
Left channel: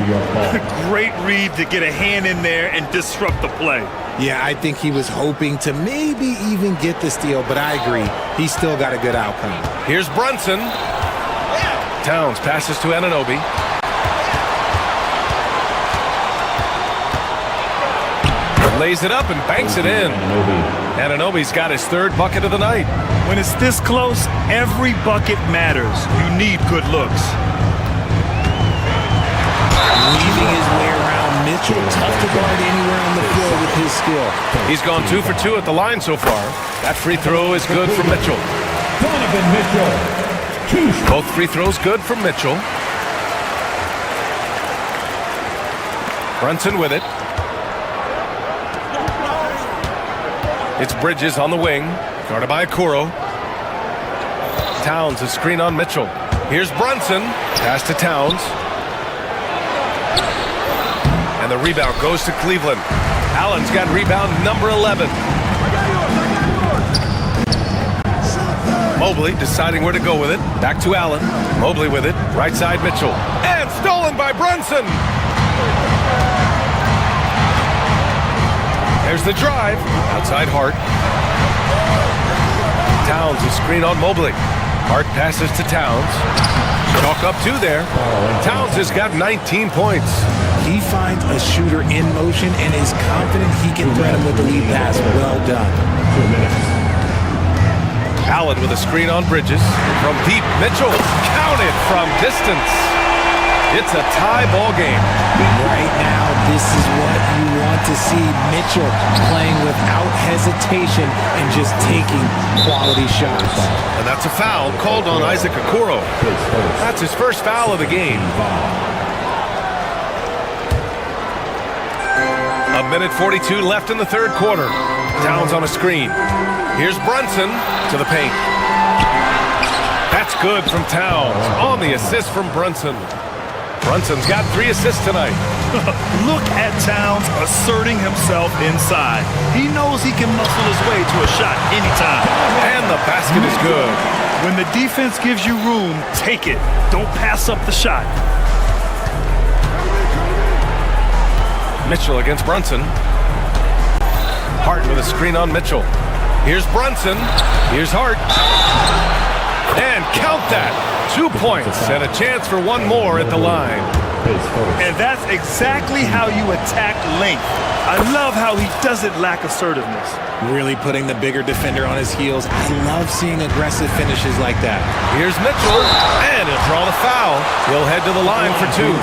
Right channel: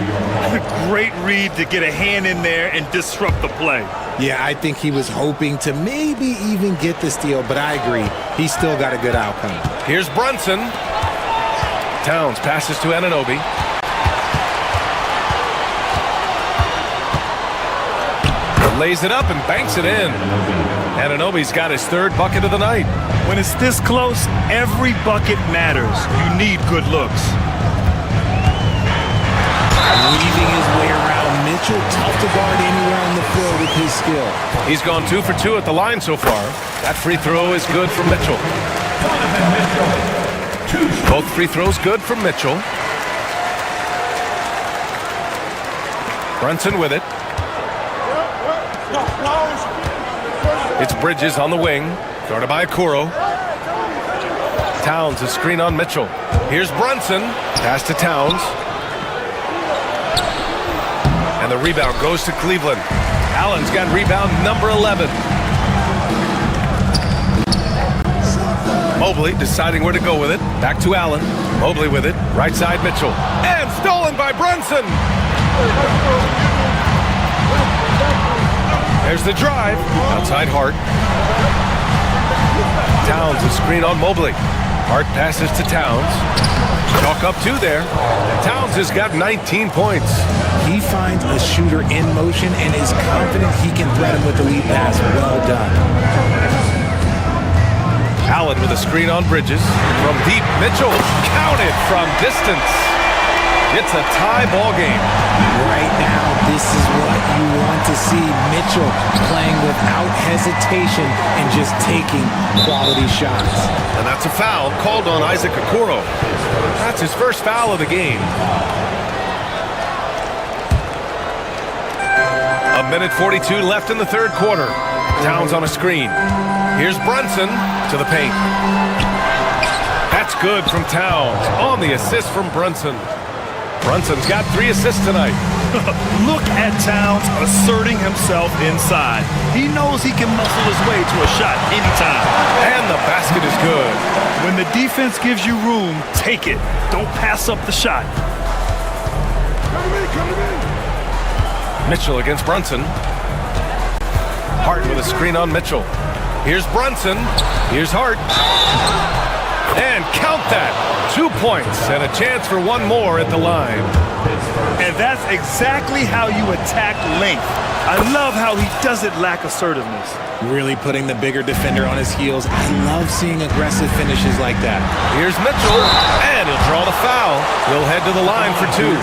Great read to get a hand in there and disrupt the play. Yeah, I think he was hoping to maybe even get the steal, but I agree. He's still got a good outcome. Here's Brunson. Towns passes to Anunoby. Lays it up and banks it in. Anunoby's got his 3rd bucket of the night. When it's this close, every bucket matters. You need good looks. Weaving his way around Mitchell. Tough to guard anywhere on the floor with his skill. He's gone 2 for 2 at the line so far. That free throw is good from Mitchell. Both free throws good from Mitchell. Brunson with it. It's Bridges on the wing, guarded by Okoro. Towns, a screen on Mitchell. Here's Brunson, pass to Towns. And the rebound goes to Cleveland. Allen's got rebound number 11. Mobley deciding where to go with it. Back to Allen. Mobley with it. Right side Mitchell. And stolen by Brunson. There's the drive. Outside Hart. Towns, a screen on Mobley. Hart passes to Towns. Chalk up 2 there. Towns has got 19 points. He finds a shooter in motion and is confident he can threat him with the lead pass. Well done. Allen with a screen on Bridges. From deep, Mitchell counted from distance. It's a tie ball game. Right now, this is what you want to see. Mitchell playing without hesitation and just taking quality shots. And that's a foul called on Isaac Okoro. That's his first foul of the game. 1:42 left in the third quarter. Towns on a screen. Here's Brunson to the paint. That's good from Towns on the assist from Brunson. Brunson's got 3 assists tonight. Look at Towns asserting himself inside. He knows he can muscle his way to a shot anytime. And the basket is good. When the defense gives you room, take it. Don't pass up the shot. Mitchell against Brunson. Hart with a screen on Mitchell. Here's Brunson. Here's Hart. And count that. 2 points and a chance for one more at the line. And that's exactly how you attack length. I love how he doesn't lack assertiveness. Really putting the bigger defender on his heels. I love seeing aggressive finishes like that. Here's Mitchell, and he'll draw the foul. He'll head to the line for 2.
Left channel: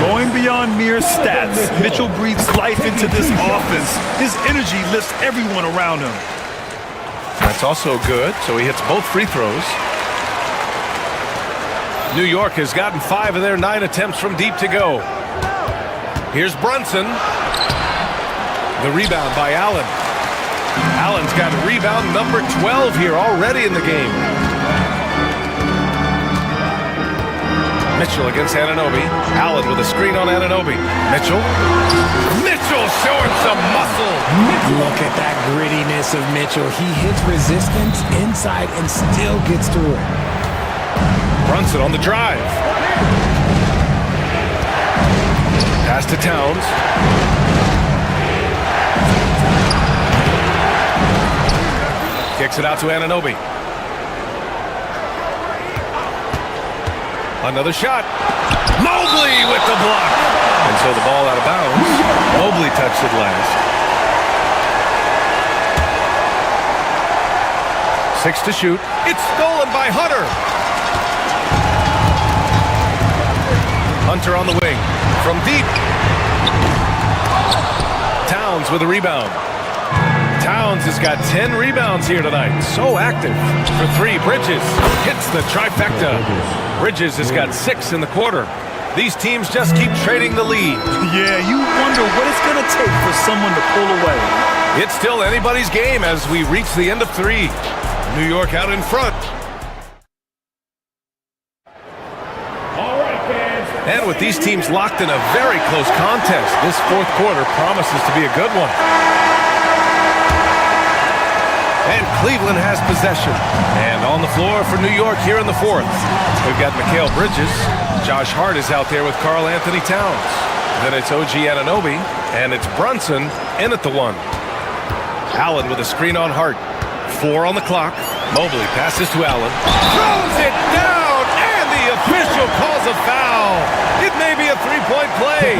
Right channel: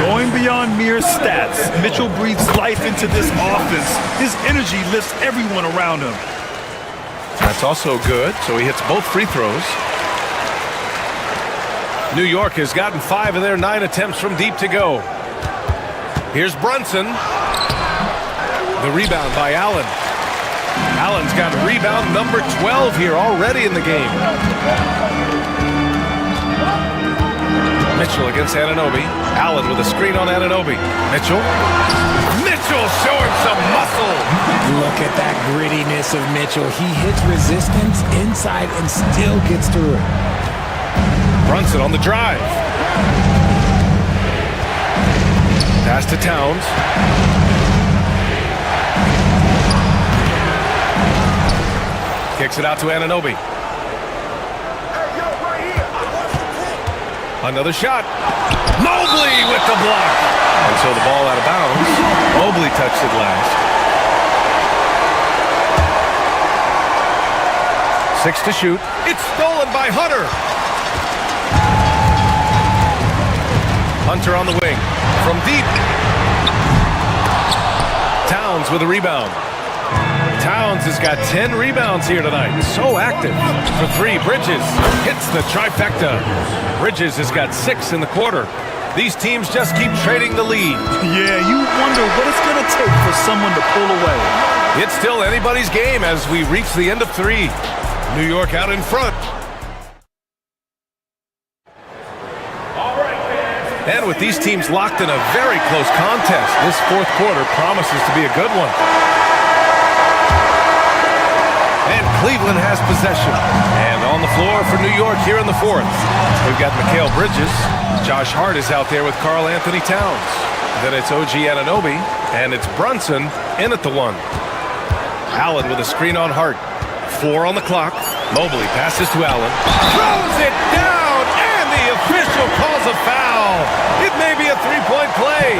Going beyond mere stats, Mitchell breathes life into this offense. His energy lifts everyone around him. That's also good, so he hits both free throws. New York has gotten 5 of their 9 attempts from deep to go. Here's Brunson. The rebound by Allen. Allen's got rebound number 12 here already in the game. Mitchell against Anunoby. Allen with a screen on Anunoby. Mitchell showing some muscle. Look at that grittiness of Mitchell. He hits resistance inside and still gets through it. Brunson on the drive. Pass to Towns. Kicks it out to Anunoby. Another shot. Mobley with the block. And so the ball out of bounds. Mobley touched it last. 6 to shoot. It's stolen by Hunter. Hunter on the wing. From deep. Towns with a rebound. Towns has got 10 rebounds here tonight. So active. For 3, Bridges hits the trifecta. Bridges has got 6 in the quarter. These teams just keep trading the lead. Yeah, you wonder what it's going to take for someone to pull away. It's still anybody's game as we reach the end of 3. New York out in front. And with these teams locked in a very close contest, this fourth quarter promises to be a good one. And Cleveland has possession. And on the floor for New York here in the fourth, we've got Mikal Bridges. Josh Hart is out there with Karl Anthony Towns. Then it's OG Anunoby, and it's Brunson in at the 1. Allen with a screen on Hart. 4 on the clock. Mobley passes to Allen. Throws it down, and the official calls a foul. It may be a 3-point play.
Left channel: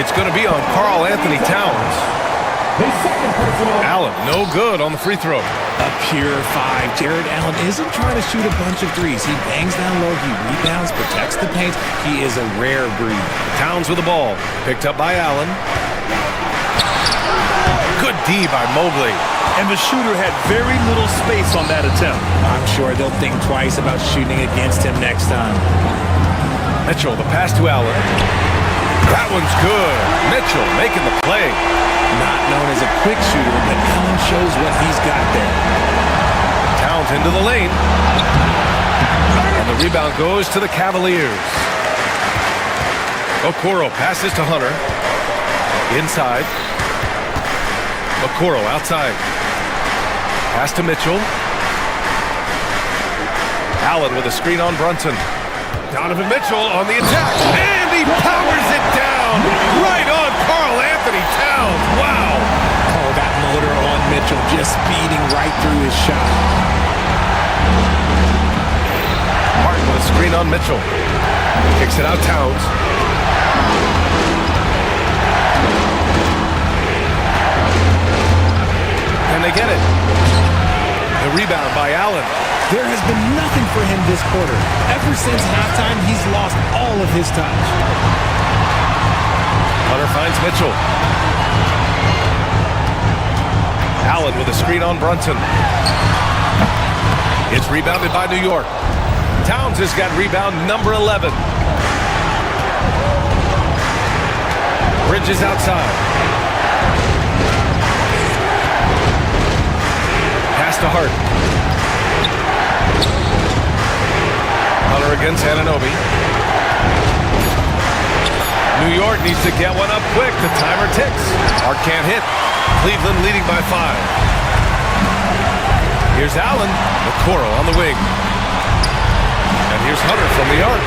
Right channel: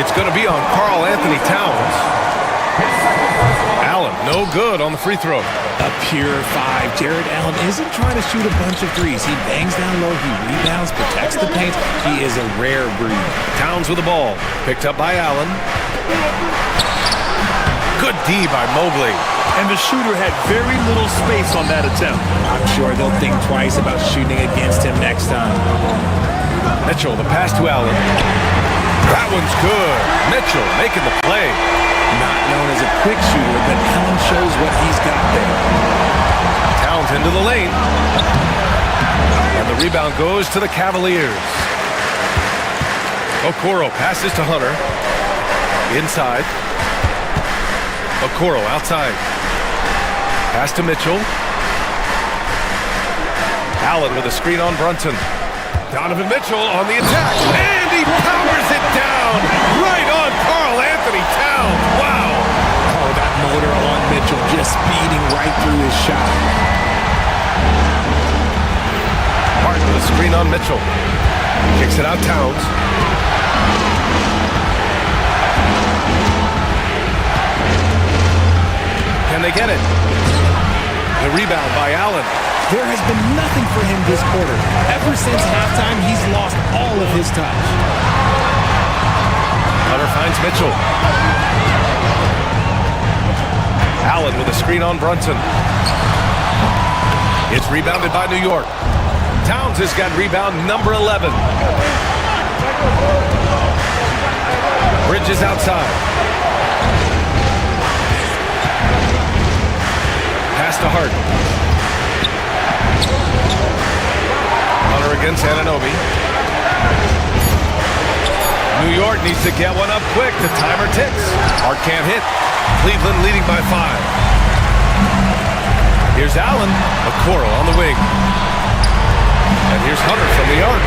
It's going to be on Karl Anthony Towns. Allen, no good on the free throw. A pure 5. Jared Allen isn't trying to shoot a bunch of threes. He bangs down low, he rebounds, protects the paint. He is a rare breed. Towns with the ball. Picked up by Allen. Good D by Mobley. And the shooter had very little space on that attempt. I'm sure they'll think twice about shooting against him next time. Mitchell, the pass to Allen. That one's good. Mitchell making the play. Not known as a quick shooter, but Allen shows what he's got there. Towns into the lane. And the rebound goes to the Cavaliers. Okoro passes to Hunter. Inside. Okoro outside. Pass to Mitchell. Allen with a screen on Brunson. Donovan Mitchell on the attack. And he powers it down right on Karl Anthony Towns. Wow. Oh, that motor on Mitchell just speeding right through his shot. Martin with a screen on Mitchell. Kicks it out Towns. Can they get it? The rebound by Allen. There has been nothing for him this quarter. Ever since halftime, he's lost all of his touch. Hunter finds Mitchell. Allen with a screen on Brunson. It's rebounded by New York. Towns has got rebound number 11. Bridges outside. Pass to Hart. Hunter against Anunoby. New York needs to get one up quick. The timer ticks. Hart can't hit. Cleveland leading by 5. Here's Allen. Okoro on the wing. And here's Hunter from the arc.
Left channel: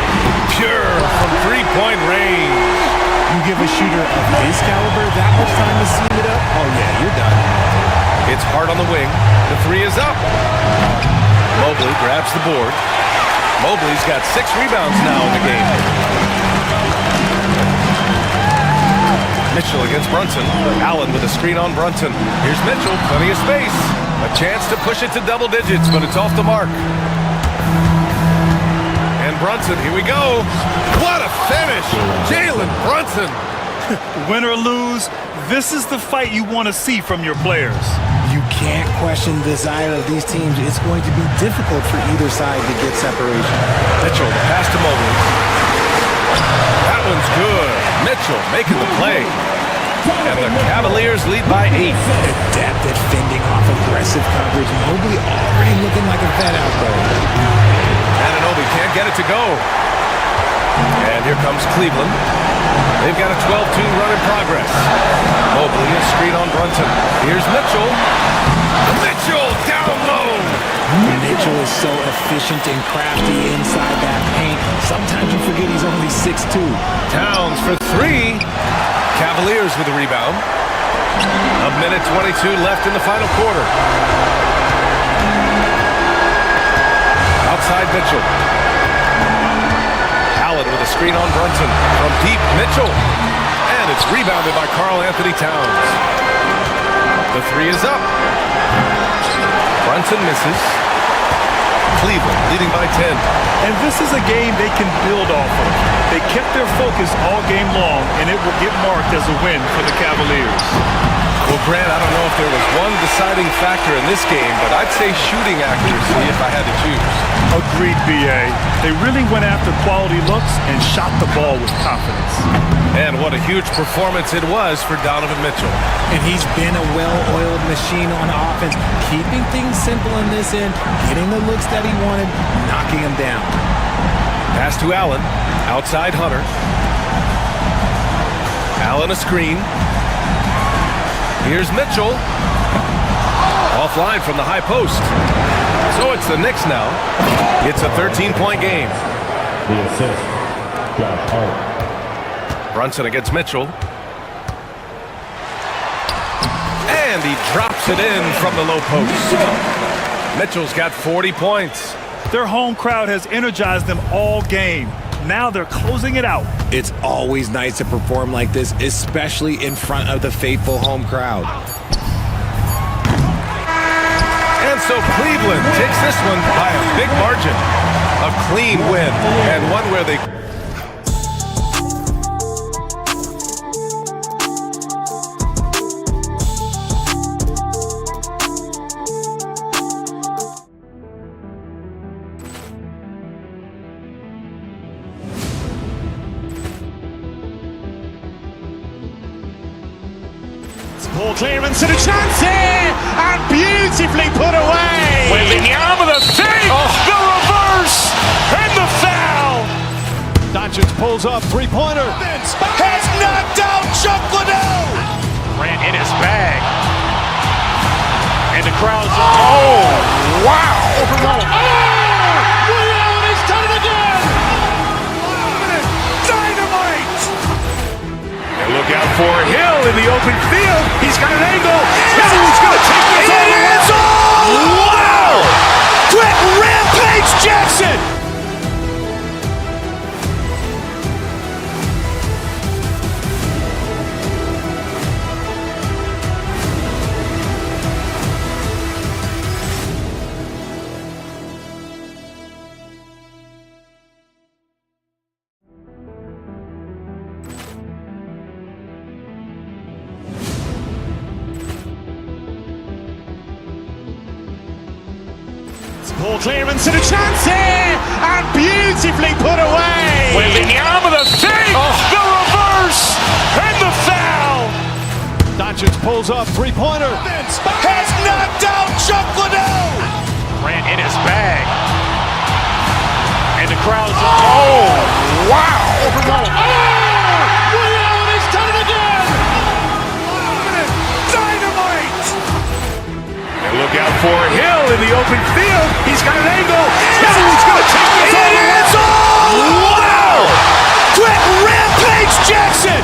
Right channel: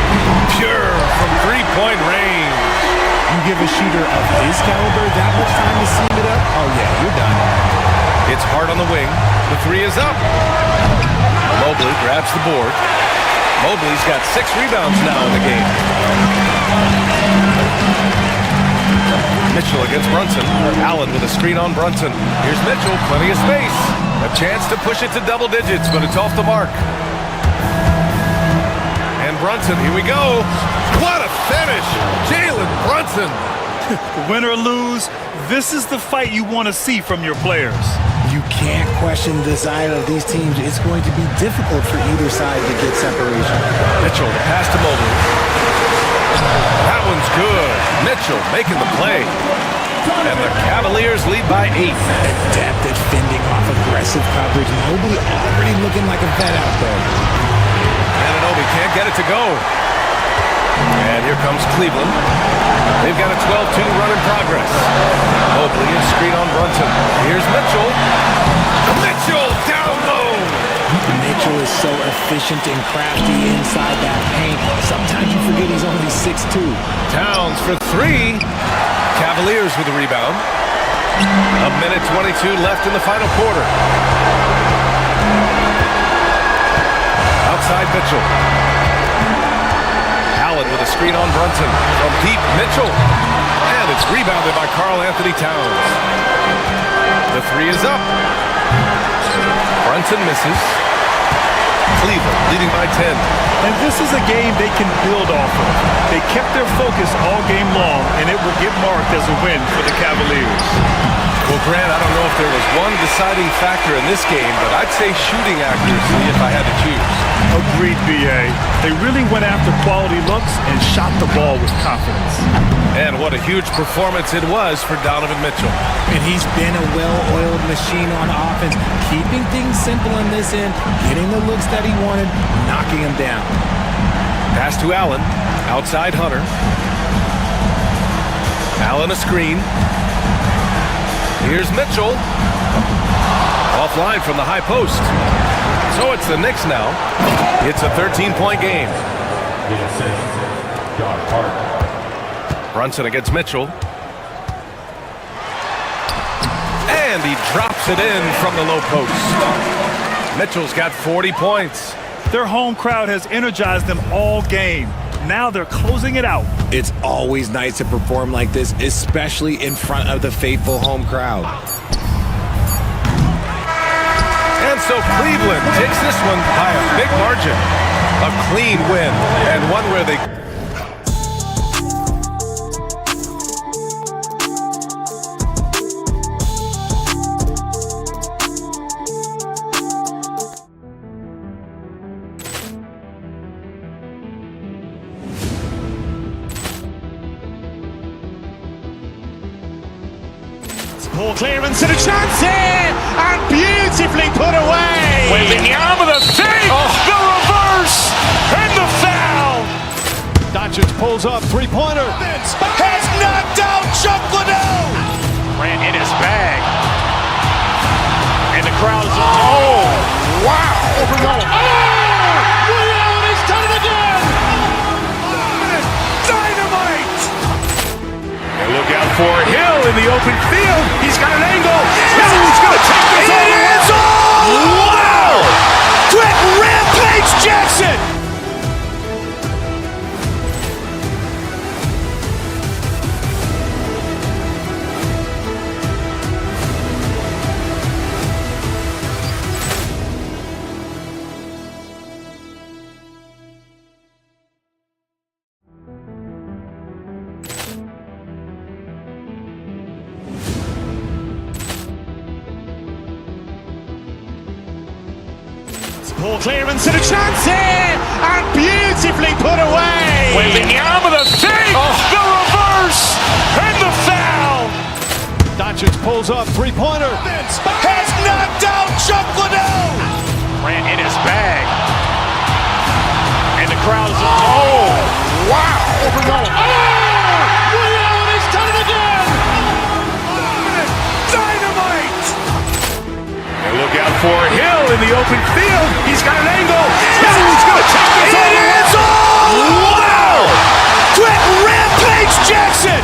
Pure from three-point range. You give a shooter of his caliber that much time to seam it up? Oh, yeah, you're done. It's Hart on the wing. The 3 is up. Mobley grabs the board. Mobley's got 6 rebounds now in the game. Mitchell against Brunson. Allen with a screen on Brunson. Here's Mitchell, plenty of space. A chance to push it to double digits, but it's off the mark. And Brunson, here we go. What a finish! Jalen Brunson. Win or lose, this is the fight you want to see from your players. You can't question the desire of these teams. It's going to be difficult for either side to get separation. Mitchell, the pass to Mobley. That one's good. Mitchell making the play. And the Cavaliers lead by 8. Adept at fending off aggressive coverage. Mobley already looking like a vet out there. Anunoby can't get it to go. And here comes Cleveland. They've got a 12-2 run in progress. Mobley is screen on Brunson. Here's Mitchell. Mitchell down low. Mitchell is so efficient and crafty inside that paint. Sometimes you forget he's only 6'2". Towns for 3. Cavaliers with the rebound. A minute 22 left in the final quarter. Outside Mitchell. Allen with a screen on Brunson. From deep, Mitchell. And it's rebounded by Karl Anthony Towns. The 3 is up. Brunson misses. Cleveland leading by 10. And this is a game they can build off of. They kept their focus all game long, and it will get marked as a win for the Cavaliers. Well, Grant, I don't know if there was one deciding factor in this game, but I'd say shooting accuracy if I had to choose. Agreed, B.A. They really went after quality looks and shot the ball with confidence. And what a huge performance it was for Donovan Mitchell. And he's been a well-oiled machine on offense, keeping things simple in this end, getting the looks that he wanted, knocking them down. Pass to Allen, outside Hunter. Allen a screen. Here's Mitchell. Offline from the high post. So it's the Knicks now. It's a 13-point game. The assist, Josh Hart. Brunson against Mitchell. And he drops it in from the low post. Mitchell's got 40 points. Their home crowd has energized them all game. Now they're closing it out. It's always nice to perform like this, especially in front of the faithful home crowd. And so Cleveland takes this one by a big margin. A clean win, and one where they... Poor clearance and a chance here, and beautifully put away. Wembanyama the fake, the reverse, and the foul. Doncic pulls up, three-pointer. Has knocked out Chuck Liddell. Ran in his bag. And the crowd's wow. He's done it again. Dynamite. And look out for Hill in the open field. He's got an angle. Hill's going to take this all the way. Wow! Quick rampage Jackson. Poor clearance and a chance here, and beautifully put away. Wembanyama the fake, the reverse, and the foul. Doncic pulls up, three-pointer. Has knocked out Chuck Liddell. Ran in his bag. And the crowd's wow. He's done it again. Dynamite. And look out for Hill in the open field. He's got an angle. Hill's going to take this all the way. Wow! Quick rampage Jackson.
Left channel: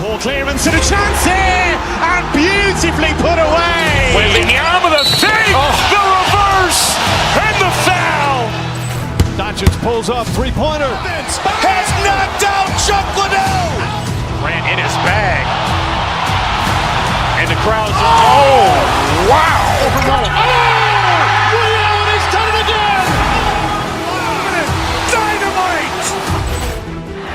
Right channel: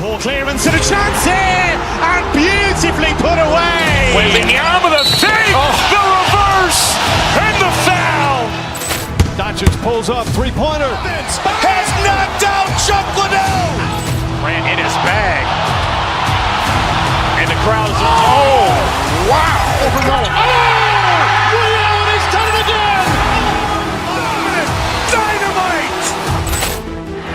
Poor clearance and a chance here, and beautifully put away. Wembanyama the fake, the reverse, and the foul. Doncic pulls up, three-pointer. Has knocked out Chuck Liddell. Ran in his bag. And the crowd's wow. He's done it again. Dynamite.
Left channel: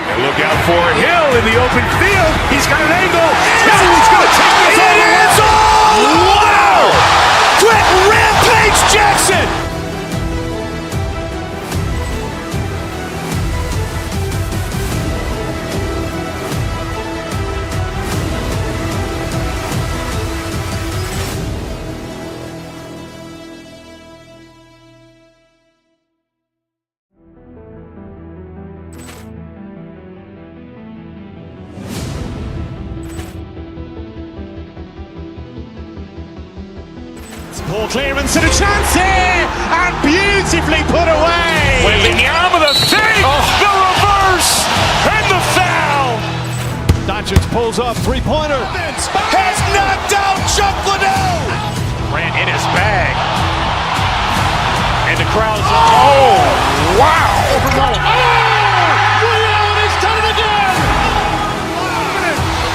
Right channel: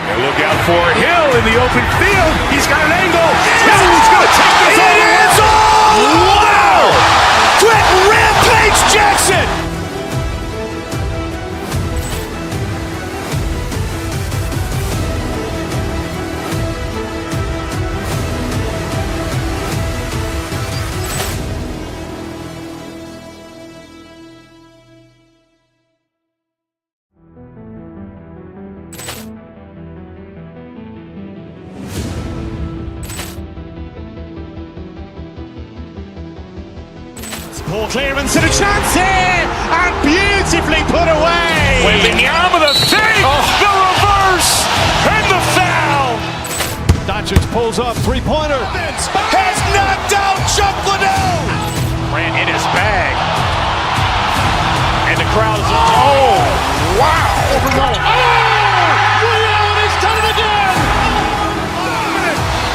And look out for Hill in the open field. He's got an angle. Hill's going to take this all the way. Wow! Quick rampage Jackson. Poor clearance and a chance here, and beautifully put away. Wembanyama the fake, the reverse, and the foul. Doncic pulls up, three-pointer. Has knocked out Chuck Liddell. Ran in his bag. And the crowd's wow. He's done it again.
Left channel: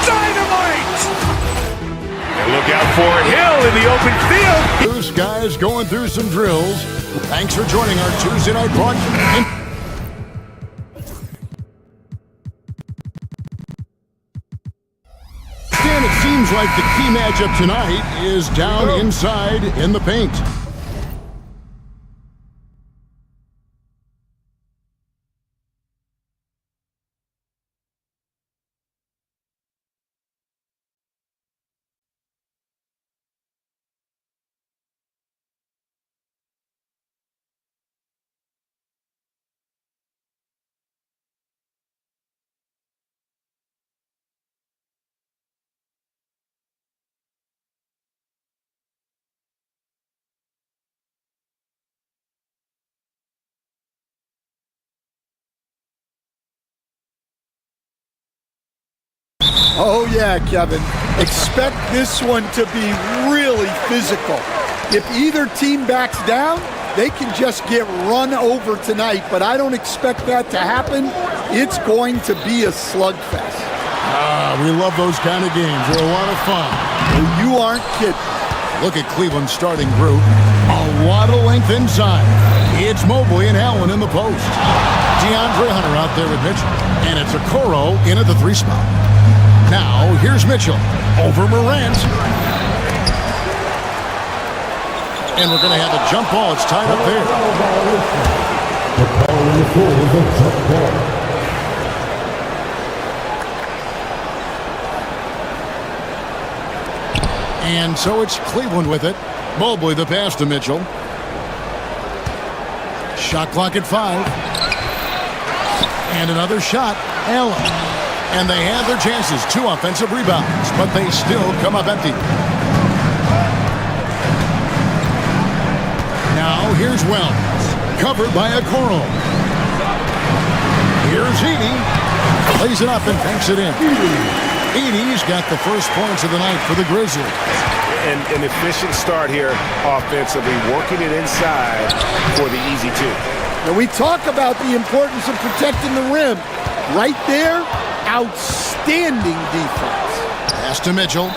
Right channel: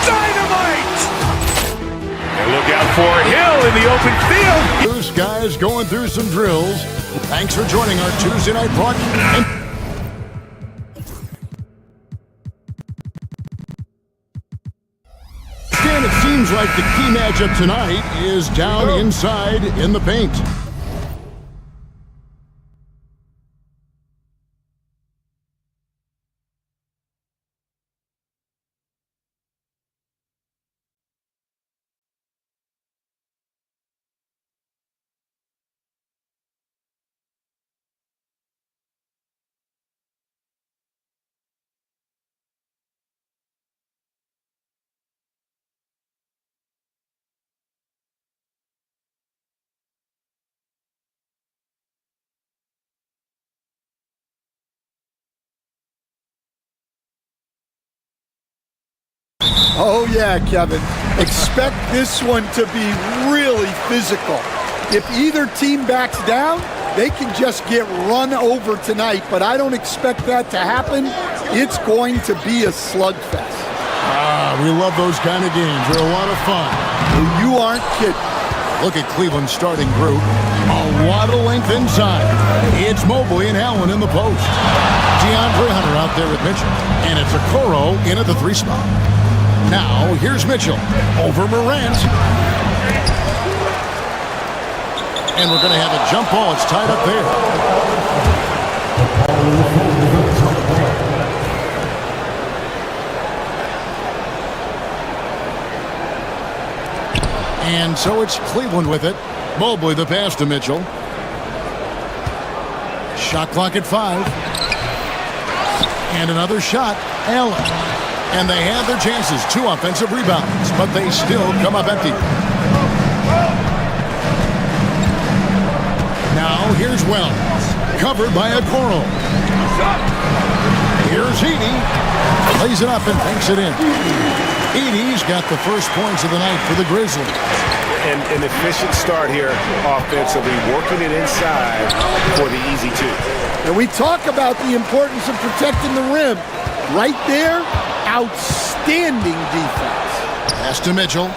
Dynamite. And look out for Hill in the open field. Those guys going through some drills. Thanks for joining our Tuesday night broadcast. And it seems like the key matchup tonight is down inside in the paint. Oh, yeah, Kevin. Expect this one to be really physical. If either team backs down, they can just get run over tonight, but I don't expect that to happen. It's going to be a slugfest. We love those kind of games. They're a lot of fun. You aren't kidding. Look at Cleveland's starting group. A lot of length inside. It's Mobley and Allen in the post. DeAndre Hunter out there with Mitchell. And it's Okoro in at the 3 spot. Now, here's Mitchell over Morant. And we're going to have a jump ball. It's tied up there. And so it's Cleveland with it. Mobley the pass to Mitchell. Shot clock at 5. And another shot, Allen. And they have their chances. 2 offensive rebounds, but they still come up empty. Now here's Wells. Covered by Okoro. Here's Edey. Plays it up and banks it in. Edey's got the first points of the night for the Grizzlies. And an efficient start here offensively, working it inside for the easy 2. And we talk about the importance of protecting the rim. Right there, outstanding defense. Pass to Mitchell.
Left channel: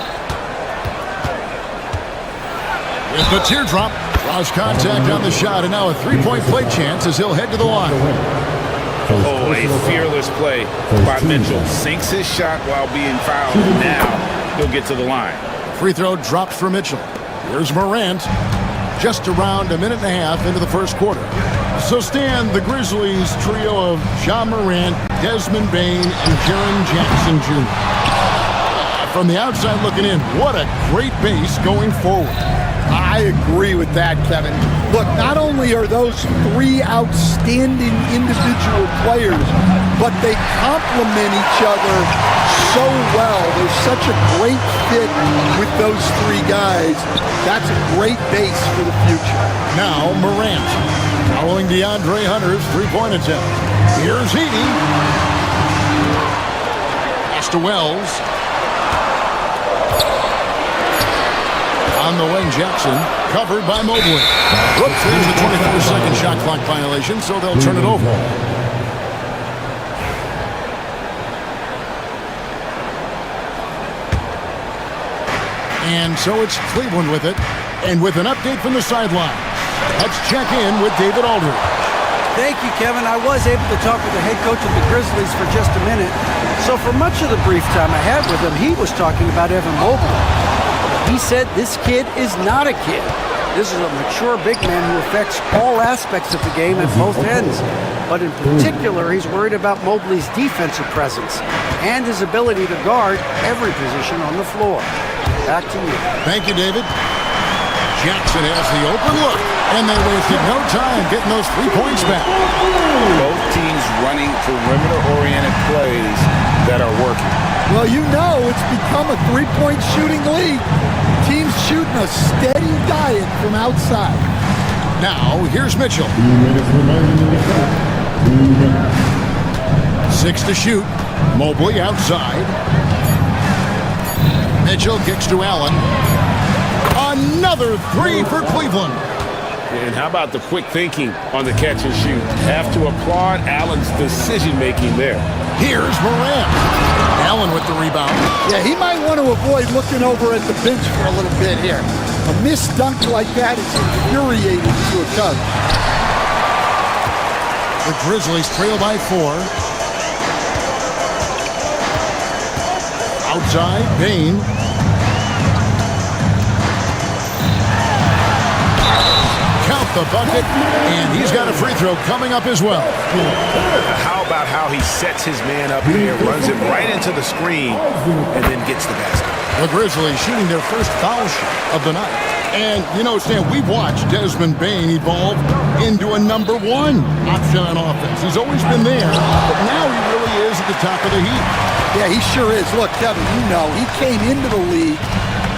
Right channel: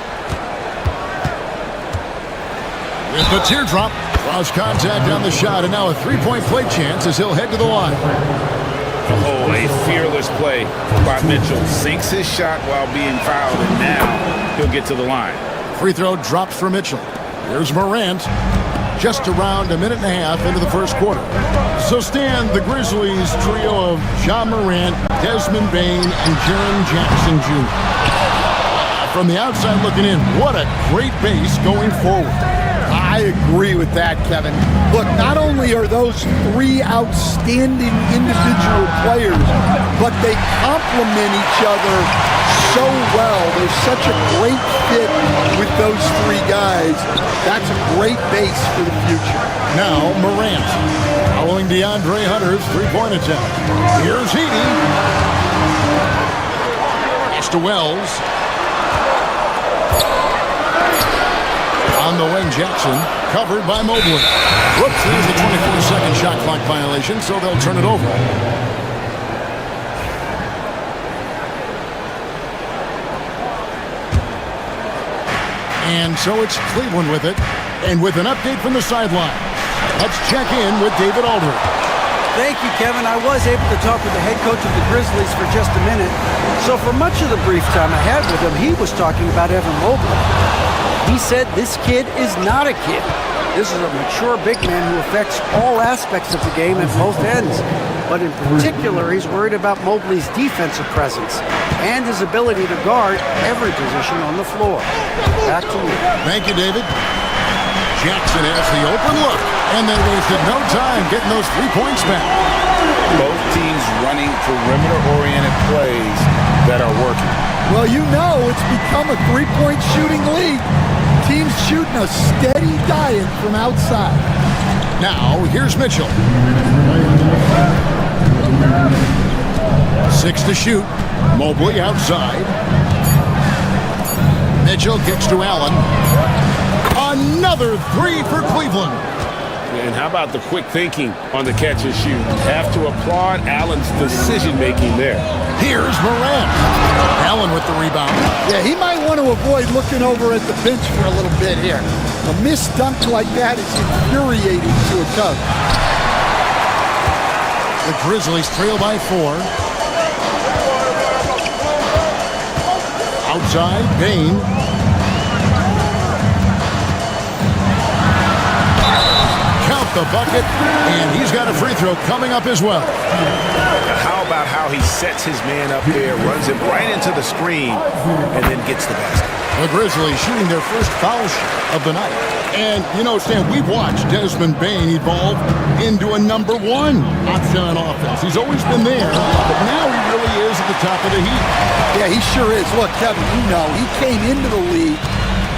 With the teardrop, draws contact on the shot, and now a 3-point play chance as he'll head to the line. Oh, a fearless play by Mitchell. Sinks his shot while being fouled, and now he'll get to the line. Free throw drops for Mitchell. Here's Morant. Just around a minute and a half into the first quarter. So Stan, the Grizzlies trio of John Morant, Desmond Bane, and Jaren Jackson Jr. From the outside looking in, what a great base going forward. I agree with that, Kevin. Look, not only are those 3 outstanding individual players, but they complement each other so well. There's such a great fit with those 3 guys. That's a great base for the future. Now Morant, following DeAndre Hunter's 3-point attempt. Here's Edey. Pass to Wells. On the wing, Jackson, covered by Mobley. Whoops, there's the 24-second shot clock violation, so they'll turn it over. And so it's Cleveland with it, and with an update from the sideline. Let's check in with David Aldridge. Thank you, Kevin. I was able to talk with the head coach of the Grizzlies for just a minute. So for much of the brief time I had with him, he was talking about Evan Mobley. He said this kid is not a kid. This is a mature big man who affects all aspects of the game at both ends. But in particular, he's worried about Mobley's defensive presence and his ability to guard every position on the floor. Back to you. Thank you, David. Jackson has the open look, and they wasted no time getting those 3 points back. Both teams running perimeter-oriented plays that are working. Well, you know it's become a 3-point shooting league. Teams shooting a steady diet from outside. Now, here's Mitchell. 6 to shoot. Mobley outside. Mitchell kicks to Allen. Another 3 for Cleveland. And how about the quick thinking on the catch and shoot? Have to applaud Allen's decision-making there. Here's Morant. Allen with the rebound. Yeah, he might want to avoid looking over at the bench for a little bit here. A missed dunk like that is infuriating to a coach. The Grizzlies trail by 4. Outside, Bane. Count the bucket, and he's got a free throw coming up as well. How about how he sets his man up there, runs him right into the screen, and then gets the basket? The Grizzlies shooting their first foul shot of the night. And, you know, Stan, we've watched Desmond Bane evolve into a number 1 option on offense. He's always been there, but now he really is at the top of the heap. Yeah, he sure is. Look, Kevin, you know, he came into the league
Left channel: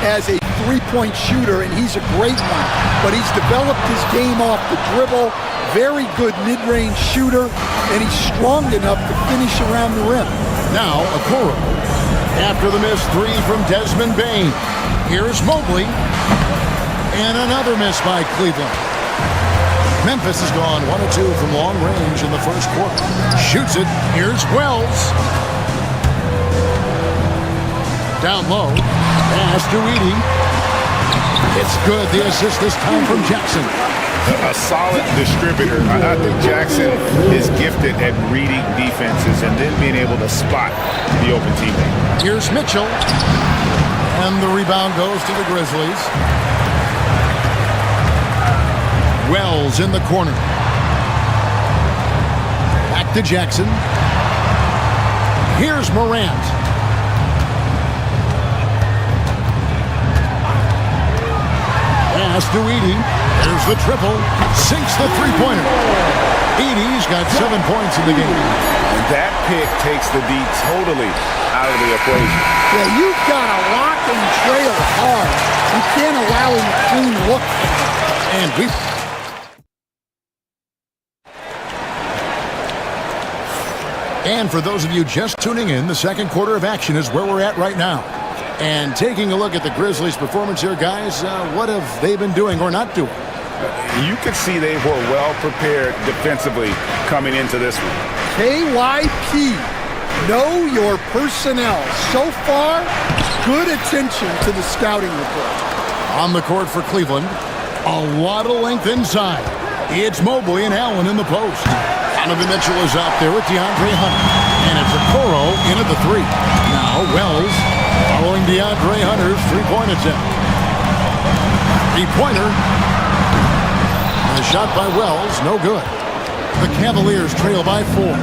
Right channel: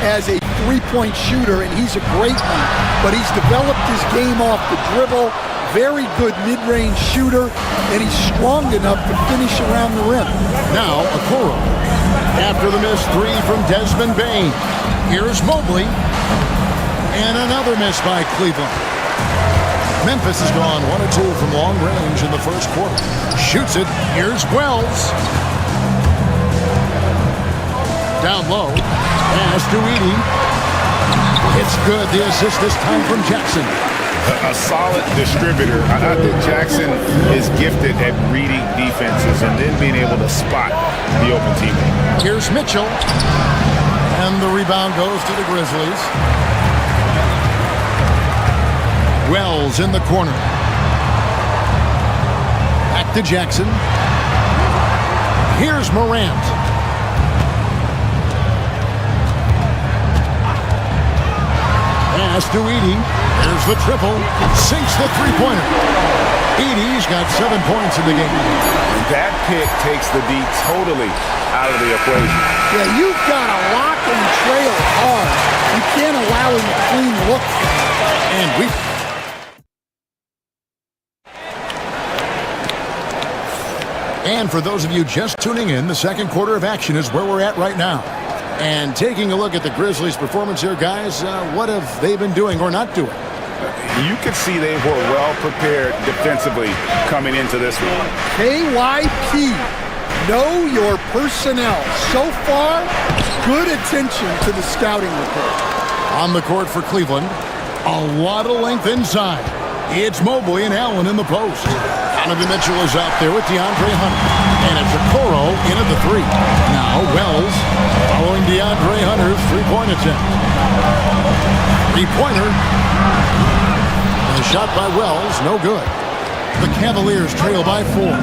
as a 3-point shooter, and he's a great one. But he's developed his game off the dribble, very good mid-range shooter, and he's strong enough to finish around the rim. Now, Okoro. After the missed three from Desmond Bain. Here's Mobley. And another miss by Cleveland. Memphis has gone 1 of 2 from long range in the first quarter. Shoots it. Here's Wells. Down low. Pass to Edey. It's good. The assist this time from Jackson. A solid distributor. I think Jackson is gifted at reading defenses and then being able to spot the open teammate. Here's Mitchell. And the rebound goes to the Grizzlies. Wells in the corner. Back to Jackson. Here's Morant. Pass to Edey. There's the triple. Sinks the three-pointer. Edey's got 7 points in the game. And that pick takes the D totally out of the equation. Yeah, you've got to lock and trail hard. You can't allow him a clean look from it. And we... And for those of you just tuning in, the second quarter of action is where we're at right now. And taking a look at the Grizzlies' performance here, guys, what have they been doing or not doing? You could see they were well prepared defensively coming into this one. KYP, know your personnel. So far, good attention to the scouting report. On the court for Cleveland, a lot of length inside. It's Mobley and Allen in the post. Donovan Mitchell is out there with DeAndre Hunter. And it's Okoro in at the three. Now Wells following DeAndre Hunter's three-point attempt. Three-pointer. And a shot by Wells, no good. The Cavaliers trail by 4.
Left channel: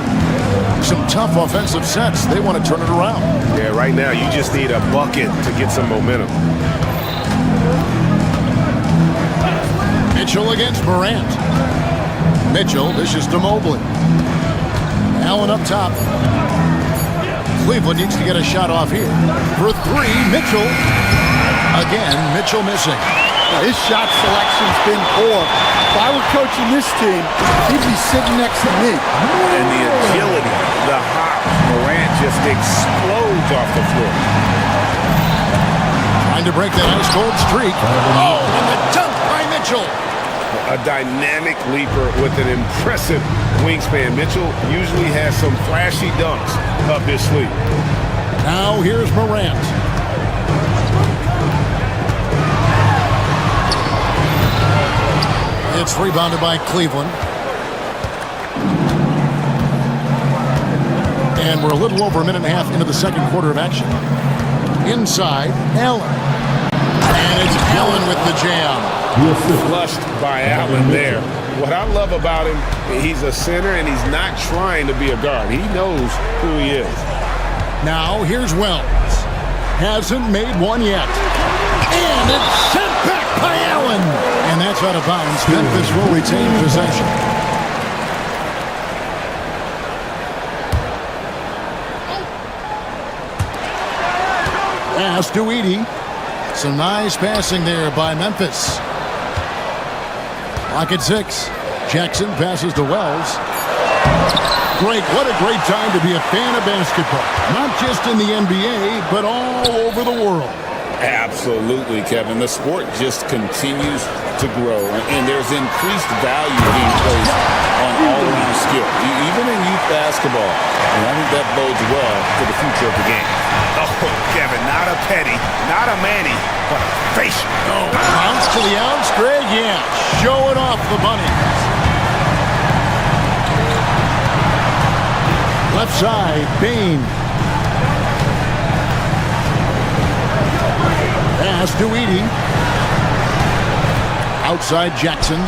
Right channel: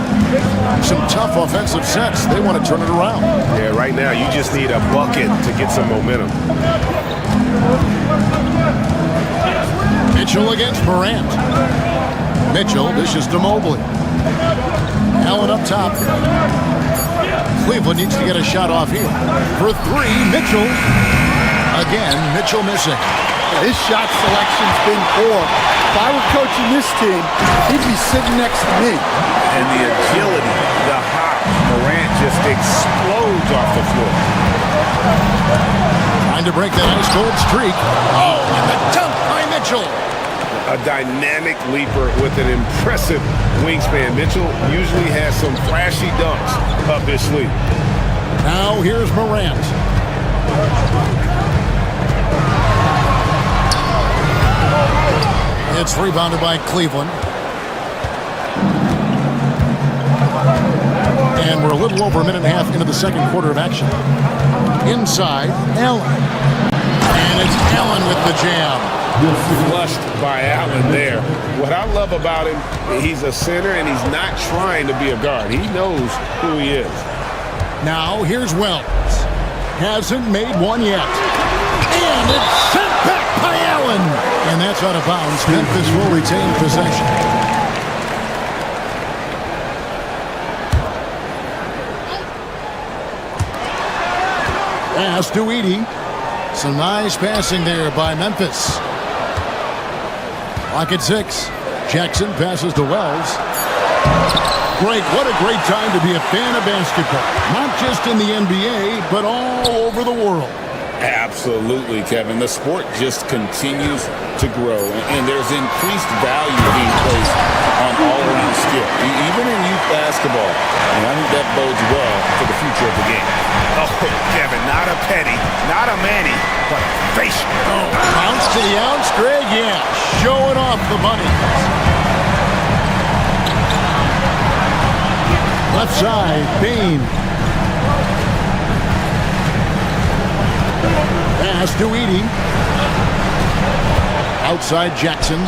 Some tough offensive sets. They want to turn it around. Yeah, right now you just need a bucket to get some momentum. Mitchell against Morant. Mitchell dishes to Mobley. Allen up top. Cleveland needs to get a shot off here. For 3, Mitchell. Again, Mitchell missing. His shot selection's been poor. If I were coaching this team, he'd be sitting next to me. And the agility, the hop, Morant just explodes off the floor. Trying to break that ice-cold streak. Oh, and the dunk by Mitchell. A dynamic leaper with an impressive wingspan. Mitchell usually has some flashy dunks up his sleeve. Now here's Morant. It's rebounded by Cleveland. And we're a little over a minute and a half into the second quarter of action. Inside, Allen. And it's Allen with the jam. Flushed by Allen there. What I love about him, he's a center and he's not trying to be a guard. He knows who he is. Now here's Wells. Hasn't made one yet. And it's sent back by Allen. And that's out of bounds. Memphis will retain possession. Pass to Edey. Some nice passing there by Memphis. Clock at 6. Jackson passes to Wells. Greg, what a great time to be a fan of basketball. Not just in the NBA, but all over the world. Absolutely, Kevin. The sport just continues to grow, and there's increased value being placed on all-around skill, even in youth basketball. And I think that bodes well for the future of the game. Oh, Kevin, not a penny, not a Manny, but a facial. Oh, bounce to the ounce, Greg. Yeah, showing off the bunnies. Left side, Bain. Pass to Edey. Outside Jackson.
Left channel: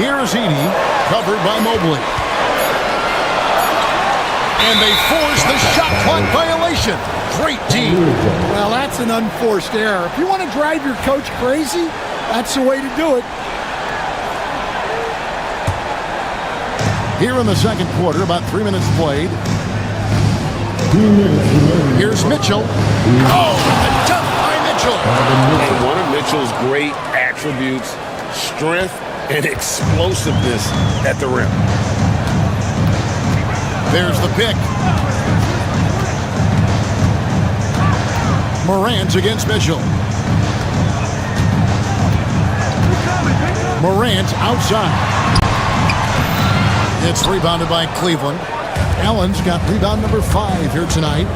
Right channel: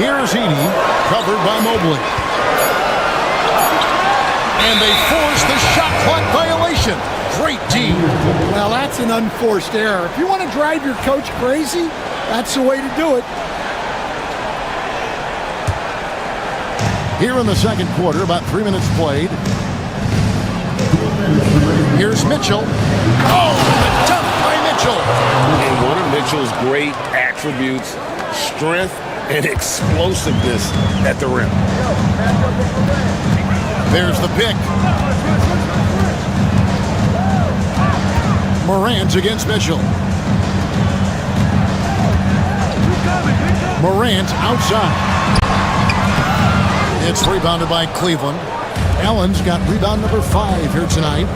Here's Edey, covered by Mobley. And they force the shot clock violation. Great D. Well, that's an unforced error. If you want to drive your coach crazy, that's the way to do it. Here in the second quarter, about 3 minutes played. Here's Mitchell. Oh, and the dunk by Mitchell. And one of Mitchell's great attributes, strength and explosiveness at the rim. There's the pick. Morant against Mitchell. Morant outside. It's rebounded by Cleveland. Allen's got rebound number 5 here tonight.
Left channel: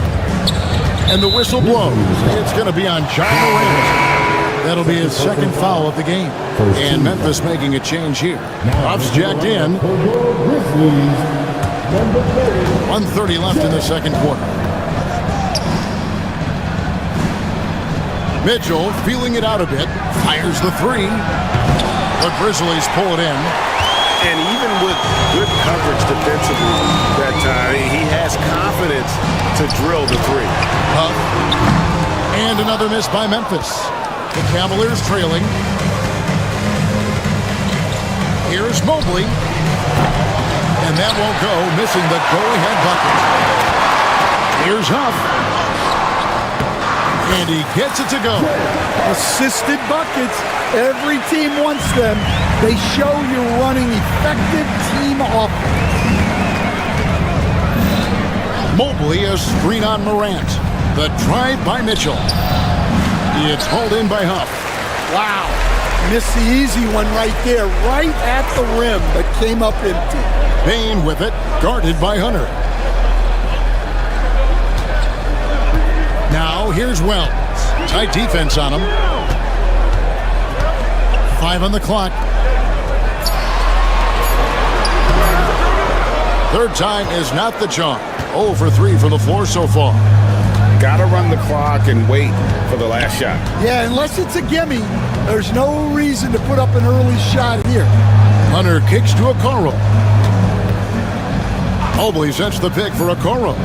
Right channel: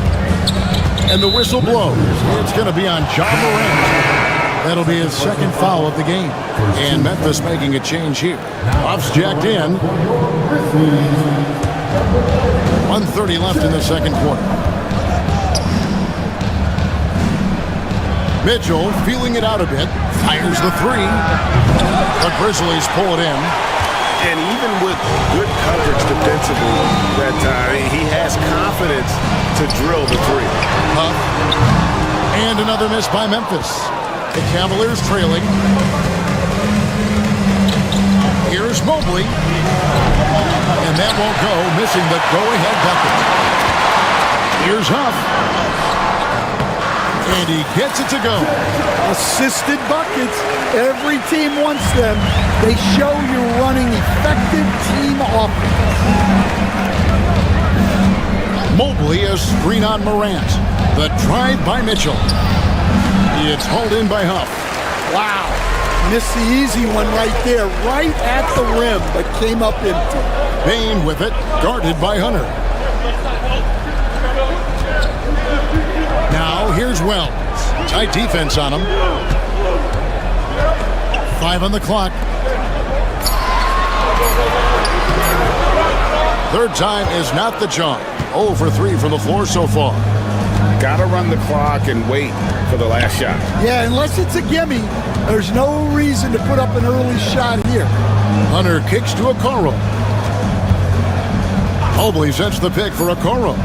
And the whistle blows. It's going to be on John Morant. That'll be his second foul of the game. And Memphis making a change here. Huff's jacked in. 1:30 left in the second quarter. Mitchell feeling it out a bit. Fires the 3. The Grizzlies pull it in. And even with good coverage defensively that time, he has confidence to drill the 3. Huff. And another miss by Memphis. The Cavaliers trailing. Here's Mobley. And that won't go, missing the go-ahead bucket. Here's Huff. And he gets it to go. Assisted buckets. Every team wants them. They show you're running effective team offense. Mobley, a screen on Morant. The drive by Mitchell. It's hauled in by Huff. Wow. Missed the easy one right there, right at the rim, but came up empty. Bane with it, guarded by Hunter. Now here's Wells. Tight defense on him. 5 on the clock. Third time is not the charm. 0 for 3 from the floor so far. Got to run the clock and wait for the last shot. Yeah, unless it's a gimme, there's no reason to put up an early shot here. Hunter kicks to Okoro. Mobley sets the pick for Okoro.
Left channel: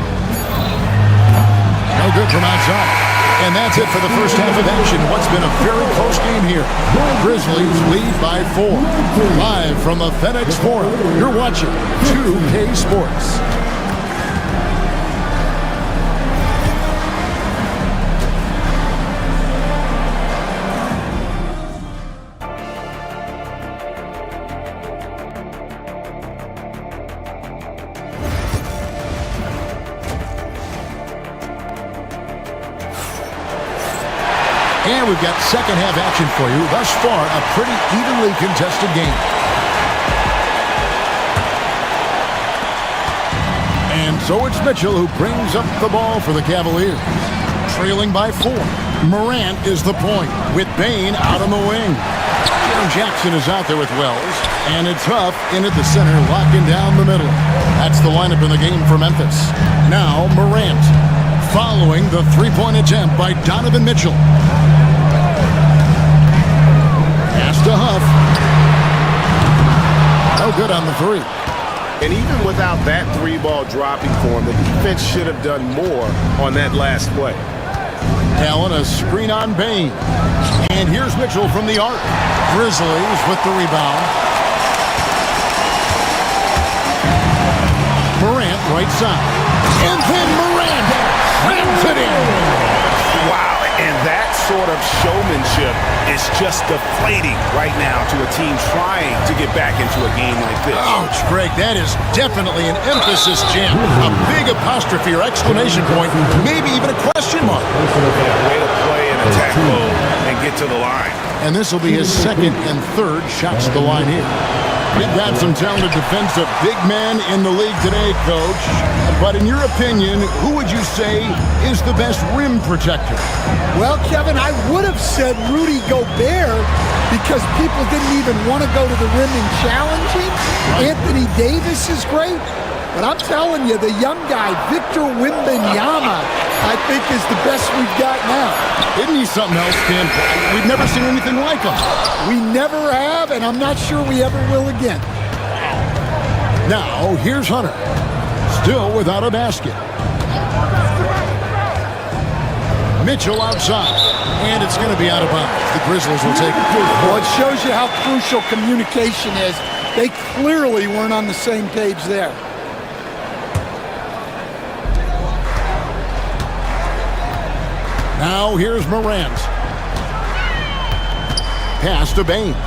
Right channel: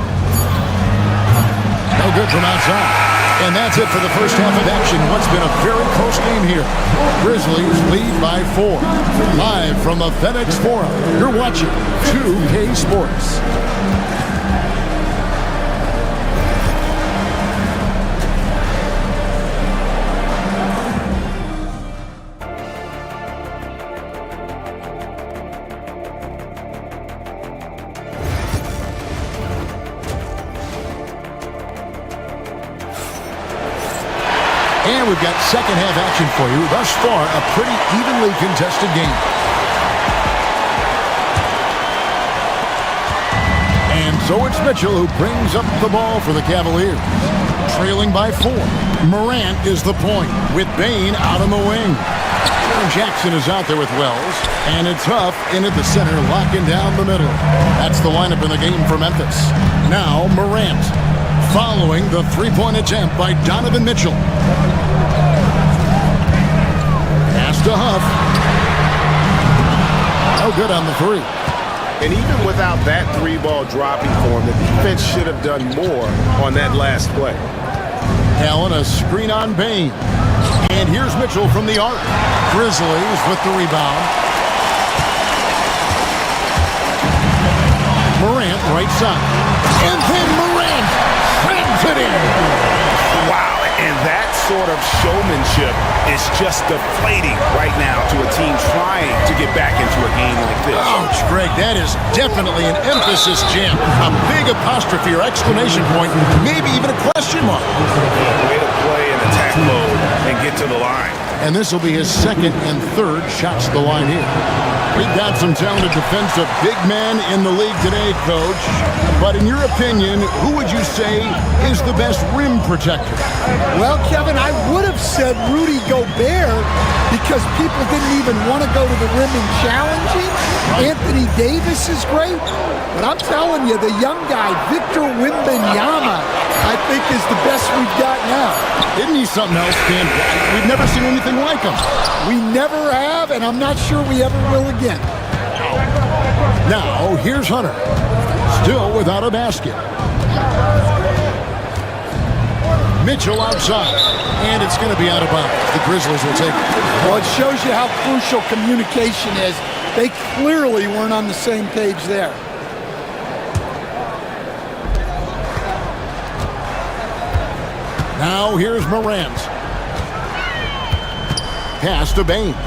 No good from outside. And that's it for the first half of action. What's been a very close game here. Grizzlies lead by 4. Live from the FedEx Forum, you're watching 2K Sports. And we've got second half action for you. Thus far, a pretty evenly contested game. And so it's Mitchell who brings up the ball for the Cavaliers. Trailing by 4. Morant is the point with Bane out on the wing. Jaren Jackson is out there with Wells. And it's Huff in at the center, locking down the middle. That's the lineup in the game for Memphis. Now Morant. Following the three-point attempt by Donovan Mitchell. Pass to Huff. No good on the 3. And even without that 3-ball dropping for him, the defense should have done more on that last play. Allen, a screen on Bane. And here's Mitchell from the arc. Grizzlies with the rebound. Morant right side. And then Morant slams it in. Wow, and that sort of showmanship is just deflating right now to a team trying to get back into a game like this. Ouch, Greg, that is definitely an emphasis jam. A big apostrophe or exclamation point, maybe even a question mark. Yeah, way to play in attack mode and get to the line. And this will be his second and third shots to the line here. We've got some talented defensive big men in the league today, Coach. But in your opinion, who would you say is the best rim protector? Well, Kevin, I would have said Rudy Gobert because people didn't even want to go to the rim and challenge him. Right. Anthony Davis is great. But I'm telling you, the young guy, Victor Wembanyama, I think is the best we've got now. Isn't he something else, Dan? We've never seen anything like him. We never have, and I'm not sure we ever will again. Now, here's Hunter. Still without a basket. Mitchell outside. And it's going to be out of bounds. The Grizzlies will take it. Well, it shows you how crucial communication is. They clearly weren't on the same page there. Now here's Morant. Pass to Bane.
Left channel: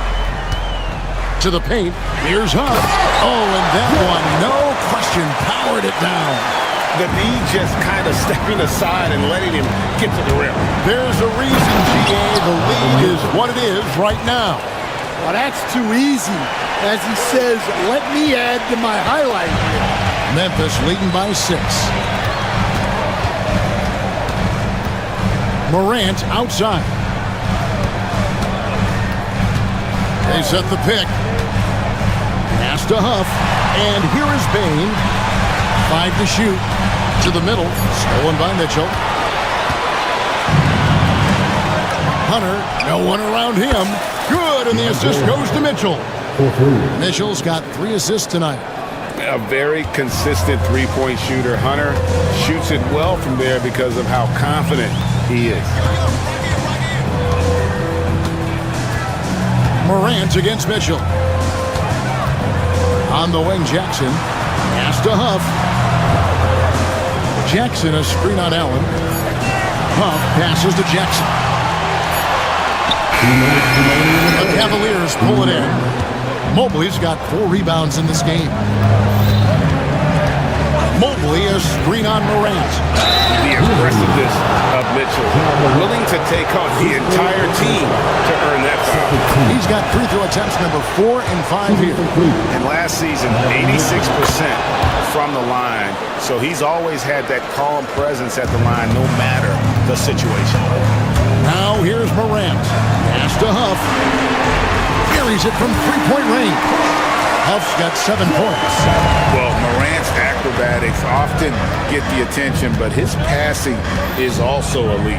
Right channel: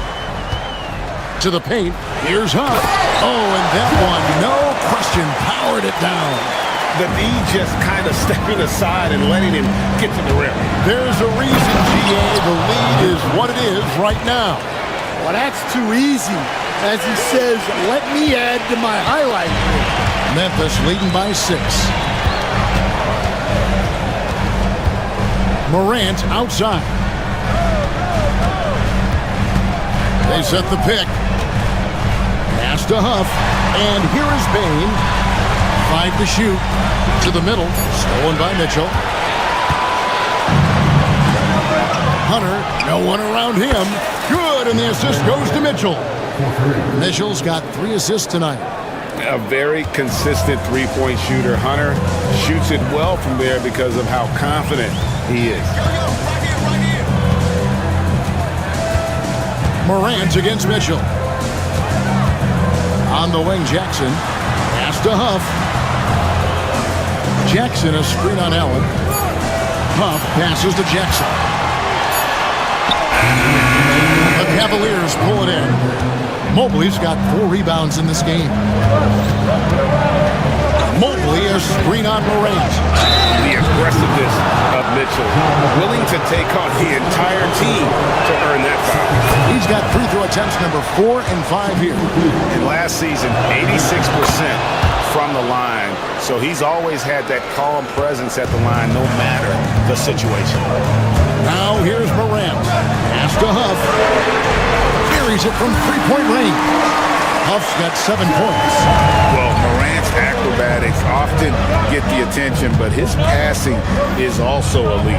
To the paint. Here's Huff. Oh, and that one, no question, powered it down. the D just kind of stepping aside and letting him get to the rim. There's a reason, GA, the lead is what it is right now. Well, that's too easy. As he says, let me add to my highlight reel. Memphis leading by 6. Morant outside. They set the pick. Pass to Huff. And here is Bane. 5 to shoot. To the middle. Stolen by Mitchell. Hunter. No one around him. Good. And the assist goes to Mitchell. Mitchell's got 3 assists tonight. A very consistent three-point shooter. Hunter shoots it well from there because of how confident he is. Morant against Mitchell. On the wing, Jackson. Pass to Huff. Jackson, a screen on Allen. Huff passes to Jackson. The Cavaliers pull it in. Mobley's got 4 rebounds in this game. Mobley, a screen on Morant. The aggressiveness of Mitchell, willing to take on the entire team to earn that foul. He's got free throw attempts number 4 and 5 here. And last season, 86% from the line. So he's always had that calm presence at the line, no matter the situation. Now here's Morant. Pass to Huff. Carries it from 3-point range. Huff's got 7 points. Well, Morant's acrobatics often get the attention, but his passing is also elite.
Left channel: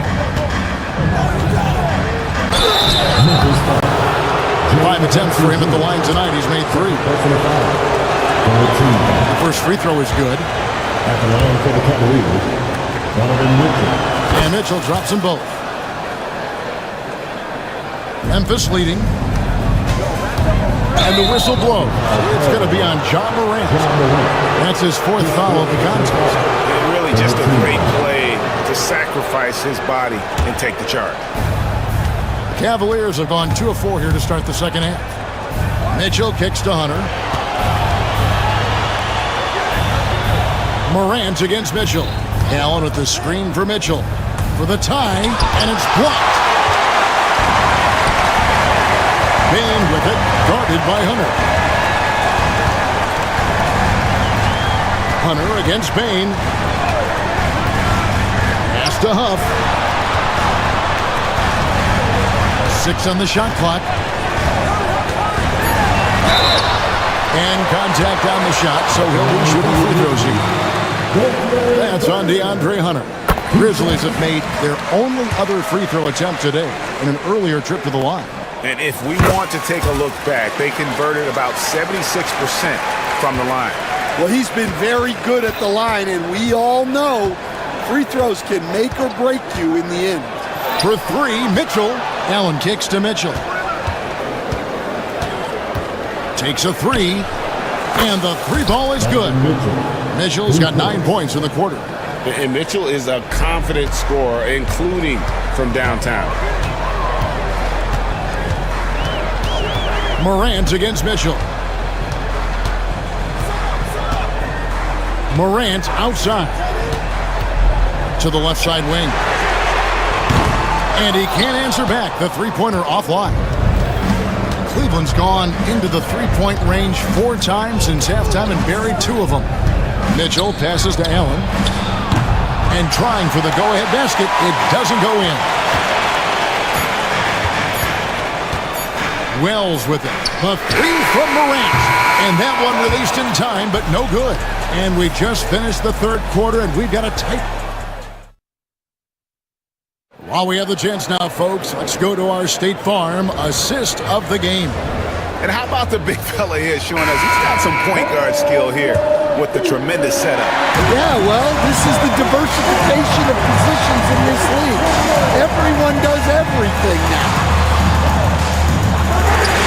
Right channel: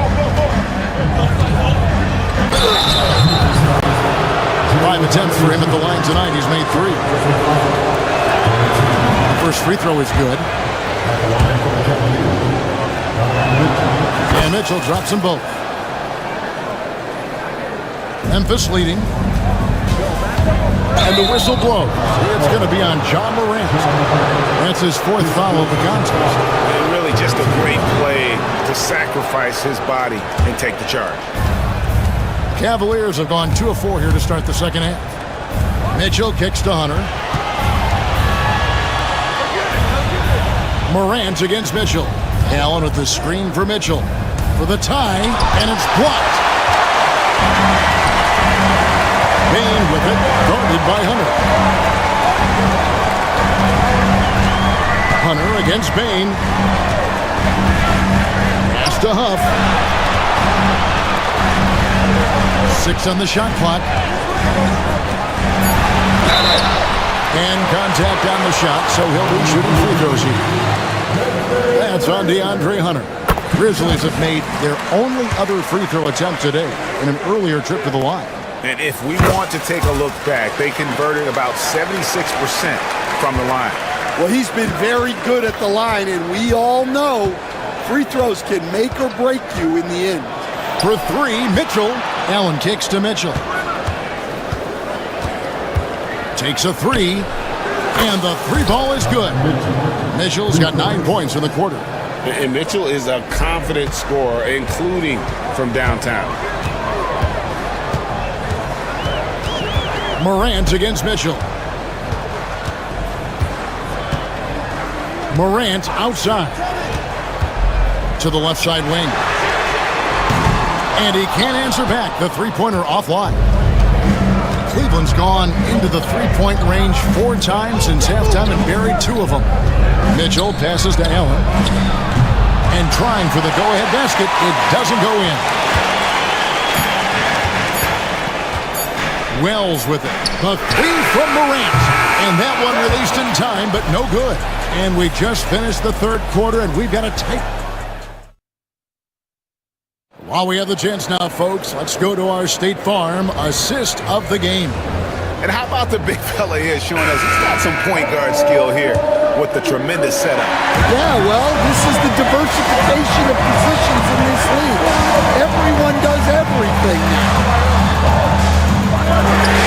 5 attempts for him at the line tonight. He's made 3. The first free throw is good. At the line for the Cavaliers, Mitchell. And Mitchell drops them both. Memphis leading. And the whistle blows. It's going to be on John Morant. That's his 4th foul of the contest. And really just a great play to sacrifice his body and take the charge. The Cavaliers have gone 2 of 4 here to start the second half. Mitchell kicks to Hunter. Morant against Mitchell. Allen with the screen for Mitchell. For the tie, and it's blocked. Bane with it, guarded by Hunter. Hunter against Bane. Pass to Huff. 6 on the shot clock. And contact on the shot, so he'll be shooting free throws here. That's on DeAndre Hunter. Grizzlies have made their only other free throw attempt today in an earlier trip to the line. And if we want to take a look back, they converted about 76% from the line. Well, he's been very good at the line, and we all know free throws can make or break you in the end. For 3, Mitchell. Allen kicks to Mitchell. Takes a 3, and the 3 ball is good. Mitchell's got 9 points in the quarter. And Mitchell is a confident scorer, including from downtown. Morant against Mitchell. Morant outside. To the left side wing. And he can't answer back. The 3-pointer offline. Cleveland's gone into the 3-point range 4 times since halftime and buried 2 of them. Mitchell passes to Allen. And trying for the go-ahead basket. It doesn't go in. Wells with it. The 3 from Morant. And that one released in time, but no good. And we just finished the 3rd quarter, and we've got a tight. While we have the chance now, folks, let's go to our State Farm assist of the game. And how about the big fella here showing us he's got some point guard skill here with the tremendous setup. Yeah, well, this is the diversification of positions in this league. Everyone does everything now.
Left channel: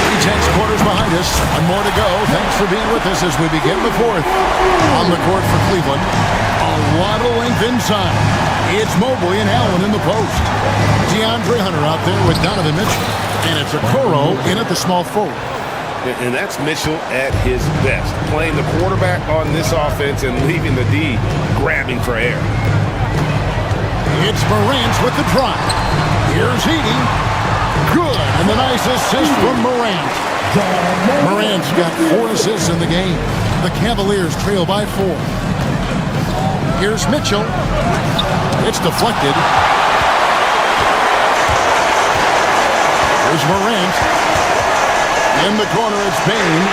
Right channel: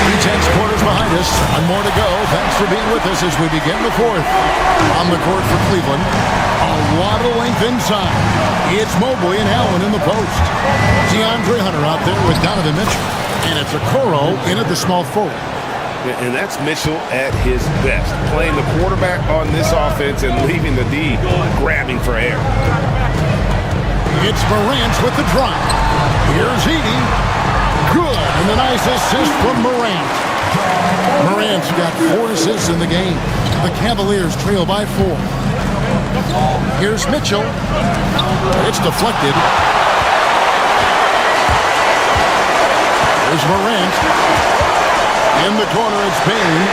3/10 quarters behind us. 1 more to go. Thanks for being with us as we begin the 4th. On the court for Cleveland. A lot of length inside. It's Mobley and Allen in the post. DeAndre Hunter out there with Donovan Mitchell. And it's Okoro in at the small forward. And that's Mitchell at his best, playing the quarterback on this offense and leaving the D grabbing for air. It's Morant with the drive. Here's Edey. Good, and the nice assist from Morant. Morant's got 4 assists in the game. The Cavaliers trail by 4. Here's Mitchell. It's deflected. Here's Morant. In the corner, it's Bane.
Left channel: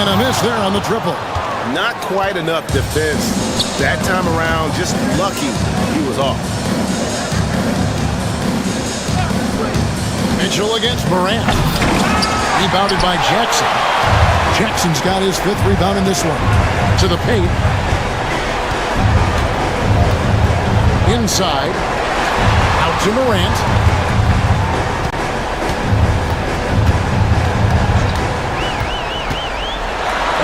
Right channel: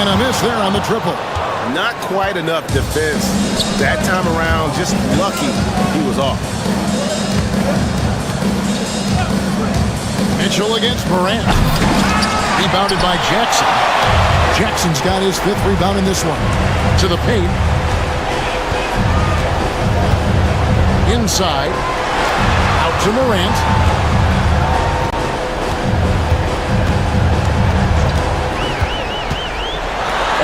And a miss there on the triple. Not quite enough defense that time around. Just lucky he was off. Mitchell against Morant. Rebounded by Jackson. Jackson's got his 5th rebound in this one. To the paint. Inside. Out to Morant.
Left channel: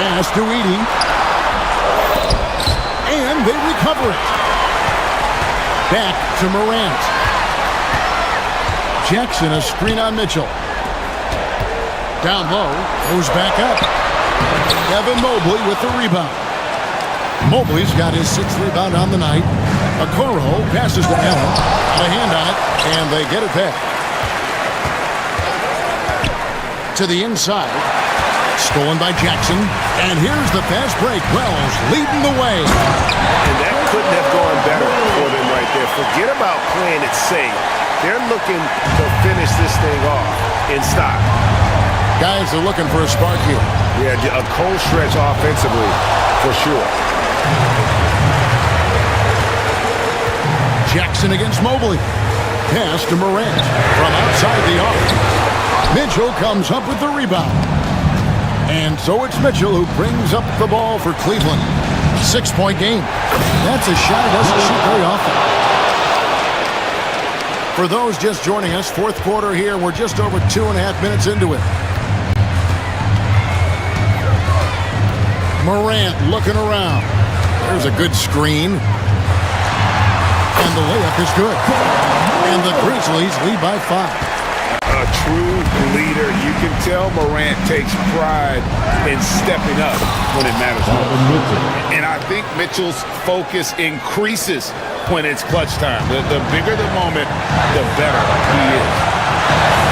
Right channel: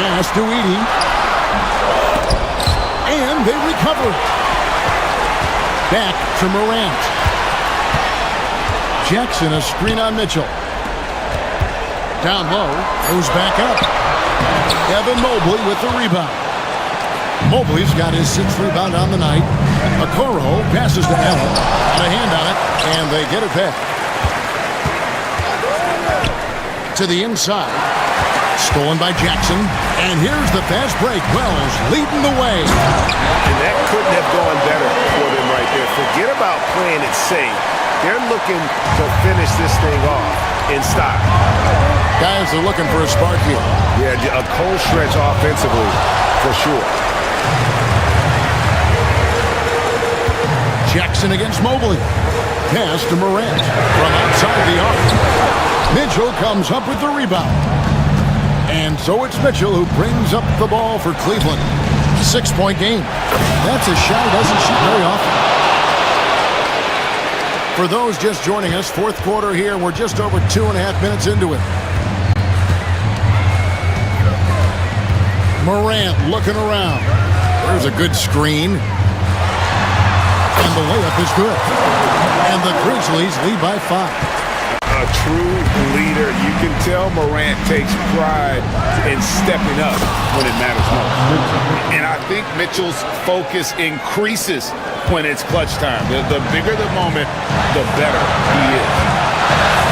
Pass to Edey. And they recover it. Back to Morant. Jackson, a screen on Mitchell. Down low, goes back up. Evan Mobley with the rebound. Mobley's got his 6th rebound on the night. Okoro passes to Allen. Got a hand on it, and they get it back. To the inside. Stolen by Jackson. And here's the fast break. Wells leading the way. And that couldn't have gone better for them right there. Forget about playing it safe. They're looking to finish this thing off in style. Guys are looking for a spark here. Yeah, a cold stretch offensively, for sure. Jackson against Mobley. Pass to Morant from outside the arc. Mitchell comes up with the rebound. And so it's Mitchell who brings up the ball for Cleveland. A 6-point game. That's a shot he doesn't shoot very often. For those just joining us, 4th quarter here. We're just over 2.5 minutes into it. Morant looking around. There's a good screen. And the layup is good. And the Grizzlies lead by 5. A true leader. You can tell Morant takes pride in stepping up when it matters most. And I think Mitchell's focus increases when it's clutch time. The bigger the moment, the better he is.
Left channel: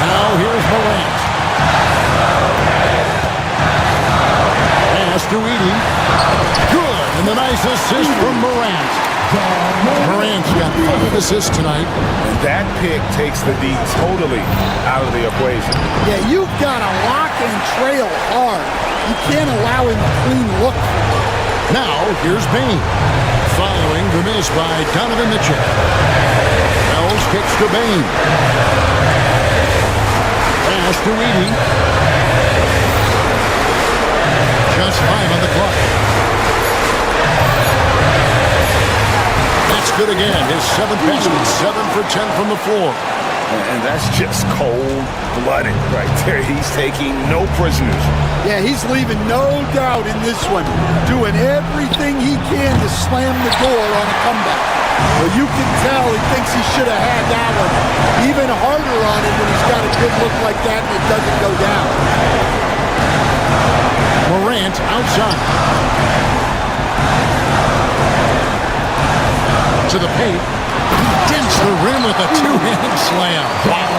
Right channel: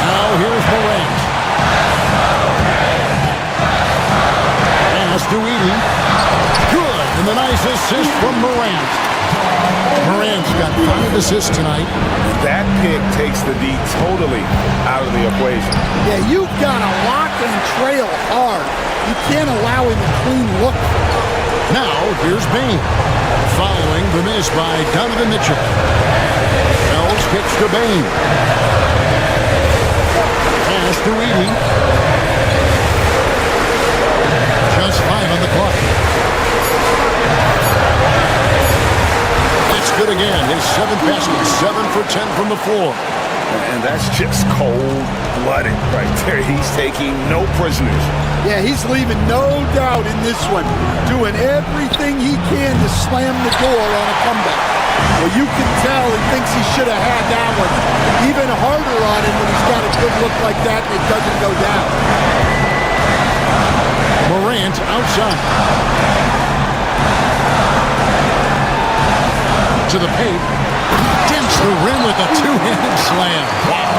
Now here's Morant. Pass to Edey. Good, and the nice assist from Morant. Morant's got 5 assists tonight. And that pick takes the D totally out of the equation. Yeah, you've got to lock and trail hard. You can't allow him a clean look. Now, here's Bane. Following the miss by Donovan Mitchell. Wells kicks to Bane. Pass to Edey. Just 5 on the clock. That's good again. His 7th basket, 7 for 10 from the floor. And that's just cold-blooded right there. He's taking no prisoners. Yeah, he's leaving no doubt in this one. Doing everything he can to slam the door on a comeback. Well, you can tell he thinks he should have had that one. Even harder on him when he's got a good look like that and it doesn't go down. Morant outside. To the paint. Dents the rim with a 2-handed slam. Wow.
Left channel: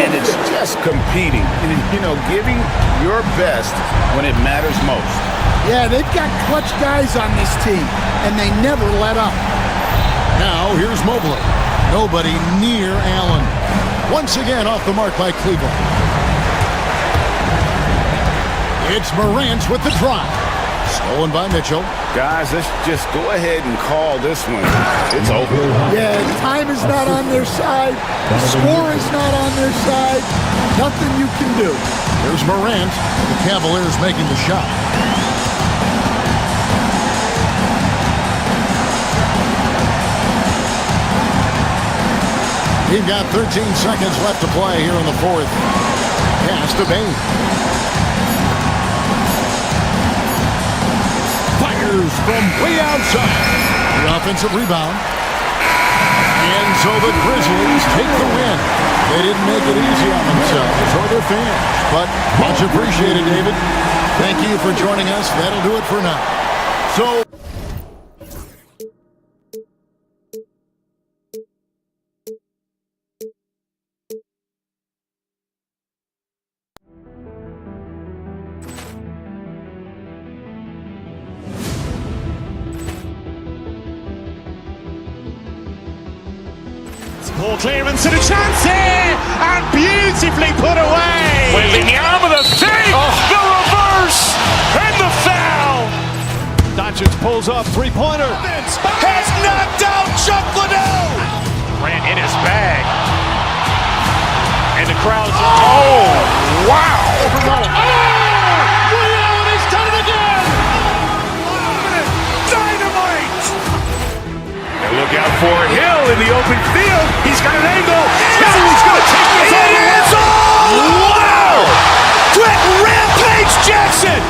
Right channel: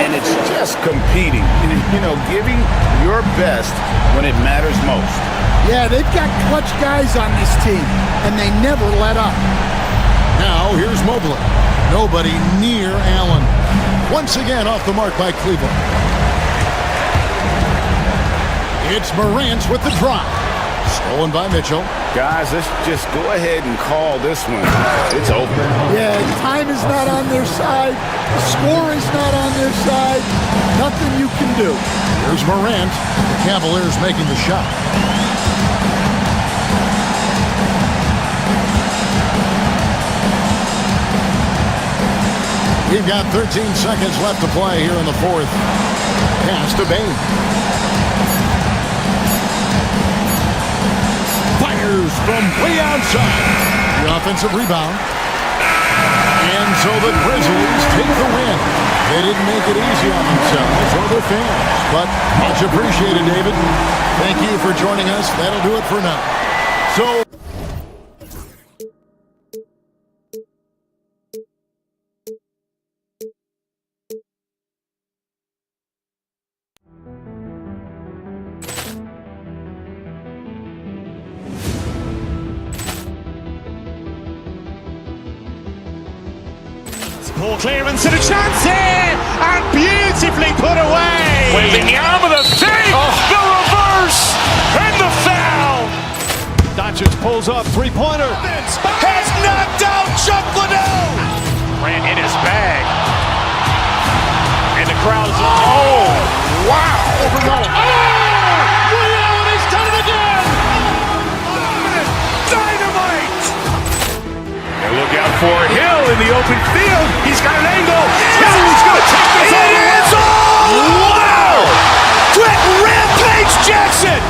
And it's just competing. You know, giving your best when it matters most. Yeah, they've got clutch guys on this team, and they never let up. Now, here's Mobley. Nobody near Allen. Once again off the mark by Cleveland. It's Morant with the drive. Stolen by Mitchell. Guys, let's just go ahead and call this one. It's over. Yeah, time is not on their side. The score is not on their side. Nothing you can do. Here's Morant. The Cavaliers making the shot. We've got 13 seconds left to play here in the 4th. Pass to Bane. Fires from way outside. The offensive rebound. And so the Grizzlies take the win. They didn't make it easy on themselves or their fans, but much appreciated, David. Thank you for joining us. That'll do it for now. So... Ball clearance and a chance here, and beautifully put away. Wembanyama the fake, the reverse, and the foul. Doncic pulls up, three-pointer. Has knocked out Chuck Liddell. Grant in his bag. And the crowd is, oh, wow. Ray Allen has done it again. Dynamite. And look out for Hill in the open field. He's got an angle. He's going to take this all the way. Wow. Quick Rampage Jackson.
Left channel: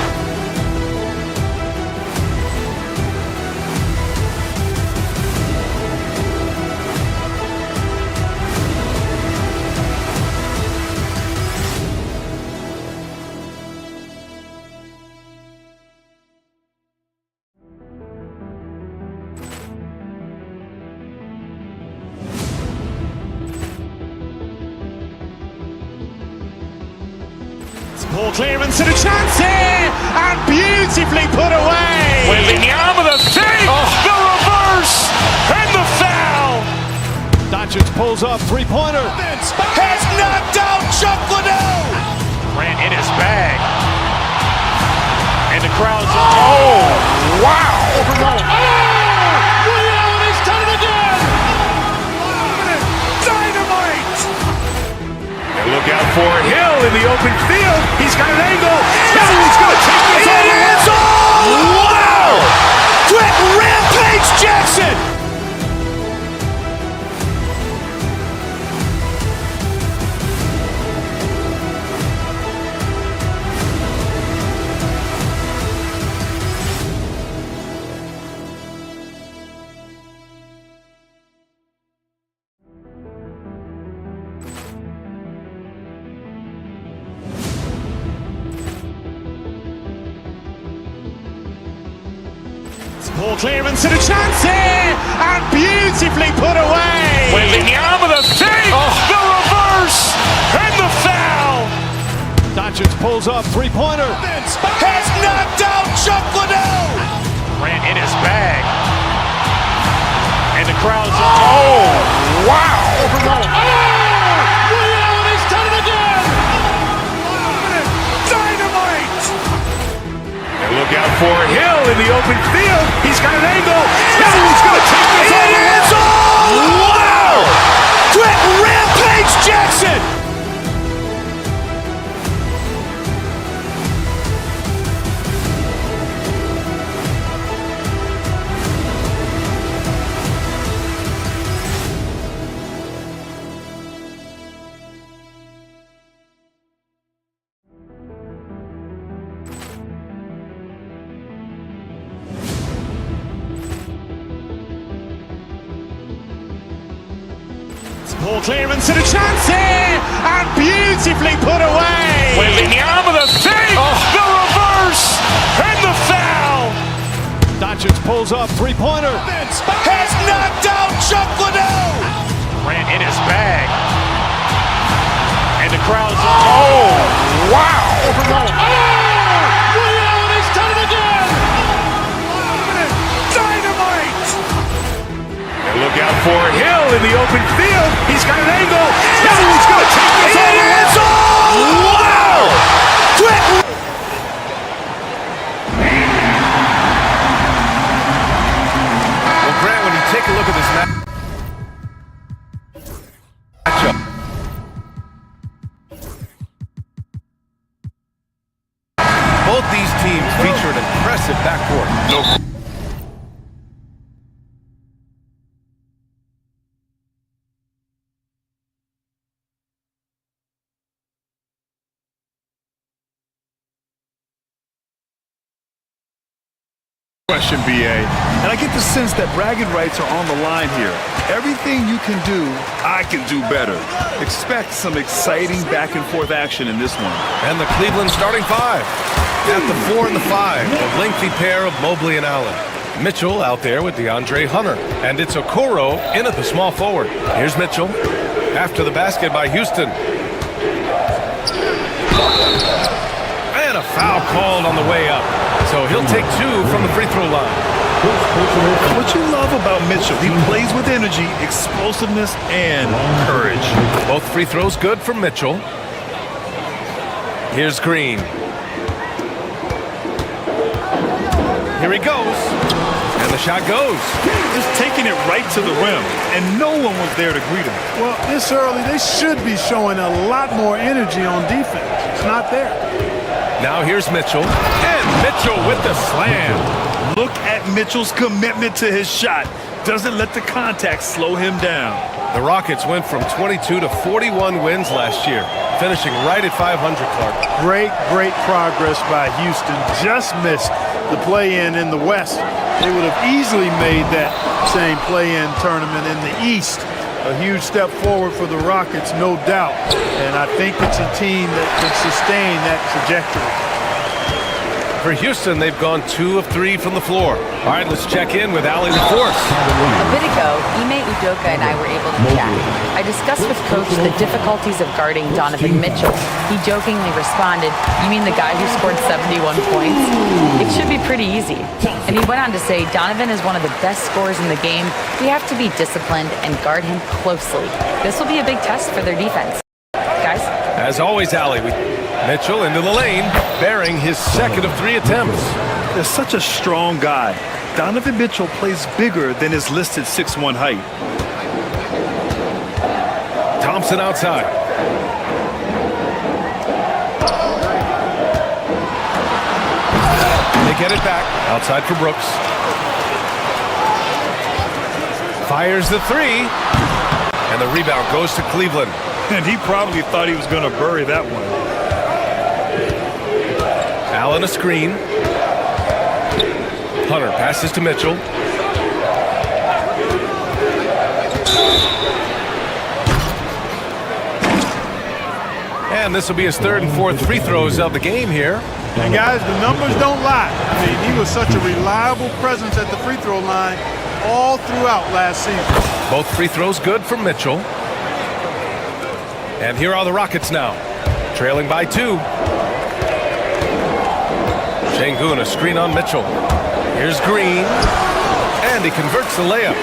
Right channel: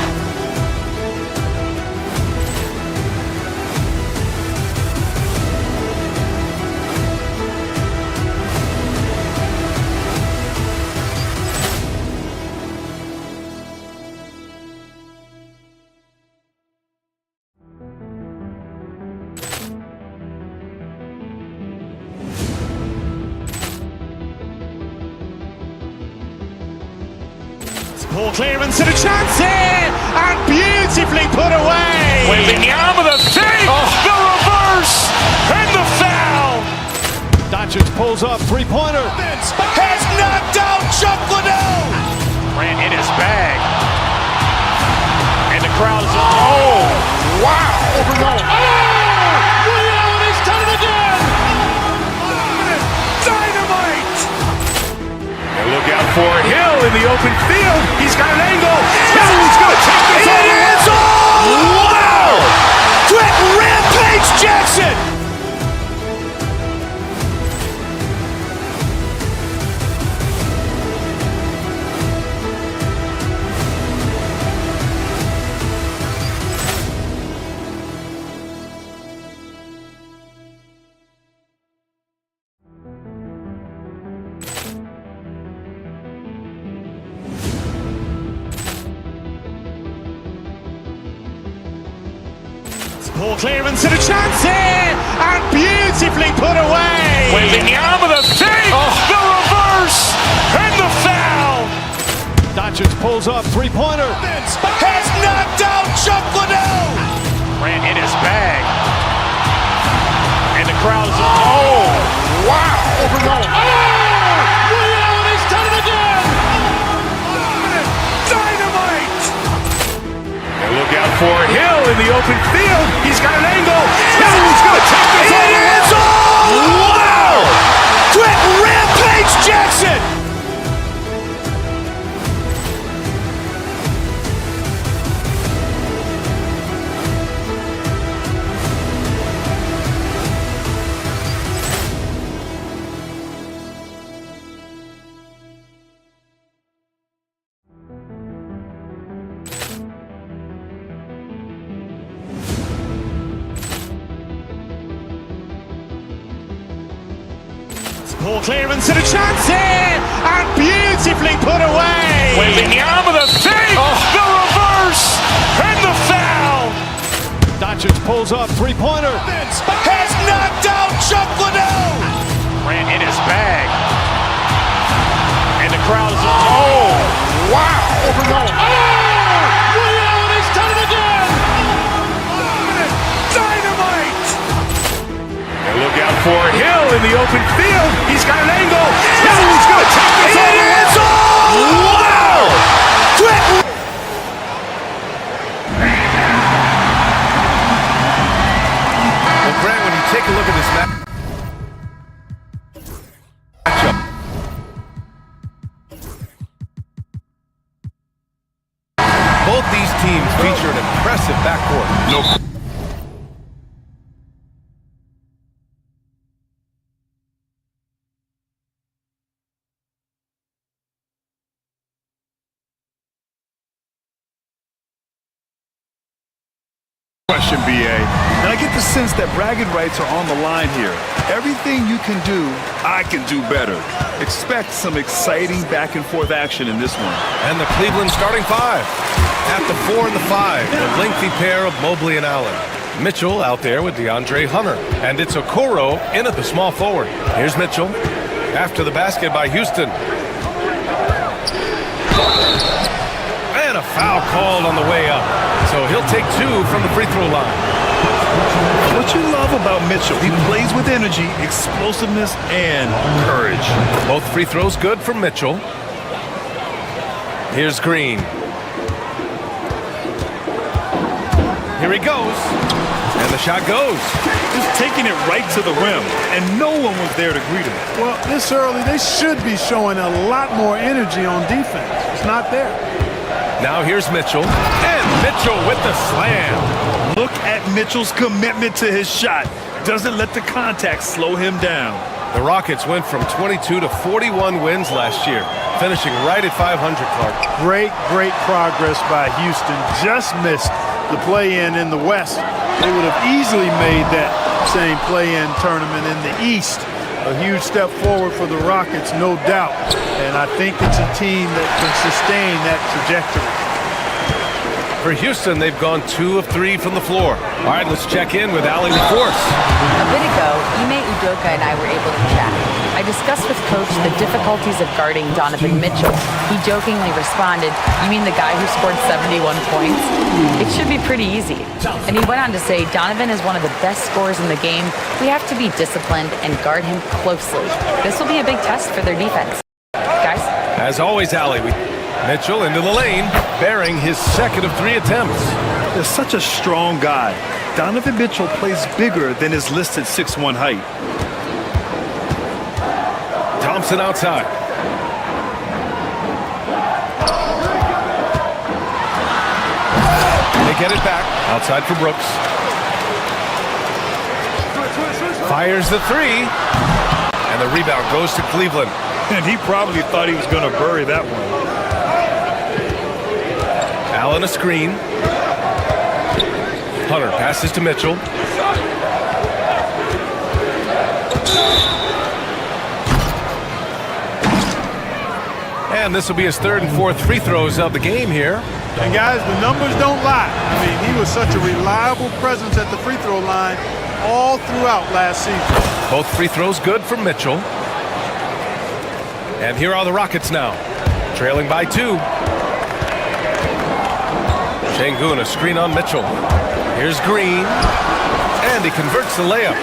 Ball clearance and a chance here, and beautifully put away. Wembanyama the fake, the reverse, and the foul. Doncic pulls up, three-pointer. Has knocked out Chuck Liddell. Grant in his bag. And the crowd is, oh, wow. Ray Allen has done it again. Dynamite. And look out for Hill in the open field. He's got an angle. He's going to take this all the way. Wow. Quick Rampage Jackson. Ball clearance and a chance here, and beautifully put away. Wembanyama the fake, the reverse, and the foul. Doncic pulls up, three-pointer. Has knocked out Chuck Liddell. Grant in his bag. And the crowd is, oh, wow. Ray Allen has done it again. Dynamite. And look out for Hill in the open field. He's got an angle. He's going to take this all the way. Wow. Quick Rampage Jackson. Ball clearance and a chance here, and beautifully put away. Wembanyama the fake, the reverse, and the foul. Doncic pulls up, three-pointer. Has knocked out Chuck Liddell. Grant in his bag. And the crowd is, oh, wow. Ray Allen has done it again. Dynamite. And look out for Hill in the open field. He's got an angle. He's going to take this all the way. Wow. Quick. Well, Grant, when you take a look at this matchup, both these teams feature an impressive backcourt. No Question, BA. And I get the sense that bragging rights are on the line here. Everything you can do, I can do better. Expect some exciting back and forth action in this one. And the Cleveland starting five. At the 4 and the 5, the lengthy pair of Mobley and Allen. Mitchell out there with DeAndre Hunter. And it's Okoro in at the small forward. Here's Mitchell. After the basket by Houston. And a foul called on the way up. So he'll take 2 from the free throw line. What you love about Mitchell, he plays with energy, explosiveness, and courage. Both free throws good for Mitchell. Here's Green. Here he goes. And the shot goes. Just taking it right to the rim, and no one was there to greet him. Well, this early, they should be showing a lot more energy on defense. It's not there. Now here's Mitchell. And Mitchell with the slam. Look at Mitchell's commitment to his shot. Doesn't let the contact slow him down. The Rockets went from 22 to 41 wins last year, finishing right at 500, Clark. Great progress by Houston. Just missed the play-in in the West. They would have easily made that same play-in tournament in the East. A huge step forward for the Rockets, no doubt. And I think it's a team that can sustain that trajectory. For Houston, they've gone 2 of 3 from the floor. All right, let's check in with Allie LaForce. A bit ago, Ime Udoka and I were able to chat. I discussed with Coach the difficulties of guarding Donovan Mitchell. He jokingly responded, "You mean the guy who scored 71 points? It should be pretty easy." And he went on to say, "Donovan is one of the best scorers in the game. We have to be disciplined and guard him closely. This will be a big test for their defense." Guys? As always, Allie, Mitchell into the lane, bearing his second of 3 attempts. They're such a strong guy. Donovan Mitchell plays bigger than his listed 6'1" height. Thompson outside. They get it back. Outside for Brooks. Fires the 3. And the rebound goes to Cleveland. And he probably thought he was going to bury that one. Allen a screen. Hunter passes to Mitchell. And this will be his 3rd and 4th free throws of the game here. And guys, the numbers don't lie. I mean, he was such a reliable presence at the free throw line all throughout last season. Both free throws good for Mitchell. And here are the Rockets now, trailing by 2. Şengün, a screen on Mitchell. Here's Green. And he converts the layup.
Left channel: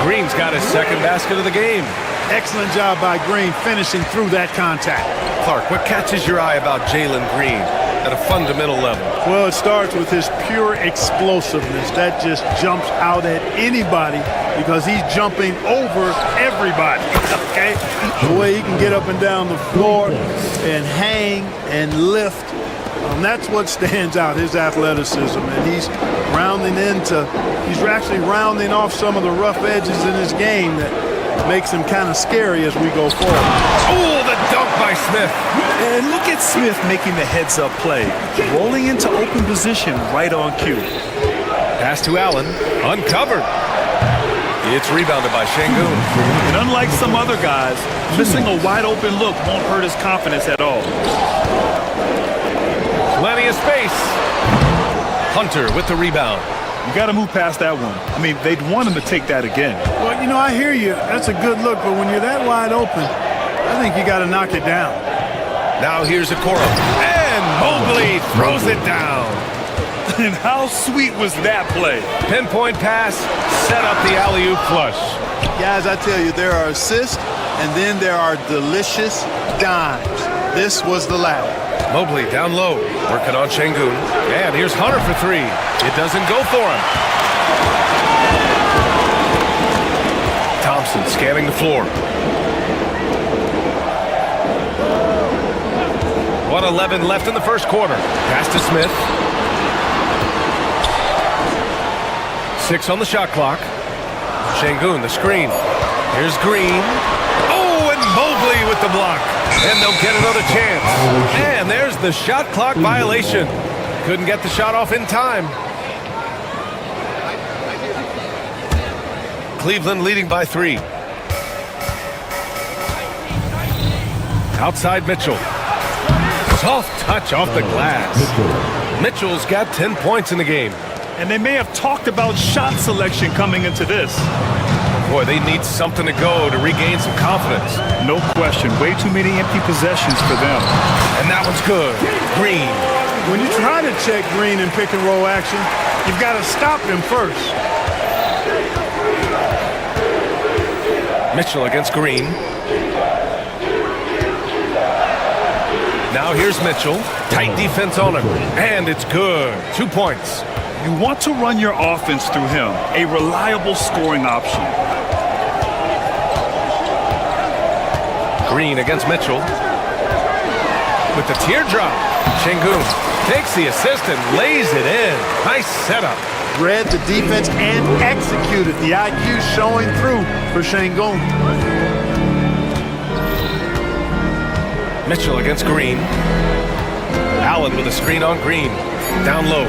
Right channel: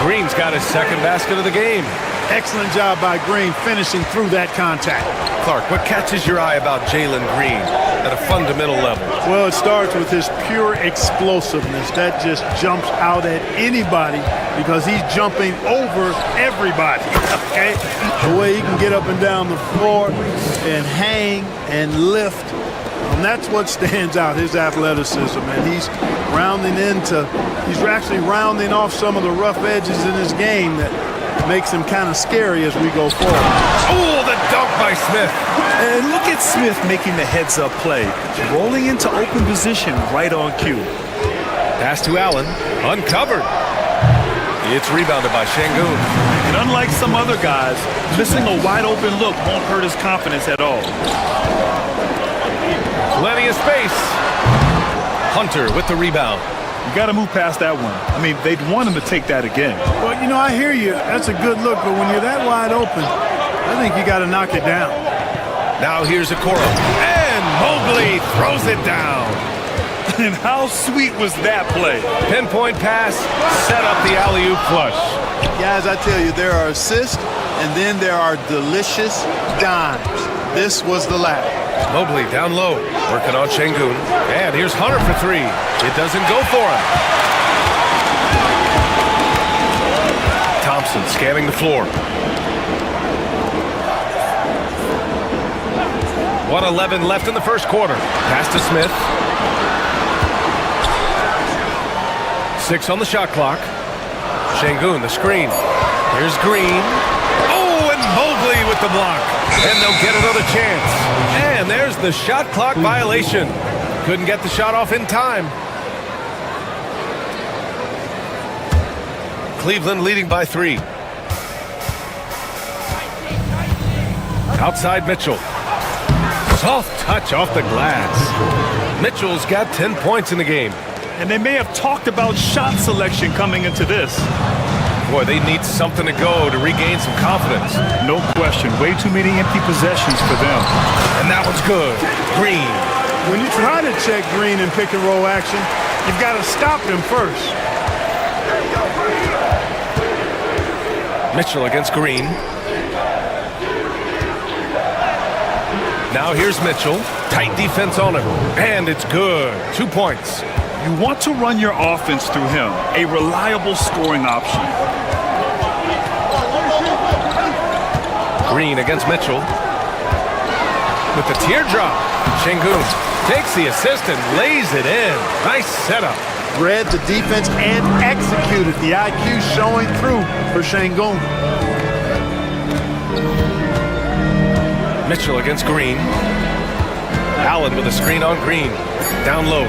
Green's got his 2nd basket of the game. Excellent job by Green finishing through that contact. Clark, what catches your eye about Jalen Green at a fundamental level? Well, it starts with his pure explosiveness. That just jumps out at anybody because he's jumping over everybody, okay? The way he can get up and down the floor and hang and lift. That's what stands out, his athleticism, and he's actually rounding off some of the rough edges in his game that makes him kind of scary as we go forward. Oh, the dunk by Smith. And look at Smith making the heads-up play, rolling into open position right on cue. Pass to Allen, uncovered. It's rebounded by Şengün. And unlike some other guys, missing a wide-open look won't hurt his confidence at all. Plenty of space. Hunter with the rebound. You got to move past that one. I mean, they'd want him to take that again. Well, you know, I hear you. That's a good look, but when you're that wide open, I think you got to knock it down. Now here's Okoro. And Mobley throws it down. And how sweet was that play? Pinpoint pass, set up the alley-oop flush. Guys, I tell you, there are assists, and then there are delicious dimes. This was the latter. Mobley down low, working on Şengün. And here's Hunter for 3. It doesn't go for him. Thompson scanning the floor. 1:11 left in the first quarter. Pass to Smith. 6 on the shot clock. Şengün, the screen. Here's Green. Oh, and Mobley with the block. And they'll get another chance. And there's the shot clock violation. Couldn't get the shot off in time. Cleveland leading by 3. Outside Mitchell. Soft touch off the glass. Mitchell's got 10 points in the game. And they may have talked about shot selection coming into this. Boy, they need something to go to regain some confidence. No question. Way too many empty possessions for them. And that one's good. Green. When you try to check Green in pick and roll action, you've got to stop him first. Mitchell against Green. Now here's Mitchell. Tight defense on him. And it's good. 2 points. You want to run your offense through him. A reliable scoring option. Green against Mitchell. With the teardrop. Şengün takes the assist and lays it in. Nice setup. Read the defense and executed. The IQ showing through for Şengün. Mitchell against Green. Allen with a screen on Green. Down low.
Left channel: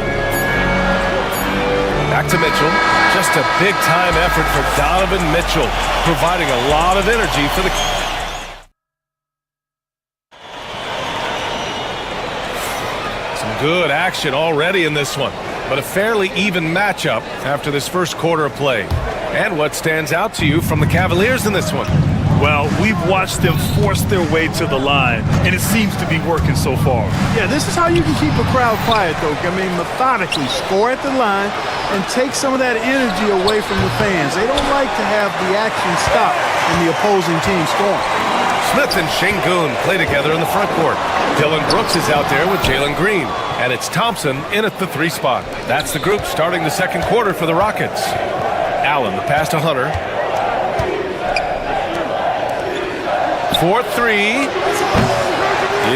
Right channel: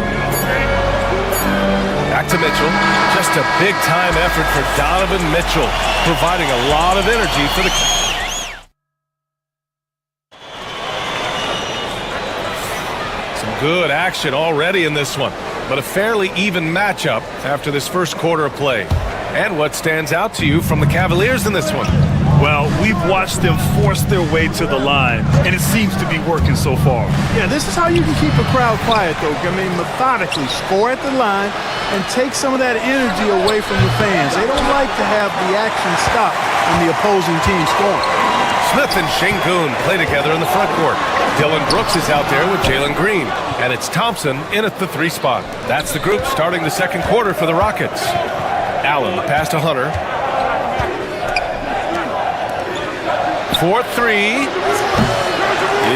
Back to Mitchell. Just a big-time effort for Donovan Mitchell, providing a lot of energy for the... Some good action already in this one, but a fairly even matchup after this first quarter of play. And what stands out to you from the Cavaliers in this one? Well, we've watched them force their way to the line, and it seems to be working so far. Yeah, this is how you can keep a crowd quiet, though. I mean, methodically score at the line and take some of that energy away from the fans. They don't like to have the action stop in the opposing team scoring. Smith and Şengün play together in the front court. Dylan Brooks is out there with Jalen Green. And it's Thompson in at the 3 spot. That's the group starting the second quarter for the Rockets. Allen, the pass to Hunter. 4-3.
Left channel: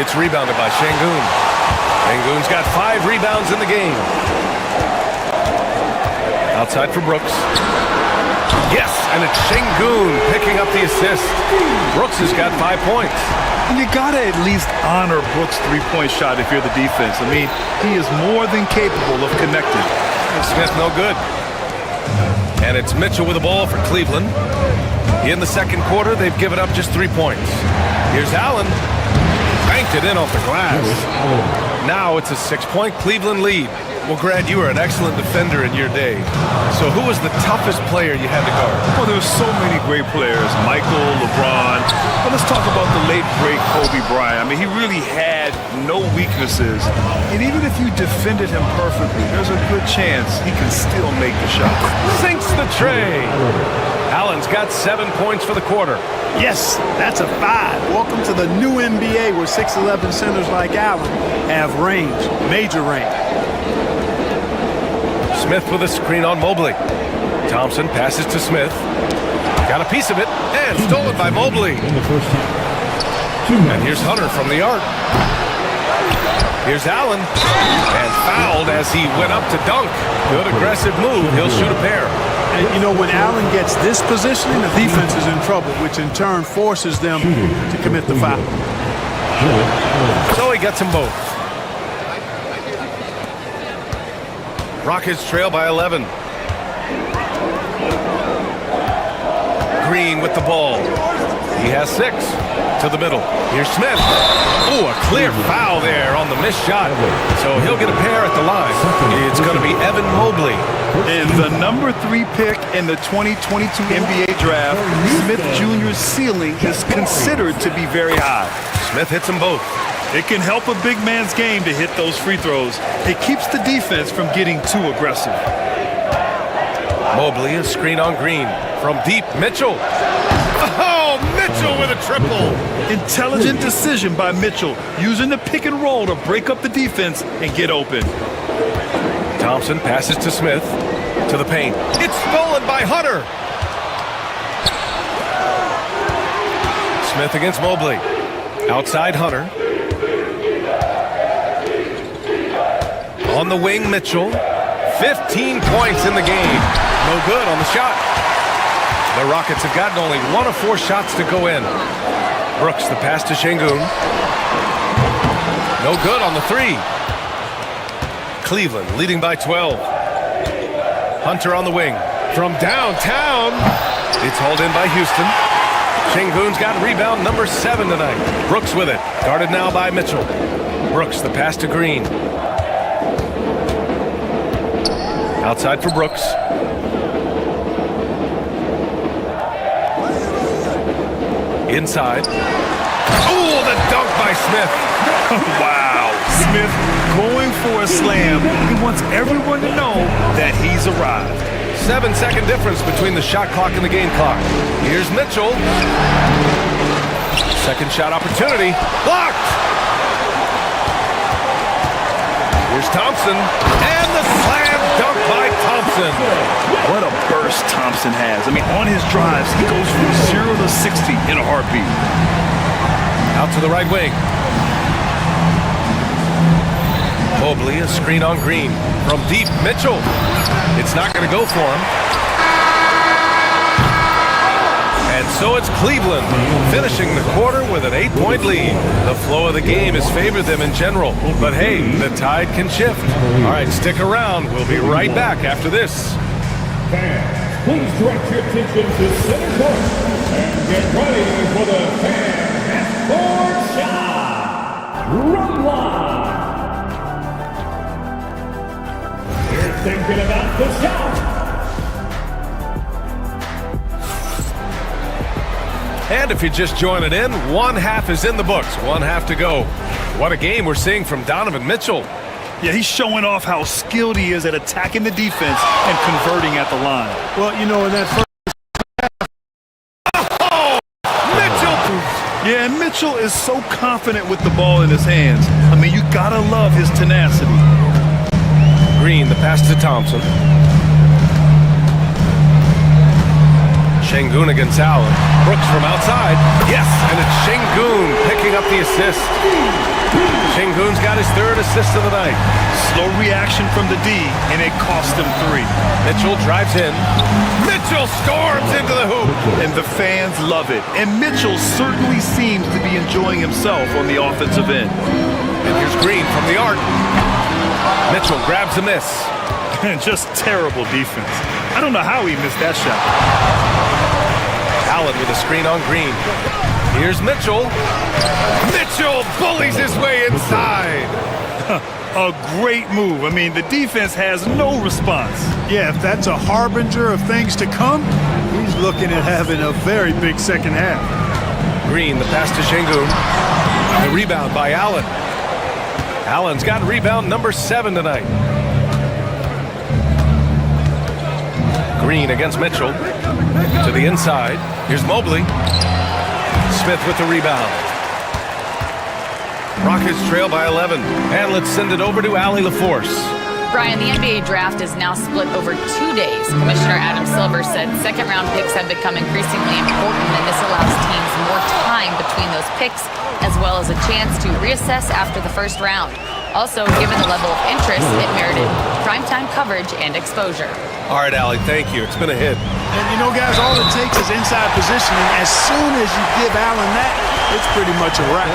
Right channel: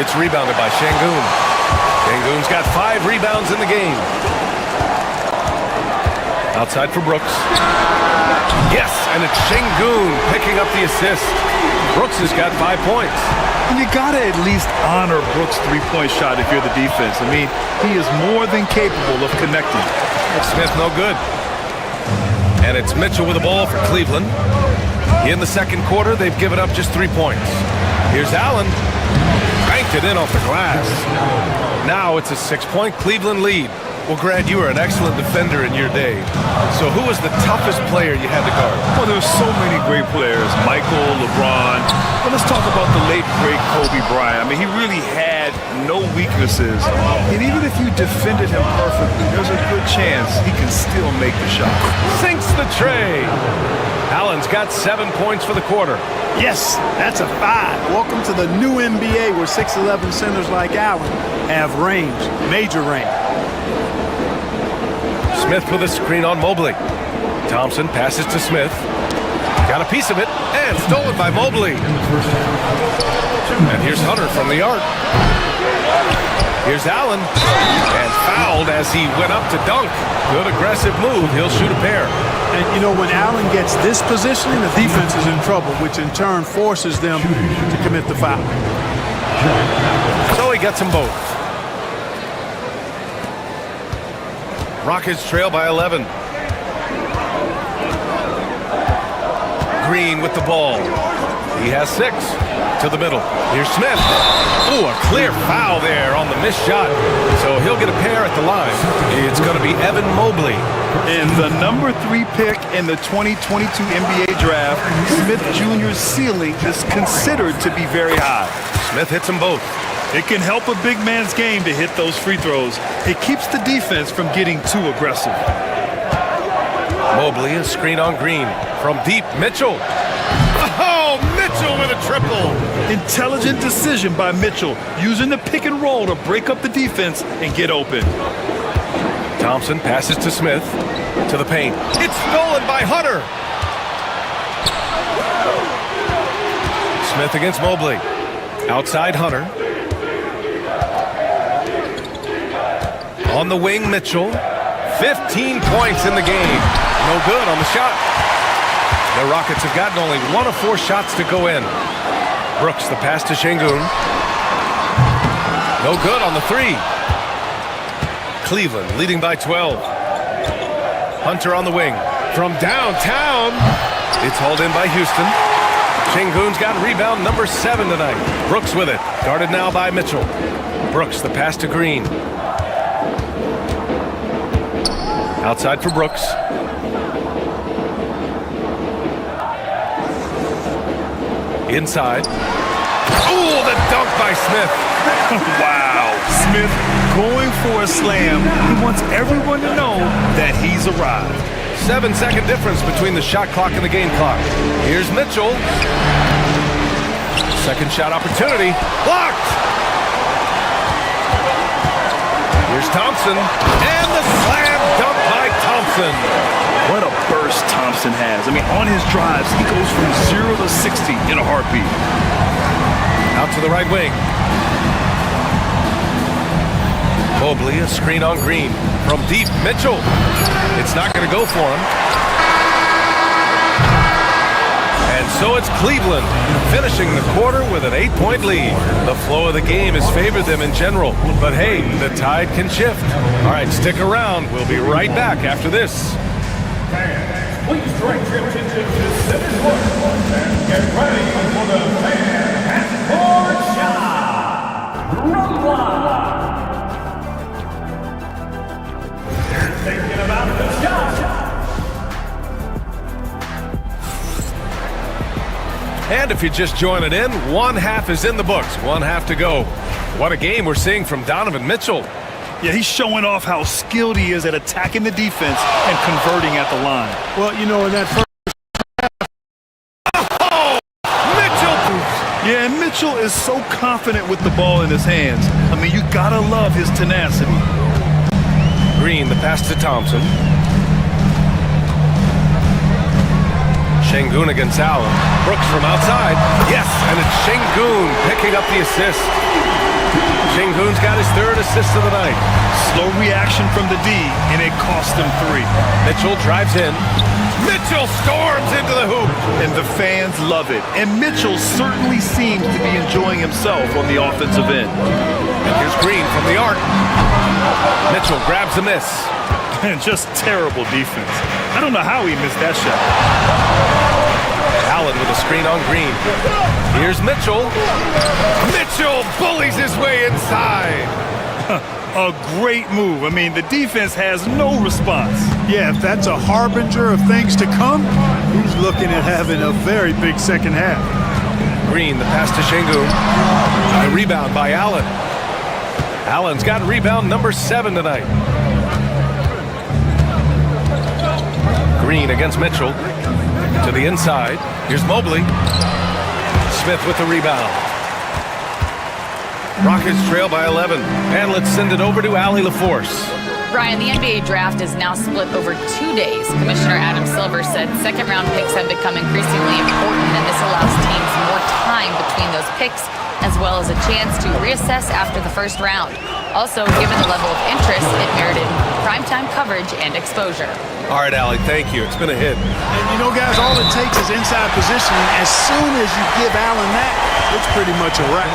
It's rebounded by Şengün. Şengün's got 5 rebounds in the game. Outside for Brooks. Yes, and it's Şengün picking up the assist. Brooks has got 5 points. And you got to at least honor Brooks' three-point shot if you're the defense. I mean, he is more than capable of connecting. Smith no good. And it's Mitchell with the ball for Cleveland. In the second quarter, they've given up just 3 points. Here's Allen. Banked it in off the glass. Now it's a 6-point Cleveland lead. Well, Grant, you were an excellent defender in your day. So who was the toughest player you had to guard? Well, there were so many great players. Michael, LeBron. But let's talk about the late, great Kobe Bryant. I mean, he really had no weaknesses. And even if you defended him perfectly, there's a good chance he can still make the shot. Sinks the tray. Allen's got 7 points for the quarter. Yes, that's a 5. Welcome to the new NBA where 6'11 centers like Allen have range, major range. Smith with a screen on Mobley. Thompson passes to Smith. Got a piece of it, and stolen by Mobley. And here's Hunter from the arc. Here's Allen, and fouled as he went up to dunk. Good aggressive move. He'll shoot a pair. And, you know, when Allen gets this positioning, the defense is in trouble, which in turn forces them to commit the foul. So he gets them both. Rockets trail by 11. Green with the ball. He has 6. To the middle. Here's Smith. Oh, a clear foul there on the missed shot. So he'll get a pair at the line. It's going to be Evan Mobley. And the number 3 pick in the 2022 NBA draft, Smith Jr.'s ceiling is considered to be very high. Smith hits them both. It can help a big man's game to hit those free throws. It keeps the defense from getting too aggressive. Mobley, a screen on Green. From deep, Mitchell. Oh, Mitchell with a triple. Intelligent decision by Mitchell, using the pick and roll to break up the defense and get open. Thompson passes to Smith. To the paint. It's stolen by Hunter. Smith against Mobley. Outside Hunter. On the wing, Mitchell. 15 points in the game. No good on the shot. The Rockets have gotten only 1 of 4 shots to go in. Brooks, the pass to Şengün. No good on the 3. Cleveland leading by 12. Hunter on the wing. From downtown, it's hauled in by Houston. Şengün's got rebound number 7 tonight. Brooks with it. Guarded now by Mitchell. Brooks, the pass to Green. Outside for Brooks. Inside. Oh, the dunk by Smith. Wow. Smith going for a slam. He wants everyone to know that he's arrived. 7-second difference between the shot clock and the game clock. Here's Mitchell. Second shot opportunity. Blocked! Here's Thompson. And the slam dunk by Thompson. What a burst Thompson has. I mean, on his drives, he goes from 0 to 60 in a heartbeat. Out to the right wing. Mobley, a screen on Green. From deep, Mitchell. It's not going to go for him. And so it's Cleveland, finishing the quarter with an 8-point lead. The flow of the game has favored them in general. But hey, the tide can shift. All right, stick around. We'll be right back after this. Fans, please direct your attention to center court and get ready for the fan half-court shot. Round 1. You're thinking about the shot. And if you're just joining in, one half is in the books, one half to go. What a game we're seeing from Donovan Mitchell. Yeah, he's showing off how skilled he is at attacking the defense and converting at the line. Well, you know, in that first Oh! Mitchell! Yeah, and Mitchell is so confident with the ball in his hands. I mean, you gotta love his tenacity. Green, the pass to Thompson. Şengün against Allen. Brooks from outside. Yes, and it's Şengün picking up the assist. Şengün's got his 3rd assist of the night. Slow reaction from the D, and it cost him 3. Mitchell drives in. Mitchell storms into the hoop. And the fans love it. And Mitchell certainly seems to be enjoying himself on the offensive end. And here's Green from the arc. Mitchell grabs the miss. And just terrible defense. I don't know how he missed that shot. Allen with a screen on Green. Here's Mitchell. Mitchell bullies his way inside. A great move. I mean, the defense has no response. Yeah, if that's a harbinger of things to come, he's looking at having a very big second half. Green, the pass to Şengün. The rebound by Allen. Allen's got rebound number 7 tonight. Green against Mitchell. To the inside. Here's Mobley. Smith with the rebound. Rockets trail by 11. And let's send it over to Allie LaForce. Brian, the NBA draft is now split over 2 days. Commissioner Adam Silver said second-round picks have become increasingly important, and this allows teams more time between those picks, as well as a chance to reassess after the first round. Also, given the level of interest, it merited primetime coverage and exposure. All right, Allie, thank you. It's been a hit. And you know, guys, all it takes is inside positioning. As soon as you give Allen that, it's pretty much a wrap.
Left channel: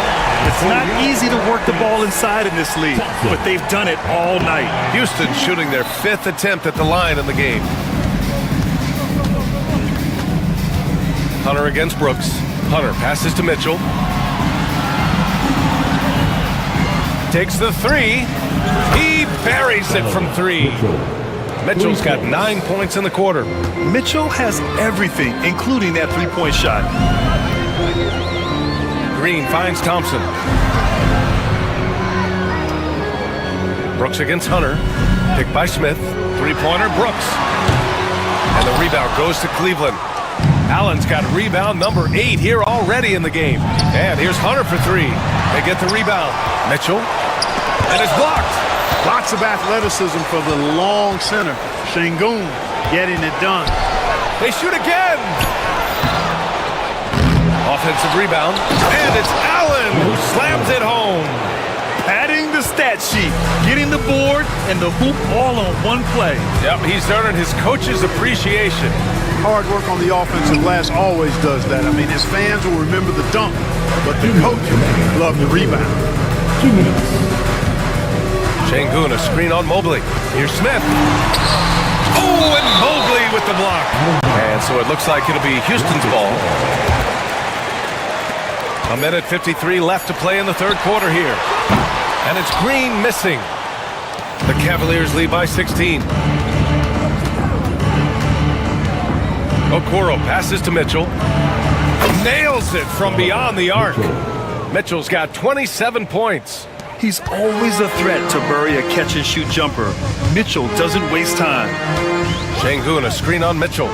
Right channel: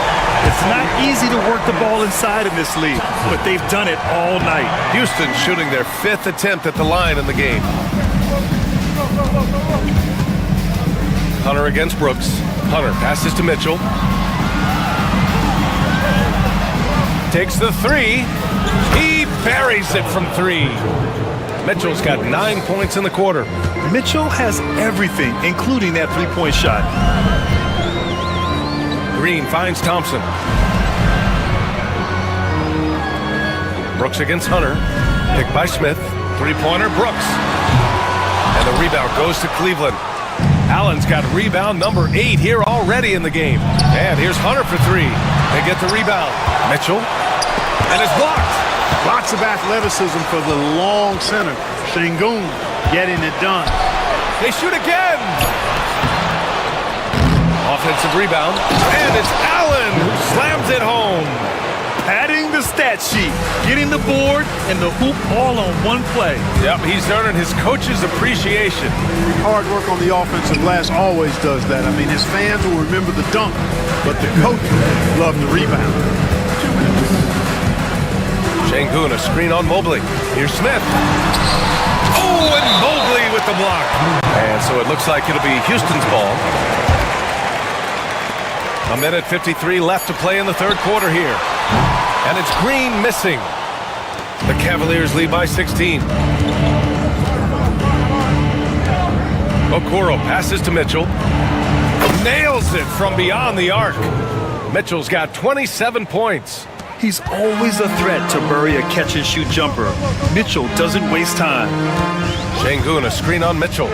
It's not easy to work the ball inside in this league, but they've done it all night. Houston shooting their 5th attempt at the line in the game. Hunter against Brooks. Hunter passes to Mitchell. Takes the 3. He buries it from 3. Mitchell's got 9 points in the quarter. Mitchell has everything, including that 3-point shot. Green finds Thompson. Brooks against Hunter. Picked by Smith. 3-pointer, Brooks. And the rebound goes to Cleveland. Allen's got rebound number 8 here already in the game. And here's Hunter for 3. They get the rebound. Mitchell. And it's blocked. Lots of athleticism for the long center. Şengün getting it done. They shoot again. Offensive rebound. And it's Allen who slams it home. Padding the stat sheet, getting the board and the hoop all on one play. Yep, he's earning his coach's appreciation. Hard work on the offensive glass always does that. I mean, his fans will remember the dunk, but the coaches love the rebound. 2 minutes. Şengün, a screen on Mobley. Here's Smith. Oh, and Mobley with the block. And so it looks like it'll be Houston's ball. 1:53 left to play in the third quarter here. And it's Green missing. The Cavaliers lead by 16. Okoro passes to Mitchell. Nails it from beyond the arc. Mitchell's got 27 points. He's always a threat to bury a catch-and-shoot jumper. Mitchell doesn't waste time. Şengün, a screen on Mitchell.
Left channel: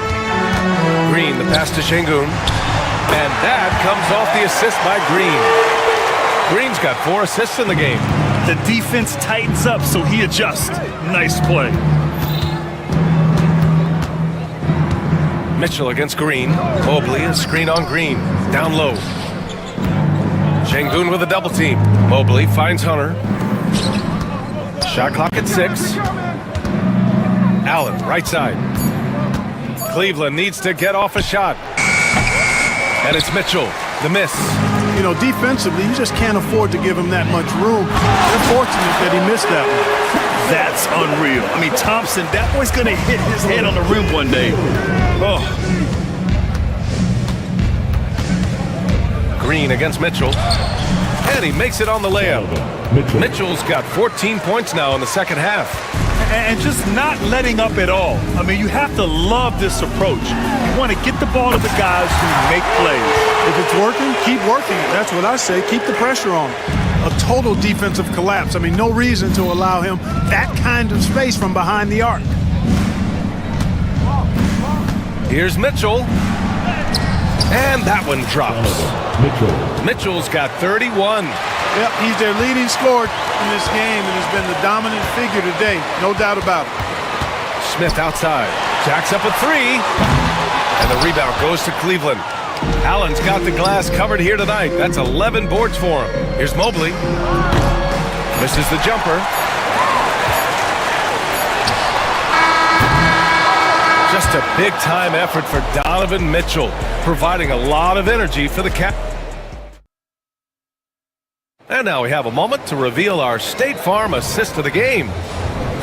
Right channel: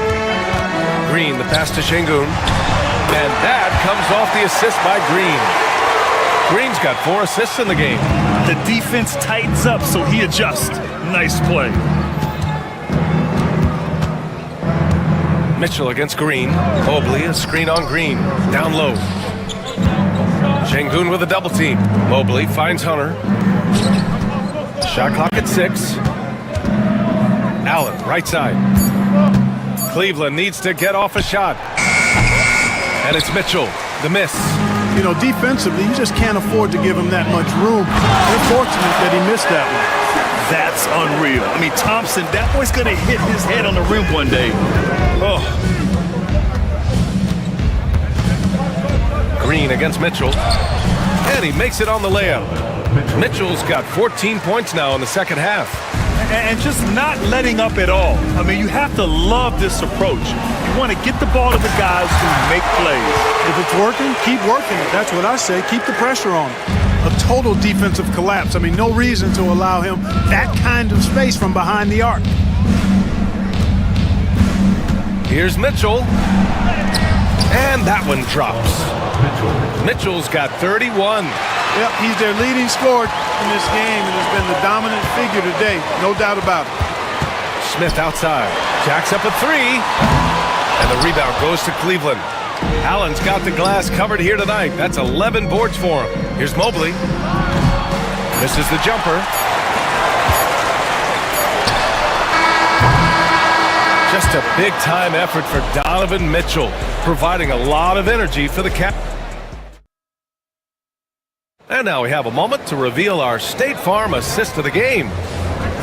Green, the pass to Şengün. And that comes off the assist by Green. Green's got 4 assists in the game. The defense tightens up, so he adjusts. Nice play. Mitchell against Green. Mobley, a screen on Green. Down low. Şengün with a double team. Mobley finds Hunter. Shot clock at 6. Allen, right side. Cleveland needs to get off a shot. And it's Mitchell, the miss. You know, defensively, you just can't afford to give him that much room. They're fortunate that he missed that one. That's unreal. I mean, Thompson, that boy's going to hit his head on the rim one day. Oh. Green against Mitchell. And he makes it on the layup. Mitchell's got 14 points now in the second half. And just not letting up at all. I mean, you have to love this approach. You want to get the ball to the guys who make plays. If it's working, keep working it. That's what I say. Keep the pressure on him. A total defensive collapse. I mean, no reason to allow him that kind of space from behind the arc. Here's Mitchell. And that one drops. Mitchell's got 31. Yep, he's their leading scorer in this game and has been the dominant figure today. No doubt about it. Smith outside. Jacks up a 3. And the rebound goes to Cleveland. Allen's got the glass covered here tonight. That's 11 boards for him. Here's Mobley. Misses the jumper. Just a big-time effort for Donovan Mitchell, providing a lot of energy for the Cavs. And now we have a moment to reveal our State Farm assist of the game.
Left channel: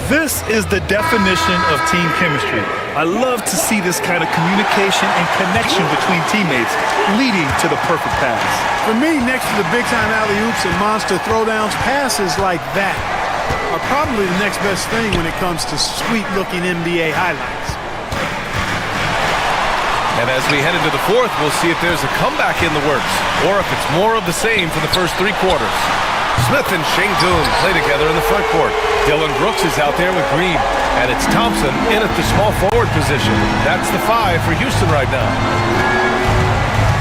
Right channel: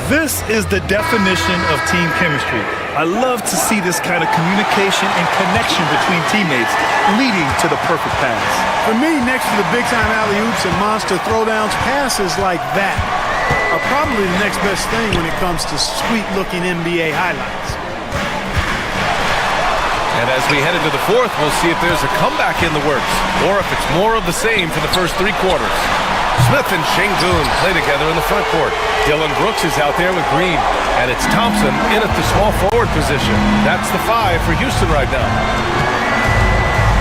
This is the definition of team chemistry. I love to see this kind of communication and connection between teammates leading to the perfect pass. For me, next to the big-time alley-oops and monster throwdowns, passes like that are probably the next best thing when it comes to sweet-looking NBA highlights. And as we head into the fourth, we'll see if there's a comeback in the works or if it's more of the same for the first 3 quarters. Smith and Şengün play together in the front court. Dylan Brooks is out there with Green. And it's Thompson in at the small forward position. That's the 5 for Houston right now.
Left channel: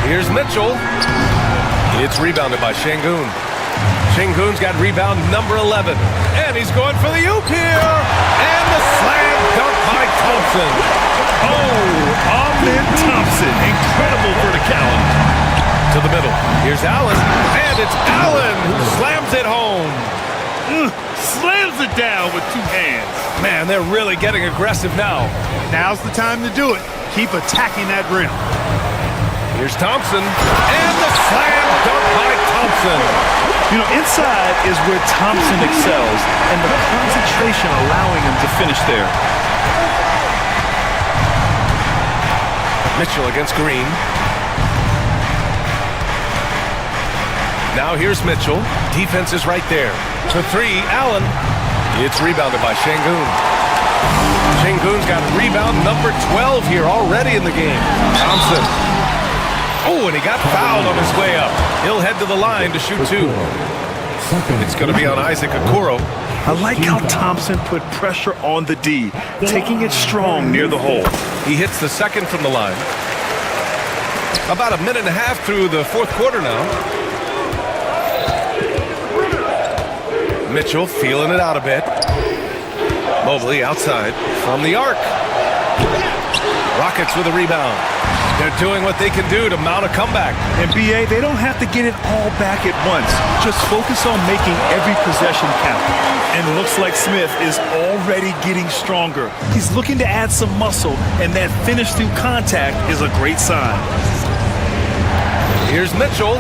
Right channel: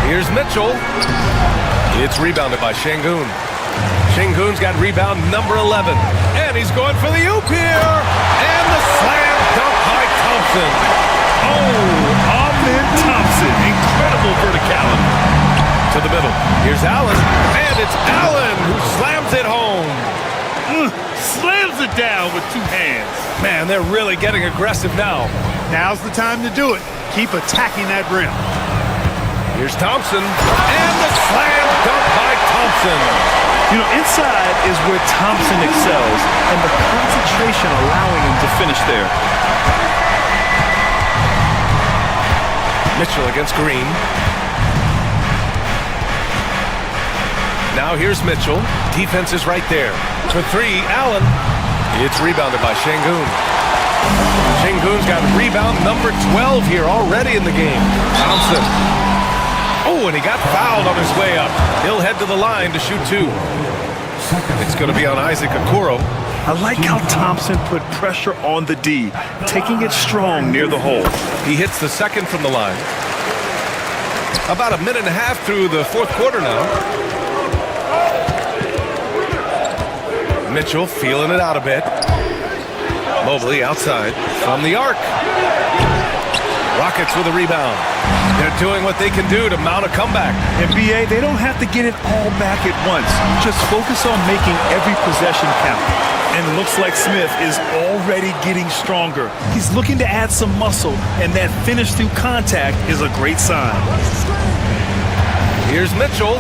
Here's Mitchell. It's rebounded by Şengün. Şengün's got rebound number 11. And he's going for the oop here. And the slam dunk by Thompson. Oh, Amen Thompson. Incredible verticality. To the middle. Here's Allen. And it's Allen who slams it home. Slams it down with 2 hands. Man, they're really getting aggressive now. Now's the time to do it. Keep attacking that rim. Here's Thompson. And the slam dunk by Thompson. You know, inside is where Thompson excels, and the concentration allowing him to finish there. Mitchell against Green. Now here's Mitchell. Defense is right there. For 3, Allen. It's rebounded by Şengün. Şengün's got rebound number 12 here already in the game. Thompson. Oh, and he got fouled on his way up. He'll head to the line to shoot 2. It's going to be on Isaac Okoro. I like how Thompson put pressure on the D, taking it strong near the hole. He hits the second from the line. About a minute and a half through the fourth quarter now. Mitchell feeling it out a bit. Mobley outside from the arc. Rockets with a rebound. They're doing what they can do to mount a comeback. And BA, they don't have to get it all back at once. Just focus on making every possession count. And it looks like Smith is already getting stronger. He's looking to add some muscle, and that finish through contact is a great sign. Here's Mitchell.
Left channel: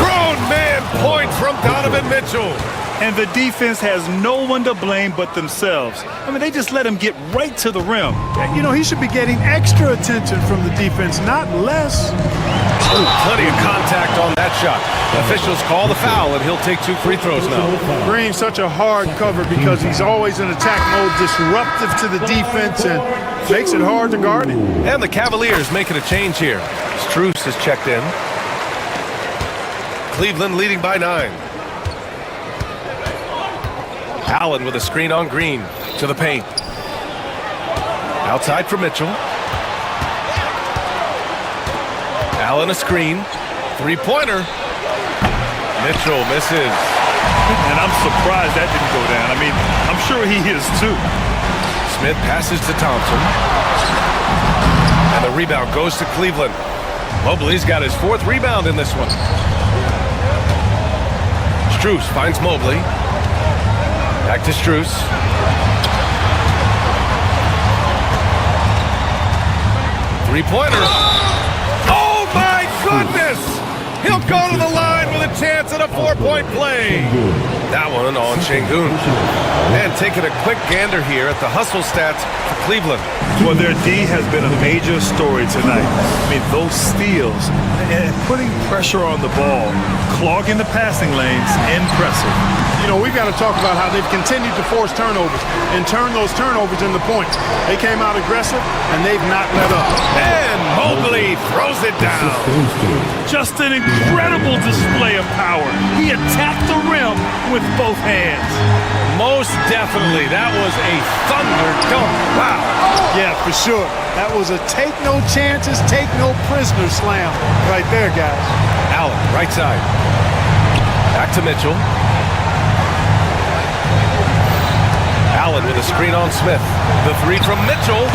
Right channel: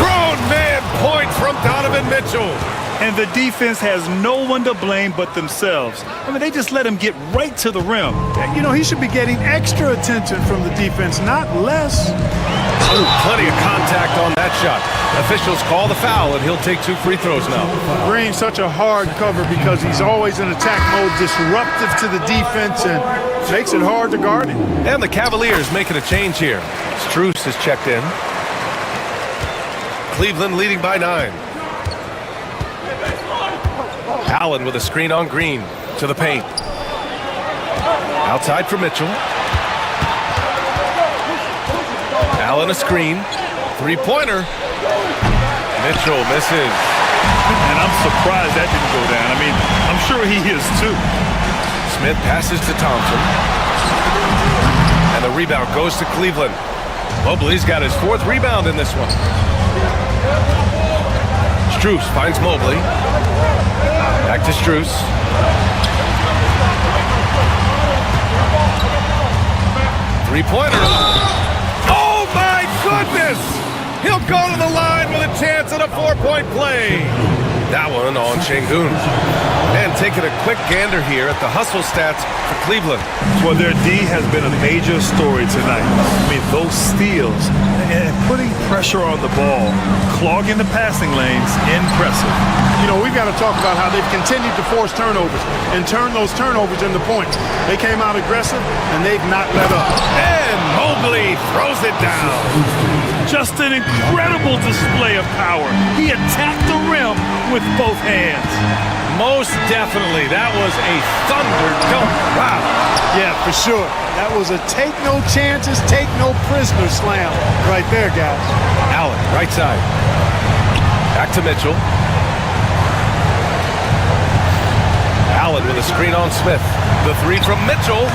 Grown man point from Donovan Mitchell. And the defense has no one to blame but themselves. I mean, they just let him get right to the rim. You know, he should be getting extra attention from the defense, not less. Ooh, plenty of contact on that shot. Officials call the foul, and he'll take 2 free throws now. Green's such a hard cover because he's always in attack mode, disruptive to the defense, and makes it hard to guard him. And the Cavaliers making a change here. Strus has checked in. Cleveland leading by 9. Allen with a screen on Green to the paint. Outside for Mitchell. Allen a screen. 3-pointer. Mitchell misses. And I'm surprised that didn't go down. I mean, I'm sure he is too. Smith passes to Thompson. And the rebound goes to Cleveland. Mobley's got his 4th rebound in this one. Strus finds Mobley. Back to Strus. Three-pointer. Oh, my goodness! He'll go to the line with a chance at a 4-point play. That one on Şengün. And taking a quick gander here at the hustle stats for Cleveland. Well, their D has been a major story tonight. I mean, those steals and putting pressure on the ball, clogging the passing lanes, impressive. You know, we've got to talk about how they've continued to force turnovers and turn those turnovers into points. They came out aggressive, and they've not let up. And Mobley throws it down. Just an incredible display of power. He attacked the rim with both hands. Most definitely. That was a thunder dunk. Wow. Yeah, for sure. That was a take no chances, take no prisoner slam right there, guys. Allen, right side. Back to Mitchell. Allen with a screen on Smith. The 3 from Mitchell.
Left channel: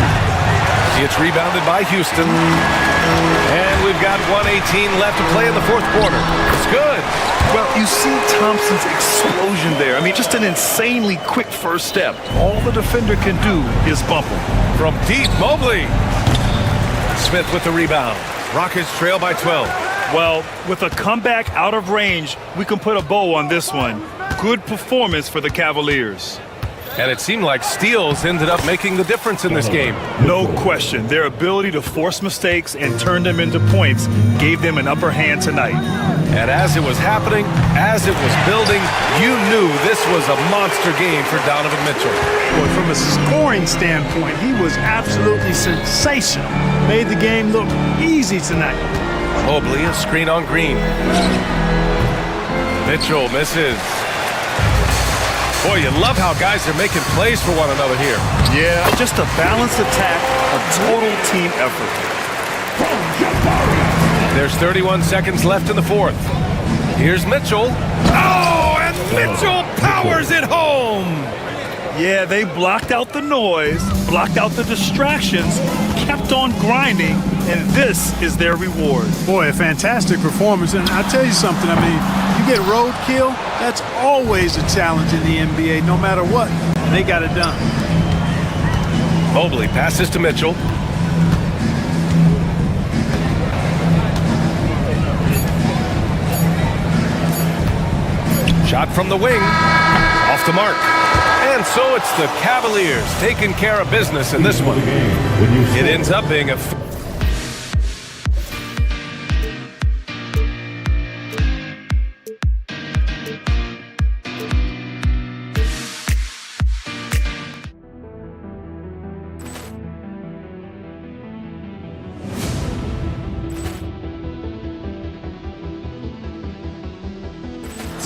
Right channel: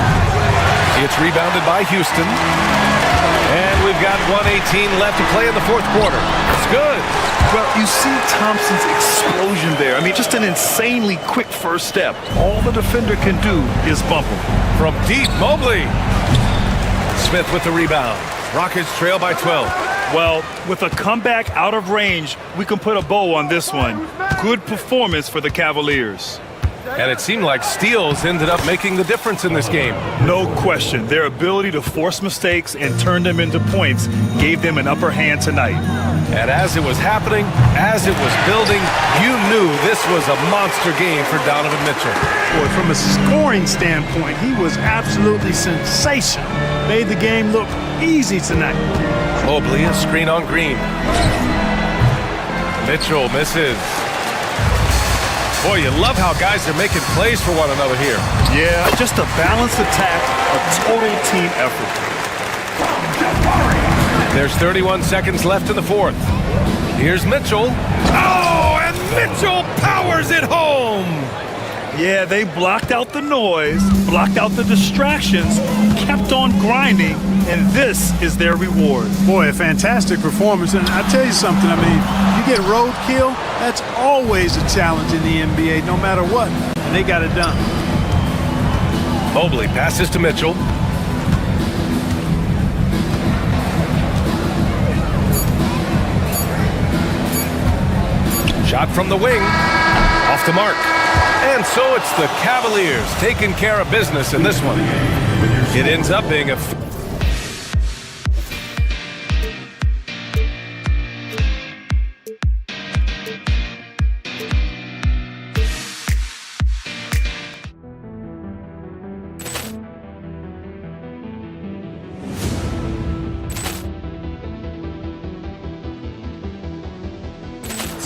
It's rebounded by Houston. And we've got 1:18 left to play in the 4th quarter. It's good. Well, you see Thompson's explosion there. I mean, just an insanely quick first step. All the defender can do is bump him. From deep, Mobley. Smith with the rebound. Rockets trail by 12. Well, with a comeback out of range, we can put a bow on this one. Good performance for the Cavaliers. And it seemed like steals ended up making the difference in this game. No question. Their ability to force mistakes and turn them into points gave them an upper hand tonight. And as it was happening, as it was building, you knew this was a monster game for Donovan Mitchell. Boy, from a scoring standpoint, he was absolutely sensational. Made the game look easy tonight. Mobley, a screen on Green. Mitchell misses. Boy, you love how guys are making plays for one another here. Yeah, just a balanced attack, a total team effort. There's 31 seconds left in the 4th. Here's Mitchell. Oh, and Mitchell powers it home. Yeah, they blocked out the noise, blocked out the distractions, kept on grinding, and this is their reward. Boy, a fantastic performance. And I tell you something, I mean, you get roadkill, that's always a challenge in the NBA, no matter what. And they got it done. Mobley passes to Mitchell. Shot from the wing. Off the mark. And so it's the Cavaliers taking care of business in this one. It ends up being a...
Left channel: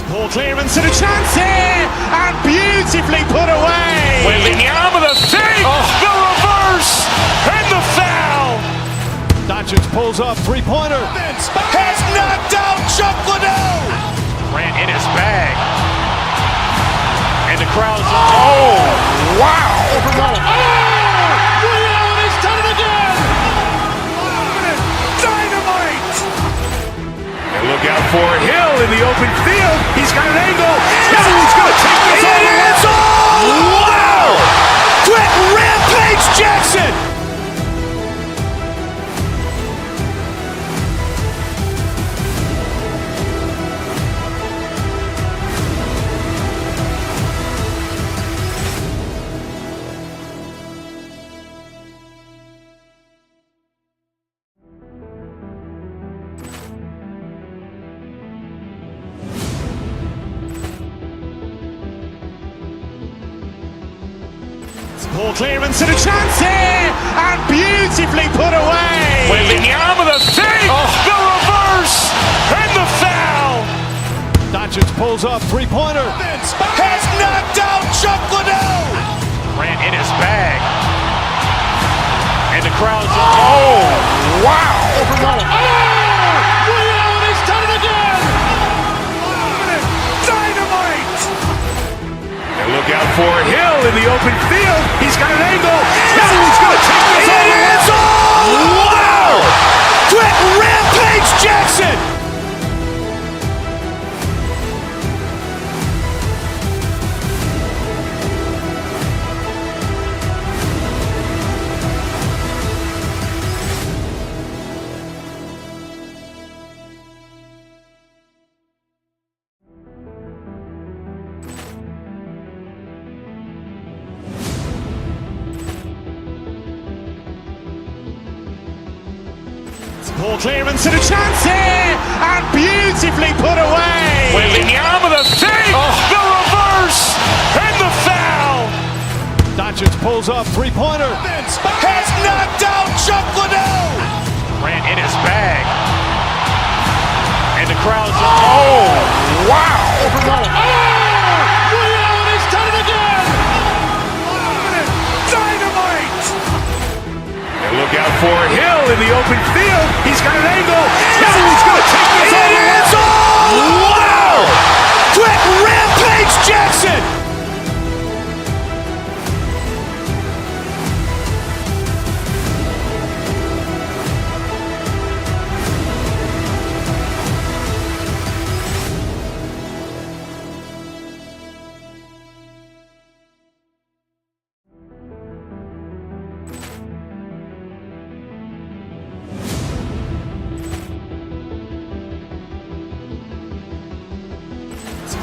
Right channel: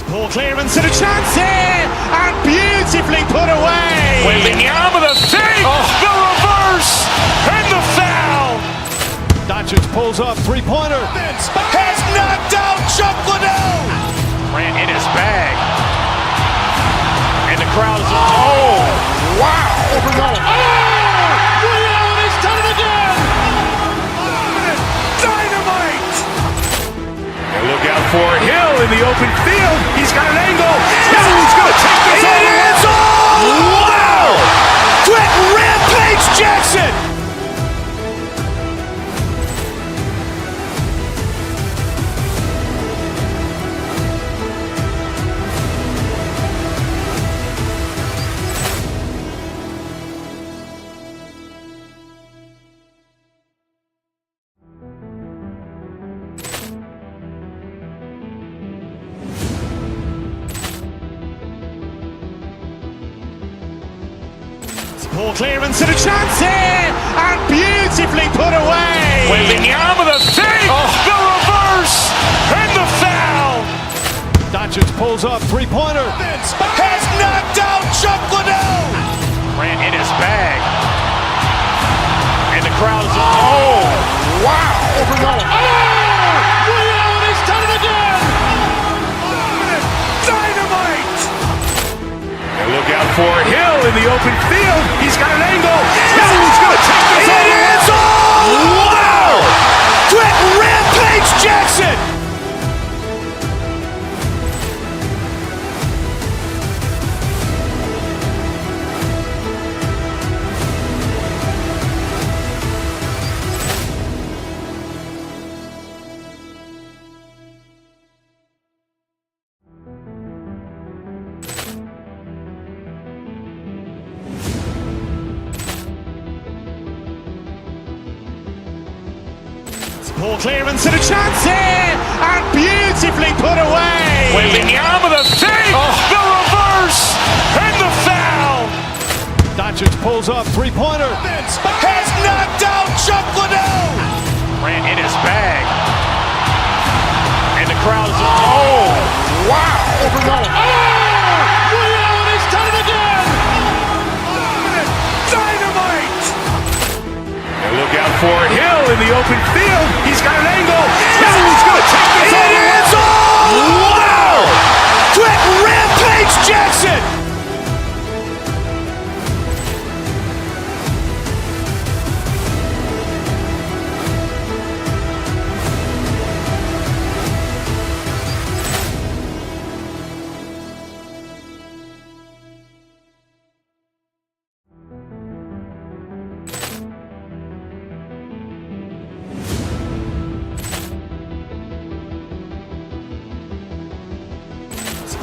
Poor clearance and a chance here, and beautifully put away. Wembanyama the fake, the reverse, and the foul. Doncic pulls up, 3-pointer. Has knocked out Chuck Liddell. Ran in his bag. And the crowd is, oh, wow. He's done it again. Dynamite. And look out for Hill in the open field. He's got an angle. He's going to take this all the way. Wow. Quick rampage Jackson. Poor clearance and a chance here, and beautifully put away. Wembanyama the fake, the reverse, and the foul. Doncic pulls up, three-pointer. Has knocked out Chuck Liddell. Ran in his bag. And the crowd's wow. He's done it again. Dynamite. And look out for Hill in the open field. He's got an angle. Hill's going to take this all the way. Wow. Quick rampage Jackson. Poor clearance and a chance here, and beautifully put away. Wembanyama the fake, the reverse, and the foul. Doncic pulls up, three-pointer. Has knocked out Chuck Liddell. Ran in his bag. And the crowd's wow. He's done it again. Dynamite. And look out for Hill in the open field. He's got an angle. Hill's going to take this all the way. Wow. Quick rampage Jackson.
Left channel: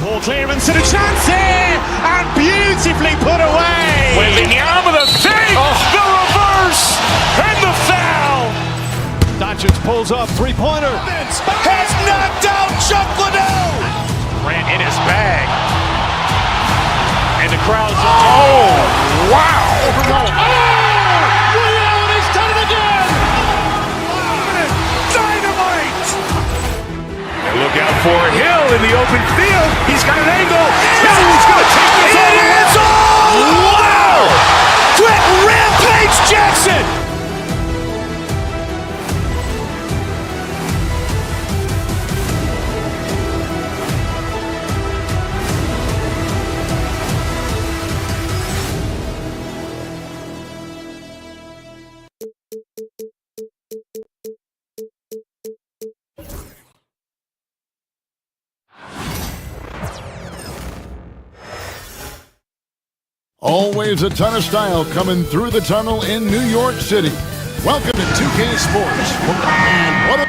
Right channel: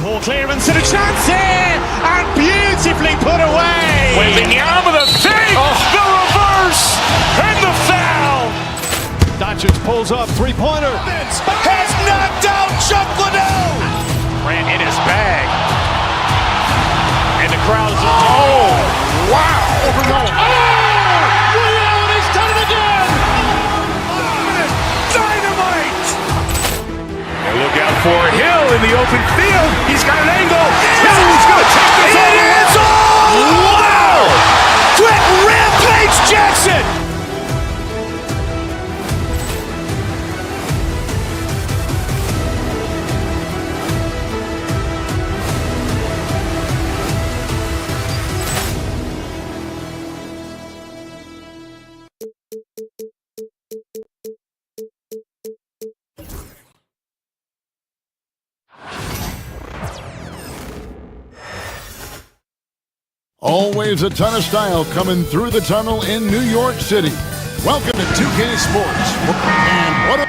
Poor clearance and a chance here, and beautifully put away. Wembanyama the fake, the reverse, and the foul. Doncic pulls up, three-pointer. Has knocked out Chuck Liddell. Ran in his bag. And the crowd's wow. He's done it again. Dynamite. And look out for Hill in the open field. He's got an angle. Hill's going to take this all the way. Wow. Quick rampage Jackson. Always a ton of style coming through the tunnel in New York City. Welcome to 2K Sports. And what a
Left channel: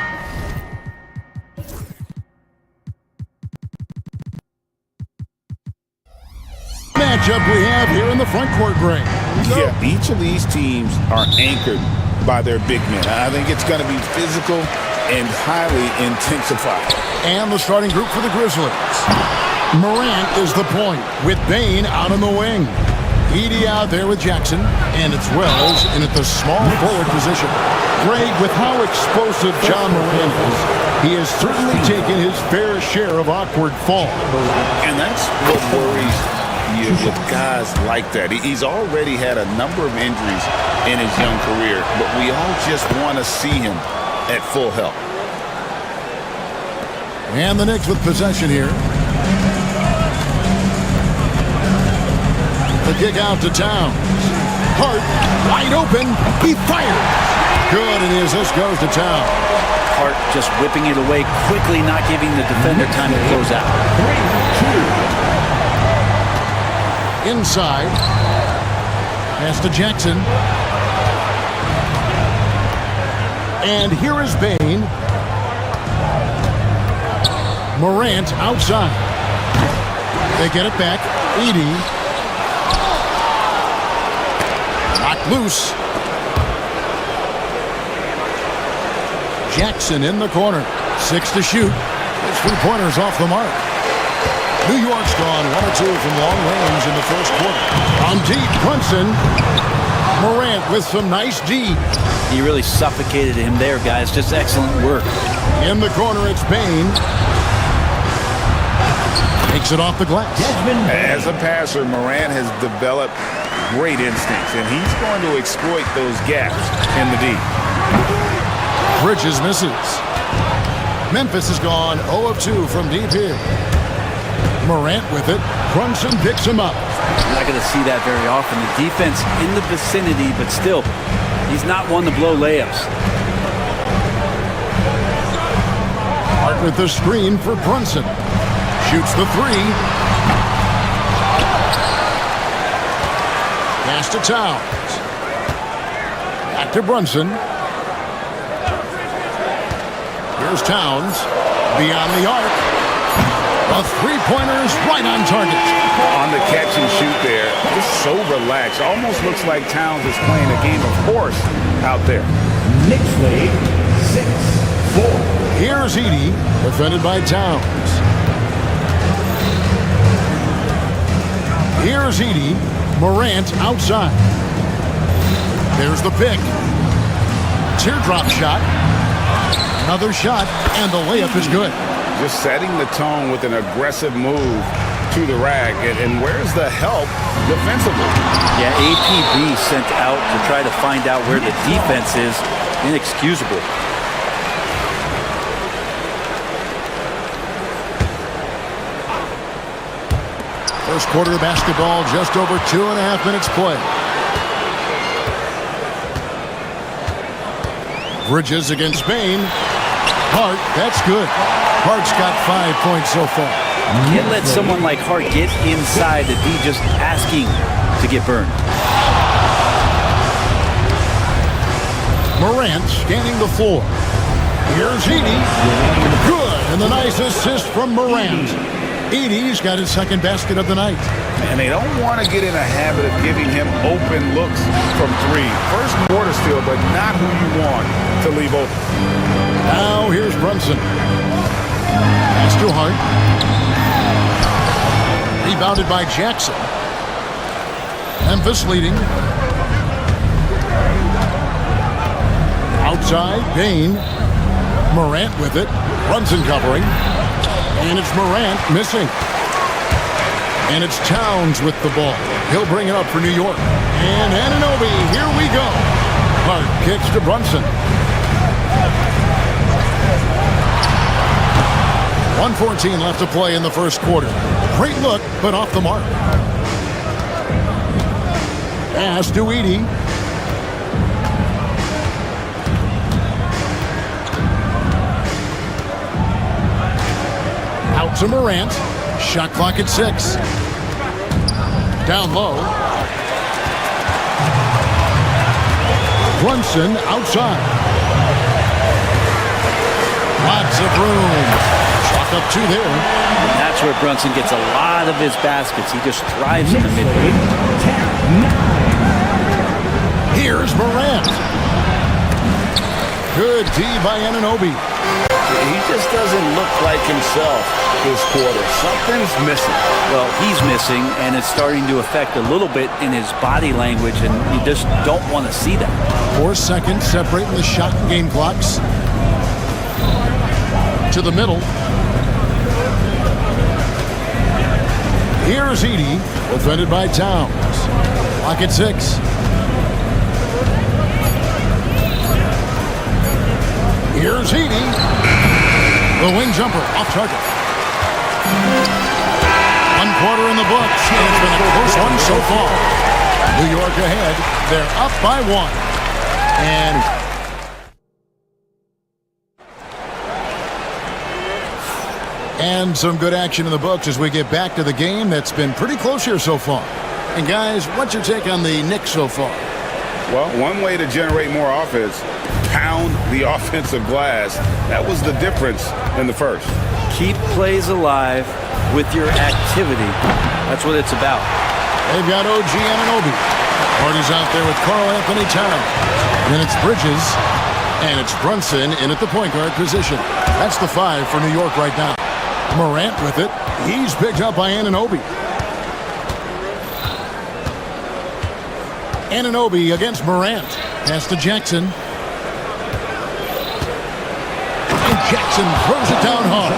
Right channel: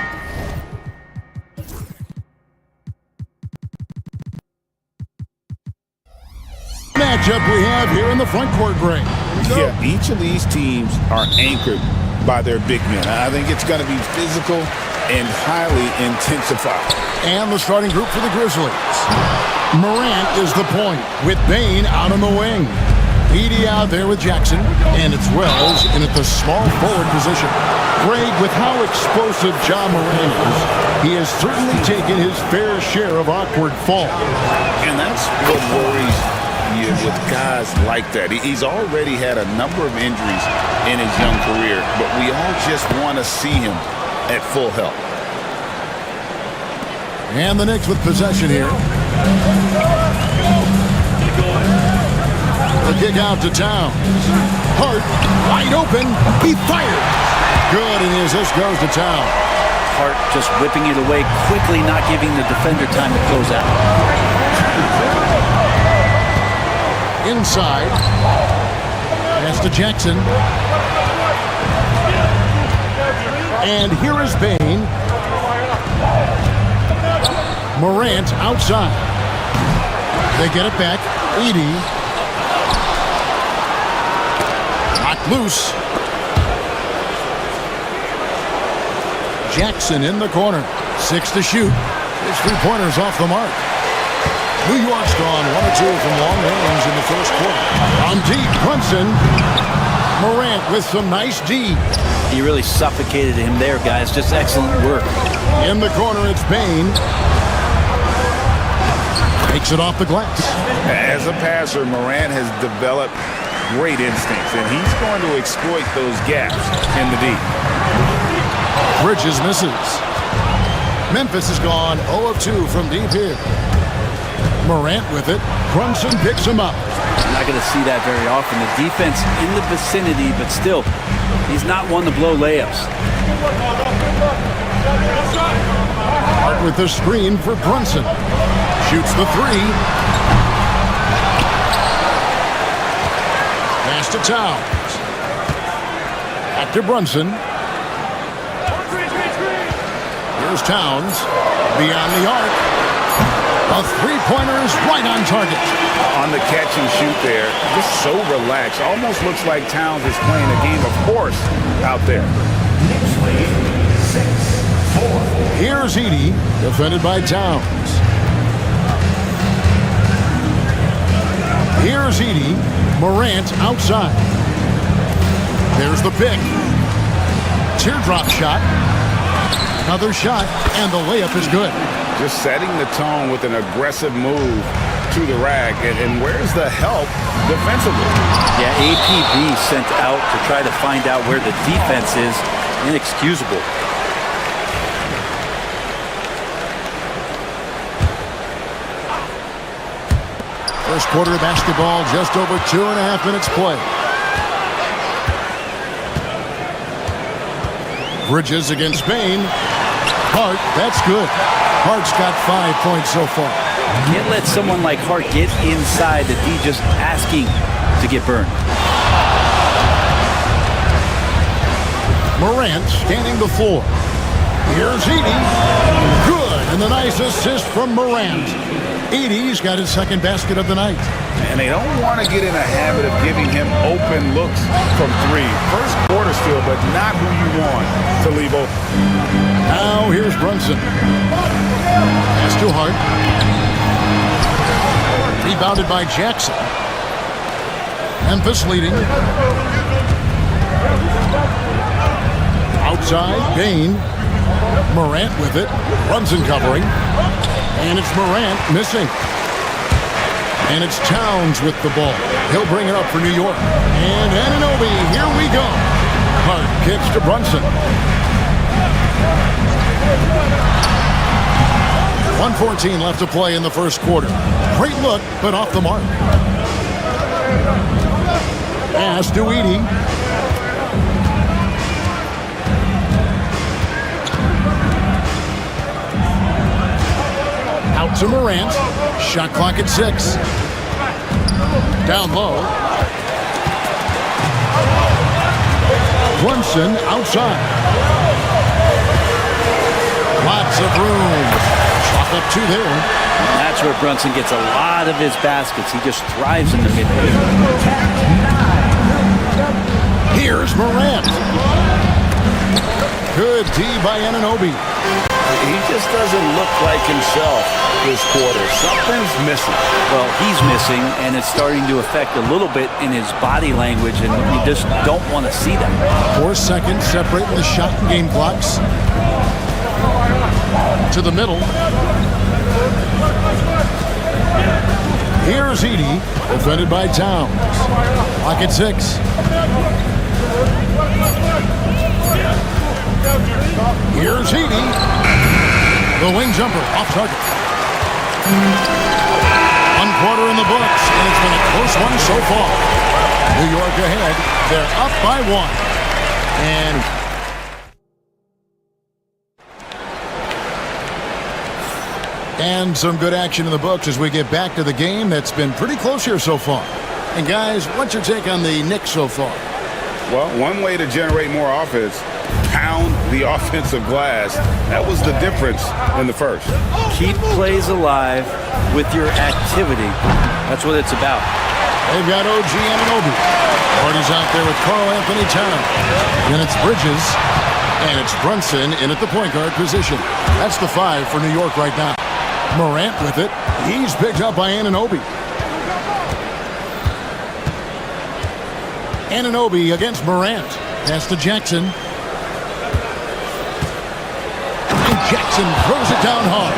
matchup we have here in the front court, Greg. Yeah, each of these teams are anchored by their big men. I think it's going to be physical and highly intensified. And the starting group for the Grizzlies. Morant is the point with Bane out on the wing. Edie out there with Jackson, and it's Wells in at the small forward position. Greg, with how explosive John Morant is, he has certainly taken his fair share of awkward falls. And that's what worries you with guys like that. He's already had a number of injuries in his young career, but we all just want to see him at full health. And the Knicks with possession here. The kick out to Towns. Hart, wide open. He fires. Good, and his assist goes to Towns. Hart just whipping it away quickly, not giving the defender time to close out. Inside. Pass to Jackson. And here is Bane. Morant outside. They get it back. Edie. Knocked loose. Jackson in the corner. 6 to shoot. His three-pointer's off the mark. New York's gone 1 of 2 from long range in the first quarter. On deep, Brunson. Morant with some nice D. He really suffocated him there, guys. Just excellent work. In the corner, it's Bane. Takes it off the glass. As a passer, Morant has developed great instincts, and he's going to exploit those gaps in the D. Bridges misses. Memphis has gone 0 of 2 from deep here. Morant with it. Brunson picks him up. You're not going to see that very often. The defense in the vicinity, but still, he's not one to blow layups. Hart with the screen for Brunson. Shoots the 3. Pass to Towns. Back to Brunson. Here's Towns. Beyond the arc. A three-pointer is right on target. On the catch and shoot there, just so relaxed. Almost looks like Towns is playing a game of horse out there. Next lead, 6-4. Here's Edey, defended by Towns. Here's Edey. Morant outside. There's the pick. Teardrop shot. Another shot, and the layup is good. Just setting the tone with an aggressive move to the rack. And where's the help defensively? Yeah, APB sent out to try to find out where the defense is. Inexcusable. First quarter of basketball, just over 2.5 minutes play. Bridges against Bane. Hart, that's good. Hart's got 5 points so far. Can't let someone like Hart get inside the D just asking to get burned. Morant scanning the floor. Here's Edey. Good, and the nice assist from Morant. Edey's got his second basket of the night. And they don't want to get in a habit of giving him open looks from 3. First quarter still, but not who you want to leave open. Now here's Brunson. Pass to Hart. Rebounded by Jackson. Memphis leading. Outside, Bane. Morant with it. Brunson covering. And it's Morant missing. And it's Towns with the ball. He'll bring it up for New York. And Anunoby, here we go. Hart kicks to Brunson. 1:14 left to play in the first quarter. Great look, but off the mark. Pass to Edey. Out to Morant. Shot clock at 6. Down low. Brunson outside. Lots of room. Chalk up 2 there. And that's where Brunson gets a lot of his baskets. He just thrives in the mid-range. Here's Morant. Good D by Anunoby. He just doesn't look like himself this quarter. Something's missing. Well, he's missing, and it's starting to affect a little bit in his body language, and you just don't want to see that. 4 seconds separating the shot and game clocks. To the middle. Here's Edey, defended by Towns. Clock at 6. Here's Edey. The wing jumper off target. 1 quarter in the books, and it's been a close one so far. New York ahead. They're up by 1. And some good action in the books as we get back to the game that's been pretty close here so far. And guys, what's your take on the Knicks so far? Well, one way to generate more offense, pound the offensive glass. That was the difference in the first. Keep plays alive with your activity. That's what it's about. They've got OG Anunoby. Party's out there with Karl Anthony Towns. Then it's Bridges. And it's Brunson in at the point guard position. That's the 5 for New York right now. Morant with it. He's picked up by Anunoby. Anunoby against Morant. Pass to Jackson. And Jackson throws it down hard.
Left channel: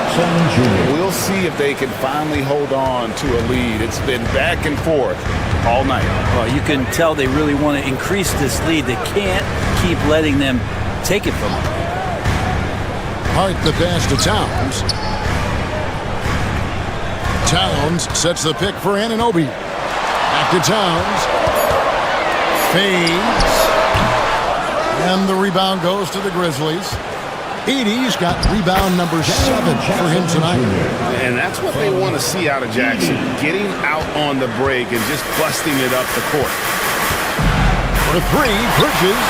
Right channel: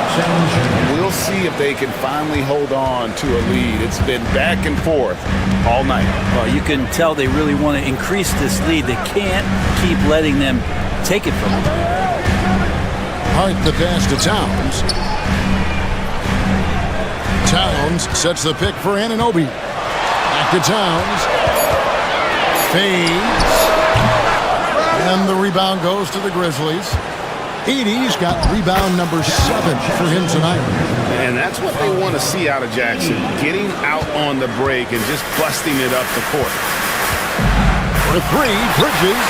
We'll see if they can finally hold on to a lead. It's been back and forth all night. Well, you can tell they really want to increase this lead. They can't keep letting them take it from them. Hart the pass to Towns. Towns sets the pick for Anunoby. Back to Towns. Fades. And the rebound goes to the Grizzlies. Edey's got rebound number 7 for him tonight. And that's what they want to see out of Jackson. Getting out on the break and just busting it up the court. For 3, Bridges.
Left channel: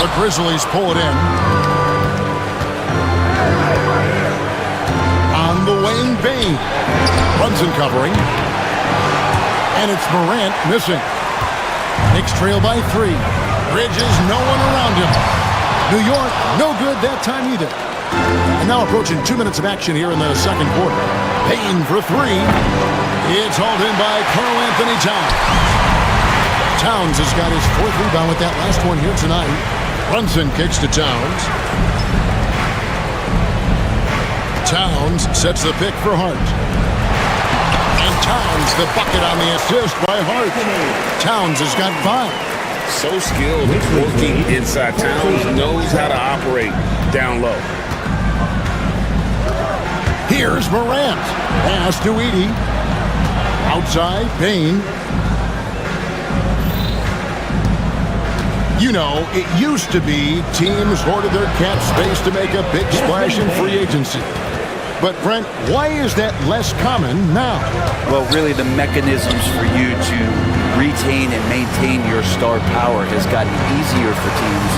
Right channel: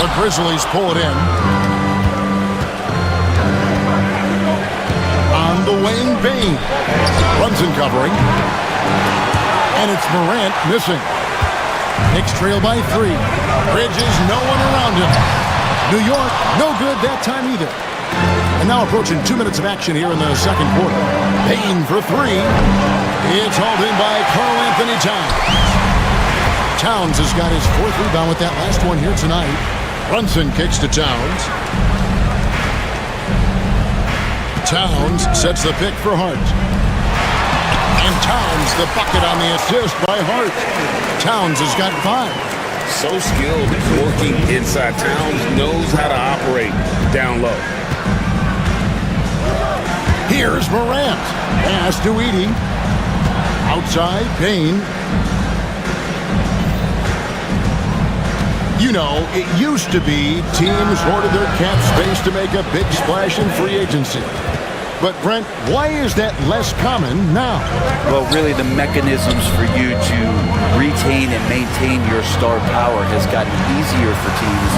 The Grizzlies pull it in. On the wing, Bane. Brunson covering. And it's Morant missing. Knicks trail by 3. Bridges, no one around him. New York, no good that time either. And now approaching 2 minutes of action here in the second quarter. Bane for 3. It's hauled in by Karl Anthony Towns. Towns has got his 4th rebound with that last one here tonight. Brunson kicks to Towns. Towns sets the pick for Hart. And Towns the bucket on the assist by Hart. Towns has got 5. So skilled working inside. Towns knows how to operate down low. Here's Morant. Pass to Edey. Outside, Bane. You know, it used to be teams hoarded their cap space to make a big splash in free agency. But, Brent, why is that less common now? Well, really, the mechanisms for you to retain and maintain your star power has gotten easier for teams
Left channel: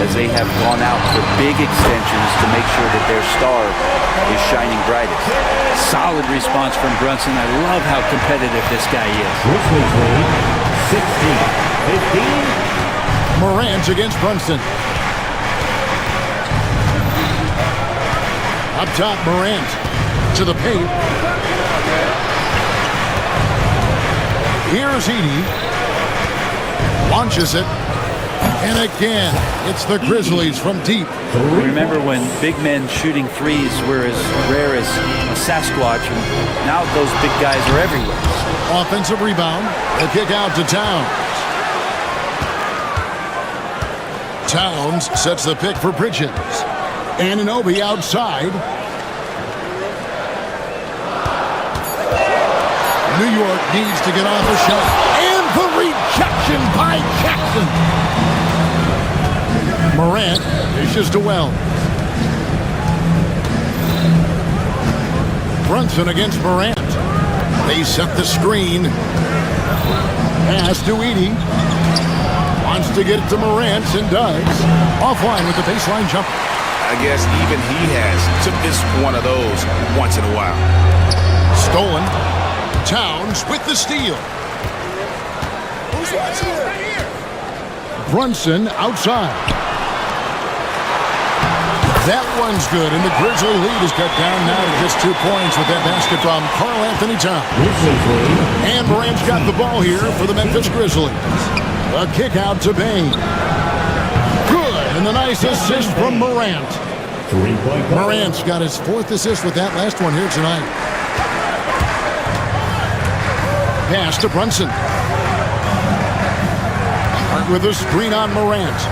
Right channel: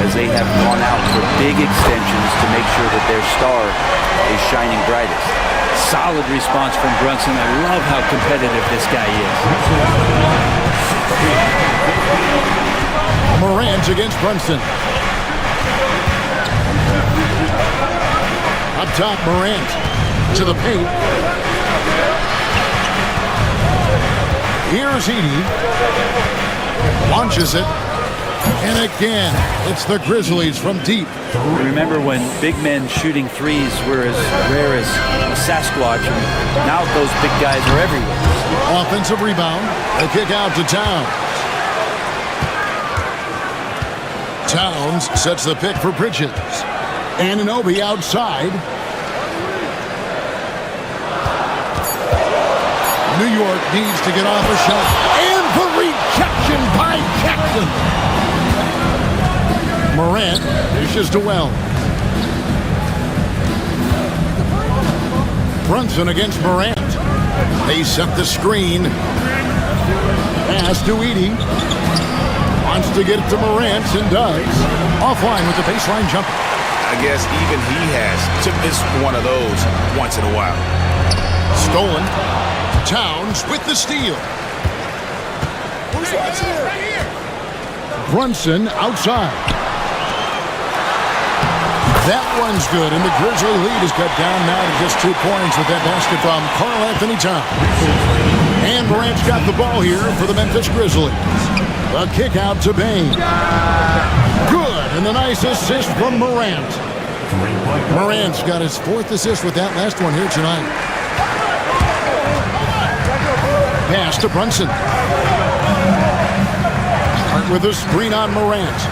as they have gone out for big extensions to make sure that their star is shining brightest. Solid response from Brunson. I love how competitive this guy is. 16-15. Morant against Brunson. Up top, Morant to the paint. Here's Edey. Launches it. And again, it's the Grizzlies from deep. Remember when big men shooting threes were as rare as a Sasquatch, and now those big guys are everywhere. Offensive rebound. A kick out to Towns. Towns sets the pick for Bridges. Anunoby outside. New York needs to get off a shot. And the rejection by Jackson. Morant dishes to Wells. Brunson against Morant. They set the screen. Pass to Edey. Wants to get it to Morant and does. Offline with the baseline jumper. I guess even he has to miss one of those once in a while. Stolen. Towns with the steal. Who's watching it? Right here. Brunson outside. That one's good, and the Grizzly lead is cut down now to just 2 points with that basket from Karl Anthony Towns. And Morant's got the ball here for the Memphis Grizzlies. A kick out to Bane. Good, and the nice assist from Morant. Morant's got his 4th assist with that last one here tonight. Pass to Brunson. Hart with a screen on Morant.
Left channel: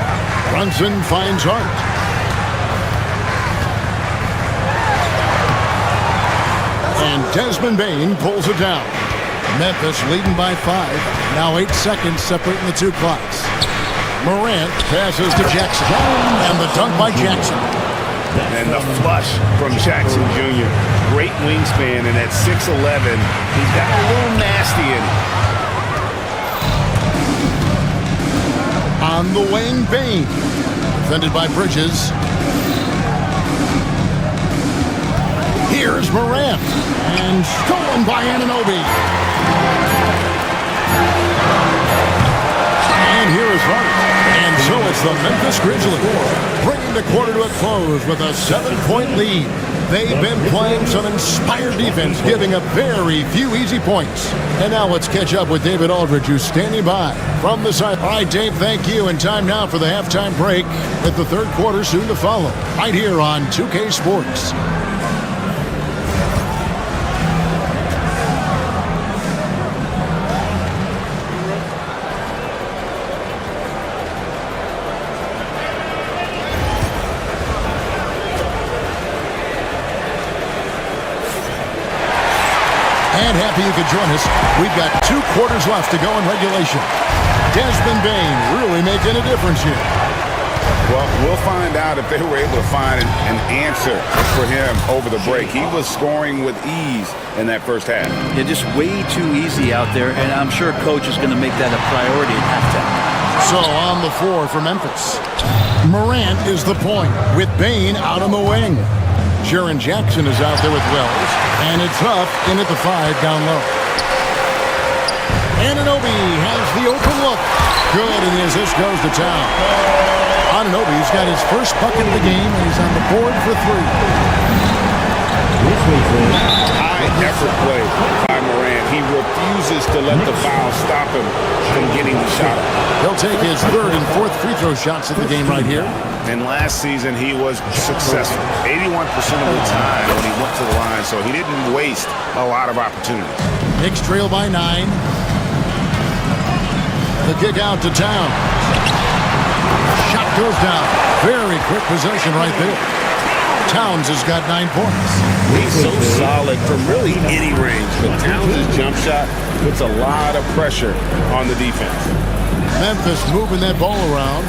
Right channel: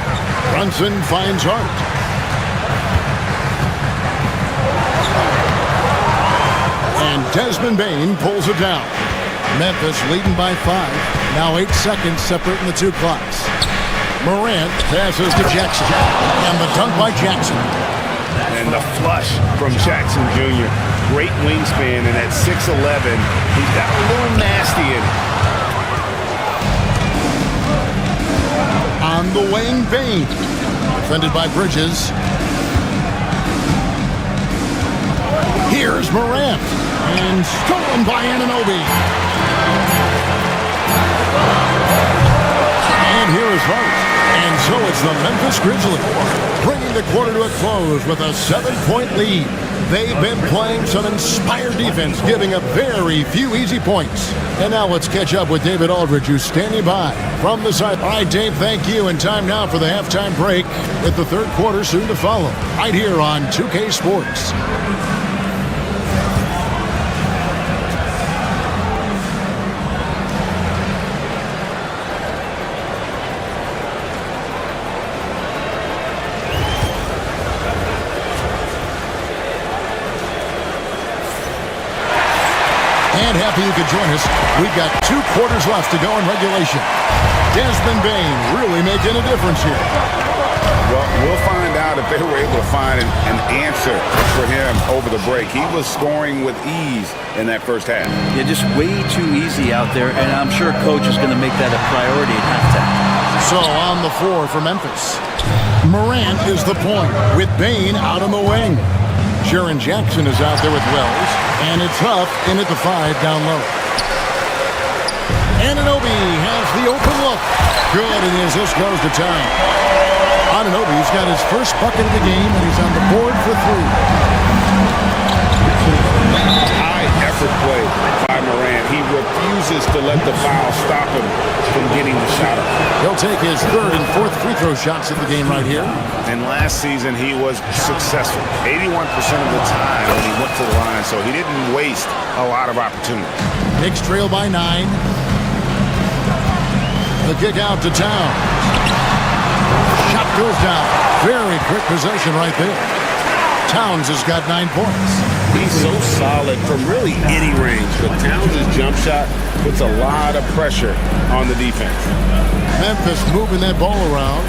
Brunson finds Hart. And Desmond Bane pulls it down. Memphis leading by 5. Now 8 seconds separating the 2 clocks. Morant passes to Jackson. And the dunk by Jackson. And the flush from Jackson Jr. Great wingspan, and at 6'11", he's got a little nasty in it. On the wing, Bane. Defended by Bridges. Here's Morant. And stolen by Anunoby. And here is Hart. And so it's the Memphis Grizzlies bringing the quarter to a close with a 7-point lead. They've been playing some inspired defense, giving up very few easy points. And now let's catch up with David Aldridge, who's standing by from the side. All right, Dave, thank you. And time now for the halftime break, with the third quarter soon to follow, right here on 2K Sports. And happy you could join us. We've got 2 quarters left to go in regulation. Desmond Bane really making a difference here. Well, we'll find out if they were able to find an answer for him over the break. He was scoring with ease in that first half. Yeah, just way too easy out there, and I'm sure Coach is going to make that a priority at halftime. So on the floor for Memphis, Morant is the point with Bane out on the wing. Jaren Jackson is out there with Wells, and it's Huff in at the 5 down low. Anunoby has the open look. Good, and the assist goes to town. Anunoby's got his first bucket of the game, and he's on the board for 3. High effort play by Morant. He refuses to let the foul stop him from getting the shot up. He'll take his 3rd and 4th free throw shots of the game right here. And last season, he was successful 81% of the time when he went to the line, so he didn't waste a lot of opportunities. Knicks trail by 9. The kick out to Towns. Shot goes down. Very quick possession right there. Towns has got 9 points. He's so solid from really any range, but Towns' jump shot puts a lot of pressure on the defense. Memphis moving that ball around.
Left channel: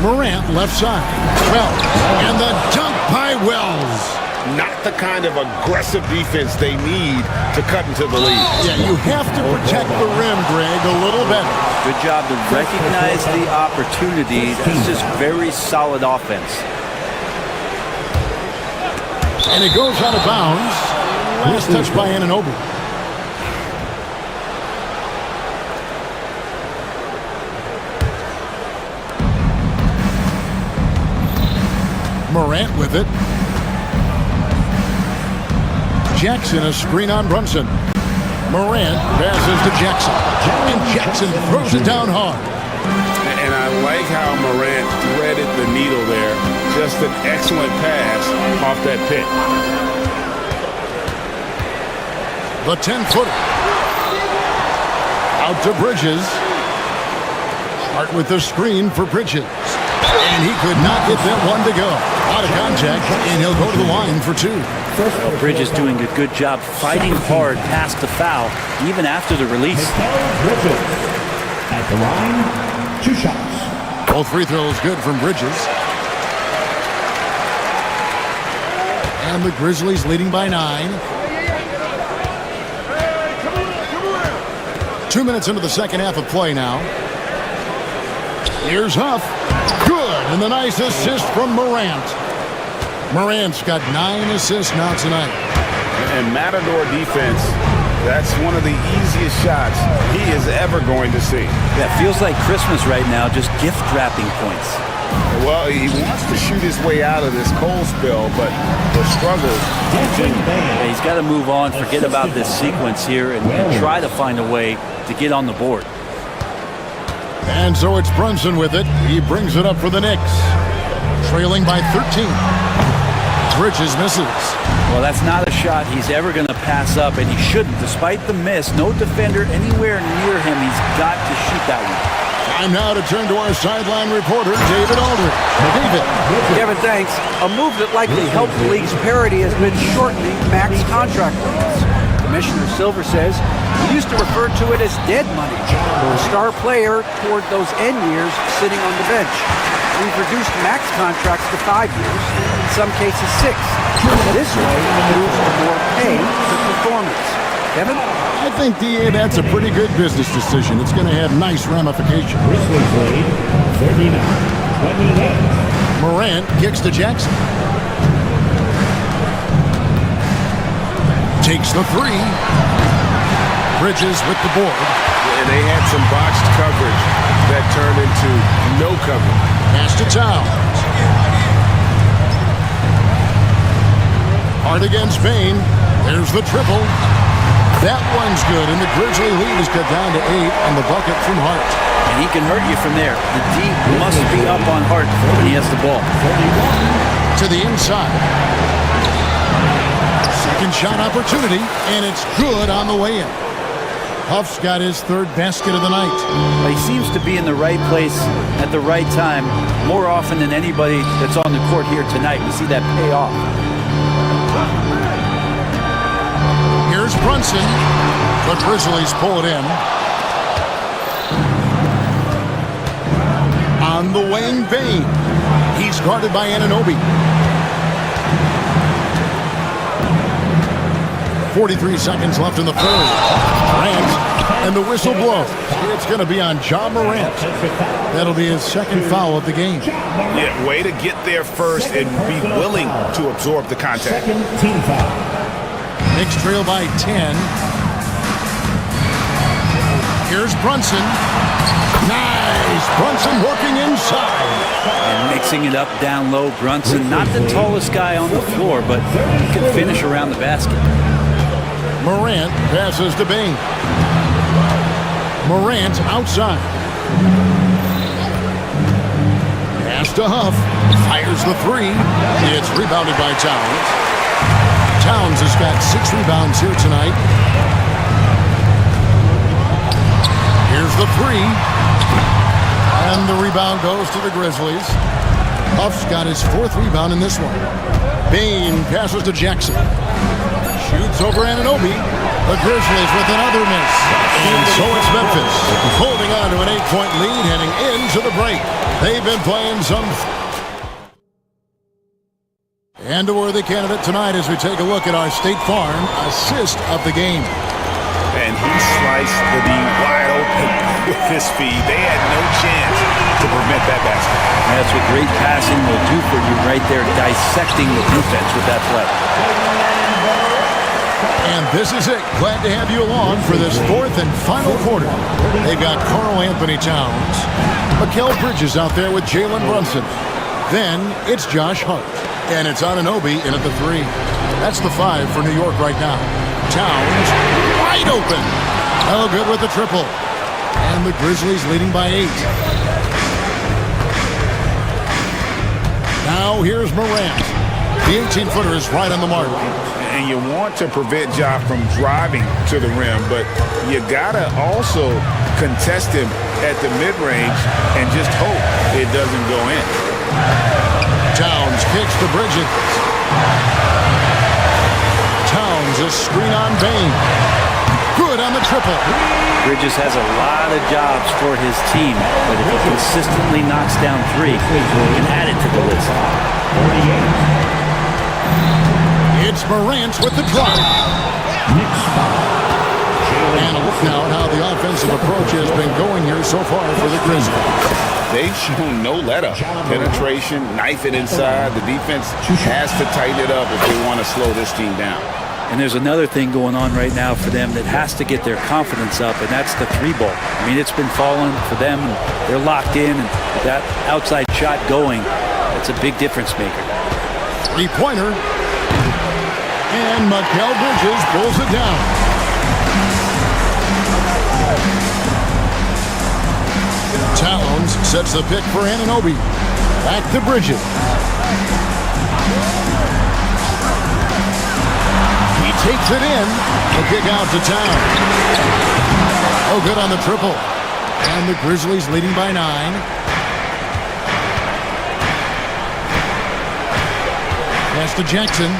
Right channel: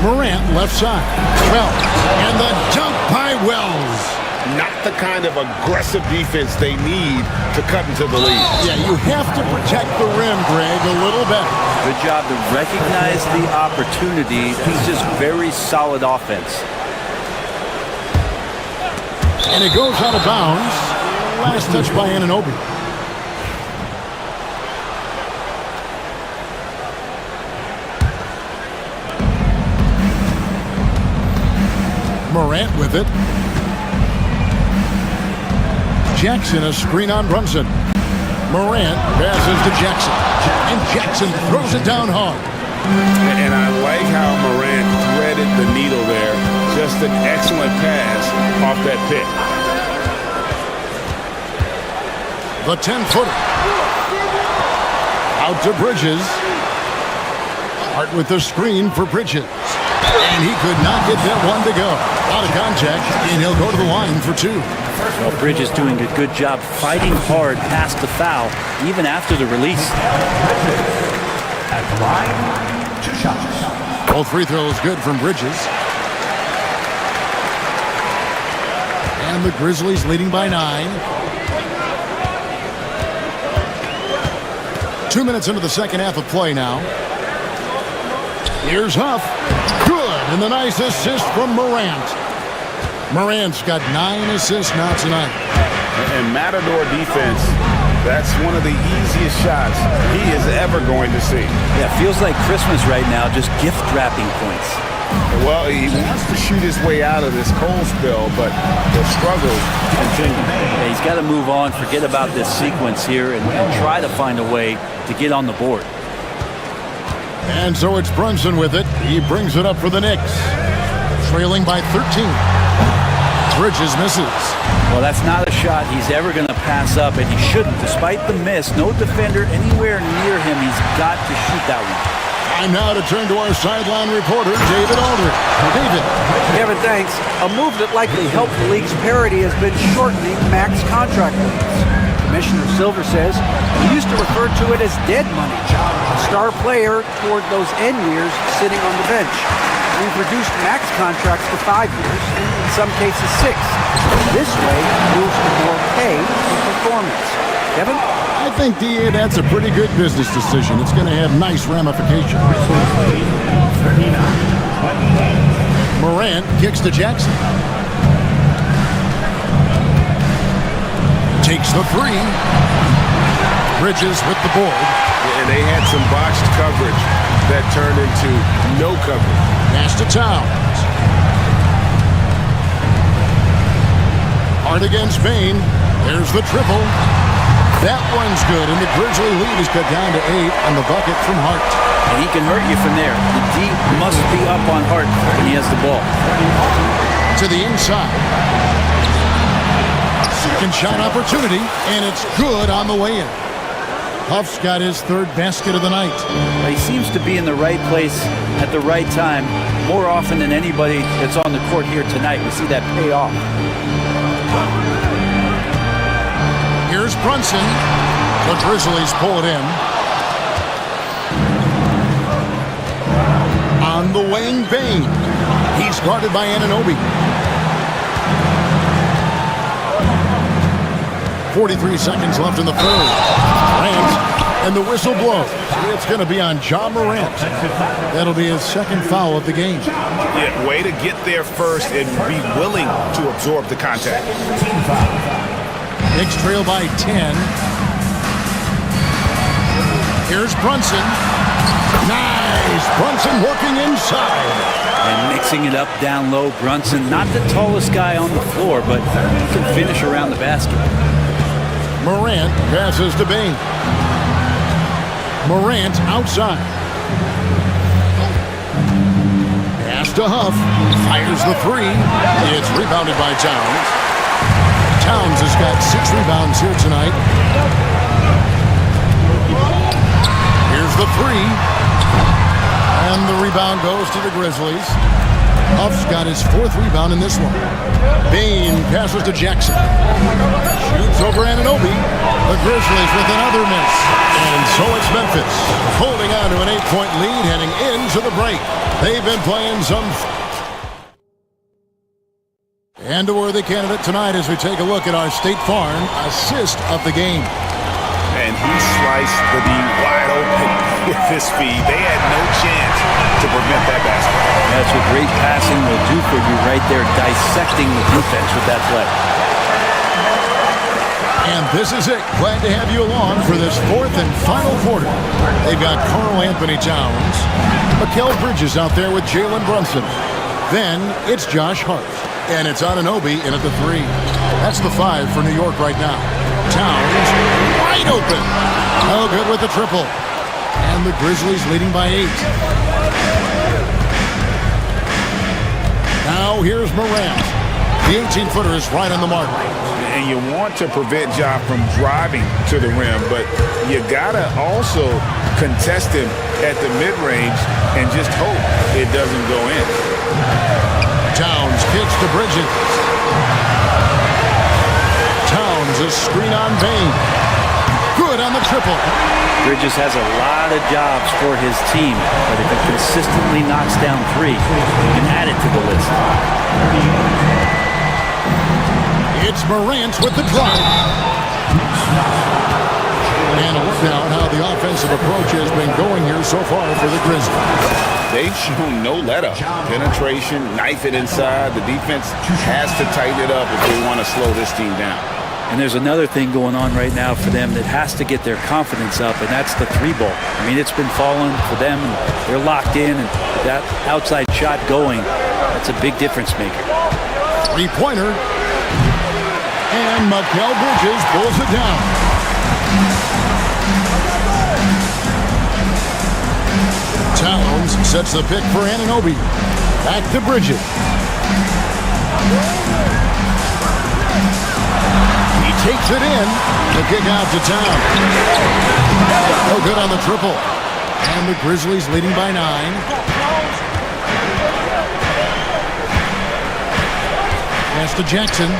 Morant left side. Wells. And the dunk by Wells. Not the kind of aggressive defense they need to cut into the lead. Yeah, you have to protect the rim, Greg, a little better. Good job to recognize the opportunity. That's just very solid offense. And it goes out of bounds. Last touch by Anunoby. Morant with it. Jackson, a screen on Brunson. Morant passes to Jackson. And Jackson throws it down hard. And I like how Morant threaded the needle there. Just an excellent pass off that pick. The 10-footer. Out to Bridges. Hart with the screen for Bridges. And he could not get that one to go. A lot of contact, and he'll go to the line for 2. Well, Bridges doing a good job fighting hard past the foul, even after the release. Bridges at the line, 2 shots. Both free throws good from Bridges. And the Grizzlies leading by 9. 2 minutes into the second half of play now. Here's Huff. Good, and the nice assist from Morant. Morant's got 9 assists now tonight. And Matador defense, that's one of the easiest shots he is ever going to see. Yeah, feels like Christmas right now, just gift wrapping points. Well, he wants to shoot his way out of this cold spill, but the struggles continue. Yeah, he's got to move on, forget about this sequence here, and try to find a way to get on the board. And so it's Brunson with it. He brings it up for the Knicks. Trailing by 13. Bridges misses. Well, that's not a shot he's ever going to pass up, and he shouldn't. Despite the miss, no defender anywhere near him. He's got to shoot that one. Time now to turn to our sideline reporter, David Aldridge. David. Kevin, thanks. A move that likely helped the league's parity has been shortening max contract limits. Commissioner Silver says we used to refer to it as dead money, a star player toward those end years sitting on the bench. We've reduced max contracts to 5 years, and in some cases 6. This way, it moves to more pay for performance. Kevin? I think, DA, that's a pretty good business decision. It's going to have nice ramifications. 39-28. Morant kicks to Jackson. Takes the 3. Bridges with the board. And they had some botched coverage that turned into no coverage. Pass to Towns. Hart against Bain. There's the triple. That one's good, and the Grizzly lead is cut down to 8 on the bucket from Hart. And he can hurt you from there. The D must be up on Hart when he has the ball. To the inside. Second shot opportunity, and it's good on the way in. Huff's got his third basket of the night. He seems to be in the right place at the right time more often than anybody that's on the court here tonight. We see that pay off. Here's Brunson. The Grizzlies pull it in. On the wing, Bain. He's guarded by Anunoby. 43 seconds left in the third. Morant, and the whistle blows. It's going to be on Ja Morant. That'll be his second foul of the game. Yeah, way to get there first and be willing to absorb the contact. Knicks trail by 10. Here's Brunson. Nice! Brunson working inside. And mixing it up down low. Brunson, not the tallest guy on the floor, but he can finish around the basket. Morant passes to Bain. Morant outside. Pass to Huff. Fires the three. It's rebounded by Towns. Towns has got 6 rebounds here tonight. Here's the three. And the rebound goes to the Grizzlies. Huff's got his 4th rebound in this one. Bain passes to Jackson. Shoots over Anunoby. The Grizzlies with another miss. And so it's Memphis holding on to an 8-point lead heading into the break. They've been playing some... And a worthy candidate tonight as we take a look at our State Farm assist of the game. And he sliced the D wide open with his feed. They had no chance to prevent that basket. That's what great passing will do for you right there, dissecting the defense with that play. And this is it. Glad to have you along for this 4th and final quarter. They've got Karl Anthony Towns, Mikal Bridges out there with Jalen Brunson. Then it's Josh Hart. And it's Anunoby in at the 3. That's the 5 for New York right now. Towns wide open. No good with the triple. And the Grizzlies leading by 8. Now here's Morant. The 18-footer is right on the mark. And you want to prevent Ja from driving to the rim, but you gotta also contest him at the mid-range and just hope it doesn't go in. Towns kicks to Bridges. Towns a screen on Bain. Good on the triple. Bridges has a lot of jobs for his team, but if he consistently knocks down 3, he can add it to the list. It's Morant with the drive. And a look now at how the offensive approach has been going here so far for the Grizzlies. They've shown no let-up. Penetration, knife it inside. The defense has to tighten it up if they want to slow this team down. And there's another thing going on right now for them that has to get their confidence up, and that's the 3-ball. I mean, it's been falling for them, and they're locked in, and with that outside shot going, that's a big difference maker. 3-pointer. And Mikal Bridges pulls it down. Towns sets the pick for Anunoby. Back to Bridges. He takes it in. The kick out to Towns. Oh, good on the triple. And the Grizzlies leading by 9. Pass to Jackson.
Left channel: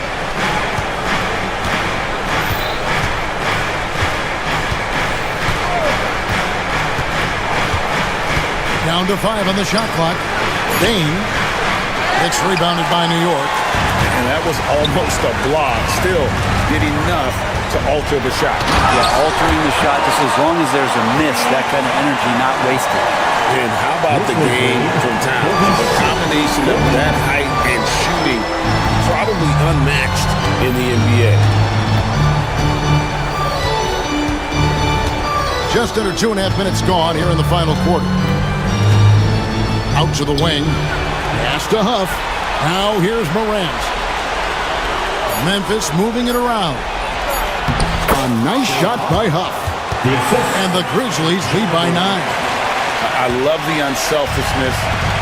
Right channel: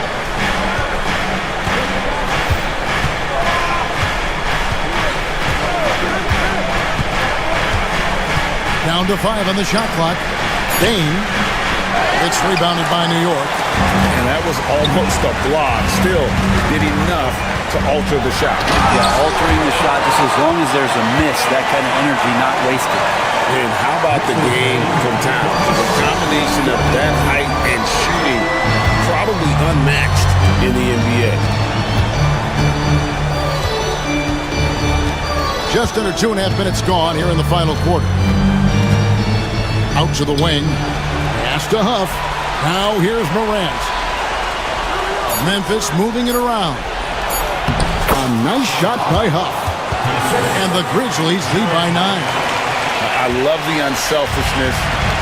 Down to 5 on the shot clock. Bain. It's rebounded by New York. And that was almost a block. Still did enough to alter the shot. Yeah, altering the shot, just as long as there's a miss, that kind of energy not wasted. And how about the game from Towns? The combination of that height and shooting, probably unmatched in the NBA. Just under 2.5 minutes gone here in the final quarter. Out to the wing. Pass to Huff. Now here's Morant. Memphis moving it around. A nice shot by Huff. And the Grizzlies lead by 9. I love the unselfishness,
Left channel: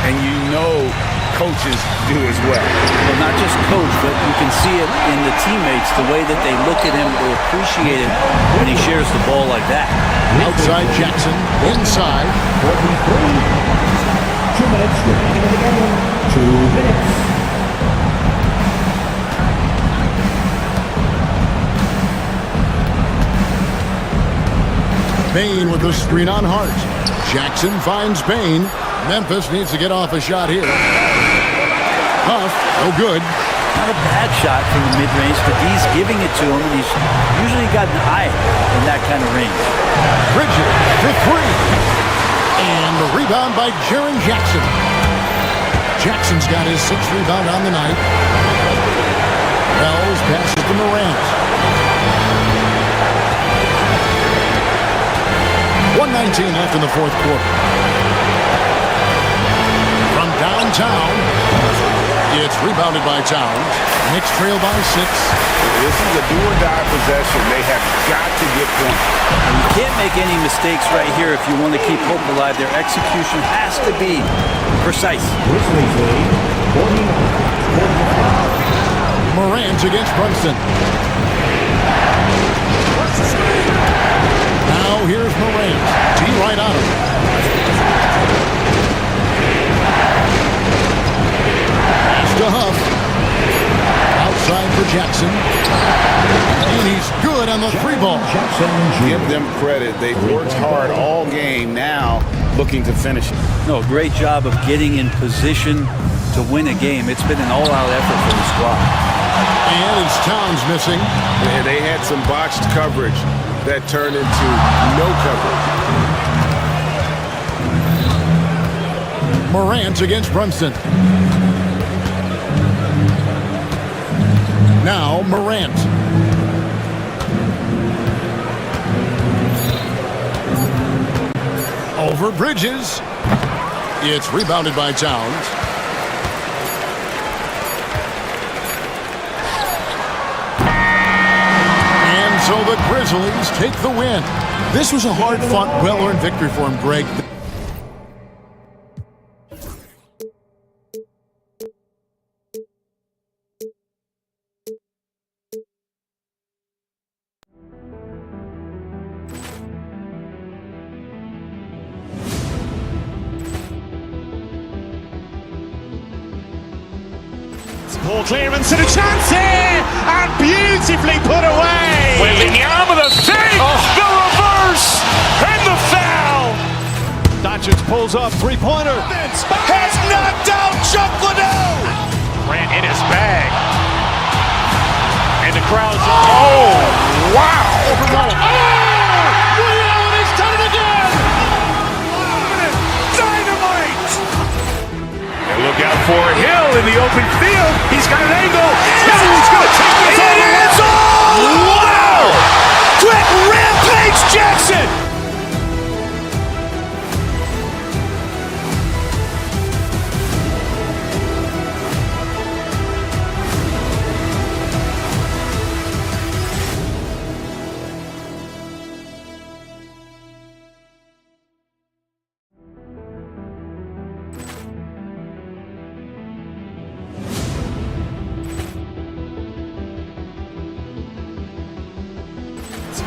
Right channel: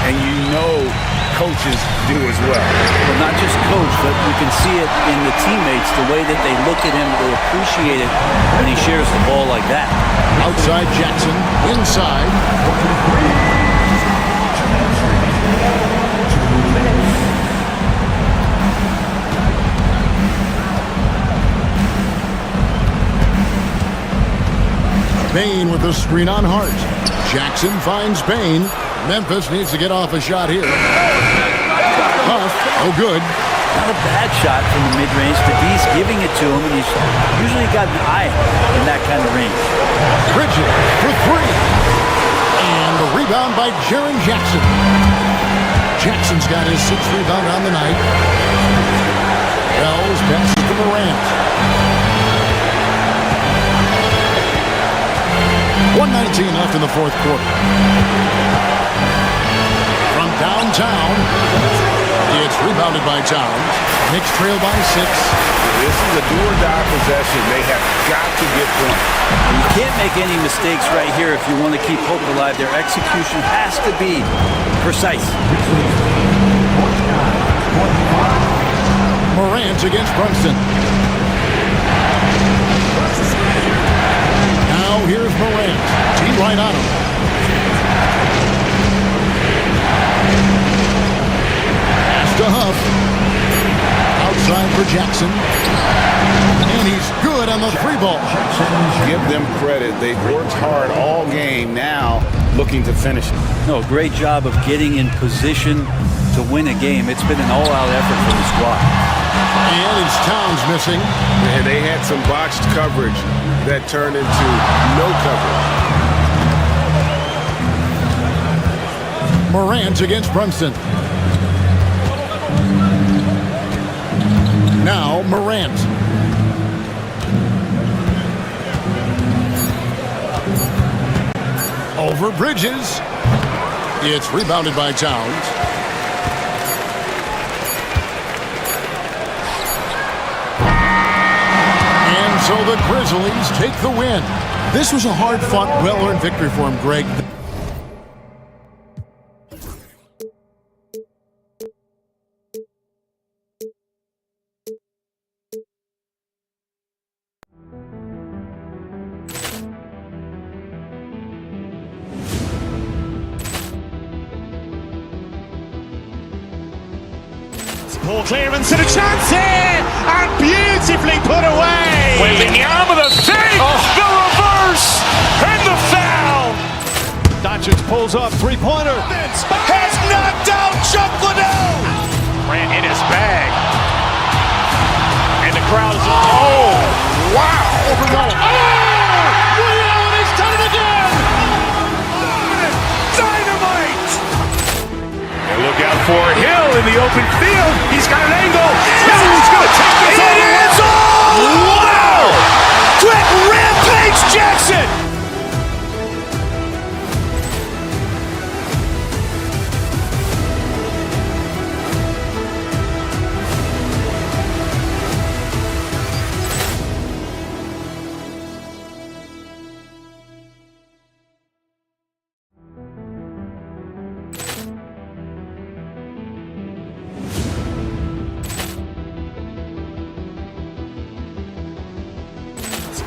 and you know coaches do as well. Well, not just coach, but you can see it in the teammates, the way that they look at him, they appreciate it when he shares the ball like that. Outside Jackson, inside. 2 minutes. Bain with the screen on Hart. Jackson finds Bain. Memphis needs to get off a shot here. Huff, no good. Not a bad shot from the mid-range. The D's giving it to him, and he's usually got an eye in that kind of range. Bridges for 3. And the rebound by Jaren Jackson. Jackson's got his 6th rebound on the night. Wells passes to Morant. 1:19 left in the 4th quarter. From downtown, it's rebounded by Towns. Knicks trail by 6. This is a do-or-die possession. They have got to get points. And you can't make any mistakes right here if you want to keep hope alive. Their execution has to be precise. Morant against Brunson. Now here's Morant. T right on him. Pass to Huff. Outside for Jackson. And he's good on the 3 ball. Give them credit. They've worked hard all game, now looking to finish it. No, great job of getting in position to win a game. It's been an all-out effort for the squad. And it's Towns missing. And they had some botched coverage that turned into no coverage. Morant against Brunson. Now Morant. Over Bridges. It's rebounded by Towns. And so the Grizzlies take the win. This was a hard-fought, well-earned victory for him, Greg. Poor clearance and a chance here, and beautifully put away. Wembanyama the save, the reverse, and the foul. Doncic pulls up, 3-pointer. Has knocked out Chuck Liddell. Ran in his bag. And the crowd is, oh, wow. He's done it again. Dynamite. And look out for Hill in the open field. He's got an angle. Hill's going to take this all the way. Wow! Quick rampage Jackson.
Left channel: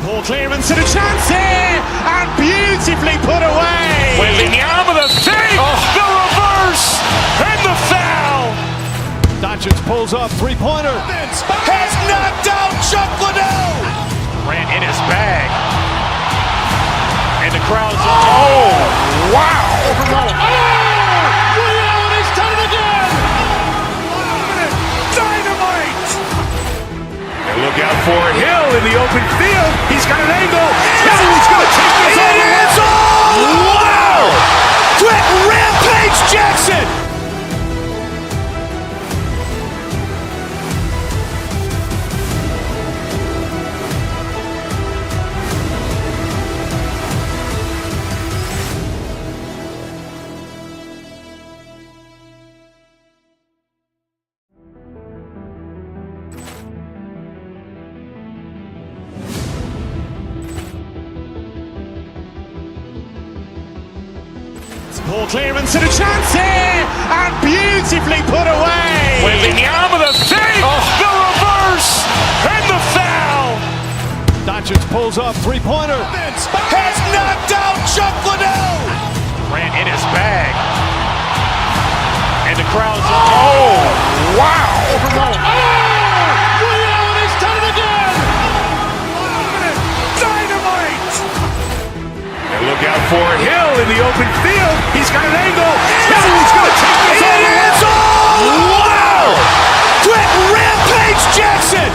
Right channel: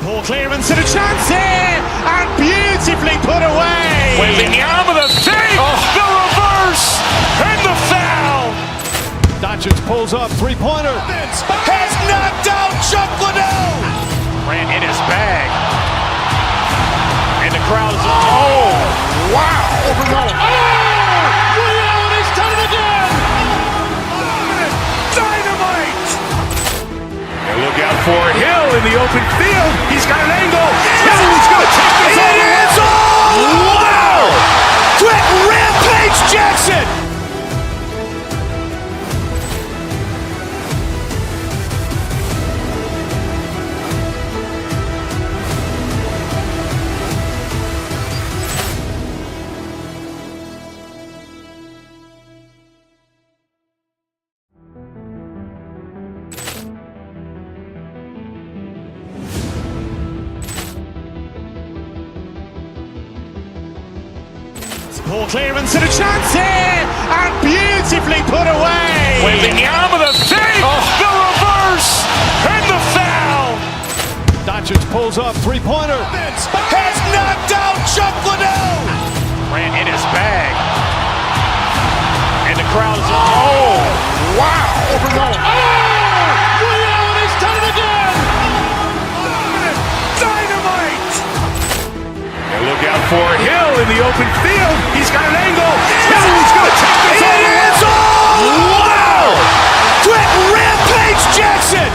Poor clearance and a chance here, and beautifully put away. Wembanyama the save, the reverse, and the foul. Doncic pulls up, 3-pointer. Has knocked out Chuck Liddell. Ran in his bag. And the crowd is, oh, wow. He's done it again. Dynamite. And look out for Hill in the open field. He's got an angle. Hill's going to take this all the way. Wow! Quick rampage Jackson. Poor clearance and a chance here, and beautifully put away. Wembanyama the save, the reverse, and the foul. Doncic pulls up, three-pointer. Has knocked out Chuck Liddell. Grant in his bag. And the crowd's oh, wow. He's done it again. Dynamite. And look out for Hill in the open field. He's got an angle. Hill's going to take this all the way. Wow. Quick rampage Jackson.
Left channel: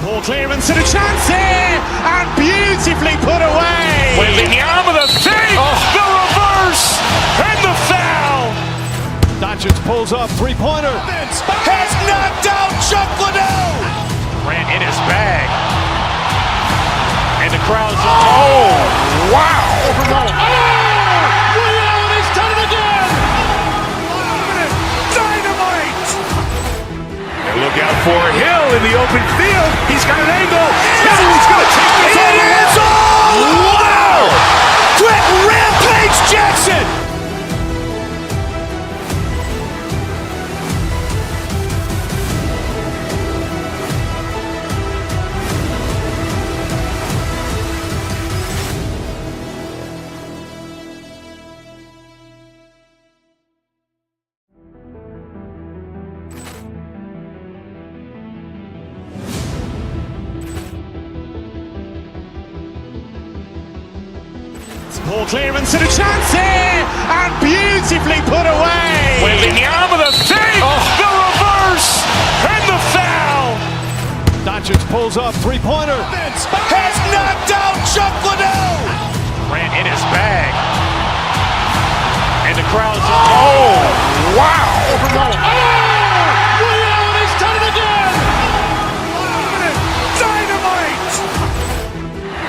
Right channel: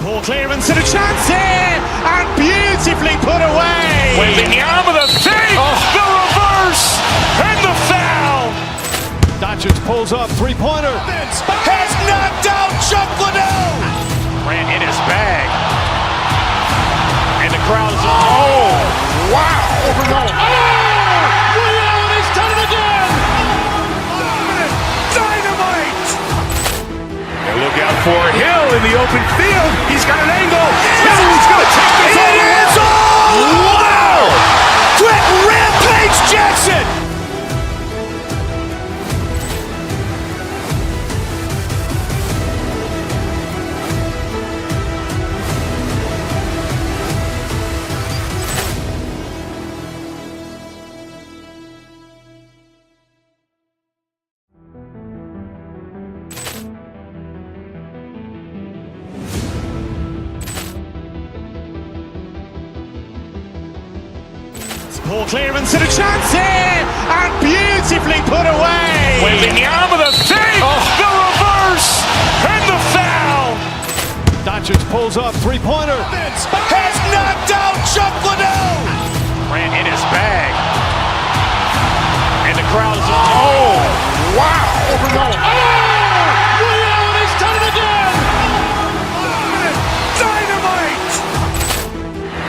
Poor clearance and a chance here, and beautifully put away. Wembanyama the save, the reverse, and the foul. Doncic pulls up, three-pointer. Has knocked out Chuck Liddell. Grant in his bag. And the crowd's oh, wow. He's done it again. Dynamite. And look out for Hill in the open field. He's got an angle. Hill's going to take this all the way. Wow. Quick rampage Jackson. Poor clearance and a chance here, and beautifully put away. Wembanyama the save, the reverse, and the foul. Doncic pulls up, three-pointer. Has knocked out Chuck Liddell. Grant in his bag. And the crowd's oh, wow. He's done it again. Dynamite.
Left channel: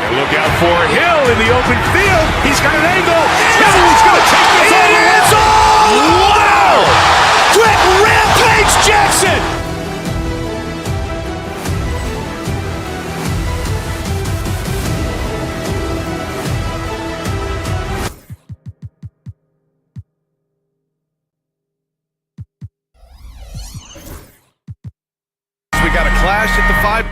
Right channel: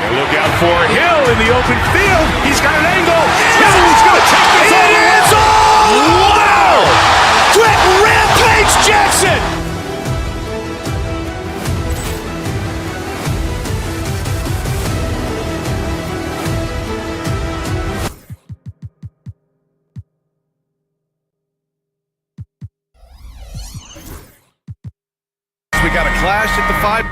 And look out for Hill in the open field. He's got an angle. Hill's going to take this all the way. Wow. Quick rampage Jackson. We got a clash at the 5.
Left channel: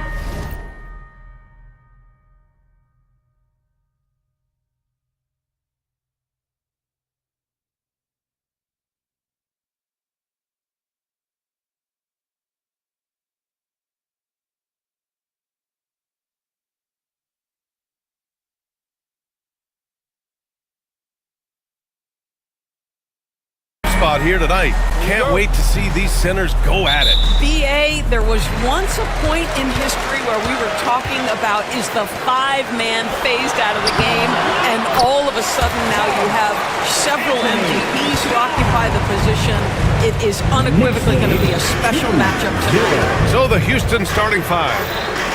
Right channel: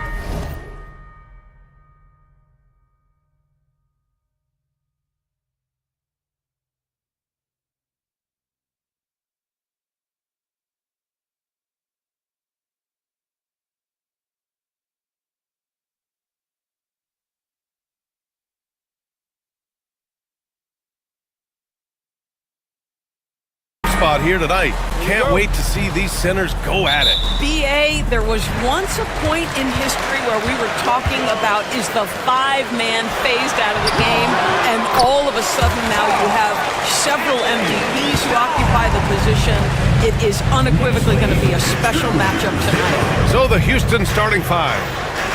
Spot here tonight. Can't wait to see these centers go at it. BA, there was once a point in history where we were talking about is the five-man phased out of the game, and all of a sudden now you have several MVPs who occupy the position. It is unequivocally going to be a special matchup tonight. So the Houston starting 5.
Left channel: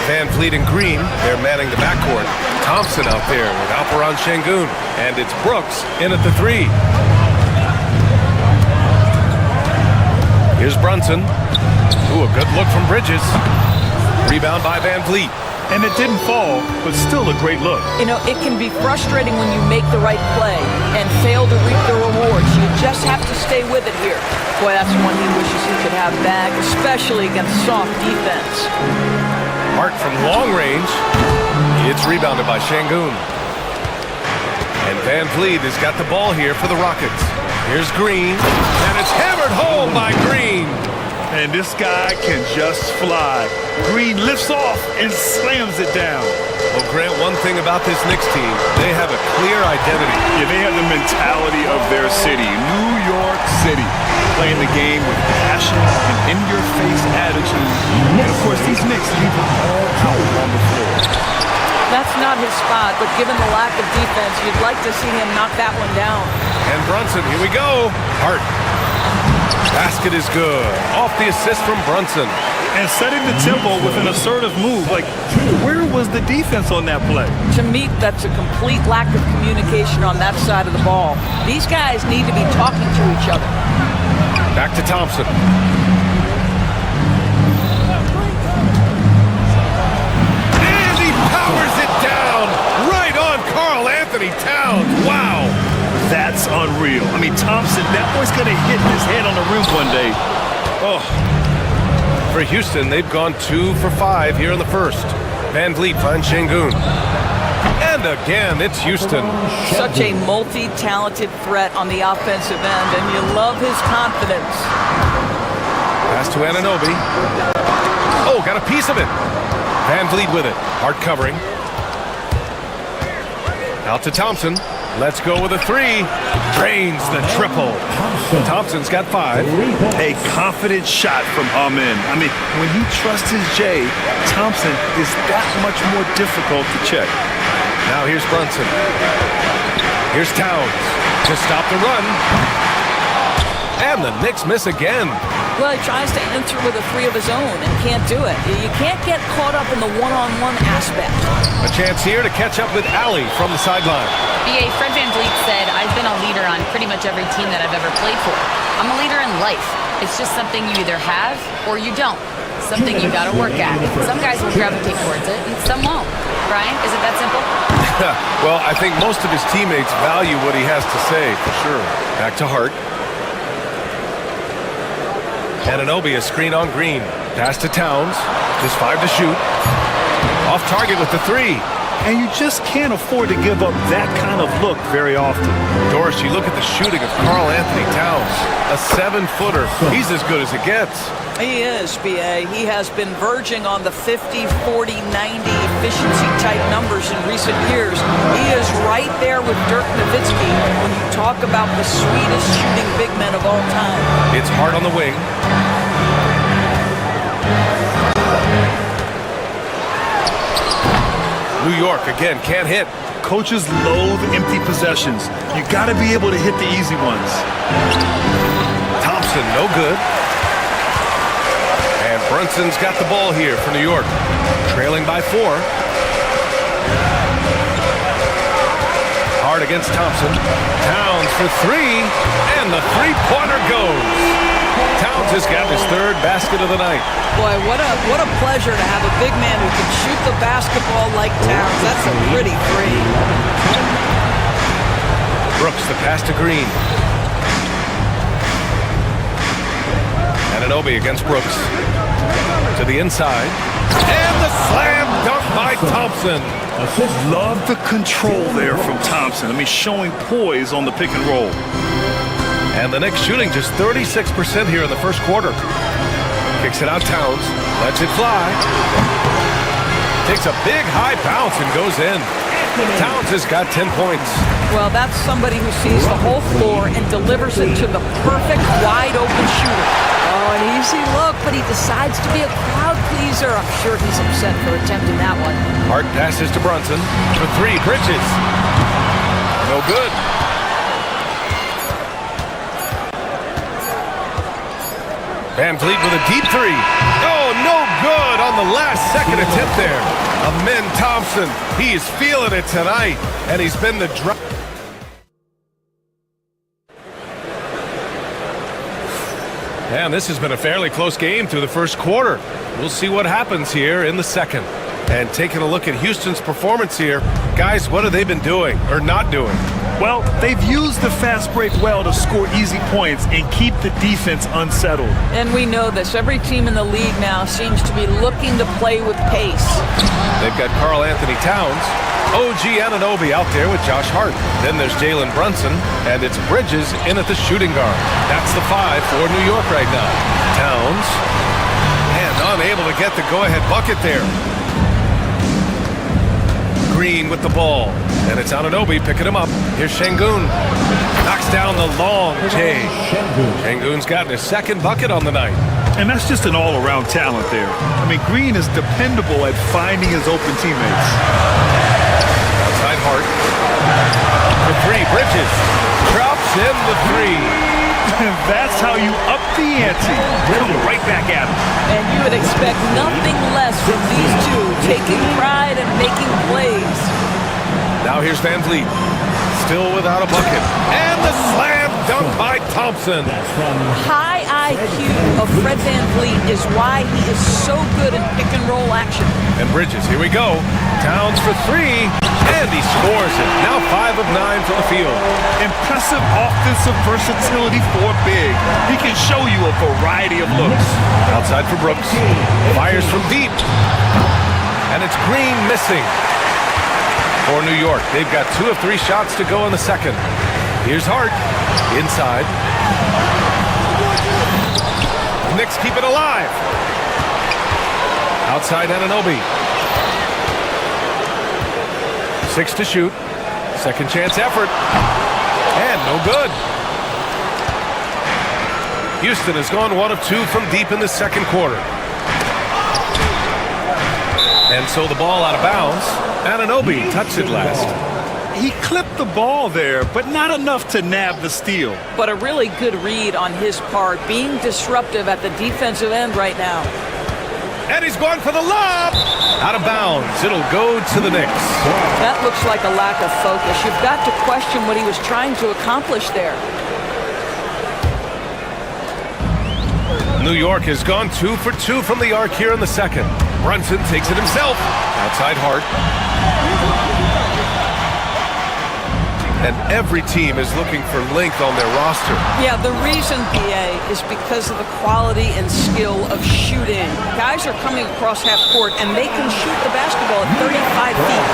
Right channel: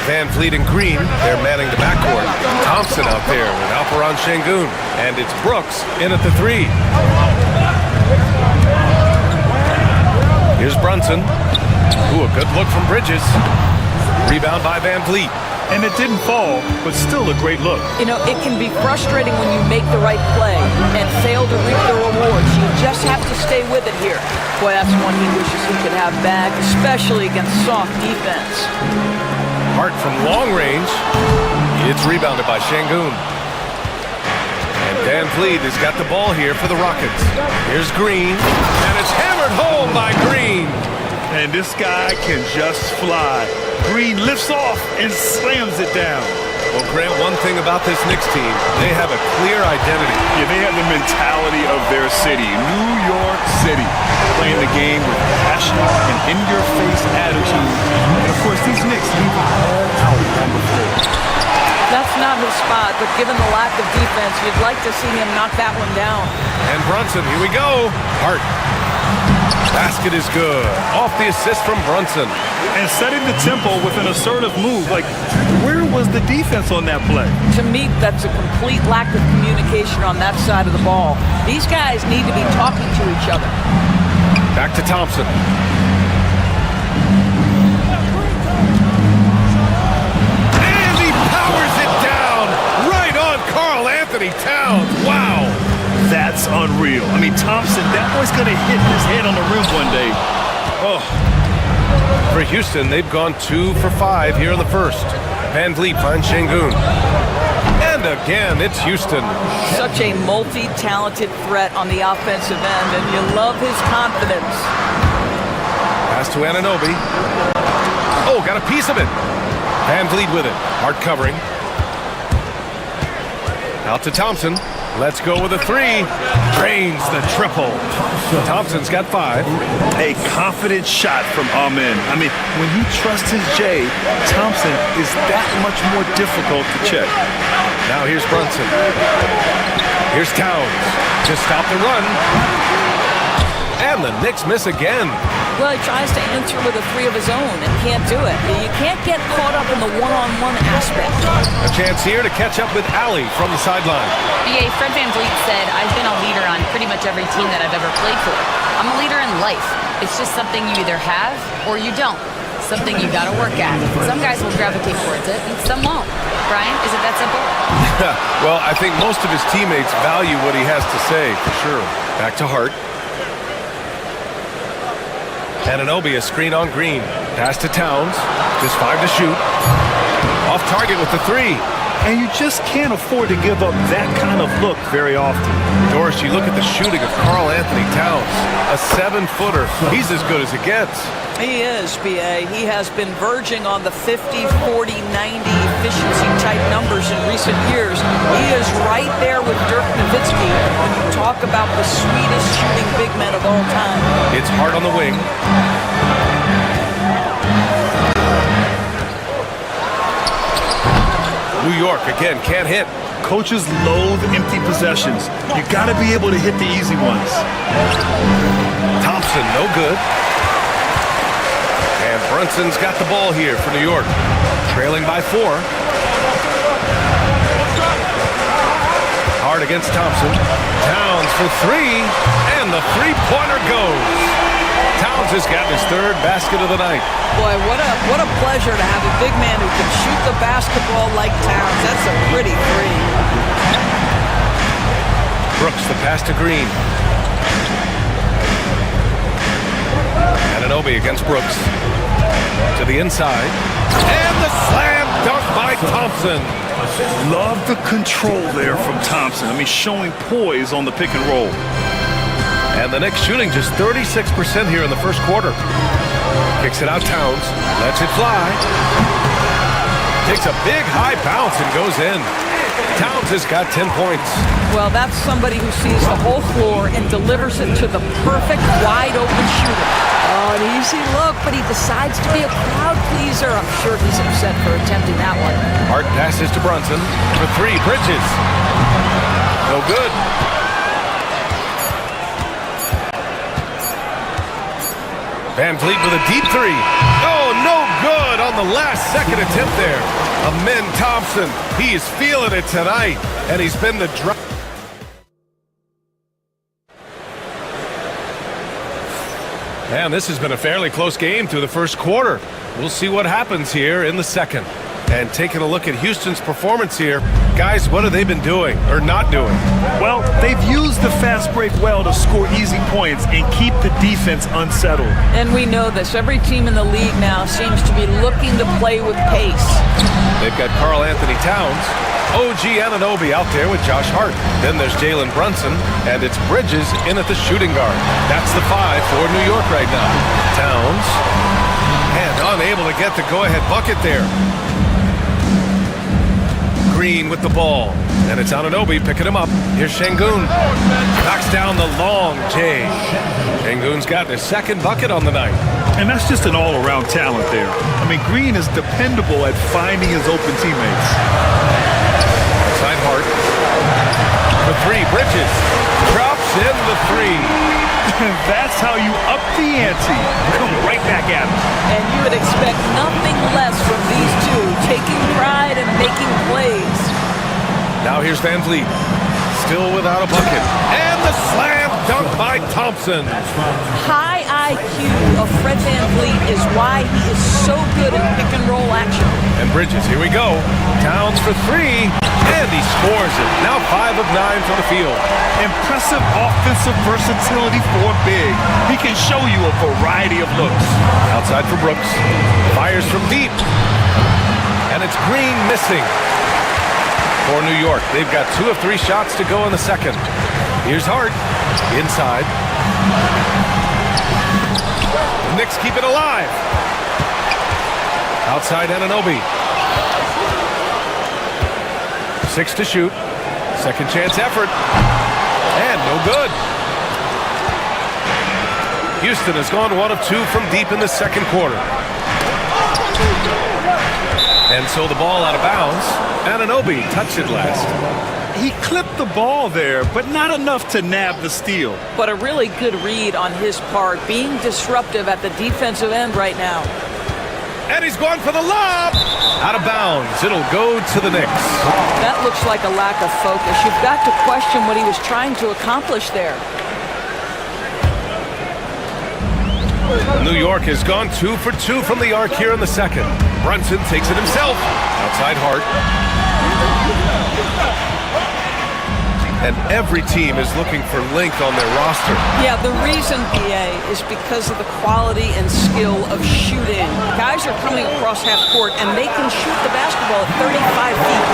Van Fleet and Green, they're manning the backcourt. Thompson out there with Alperon Şengün. And it's Brooks in at the 3. Here's Brunson. Ooh, a good look from Bridges. Rebound by Van Vliet. And it didn't fall, but still a great look. You know, it can be frustrating when you make the right play and fail to reap the rewards. You just have to stay with it here. Boy, that's one he wishes he could have back, especially against soft defense. Hart from long range. It's rebounded by Şengün. And Van Vliet has got the ball here for the Rockets. Here's Green, and it's hammered home by Green. And this guy can just fly. Green lifts off and slams it down. Well, Grant, one thing about this Knicks team, they have a clear identity. Yeah, they have the mentality of their city, New York City. Playing the game with passion and in-your-face attitude. And, of course, these Knicks leave it all out on the floor. That's not his spot, but given the lack of defense, you'd like to see him knock that one down. And Brunson, here we go. Hart. Basket is good. Off the assist from Brunson. And setting the tempo with an assertive move. Like, where was the defense on that play? To me, that's a complete lack of communication on that side of the ball. These guys need to be talking to each other. Back to Thompson. And he powers it down right on Karl Anthony Towns. Wow. That's unreal. I mean, Thompson, that boy's going to hit his head on the rim one day. Oh. For Houston, they've gone 2 for 5 here in the first. Van Vliet finds Şengün. And again, it's Houston. Such a multi-talented threat on the offensive end, and you love his confidence. Pass to Anunoby. Oh, got a piece of it. Van Vliet with it. Hard covering. Out to Thompson. Let's go with a 3. Drains the triple. Thompson's got 5. A confident shot from Amen. I mean, when he trusts his J, Thompson is that much more difficult to check. Now here's Brunson. Here's Towns to stop the run. And the Knicks miss again. Well, he tries to answer with a 3 of his own and can't do it. You can't get caught up in the one-on-one aspect. A chance here to catch up with Allie from the sideline. BA, Fred Van Vliet said, I've been a leader on pretty much every team that I've ever played for. I'm a leader in life. It's just something you either have or you don't. Something you gotta work at. Some guys will gravitate towards it and some won't. Brian, is it that simple? Well, I think most of his teammates value what he has to say, for sure. Back to Hart. Anunoby, a screen on Green. Pass to Towns. Just 5 to shoot. Off target with the 3. And you just can't afford to give up that kind of look very often. Doris, you look at the shooting of Karl Anthony Towns. A 7-footer. He's as good as it gets. He is, BA. He has been verging on the 50, 40, 90 efficiency type numbers in recent years. He is right there with Dirk Nowitzki when you talk about the sweetest shooting big men of all time. It's Hart on the wing. New York, again, can't hit. Coaches loathe empty possessions. You got to be able to hit the easy ones. Thompson, no good. And Brunson's got the ball here for New York. Trailing by 4. Hard against Thompson. Towns for 3. And the 3-pointer goes. Towns has got his 3rd basket of the night. Boy, what a pleasure to have a big man who can shoot the basketball like Towns. That's a pretty 3. Brooks, the pass to Green. Anunoby against Brooks. To the inside. And the slam dunk by Thompson. Love the control there from Thompson. I mean, showing poise on the pick and roll. And the Knicks shooting just 36% here in the first quarter. Kicks it out Towns. Lets it fly. Takes a big high bounce and goes in. Towns has got 10 points. Well, that's somebody who sees the whole floor and delivers it to the perfect wide open shooter. Oh, an easy look, but he decides to be a crowd pleaser. I'm sure he's upset for attempting that one. Hart passes to Brunson for 3. Bridges. No good. Van Vliet with a deep 3. Oh, no good on the last second attempt there. Amen Thompson. He is feeling it tonight, and he's been the drop. And this has been a fairly close game through the first quarter. We'll see what happens here in the second. And taking a look at Houston's performance here, guys, what have they been doing or not doing? Well, they've used the fast break well to score easy points and keep the defense unsettled. And we know this. Every team in the league now seems to be looking to play with pace. They've got Karl Anthony Towns, OG Anunoby out there with Josh Hart. Then there's Jalen Brunson, and it's Bridges in at the shooting guard. That's the 5 for New York right now. Towns, and unable to get the go-ahead bucket there. Green with the ball, and it's Anunoby picking him up. Here's Şengün. Knocks down the long J. Şengün's gotten his 2nd bucket on the night. And that's just an all-around talent there. I mean, Green is dependable at finding his open teammates. Outside Hart. For 3, Bridges. Drops in the 3. That's how you up the ante. Come right back at him. And you would expect nothing less from these two, taking pride and making plays. Now here's Van Vliet, still without a bucket. And the slam dunk by Thompson. High IQ of Fred Van Vliet is why he is so good in pick and roll action. And Bridges, here we go. Towns for three, and he scores it. Now 5 of 9 from the field. Impressive offensive versatility for a big. He can show you a variety of looks. Outside for Brooks. Fires from deep. And it's Green missing for New York. They've got 2 of 3 shots to go in the second. Here's Hart. Inside. The Knicks keep it alive. Outside Anunoby. 6 to shoot. Second chance effort. And no good. Houston has gone 1 of 2 from deep in the second quarter. And so the ball out of bounds. Anunoby touched it last. He clipped the ball there, but not enough to nab the steal. But a really good read on his part, being disruptive at the defensive end right now. And he's going for the lob. Out of bounds. It'll go to the Knicks. That looks like a lack of focus. You've got to question what he was trying to accomplish there. New York has gone 2 for 2 from the arc here in the second. Brunson takes it himself. Outside Hart. And every team is looking for length on their roster. Yeah, the reason, BA, is because of the quality and skill of shooting. Guys are coming across half court, and they can shoot the basketball at 35 feet.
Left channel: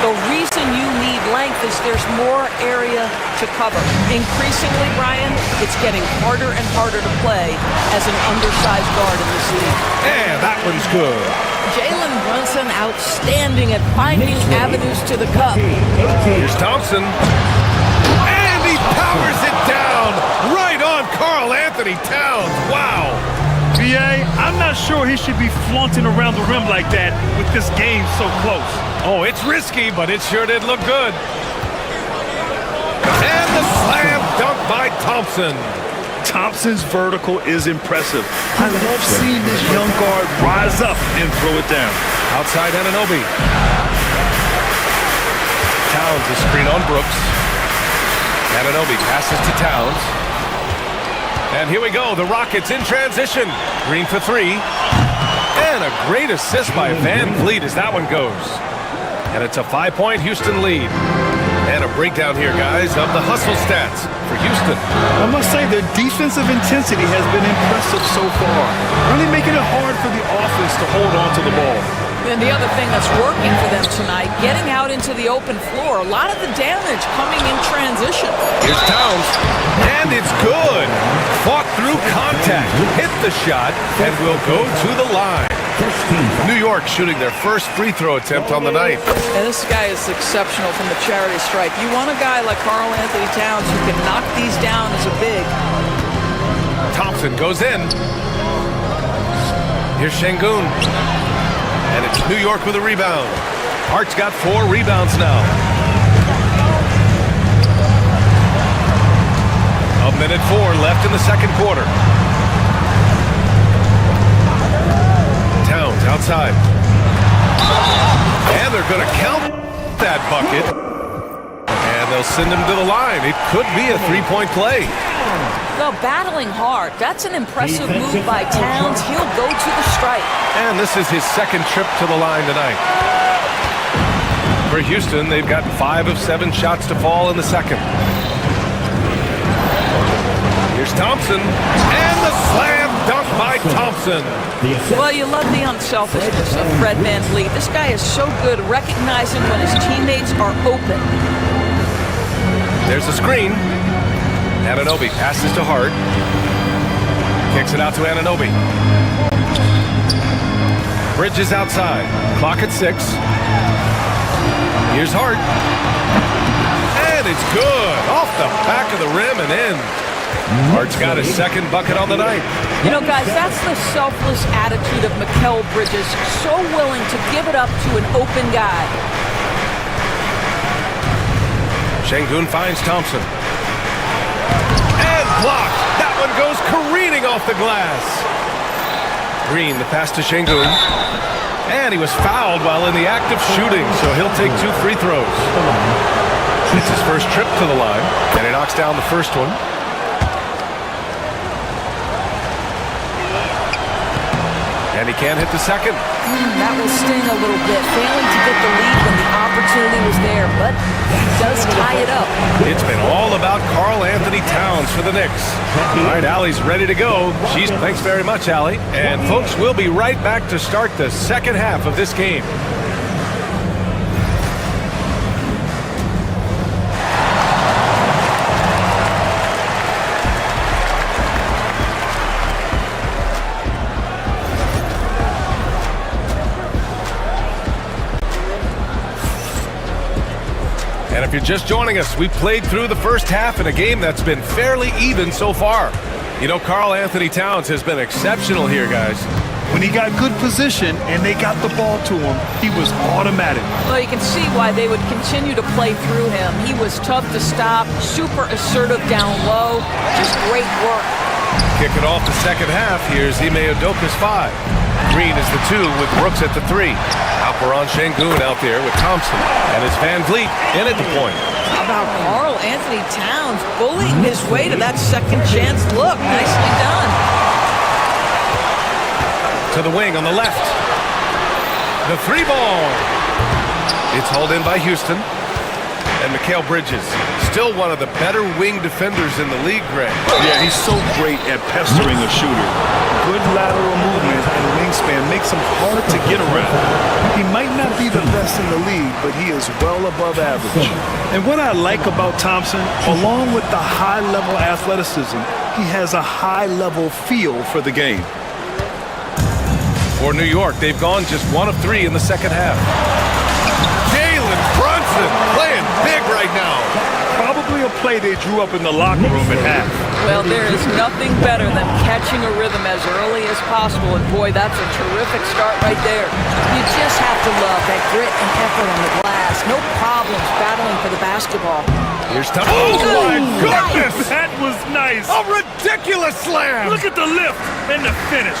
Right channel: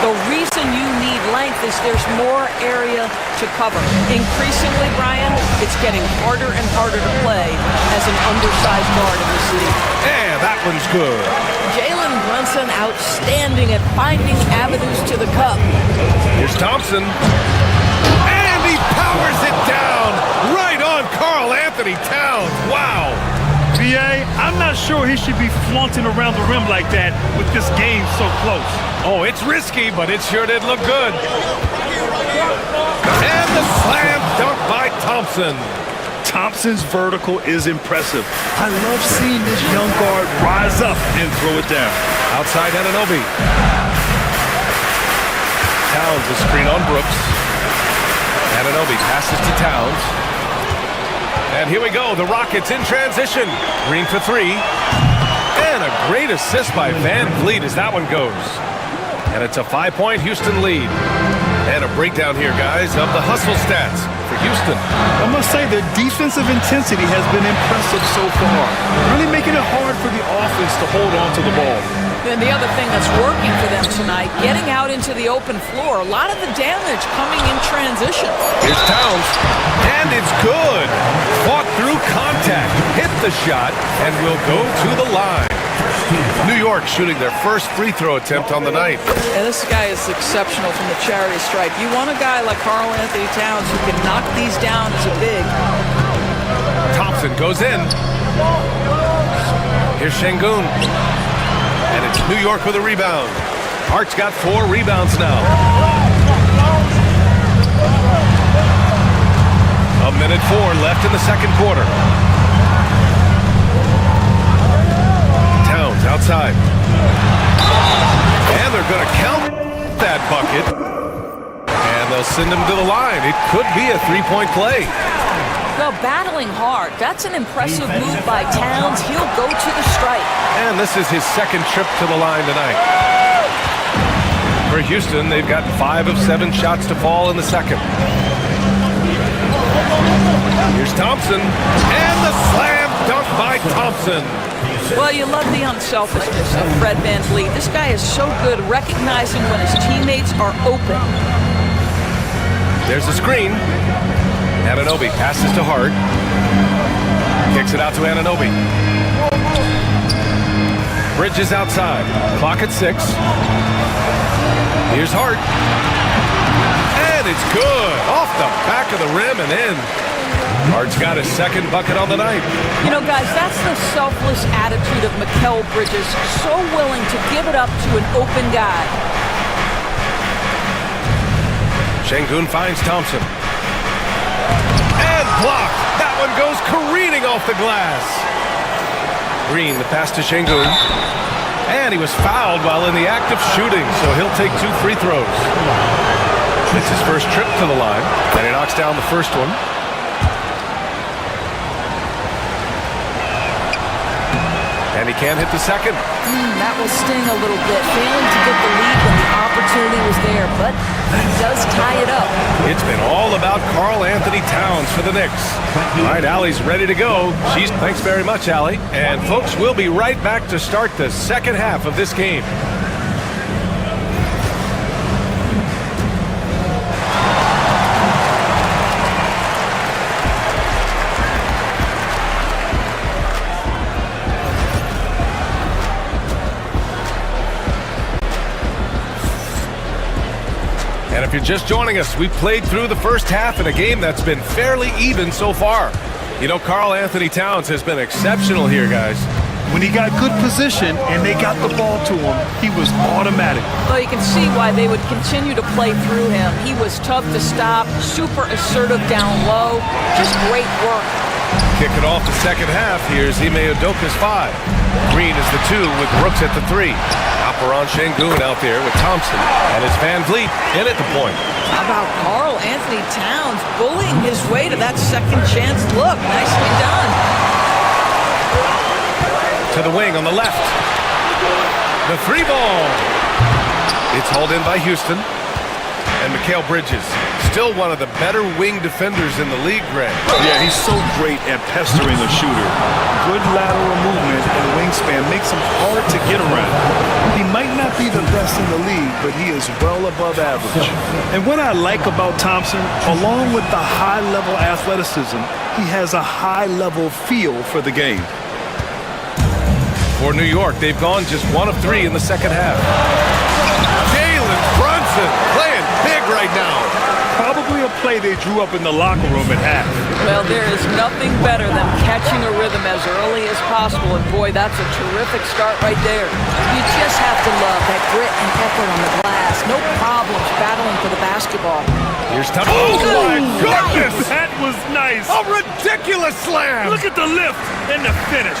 The reason you need length is there's more area to cover. Increasingly, Brian, it's getting harder and harder to play as an undersized guard in this league. And that one's good. Jalen Brunson outstanding at finding avenues to the cup. Here's Thompson. And he powers it down right on Karl Anthony Towns. Wow. BA, I'm not sure he should be flaunting around the rim like that with this game so close. Oh, it's risky, but it sure did look good. And the slam dunk by Thompson. Thompson's vertical is impressive. I love seeing this young guard rise up and throw it down. Outside Anunoby. Towns is screen on Brooks. Anunoby passes to Towns. And here we go, the Rockets in transition. Green for 3. And a great assist by Van Vliet as that one goes. And it's a 5-point Houston lead. And a breakdown here, guys, of the hustle stats for Houston. I must say their defensive intensity has been impressive so far. Really making it hard for the offense to hold on to the ball. And the other thing that's working for them tonight, getting out into the open floor. A lot of the damage coming in transition. Here's Towns. And it's good. Fought through contact. Hit the shot and will go to the line. New York shooting their first free throw attempt on the night. And this guy is exceptional from the charity stripe. You want a guy like Karl Anthony Towns who can knock these down as a big. Thompson goes in. Here's Şengün. And it's New York with a rebound. Hart's got 4 rebounds now. A minute 4 left in the second quarter. Towns outside. And they're going to count that bucket. And they'll send him to the line. It could be a 3-point play. Well, battling hard. That's an impressive move by Towns. He'll go to the stripe. And this is his second trip to the line tonight. For Houston, they've gotten 5 of 7 shots to fall in the second. Here's Thompson. And the slam dunk by Thompson. Well, you love the unselfishness of Fred Van Vliet. This guy is so good recognizing when his teammates are open. There's a screen. Anunoby passes to Hart. Kicks it out to Anunoby. Bridges outside. Clock at 6. Here's Hart. And it's good. Off the back of the rim and in. Hart's got his second bucket on the night. You know, guys, that's the selfless attitude of Mikal Bridges. So willing to give it up to an open guy. Şengün finds Thompson. And blocked. That one goes careening off the glass. Green, the pass to Şengün. And he was fouled while in the act of shooting, so he'll take 2 free throws. It's his first trip to the line, and he knocks down the first one. And he can't hit the second. That will sting a little bit, failing to get the lead when the opportunity was there, but he does tie it up. It's been all about Karl Anthony Towns for the Knicks. All right, Allie's ready to go. Thanks very much, Allie. And folks, we'll be right back to start the second half of this game. And if you're just joining us, we played through the first half in a game that's been fairly even so far. You know, Karl Anthony Towns has been exceptional here, guys. When he got good position and they got the ball to him, he was automatic. Well, you can see why they would continue to play through him. He was tough to stop, super assertive down low, just great work. Kicking off the second half, here's Ime Udoka's 5. Green is the 2 with Brooks at the 3. Alperen Şengün out there with Thompson. And it's Van Vliet in at the point. How about Karl Anthony Towns bullying his way to that second chance look? Nicely done. To the wing on the left. The 3 ball. It's hauled in by Houston. And Mikal Bridges, still one of the better wing defenders in the league, Greg. Yeah, he's so great at pestering a shooter. Good lateral movement and wingspan makes him hard to get around. He might not be the best in the league, but he is well above average. And what I like about Thompson, along with the high-level athleticism, he has a high-level feel for the game. For New York, they've gone just 1 of 3 in the second half. Jalen Brunson playing big right now. Probably a play they drew up in the locker room at half. Well, there is nothing better than catching a rhythm as early as possible, and boy, that's a terrific start right there. You just have to love that grit and effort on the glass. No problems battling for the basketball. Here's Thompson. Oh, my goodness! That was nice. A ridiculous slam! Look at the lift and the finish.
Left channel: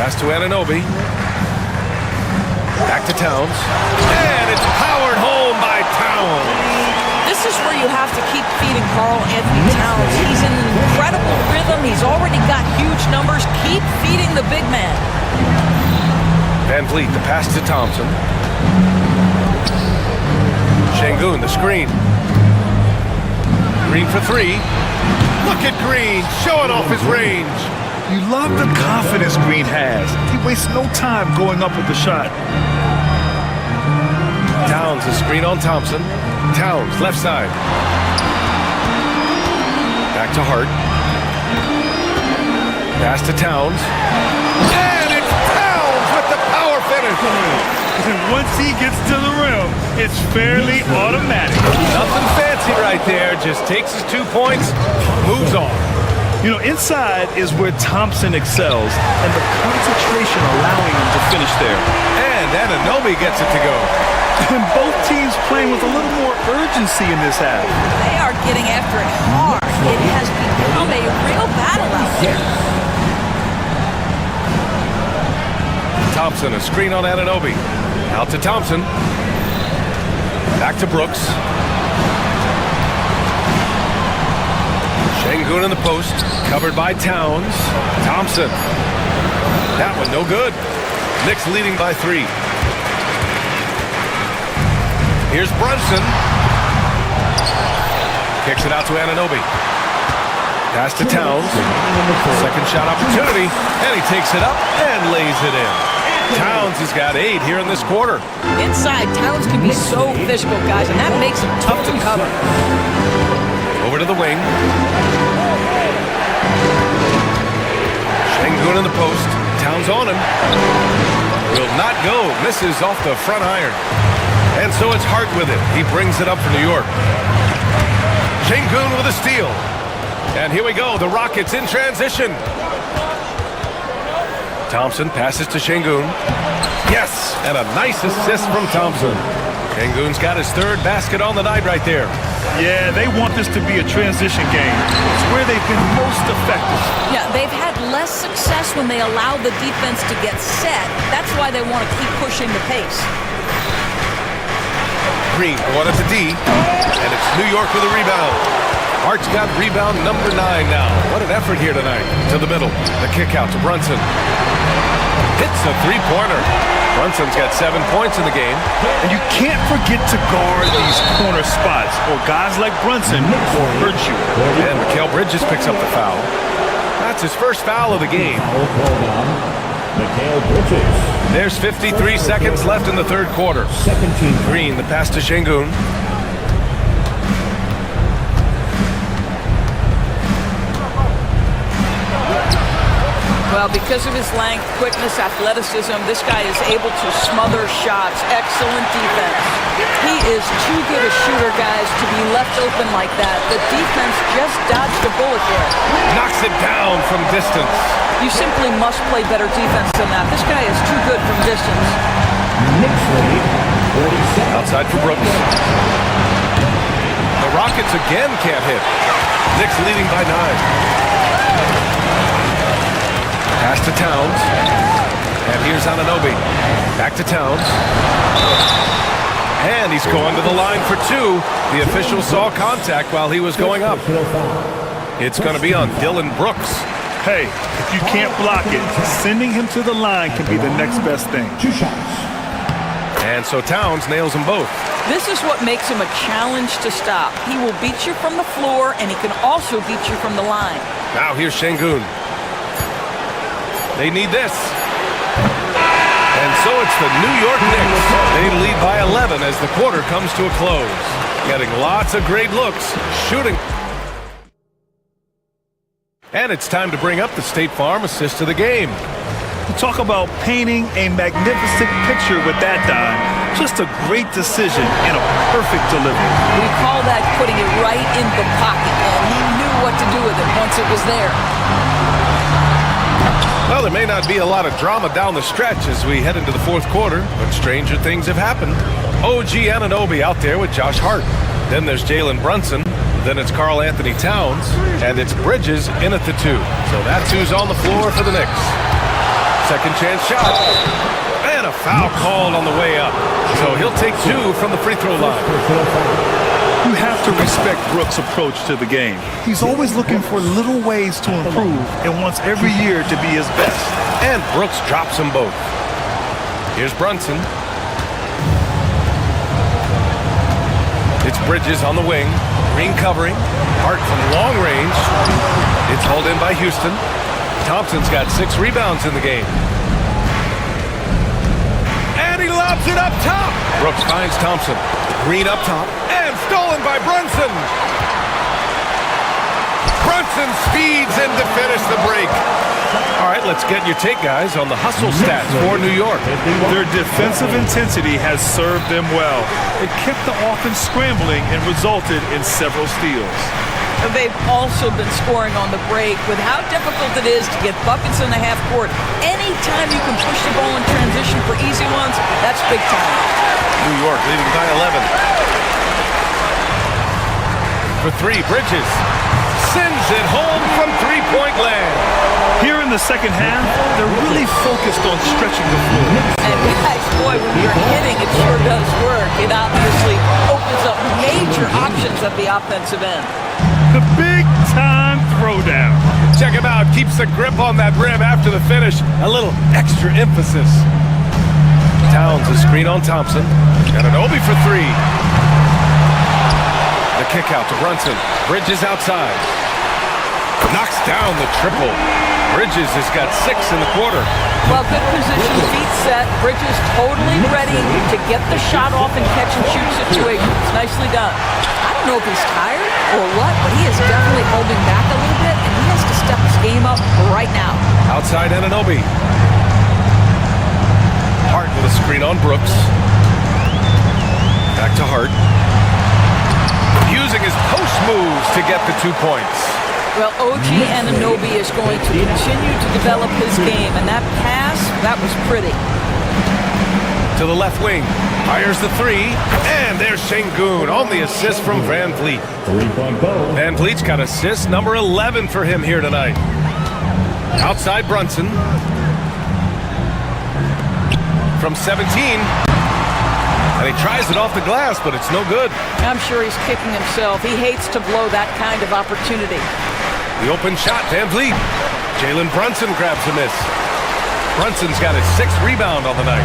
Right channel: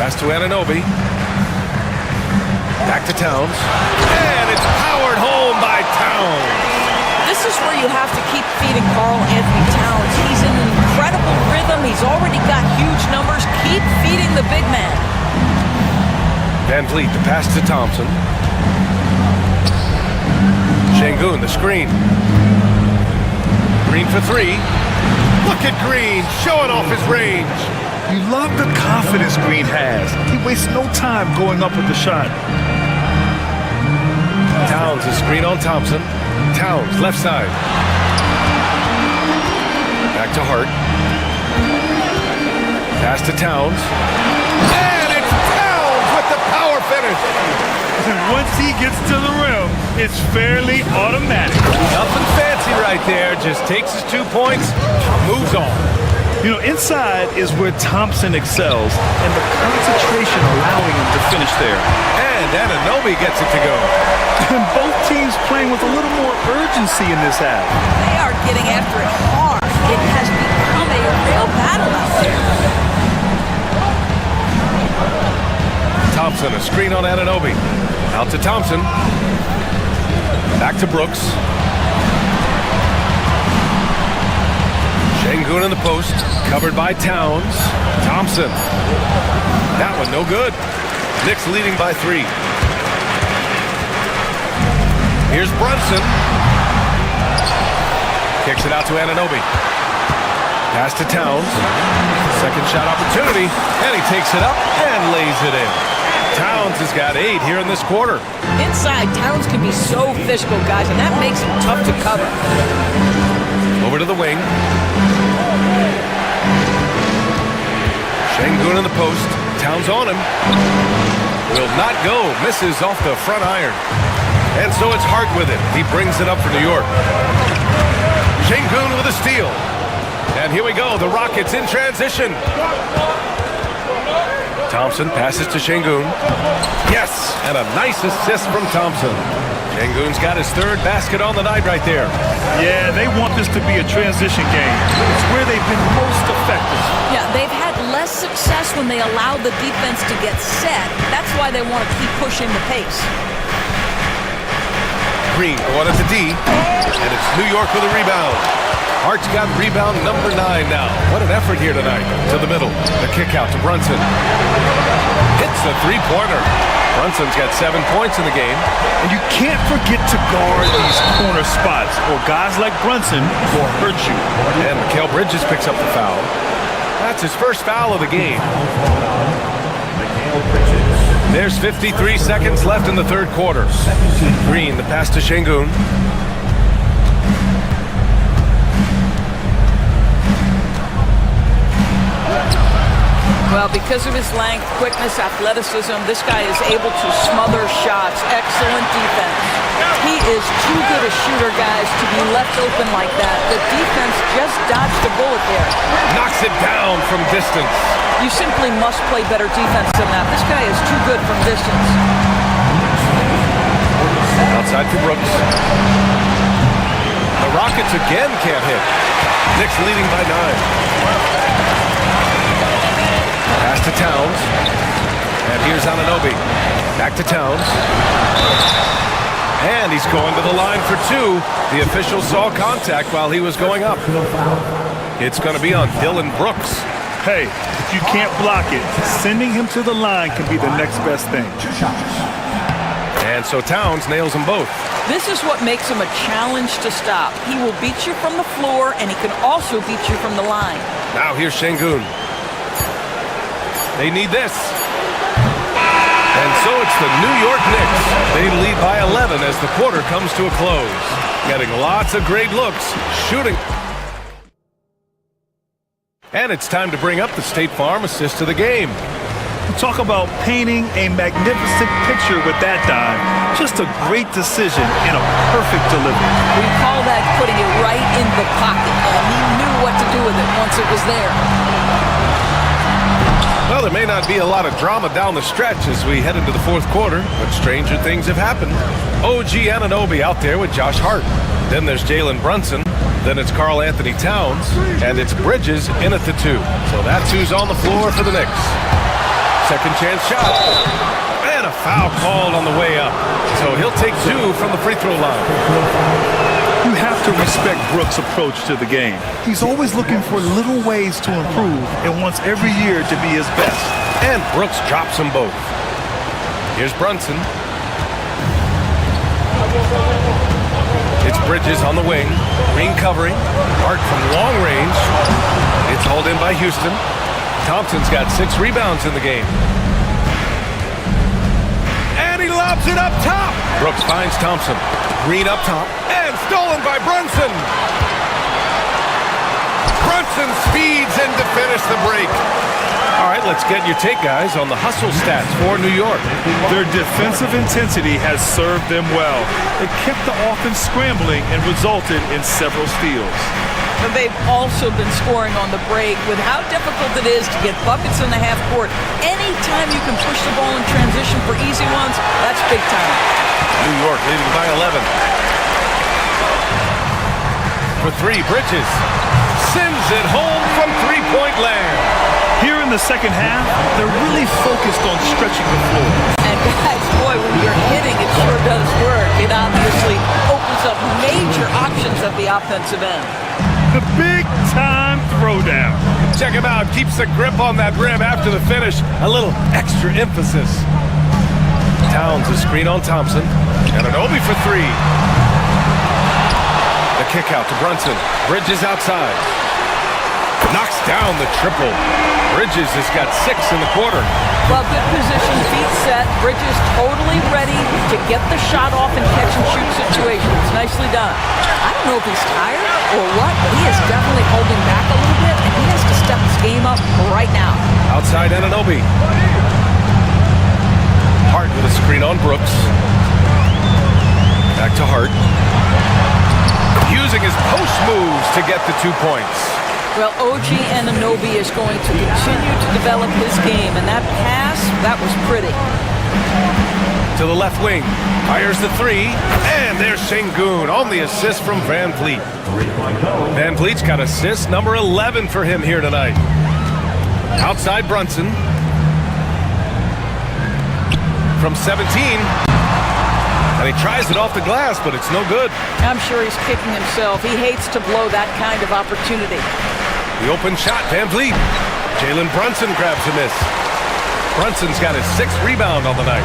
Pass to Anunoby. Back to Towns. And it's powered home by Towns. This is where you have to keep feeding Karl Anthony Towns. He's in an incredible rhythm. He's already got huge numbers. Keep feeding the big man. Van Vliet, the pass to Thompson. Şengün, the screen. Green for 3. Look at Green showing off his range. You love the confidence Green has. He wastes no time going up with the shot. Towns, a screen on Thompson. Towns, left side. Back to Hart. Pass to Towns. And it's Towns with the power finish. And once he gets to the rim, it's fairly automatic. Nothing fancy right there. Just takes his 2 points, moves on. You know, inside is where Thompson excels, and the concentration allowing him to finish there. And Anunoby gets it to go. And both teams playing with a little more urgency in this half. They are getting after it hard. It has become a real battle out there. Thompson, a screen on Anunoby. Out to Thompson. Back to Brooks. Şengün in the post, covered by Towns. Thompson. That one no good. Knicks leading by 3. Here's Brunson. Kicks it out to Anunoby. Pass to Towns. Second shot opportunity, and he takes it up and lays it in. Towns has got 8 here in this quarter. Inside, Towns can be so physical, guys, and that makes him tough to cover. Over to the wing. Şengün in the post. Towns on him. Will not go. Misses off the front iron. And so it's Hart with it. He brings it up for New York. Şengün with a steal. And here we go. The Rockets in transition. Thompson passes to Şengün. Yes, and a nice assist from Thompson. Şengün's got his third basket on the night right there. Yeah, they want this to be a transition game. It's where they've been most effective. Yeah, they've had less success when they allow the defense to get set. That's why they want to keep pushing the pace. Green going at the D, and it's New York with a rebound. Hart's got rebound number 9 now. What an effort here tonight. To the middle, the kick out to Brunson. Hits a three-pointer. Brunson's got 7 points in the game. And you can't forget to guard these corner spots, or guys like Brunson will hurt you. And Mikal Bridges picks up the foul. That's his first foul of the game. There's 53 seconds left in the third quarter. Green, the pass to Şengün. Well, because of his length, quickness, athleticism, this guy is able to smother shots. Excellent defense. He is too good a shooter, guys, to be left open like that. The defense just dodged a bullet there. Knocks it down from distance. You simply must play better defense than that. This guy is too good from distance. Outside for Brooks. The Rockets again can't hit. Knicks leading by 9. Pass to Towns. And here's Anunoby. Back to Towns. And he's going to the line for 2. The official saw contact while he was going up. It's going to be on Dylan Brooks. Hey, if you can't block it, sending him to the line can be the next best thing. And so Towns nails them both. This is what makes him a challenge to stop. He will beat you from the floor, and he can also beat you from the line. Now here's Şengün. They need this. And so it's the New York Knicks. They lead by 11 as the quarter comes to a close. Getting lots of great looks, shooting. And it's time to bring up the State Farm assist of the game. Talk about painting a magnificent picture with that dime. Just a great decision and a perfect delivery. We call that putting it right in the pocket, and he knew what to do with it once it was there. Well, there may not be a lot of drama down the stretch as we head into the fourth quarter, but stranger things have happened. OG Anunoby out there with Josh Hart. Then there's Jalen Brunson. Then it's Karl Anthony Towns. And it's Bridges in at the 2. So that's who's on the floor for the Knicks. Second chance shot. And a foul called on the way up. So he'll take 2 from the free throw line. You have to respect Brooks' approach to the game. He's always looking for little ways to improve and wants every year to be his best. And Brooks drops them both. Here's Brunson. It's Bridges on the wing. Green covering. Hart from long range. It's hauled in by Houston. Thompson's got 6 rebounds in the game. And he lobs it up top. Brooks finds Thompson. Green up top. And stolen by Brunson. Brunson speeds in to finish the break. All right, let's get your take, guys, on the hustle stats for New York. Their defensive intensity has served them well. It kept the offense scrambling and resulted in several steals. They've also been scoring on the break. With how difficult it is to get buckets in the half court, anytime you can push the ball in transition for easy ones, that's big time. New York leading by 11. For 3, Bridges sends it home from three-point land. Here in the second half, they're really focused on stretching the floor. And guys, boy, when you're hitting, it sure does work. It obviously opens up major options at the offensive end. The big-time throwdown. Check him out. Keeps the grip on that rim after the finish. A little extra emphasis. Towns a screen on Thompson. And Anunoby for 3. The kick out to Brunson. Bridges outside. Knocks down the triple. Bridges has got 6 in the quarter. Well, good position, feet set. Bridges totally ready to get the shot off in catch-and-shoot situations. Nicely done. I don't know if he's tired or what, but he is definitely holding back a little bit, and he has to step his game up right now. Outside Anunoby. Hart with a screen on Brooks. Back to Hart. Using his post moves to get the 2 points. Well, OG Anunoby is going to continue to develop his game, and that pass, that was pretty. to the left wing. Fires the three, and there's Şengün on the assist from Van Vliet. 3-point total. Van Vliet's got assist number 11 for him here tonight. Outside Brunson. From 17. And he tries it off the glass, but it's no good. I'm sure he's kicking himself. He hates to blow that kind of opportunity. The open shot, Van Vliet. Jalen Brunson grabs a miss. Brunson's got his 6th rebound on the night.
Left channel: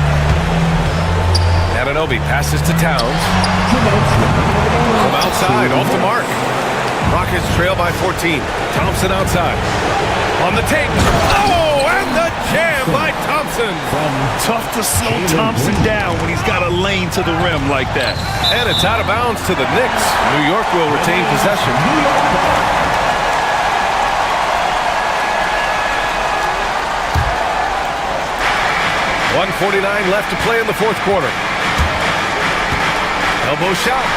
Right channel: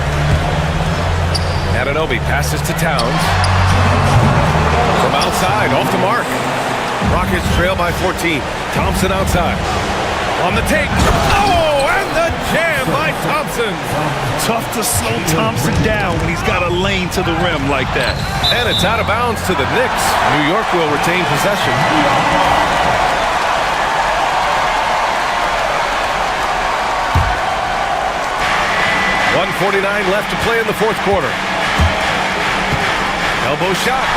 Anunoby passes to Towns. From outside, off the mark. Rockets trail by 14. Thompson outside. On the take. Oh, and the jam by Thompson. Tough to slow Thompson down when he's got a lane to the rim like that. And it's out of bounds to the Knicks. New York will retain possession. 1:49 left to play in the 4th quarter. Elbow shot.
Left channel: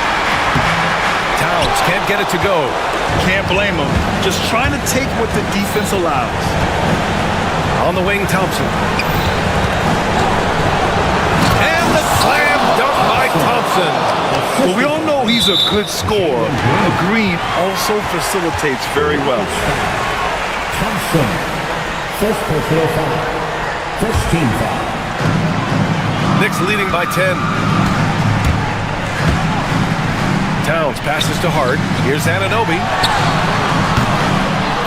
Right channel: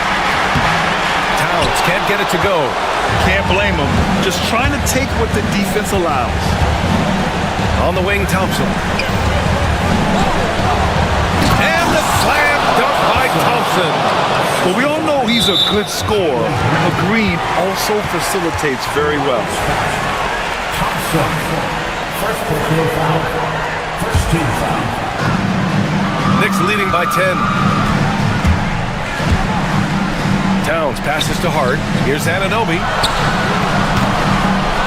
Towns can't get it to go. Can't blame him. Just trying to take what the defense allows. On the wing, Thompson. And the slam dunk by Thompson. Well, we all know he's a good scorer. But Green also facilitates very well. Thompson. First personal foul. First team foul. Knicks leading by 10. Towns passes to Hart. Here's Anunoby.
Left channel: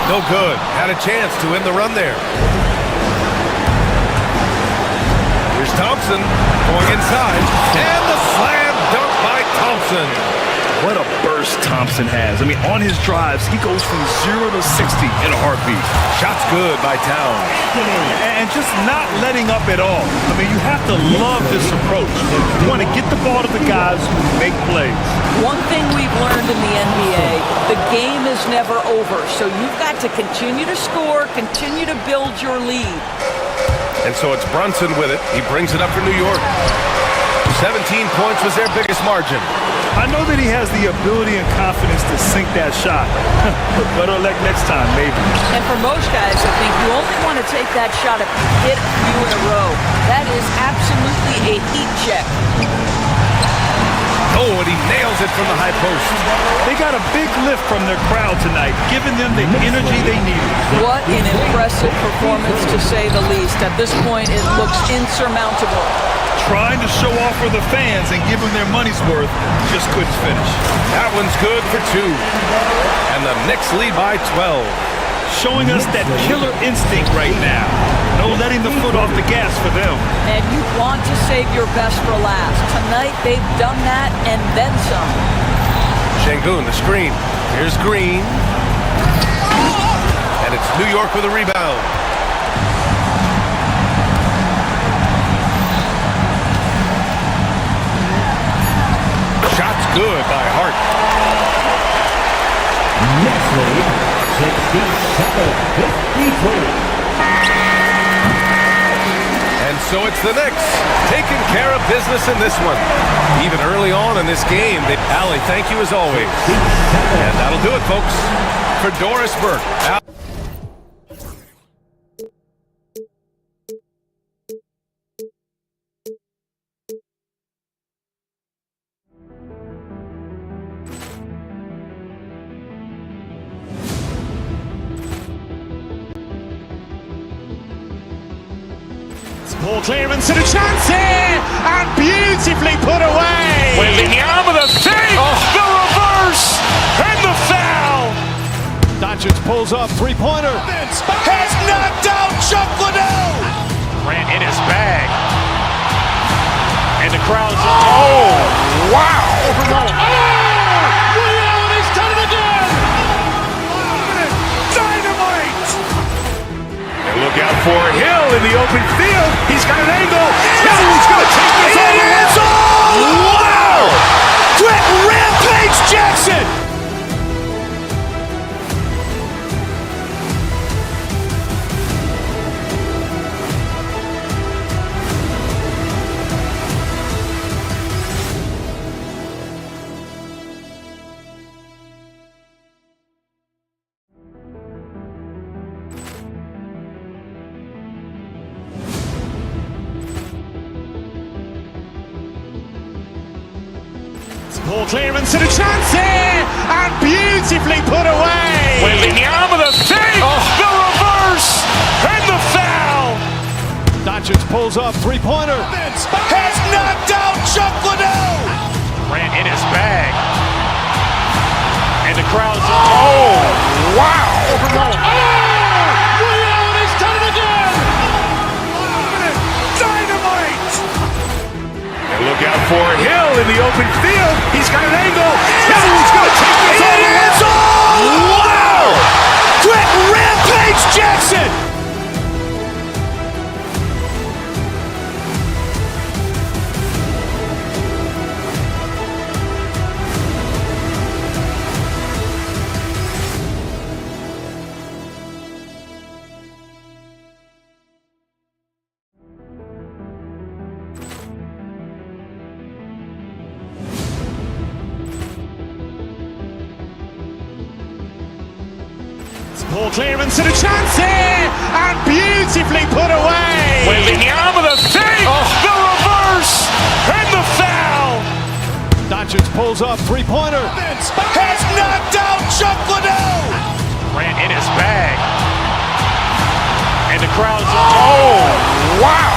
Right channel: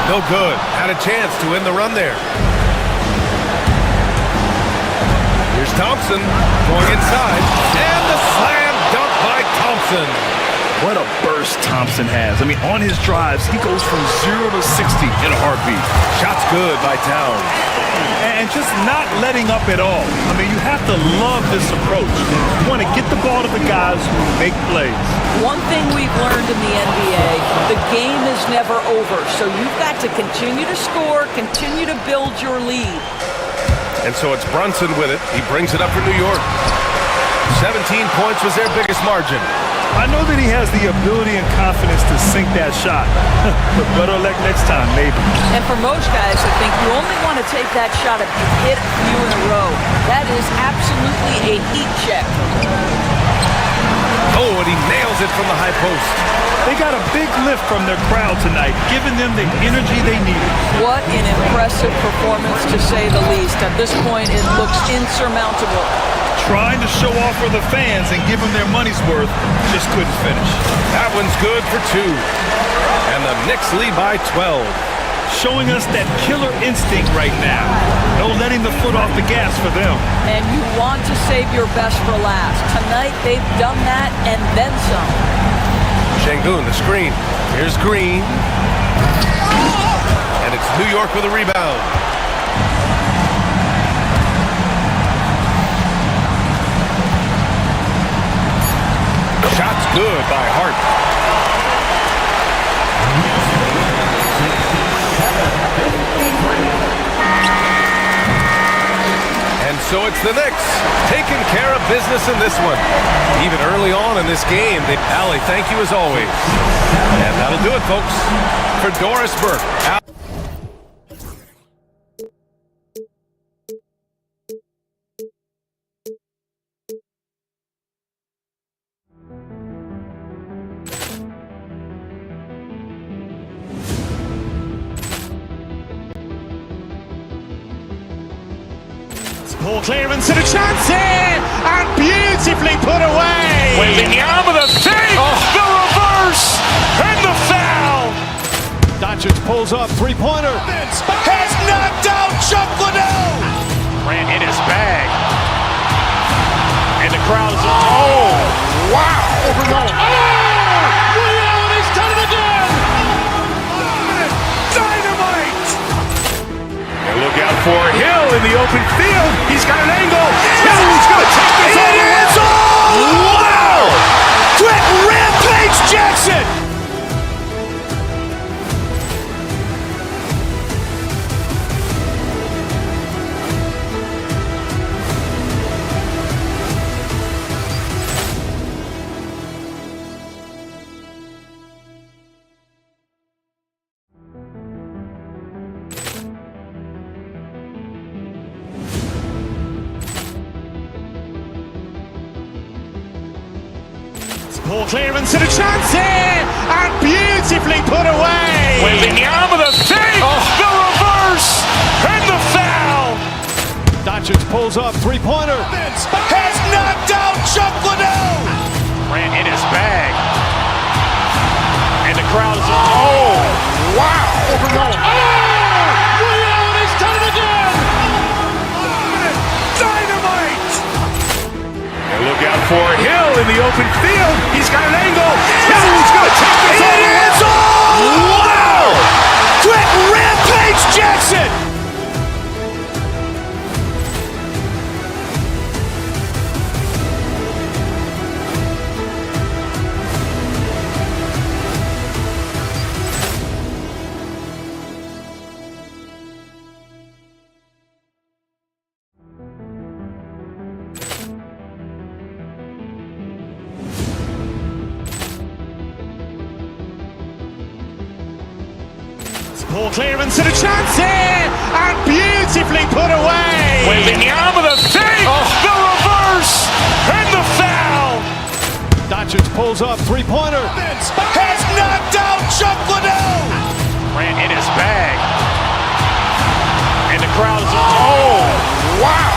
No good. Had a chance to end the run there. Here's Thompson going inside. And the slam dunk by Thompson. What a burst Thompson has. I mean, on his drives, he goes from 0 to 60 in a heartbeat. Shots good by Towns. And just not letting up at all. I mean, you have to love this approach. You want to get the ball to the guys who make plays. One thing we've learned in the NBA, the game is never over. So you've got to continue to score, continue to build your lead. And so it's Brunson with it. He brings it up for New York. 17 points was their biggest margin. I know that he has the ability and confidence to sink that shot. But better luck next time, maybe. And for most guys, I think you only want to take that shot if you hit a few in a row. That is absolutely a heat check. Oh, and he nails it from the high post. They got a big lift from their crowd tonight, giving them the energy they needed. What an impressive performance, to say the least. At this point, it looks insurmountable. Trying to show off for the fans and give them their money's worth, just couldn't finish. That one's good for 2. And the Knicks lead by 12. Showing us that killer instinct right now. No letting the foot off the gas for them. And you want to save your best for last. Tonight, they've done that and then some. Şengün, the screen. Here's Green. And it's New York with a rebound. Shots good by Hart. Knicks lead 67-53. And so it's the Knicks taking care of business in this one. Even early on in this game, Allie, thank you as always. And that'll do it, folks. For Doris Burke. Poor clearance and a chance here, and beautifully put away. Wembanyama the fake, the reverse, and the foul. Doncic pulls up, three-pointer. Has knocked out Chuck Liddell. Ran in his bag. And the crowd is, oh, wow. He's done it again. Dynamite. And look out for Hill in the open field. He's got an angle. Hill's going to take this all the way. Wow! Quick rampage Jackson. Poor clearance and a chance here, and beautifully put away. Wembanyama the fake, the reverse, and the foul. Doncic pulls up, three-pointer. Has knocked out Chuck Liddell. Grant in his bag. And the crowd is, oh, wow. He's done it again. Dynamite. And look out for Hill in the open field. He's got an angle. He's going to take this all the way. Wow. Quick rampage Jackson. Poor clearance and a chance here, and beautifully put away. Wembanyama the fake, the reverse, and the foul. Doncic pulls up, three-pointer. Has knocked out Chuck Liddell. Grant in his bag. And the crowd is, oh, wow.